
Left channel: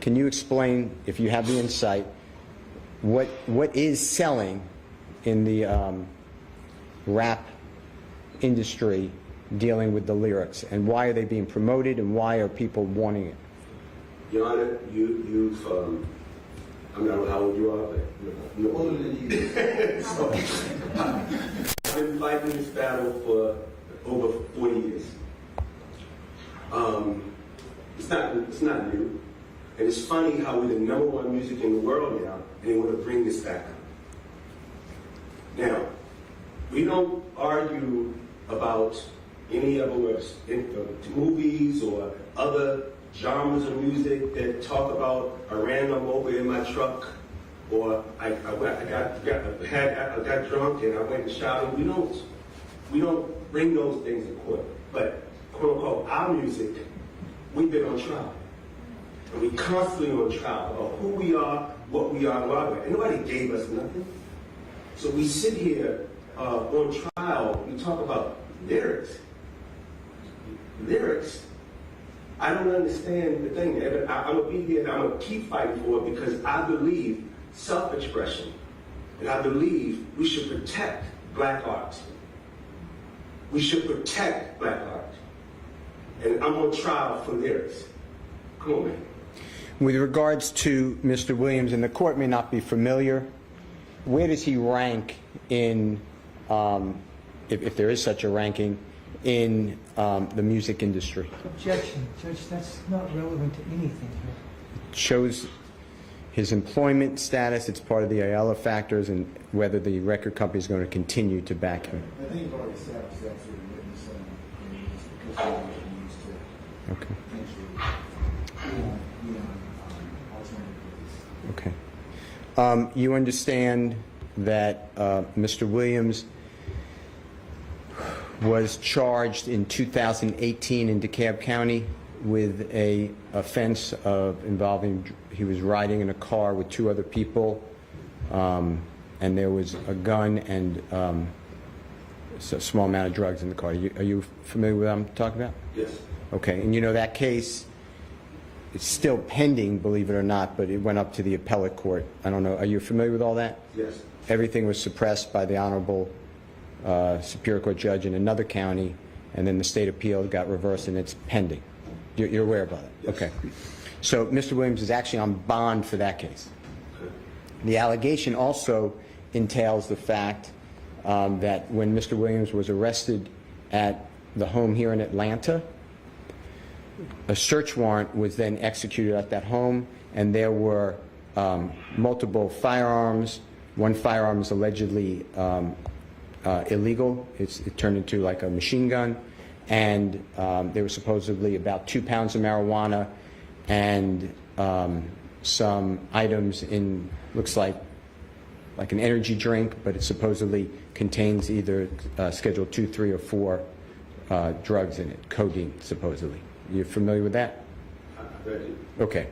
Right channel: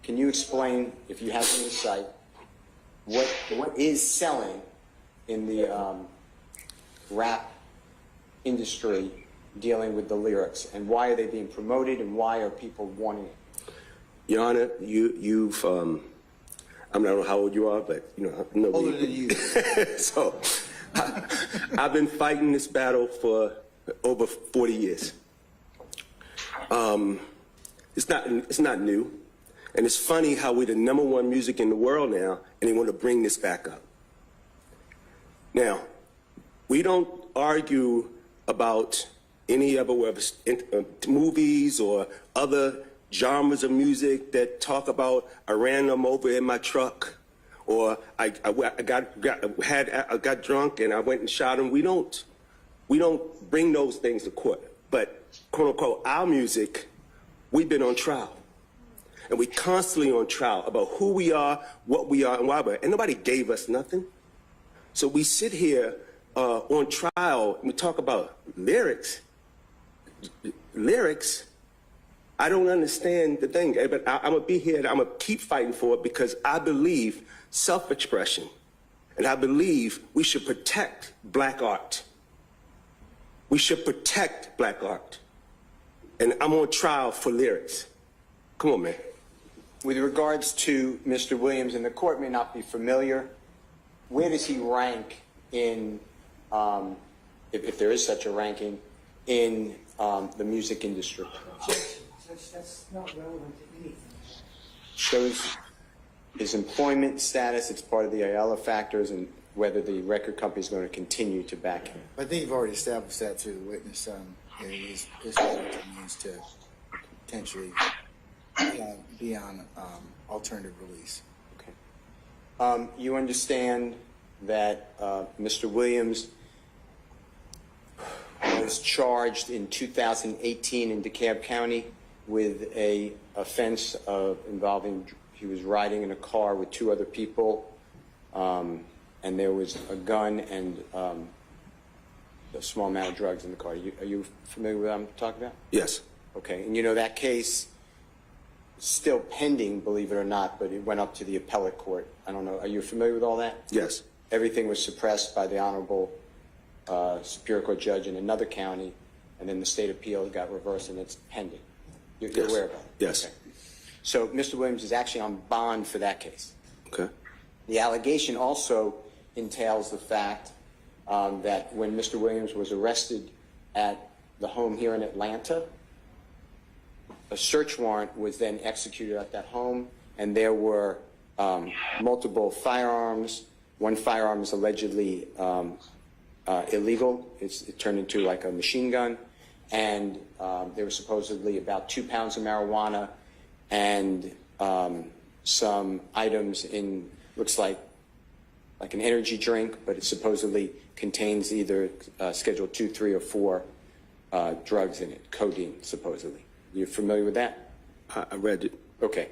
Can you explain, if you have the insight, what is selling in the rap industry dealing with the lyrics, and why are they being promoted, and why are people wanting it? Your Honor, you've I don't know how old you are, but you know. Older than you. So, I've been fighting this battle for over 40 years. It's not new. And it's funny how we're the #1 music in the world now, and they want to bring this back up. Now, we don't argue about any other movies or other genres of music that talk about I ran them over in my truck, or I got drunk and I went and shot him. We don't bring those things to court. But quote unquote, our music, we've been on trial. And we constantly on trial about who we are, what we are, and why we're. And nobody gave us nothing. So we sit here on trial and we talk about lyrics. Lyrics, I don't understand the thing, but I'm gonna be here and I'm gonna keep fighting for it because I believe self-expression. And I believe we should protect black art. We should protect black art. And I'm on trial for lyrics. Come on, man. With regards to Mr. Williams, and the court may not be familiar, where does he rank in, if there is such a ranking, in the music industry? Objection, Judge, that's not relevant to anything. Shows his employment status, it's part of the Ayala factors, and whether the record company is going to continue to back him. I think you've already established that to the witness. His letter needs to potentially be on alternative release. Okay. You understand that Mr. Williams was charged in 2018 in DeKalb County with a offense of involving, he was riding in a car with two other people, and there was a gun and a small amount of drugs in the car. Are you familiar with what I'm talking about? Yes. Okay, and you know that case, it's still pending, believe it or not, but it went up to the appellate court. I don't know, are you familiar with all that? Yes. Everything was suppressed by the Honorable Superior Court judge in another county, and then the state appeal got reversed, and it's pending. You're aware of that? Yes. Okay. So Mr. Williams is actually on bond for that case. Okay. The allegation also entails the fact that when Mr. Williams was arrested at the home here in Atlanta, a search warrant was then executed at that home, and there were multiple firearms. One firearm is allegedly illegal. It turned into like a machine gun, and there was supposedly about 2 pounds of marijuana and some items in, looks like an energy drink, but it supposedly contains either Schedule 2, 3, or 4 drugs in it, codeine, supposedly. You familiar with that? I read it. Okay.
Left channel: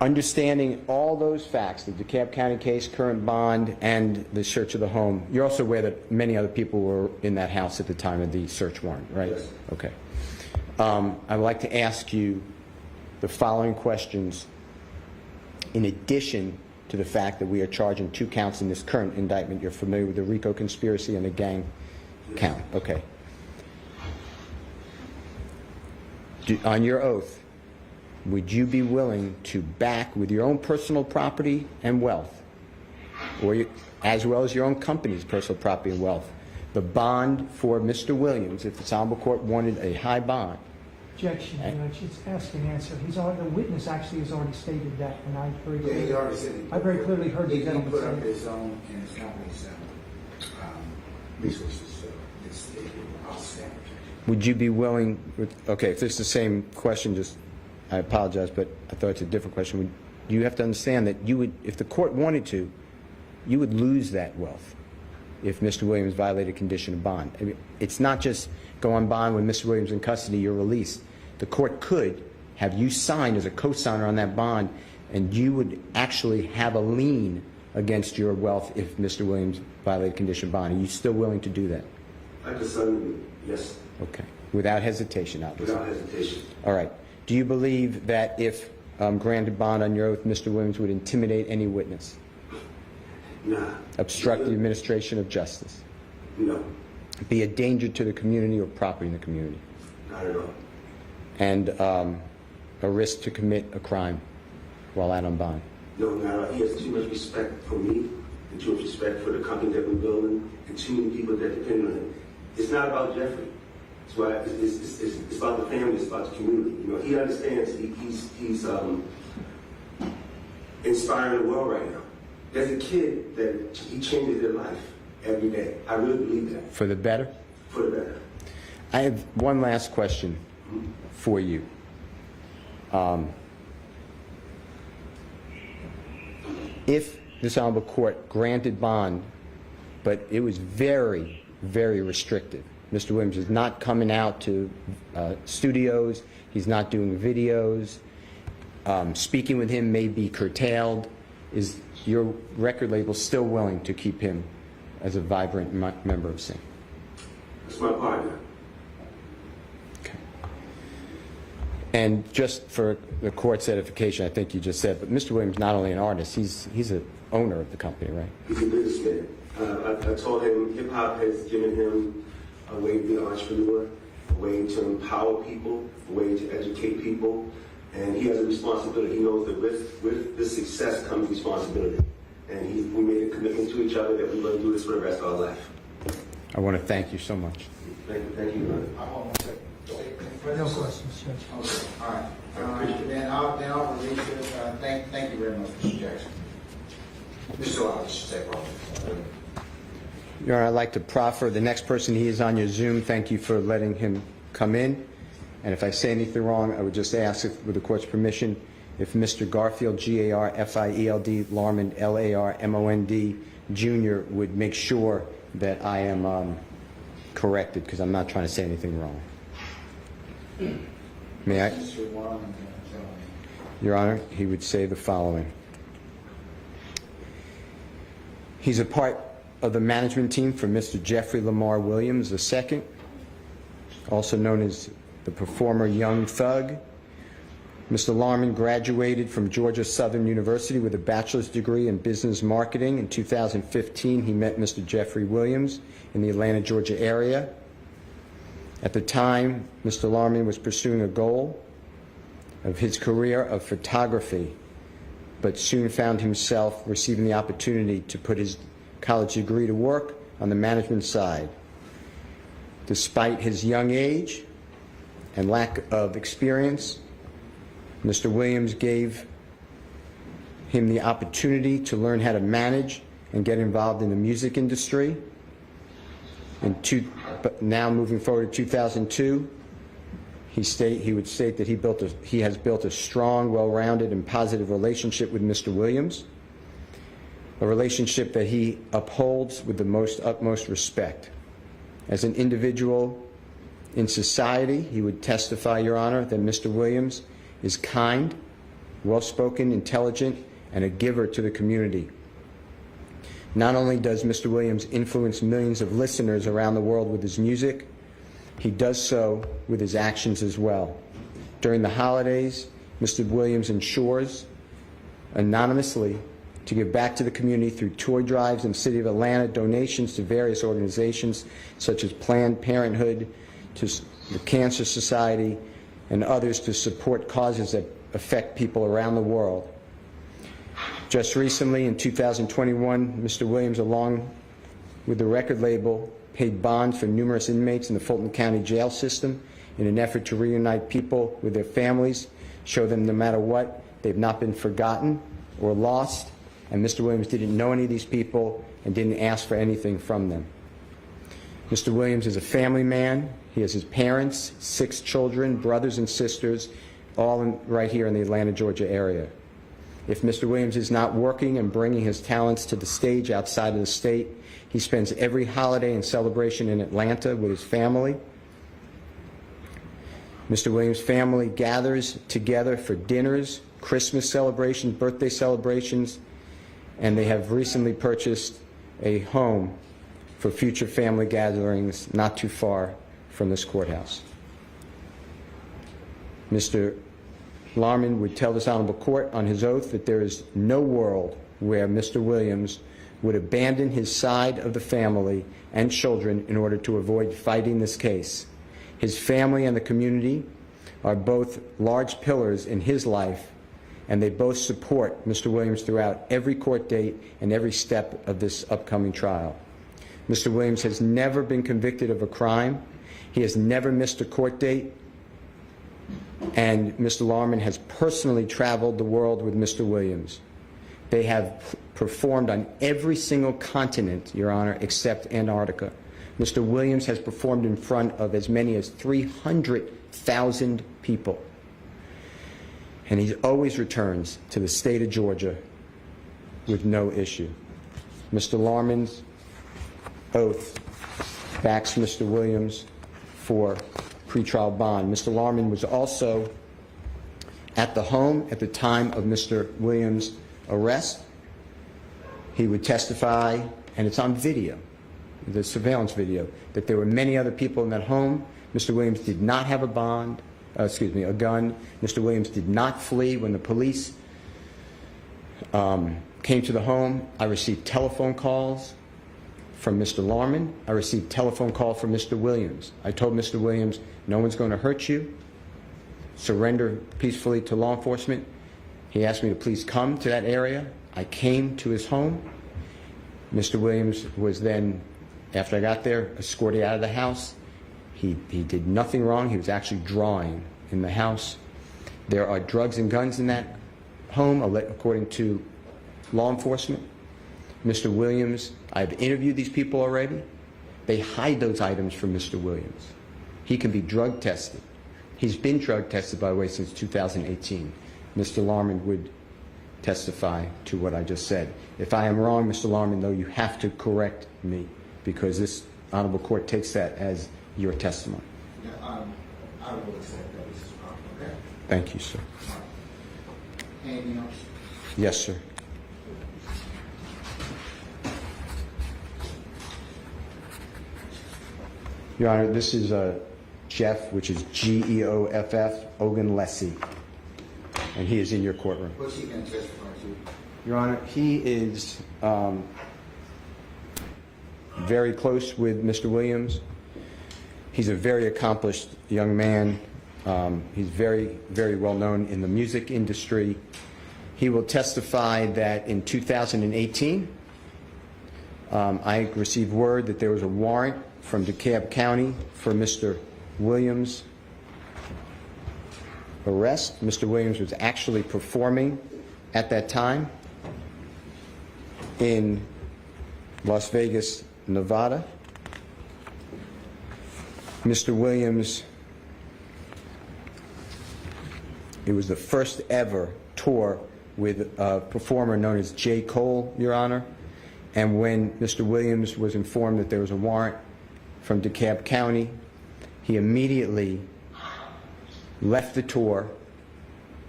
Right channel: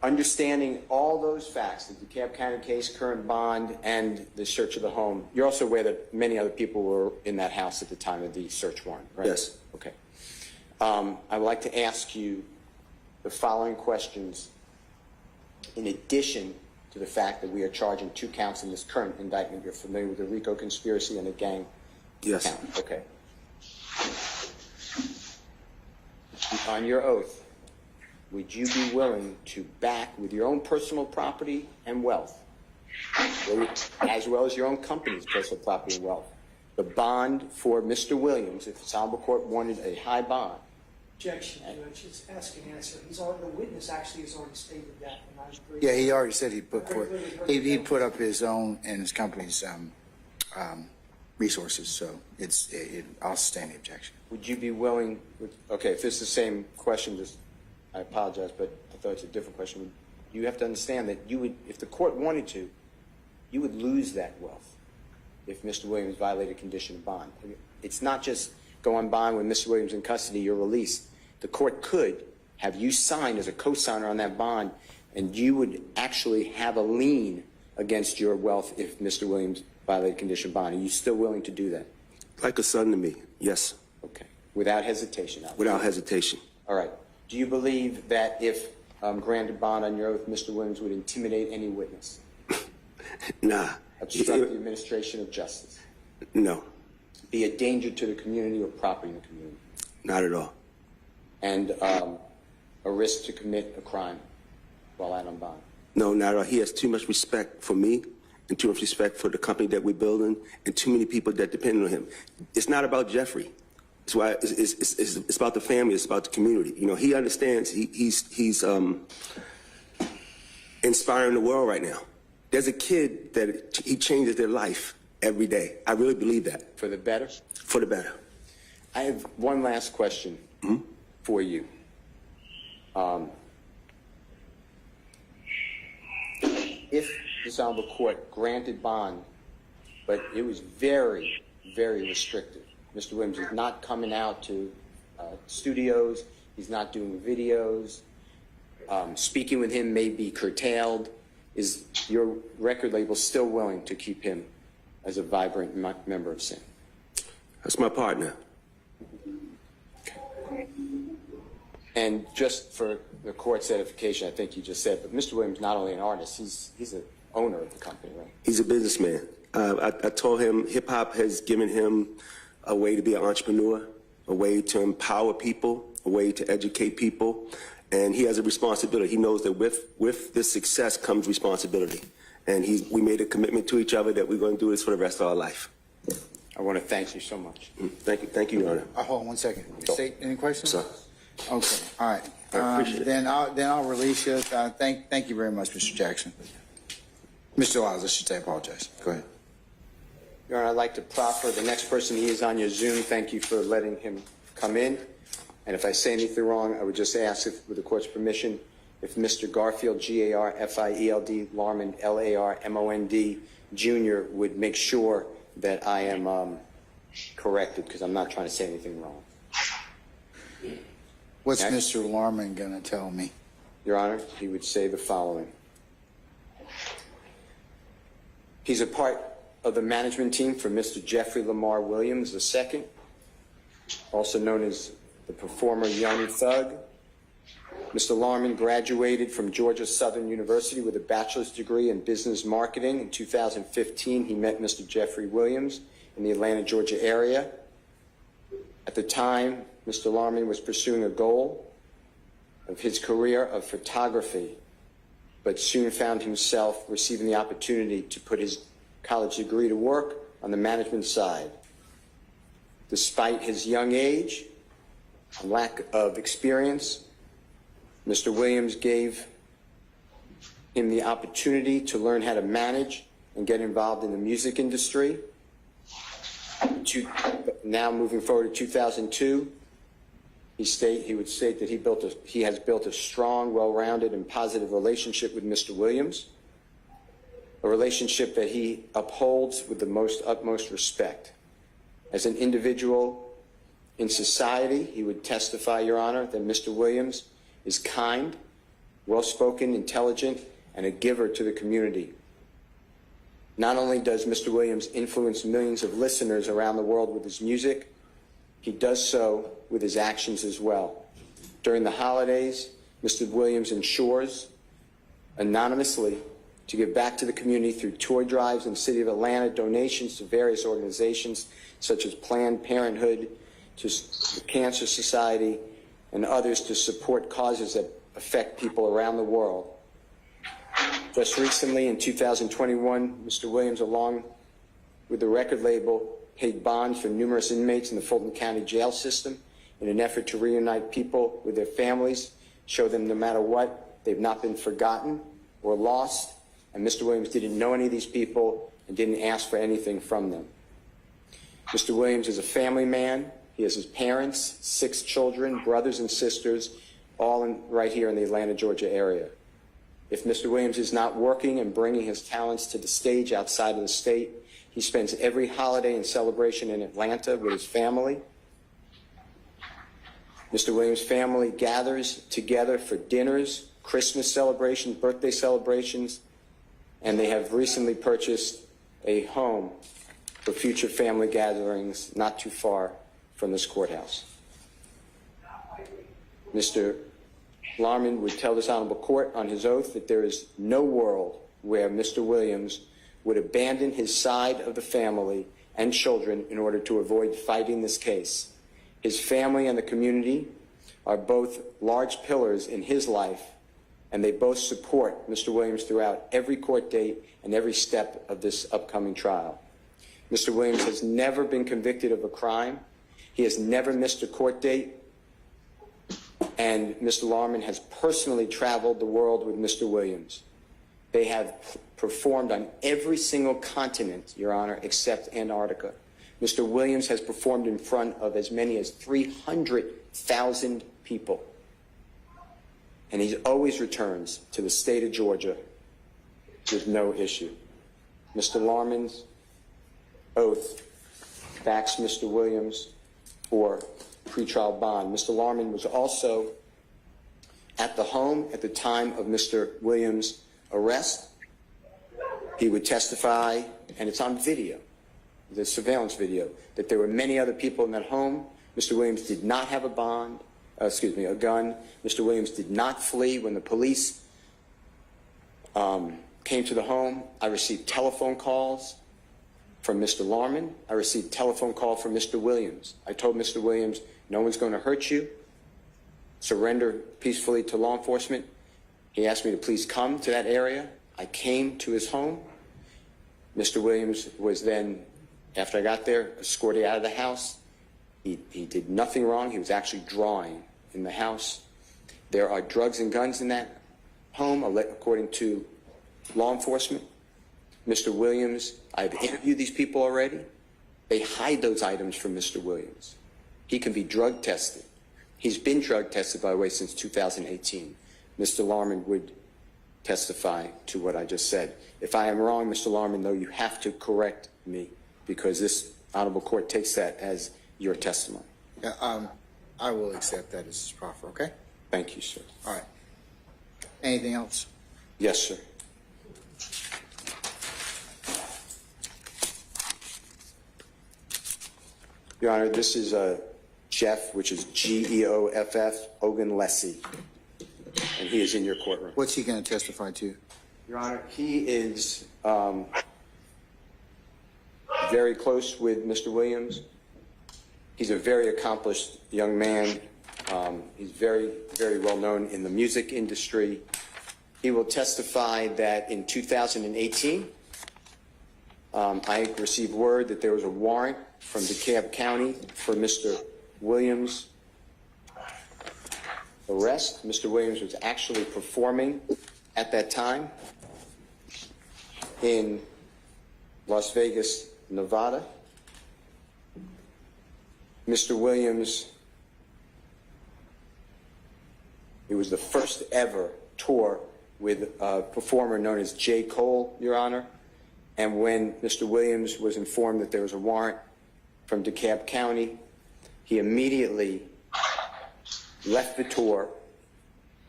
Understanding all those facts, the DeKalb County case, current bond, and the search of the home, you're also aware that many other people were in that house at the time of the search warrant, right? Yes. Okay. I'd like to ask you the following questions in addition to the fact that we are charging 2 counts in this current indictment. You're familiar with the RICO conspiracy and the gang count? Okay. On your oath, would you be willing to back with your own personal property and wealth, or as well as your own company's personal property and wealth, the bond for Mr. Williams if the Honorable Court wanted a high bond? Objection, Judge. It's ask and answer. The witness actually has already stated that, and I very Yeah, he already said I very clearly heard he put up his own and his company's resources, so I'll stand the objection. Would you be willing, okay, if it's the same question, I apologize, but I thought it's a different question. You have to understand that you would, if the court wanted to, you would lose that wealth if Mr. Williams violated condition of bond. I mean, it's not just go on bond with Mr. Williams in custody, you're released. The court could have you signed as a co-signer on that bond, and you would actually have a lien against your wealth if Mr. Williams violated condition of bond. Are you still willing to do that? Like a son to me, yes. Okay. Without hesitation, obviously. Without hesitation. All right. Do you believe that if granted bond on your oath, Mr. Williams would intimidate any witness? Nah. Obstruct the administration of justice? No. Be a danger to the community or property in the community? Not at all. And a risk to commit a crime while out on bond? No, not at all. He has too much respect for me and too much respect for the company that we're building and too many people that depend on him. It's not about Jeffrey. It's why it's about the family. It's about the community. You know, he understands. He's inspiring the world right now. There's a kid that he changes their life every day. I really believe that. For the better? For the better. I have one last question for you. If this Honorable Court granted bond, but it was very, very restrictive. Mr. Williams is not coming out to studios. He's not doing videos. Speaking with him may be curtailed. Is your record label still willing to keep him as a vibrant member of SIN? That's my partner. Okay. And just for the court's edification, I think you just said, but Mr. Williams not only an artist, he's an owner of the company, right? He's a businessman. I told him hip-hop has given him a way to be an entrepreneur, a way to empower people, a way to educate people, and he has a responsibility. He knows that with this success comes responsibility. And we made a commitment to each other that we're going to do this for the rest of our life. I want to thank you so much. Thank you, Your Honor. Hold on one second. State, any questions? No questions, Judge. Okay, all right. Then I'll release you. Thank you very much, Mr. Jackson. Mr. Lyles, I should say, apologize. Go ahead. Your Honor, I'd like to proffer the next person. He is on your Zoom. Thank you for letting him come in. And if I say anything wrong, I would just ask, if, with the court's permission, if Mr. Garfield, G-A-R-F-I-E-L-D, Larmond, L-A-R-M-O-N-D, Jr. would make sure that I am corrected, because I'm not trying to say anything wrong. What's Mr. Larmond going to tell me? Your Honor, he would say the following. He's a part of the management team for Mr. Jeffrey Lamar Williams II, also known as the performer Young Thug. Mr. Larmond graduated from Georgia Southern University with a bachelor's degree in business marketing. In 2015, he met Mr. Jeffrey Williams in the Atlanta, Georgia area. At the time, Mr. Larmond was pursuing a goal of his career of photography, but soon found himself receiving the opportunity to put his college degree to work on the management side. Despite his young age and lack of experience, Mr. Williams gave him the opportunity to learn how to manage and get involved in the music industry. But now moving forward to 2002, he would state that he has built a strong, well-rounded, and positive relationship with Mr. Williams, a relationship that he upholds with the utmost respect. As an individual in society, he would testify, Your Honor, that Mr. Williams is kind, well-spoken, intelligent, and a giver to the community. Not only does Mr. Williams influence millions of listeners around the world with his music, he does so with his actions as well. During the holidays, Mr. Williams ensures anonymously to give back to the community through tour drives in the city of Atlanta, donations to various organizations such as Planned Parenthood, to the Cancer Society, and others to support causes that affect people around the world. Just recently, in 2021, Mr. Williams, along with the record label, paid bonds for numerous inmates in the Fulton County jail system in an effort to reunite people with their families, show them no matter what, they've not been forgotten or lost, and Mr. Williams didn't know any of these people and didn't ask for anything from them. Mr. Williams is a family man. He has his parents, 6 children, brothers and sisters, all right here in the Atlanta, Georgia area. If Mr. Williams is not working and bringing his talents to the stage outside of the state, he spends every holiday and celebration in Atlanta with his family. Mr. Williams' family gathers together for dinners, Christmas celebrations, birthday celebrations, and they have recently purchased a home for future family gatherings not too far from this courthouse. Mr. Larmond would tell this honorable court on his oath that there is no world where Mr. Williams would abandon his side of the family and children in order to avoid fighting this case. His family and the community are both large pillars in his life, and they both support Mr. Williams throughout every court date and every step of this upcoming trial. Mr. Williams has never been convicted of a crime. He has never missed a court date. And Mr. Larmond has personally traveled the world with Mr. Williams. They have performed on every single continent, Your Honor, except Antarctica. Mr. Williams has performed in front of as many as 300,000 people. And he always returns to the state of Georgia with no issue. Mr. Larmond's oath backs Mr. Williams for pretrial bond. Mr. Larmond was also at the home at the time of Mr. Williams' arrest. He would testify, and it's on video, the surveillance video, that there were many other people in that home. Mr. Williams did not have a bond. a gun. Mr. Williams did not flee when the police came to the home. I received telephone calls from Mr. Larman. I received telephone call from Mr. Williams. I told Mr. Williams, no one's going to hurt you. Surrender peacefully to law enforcement. He asked me to please come to that area. I came to his home. Mr. Williams was then, after I got there, escorted out of the house. He did nothing wrong. He was actually drawing in the house. There are drugs and guns in that home, according to law enforcement. Mr. Williams, I've interviewed these people already. They hide those items from Mr. Williams. He can be drug tested. He's been drug tested, by the way, since 2018. Mr. Larman would testify to what I just said. If I am wrong, Mr. Larman, though, you have to correct me, because this honorable court takes that as your testimony. Yeah, I will accept that, Mrs. Crawford, okay? Thank you, sir. All right. Anything else? Yes, sir. Your Honor, this is Jeff, which is Geoff, Ogunlesi, and he is in your courtroom. What's he going to testify to? Your Honor, he is very close with Mr. Williams. He's a very accomplished young man. He's very, very well known in the music industry. He will testify that in 2018, I received word that there was a warrant from DeKalb County for Mr. Williams' arrest. Mr. Williams was actually performing at that time in Las Vegas, Nevada. Mr. Williams, it was the first ever tour with a performer known as J. Cole, Your Honor. And when Mr. Williams was informed that there was a warrant from DeKalb County, he immediately left the tour,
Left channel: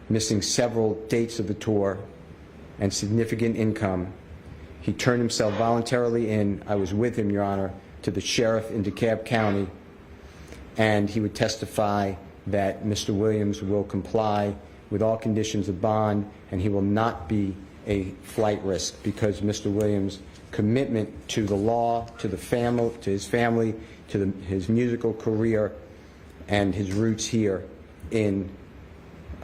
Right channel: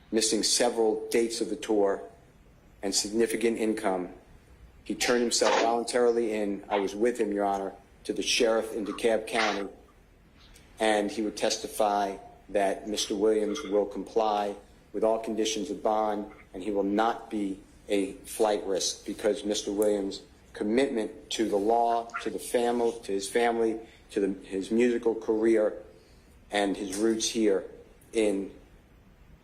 missing several dates of the tour and significant income. He turned himself voluntarily in, I was with him, Your Honor, to the sheriff in DeKalb County, and he would testify that Mr. Williams will comply with all conditions of bond, and he will not be a flight risk, because Mr. Williams' commitment to the law, to the family, to his family, to his musical career, and his roots here in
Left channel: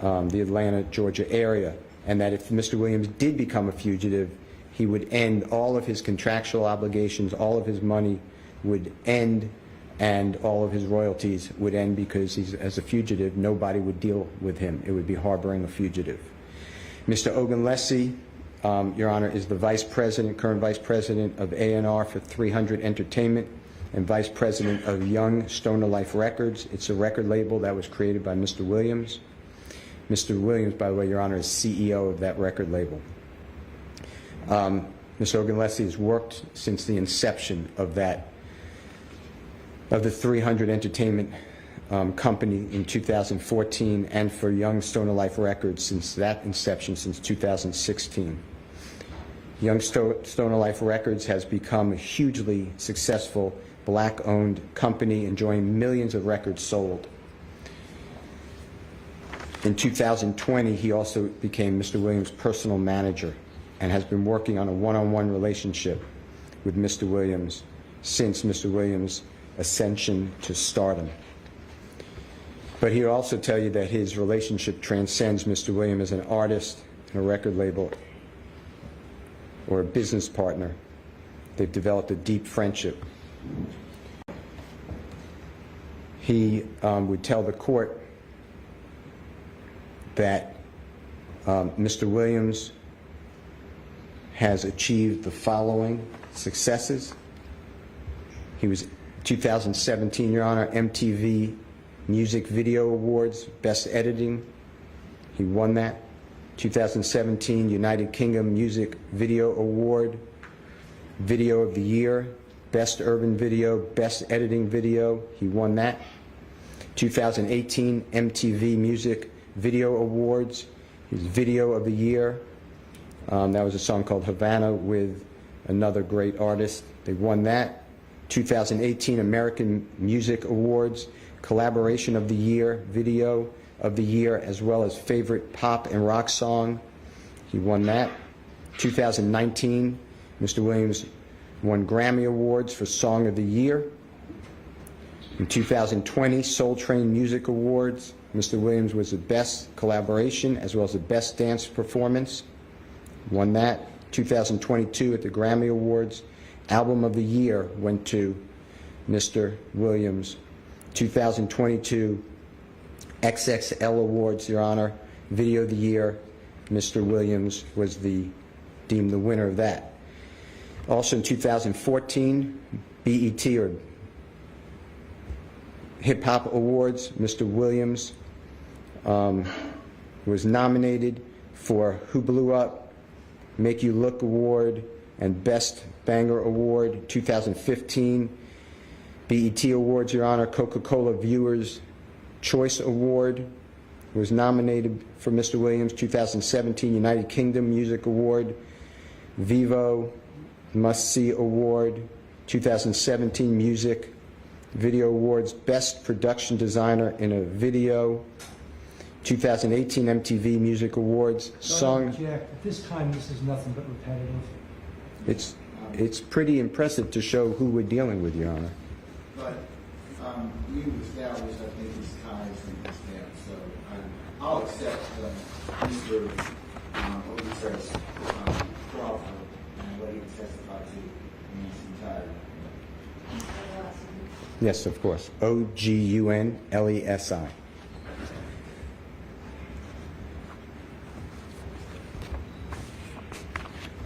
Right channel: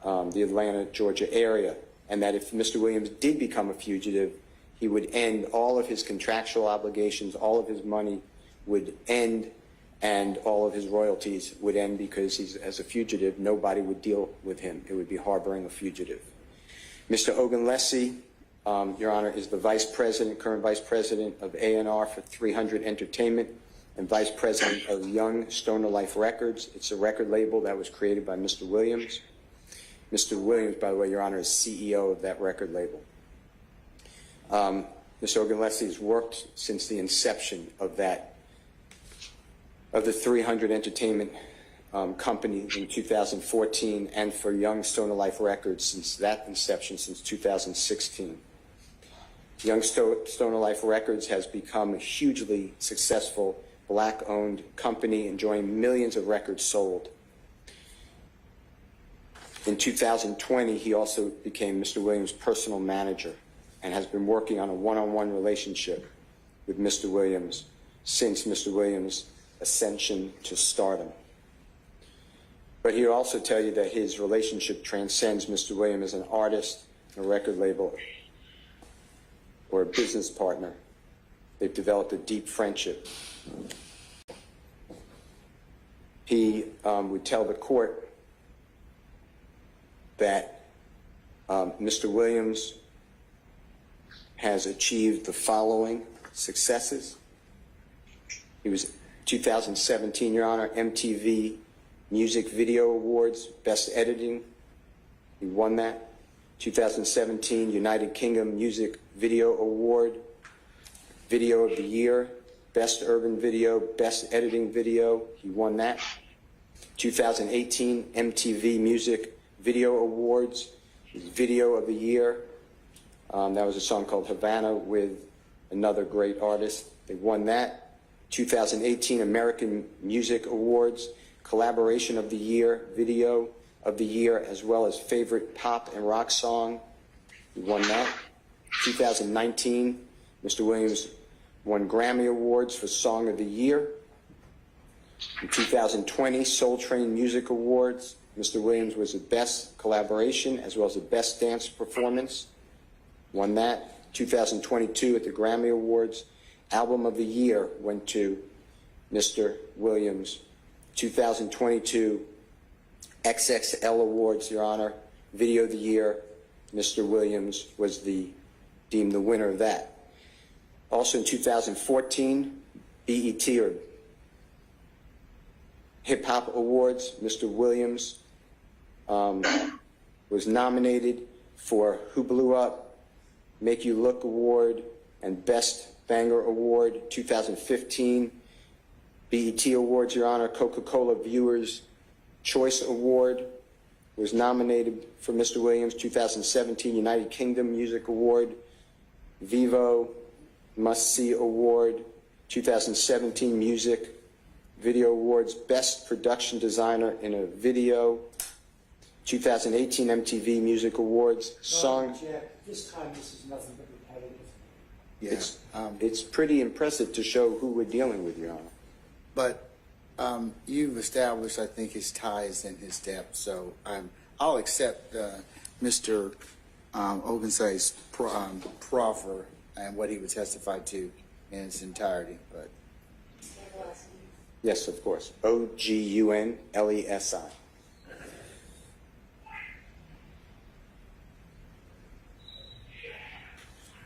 the Atlanta, Georgia area, and that if Mr. Williams did become a fugitive, he would end all of his contractual obligations, all of his money would end, and all of his royalties would end, because he's, as a fugitive, nobody would deal with him. It would be harboring a fugitive. Mr. Ogunlesi, Your Honor, is the vice president, current vice president of A&R for 300 Entertainment and vice president of Young Stoner Life Records. It's a record label that was created by Mr. Williams. Mr. Williams, by the way, Your Honor, is CEO of that record label. Mr. Ogunlesi has worked since the inception of the 300 Entertainment company in 2014, and for Young Stoner Life Records since that inception, since 2016. Young Stoner Life Records has become a hugely successful black-owned company, enjoying millions of records sold. In 2020, he also became Mr. Williams' personal manager and has been working on a one-on-one relationship with Mr. Williams since Mr. Williams' ascension to stardom. But he'll also tell you that his relationship transcends Mr. Williams as an artist and a record label or a business partner. They've developed a deep friendship. He would tell the court that Mr. Williams has achieved the following successes. He was 2017, Your Honor, MTV Music Video Awards, Best Editing. He won that. 2017 United Kingdom Music Video Award, Video of the Year, Best Urban Video, Best Editing Video. He won that. 2018 MTV Music Video Awards, his Video of the Year. That was a song called Havana with another great artist. They won that. 2018 American Music Awards, Collaboration of the Year, Video of the Year, as well as Favorite Pop and Rock Song. He won that. 2019, Mr. Williams won Grammy Awards for Song of the Year. In 2020, Soul Train Music Awards, Mr. Williams was the Best Collaboration as well as the Best Dance Performance. Won that. 2022 at the Grammy Awards, Album of the Year went to Mr. Williams. 2022 XXL Awards, Your Honor, Video of the Year, Mr. Williams was deemed the winner of that. Also in 2014, BET or Hip Hop Awards, Mr. Williams was nominated for Who Blew Up, Make You Look Award, and Best Banger Award. 2015 BET Awards, Your Honor, Coca-Cola Viewers Choice Award was nominated for Mr. Williams. 2017 United Kingdom Music Award, Vivo Must See Award. 2017 Music Video Awards, Best Production Designer in a Video. 2018 MTV Music Awards, Song. Jack, at this time, this is nothing but repetitive. It's pretty impressive to show who we're dealing with, Your Honor. But you've established, I think, his ties and his depth. So I'll accept Mr. Ogunse's proffer and what he would testify to in its entirety. Yes, of course. Ogunlesi.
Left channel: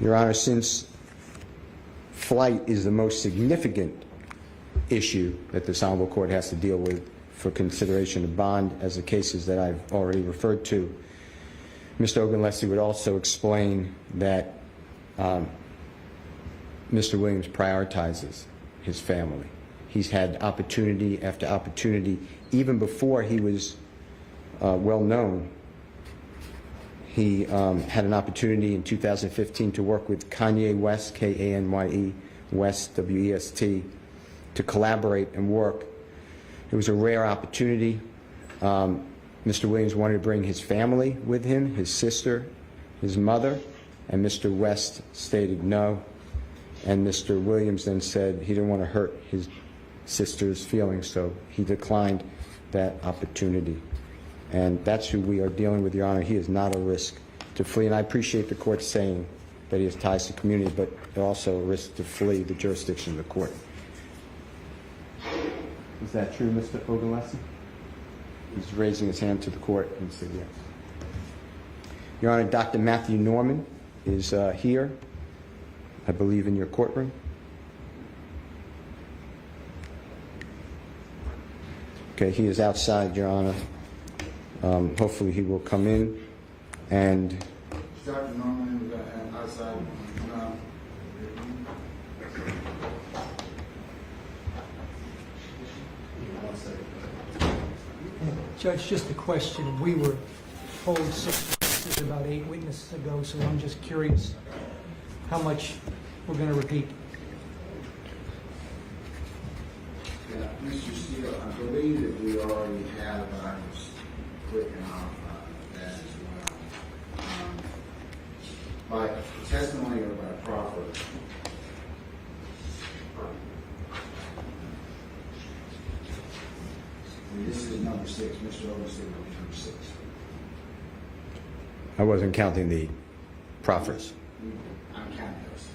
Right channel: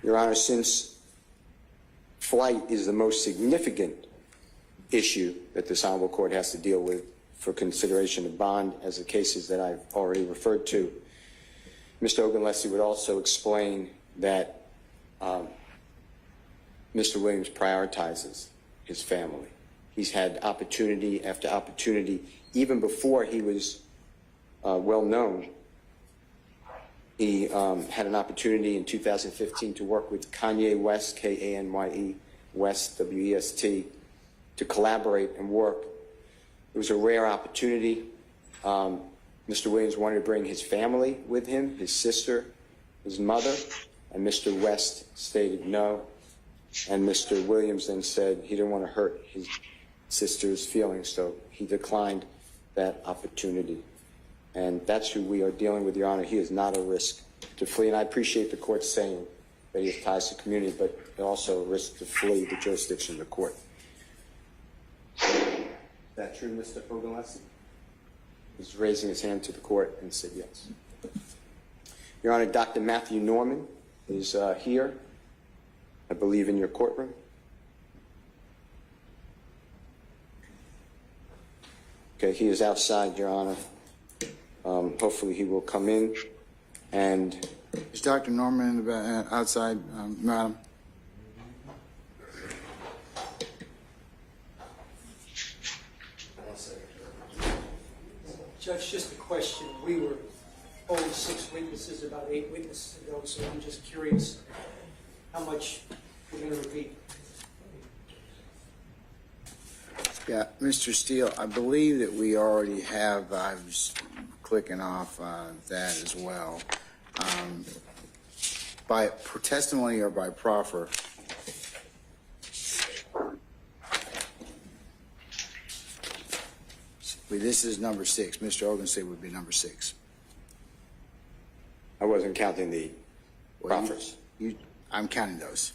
Your Honor, since flight is the most significant issue that this Honorable Court has to deal with for consideration of bond, as the cases that I've already referred to, Mr. Ogunlesi would also explain that Mr. Williams prioritizes his family. He's had opportunity after opportunity, even before he was well known. He had an opportunity in 2015 to work with Kanye West, K-A-N-Y-E, West, W-E-S-T, to collaborate and work. It was a rare opportunity. Mr. Williams wanted to bring his family with him, his sister, his mother, and Mr. West stated no. And Mr. Williams then said he didn't want to hurt his sister's feelings, so he declined that opportunity. And that's who we are dealing with, Your Honor. He is not a risk to flee. And I appreciate the court saying that he has ties to the community, but also a risk to flee the jurisdiction of the court. Is that true, Mr. Ogunlesi? He's raising his hand to the court and said yes. Your Honor, Dr. Matthew Norman is here, I believe, in your courtroom. Okay, he is outside, Your Honor. Hopefully he will come in. And is Dr. Norman outside, Madam? Judge, just a question. We were told 6 witnesses, about 8 witnesses ago, so I'm just curious how much we're going to repeat. Yeah, Mr. Steele, I believe that we already have, I was clicking off that as well. By testimony or by proffer? This is number 6. Mr. Ogunlesi would be number 6. I wasn't counting the proffers. I'm counting those.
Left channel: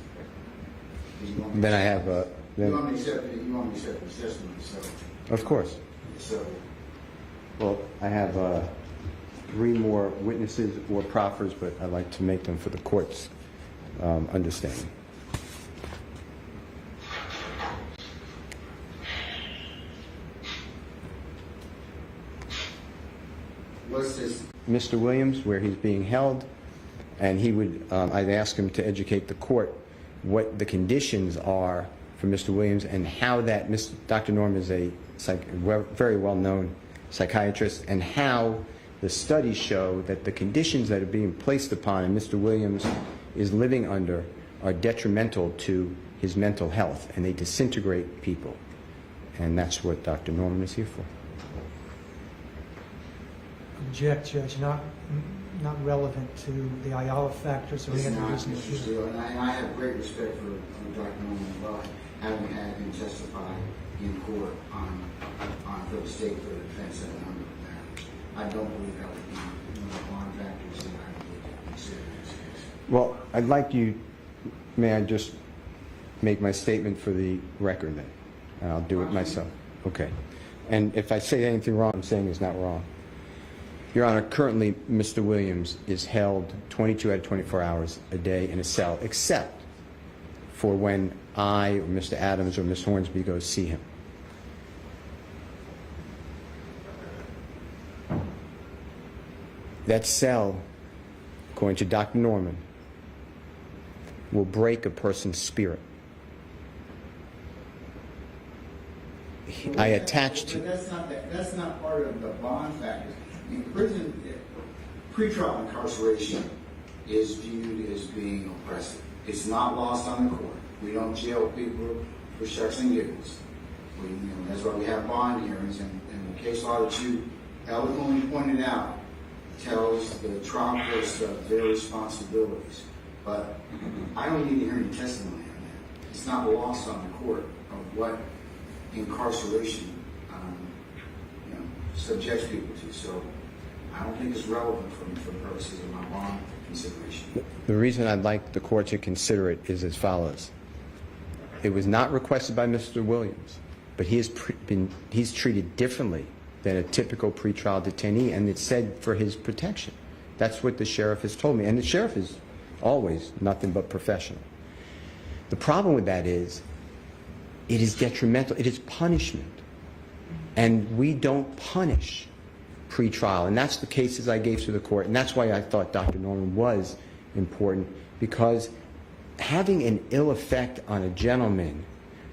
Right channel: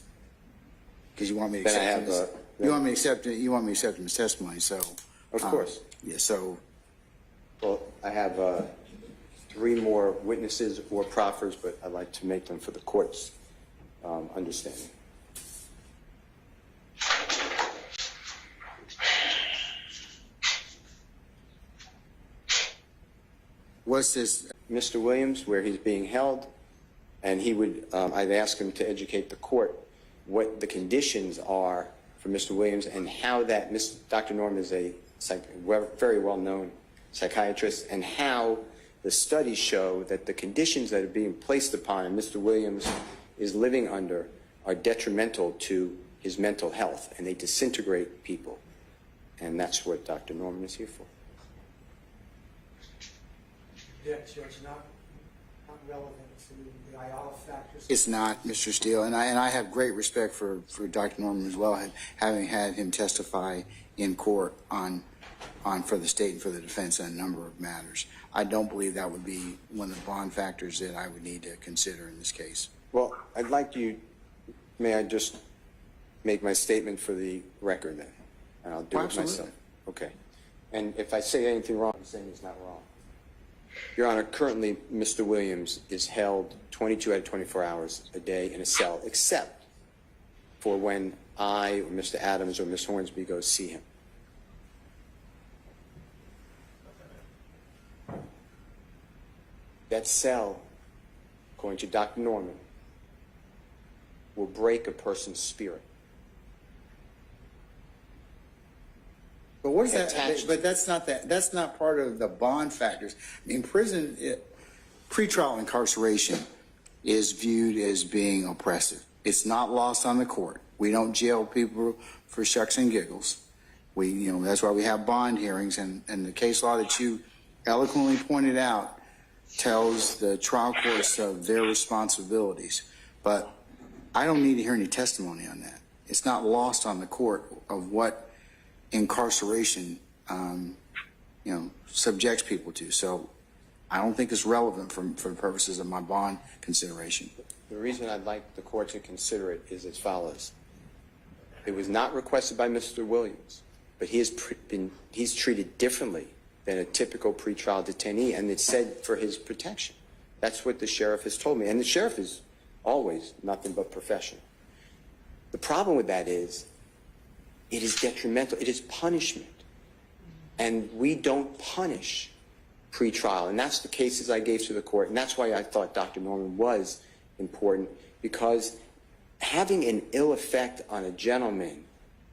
Because you want me to Then I accept have you want me to accept it. You want me to accept his testimony. So. Of course. Yeah. So. Well, I have 3 more witnesses or proffers, but I'd like to make them for the court's understanding. What's this? Mr. Williams, where he's being held, and he would, I'd ask him to educate the court what the conditions are for Mr. Williams and how that Dr. Norman is a very well-known psychiatrist, and how the studies show that the conditions that are being placed upon him, Mr. Williams is living under, are detrimental to his mental health, and they disintegrate people. And that's what Dr. Norman is here for. Object, Judge, not relevant to the Ayala factors. It's not, Mr. Steele, and I have great respect for Dr. Norman as well, having had him testify in court for the state and for the defense on a number of matters. I don't believe that would be one of the bond factors that I would need to consider in this case. Well, I'd like you, may I just make my statement for the record then? And I'll do it myself. Okay. And if I say anything wrong, I'm saying it's not wrong. Your Honor, currently Mr. Williams is held 22 out of 24 hours a day in a cell, except for when I, or Mr. Adams, or Ms. Hornsby goes see him. That cell, according to Dr. Norman, will break a person's spirit. But that's not part of the bond factors. In prison, pretrial incarceration is viewed as being oppressive. It's not lost on the court. We don't jail people for shucks and giggles. That's why we have bond hearings, and the case law that you eloquently pointed out tells the trial courts of their responsibilities. But I don't need to hear any testimony on that. It's not lost on the court of what incarceration subjects people to. So I don't think it's relevant for purposes of my bond consideration. The reason I'd like the court to consider it is as follows. It was not requested by Mr. Williams, but he's treated differently than a typical pretrial detainee, and it's said for his protection. That's what the sheriff has told me, and the sheriff is always nothing but professional. The problem with that is it is detrimental. It is punishment. And we don't punish pretrial. And that's the cases I gave to the court. And that's why I thought Dr. Norman was important, because having an ill effect on a gentleman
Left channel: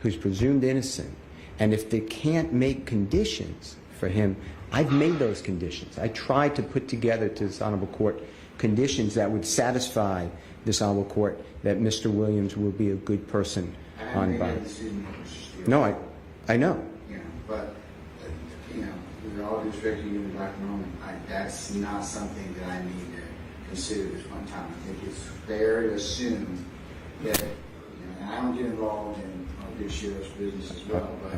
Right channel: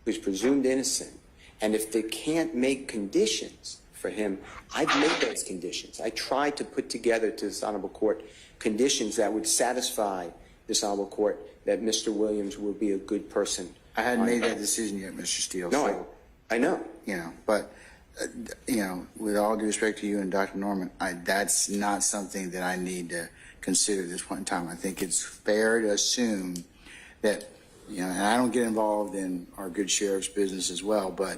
who's presumed innocent, and if they can't make conditions for him, I've made those conditions. I tried to put together to this honorable court conditions that would satisfy this honorable court that Mr. Williams will be a good person. I hadn't made that decision yet, Mr. Steele. No, I know. But with all due respect to you and Dr. Norman, that's not something that I need to consider at this point in time. I think it's fair to assume that, and I don't get involved in our good sheriff's business as well, but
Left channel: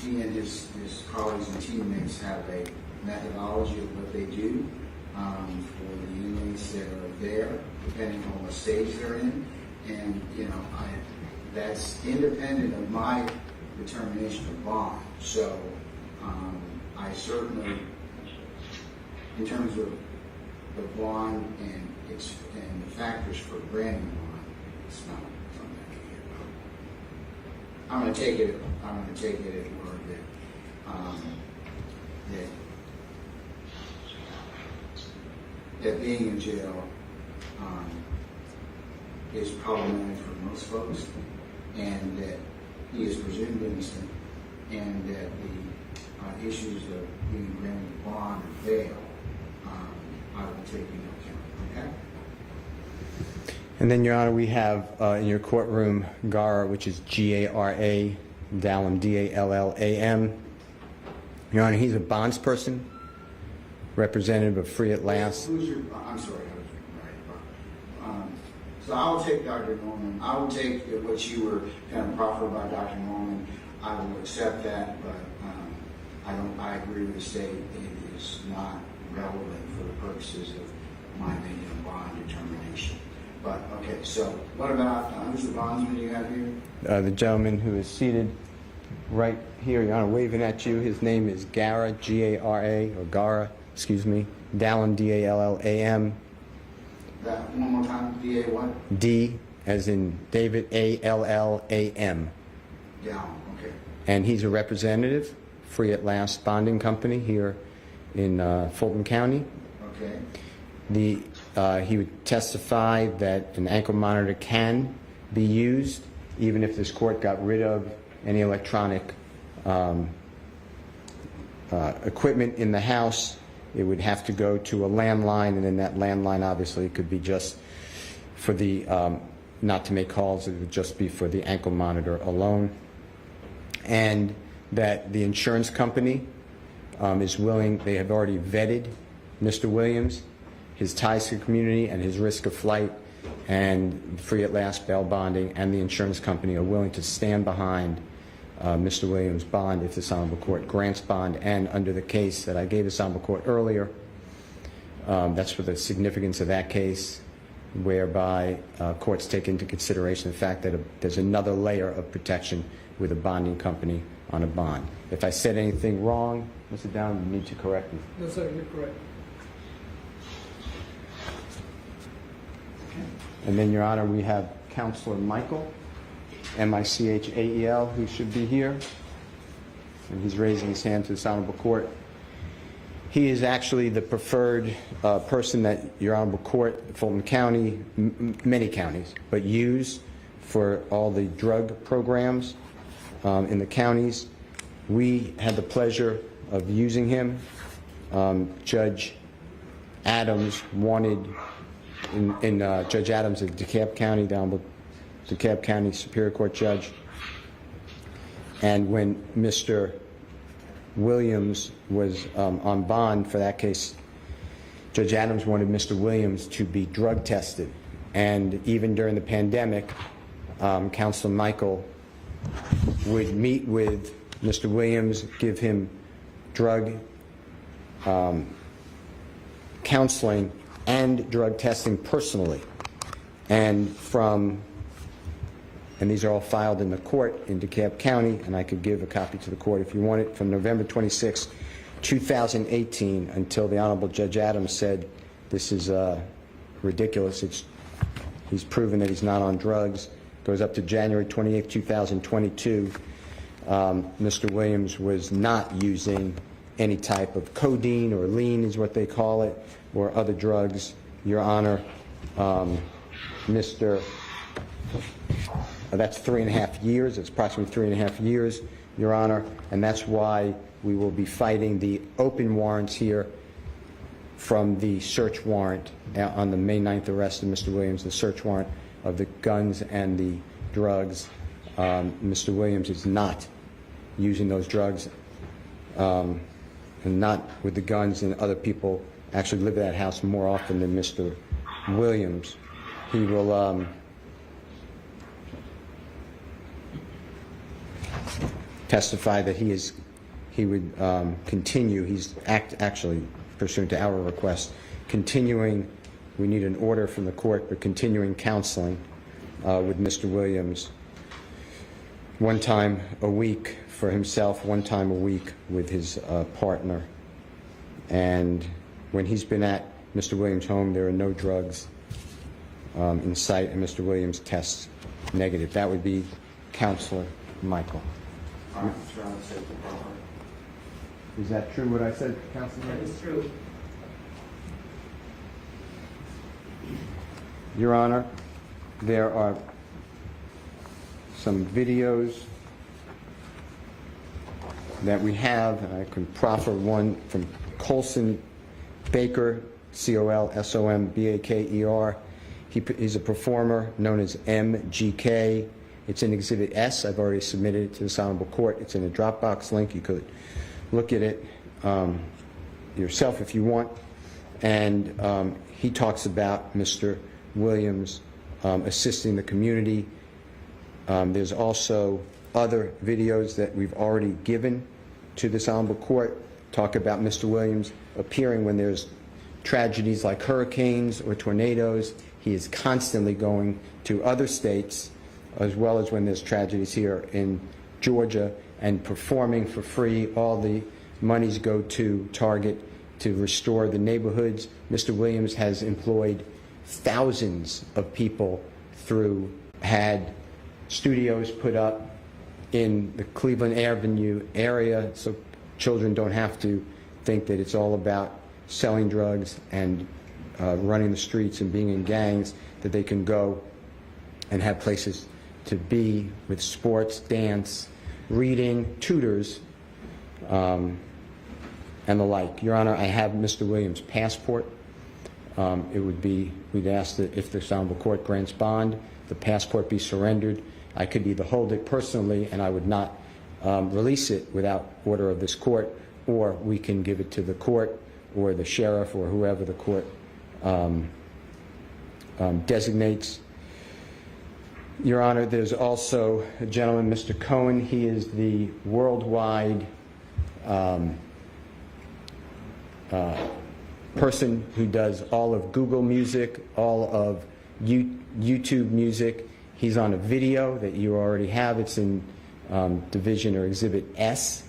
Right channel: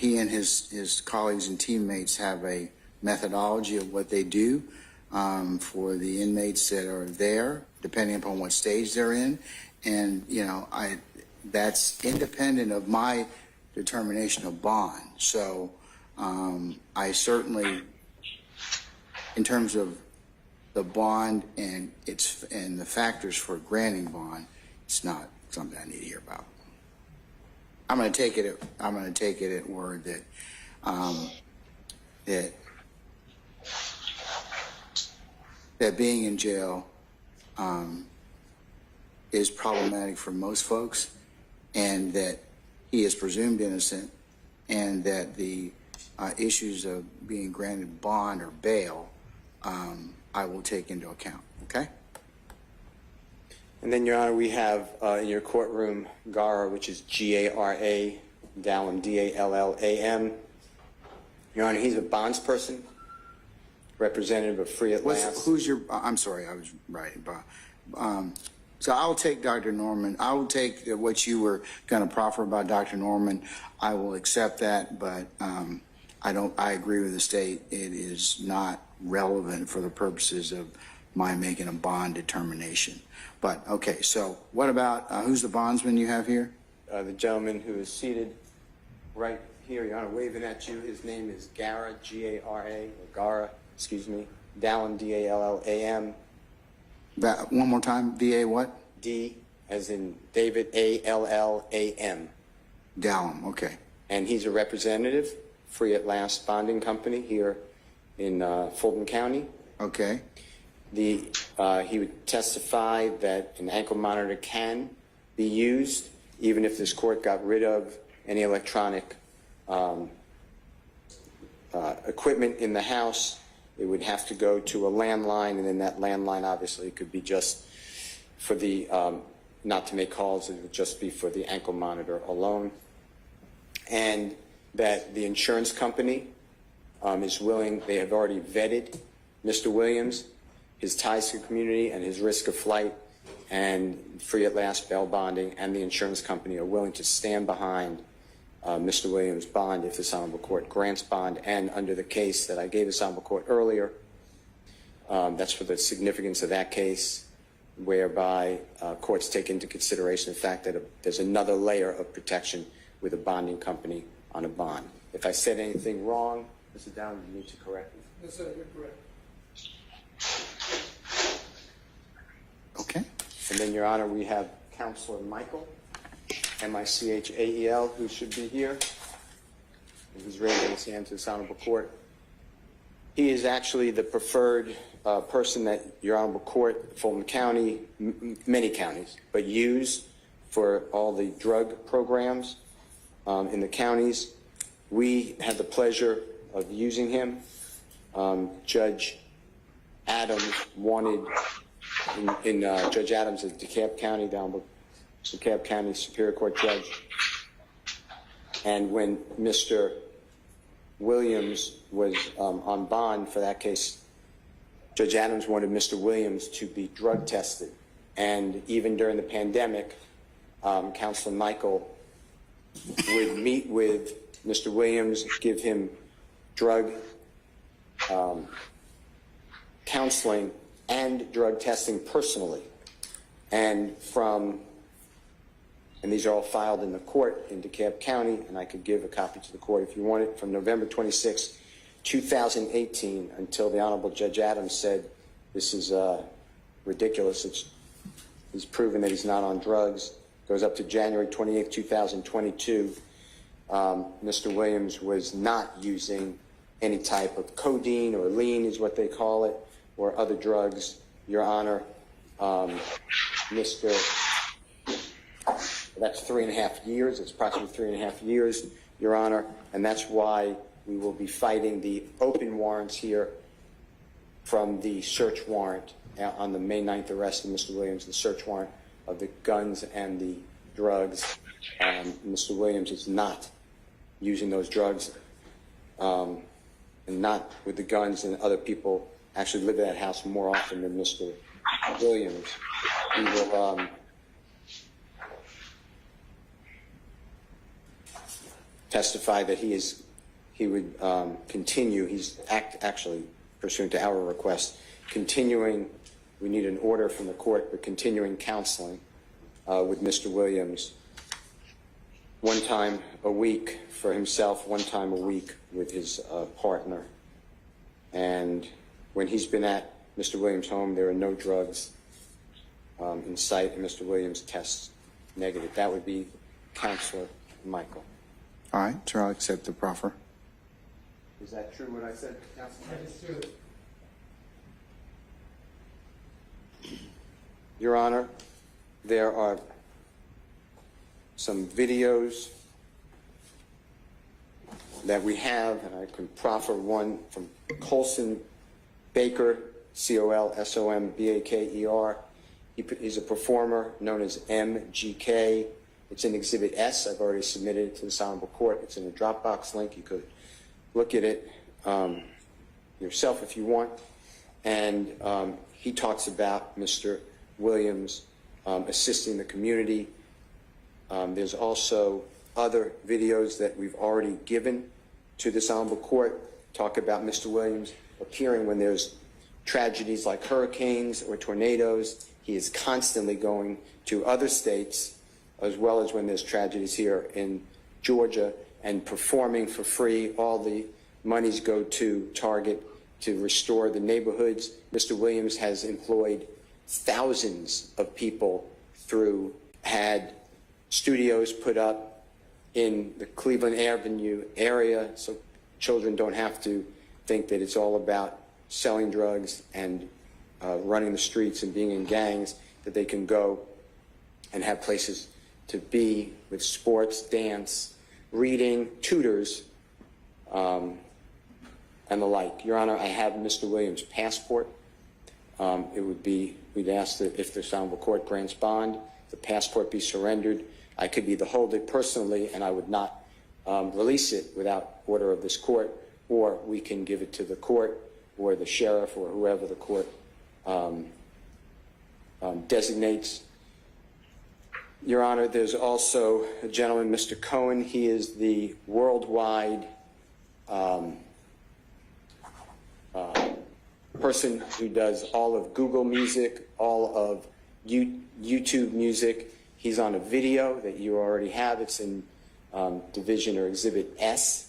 he and his colleagues and teammates have a methodology of what they do for the inmates that are there, depending upon what stage they're in, and that's independent of my determination of bond. So I certainly, in terms of the bond and the factors for granting bond, it's not something I need to hear about. I'm going to take it at word that being in jail is problematic for most folks, and that he is presumed innocent, and that the issues of being granted bond or bail I will take into account. Okay? And then, Your Honor, we have in your courtroom Gara, which is G-A-R-A, Dallam, D-A-L-L-A-M. Your Honor, he's a bonds person, representative of Free at Last. Who's your, I'm sorry, I was writing. So I'll take Dr. Norman. I will take what you were going to proffer about Dr. Norman. I will accept that, but I agree with the state. It is not relevant for the purposes of my making a bond determination. But, okay, so what about, who's the bondsman you have here? The gentleman who is seated right here, Your Honor, waving at you. His name is Gara, G-A-R-A, or Gara, excuse me, Dallam, D-A-L-L-A-M. One more time, D-A what? D, as in David, A-L-L-A-M. Dallam, okay. And he's a representative, Free at Last Bonding Company here in Fulton County. Okay. He would testify that an ankle monitor can be used even if this court got rid of any electronic equipment in the house. It would have to go to a landline, and then that landline obviously could be just for the, not to make calls, it would just be for the ankle monitor alone. And that the insurance company is willing, they have already vetted Mr. Williams, his ties to the community, and his risk of flight, and free at last bail bonding, and the insurance company are willing to stand behind Mr. Williams' bond if this honorable court grants bond. And under the case that I gave this honorable court earlier, that's for the significance of that case, whereby courts take into consideration the fact that there's another layer of protection with a bonding company on a bond. If I said anything wrong, Mr. Down, you need to correct me. No, sir, you're correct. Okay. And then, Your Honor, we have Counselor Michael, M-I-C-H-A-E-L, who should be here. And he's raising his hand to this honorable court. He is actually the preferred person that Your Honorable Court, Fulton County, many counties, but use for all the drug programs in the counties. We had the pleasure of using him. Judge Adams wanted, Judge Adams of DeKalb County, the Honorable DeKalb County Superior Court Judge. And when Mr. Williams was on bond for that case, Judge Adams wanted Mr. Williams to be drug tested. And even during the pandemic, Counselor Michael would meet with Mr. Williams, give him drug counseling and drug testing personally. And these are all filed in the court in DeKalb County, and I could give a copy to the court if you want it, from November 26, 2018 until the Honorable Judge Adams said this is ridiculous. He's proven that he's not on drugs. Goes up to January 28, 2022. Mr. Williams was not using any type of codeine or lean is what they call it, or other drugs. Your Honor, that's 3.5 years. It's approximately 3.5 years, Your Honor, and that's why we will be fighting the open warrants here from the search warrant on the May 9th arrest of Mr. Williams, the search warrant of the guns and the drugs. Mr. Williams is not using those drugs, and not with the guns, and other people actually live at that house more often than Mr. Williams. He will testify that he would continue. He's actually, pursuant to our request, continuing. We need an order from the court, but continuing counseling with Mr. Williams, one time a week for himself, one time a week with his partner. And when he's been at Mr. Williams' home, there are no drugs in sight, and Mr. Williams tests negative. That would be Counselor Michael. All right, sure, I'll accept the proffer. Is that true what I said, Counselor Michael? It's true. Your Honor, there are some videos that we have, and I can proffer one from Colson Baker, C-O-L-S-O-M-B-A-K-E-R. He's a performer known as MGK. It's in Exhibit S. I've already submitted it to this honorable court. It's in a Dropbox link. You could look at it yourself if you want. And he talks about Mr. Williams assisting the community. There's also other videos that we've already given to this honorable court, talk about Mr. Williams appearing when there's tragedies like hurricanes or tornadoes. He is constantly going to other states, as well as when there's tragedies here in Georgia, and performing for free. All the monies go to Target to restore the neighborhoods. Mr. Williams has employed thousands of people had studios put up in the Cleveland Avenue area, so children don't have to think that it's all about selling drugs and running the streets and being in gangs, that they can go and have places to be with sports, dance, reading, tutors, and the like. Your Honor, I have Mr. Williams' passport. We'd ask that if this honorable court grants bond, the passport be surrendered. I could either hold it personally, and I would not release it without order of this court, or we can give it to the court, or the sheriff or whoever the court designates. Your Honor, there's also a gentleman, Mr. Cohen. He is the worldwide person who does all of Google Music, all of YouTube Music. He's on a video that you already have. It's in Division or Exhibit S.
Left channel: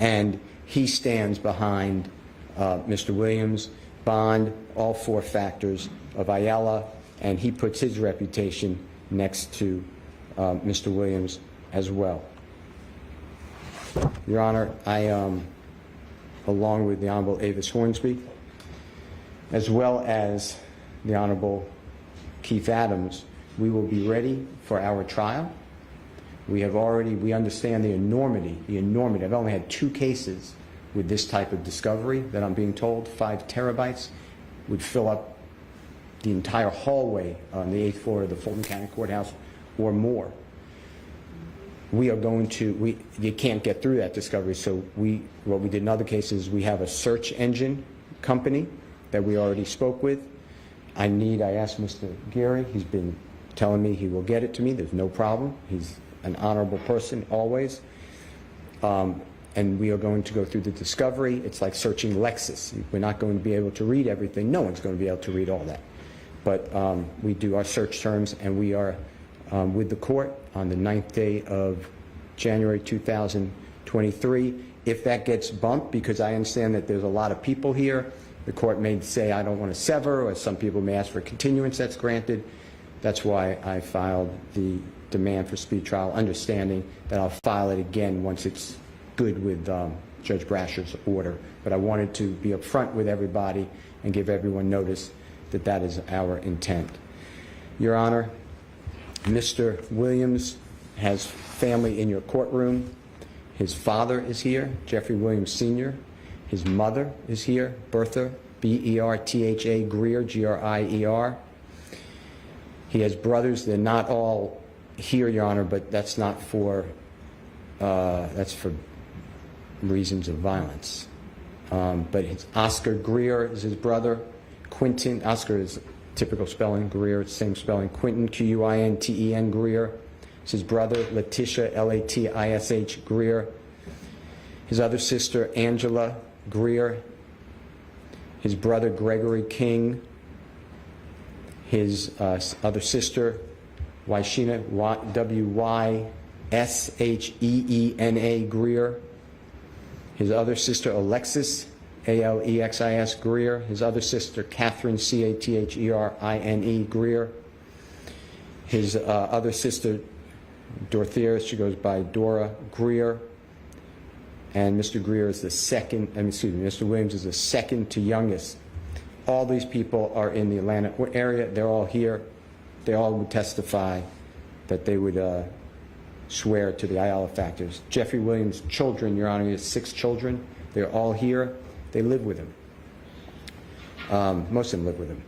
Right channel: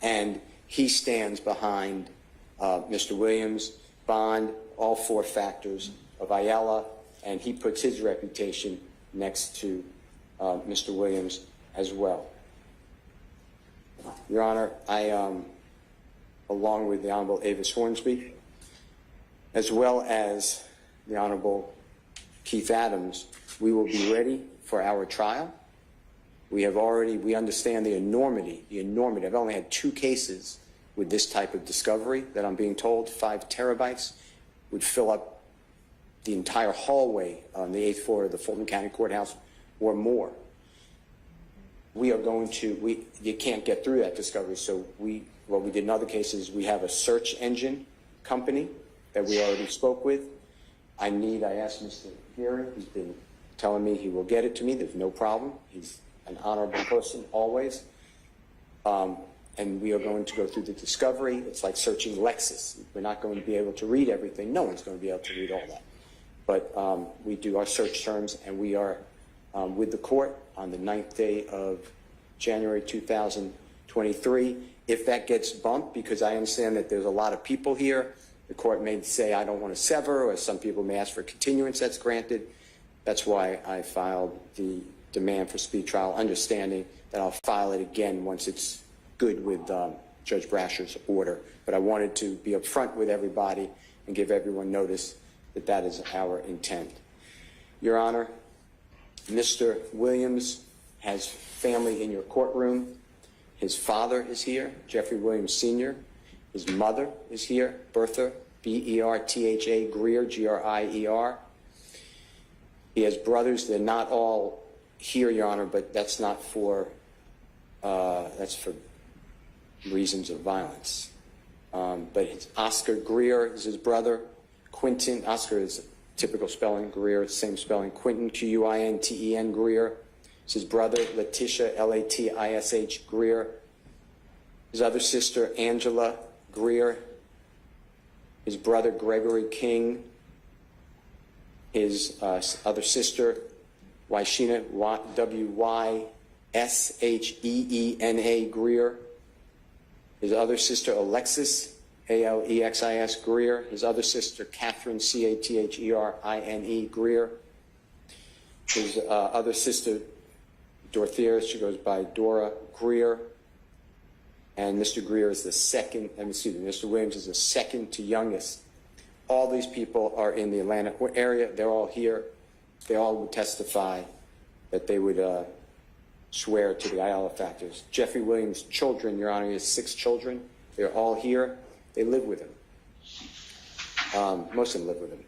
And he stands behind Mr. Williams, bond, all 4 factors of Ayala, and he puts his reputation next to Mr. Williams as well. Your Honor, I, along with the Honorable Avis Hornsby, as well as the Honorable Keith Adams, we will be ready for our trial. We understand the enormity. I've only had 2 cases with this type of discovery that I'm being told 5 terabytes would fill up the entire hallway on the 8th floor of the Fulton County Courthouse or more. We are going to, you can't get through that discovery, so what we did in other cases, we have a search engine company that we already spoke with. I asked Mr. Geary, he's been telling me he will get it to me, there's no problem. He's an honorable person, always. And we are going to go through the discovery. It's like searching Lexus. We're not going to be able to read everything. No one's going to be able to read all that. But we do our search terms, and we are with the court on the 9th day of January 2023. If that gets bumped, because I understand that there's a lot of people here, the court may say, I don't want to sever, or some people may ask for a continuance that's granted. That's why I filed the demand for speed trial, understanding that I'll file it again once it's good with Judge Brasher's order. But I wanted to be upfront with everybody and give everyone notice that that is our intent. Your Honor, Mr. Williams has family in your courtroom. His father is here, Jeffrey Williams Sr. His mother is here, Bertha, B-E-R-T-H-A, Greer, G-R-I-E-R. He has brothers. They're not all here, Your Honor, but that's not for, that's for reasons of violence. But it's Oscar Greer is his brother. Quinton, Oscar is typical spelling, Greer, same spelling. Quinton, Q-U-I-N-T-E-N, Greer. It's his brother, Letitia, L-A-T-I-S-H, Greer. His other sister, Angela Greer. His brother, Gregory King. His other sister, Wyshena, W-Y-S-H-E-E-N-A, Greer. His other sister, Alexis, A-L-E-X-I-S, Greer. His other sister, Catherine, C-A-T-H-E-R-I-N-E, Greer. His other sister, Dorothea, she goes by Dora Greer. And Mr. Greer is the second, Mr. Williams is the second to youngest. All these people are in the Atlanta area. They're all here. They all would testify that they would swear to the Ayala factors. Jeffrey Williams' children, Your Honor, he has 6 children. They're all here. They live with him. Most of them live with him.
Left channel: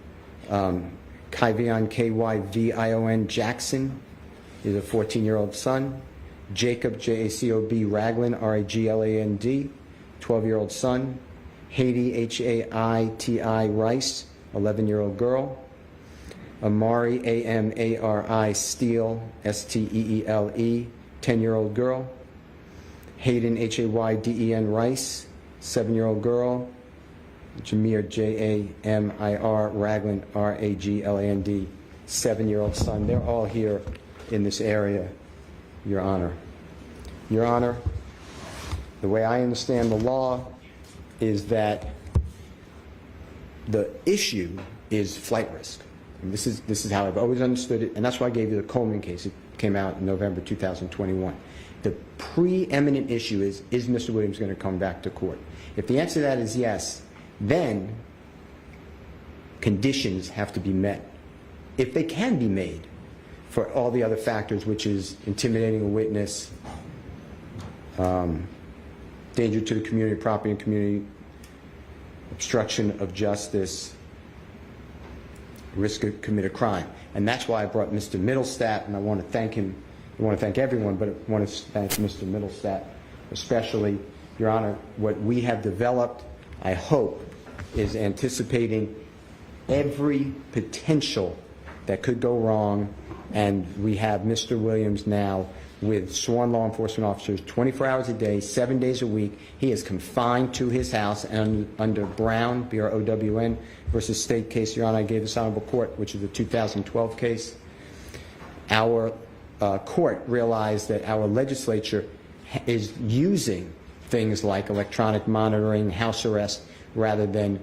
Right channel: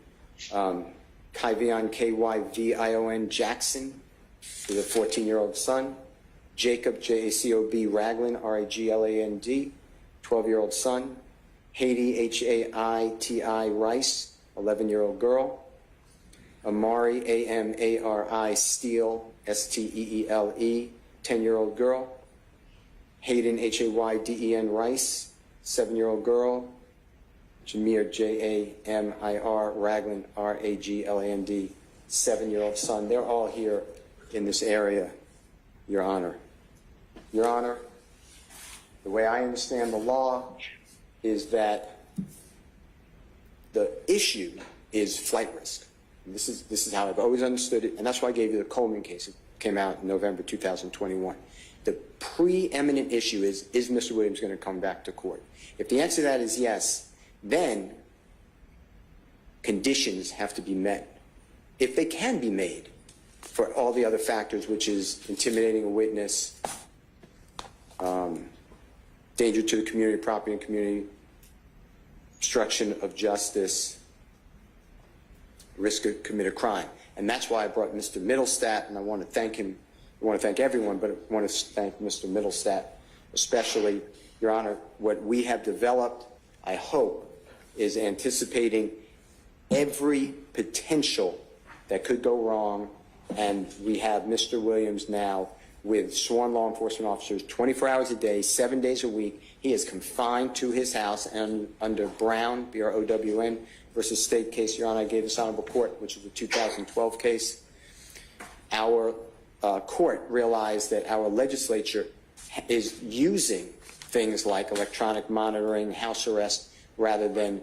Kyvion, K-Y-V-I-O-N, Jackson is a 14-year-old son. Jacob, J-A-C-O-B, Ragland, R-A-G-L-A-N-D, 12-year-old son. Haiti, H-A-I-T-I, Rice, 11-year-old girl. Amari, A-M-A-R-I, Steele, S-T-E-E-L-E, 10-year-old girl. Hayden, H-A-Y-D-E-N, Rice, 7-year-old girl. Jameer, J-A-M-I-R, Ragland, R-A-G-L-A-N-D, 7-year-old son. They're all here in this area, Your Honor. Your Honor, the way I understand the law is that the issue is flight risk. And this is how I've always understood it, and that's why I gave you the Coleman case. It came out in November 2021. The preeminent issue is Mr. Williams going to come back to court? If the answer to that is yes, then conditions have to be met, if they can be made, for all the other factors, which is intimidating a witness, danger to the community, property and community, obstruction of justice, risk of commit a crime. And that's why I brought Mr. Middlestat, and I want to thank him. I want to thank everyone, but I want to thank Mr. Middlestat especially. Your Honor, what we have developed I hope, is anticipating every potential that could go wrong, and we have Mr. Williams now with sworn law enforcement officers 24 hours a day, 7 days a week. He is confined to his house, and under Brown, B-R-O-W-N, versus state case, Your Honor, I gave this honorable court, which is the 2012 case. Our court realized that our legislature is using things like electronic monitoring, house arrest, rather than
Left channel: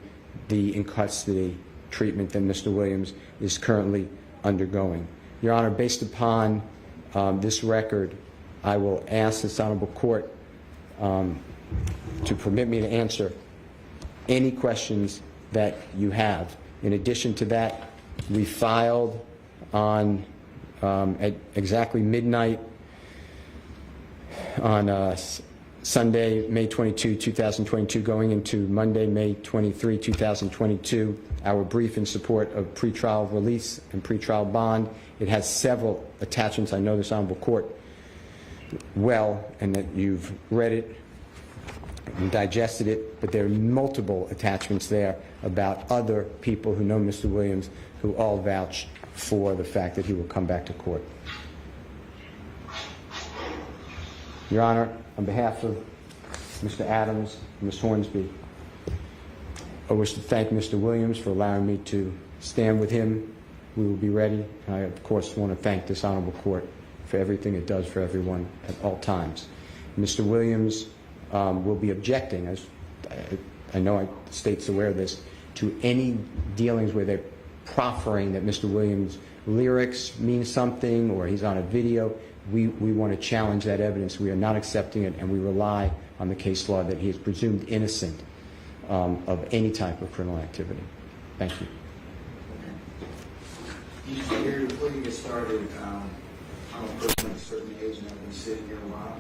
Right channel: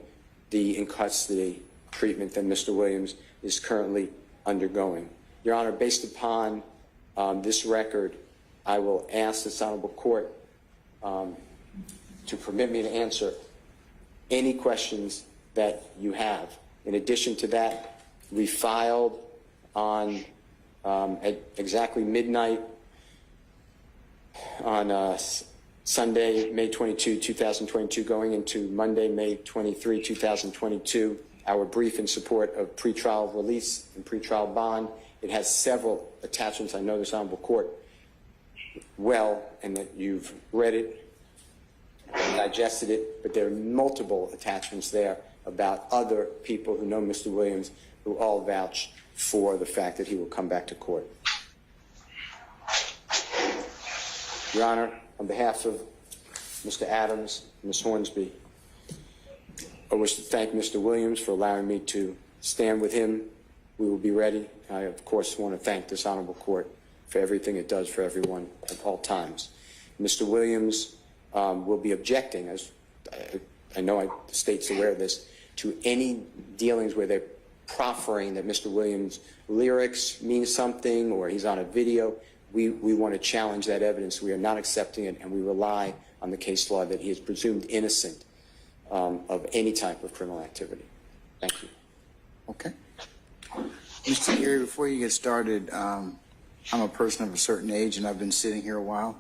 the in-custody treatment that Mr. Williams is currently undergoing. Your Honor, based upon this record, I will ask this honorable court to permit me to answer any questions that you have. In addition to that, we filed on at exactly midnight on Sunday, May 22, 2022, going into Monday, May 23, 2022, our brief in support of pretrial release and pretrial bond. It has several attachments. I know this honorable court well, and that you've read it and digested it, but there are multiple attachments there about other people who know Mr. Williams who all vouch for the fact that he will come back to court. Your Honor, on behalf of Mr. Adams and Ms. Hornsby, I wish to thank Mr. Williams for allowing me to stand with him. We will be ready. I, of course, want to thank this honorable court for everything it does for everyone at all times. Mr. Williams will be objecting, as I know the state's aware of this, to any dealings where they're proffering that Mr. Williams' lyrics mean something or he's on a video. We want to challenge that evidence. We are not accepting it, and we rely on the case law that he is presumed innocent of any type of criminal activity. Thank you. Okay. Mr. Gary, before you get started, I'm a person of a certain age, and I've been sitting here a while.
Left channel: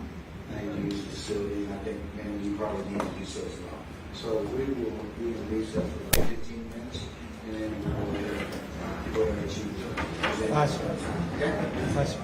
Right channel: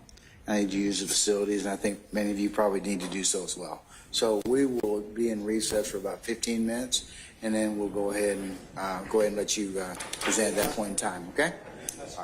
I need to use the facilities, and I think many of you probably need to do so as well. So we will be in recess for about 15 minutes, and then we'll go ahead and let you present at that point in time. Okay? That's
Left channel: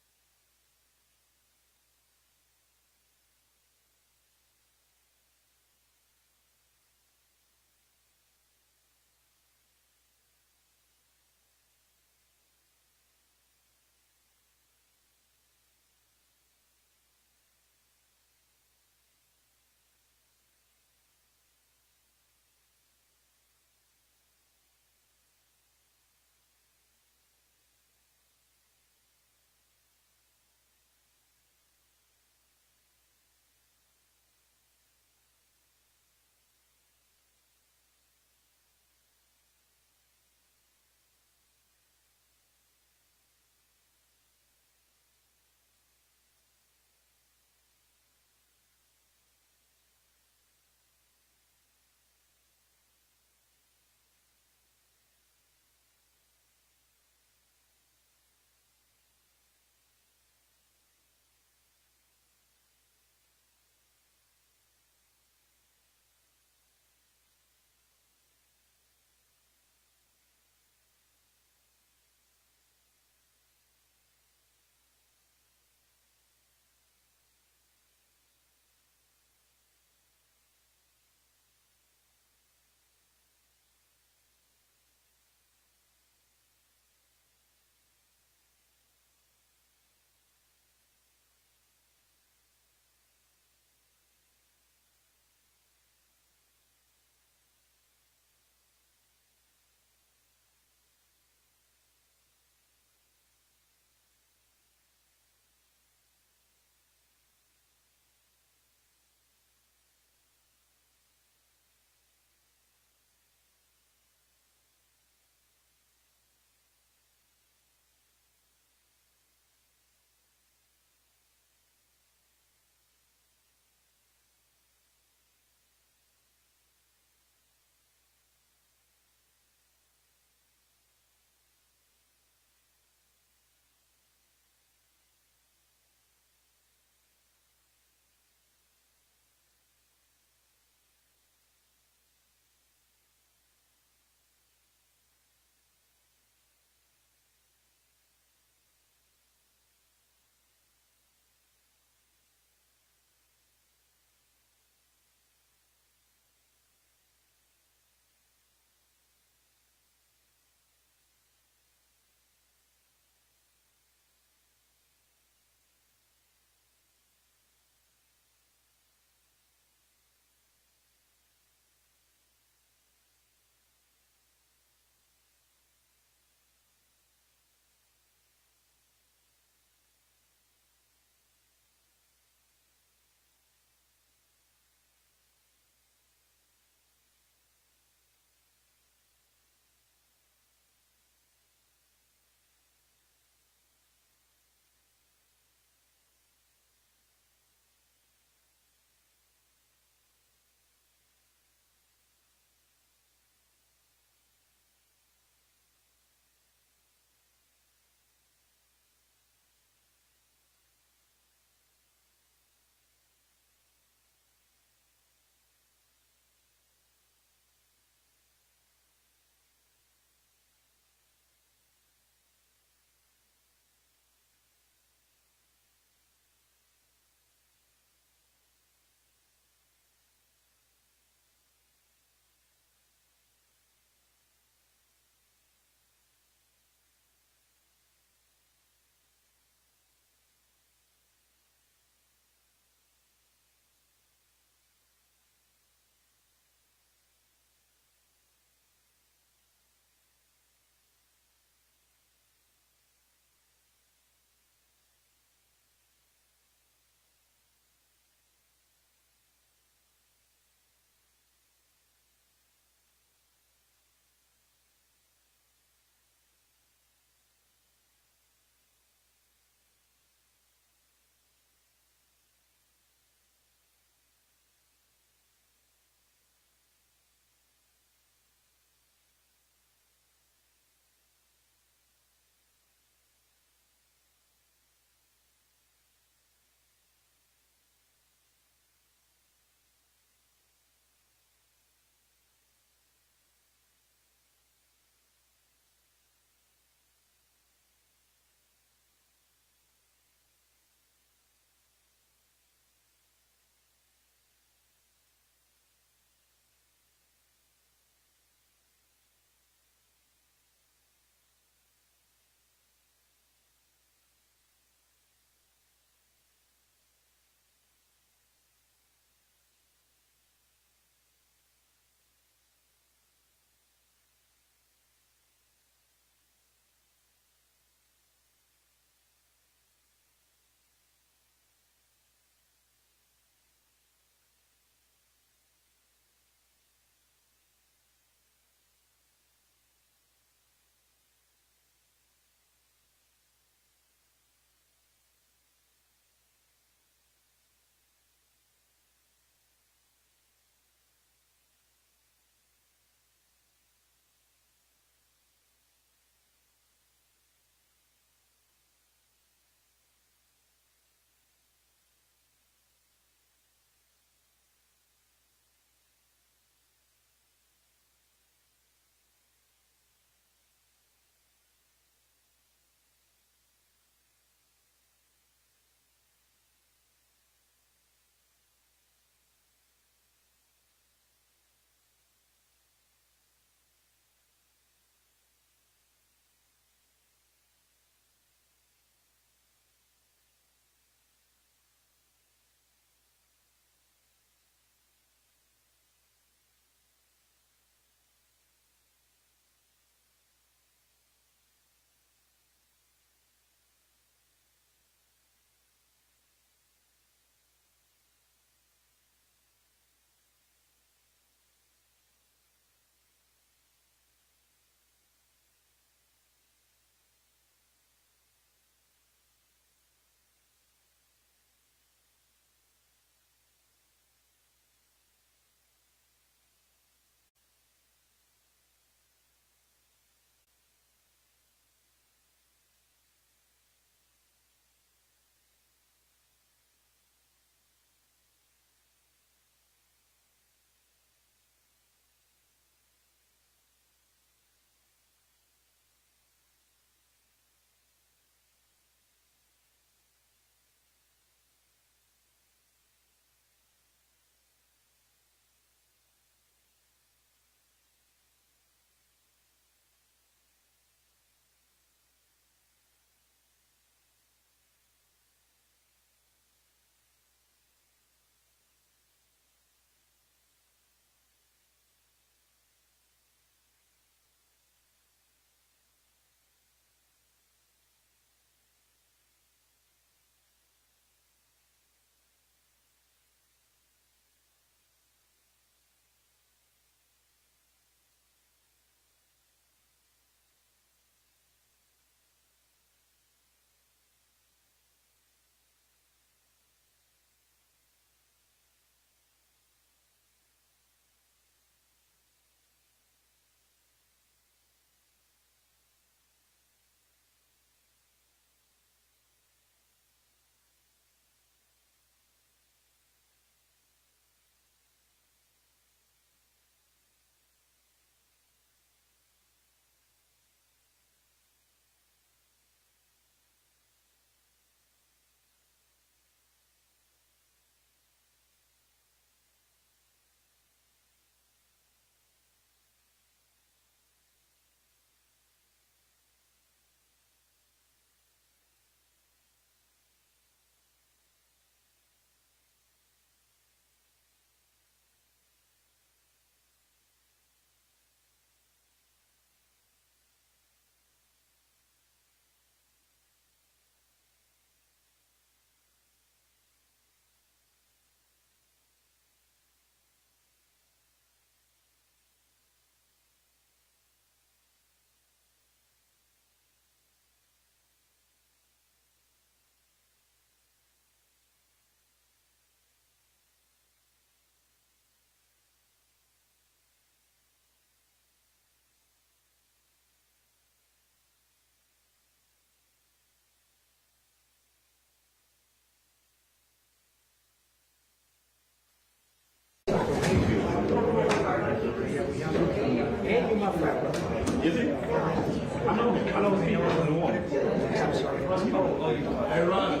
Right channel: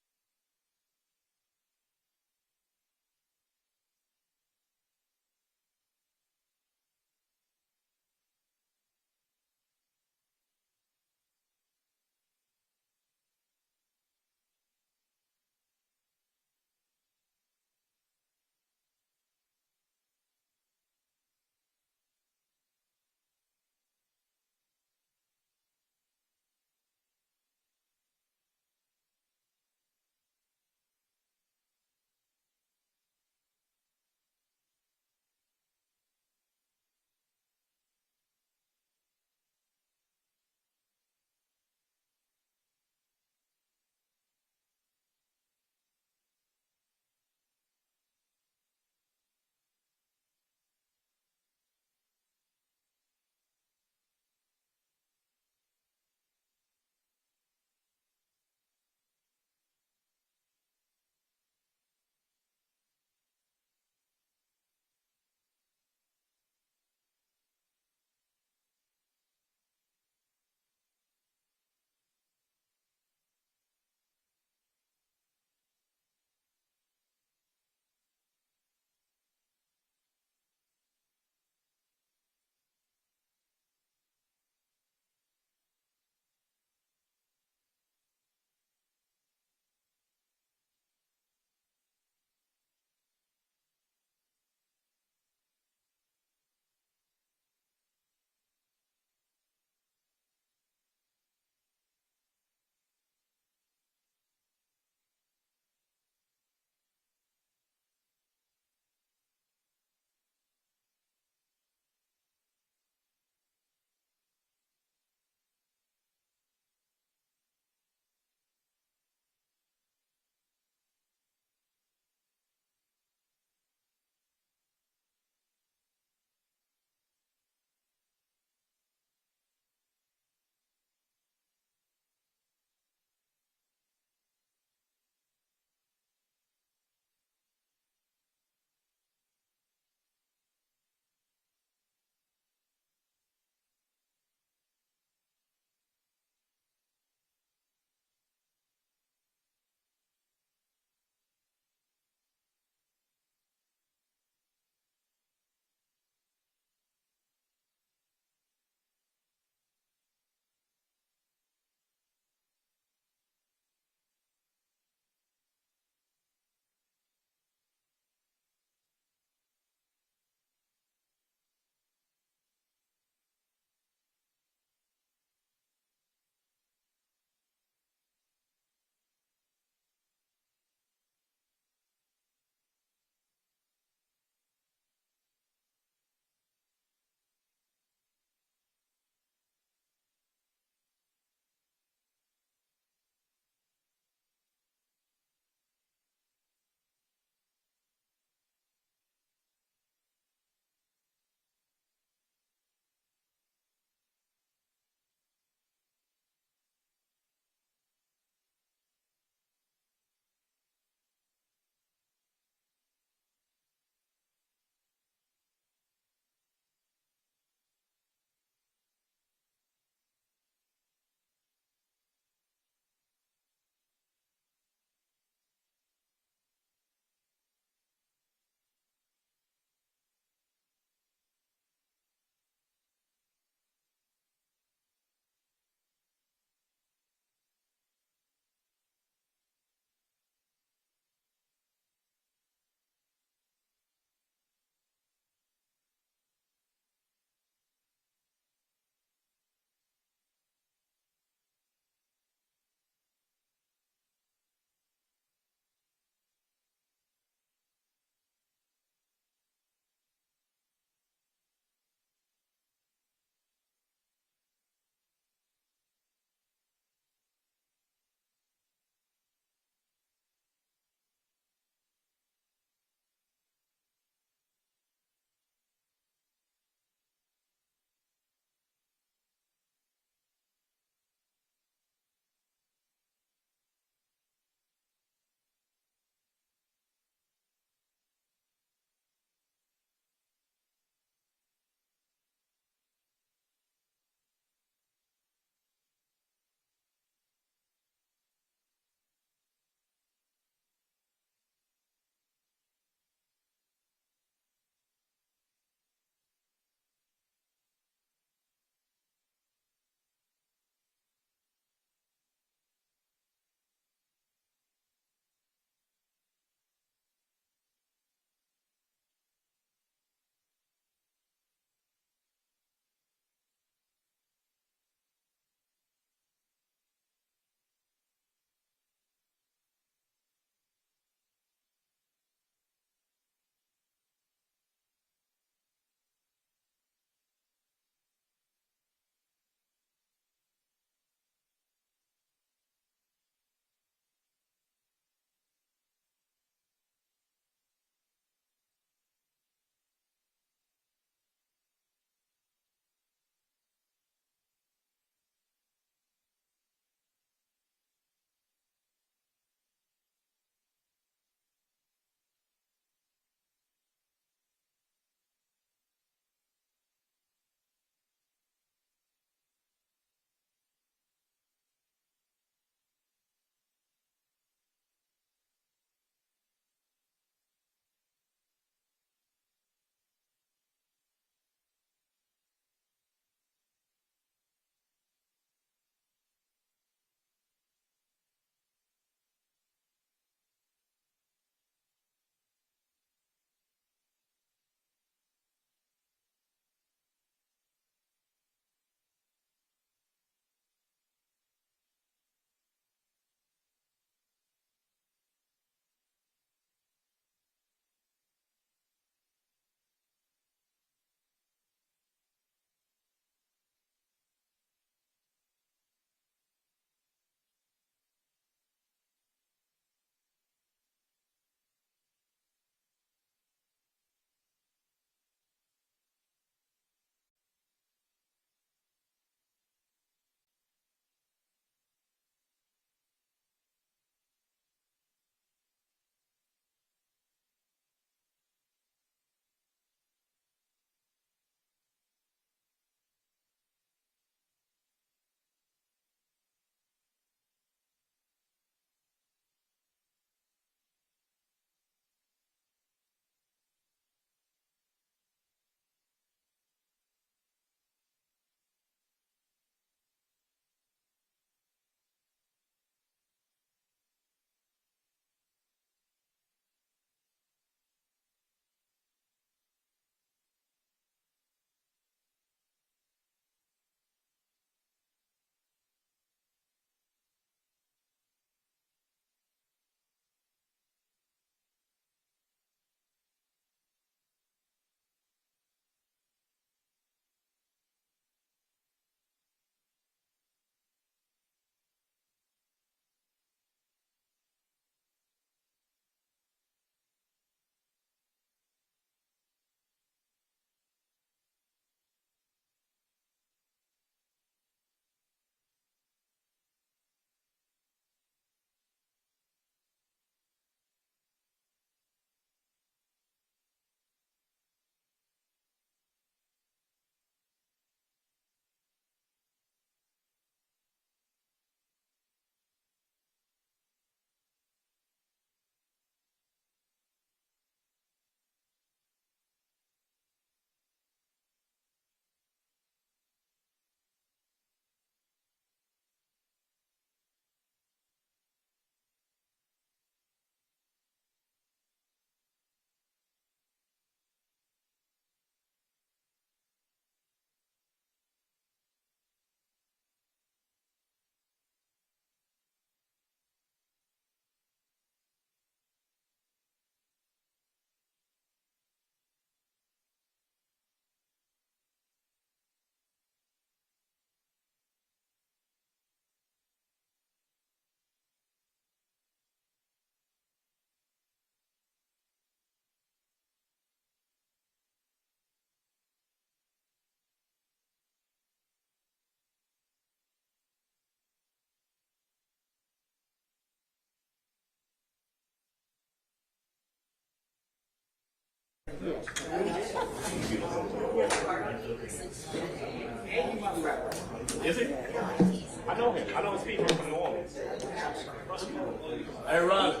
Hey, Ron,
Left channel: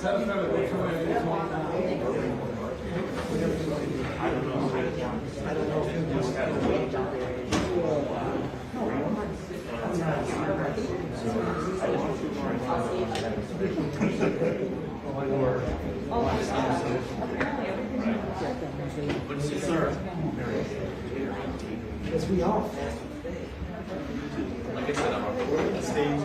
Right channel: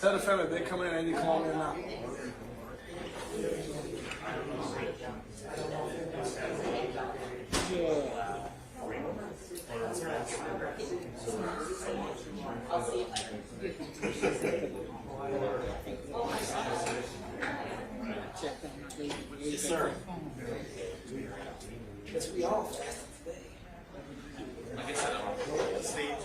tell the family they come in and they come on. Because we all Like I said, I'm recording the stage.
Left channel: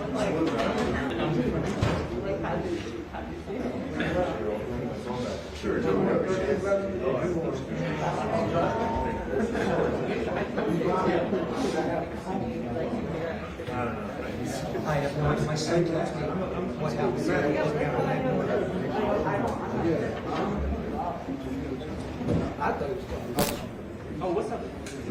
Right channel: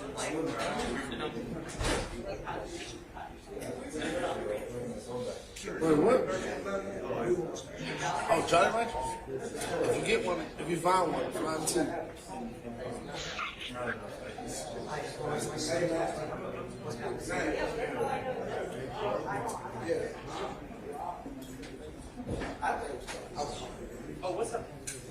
I have no idea myself what happened. Oh, what's up? We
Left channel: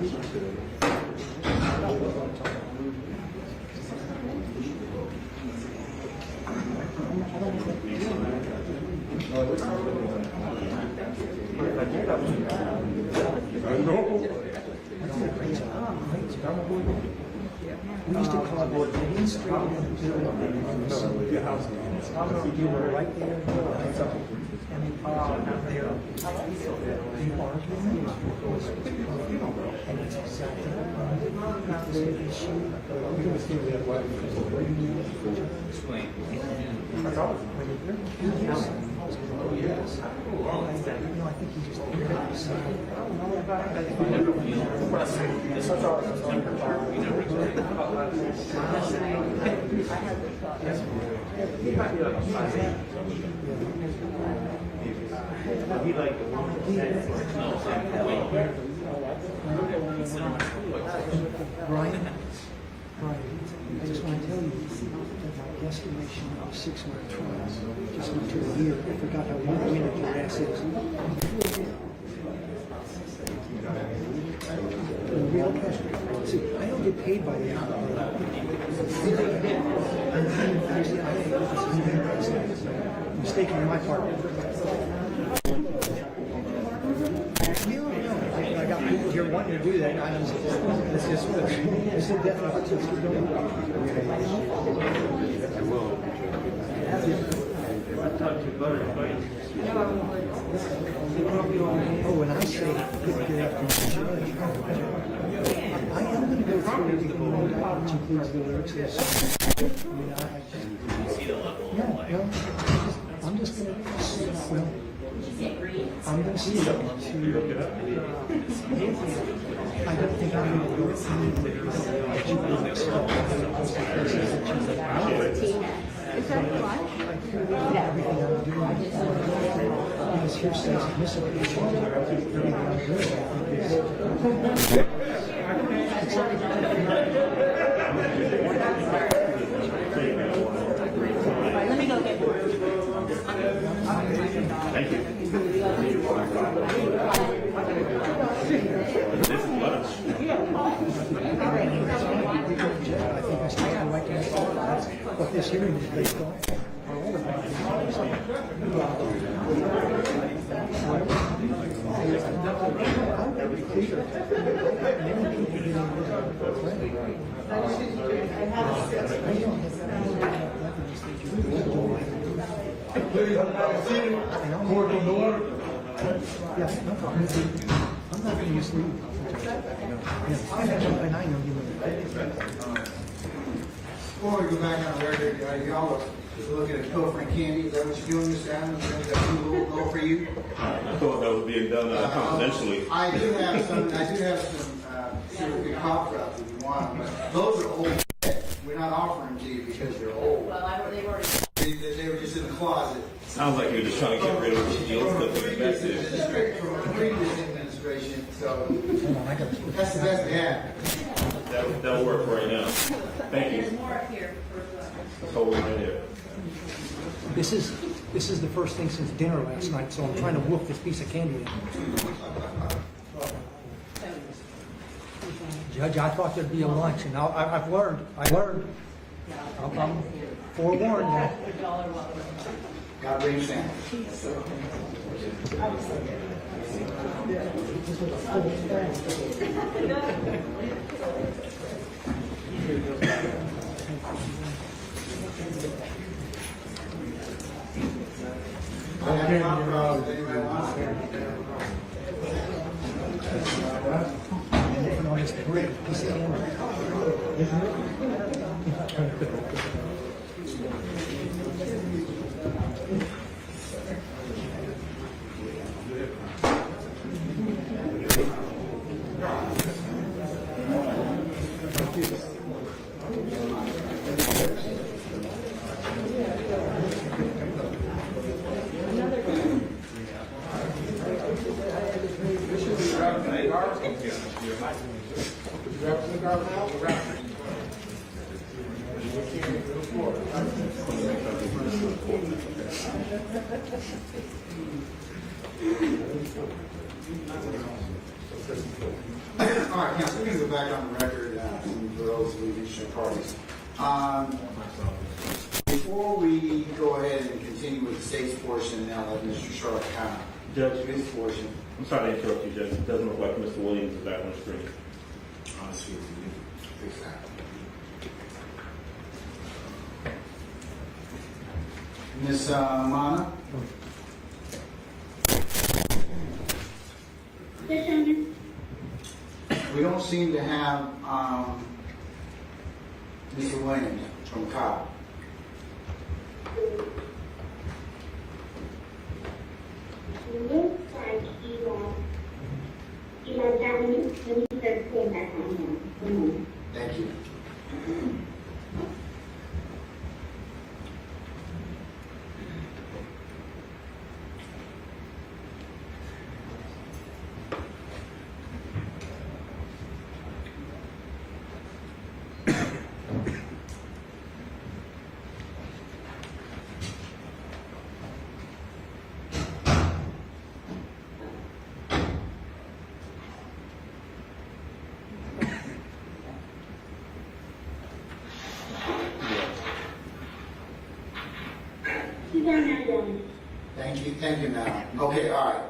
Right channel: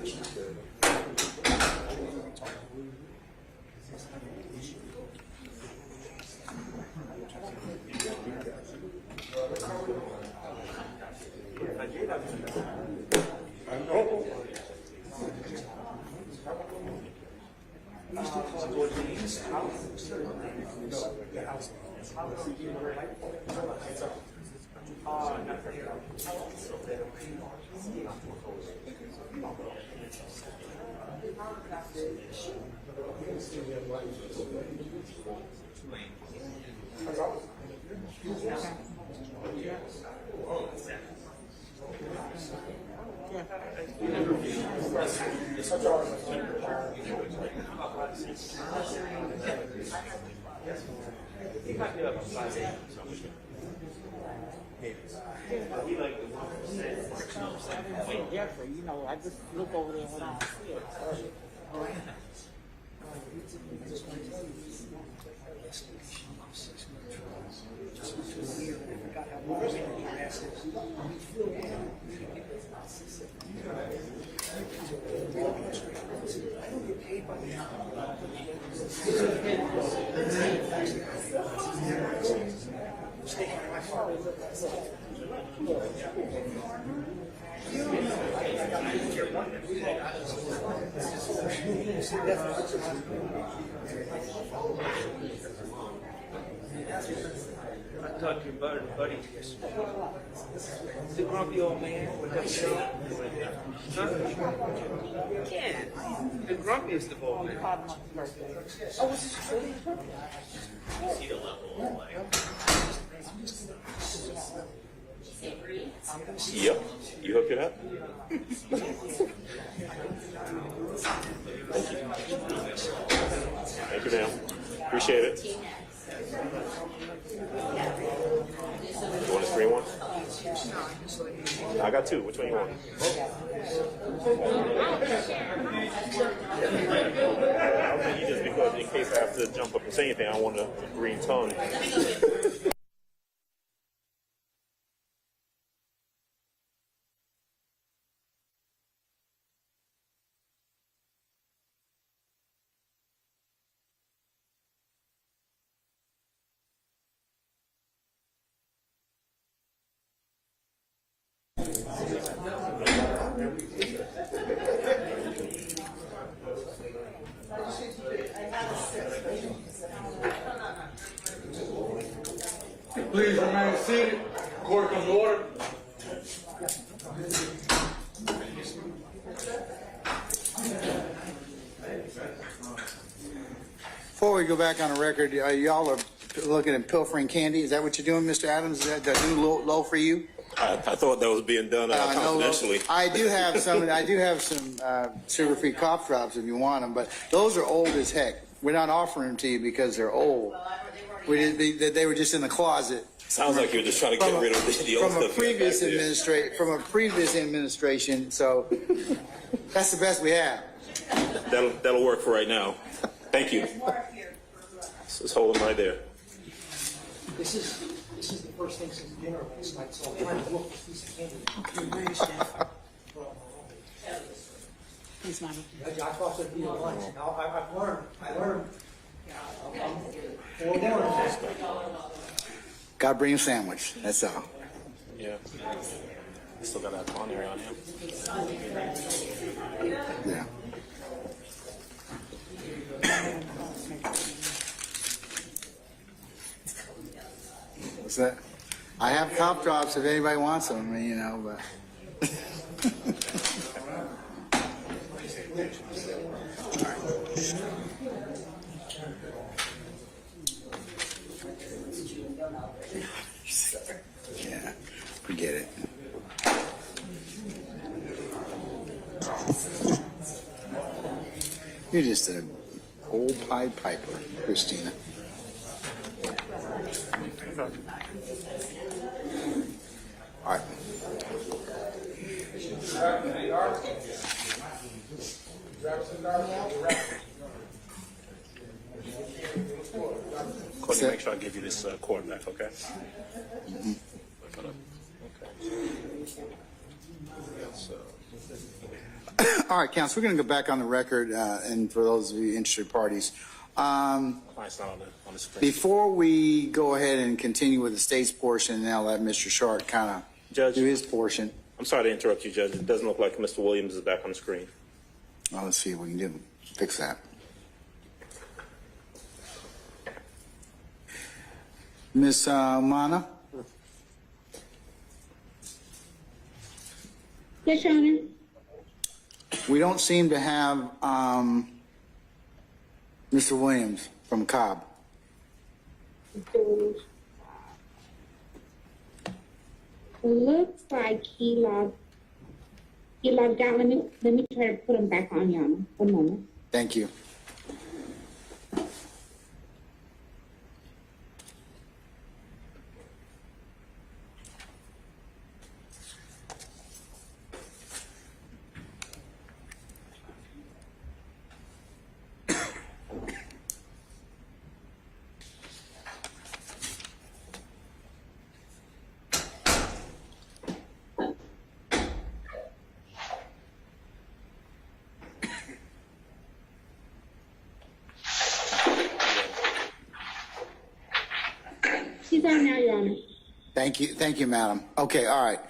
used to call it Queens. You were right there. Explain. Brian, I just want to tell you that my guesstimation of 6 month trials just went through a year. I forgot how long-winded your ass is. See, I don't get paid by the end of the mistake on my part. I got people here wanting to do that. It's a death Oh, when I say I am going to go through the which includes the lyrics. I'm just going to I'm going to see. Yep. You hooked it up? I don't think I'm going to go Appreciate it. I got two. Say it now on a green time. Thank you. This is lunch. What this hearing is based on. Please remain seated. Court in order. I'm not going to mislead you. And I know you. Before we go back on the record, y'all are looking at pilfering candy. Is that what you're doing, Mr. Adams? Is that a new low for you? I thought that was being done confidentially. I do have some sugar-free cough drops if you want them, but those are old as heck. We're not offering them to you because they're old. They were just in the closet. Sounds like you're just trying to get rid of the old From a stuff. from a previous administration, so that's the best we have. That'll work for right now. Thank you. Let's hold them right there. This is the first thing since dinner last night, so I'm trying to wolf this piece of candy. Judge, I thought there'd be a lunch, and I've learned. I'm forewarned. God bring a sandwich. That's all. So, I have cough drops if anybody wants them. You know. Forget it. You're just a old pipe, Christina. All right. What's that? I'll give you this little coordinate, okay? All right, counsel, we're going to go back on the record, and for those of you interested parties. Before we go ahead and continue with the state's portion, and I'll let Mr. Sharp kind of do his portion. I'm sorry to interrupt you, Judge. It doesn't look like Mr. Williams is back on the screen. Let's see what we can do. Fix that. Miss Mana? Yes, Your Honor. We don't seem to have Mr. Williams from COP. Looks like he logged out. Let me try to put him back on a moment. Thank you. He's on now, Your Honor. Thank you, madam. Okay, all right.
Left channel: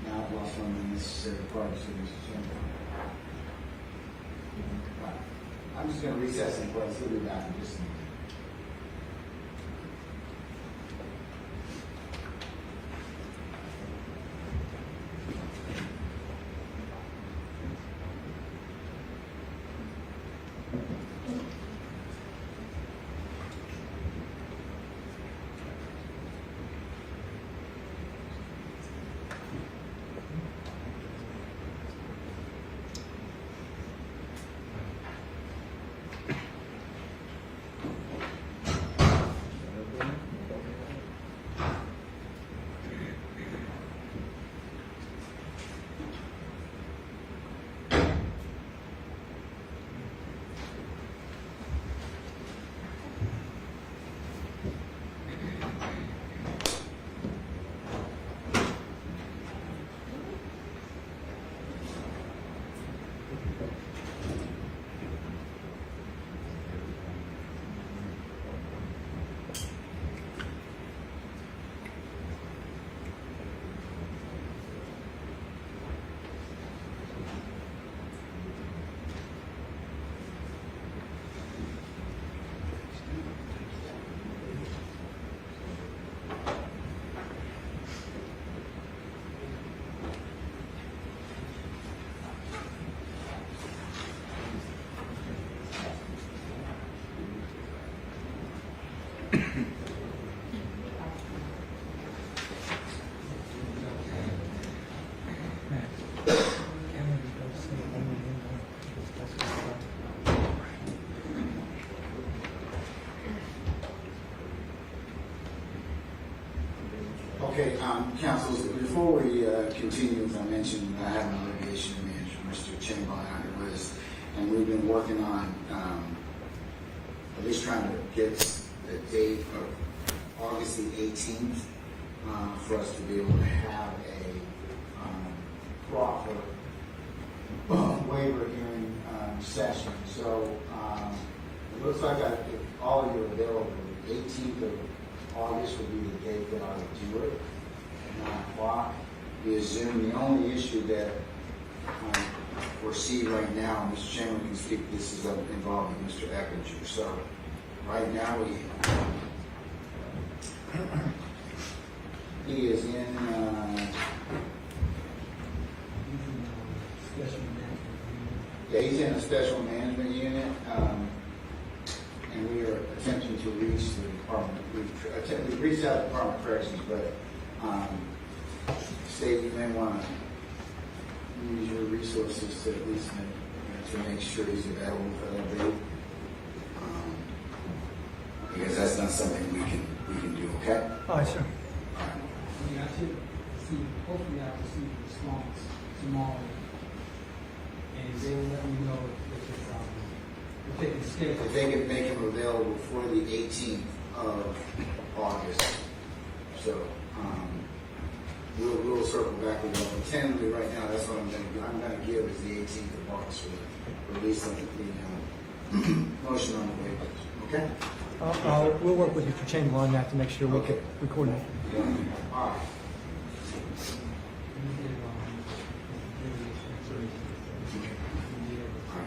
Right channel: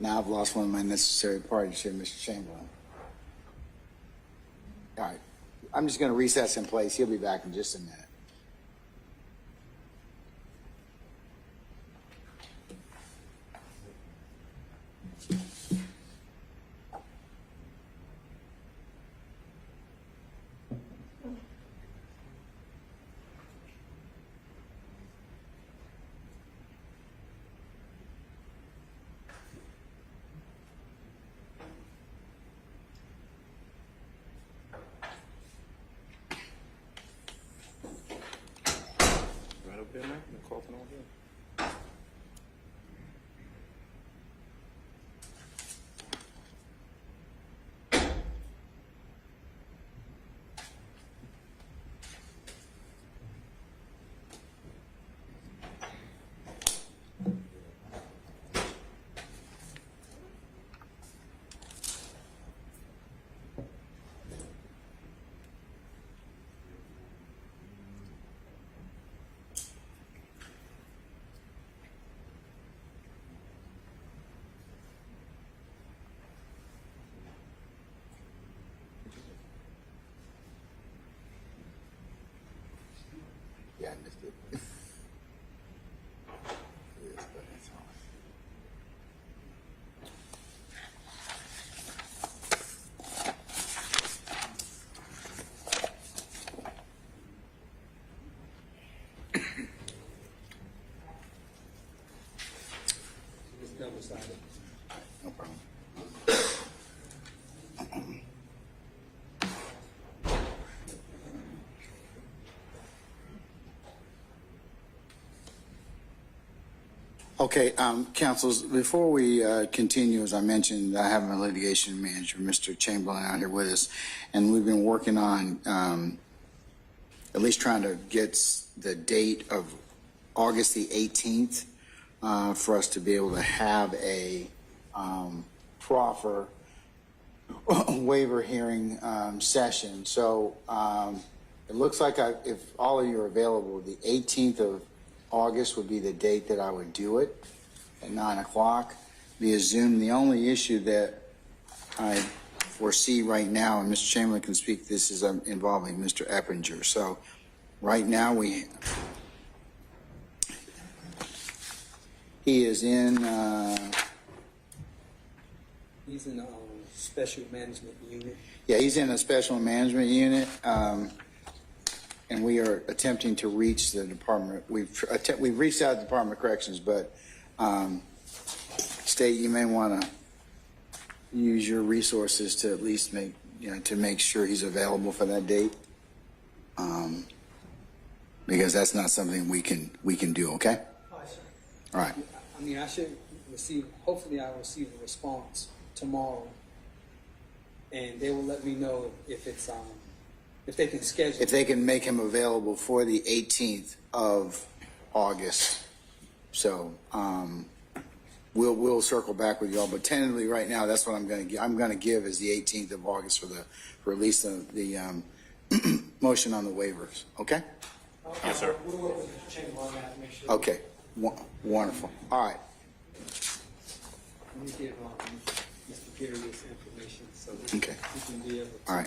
Now I've lost one of my necessary parties here, Mr. Chamberlain. All right, I'm just going to recess in place. He'll be back in just a minute. Okay, counsels, before we continue, as I mentioned, I have my litigation manager, Mr. Chamberlain, out here with us, and we've been working on at least trying to get the date of August the 18th for us to be able to have a proffer waiver hearing session. So it looks like if all of you are available, the 18th of August would be the date that I would do it, at 9 o'clock via Zoom. The only issue that I foresee right now, and Mr. Chamberlain can speak, this is involving Mr. Eppinger. So right now he is in, He's in a special management unit. yeah, he's in a special management unit, and we are attempting to reach the department. We've reached out to the Department of Corrections, but State, you may want to use your resources to at least make sure he's available for that date, because that's not something we can do. Okay. All right, sure. All right. I mean, I should receive, hopefully I'll receive a response tomorrow, and they will let me know if it's, if they can schedule. If they can make him available for the 18th of August. So we'll circle back with y'all, but tentatively right now, that's what I'm going to give is the 18th of August for the release of the motion on the waivers. Okay? Yes, sir. We'll work with Mr. Chamberlain on that to make sure we can record it. Wonderful. All right. Okay. All right.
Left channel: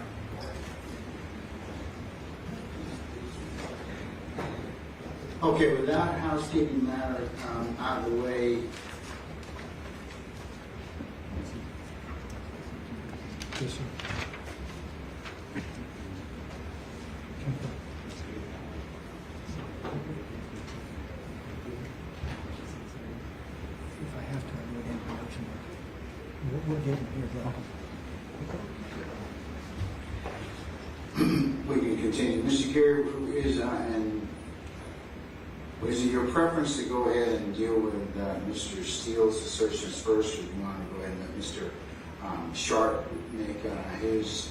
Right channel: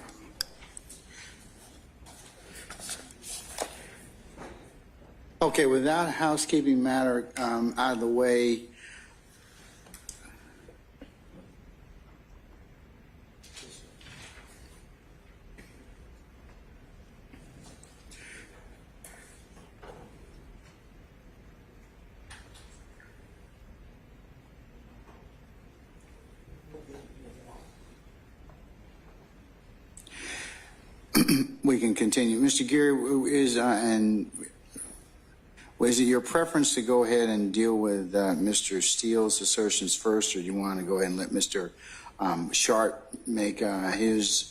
Okay, with that housekeeping matter out of the way, we can continue. Mr. Geary, is it your preference to go ahead and deal with Mr. Steele's assertions first, or do you want to go ahead and let Mr. Sharp make his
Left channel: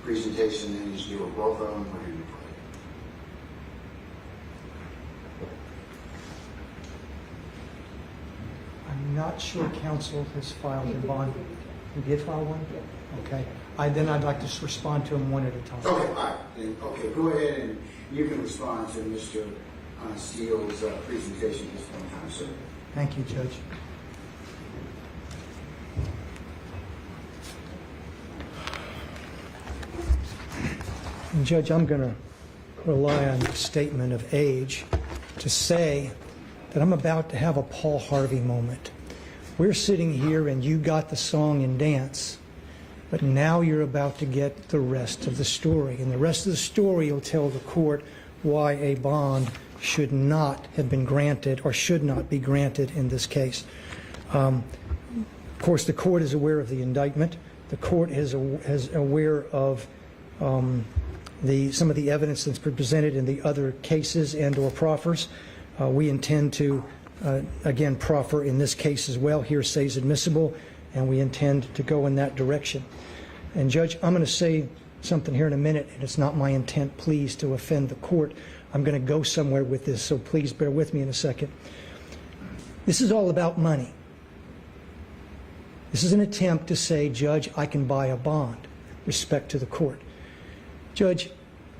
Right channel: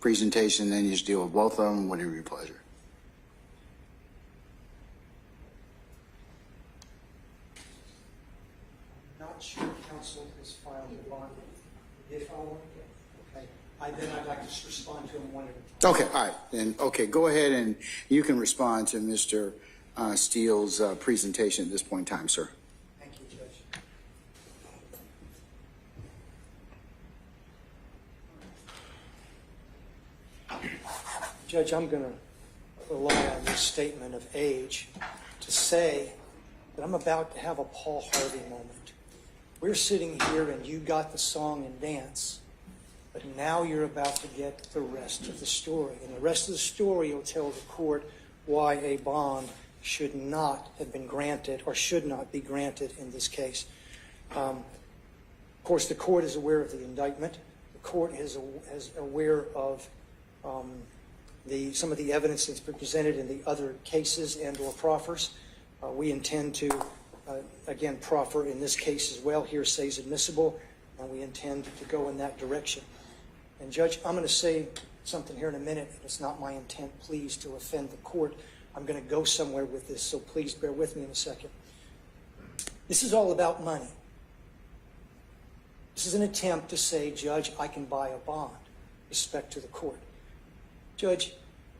presentation, and then you just deal with both of them, whatever your pleasure? I'm not sure counsel has filed a bond. You did file one? Okay. Then I'd like to respond to them one at a time. Okay, all right. Then, okay, go ahead and you can respond to Mr. Steele's presentation at this point in time, sir. Thank you, Judge. Judge, I'm going to rely on the statement of age to say that I'm about to have a Paul Harvey moment. We're sitting here and you got the song and dance, but now you're about to get the rest of the story. And the rest of the story will tell the court why a bond should not have been granted or should not be granted in this case. Of course, the court is aware of the indictment. The court is aware of some of the evidence that's been presented in the other cases and or proffers. We intend to, again, proffer in this case as well. Hearsay is admissible, and we intend to go in that direction. And Judge, I'm going to say something here in a minute, and it's not my intent, please, to offend the court. I'm going to go somewhere with this, so please bear with me in a second. This is all about money. This is an attempt to say, Judge, I can buy a bond. Respect to the court. Judge,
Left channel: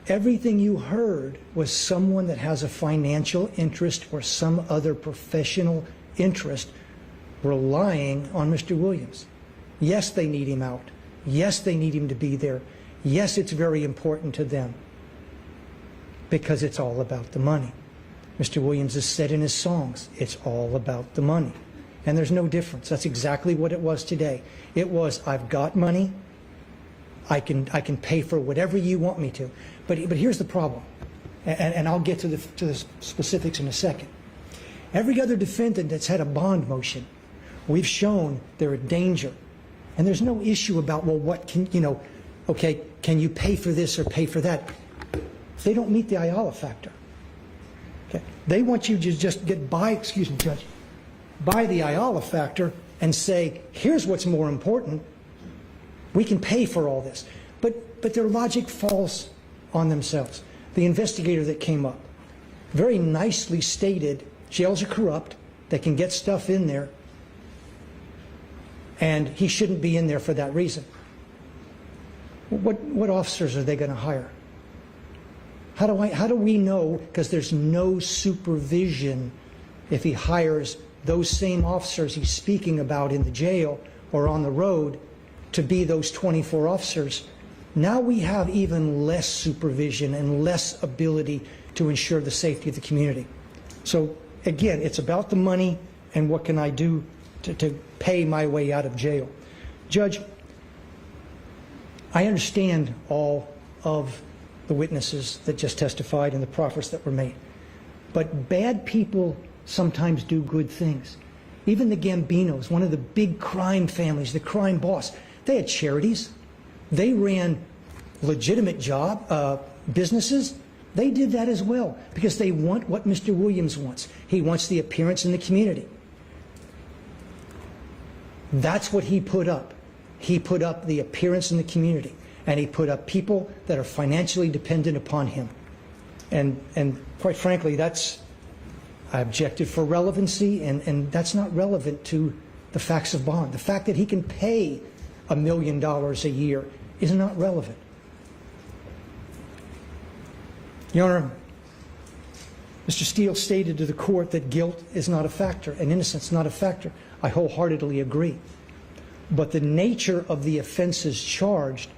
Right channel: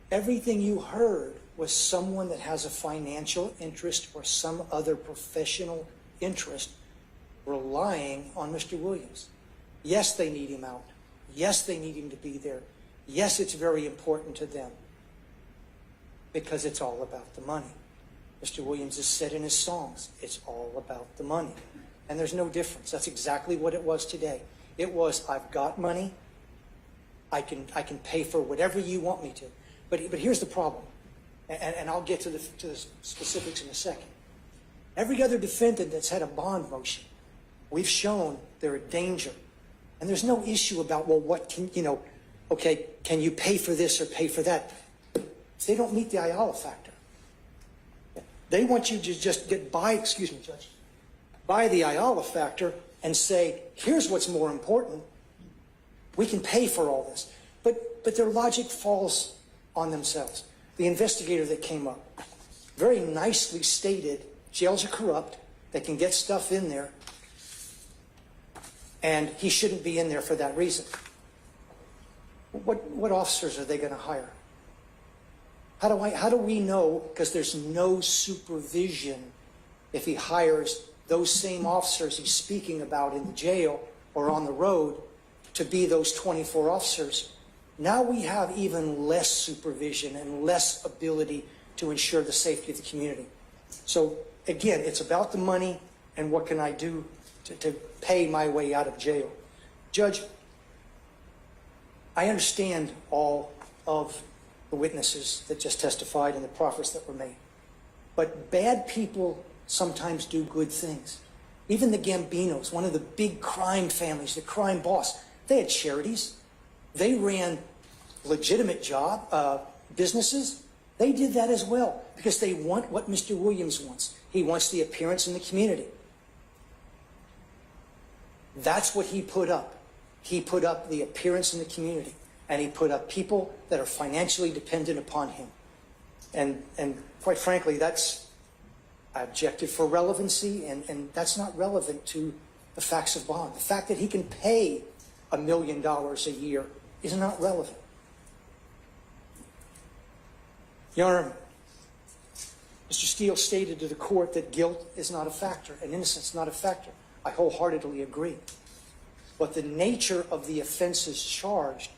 everything you heard was someone that has a financial interest or some other professional interest relying on Mr. Williams. Yes, they need him out. Yes, they need him to be there. Yes, it's very important to them because it's all about the money. Mr. Williams has said in his songs, it's all about the money. And there's no difference. That's exactly what it was today. It was, I've got money. I can pay for whatever you want me to. But here's the problem, and I'll get to the specifics in a second. Every other defendant that's had a bond motion, we've shown they're a danger. And there's no issue about, well, what can, okay, can you pay for this or pay for that? They don't meet the Ayala factor. Okay? They want you to just get by, excuse me, Judge, by the Ayala factor and say, here's what's more important. We can pay for all this. But their logic falls on themselves. The investigator that came up very nicely stated, jails are corrupt, they can get stuff in there, and he shouldn't be in there for that reason. What officers are they going to hire? How do we know? Because there's no supervision if he hires those same officers he's speaking about in the jail or on the road to be those 24 officers. Now we have even less supervision and less ability to ensure the safety of the community. So again, it's about the money and what can I do to pay my way out of jail. Judge, I understand all of the witnesses that just testified and the proffers that were made. But bad people sometimes do good things. Even the Gambinos, one of the big crime families, the crime boss, they had charities. They ran legitimate businesses. They did that as well because they want what Mr. Williams wants. He wants the appearance in the community. That's what he put up. He put up the appearance in the community, and he put up people that are financially dependent upon him. And quite frankly, I objected for relevancy, and that's not relevant to the facts of bond. The fact that he can pay $1 million a year is not relevant. Your Honor, Mr. Steele stated to the court that guilt is not a factor and innocence not a factor. I wholeheartedly agree. But the nature of the offenses charged,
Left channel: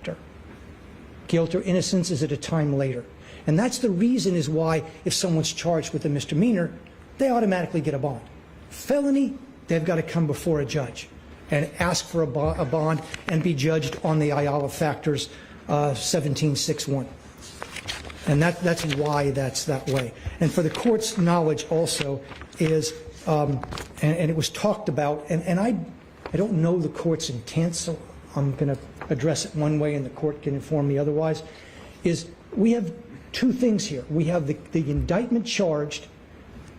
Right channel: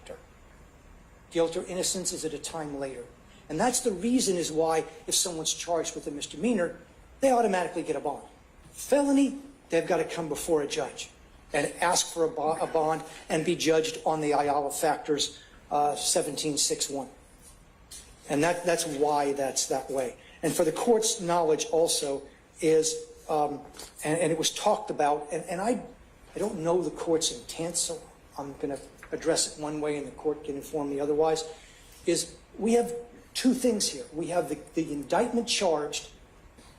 guilt or innocence, is at a time later. And that's the reason is why if someone's charged with a misdemeanor, they automatically get a bond. Felony, they've got to come before a judge and ask for a bond and be judged on the Ayala factors 1761. And that's why that's that way. And for the court's knowledge also is, and it was talked about, and I don't know the court's intent, so I'm going to address it one way and the court can inform me otherwise, is we have two things here. We have the indictment charged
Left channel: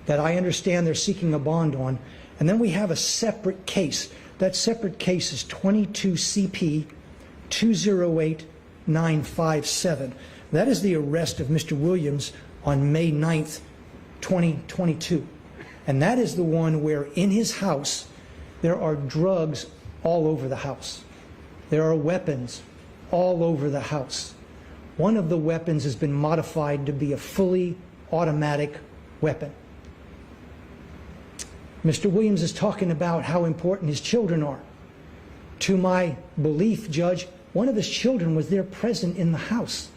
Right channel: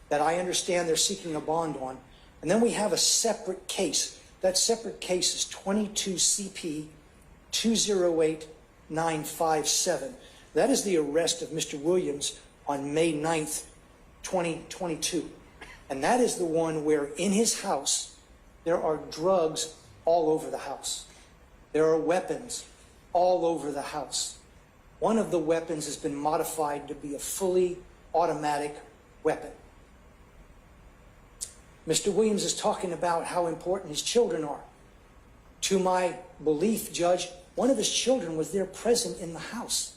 that I understand they're seeking a bond on, and then we have a separate case. That separate case is 22 CP 208957. That is the arrest of Mr. Williams on May 9th, 2022. And that is the one where in his house there are drugs all over the house. There are weapons all over the house. One of the weapons has been modified to be a fully automatic weapon. Mr. Williams is talking about how important his children are. To my belief, Judge, one of his children was there present in the house.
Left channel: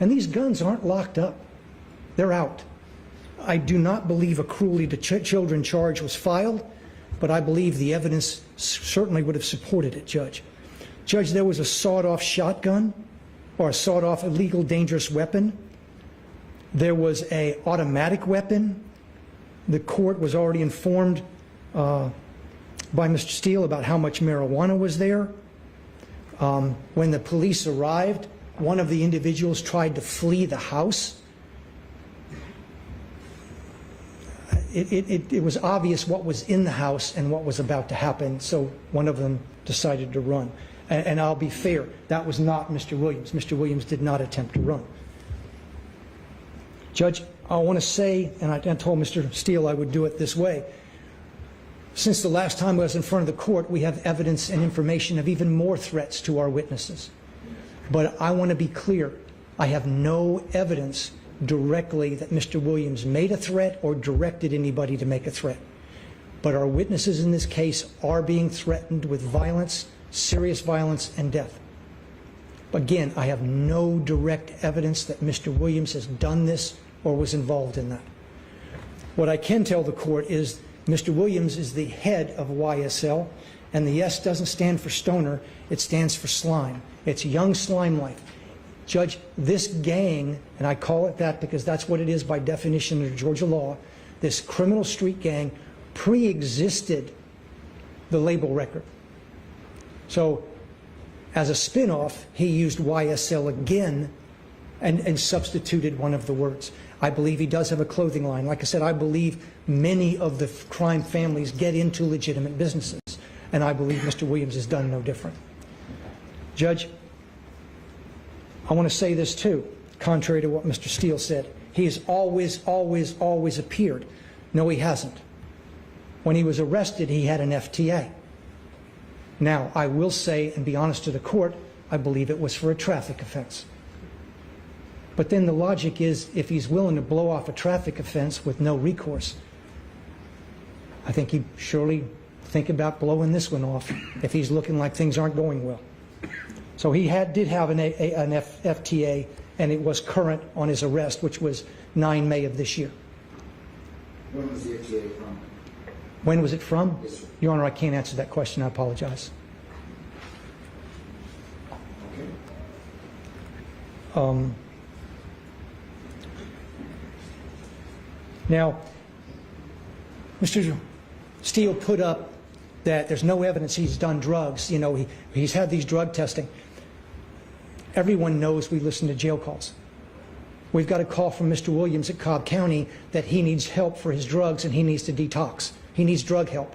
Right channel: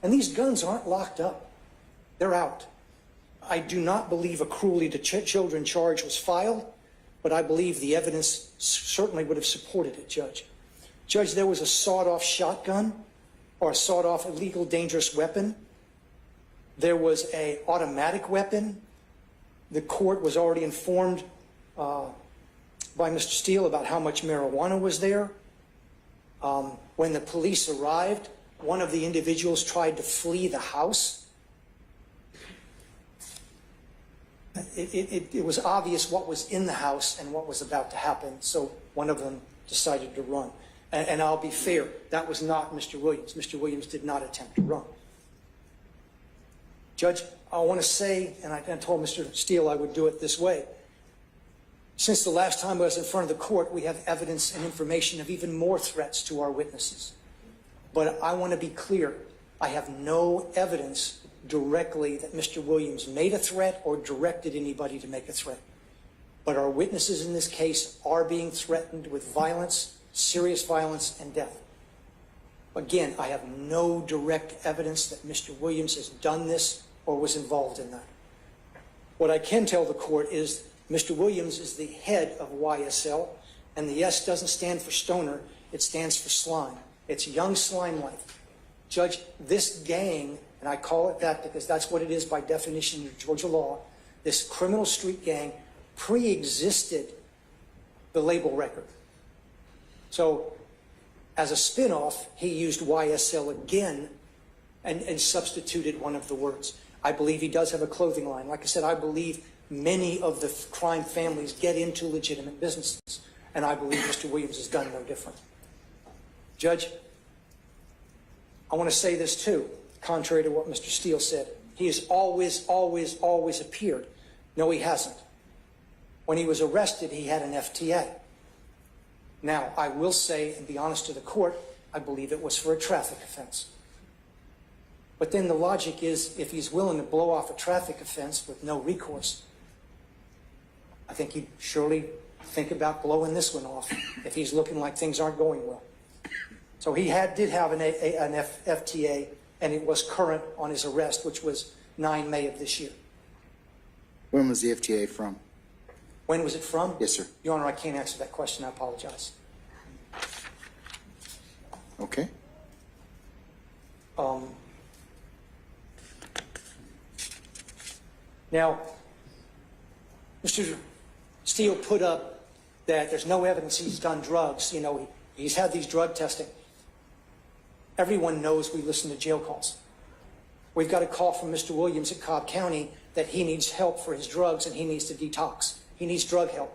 And these guns aren't locked up. They're out. I do not believe a cruelty to children charge was filed, but I believe the evidence certainly would have supported it, Judge. Judge, there was a sawed-off shotgun or a sawed-off illegal dangerous weapon. There was an automatic weapon. The court was already informed by Mr. Steele about how much marijuana was there. When the police arrived, one of the individuals tried to flee the house. It was obvious what was in the house and what was about to happen, so one of them decided to run. And I'll be fair, that was not Mr. Williams. Mr. Williams did not attempt to run. Judge, I want to say, and I told Mr. Steele I would do it this way, since the last time I was in front of the court, we have evidence and information of even more threats to our witnesses. But I want to be clear, I have no evidence directly that Mr. Williams made a threat or directed anybody to make a threat. But our witnesses in this case are being threatened with violence, serious violence, and death. Again, I have no direct evidence that Mr. Williams has done this or was involved in that. What I can tell the court is Mr. Williams is the head of YSL, and the S doesn't stand for stoner, it stands for slime. It's young slime life. Judge, this gang, and I call it that because that's what it is by definition under Georgia law, this criminal street gang pre-existed the label record. So as a spin-off, he used YSL again and substituted one of the words. I believe he does have a clothing line. Like I said, I believe many of the crime families get into legitimate businesses, and I believe Mr. Williams has done no different. Judge, I want to say this too, contrary to what Mr. Steele said. He has always, always, always appeared. No, he hasn't. When he was arrested, he had an FTA. Now, I will say, and be honest to the court, I believe it was for a traffic offense. But then the logic is, if he's willing to blow off a traffic offense with no recourse, I think he'd surely think about blowing this one off if he's looking like things aren't going well. So he did have an FTA, and it was current on his arrest, which was 9 May of this year. When was the FTA from? When was it from? Yes, sir. Your Honor, I can't answer that question. I apologize. Okay. Now, Mr. Steele put up that there's no evidence he's done drugs. You know, he's had these drug testing. Everyone knows we listen to jail calls. We've got a call from Mr. Williams at Cobb County that he needs help for his drugs and he needs to detox. He needs drug help.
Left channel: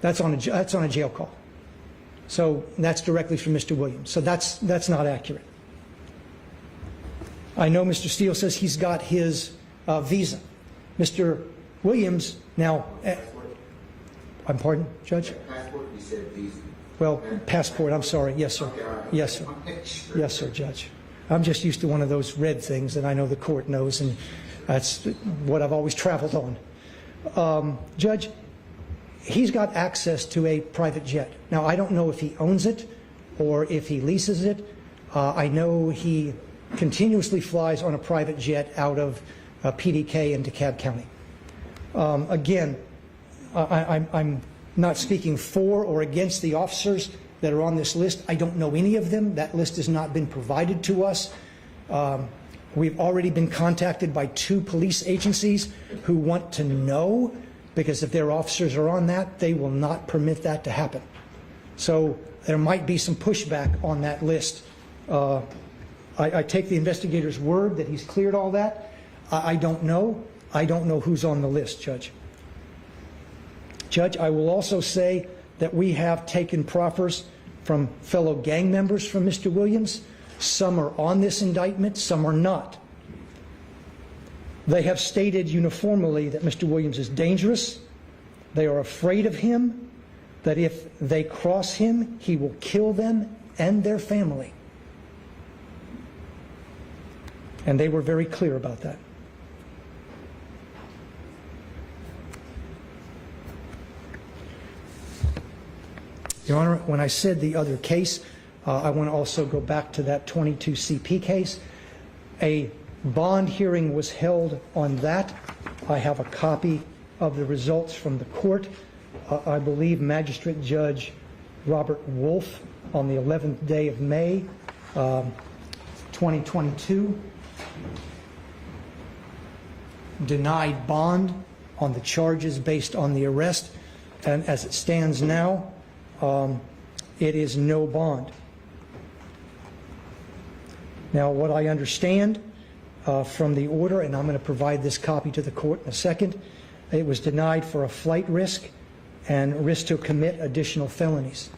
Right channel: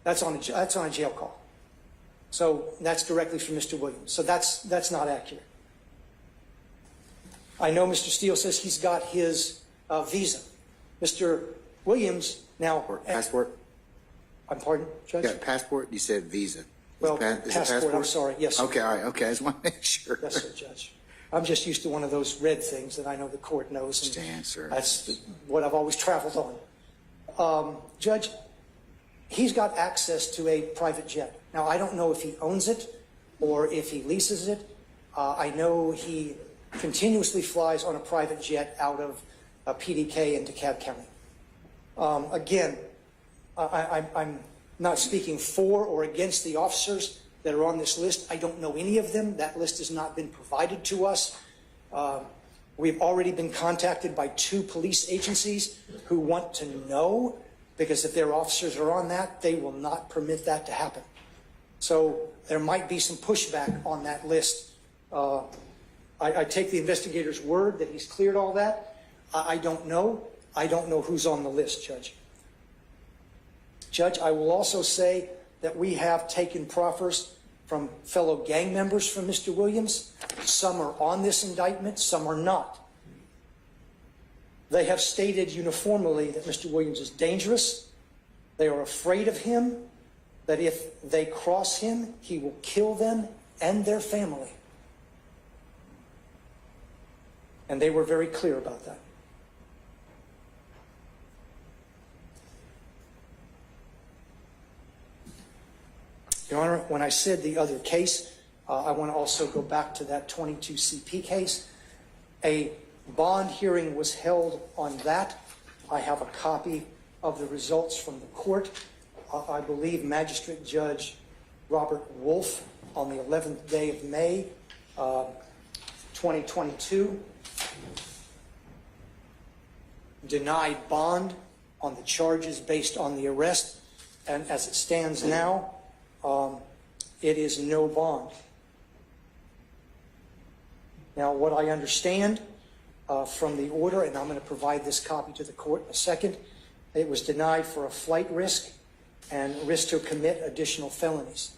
That's on a jail call. So that's directly from Mr. Williams. So that's not accurate. I know Mr. Steele says he's got his visa. Mr. Williams now... Passport? I'm pardon, Judge? Yeah, passport, you said visa. Well, passport, I'm sorry. Yes, sir. Okay, all right, okay, yes. I just want to make sure. Yes, sir, Judge. I'm just used to one of those red things that I know the court knows, and that's what I've always traveled on. Judge, he's got access to a private jet. Now, I don't know if he owns it or if he leases it. I know he continuously flies on a private jet out of PDK into DeKalb County. Again, I'm not speaking for or against the officers that are on this list. I don't know any of them. That list has not been provided to us. We've already been contacted by 2 police agencies who want to know, because if their officers are on that, they will not permit that to happen. So there might be some pushback on that list. I take the investigator's word that he's cleared all that. I don't know. I don't know who's on the list, Judge. Judge, I will also say that we have taken proffers from fellow gang members from Mr. Williams. Some are on this indictment, some are not. They have stated uniformly that Mr. Williams is dangerous. They are afraid of him, that if they cross him, he will kill them and their family. And they were very clear about that. Your Honor, when I said the other case, I want to also go back to that 22 CP case. A bond hearing was held on that. I have a copy of the results from the court. I believe Magistrate Judge Robert Wolf on the 11th day of May, 2022, denied bond on the charges based on the arrest. And as it stands now, it is no bond. Now, what I understand from the order, and I'm going to provide this copy to the court in a second, it was denied for a flight risk and risk to commit additional felonies.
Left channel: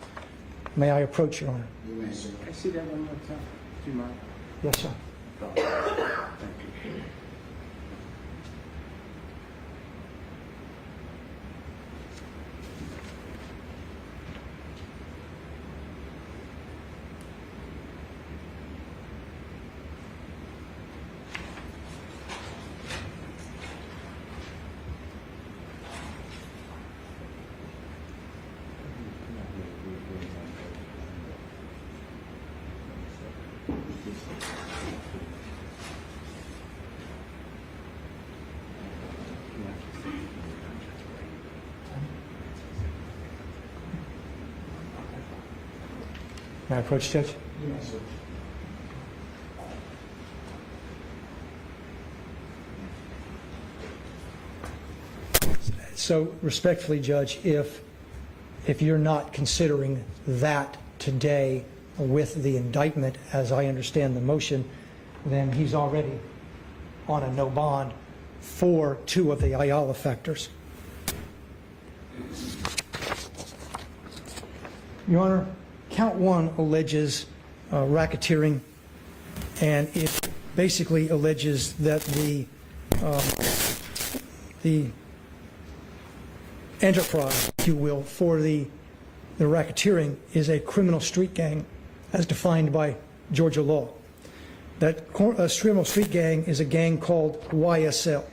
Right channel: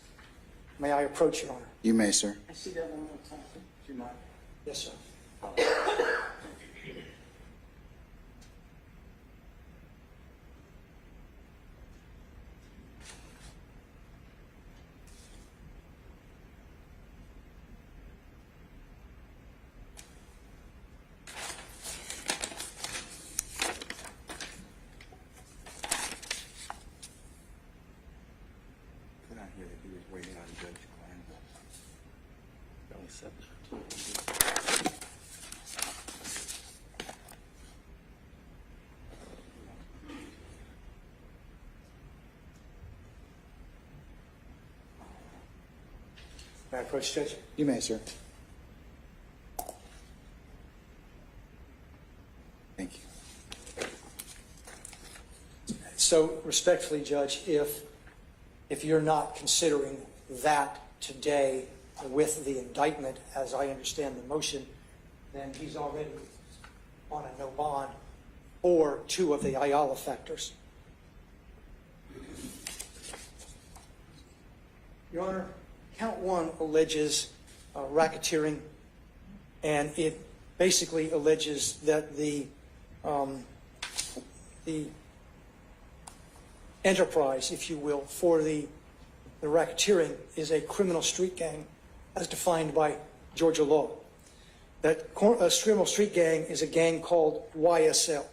May I approach, Your Honor? You may, sir. I see that one more time. Do you mind? Yes, sir. May I approach, Judge? You may, sir. Thank you. So, respectfully, Judge, if you're not considering that today with the indictment, as I understand the motion, then he's already on a no bond for 2 of the Ayala factors. Your Honor, count 1 alleges racketeering, and it basically alleges that the enterprise, if you will, for the racketeering is a criminal street gang as defined by Georgia law. That Scrimmel Street Gang is a gang called YSL.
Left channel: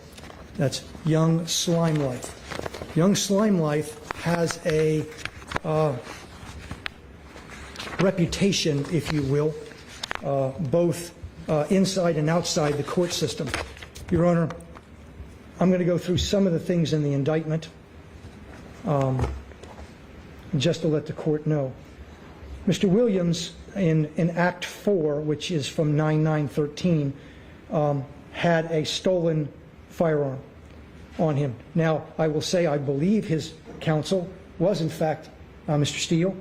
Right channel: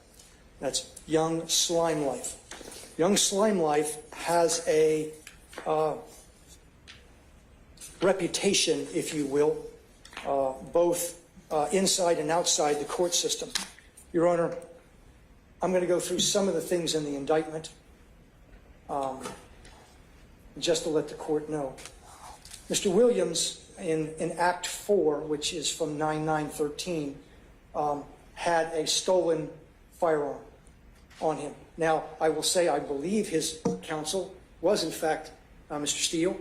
That's Young Slime Life. Young Slime Life has a reputation, if you will, both inside and outside the court system. Your Honor, I'm going to go through some of the things in the indictment just to let the court know. Mr. Williams, in Act 4, which is from 9/9/13, had a stolen firearm on him. Now, I will say I believe his counsel was, in fact, Mr. Steele,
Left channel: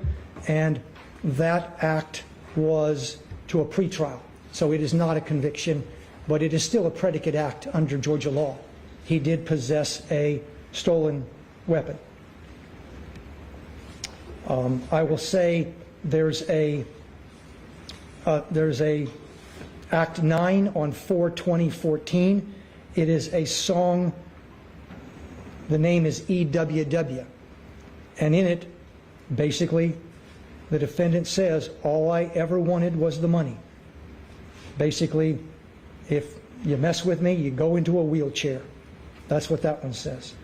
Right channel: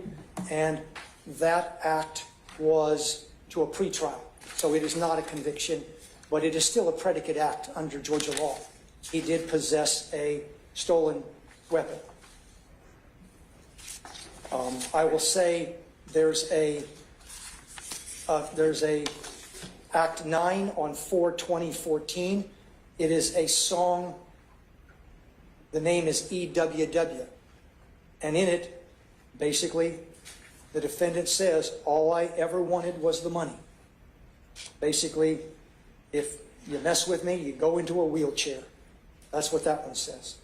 and that act was to a pretrial. So it is not a conviction, but it is still a predicate act under Georgia law. He did possess a stolen weapon. I will say there's a Act 9 on 4/20/14. It is a song. The name is EWW. And in it, basically, the defendant says, all I ever wanted was the money. Basically, if you mess with me, you go into a wheelchair. That's what that one says.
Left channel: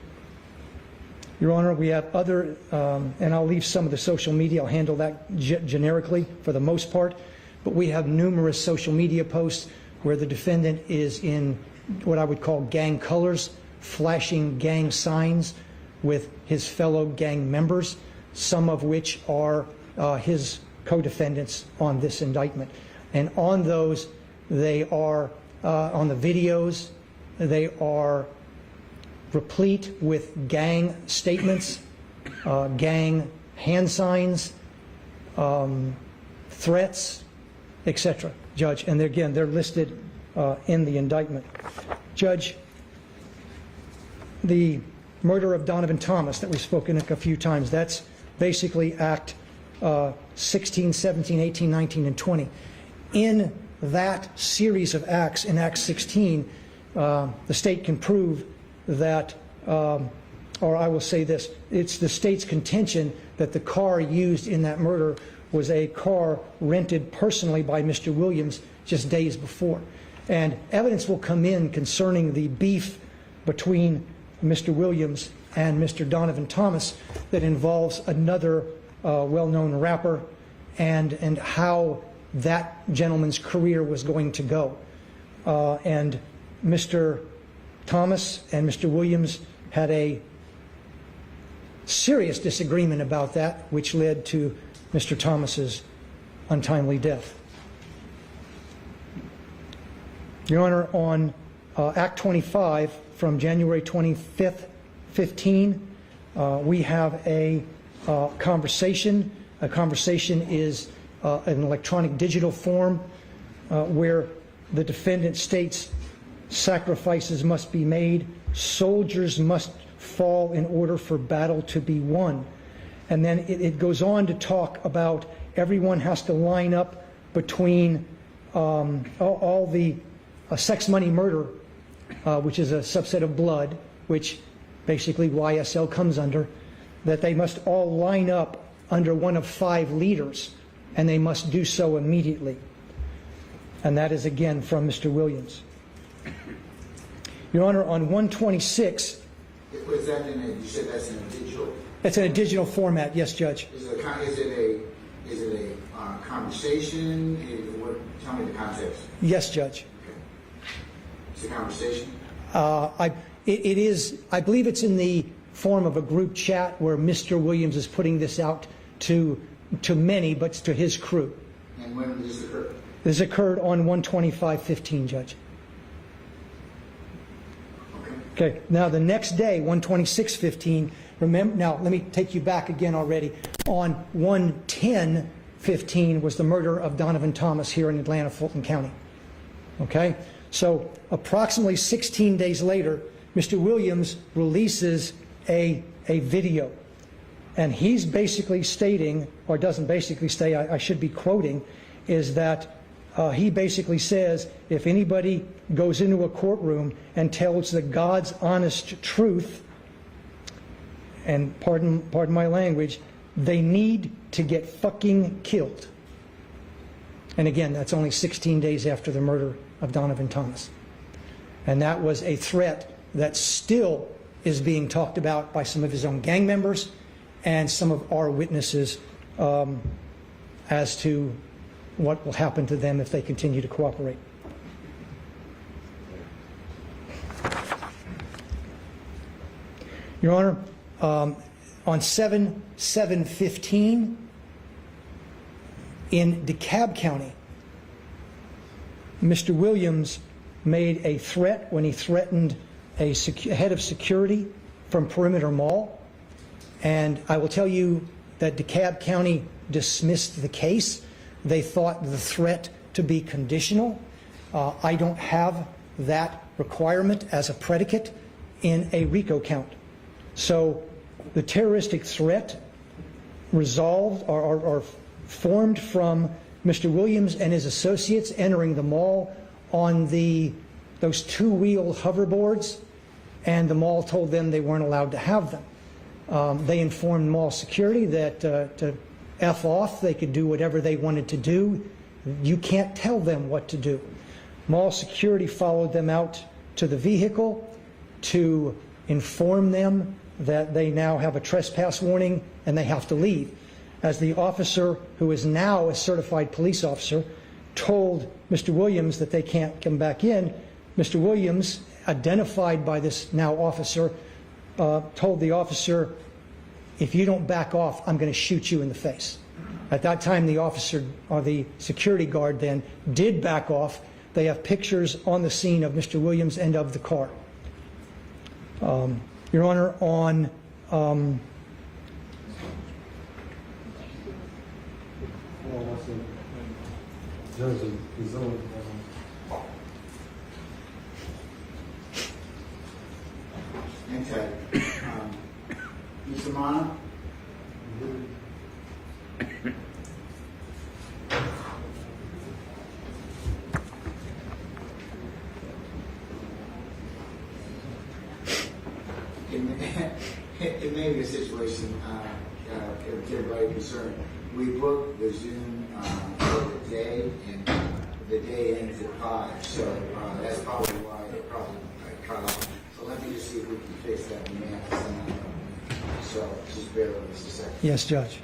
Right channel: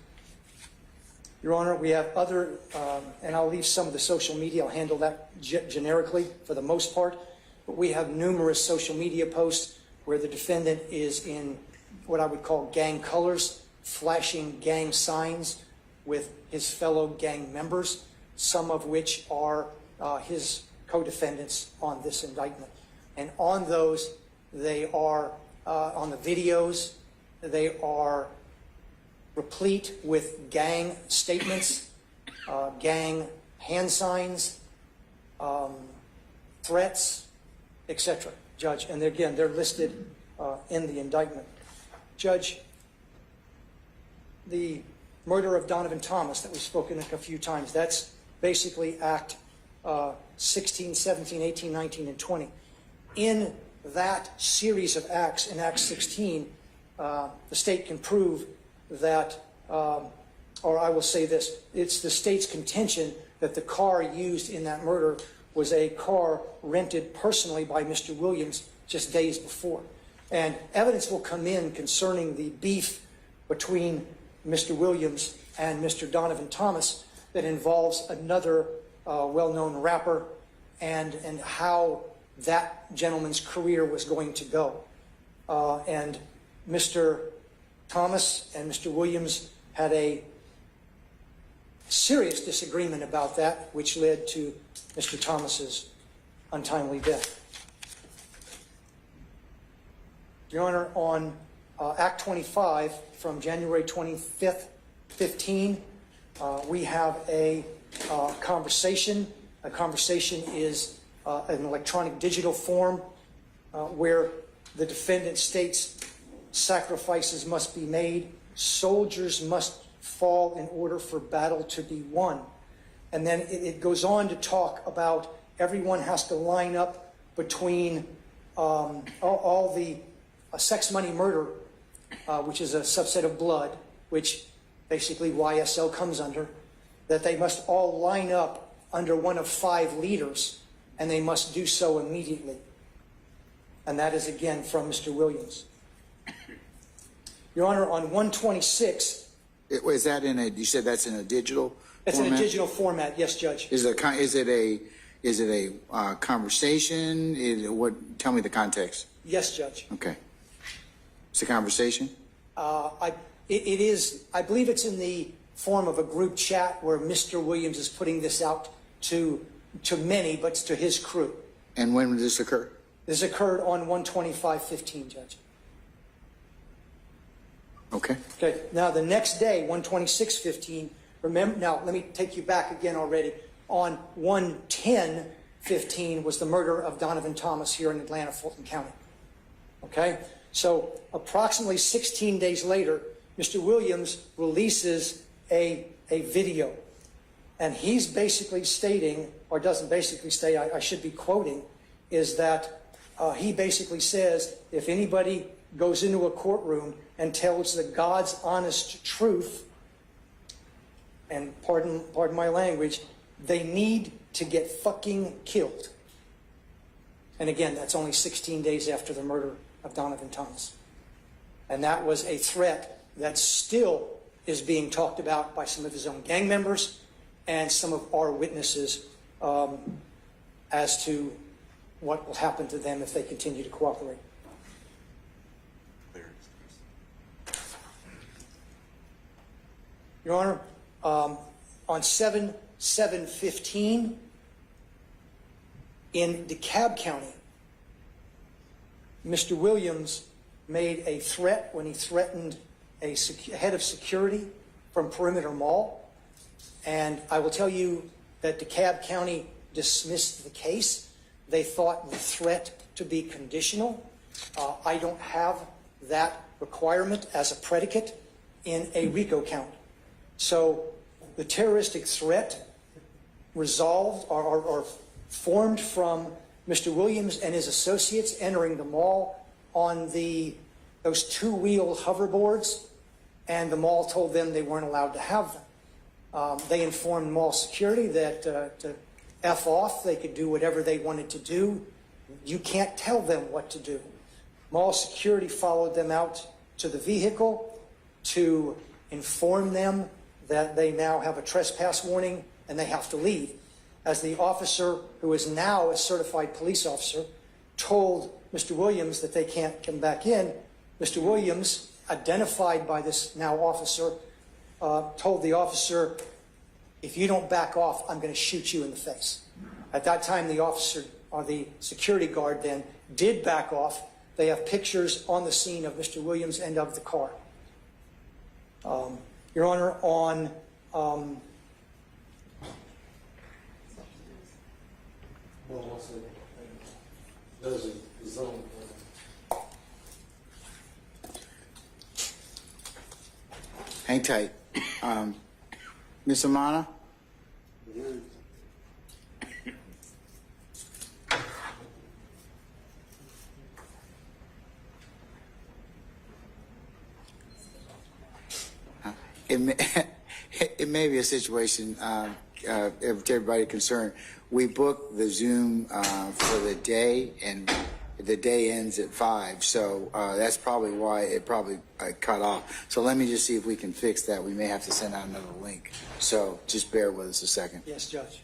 Your Honor, we have other, and I'll leave some of the social media, I'll handle that generically for the most part, but we have numerous social media posts where the defendant is in what I would call gang colors, flashing gang signs with his fellow gang members, some of which are his co-defendants on this indictment. And on those, they are, on the videos, they are replete with gang statements, gang hand signs, threats, etc. Judge, and again, they're listed in the indictment. Judge, the murder of Donovan Thomas that we've spoken a few times, that's basically Act 16, 17, 18, 19, and 20. In that series of acts, in Act 16, the state can prove that, or I will say this, it's the state's contention that the car used in that murder was a car rented personally by Mr. Williams just days before. And evidence will come in concerning the beef between Mr. Williams and Mr. Donovan Thomas that involves another well-known rapper and how that gentleman's career was going to go. And Mr. Thomas and Mr. Williams had a serious disagreement about that, which led to Mr. Thomas's untimely death. Your Honor, on Act 25 from January 25th, 15, we have a conversation. A conversation is an electronic digital form where the defendant states sacrifices must be made, soldiers must fall in order for battle to be won. And then it goes on to talk about everyone has to line up between all the sex, money, murder, which is a subset of blood, which basically YSL comes under, that they must all line up under one of 5 leaders, and they must do so immediately. And that is again from Mr. Williams. Your Honor, on 126... Is that in a, you said that's in a digital It's format? in a digital format, yes, Judge. Is it a conversation? Tell me the context. Yes, Judge. Okay. It's a conversation? It is, I believe it's in the form of a group chat where Mr. Williams is putting this out to many, but to his crew. And when did this occur? This occurred on 125/15, Judge. Okay. Okay. Now the next day, 126/15. Remember, now let me take you back again already. On 110/15 was the murder of Donovan Thomas here in Atlanta, Fulton County. Okay. So approximately 16 days later, Mr. Williams releases a video, and he's basically stating, or doesn't basically state, I should be quoting, is that he basically says if anybody goes into a courtroom and tells the God's honest truth, and pardon my language, they need to get fucking killed. And again, that's only 16 days after the murder of Donovan Thomas. And that was a threat that still is being talked about by some of his own gang members and some of our witnesses as to what will happen to them if they continue to cooperate. Your Honor, on 7/7/15 in DeKalb County, Mr. Williams made a threat when he threatened a head of security from Perimeter Mall. And I will tell you that DeKalb County dismissed the case. They thought the threat to be conditional. I don't have that requirement as a predicate in a RICO count. So the terroristic threat resolved or formed from Mr. Williams and his associates entering the mall on those two-wheel hoverboards, and the mall told them they weren't allowed to have them. They informed mall security that to F off, they could do whatever they wanted to do. You can't tell them what to do. Mall security followed them out to the vehicle to inform them that they now have a trespass warning and they have to leave. As the officer, who is now a certified police officer, told Mr. Williams that they can't come back in, Mr. Williams, identified by this now officer, told the officer, if you don't back off, I'm going to shoot you in the face. At that time, the officer, or the security guard then, did back off. They have pictures on the scene of Mr. Williams and of the car. Your Honor, on hang tight. Ms. Amana? It may be a situation, to everybody concerned. We booked the Zoom for the day, and the day ends at 5, so that's probably why it probably cut off. So let me just see if we can fix that. We may have to send out another link. So just bear with us a second. yes, Judge.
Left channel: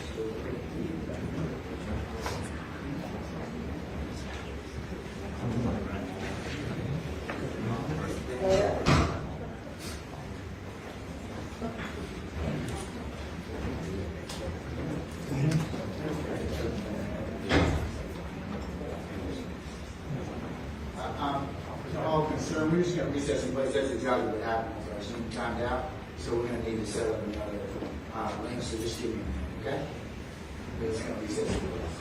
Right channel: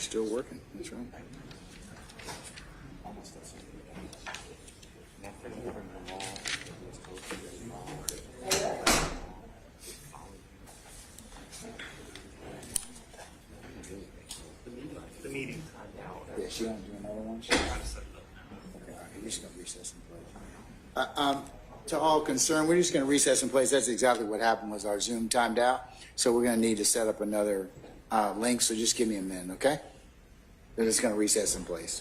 Still working. To all concerned, we're just going to recess in place. That's exactly what happened, was our Zoom timed out. So we're going to need to set up another link, so just give me a minute, okay? We're just going to recess in place.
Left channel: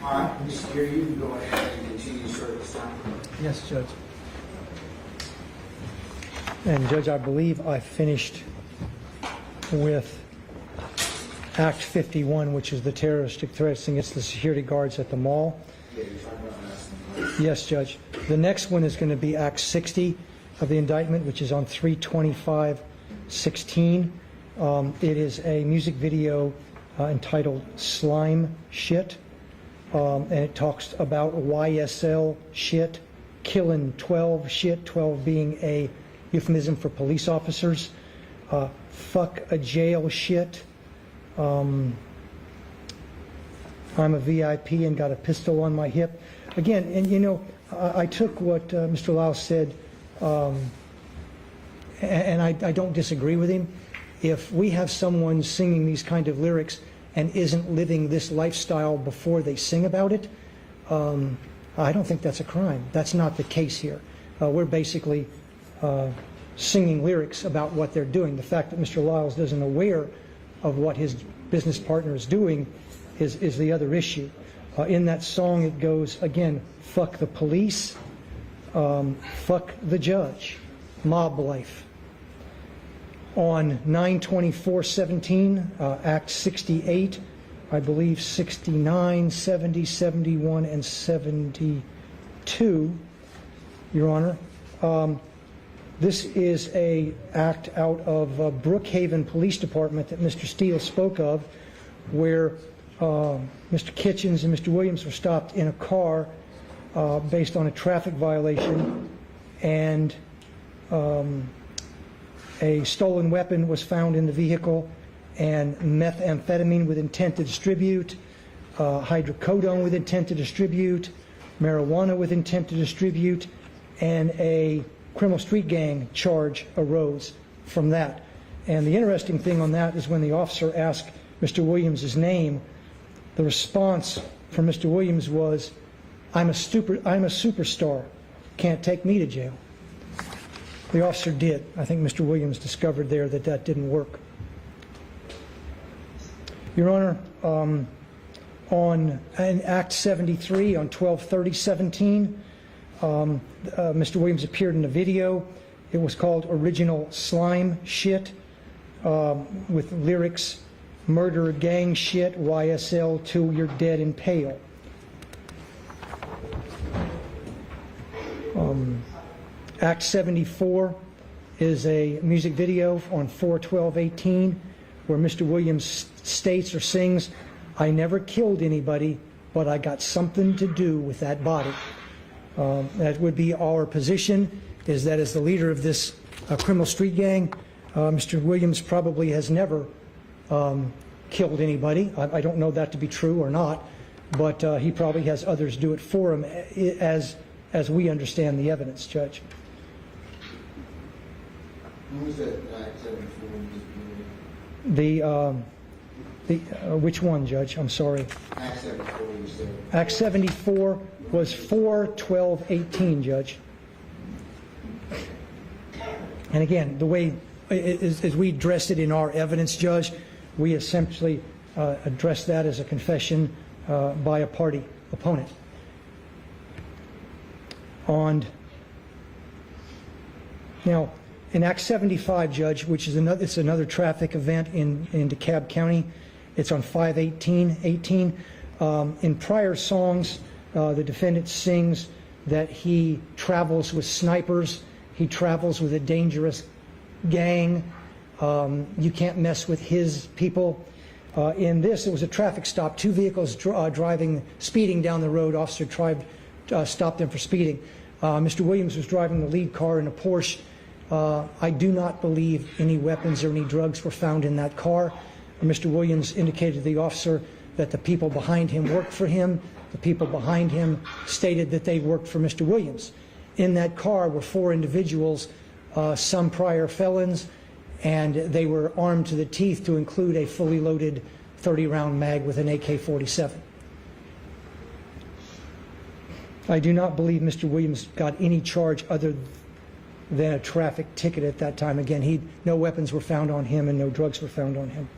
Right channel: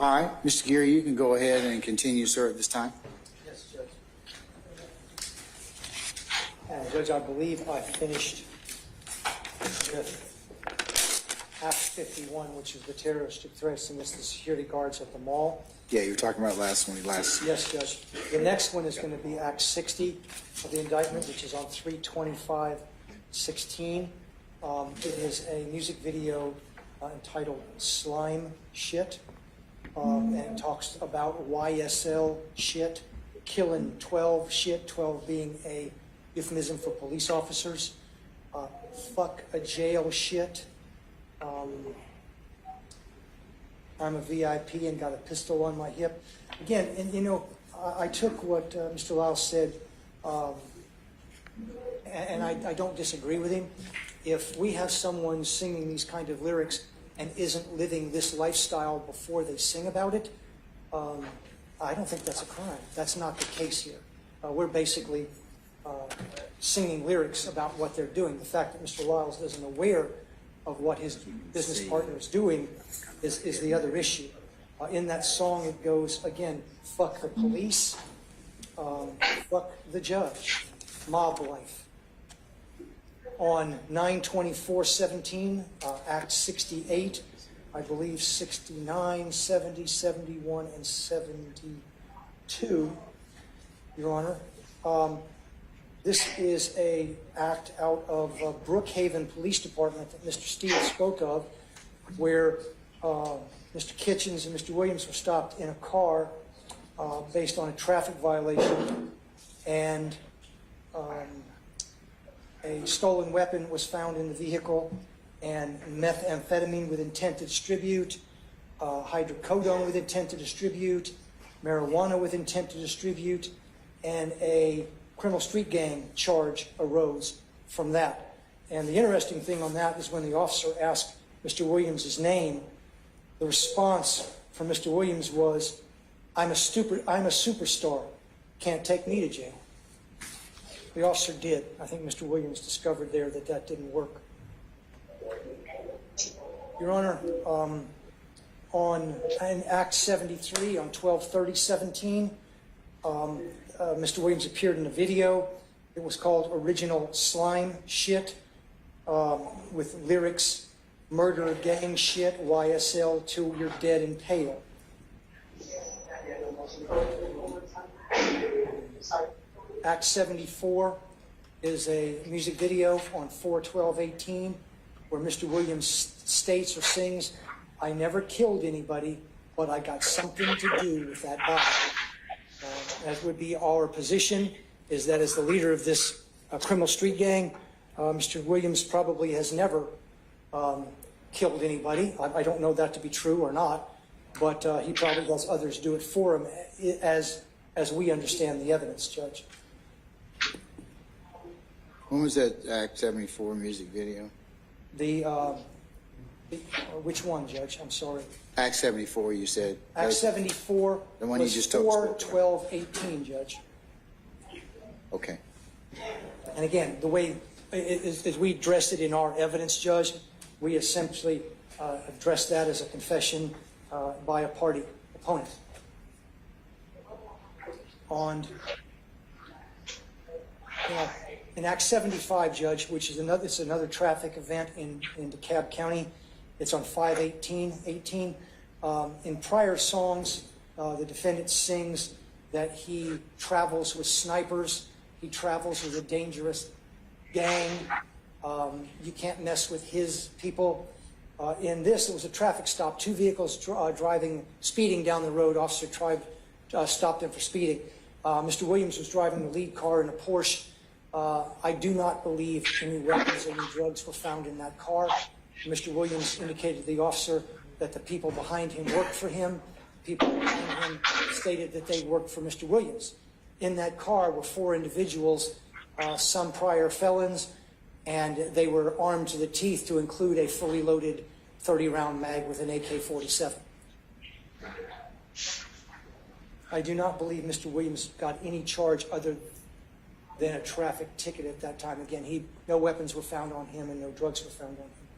All right, Mr. Geary, you can go ahead and continue, sir, at this time. Yes, Judge. And Judge, I believe I finished with Act 51, which is the terroristic threats against the security guards at the mall. Yeah, you were talking about last. Yes, Judge. The next one is going to be Act 60 of the indictment, which is on 3/25/16. It is a music video entitled Slime Shit, and it talks about YSL shit, killing 12 shit, 12 being a euphemism for police officers, fuck a jail shit, I'm a VIP and got a pistol on my hip. Again, and you know, I took what Mr. Lau said, and I don't disagree with him. If we have someone singing these kind of lyrics and isn't living this lifestyle before they sing about it, I don't think that's a crime. That's not the case here. We're basically singing lyrics about what they're doing. The fact that Mr. Lyles isn't aware of what his business partner is doing is the other issue. In that song it goes, again, fuck the police, fuck the judge, mob life. On 9/24/17, Act 68, I believe 69, 70, 71, and 72, Your Honor. This is a act out of Brookhaven Police Department that Mr. Steele spoke of, where Mr. Kitchens and Mr. Williams were stopped in a car based on a traffic violation, and a stolen weapon was found in the vehicle, and methamphetamine with intent to distribute, hydrocodone with intent to distribute, marijuana with intent to distribute, and a criminal street gang charge arose from that. And the interesting thing on that is when the officer asked Mr. Williams' name, the response from Mr. Williams was, I'm a superstar, can't take me to jail. The officer did. I think Mr. Williams discovered there that that didn't work. Your Honor, in Act 73, on 12/30/17, Mr. Williams appeared in a video. It was called Original Slime Shit, with lyrics, murder gang shit, YSL till you're dead and pale. Act 74 is a music video on 4/12/18 where Mr. Williams states or sings, I never killed anybody, but I got something to do with that body. That would be our position, is that as the leader of this criminal street gang, Mr. Williams probably has never killed anybody. I don't know that to be true or not, but he probably has others do it for him as we understand the evidence, Judge. When was that Act 74 music video? Which one, Judge? I'm sorry. Act 74, you said. Act 74 was just 4/12/18, Judge. Okay. And again, the way as we addressed it in our evidence, Judge, we essentially addressed that as a confession by a party opponent. In Act 75, Judge, which is another traffic event in DeKalb County, it's on 5/18/18. In prior songs, the defendant sings that he travels with snipers, he travels with a dangerous gang, you can't mess with his people. In this, it was a traffic stop, two vehicles speeding down the road. Officer stopped them for speeding. Mr. Williams was driving the lead car in a Porsche. I do not believe any weapons or any drugs were found in that car. And Mr. Williams indicated to the officer that the people behind him worked for him. The people behind him stated that they worked for Mr. Williams. In that car were 4 individuals, some prior felons, and they were armed to the teeth to include a fully loaded 30-round mag with an AK-47. I do not believe Mr. Williams got any charge other than a traffic ticket at that time. Again, no weapons were found on him and no drugs were found on him.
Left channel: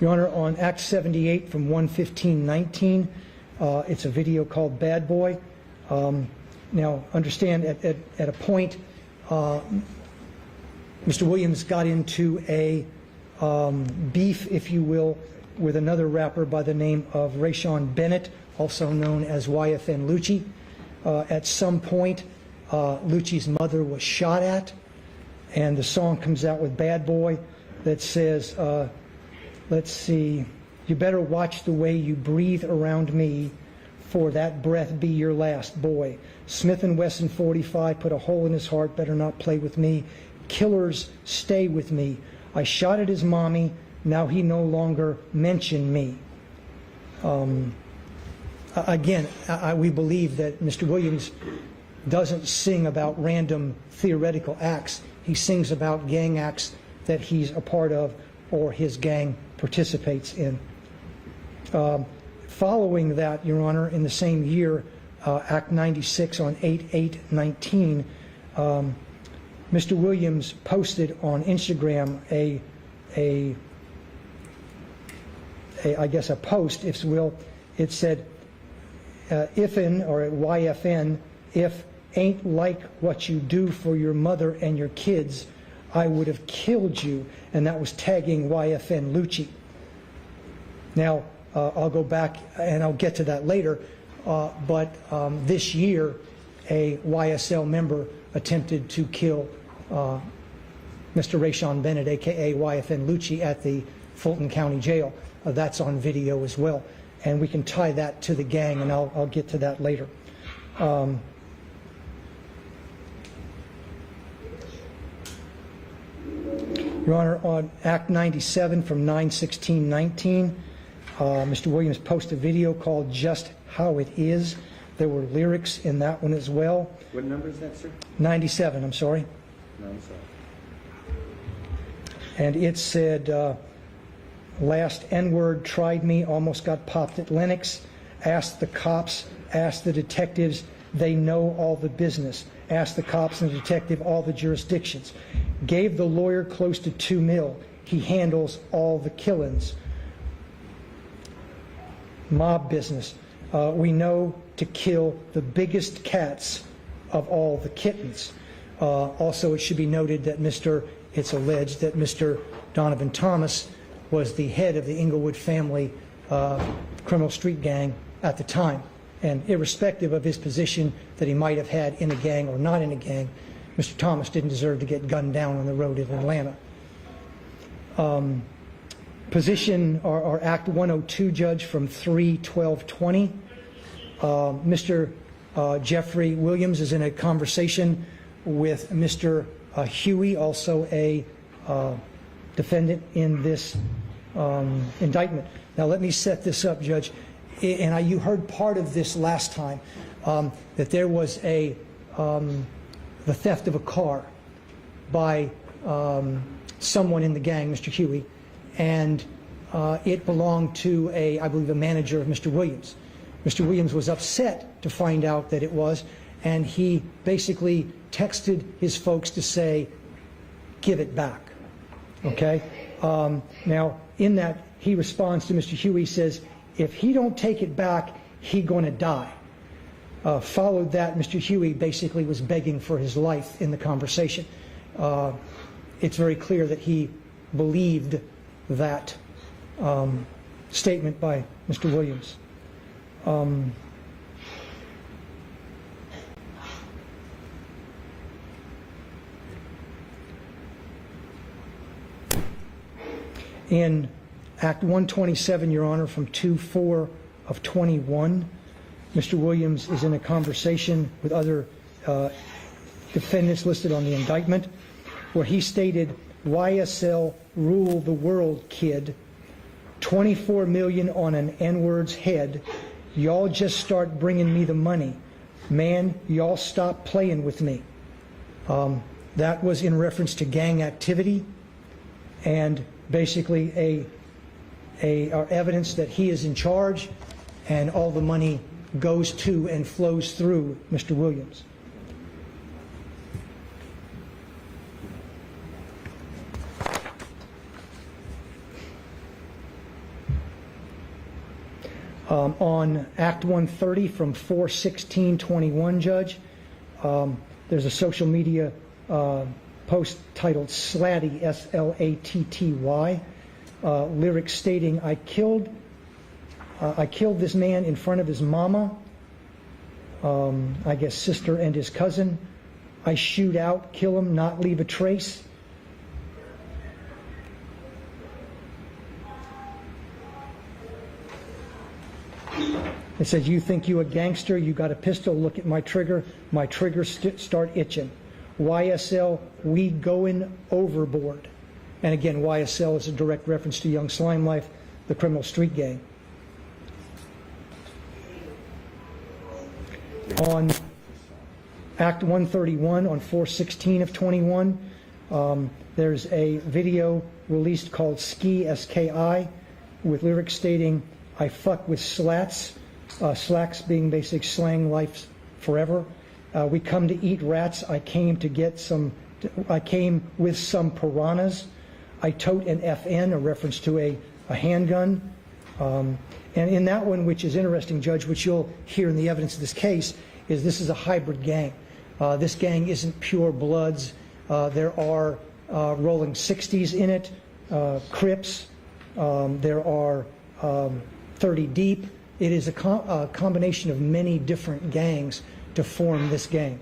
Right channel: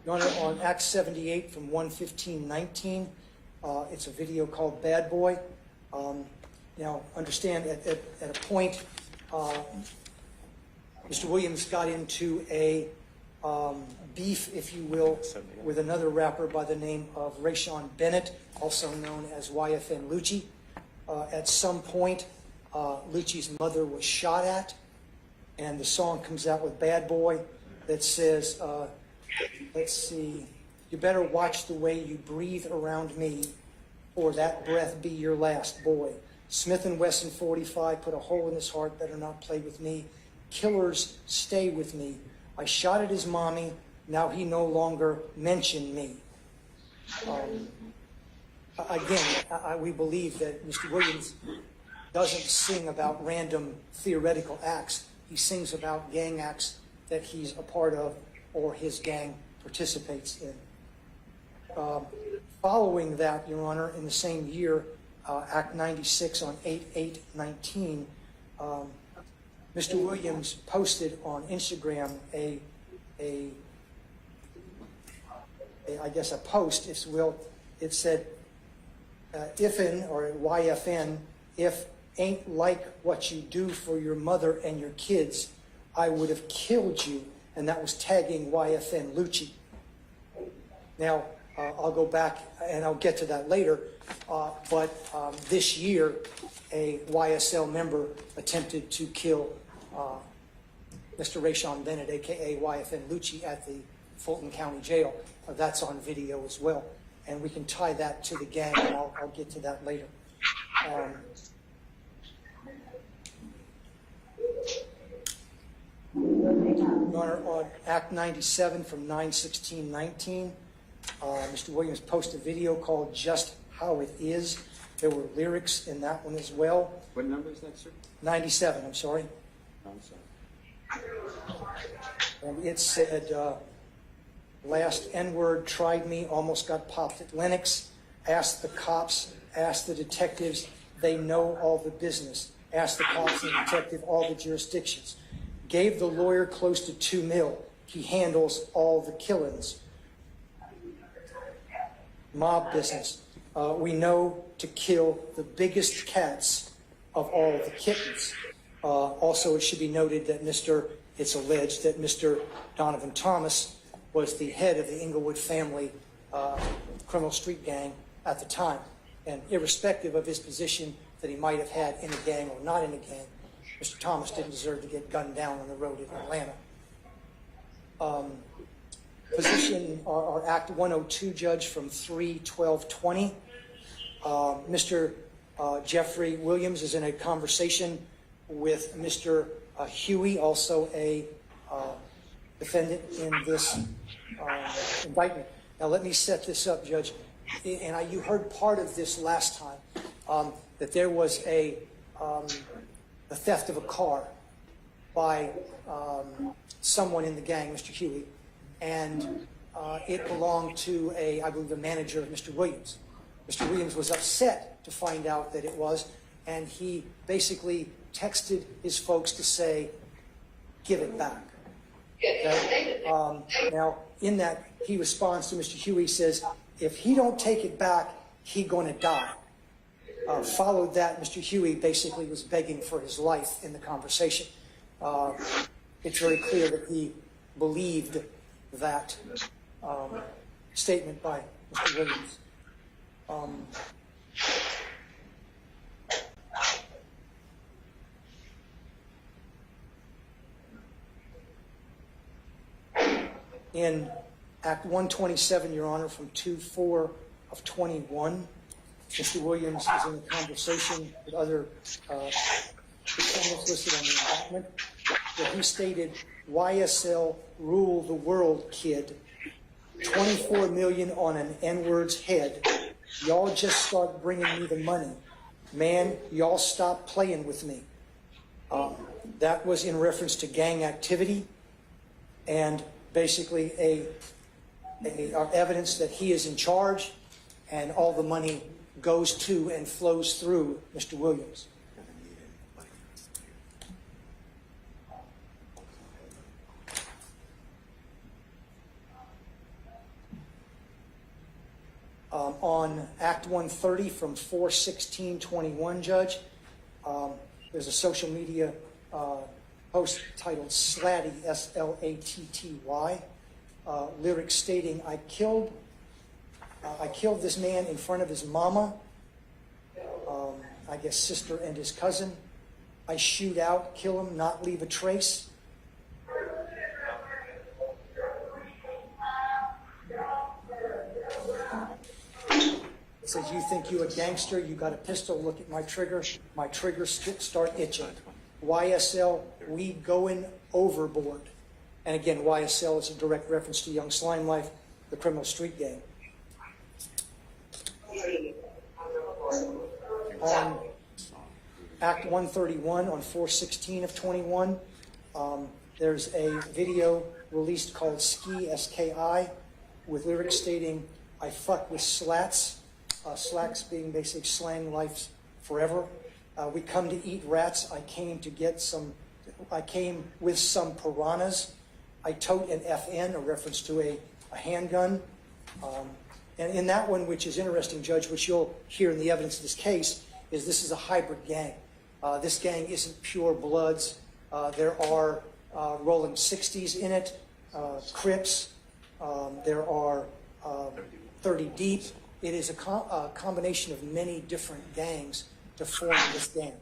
Your Honor, on Act 78 from 1/15/19, it's a video called Bad Boy. Now, understand, at a point, Mr. Williams got into a beef, if you will, with another rapper by the name of Rayshawn Bennett, also known as YFN Lucci. At some point, Lucci's mother was shot at, and the song comes out with Bad Boy that says, let's see, you better watch the way you breathe around me, for that breath be your last, boy. Smith & Wesson 45 put a hole in his heart, better not play with me. Killers, stay with me. I shot at his mommy, now he no longer mention me. Again, we believe that Mr. Williams doesn't sing about random theoretical acts. He sings about gang acts that he's a part of or his gang participates in. Following that, Your Honor, in the same year, Act 96 on 8/8/19, Mr. Williams posted on Instagram I guess a post, if you will. It said, ifn, or YFN, if ain't like what you do for your mother and your kids, I would have killed you. And that was tagging YFN Lucci. Now, I'll go back and I'll get to that later, but this year, a YSL member attempted to kill Mr. Rayshawn Bennett, aka YFN Lucci, at the Fulton County Jail. That's on video as well. And we can tie that to the gang, and I'll get to that later. Your Honor, on Act 97 from 9/16/19, Mr. Williams posted a video called Just How It Is. There were lyrics in that one as well. What number is that, sir? 97, I'm sorry. No, I'm sorry. And it said, last N-word tried me, almost got popped at Lenox. Asked the cops, asked the detectives, they know all the business. Asked the cops and the detective all the jurisdictions. Gave the lawyer close to $2 million. He handles all the killings. Mob business. We know to kill the biggest cats of all the kittens. Also, it should be noted that it's alleged that Mr. Donovan Thomas was the head of the Inglewood family criminal street gang at the time. And irrespective of his position that he might have had in a gang or not in a gang, Mr. Thomas didn't deserve to get gunned down on the road in Atlanta. Position, our Act 102 judge from 3/12/20. Mr. Jeffrey Williams is in a conversation with Mr. Huey, also a defendant in this indictment. Now let me set this up, Judge. And you heard part of this last time, that there was the theft of a car by someone in the gang, Mr. Huey, and it belonged to I believe, a manager of Mr. Williams. Mr. Williams was upset to find out that it was, and he basically texted his folks to say, give it back. Okay? Now, in that, he responds to Mr. Huey, says, if he don't take it back, he gonna die. Followed that, Mr. Huey basically was begging for his life in the conversation. It's very clear that he believed that statement by Mr. Williams. In Act 127, Your Honor, from 2/4/21, Mr. Williams is in a conversation with other defendants listed on the indictment, where he stated, YSL rule the world, kid. 24 million on an N-word's head. Y'all just start bringing me the money. Man, y'all stop playing with me. That was in reference to gang activity and basically evidence that he is in charge and all the money goes to and flows through Mr. Williams. On Act 130 from 4/16/21, Judge, there's a social media post titled Slatty, S-L-A-T-T-Y, lyrics stating, I killed this man in front of his mama, I guess sister and his cousin. I shoot out, kill him, not leave a trace. It says, you think you a gangster, you got a pistol, look at my trigger start itching. YSL, we going overboard. And again, YSL is a direct reference to Young Slime Life, the criminal street gang. On Act 131 on 4/16/21, there's a video released called Ski, S-K-I, with lyrics stating, I fuck with slats, slacks being basic slang, life's forever. We come to eat rats, I came with some piranhas. I tote an FN, a reference to a handgun. And in that one, which is interesting, Judge, which you'll hear in the evidence of this case, is this is a hybrid gang. This gang isn't pure bloods. There are rolling 60s in it, Crips, there are 30 deep. It is a combination of many different gangs to form this gang.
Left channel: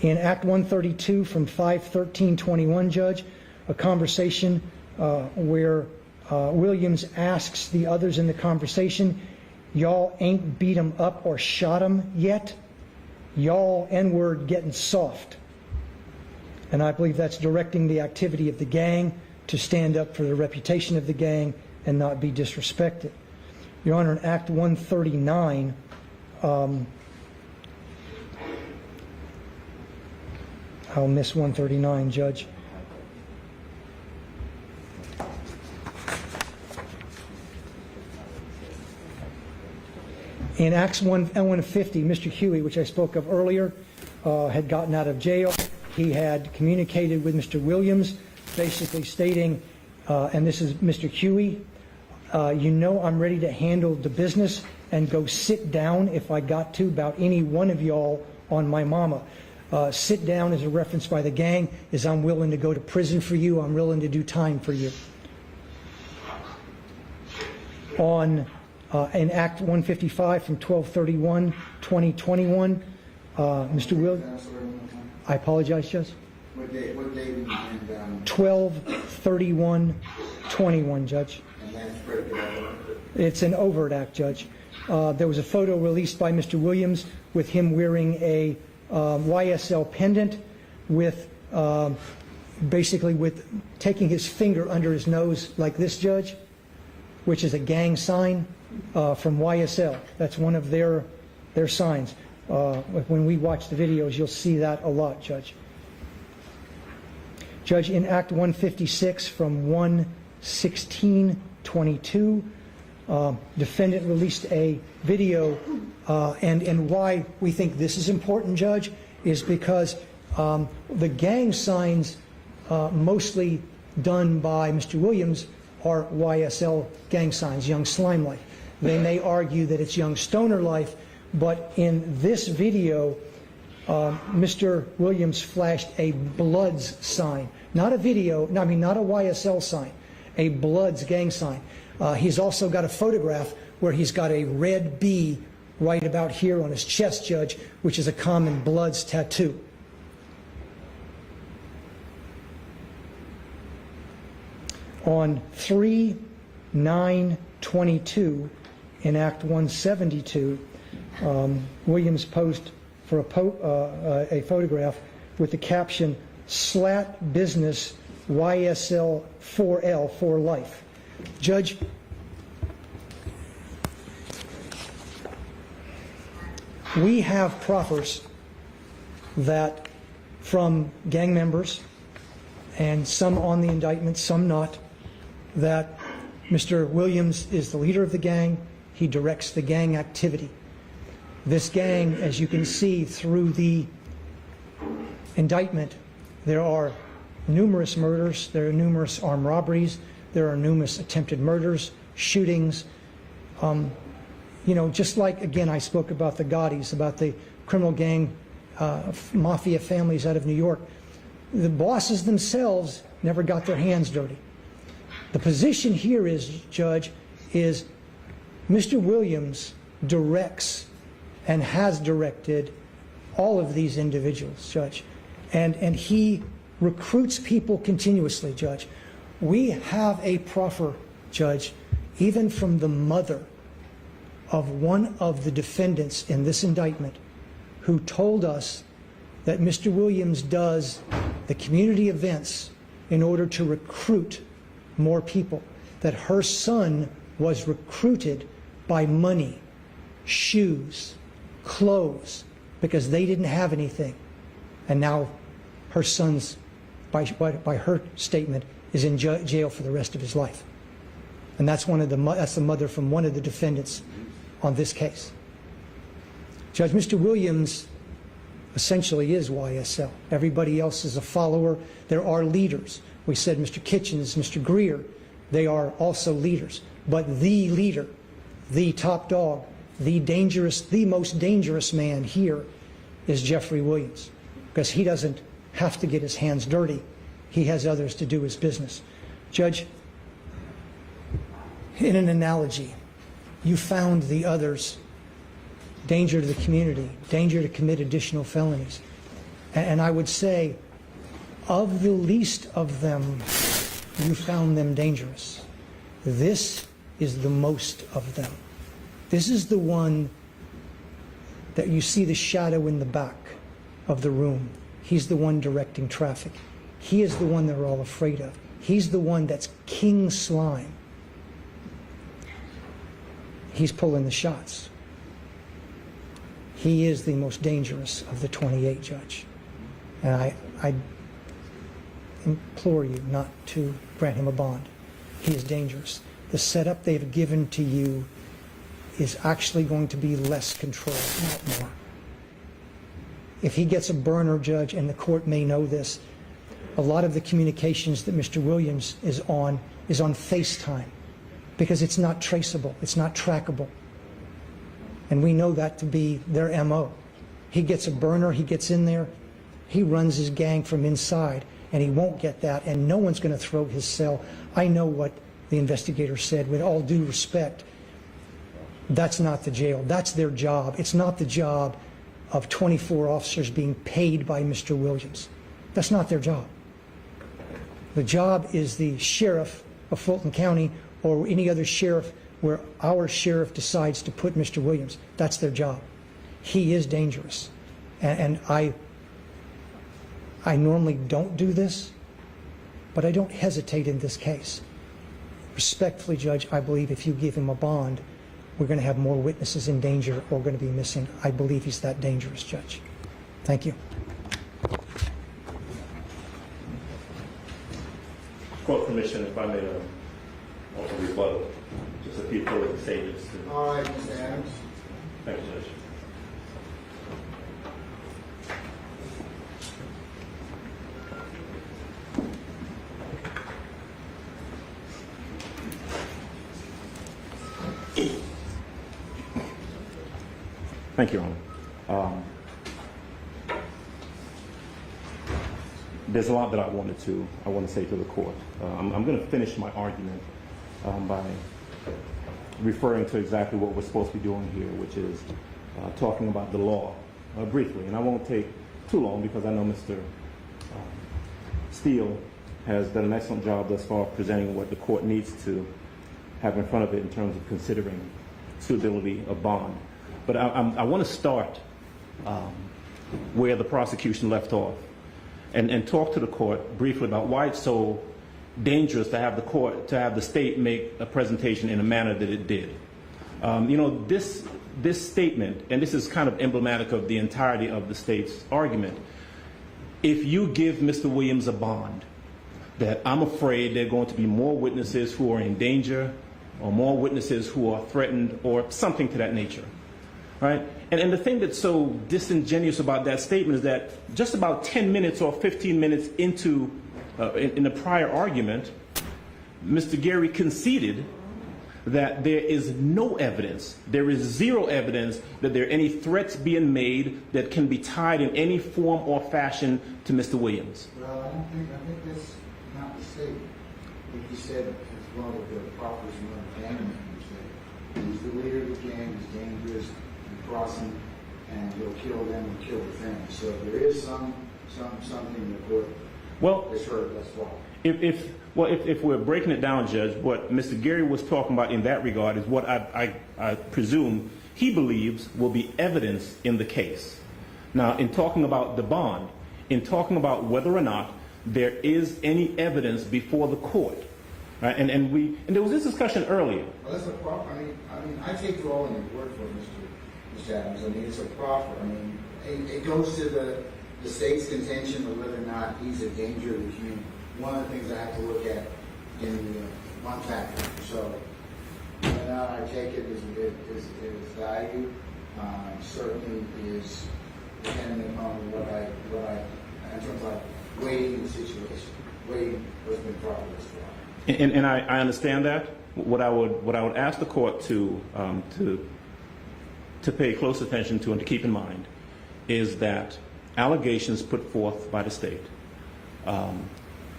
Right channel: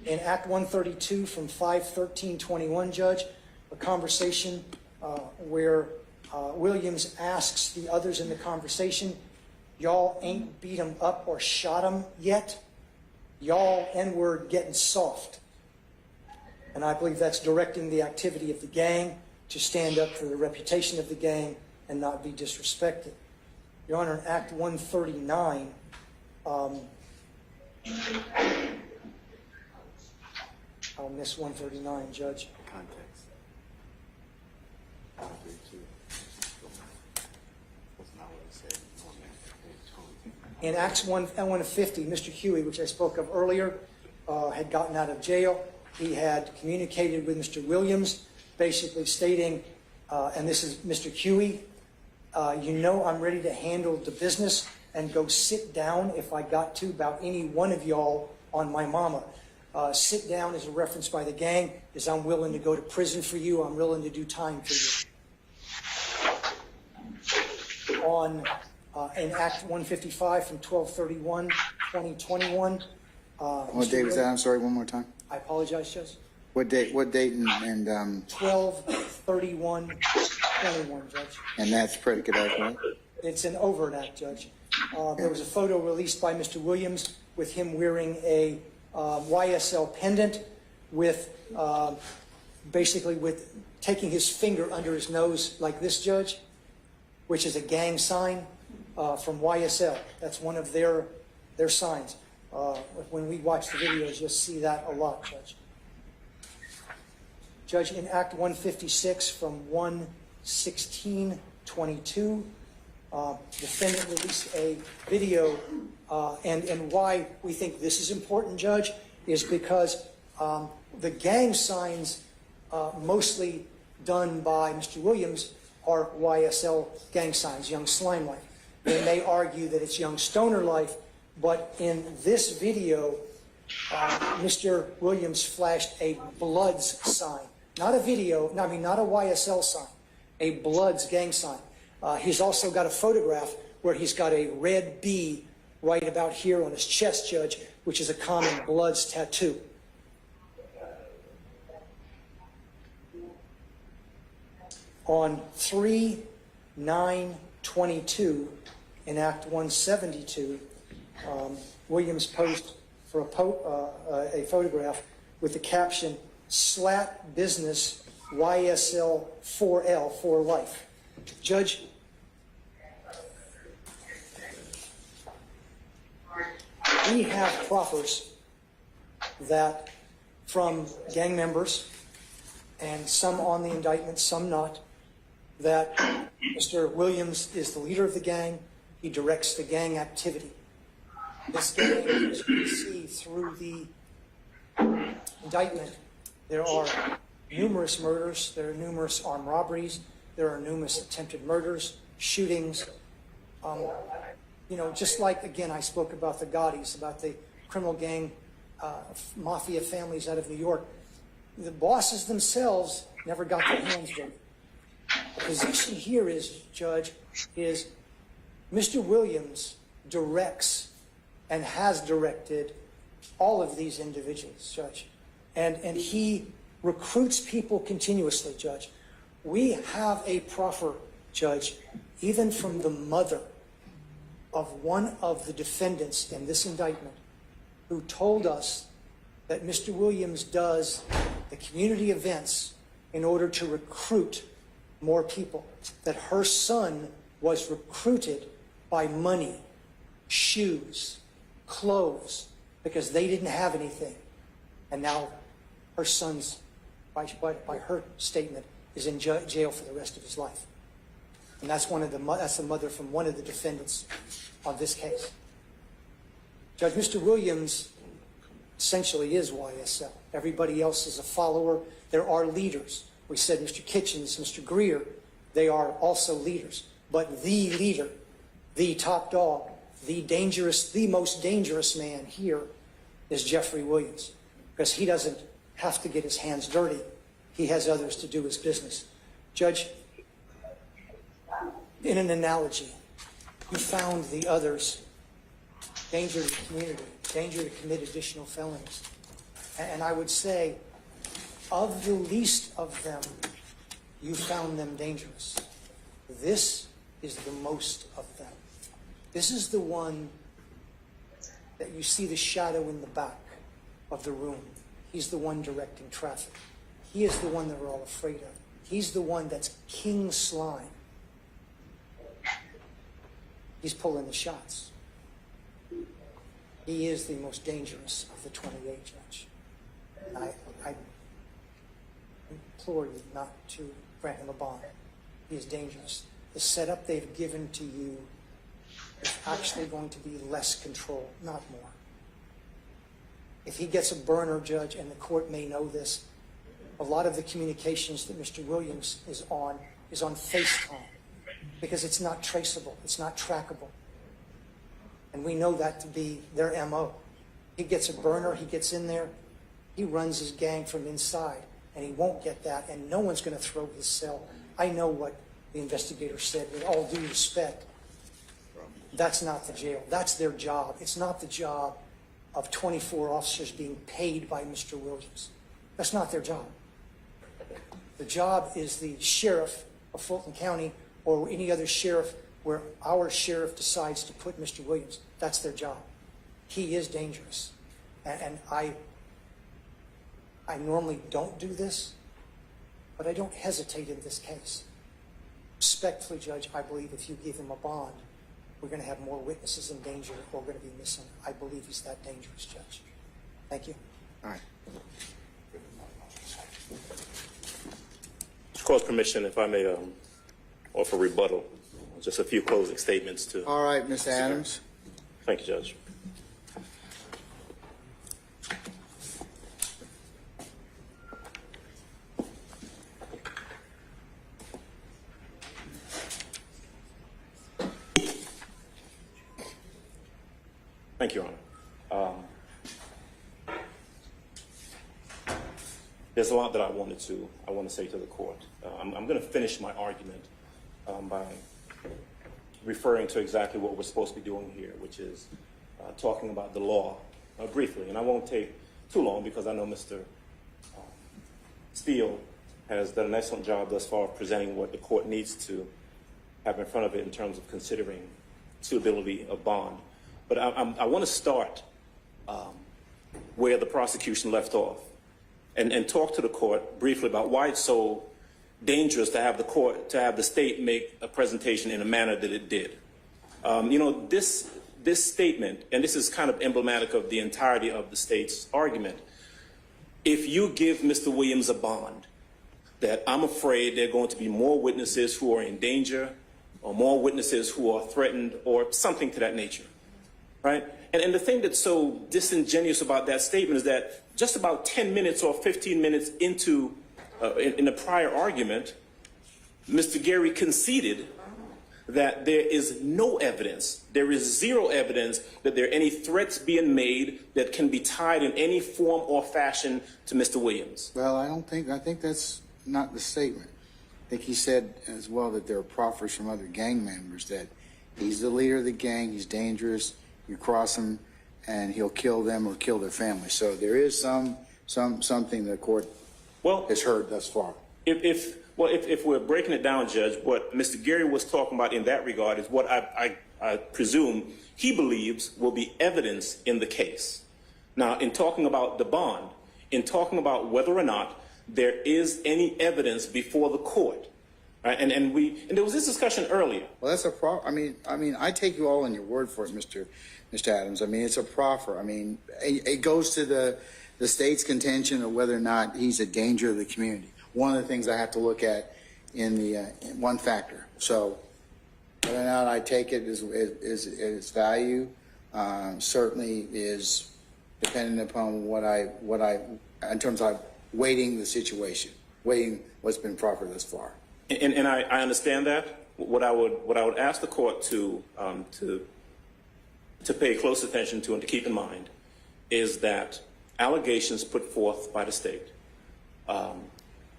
In Act 132 from 5/13/21, Judge, a conversation where Williams asks the others in the conversation, y'all ain't beat him up or shot him yet? Y'all N-word getting soft. And I believe that's directing the activity of the gang to stand up for the reputation of the gang and not be disrespected. Your Honor, in Act 139, I'll miss 139, Judge. In Acts 150, Mr. Huey, which I spoke of earlier, had gotten out of jail. He had communicated with Mr. Williams, basically stating, and this is Mr. Huey, you know I'm ready to handle the business and go sit down if I got to about any one of y'all on my mama. Sit down is a reference by the gang, is I'm willing to go to prison for you, I'm willing to do time for you. In Act 155 from 12/31/2021, What date was that? I'm sorry, one more time. I apologize, Judge. What date and 12/31/21, Judge. And that's predicate act, right? It's an overt act, Judge. There was a photo released by Mr. Williams with him wearing a YSL pendant with basically with taking his finger under his nose like this, Judge, which is a gang sign from YSL. That's one of their signs. When we watch the videos, you'll see that a lot, Judge. Judge, in Act 156 from 1/16/22, defendant released a video, and why we think this is important, Judge, is because the gang signs mostly done by Mr. Williams are YSL gang signs, Young Slime Life. They may argue that it's Young Stoner Life, but in this video, Mr. Williams flashed a Bloods sign. Not a YSL sign, a Bloods gang sign. He's also got a photograph where he's got a red B right about here on his chest, Judge, which is a common Bloods tattoo. On 3/9/22 in Act 172, Williams posed for a photograph with the caption, Slat Business YSL 4L for Life. Judge, we have proffers that from gang members, and some on the indictment, some not, that Mr. Williams is the leader of the gang. He directs the gang activity. This gang, as you can see through the indictment, there are numerous murders, there are numerous armed robberies, there are numerous attempted murders, shootings. You know, just like, again, I spoke about the Gaudis, about the criminal gang, mafia families out of New York. The bosses themselves never got their hands dirty. The position here is, Judge, is Mr. Williams directs and has directed all of these individuals, Judge. And he recruits people continuously, Judge. We have a proffer, Judge, even from the mother of one of the defendants in this indictment, who told us that Mr. Williams does the community events in order to recruit more people, that her son was recruited by money, shoes, clothes, because they didn't have anything. And now her son's, by her statement, is in jail for the rest of his life. And that's that's the mother from one of the defendants on this case. Judge, Mr. Williams essentially is YSL. Everybody else is a follower. There are leaders. We said Mr. Kitchens, Mr. Greer, they are also leaders. But the leader, the top dog, the most dangerous man here is Jeffrey Williams, because he doesn't have to get his hands dirty. He has others to do his business. Judge, in an analogy, you found the others danger to the community, danger to commit additional felonies. And I would say, of the least of them, you found them dangerous. This is the most of them. This is the one that you see the shadow in the back of the room. He's the one directing traffic. He is the one they're all afraid of. He's the one that's king slime. He's pulling the shots. He is the most dangerous of the 28, Judge. And I implore you not to grant him a bond. He is dangerous. The setup they've given to you is actually going to be less control, not more. If he gets a burner, Judge, and the court may know this, a lot of the communications that Mr. Williams is on FaceTime, because it's not traceable, it's not trackable. And we know that to be their MO. He gets a burner, he gets in there, he runs his gang from inside, and he won't get that, and no one's going to throw his cell. I know what the investigator said, with all due respect. That's not the jail, that's their job. It's not the job of 24 officers being paid by Mr. Williams. That's not their job. The job is the sheriff of Fulton County or any other sheriff where our sheriff decides to put Mr. Williams. That's their job. He is dangerous. And I normally don't do this, but I don't hesitate in this case. Respectfully, Judge, I believe if you give him a bond, we're going to have more witnesses in danger or going to be missing. I believe he's that dangerous, Judge. Thank you. Court permission, if I may offer rebuttal, just a few closing statements to. All right, Mr. Adams. Thank you, Judge. Thank you, Your Honor. There's a lot that I want to say to the court. I'm going to finish my argument by referring to exactly what we're supposed to be doing here, which is talking about the law briefly. And I won't take too long because I know Mr. Steele has done an excellent job thus far of presenting what the court needs to have in front of it in terms of considering suitability of bond. But I want to start where the prosecution left off and talk to the court briefly about why it's so dangerous to have the state make a presentation in a manner that it did. This statement, and this is kind of emblematic of the entirety of the state's argument. If you give Mr. Williams a bond, that I'm afraid there are going to be more witnesses who are in danger, or more witnesses who are threatened, or something to that nature. Right? And the thing that's so disingenuous about that statement is that just about 10 minutes or 15 minutes into, in a prior argument, Mr. Gary conceded that there is no evidence, there is zero evidence that there are any threats being made that can be tied in any form or fashion to Mr. Williams. Well, I think that's not the statement. I think he said as well that there are proffers from other gang members that he's the leader of the gang, he's dangerous, you cross him, and he'll kill them or kill their family. So there is something the court has heard thus far. If we're breaking it down, Judge, what Mr. Gary was talking about in that regard is what I presume he believes will be evidence in the case. Now, in talking about the bond, in talking about whether or not there is any evidence before the court, right? And there was this discussion earlier. Well, that's a proffer. I mean, I take you all in your word for it, Mr. Adams. I mean, it's a proffer. I mean, it goes to the state's contention of whether or not he's a danger to the community. One of the things I have to look at in the one factor. So, whether or not I take it as its value certainly is dependent upon what I in terms of weighting the situation, weighing what's been proffered thus far. And I understand that. What I would ask the court to pay close attention to and to keep in mind is that allegations put forth by the state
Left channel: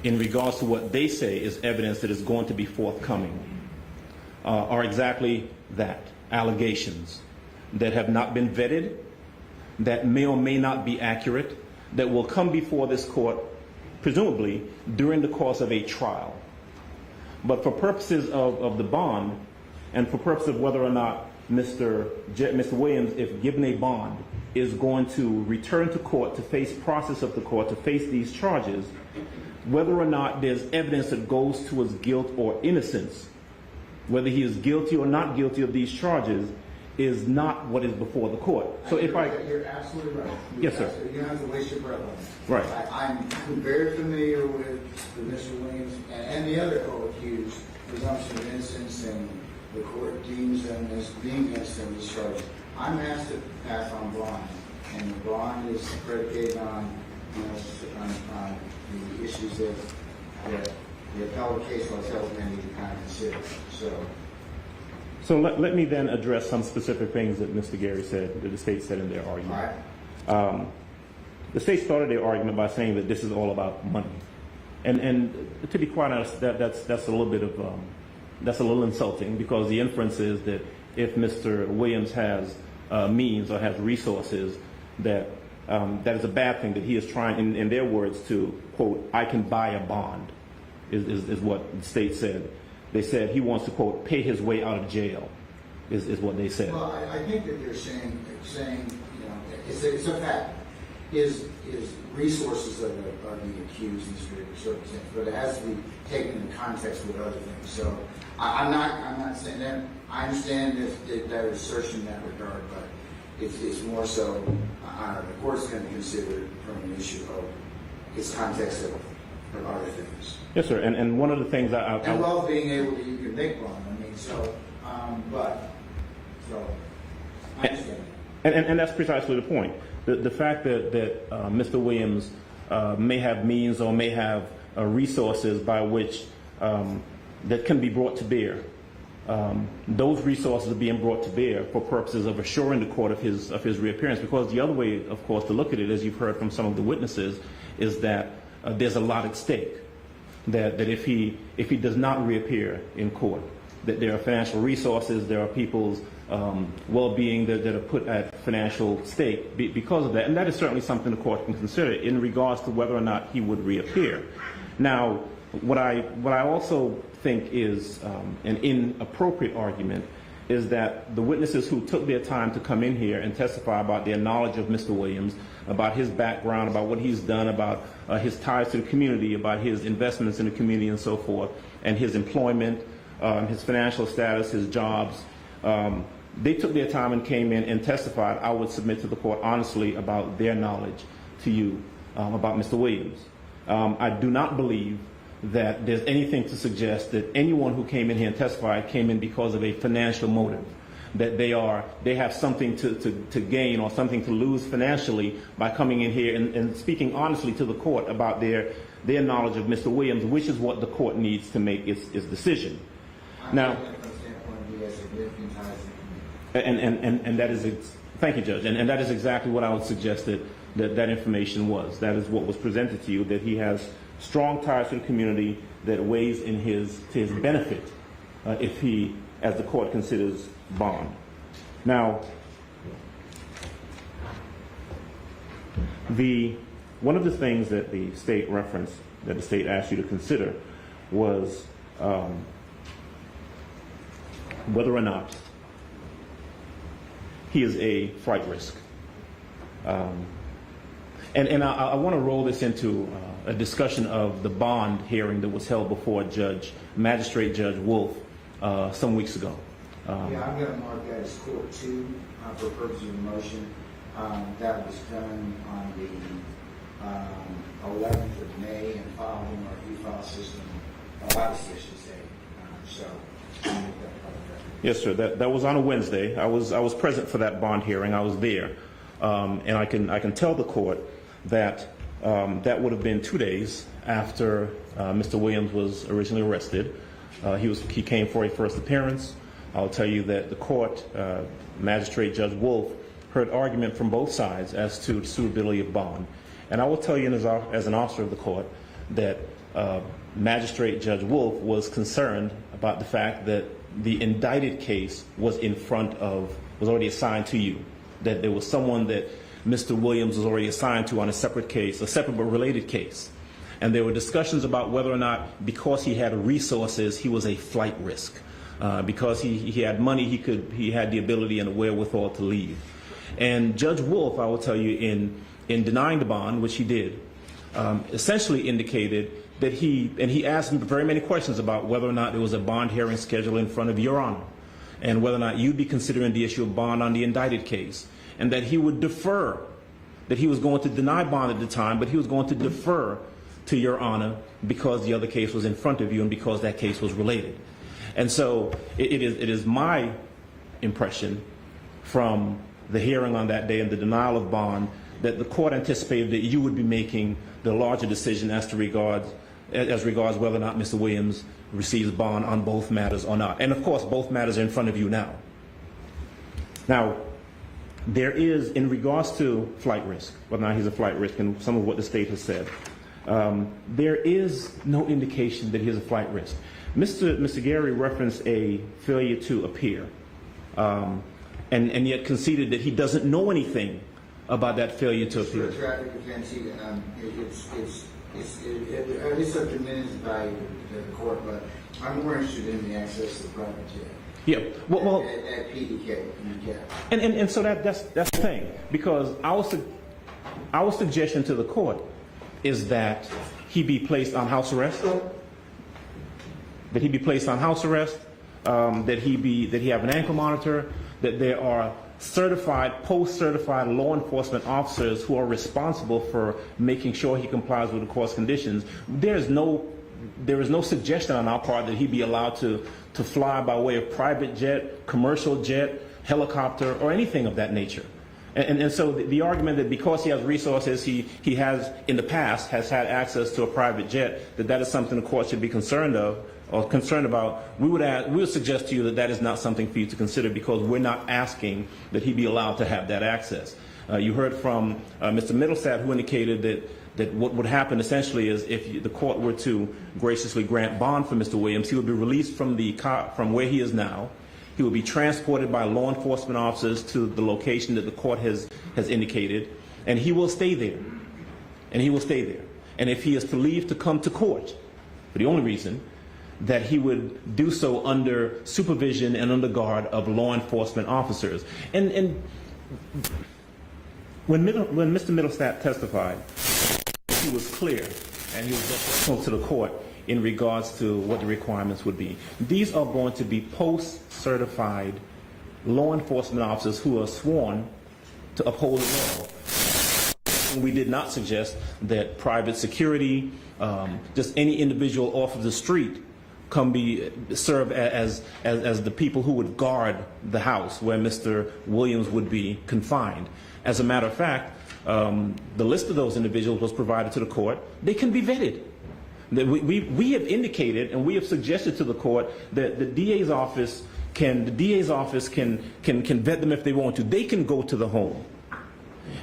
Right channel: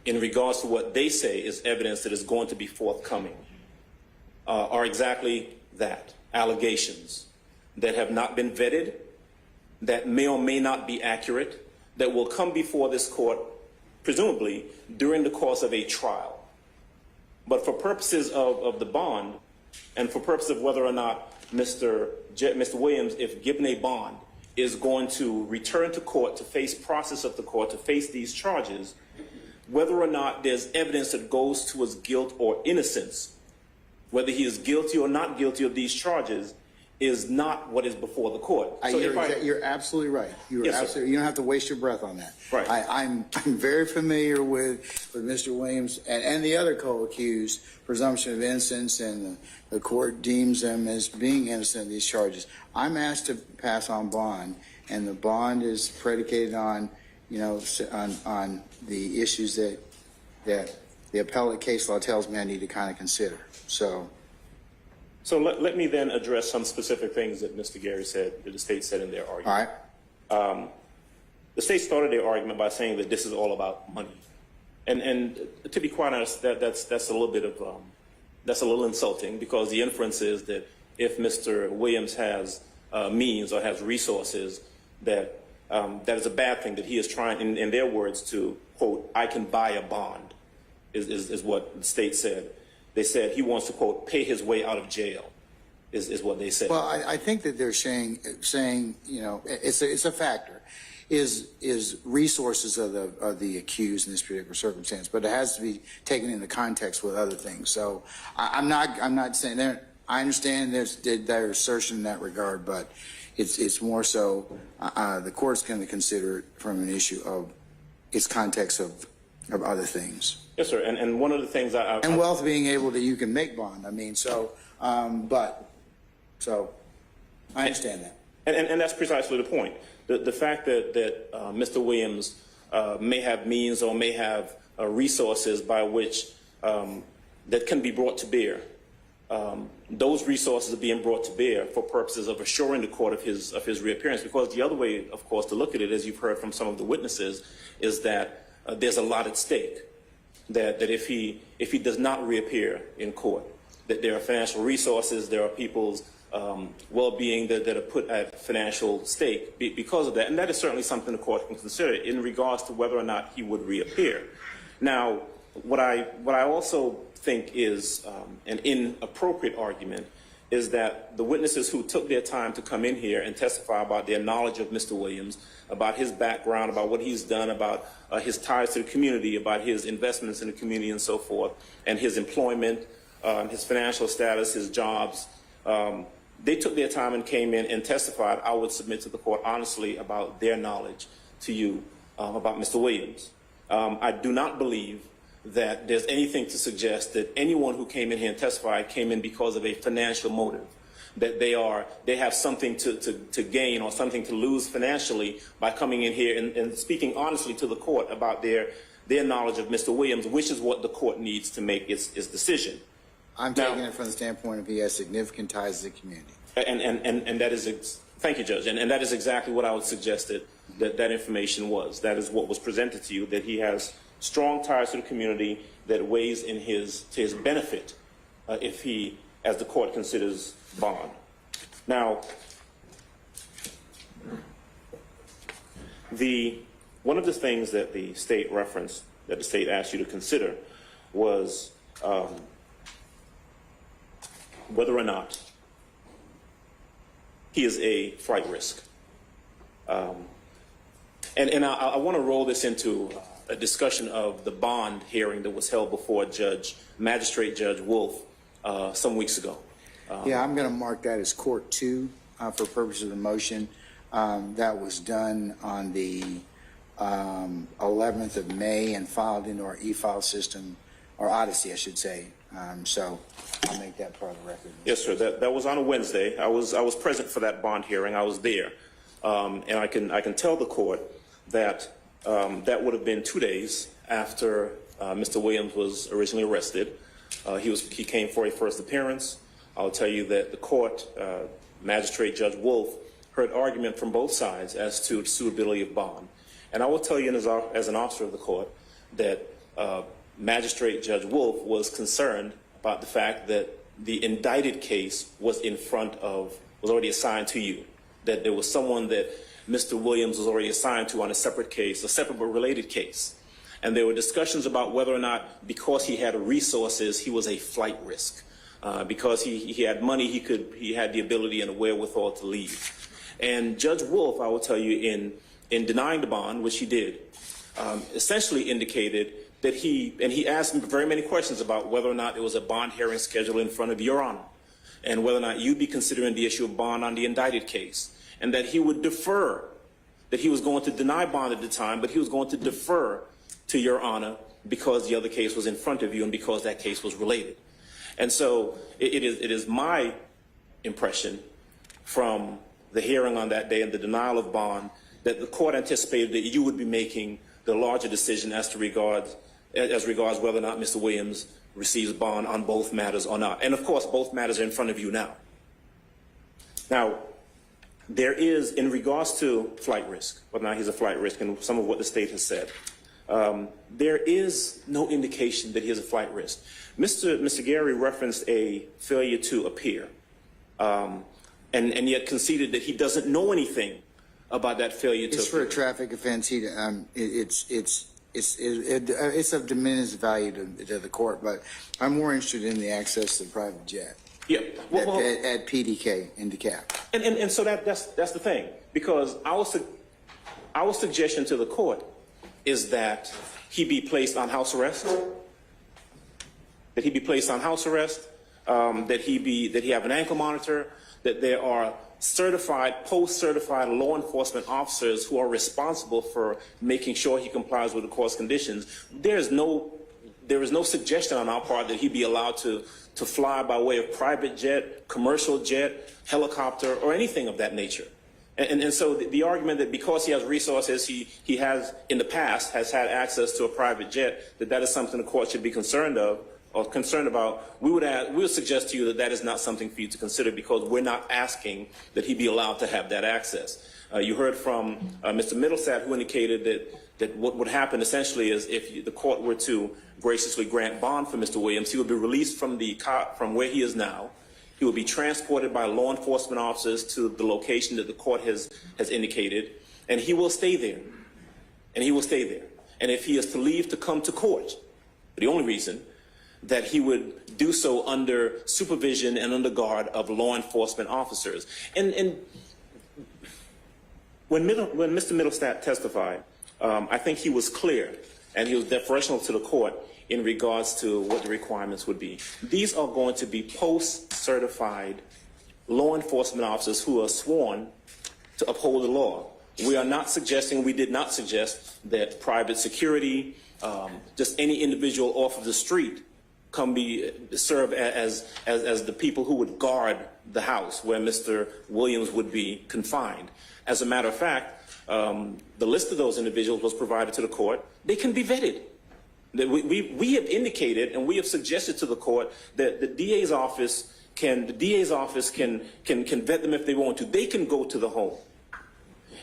in regards to what they say is evidence that is going to be forthcoming are exactly that, allegations that have not been vetted, that may or may not be accurate, that will come before this court, presumably, during the course of a trial. But for purposes of the bond, and for purposes of whether or not Mr. Williams, if given a bond, is going to return to court to face process of the court, to face these charges, whether or not there's evidence that goes to his guilt or innocence, whether he is guilty or not guilty of these charges, is not what is before the court. So You're absolutely right. Yes, sir. You don't have to waste your breath on that. Right. I'm very familiar with Mr. Williams and the other co-accused, presumption of innocence, and the court deems them as being innocent of these charges. I'm asked to pass on bond, and the bond is predicated on, on the issues that the appellate case law tells me I need to kind of consider. So let me then address some specific things that Mr. Gary said, that the state said in their argument. All right. The state started their argument by saying that this is all about money, and to be quite honest, that's a little bit of that's a little insulting, because the inference is that if Mr. Williams has means or has resources, that that is a bad thing, that he is trying, in their words, to quote, "I can buy a bond," is what the state said. They said he wants to, quote, "pay his way out of jail," is what they said. Well, I think that they're saying it's a factor. Is resources of the accused in this particular circumstance, but it has to be taken into context with other things. So I'm not saying there. I understand their assertion in that regard, but it's more so the court's going to consider it from an issue of its context of other things. Yes, sir. And one of the things and wealth being able that you can make bond. I mean, so I understand that. And that's precisely the point. The fact that Mr. Williams may have means or may have resources by which that can be brought to bear. Those resources are being brought to bear for purposes of assuring the court of his reappearance. Because the other way, of course, to look at it, as you've heard from some of the witnesses, is that there's a lot at stake. That if he does not reappear in court, that there are financial resources, there are people's well-being that are put at financial stake because of that. And that is certainly something the court can consider in regards to whether or not he would reappear. Now, what I also think is an inappropriate argument is that the witnesses who took their time to come in here and testify about their knowledge of Mr. Williams, about his background, about what he's done, about his ties to the community, about his investments in the community and so forth, and his employment, his financial status, his jobs, they took their time and came in and testified. I would submit to the court honestly about their knowledge to you about Mr. Williams. I do not believe that there's anything to suggest that anyone who came in here and testified came in because of a financial motive, that they have something to gain or something to lose financially by coming in here and speaking honestly to the court about their knowledge of Mr. Williams, which is what the court needs to make its decision. I'm Now- taking it from the standpoint of he has significant ties to the community. And that is, thank you, Judge, and that is exactly what I would suggest that information was. That is what was presented to you, that he has strong ties to the community that weighs to his benefit if he, as the court considers bond. Now, one of the things that the state referenced, that the state asked you to consider, was whether or not he is a flight risk. And I want to roll this into a discussion of the bond hearing that was held before Magistrate Judge Wolf some weeks ago. Yeah, I'm going to mark that as Court 2 for purpose of the motion. That was done on the 11th of May and filed into our e-file system, or Odyssey, I should say. So I'll make that part of the record. Yes, sir. That was on a Wednesday. I was present for that bond hearing. I was there, and I can tell the court that that would have been 2 days after Mr. Williams was originally arrested. He came for a first appearance. I'll tell you that the court, Magistrate Judge Wolf, heard argument from both sides as to the suitability of bond. And I will tell you as an officer of the court that Magistrate Judge Wolf was concerned about the fact that the indicted case was already assigned to you, that there was someone that Mr. Williams was already assigned to on a separate case, a separate but related case. And there were discussions about whether or not, because he had resources, he was a flight risk. Because he had money, he had the ability and the wherewithal to leave. And Judge Wolf, I will tell you, in denying the bond, which he did, essentially indicated that he asked me very many questions about whether or not there was a bond hearing scheduled in front of Your Honor, and whether or not you'd be considering the issue of bond on the indicted case, and that he would defer, that he was going to deny bond at the time, but he was going to defer to Your Honor because the other case was in front of you and because that case was related. And so it is my impression from the hearing on that day and the denial of bond that the court anticipated that you would be making the larger decision as regards whether or not Mr. Williams receives bond on both matters or not. And of course, both matters are in front of you now. Now, there is, in regards to flight risk, whether or not he's a flight risk, and some of what the state has said, there is no indication that he's a flight risk. Mr. Gary referenced a failure to appear, and yet conceded that he doesn't know anything about that failure to appear. It's for a traffic offense. It's of diminished value to the court, but I'm more interested in the access to the private jet. Yeah, at PDK in DeKalb. And so that's the thing, because our suggestion to the court is that he be placed on house arrest. That he be placed on house arrest. That he have an ankle monitor. That there are certified, post-certified law enforcement officers who are responsible for making sure he complies with the court's conditions. There is no suggestion on our part that he be allowed to fly by way of private jet, commercial jet, helicopter, or anything of that nature. And so the argument that because he has resources, he has in the past has had access to a private jet, that is something the court should be concerned about. We would suggest to you that is not something for you to consider, because we're not asking that he be allowed to have that access. You heard from Mr. Middlestat, who indicated that what would happen essentially is if the court were to graciously grant bond for Mr. Williams, he would be released from where he is now. He will be transported by law enforcement officers to the location that the court has indicated, and he will stay there. And if he is to leave to come to court, for the only reason, that he would do so under supervision and under guard of law enforcement officers. And when Mr. Middlestat testified, I think he was clear, and he was deferential to the court in regards to what the requirements would be. These are going to be post-certified law enforcement officers who are sworn to uphold the law. We did not suggest that private security, just any individual off of the street, serve as the people who would guard the house where Mr. Williams would be confined. As a matter of fact, the list of those individuals was provided to the court. They can be vetted. That we have indicated and we have suggested to the court that the DA's office can vet them if they want to. They can go to the home.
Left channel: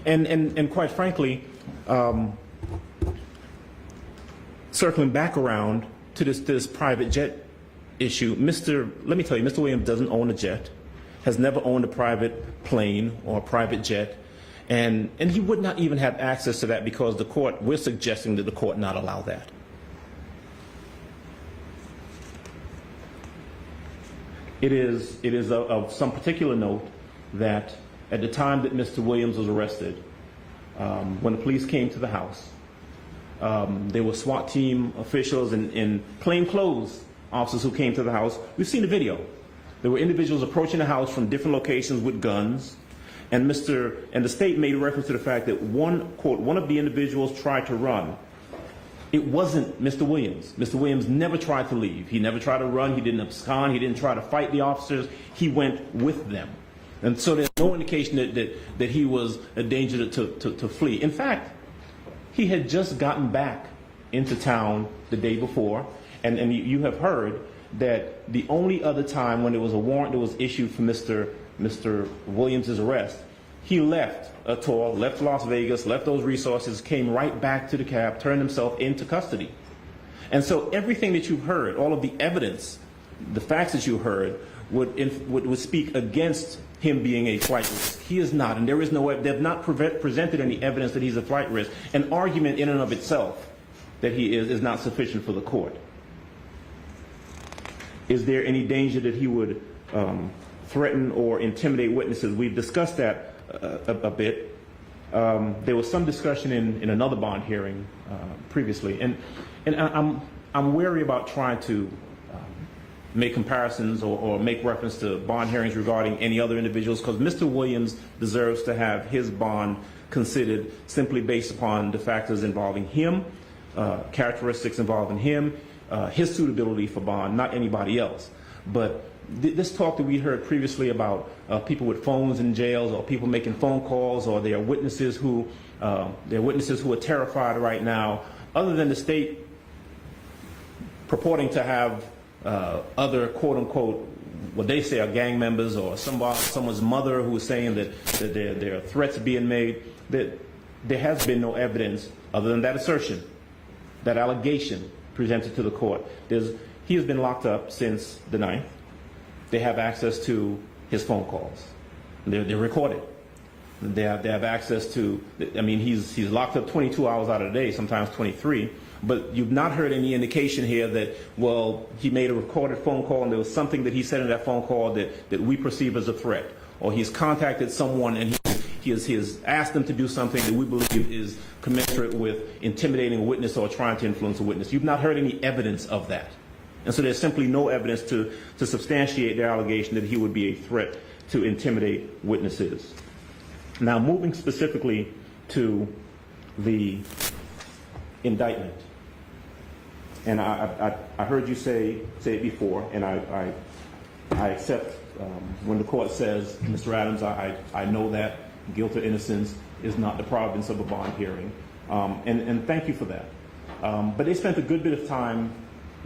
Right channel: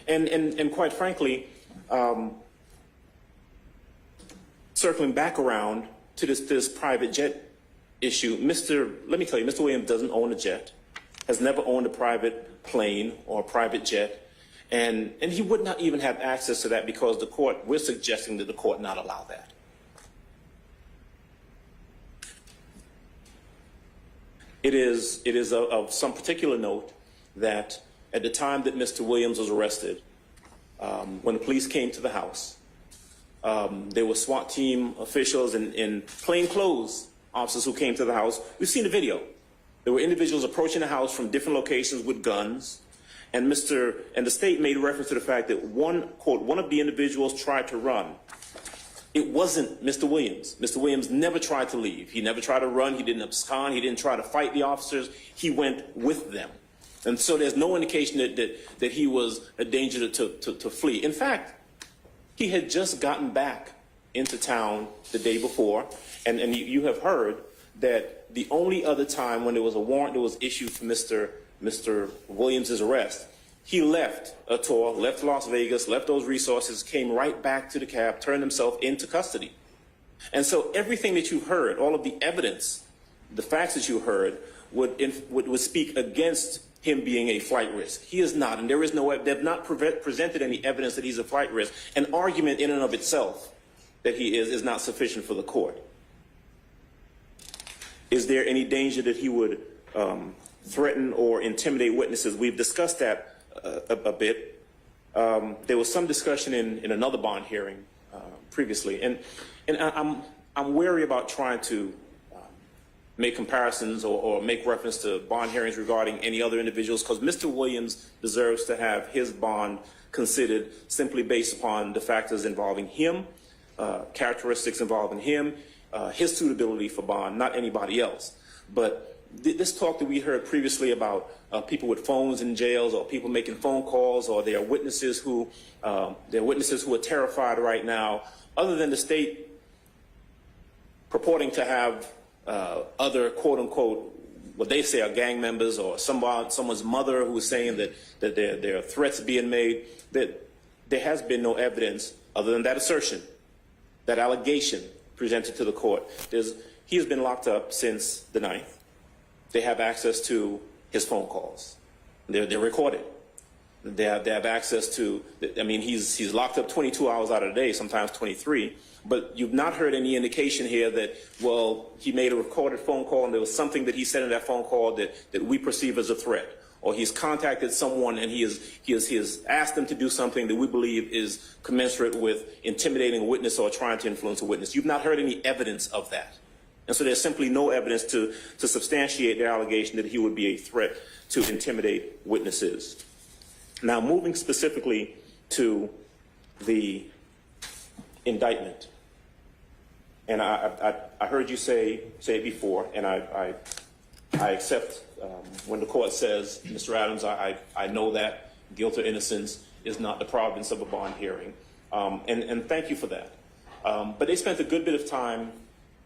And quite frankly, circling back around to this private jet issue, let me tell you, Mr. Williams doesn't own a jet, has never owned a private plane or a private jet, and he would not even have access to that because we're suggesting that the court not allow that. It is of some particular note that at the time that Mr. Williams was arrested, when the police came to the house, there were SWAT team officials and plainclothes officers who came to the house. We've seen the video. There were individuals approaching the house from different locations with guns, and the state made reference to the fact that one of the individuals tried to run. It wasn't Mr. Williams. Mr. Williams never tried to leave. He never tried to run. He didn't abscond. He didn't try to fight the officers. He went with them. And so there's no indication that he was a danger to flee. In fact, he had just gotten back into town the day before, and you have heard that the only other time when there was a warrant that was issued for Mr. Williams' arrest, he left a tour, left Las Vegas, left those resources, came right back to the cab, turned himself into custody. And so everything that you've heard, all of the evidence, the facts that you heard, would speak against him being a flight risk. He is not, and they've not presented any evidence that he's a flight risk. An argument in and of itself that he is not sufficient for the court. Is there any danger that he would threaten or intimidate witnesses? We've discussed that a bit. There was some discussion in another bond hearing previously, and I'm wary about trying to make comparisons or make reference to bond hearings regarding any other individuals, because Mr. Williams deserves to have his bond considered simply based upon the factors involving him, characteristics involving him, his suitability for bond, not anybody else. But this talk that we heard previously about people with phones in jails, or people making phone calls, or there are witnesses who are terrified right now, other than the state purporting to have other quote-unquote, what they say are gang members, or someone's mother who's saying that there are threats being made, that there has been no evidence other than that assertion, that allegation presented to the court. He has been locked up since the 9th. They have access to his phone calls. They're recorded. They have access to, I mean, he's locked up 22 hours out of the day, sometimes 23. But you've not heard any indication here that, well, he made a recorded phone call and there was something that he said in that phone call that we perceive as a threat. Or he's contacted someone and he has asked them to do something that we believe is commensurate with intimidating a witness or trying to influence a witness. You've not heard any evidence of that. And so there's simply no evidence to substantiate their allegation that he would be a threat to intimidate witnesses. Now, moving specifically to the indictment. And I heard you say it before, and I accept when the court says, Mr. Adams, I know that guilt or innocence is not the province of a bond hearing, and thank you for that. But they spent a good bit of time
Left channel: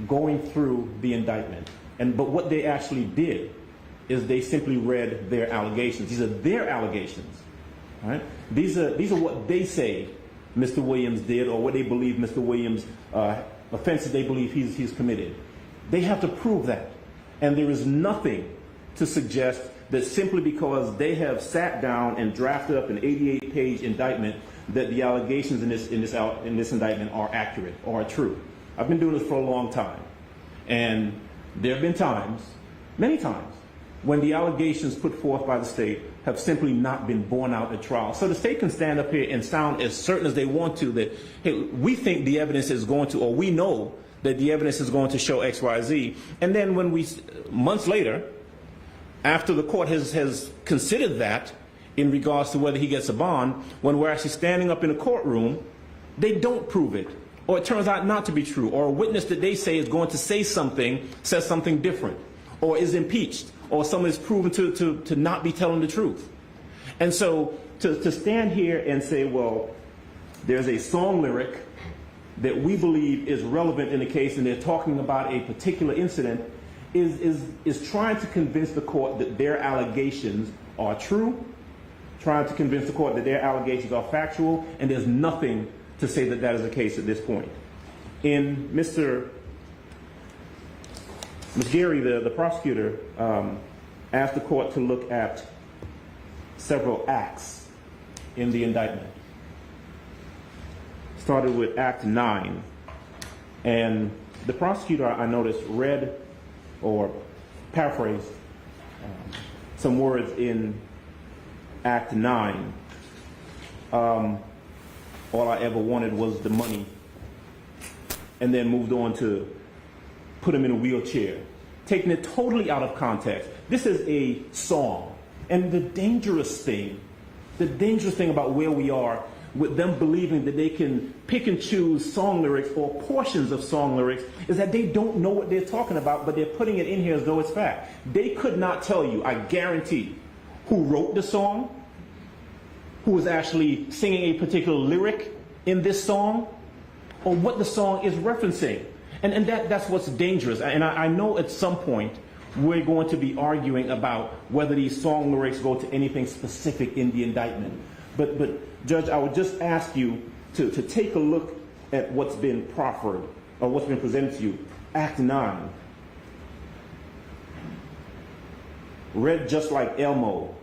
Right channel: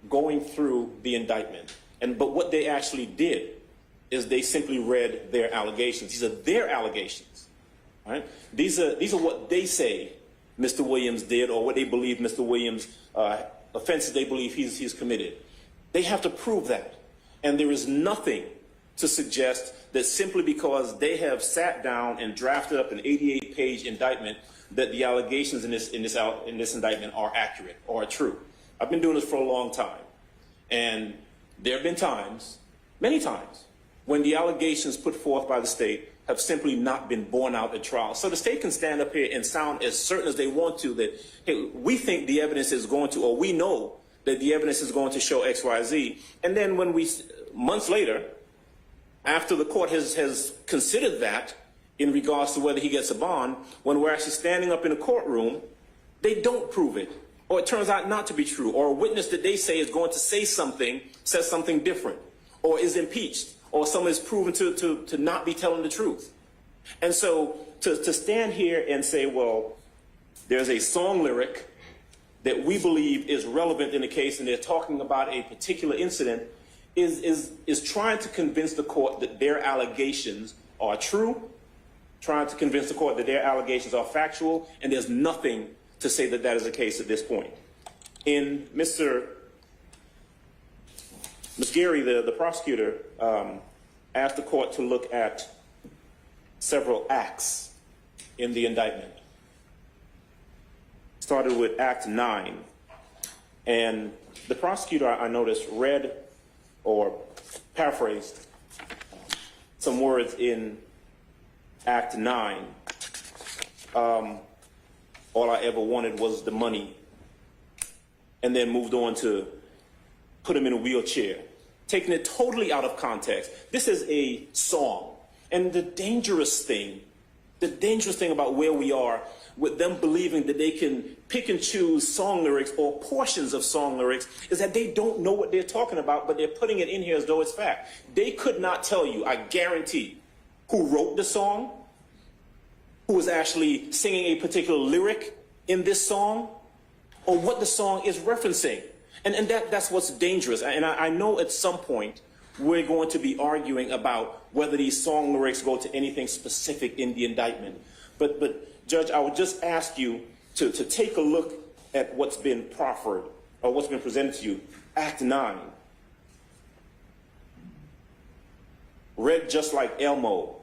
going through the indictment, but what they actually did is they simply read their allegations. These are their allegations, right? These are what they say Mr. Williams did, or what they believe Mr. Williams offenses they believe he's committed. They have to prove that, and there is nothing to suggest that simply because they have sat down and drafted up an 88-page indictment that the allegations in this indictment are accurate or are true. I've been doing this for a long time, and there have been times, many times, when the allegations put forth by the state have simply not been borne out at trial. So the state can stand up here and sound as certain as they want to that, hey, we think the evidence is going to, or we know that the evidence is going to show X, Y, Z. And then when months later, after the court has considered that in regards to whether he gets a bond, when we're actually standing up in a courtroom, they don't prove it. Or it turns out not to be true. Or a witness that they say is going to say something, says something different. Or is impeached. Or someone is proven to not be telling the truth. And so to stand here and say, well, there's a song lyric that we believe is relevant in the case, and they're talking about a particular incident, is trying to convince the court that their allegations are true, trying to convince the court that their allegations are factual, and there's nothing to say that that is the case at this point. In Ms. Gary, the prosecutor, asked the court to look at several acts in the indictment. Started with Act 9, and the prosecutor, I noticed, read or paraphrased some words in Act 9. All I ever wanted was the money, and then moved on to put him in a wheelchair, taking it totally out of context. This is a song, and the dangerous thing about where we are with them believing that they can pick and choose song lyrics or portions of song lyrics is that they don't know what they're talking about, but they're putting it in here as though it's fact. They could not tell you, I guarantee, who wrote the song, who was actually singing a particular lyric in this song, or what the song is referencing. And that's what's dangerous. And I know at some point we're going to be arguing about whether these song lyrics go to anything specific in the indictment. But Judge, I would just ask you to take a look at what's been proffered, or what's been presented to you. Act 9. Read just like Elmo,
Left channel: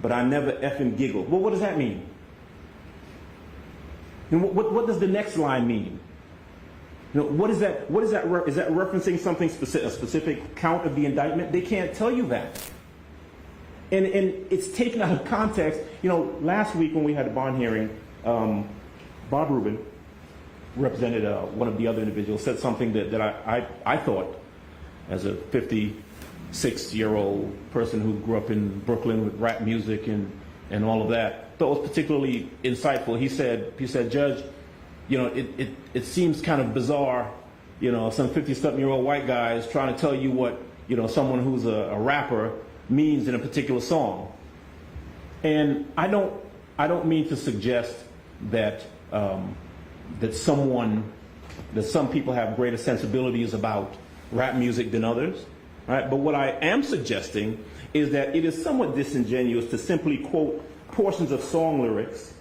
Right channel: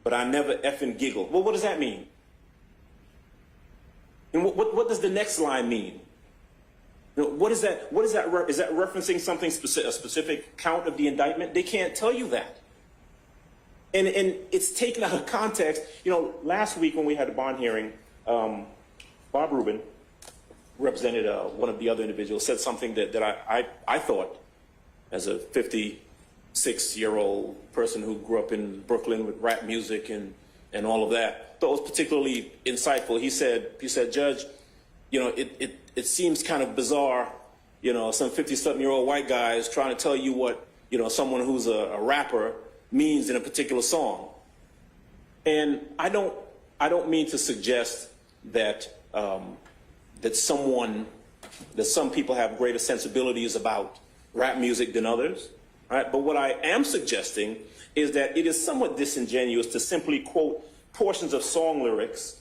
but I never effing giggle. Well, what does that mean? And what does the next line mean? You know, what is that? Is that referencing something specific, a specific count of the indictment? They can't tell you that. And it's taken out of context. You know, last week when we had a bond hearing, Bob Rubin represented one of the other individuals, said something that I thought, as a 56-year-old person who grew up in Brooklyn with rap music and all of that, thought was particularly insightful. He said, Judge, you know, it seems kind of bizarre, you know, some 50-something-year-old white guy is trying to tell you what, you know, someone who's a rapper means in a particular song. And I don't mean to suggest that some people have greater sensibilities about rap music than others, right? But what I am suggesting is that it is somewhat disingenuous to simply quote portions of song lyrics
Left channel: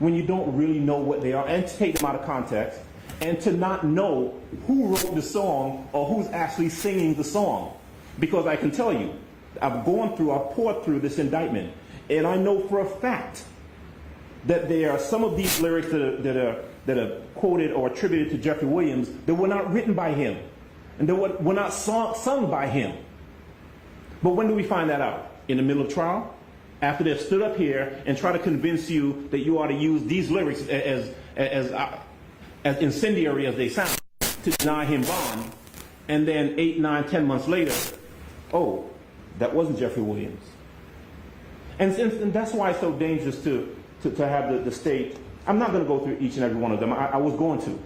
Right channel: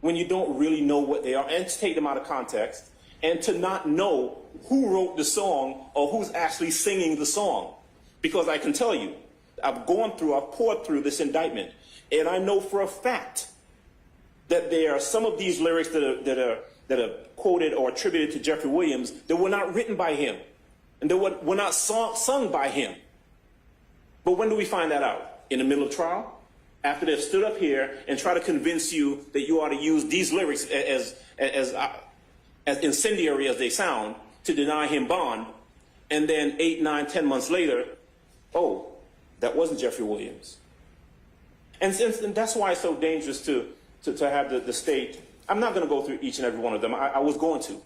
when you don't really know what they are, and to take them out of context, and to not know who wrote the song or who's actually singing the song. Because I can tell you, I've poured through this indictment, and I know for a fact that there are some of these lyrics that are quoted or attributed to Jeffrey Williams that were not written by him, and that were not sung by him. But when do we find that out? In the middle of trial? After they've stood up here and try to convince you that you ought to use these lyrics as incendiary as they sound to deny him bond, and then 8, 9, 10 months later, oh, that wasn't Jeffrey Williams. And that's why it's so dangerous to have the state. I'm not going to go through each and every one of them. I was going to,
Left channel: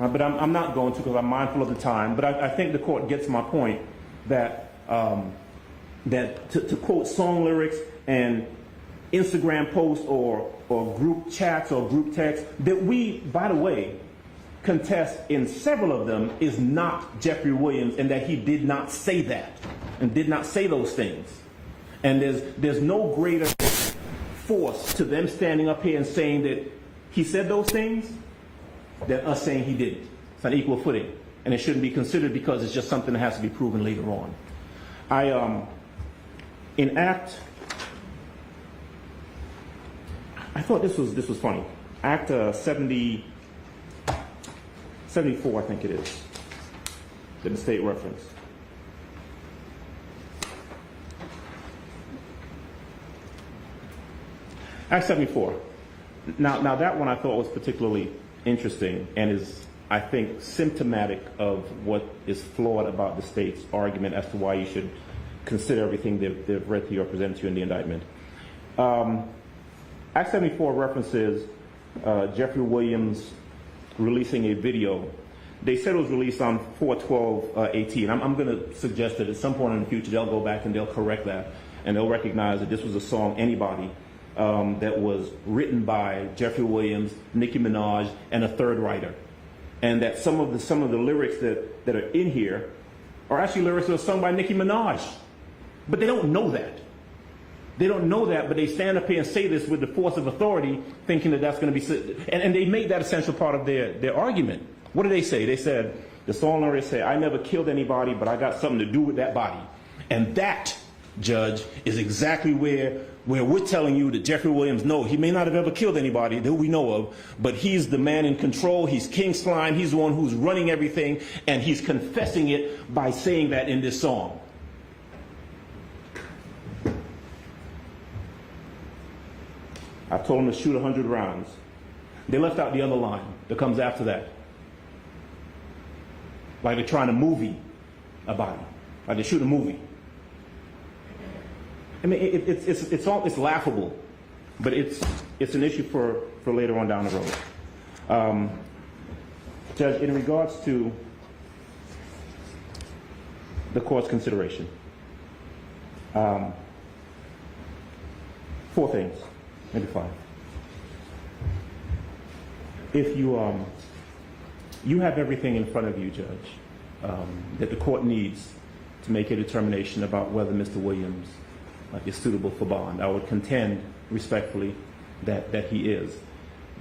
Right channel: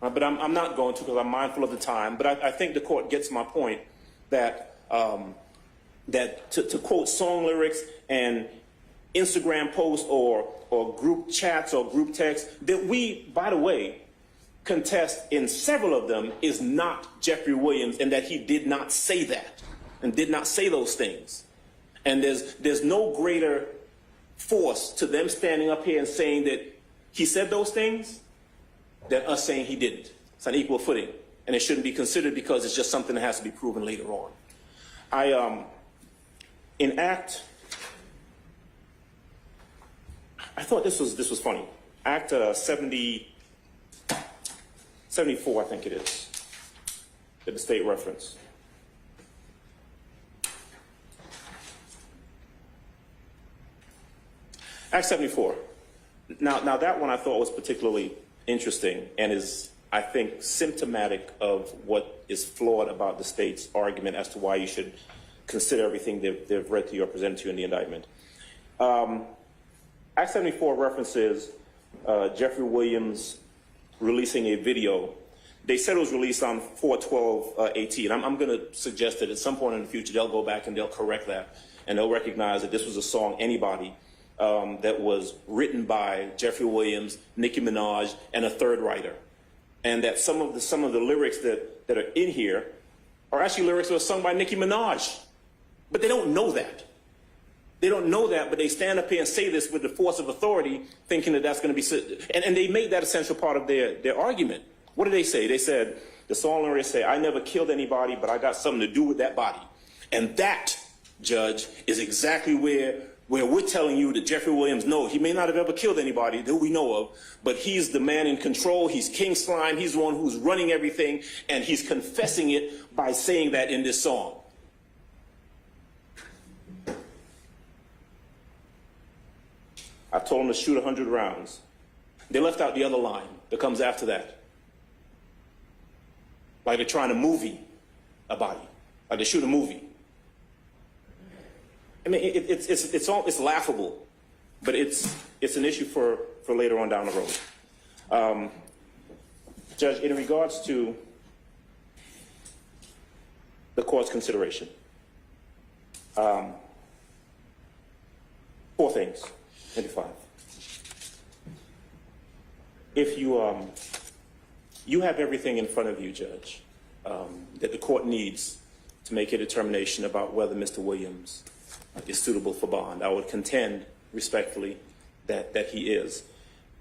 but I'm not going to because I'm mindful of the time. But I think the court gets my point that to quote song lyrics and Instagram posts or group chats or group texts that we, by the way, contest in several of them is not Jeffrey Williams, and that he did not say that and did not say those things. And there's no greater force to them standing up here and saying that he said those things than us saying he didn't. It's on equal footing, and it shouldn't be considered because it's just something that has to be proven later on. I thought this was funny. Act 74, I think it is, that the state reference. Act 74. Now that one I thought was particularly interesting and is, I think, symptomatic of what is flawed about the state's argument as to why you should consider everything they've read to you or presented to you in the indictment. Act 74 references Jeffrey Williams releasing a video. They said it was released on 4/12/18. I'm going to suggest that at some point in the future they'll go back and they'll correct that, and they'll recognize that this was a song, Anybody, that was written by Jeffrey Williams, Nicki Minaj, and a third writer. and that some of the lyrics that are in here are actually lyrics that were sung by Nicki Minaj. But they don't know that. They don't know that, but they stand up here and say this with the force of authority, thinking that that's going to be... And they made that essential part of their argument. What did they say? They said, the song lyrics say, I never killed anybody, but I got something to do with that body. And that, Judge, is exactly where we're telling you that Jeffrey Williams, no, he may not have ever killed anybody that we know of, but he's the man in control, he's King Slime, he's the one who's running everything, and he's confessing it by saying that in this song. I told him to shoot 100 rounds. They left out the other line that comes after that. Like they're trying to movie a body. Like they shoot a movie. I mean, it's laughable, but it's an issue for later on down the road. Judge, in regards to the court's consideration, 4 things, maybe 5. If you have everything in front of you, Judge, that the court needs to make a determination about whether Mr. Williams is suitable for bond. I would contend respectfully that he is.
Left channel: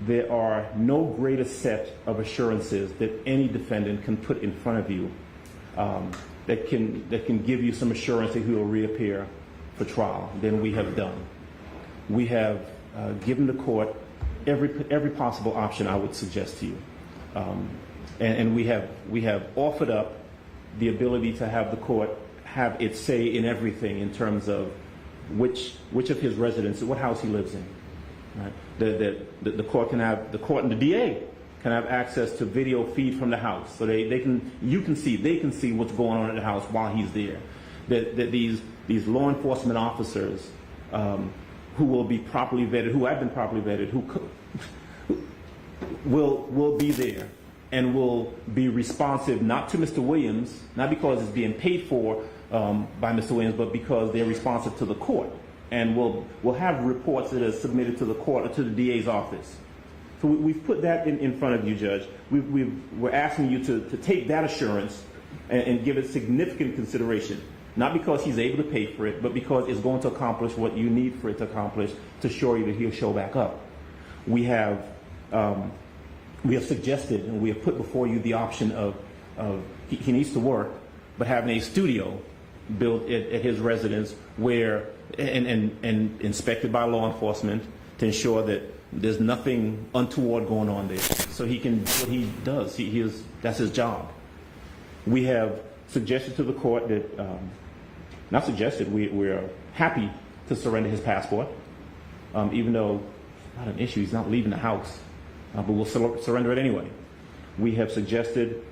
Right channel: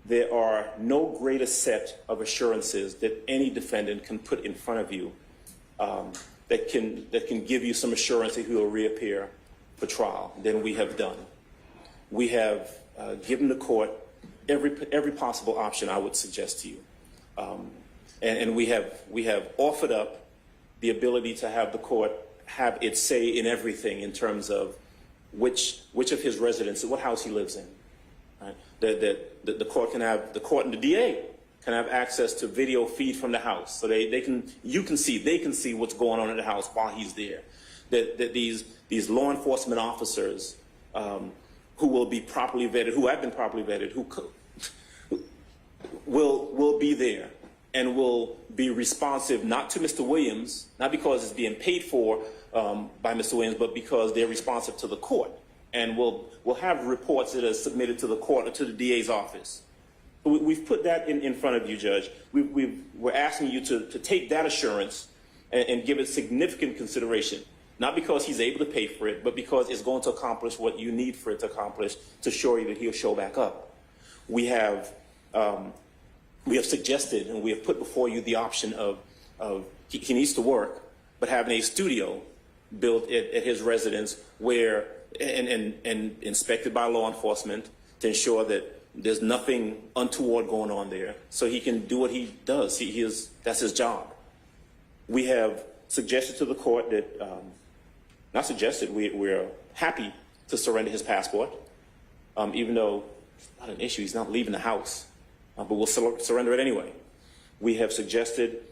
There are no greater set of assurances that any defendant can put in front of you that can give you some assurance that he will reappear for trial than we have done. We have given the court every possible option I would suggest to you, and we have offered up the ability to have the court have its say in everything in terms of which of his residences, what house he lives in. Right? The court can have, the court and the DA can have access to video feed from the house, so they can see what's going on at the house while he's there. That these law enforcement officers who will be properly vetted, who have been properly vetted, who will be there and will be responsive not to Mr. Williams, not because it's being paid for by Mr. Williams, but because they're responsive to the court, and will have reports that are submitted to the court or to the DA's office. So we've put that in front of you, Judge. We're asking you to take that assurance and give it significant consideration, not because he's able to pay for it, but because it's going to accomplish what you need for it to accomplish to assure you that he'll show back up. We have suggested and we have put before you the option of he needs to work, but having a studio built at his residence where and inspected by law enforcement to ensure that there's nothing untoward going on there, so he can do what he does. That's his job. We have suggested to the court that, not suggested, we're happy to surrender his passport, even though it's not an issue, he's not leaving the house, but we'll surrender it anyway. We have suggested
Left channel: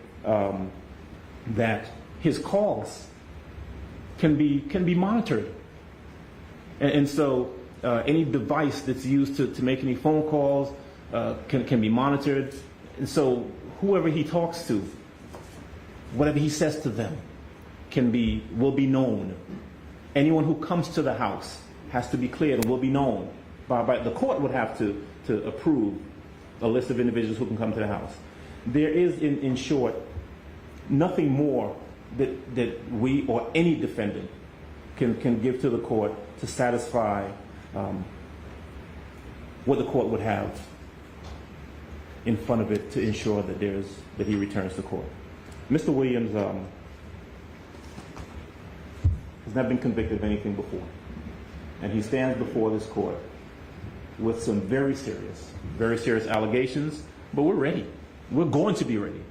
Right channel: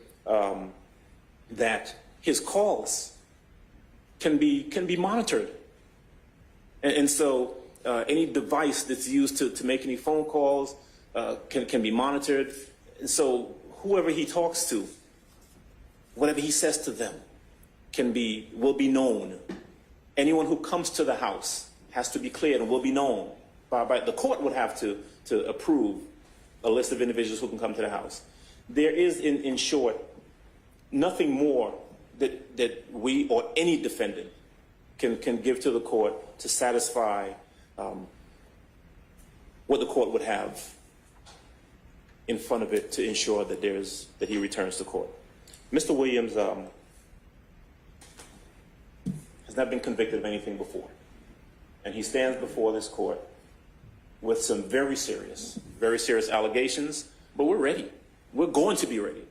that his calls can be monitored, and so any device that's used to make any phone calls can be monitored, and so whoever he talks to, whatever he says to them, will be known. Anyone who comes to the house has to be cleared and will be known. By the court would have to approve a list of individuals who can come to the house. There is, in short, nothing more that we or any defendant can give to the court to satisfy what the court would have in front of it to ensure that he returns to court. Mr. Williams has not been convicted of anything before, and he stands before this court with some very serious allegations, but we're ready. We're going to be ready.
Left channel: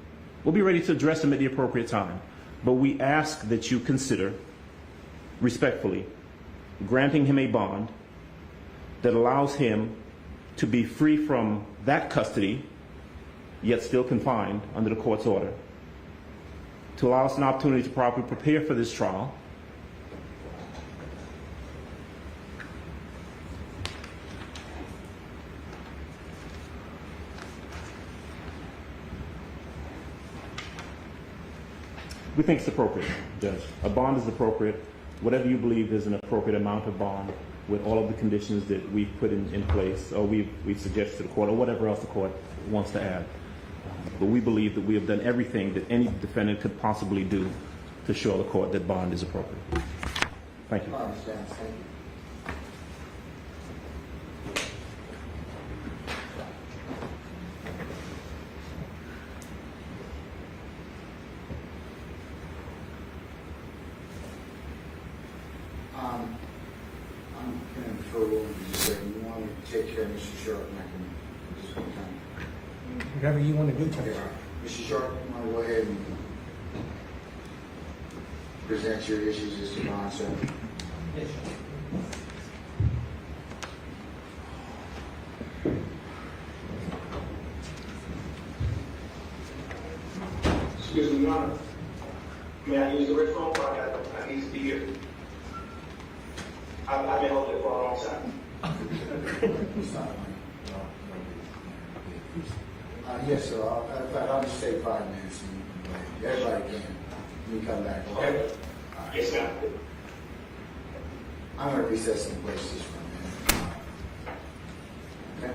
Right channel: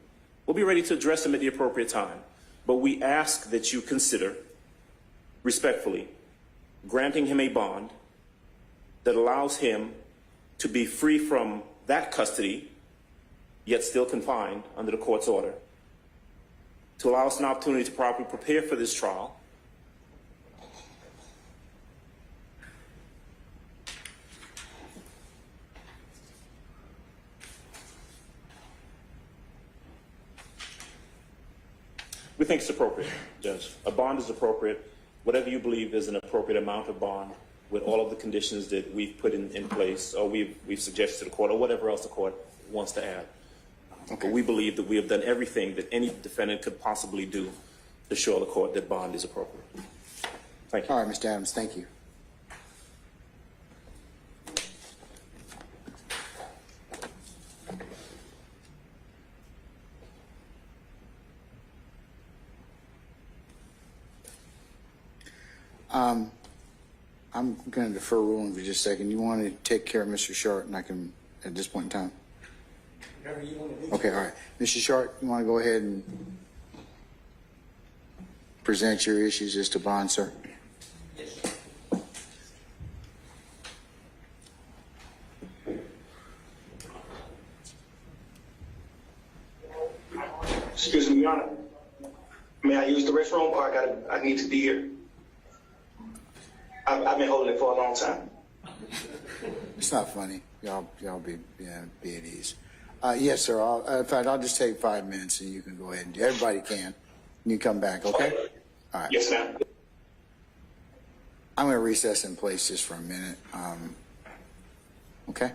We'll be ready to address them at the appropriate time, but we ask that you consider, respectfully, granting him a bond that allows him to be free from that custody, yet still confined under the court's order, to allow us an opportunity to properly prepare for this trial, we think it's appropriate, Judge. A bond is appropriate. Whatever you believe is an appropriate amount of bond with all of the conditions that we've put in place or we've suggested to the court or whatever else the court wants to add. But we believe that we have done everything that any defendant could possibly do to show the court that bond is appropriate. Thank you. All right, Mr. Adams, thank you. I'm going to defer ruling for just a second. You want to take care of Mr. Sharp, and I can, at this point in time? Whatever you want to do. Okay, all right. Mr. Sharp, you want to go ahead and present your issues as to bond, sir? Yes. Excuse me, Your Honor. May I use the restroom, or I need to be here? I've been holding it for a long time. It's not funny. Y'all be at ease. Yes, sir. In fact, I'll just take 5 minutes and you can go ahead and everybody can. You come back, okay? All right. Yes, ma'am. I'm going to recess in place just for a minute. Okay?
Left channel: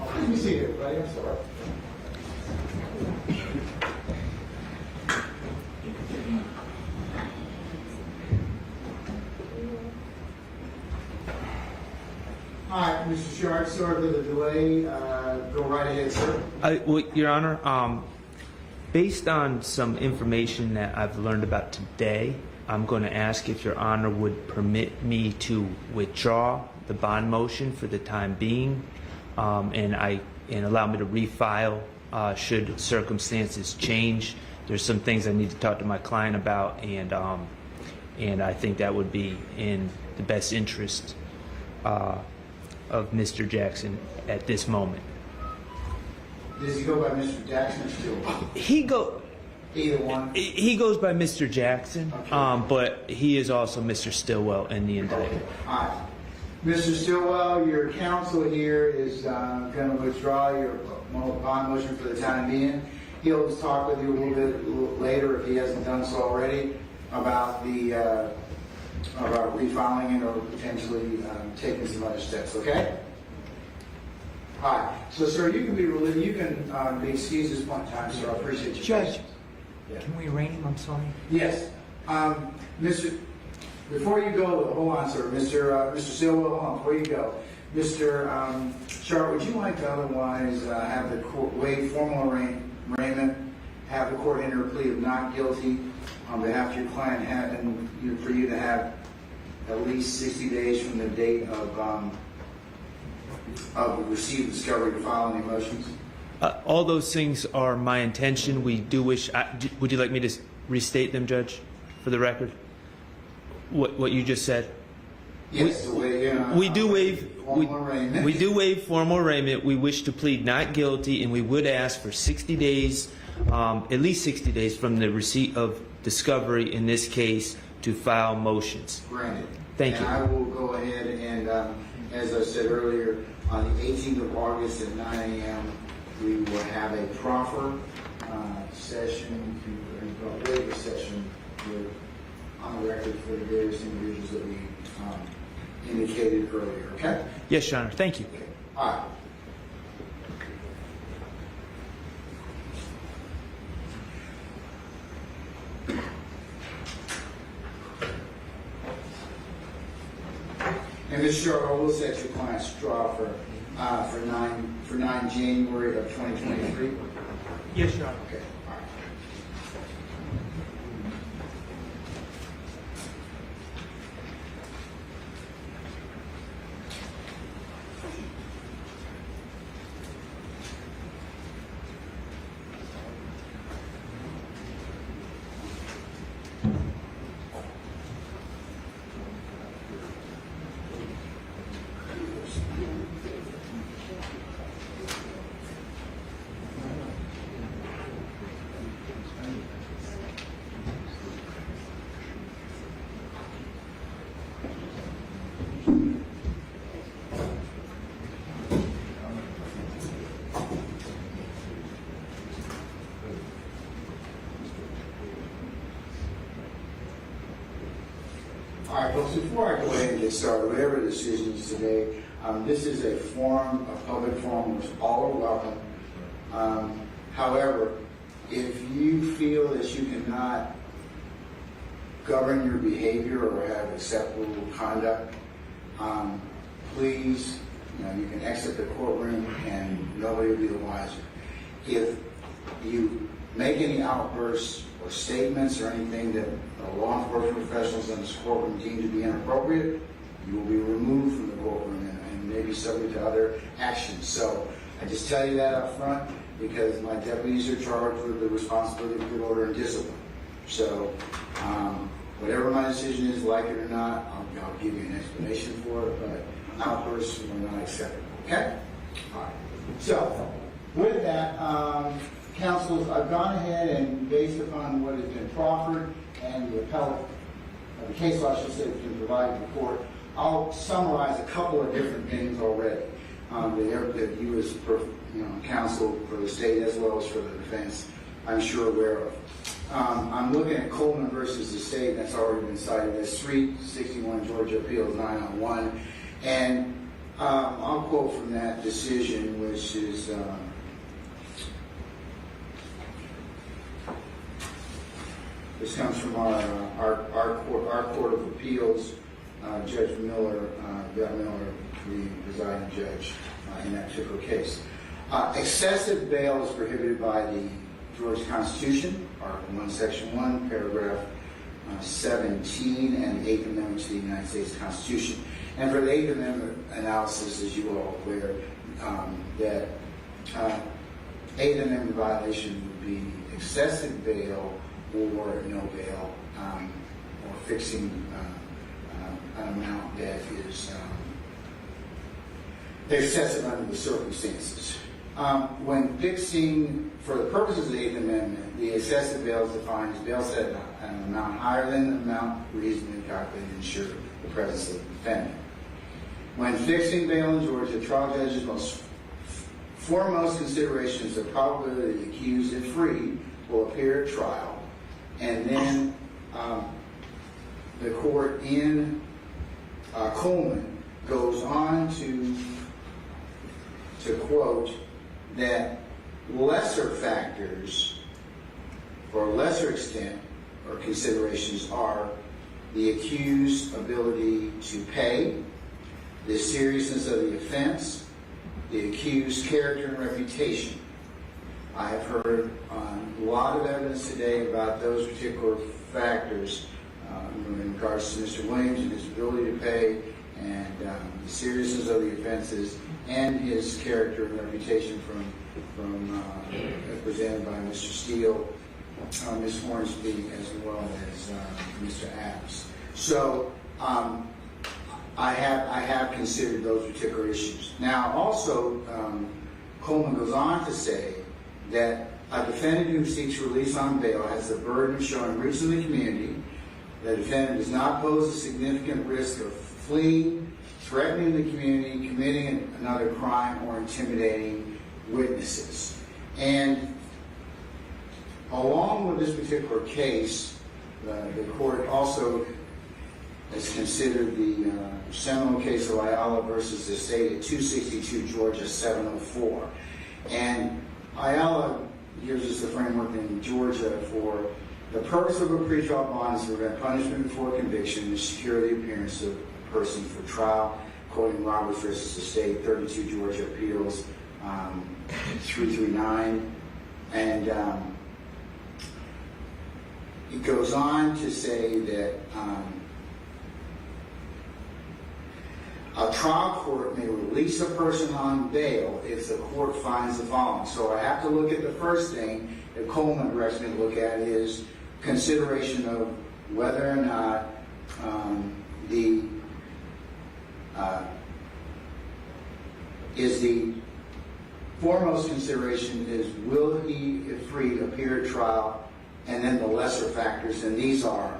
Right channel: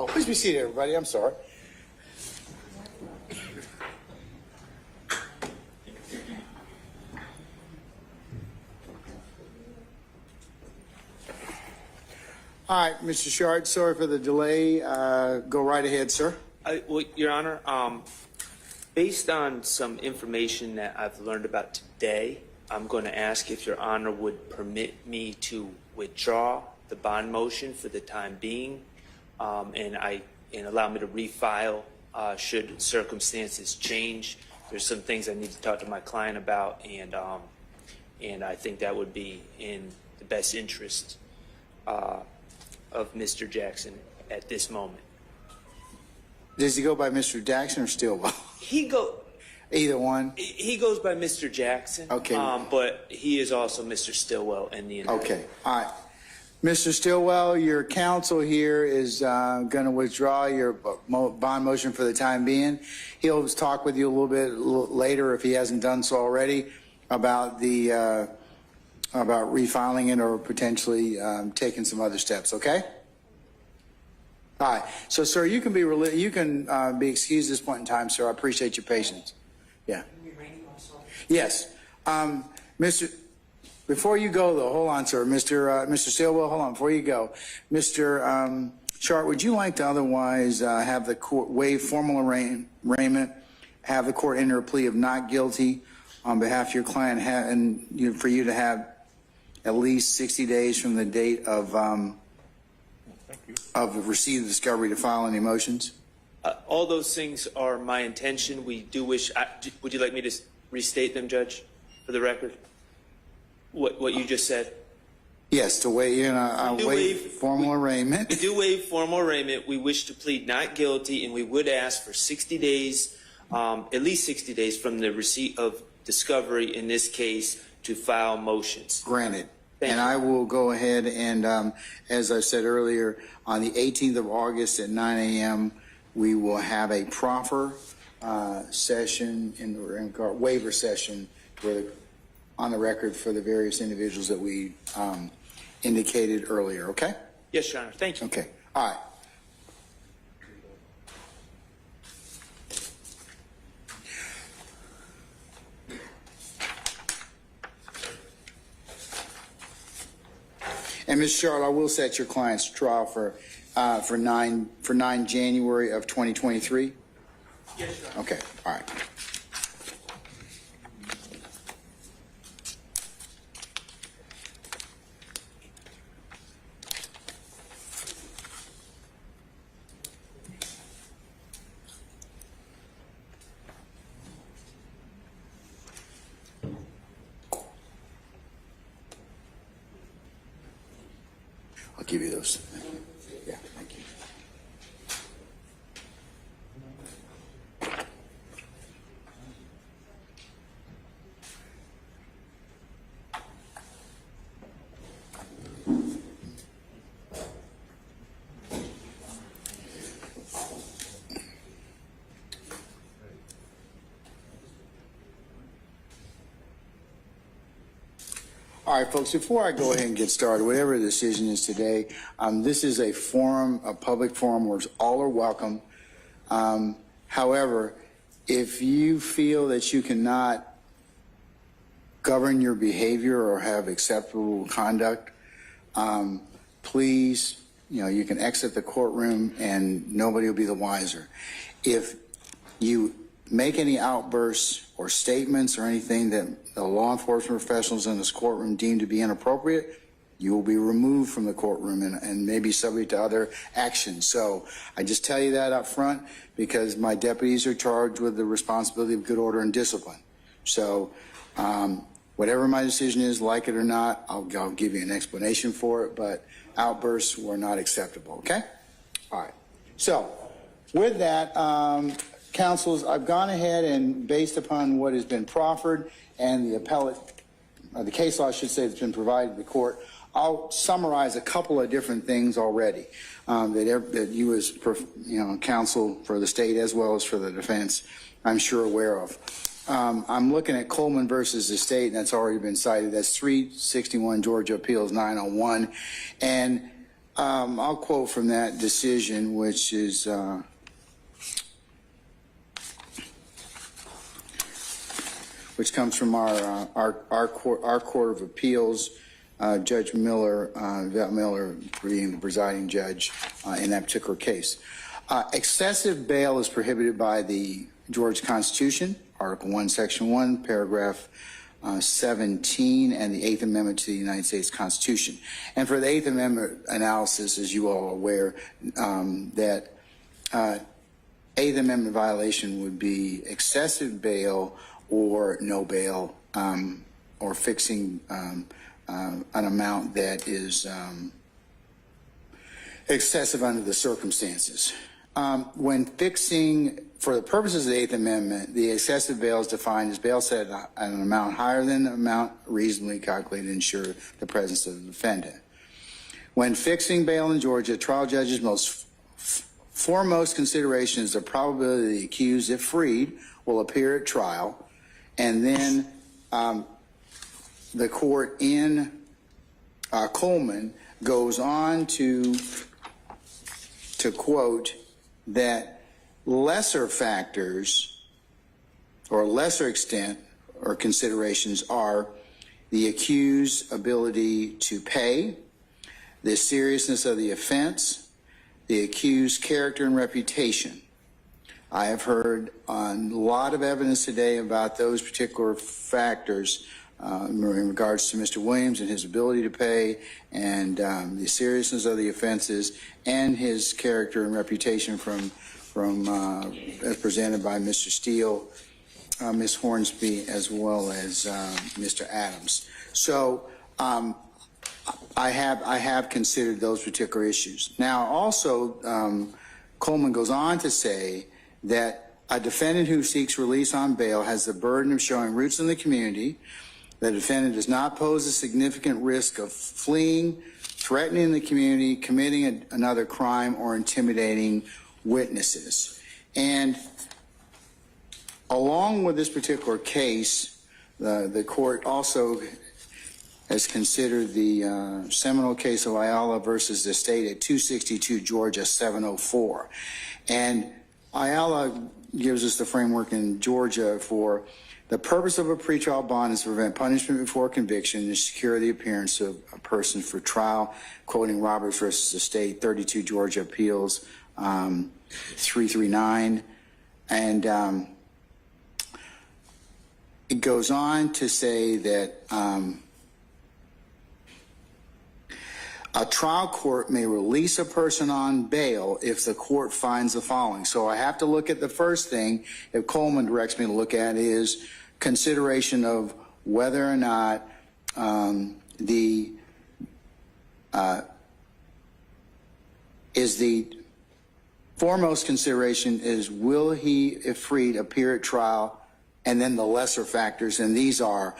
Oh, please be seated, everybody. I'm sorry. All right, Mr. Sharp, sorry for the delay. Go right ahead, sir. Well, Your Honor, based on some information that I've learned about today, I'm going to ask if Your Honor would permit me to withdraw the bond motion for the time being, and allow me to refile should circumstances change. There's some things I need to talk to my client about, and I think that would be in the best interest of Mr. Jackson at this moment. Does he go by Mr. Jackson or Stillwell? Either one. He goes by Mr. Jackson. Okay. But he is also Mr. Stillwell in the indictment. Okay. All right. Mr. Stillwell, your counsel here is going to withdraw your bond motion for the time being. He'll talk with you a little bit later, if he hasn't done so already, about about refiling it or potentially taking some other steps. Okay. All right. So, sir, you can be excused at this point in time, sir. I appreciate your patience. Yeah. Can we arraign him? I'm sorry. Yes. Mr. Before you go, though, hold on, sir. Mr. Stillwell, hold on. Before you go, Mr. Sharp, would you like to otherwise have the court waive formal arraignment, have the court enter a plea of not guilty on behalf of your client, and for you to have at least 60 days from the date of receipt of discovery to file any motions? All those things are my intention. We do wish. Would you like me to restate them, Judge, for the record? What you just said? Yes, to waive formal arraignment. We do waive formal arraignment. We wish to plead not guilty, and we would ask for 60 days, at least 60 days from the receipt of discovery, in this case, to file motions. Granted. Thank you. I will go ahead and, as I said earlier, on the 18th of August at 9 a.m., we will have a proffer session and waiver session on the record for the various individuals that we indicated earlier, okay? Yes, Your Honor. Thank you. Okay. All right. And Ms. Sharp, I will set your client's trial for 9 January of 2023. Yes, Your Honor. Okay. All right. I'll give you those. All right, folks, before I go ahead and get started, whatever the decision is today, this is a forum, a public forum, where all are welcome. However, if you feel that you cannot govern your behavior or have acceptable conduct, please, you can exit the courtroom and nobody will be the wiser. If you make any outbursts or statements or anything that the law enforcement professionals in this courtroom deem to be inappropriate, you will be removed from the courtroom and maybe subject to other actions. So I just tell you that up front because my deputies are charged with the responsibility of good order and discipline. So whatever my decision is, like it or not, I'll give you an explanation for it, but outbursts were not acceptable, okay? All right. So with that, counsels, I've gone ahead and based upon what has been proffered and the appellate, the case law, I should say, that's been provided to the court, I'll summarize a couple of different things already that you as counsel for the state as well as for the defense, I'm sure aware of. I'm looking at Coleman versus the state, and that's already been cited. That's 361 Georgia Appeals 901. And I'll quote from that decision, which is which comes from our court of appeals. Judge Miller, Vet Miller, being the presiding judge in that particular case. Excessive bail is prohibited by the Georgia Constitution, Article 1, Section 1, Paragraph 17, and the 8th Amendment to the United States Constitution. And for the 8th Amendment analysis, as you all are aware, that 8th Amendment violation would be excessive bail or no bail, or fixing an amount that is excessive under the circumstances. When fixing, for the purposes of the 8th Amendment, the excessive bail is defined as bail set at an amount higher than the amount reasonably calculated to ensure the presence of the defendant. When fixing bail in Georgia, trial judges' foremost consideration is the probability the accused, if freed, will appear at trial, and then the court in Coleman goes on to quote that lesser factors or lesser extent or considerations are the accused's ability to pay, the seriousness of the offense, the accused's character and reputation. I have heard a lot of evidence today about those particular factors in regards to Mr. Williams and his ability to pay, and the seriousness of the offenses, and his character and reputation from as presented by Mr. Steele, Ms. Hornsby, as well as Mr. Adams. So I have considered those particular issues. Now, also, Coleman goes on to say that a defendant who seeks release on bail has the burden of showing roots in the community. The defendant does not pose a significant risk of fleeing, threatening the community, committing another crime, or intimidating witnesses. And along with this particular case, the court also has considered the seminal case of Ayala versus the state at 262 Georgia 704. And Ayala gives us the framework in Georgia for the purpose of a pretrial bond is to prevent punishment before conviction and secure the appearance of a person for trial, quoting Roberts versus the state, 32 Georgia Appeals 339. And it goes on to say that a trial court may release a person on bail if the court finds the following. So I have to look at the first thing that Coleman directs me to look at is consideration of whether or not the foremost consideration is will he, if freed, appear at trial, and then the lesser factors, and these are:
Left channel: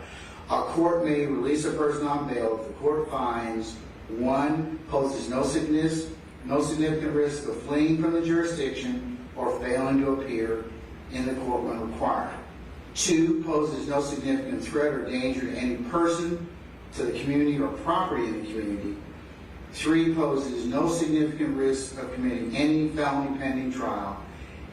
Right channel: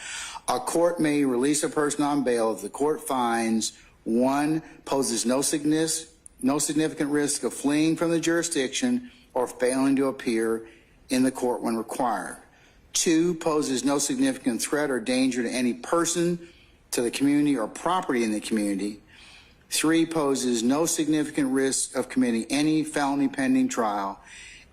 a court may release a person on bail if the court finds 1, poses no significant risk of fleeing from the jurisdiction or failing to appear in the court when required. 2, poses no significant threat or danger to any person, to the community, or property in the community. 3, poses no significant risk of committing any felony pending trial,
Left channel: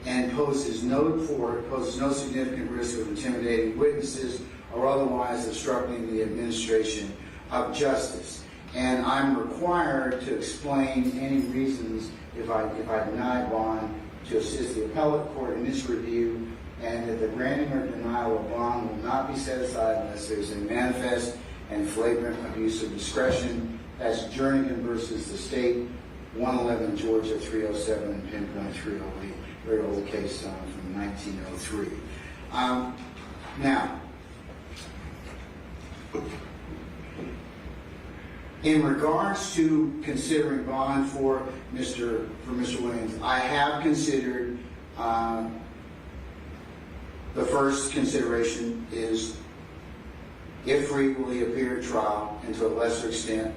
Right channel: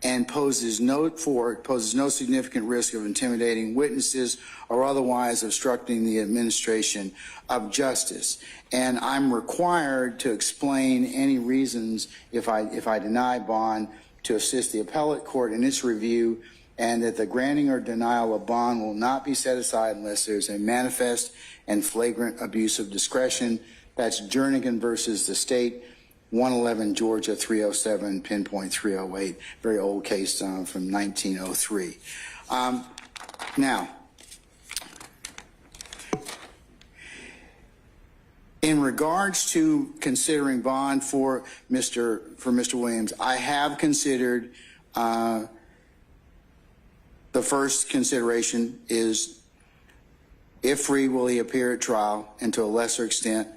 and poses no significant risk of intimidating witnesses or otherwise obstructing the administration of justice. And I'm required to explain any reasons if I deny bond to assist the appellate court in its review, and that the granting or denial of bond will not be set aside unless there's a manifest and flagrant abuse of discretion. That's Jernigan versus the state, 111 Georgia 307, pinpoint 308, very old case from 1903. Now, in regards to considering bond for Mr. Williams, I have considered 2 factors. 1, the defendant's ability to pay. 2, the defendant's character and reputation. And 3, the accused's character and reputation. And I have considered the first consideration is, if free, will he appear at trial, and to a lesser extent,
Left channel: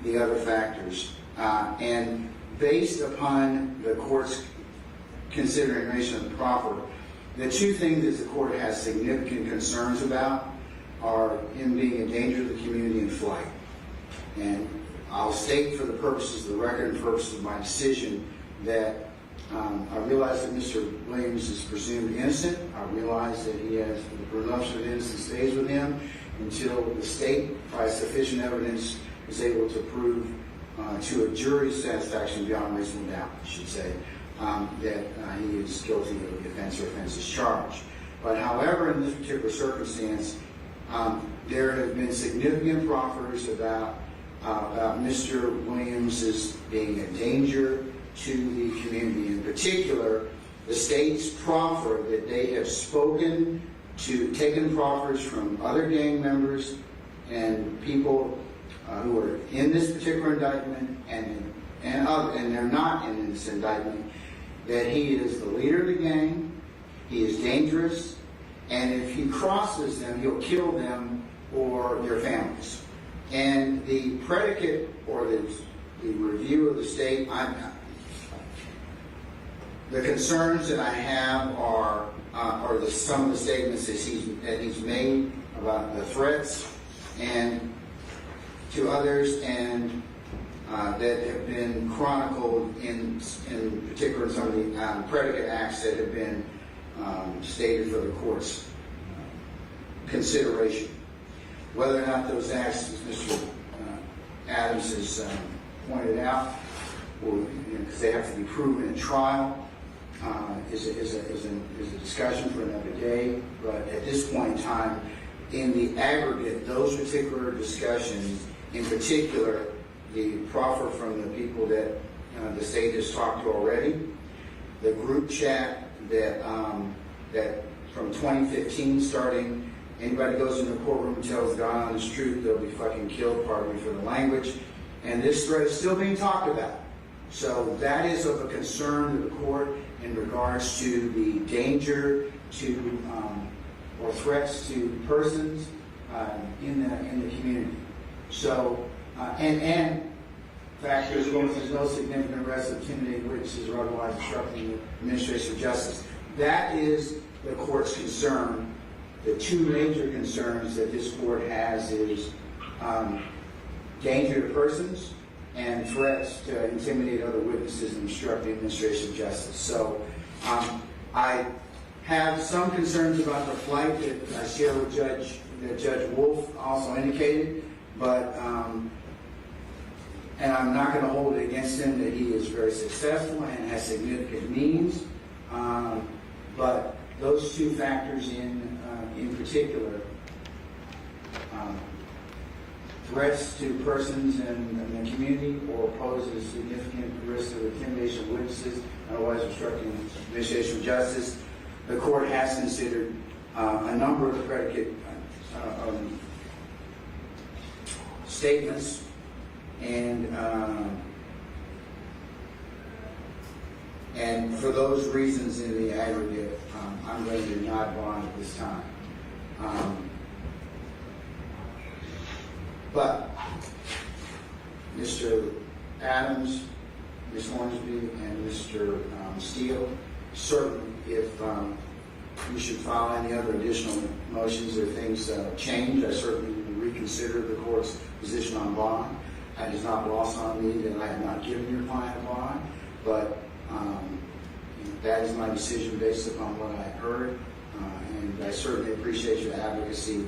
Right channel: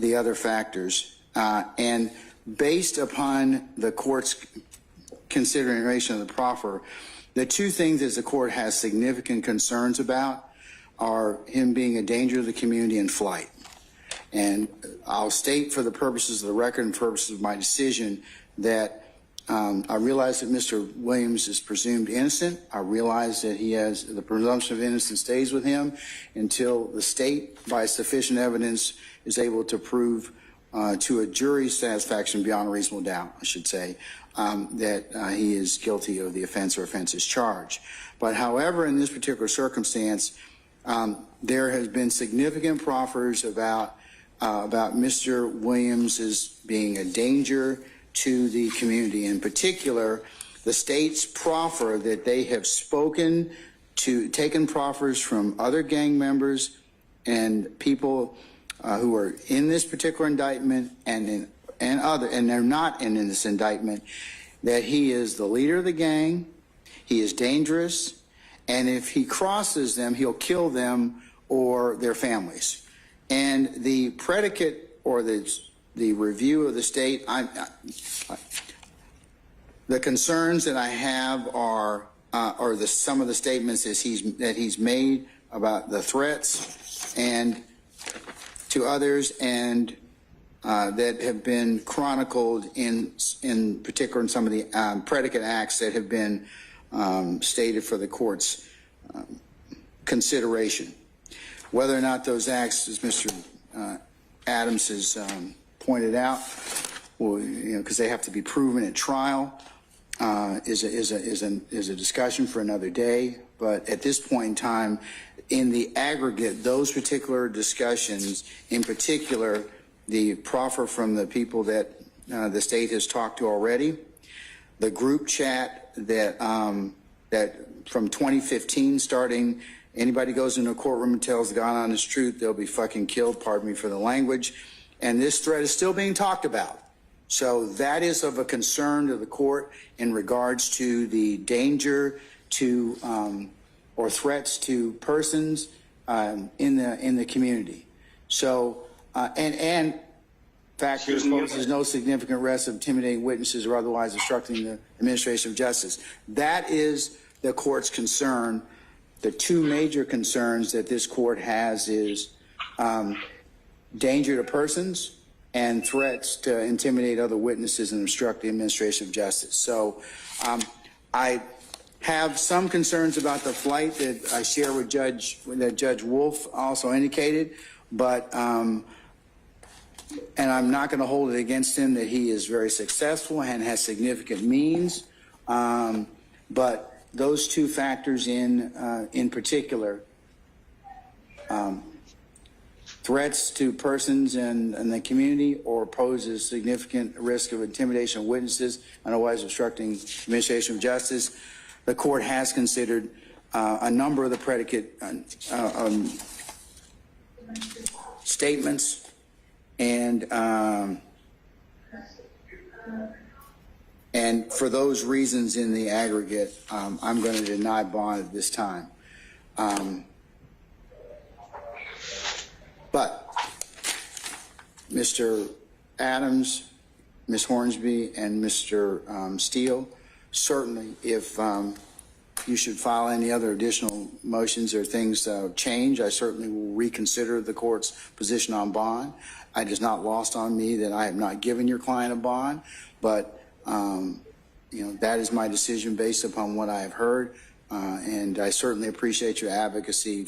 the other factors. And based upon the court's consideration of the proffer, the two things that the court has significant concerns about are him being a danger to the community and flight. And I'll state for the purposes of the record and purposes of my decision that I realize that Mr. Williams is presumed innocent. I realize that he has the presumption of innocence stays with him until the state, by sufficient evidence, is able to prove to a jury's satisfaction beyond a reasonable doubt, I should say, that he is guilty of the offense or offenses charged. But however, in this particular circumstance, there has been significant proffers about Mr. Williams' being a danger to the community. In particular, the state's proffer that they have taken proffers from other gang members and people who are in this particular indictment and they're not in this indictment, that he is the leader of the gang, he is dangerous, and if he crosses them, he'll kill them or their families. And the predicate or the review of the state, the concerns that I have are some of the statements that he's made about the threats and to others, and that have been chronicled in particular in some of the predicate acts that have been stated for the court's consideration. Whether or not those acts, as Mr. Adams has pointed out, because they have to be proven at trial, is a discussion for another day. But at this point in time, in the aggregate, those particular discussions, in particular, the proffer from the people that the state has talked to already, the group chat that from 2015 starting, anybody goes into a courtroom and tells God honest truth, they'll be fucking killed, pardon me for the language, and this threat is still being talked about. So that is of a concern to the court in regards to the danger to or threats to persons in the community. So and factors poses no significant risk of intimidating witnesses or otherwise obstructing the administration of justice. That is the court's concern. The two major concerns that this court has is danger to persons and threats to intimidate other witnesses and obstruct the administration of justice. So I have some concerns about the flight that I share with Judge Wolf also indicated, but and I'm not going to hold it against him that he is very successful and has significant means, but those two factors in particular, threats to persons in the community or poses significant risk of intimidation of witnesses and otherwise obstructing the administration of justice, the court has considered a number of the predicate statements, and for those reasons in the aggregate, I'm going to deny bond at this time. But Mr. Adams, Ms. Hornsby, and Mr. Steele, certainly if you should file any other additional motions or things change, I certainly will reconsider the court's position on bond. It is not lost on me that I have not given your client a bond, but that is my decision based upon what I have heard, and I certainly appreciate your advocacy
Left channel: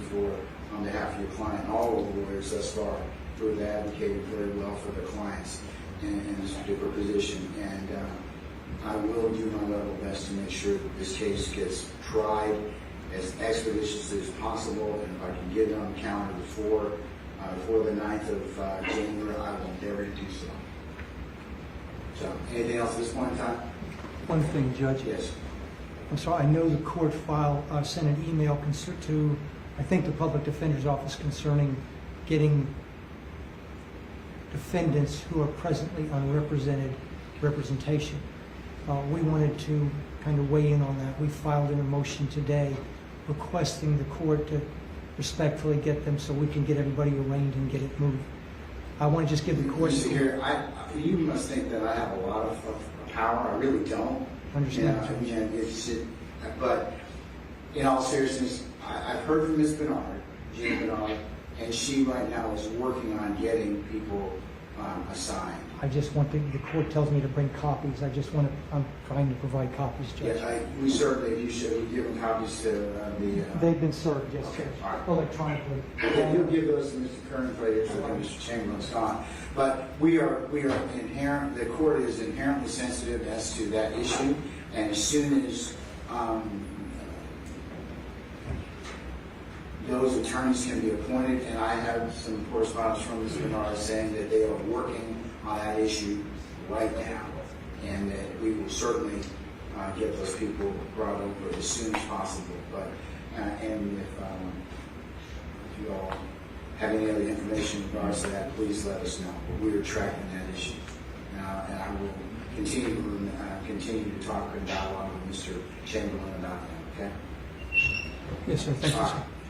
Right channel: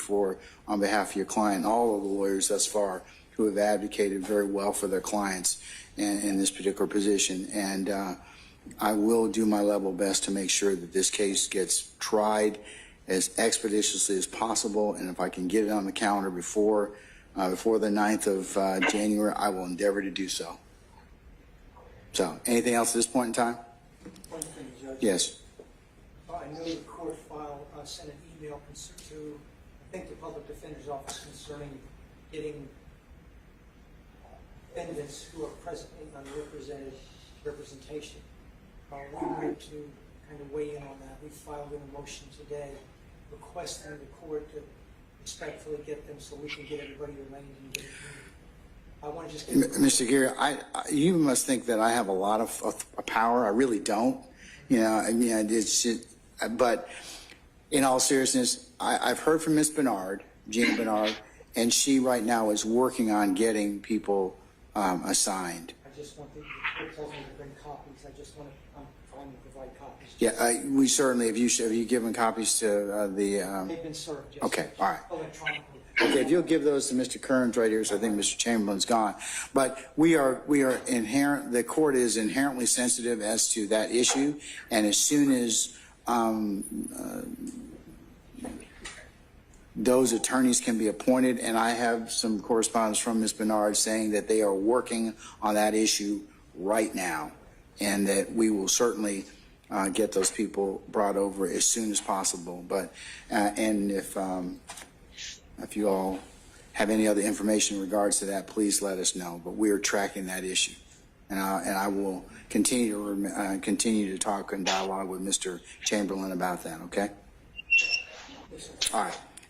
on behalf of your client and all of the lawyers thus far who have advocated very well for their clients in this particular position. And I will do my level best to make sure that this case gets tried as expeditiously as possible, and if I can get it on the calendar before the 9th of January, I will endeavor to do so. So, anything else at this point in time? One thing, Judge. Yes. I'm sorry, I know the court sent an email to, I think, the Public Defender's Office concerning getting defendants who are presently unrepresented representation. we wanted to kind of weigh in on that. We filed a motion today requesting the court to respectfully get them so we can get everybody arraigned and get it moved. I want to just give the court... Mr. Gary, you must think that I have a lot of power. I really don't. You know, I mean, but in all seriousness, I've heard from Ms. Bernard, Gina Bernard, and she right now is working on getting people assigned. I just want the court tells me to bring copies. I'm trying to provide copies. Yeah, we certainly, have you given copies to the... They've been served, yes. Okay, all right. Electronically. Okay, if you'll give those to Mr. Kearns right here, so I think Mr. Chamberlain's gone. But we are the court is inherently sensitive as to that issue, and as soon as those attorneys can be appointed, and I have some correspondence from Ms. Bernard saying that they are working on that issue right now, and that we will certainly get those people brought over as soon as possible. But and if you all have any other information in regards to that, please let us know. But we are tracking that issue, and I will continue to talk and dialogue with Mr. Chamberlain about that. Okay. Yes, sir. Thank you.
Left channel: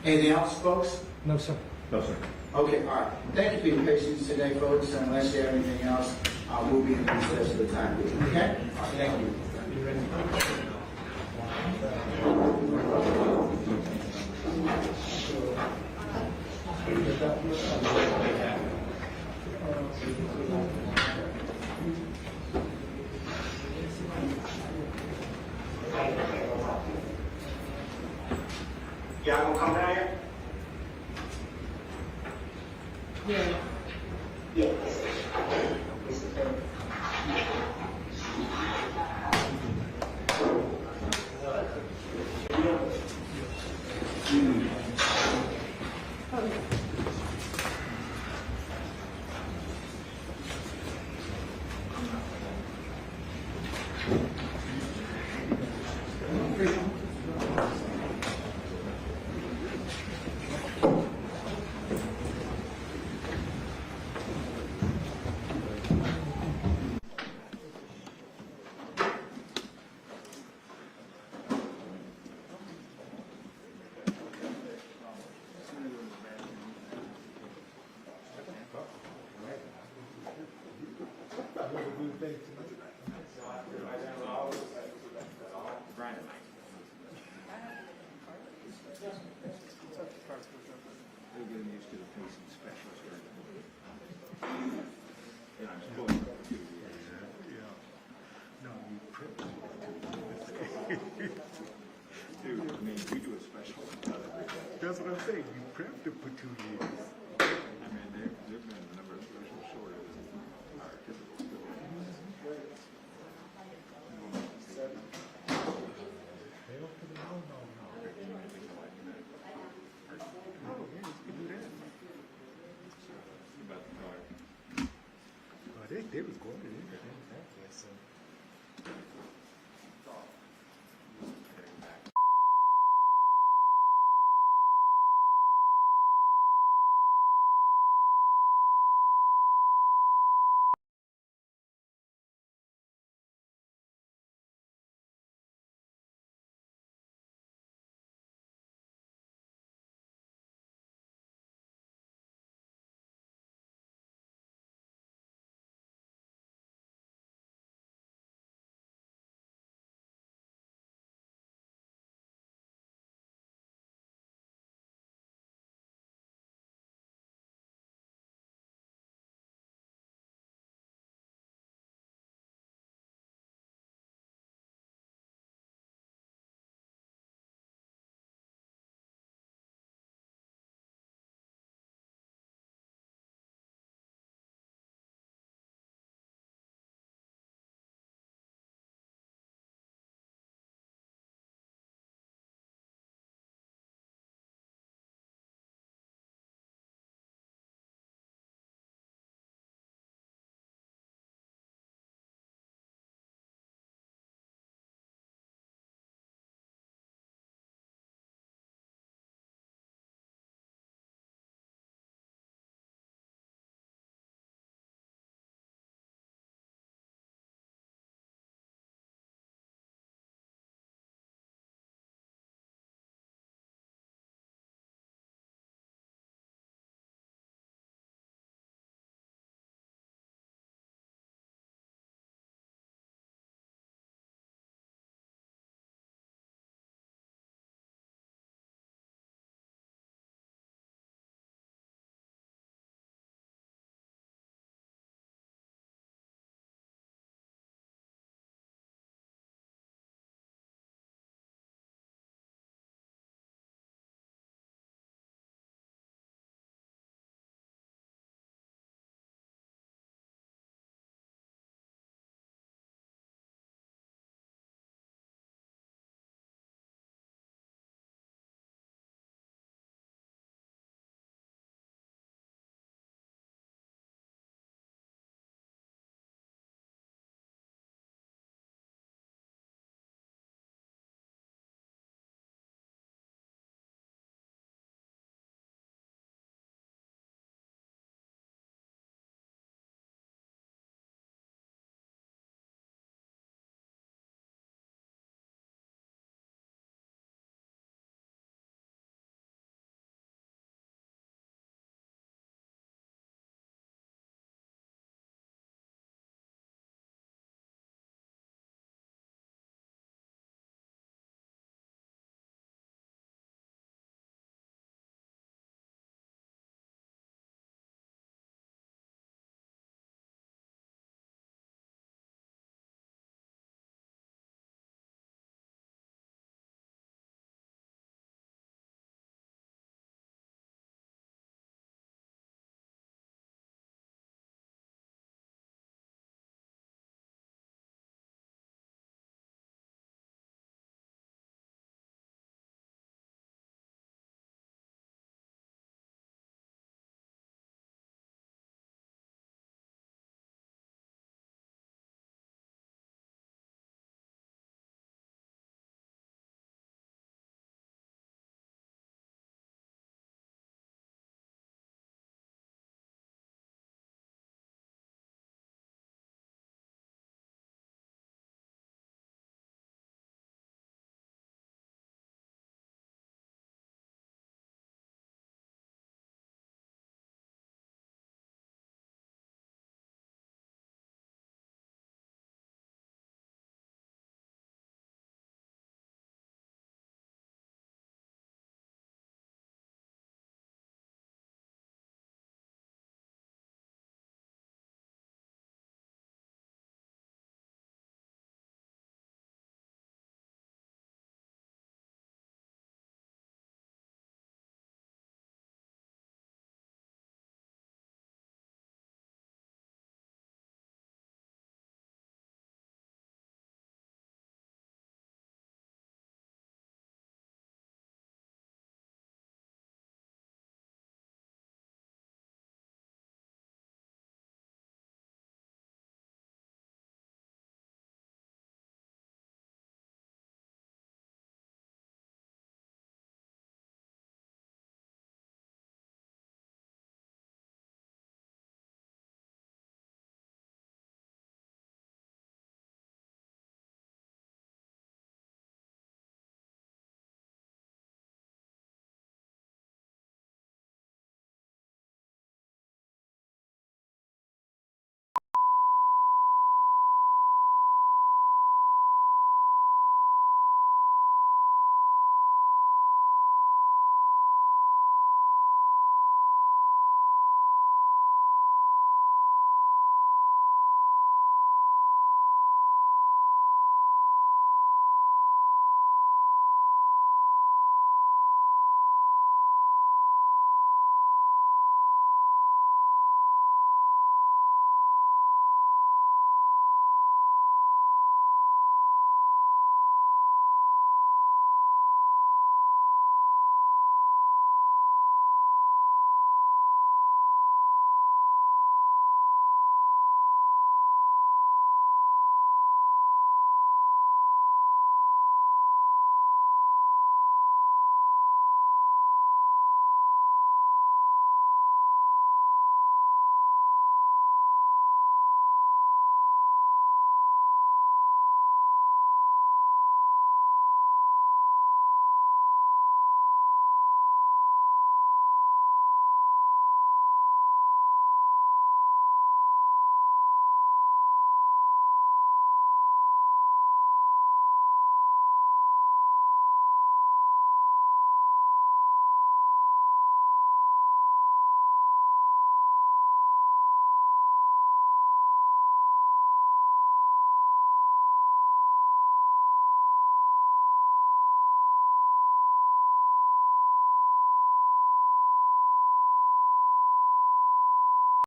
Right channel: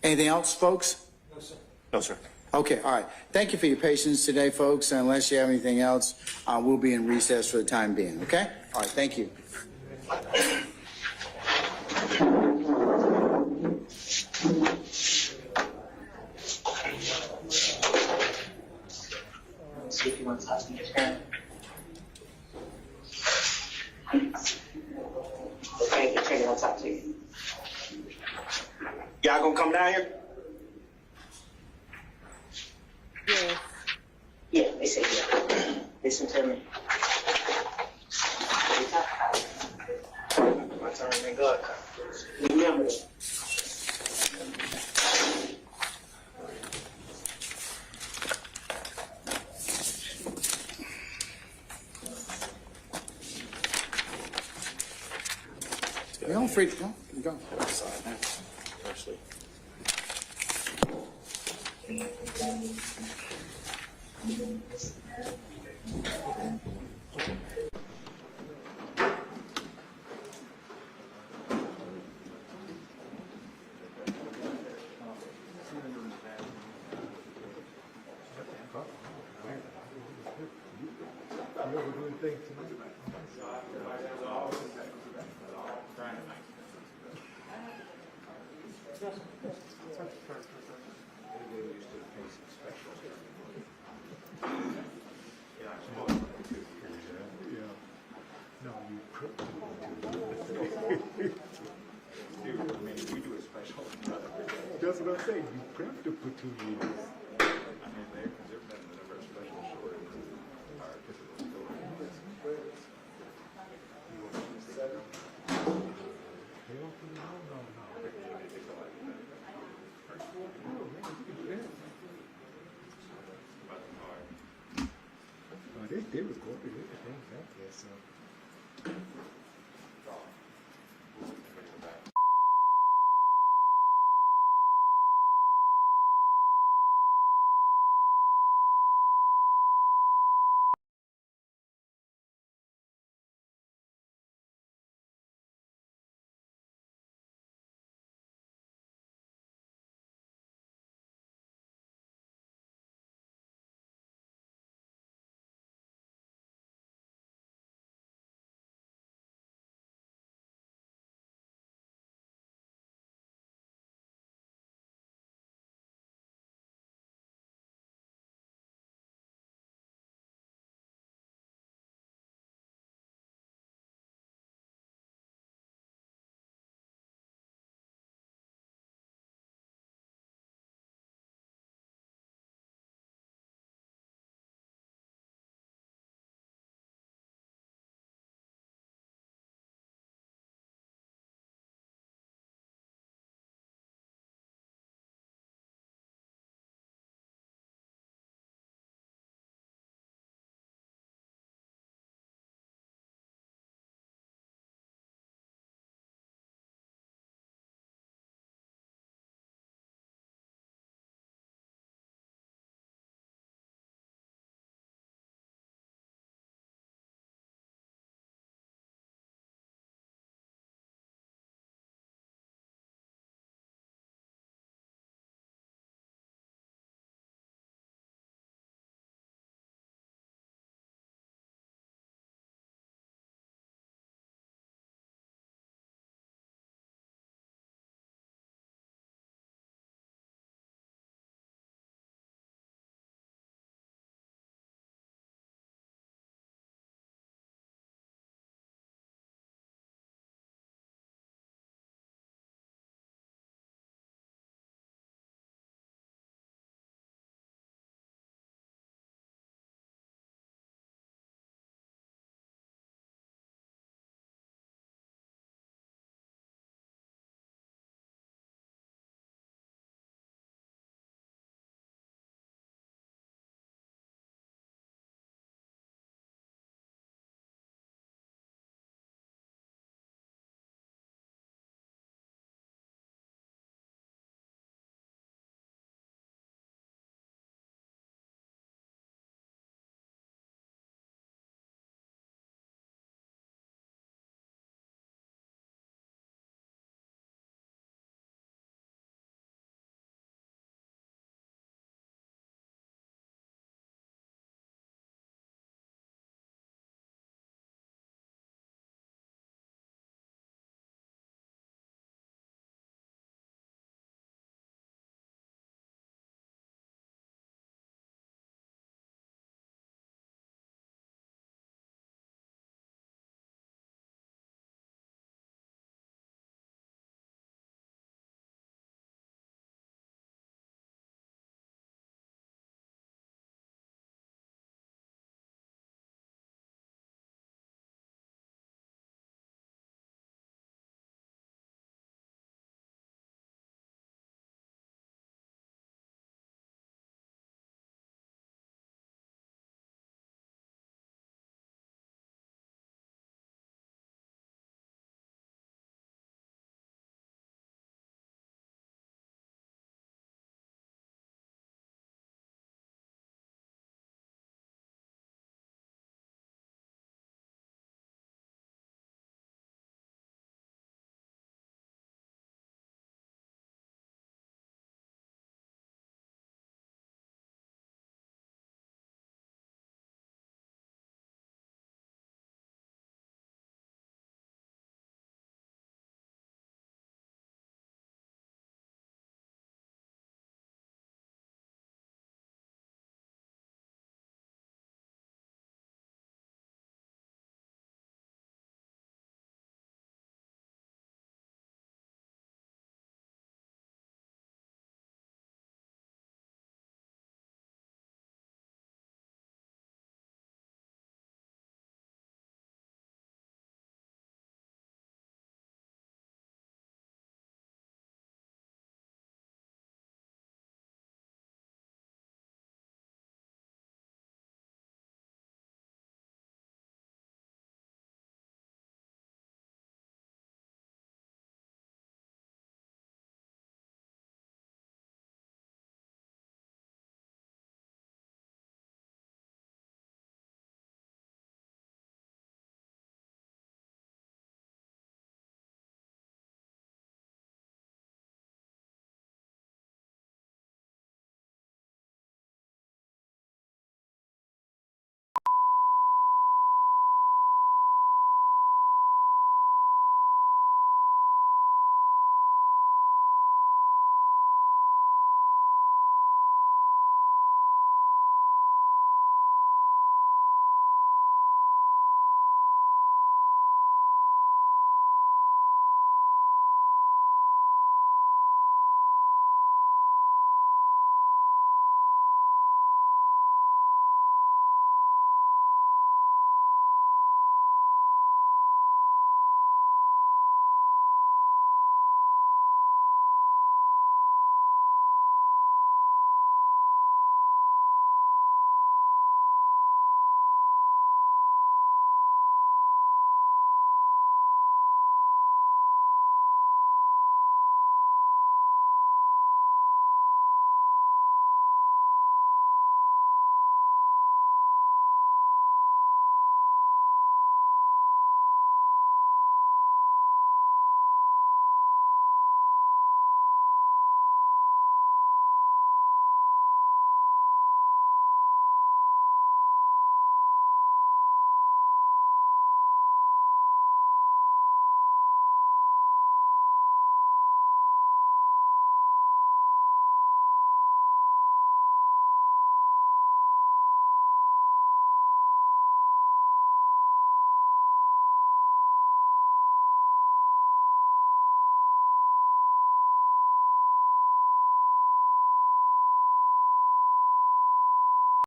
Anything else, folks? No, sir. No, sir. Okay, all right. Thank you for your patience today, folks. Unless you have anything else, we'll be in recess for the time being. Okay? All right, thank you. Y'all gonna come down here? Yeah, they said yeah. Listen to me. Don't freak out. That's what I'm saying. You have to put 2 years.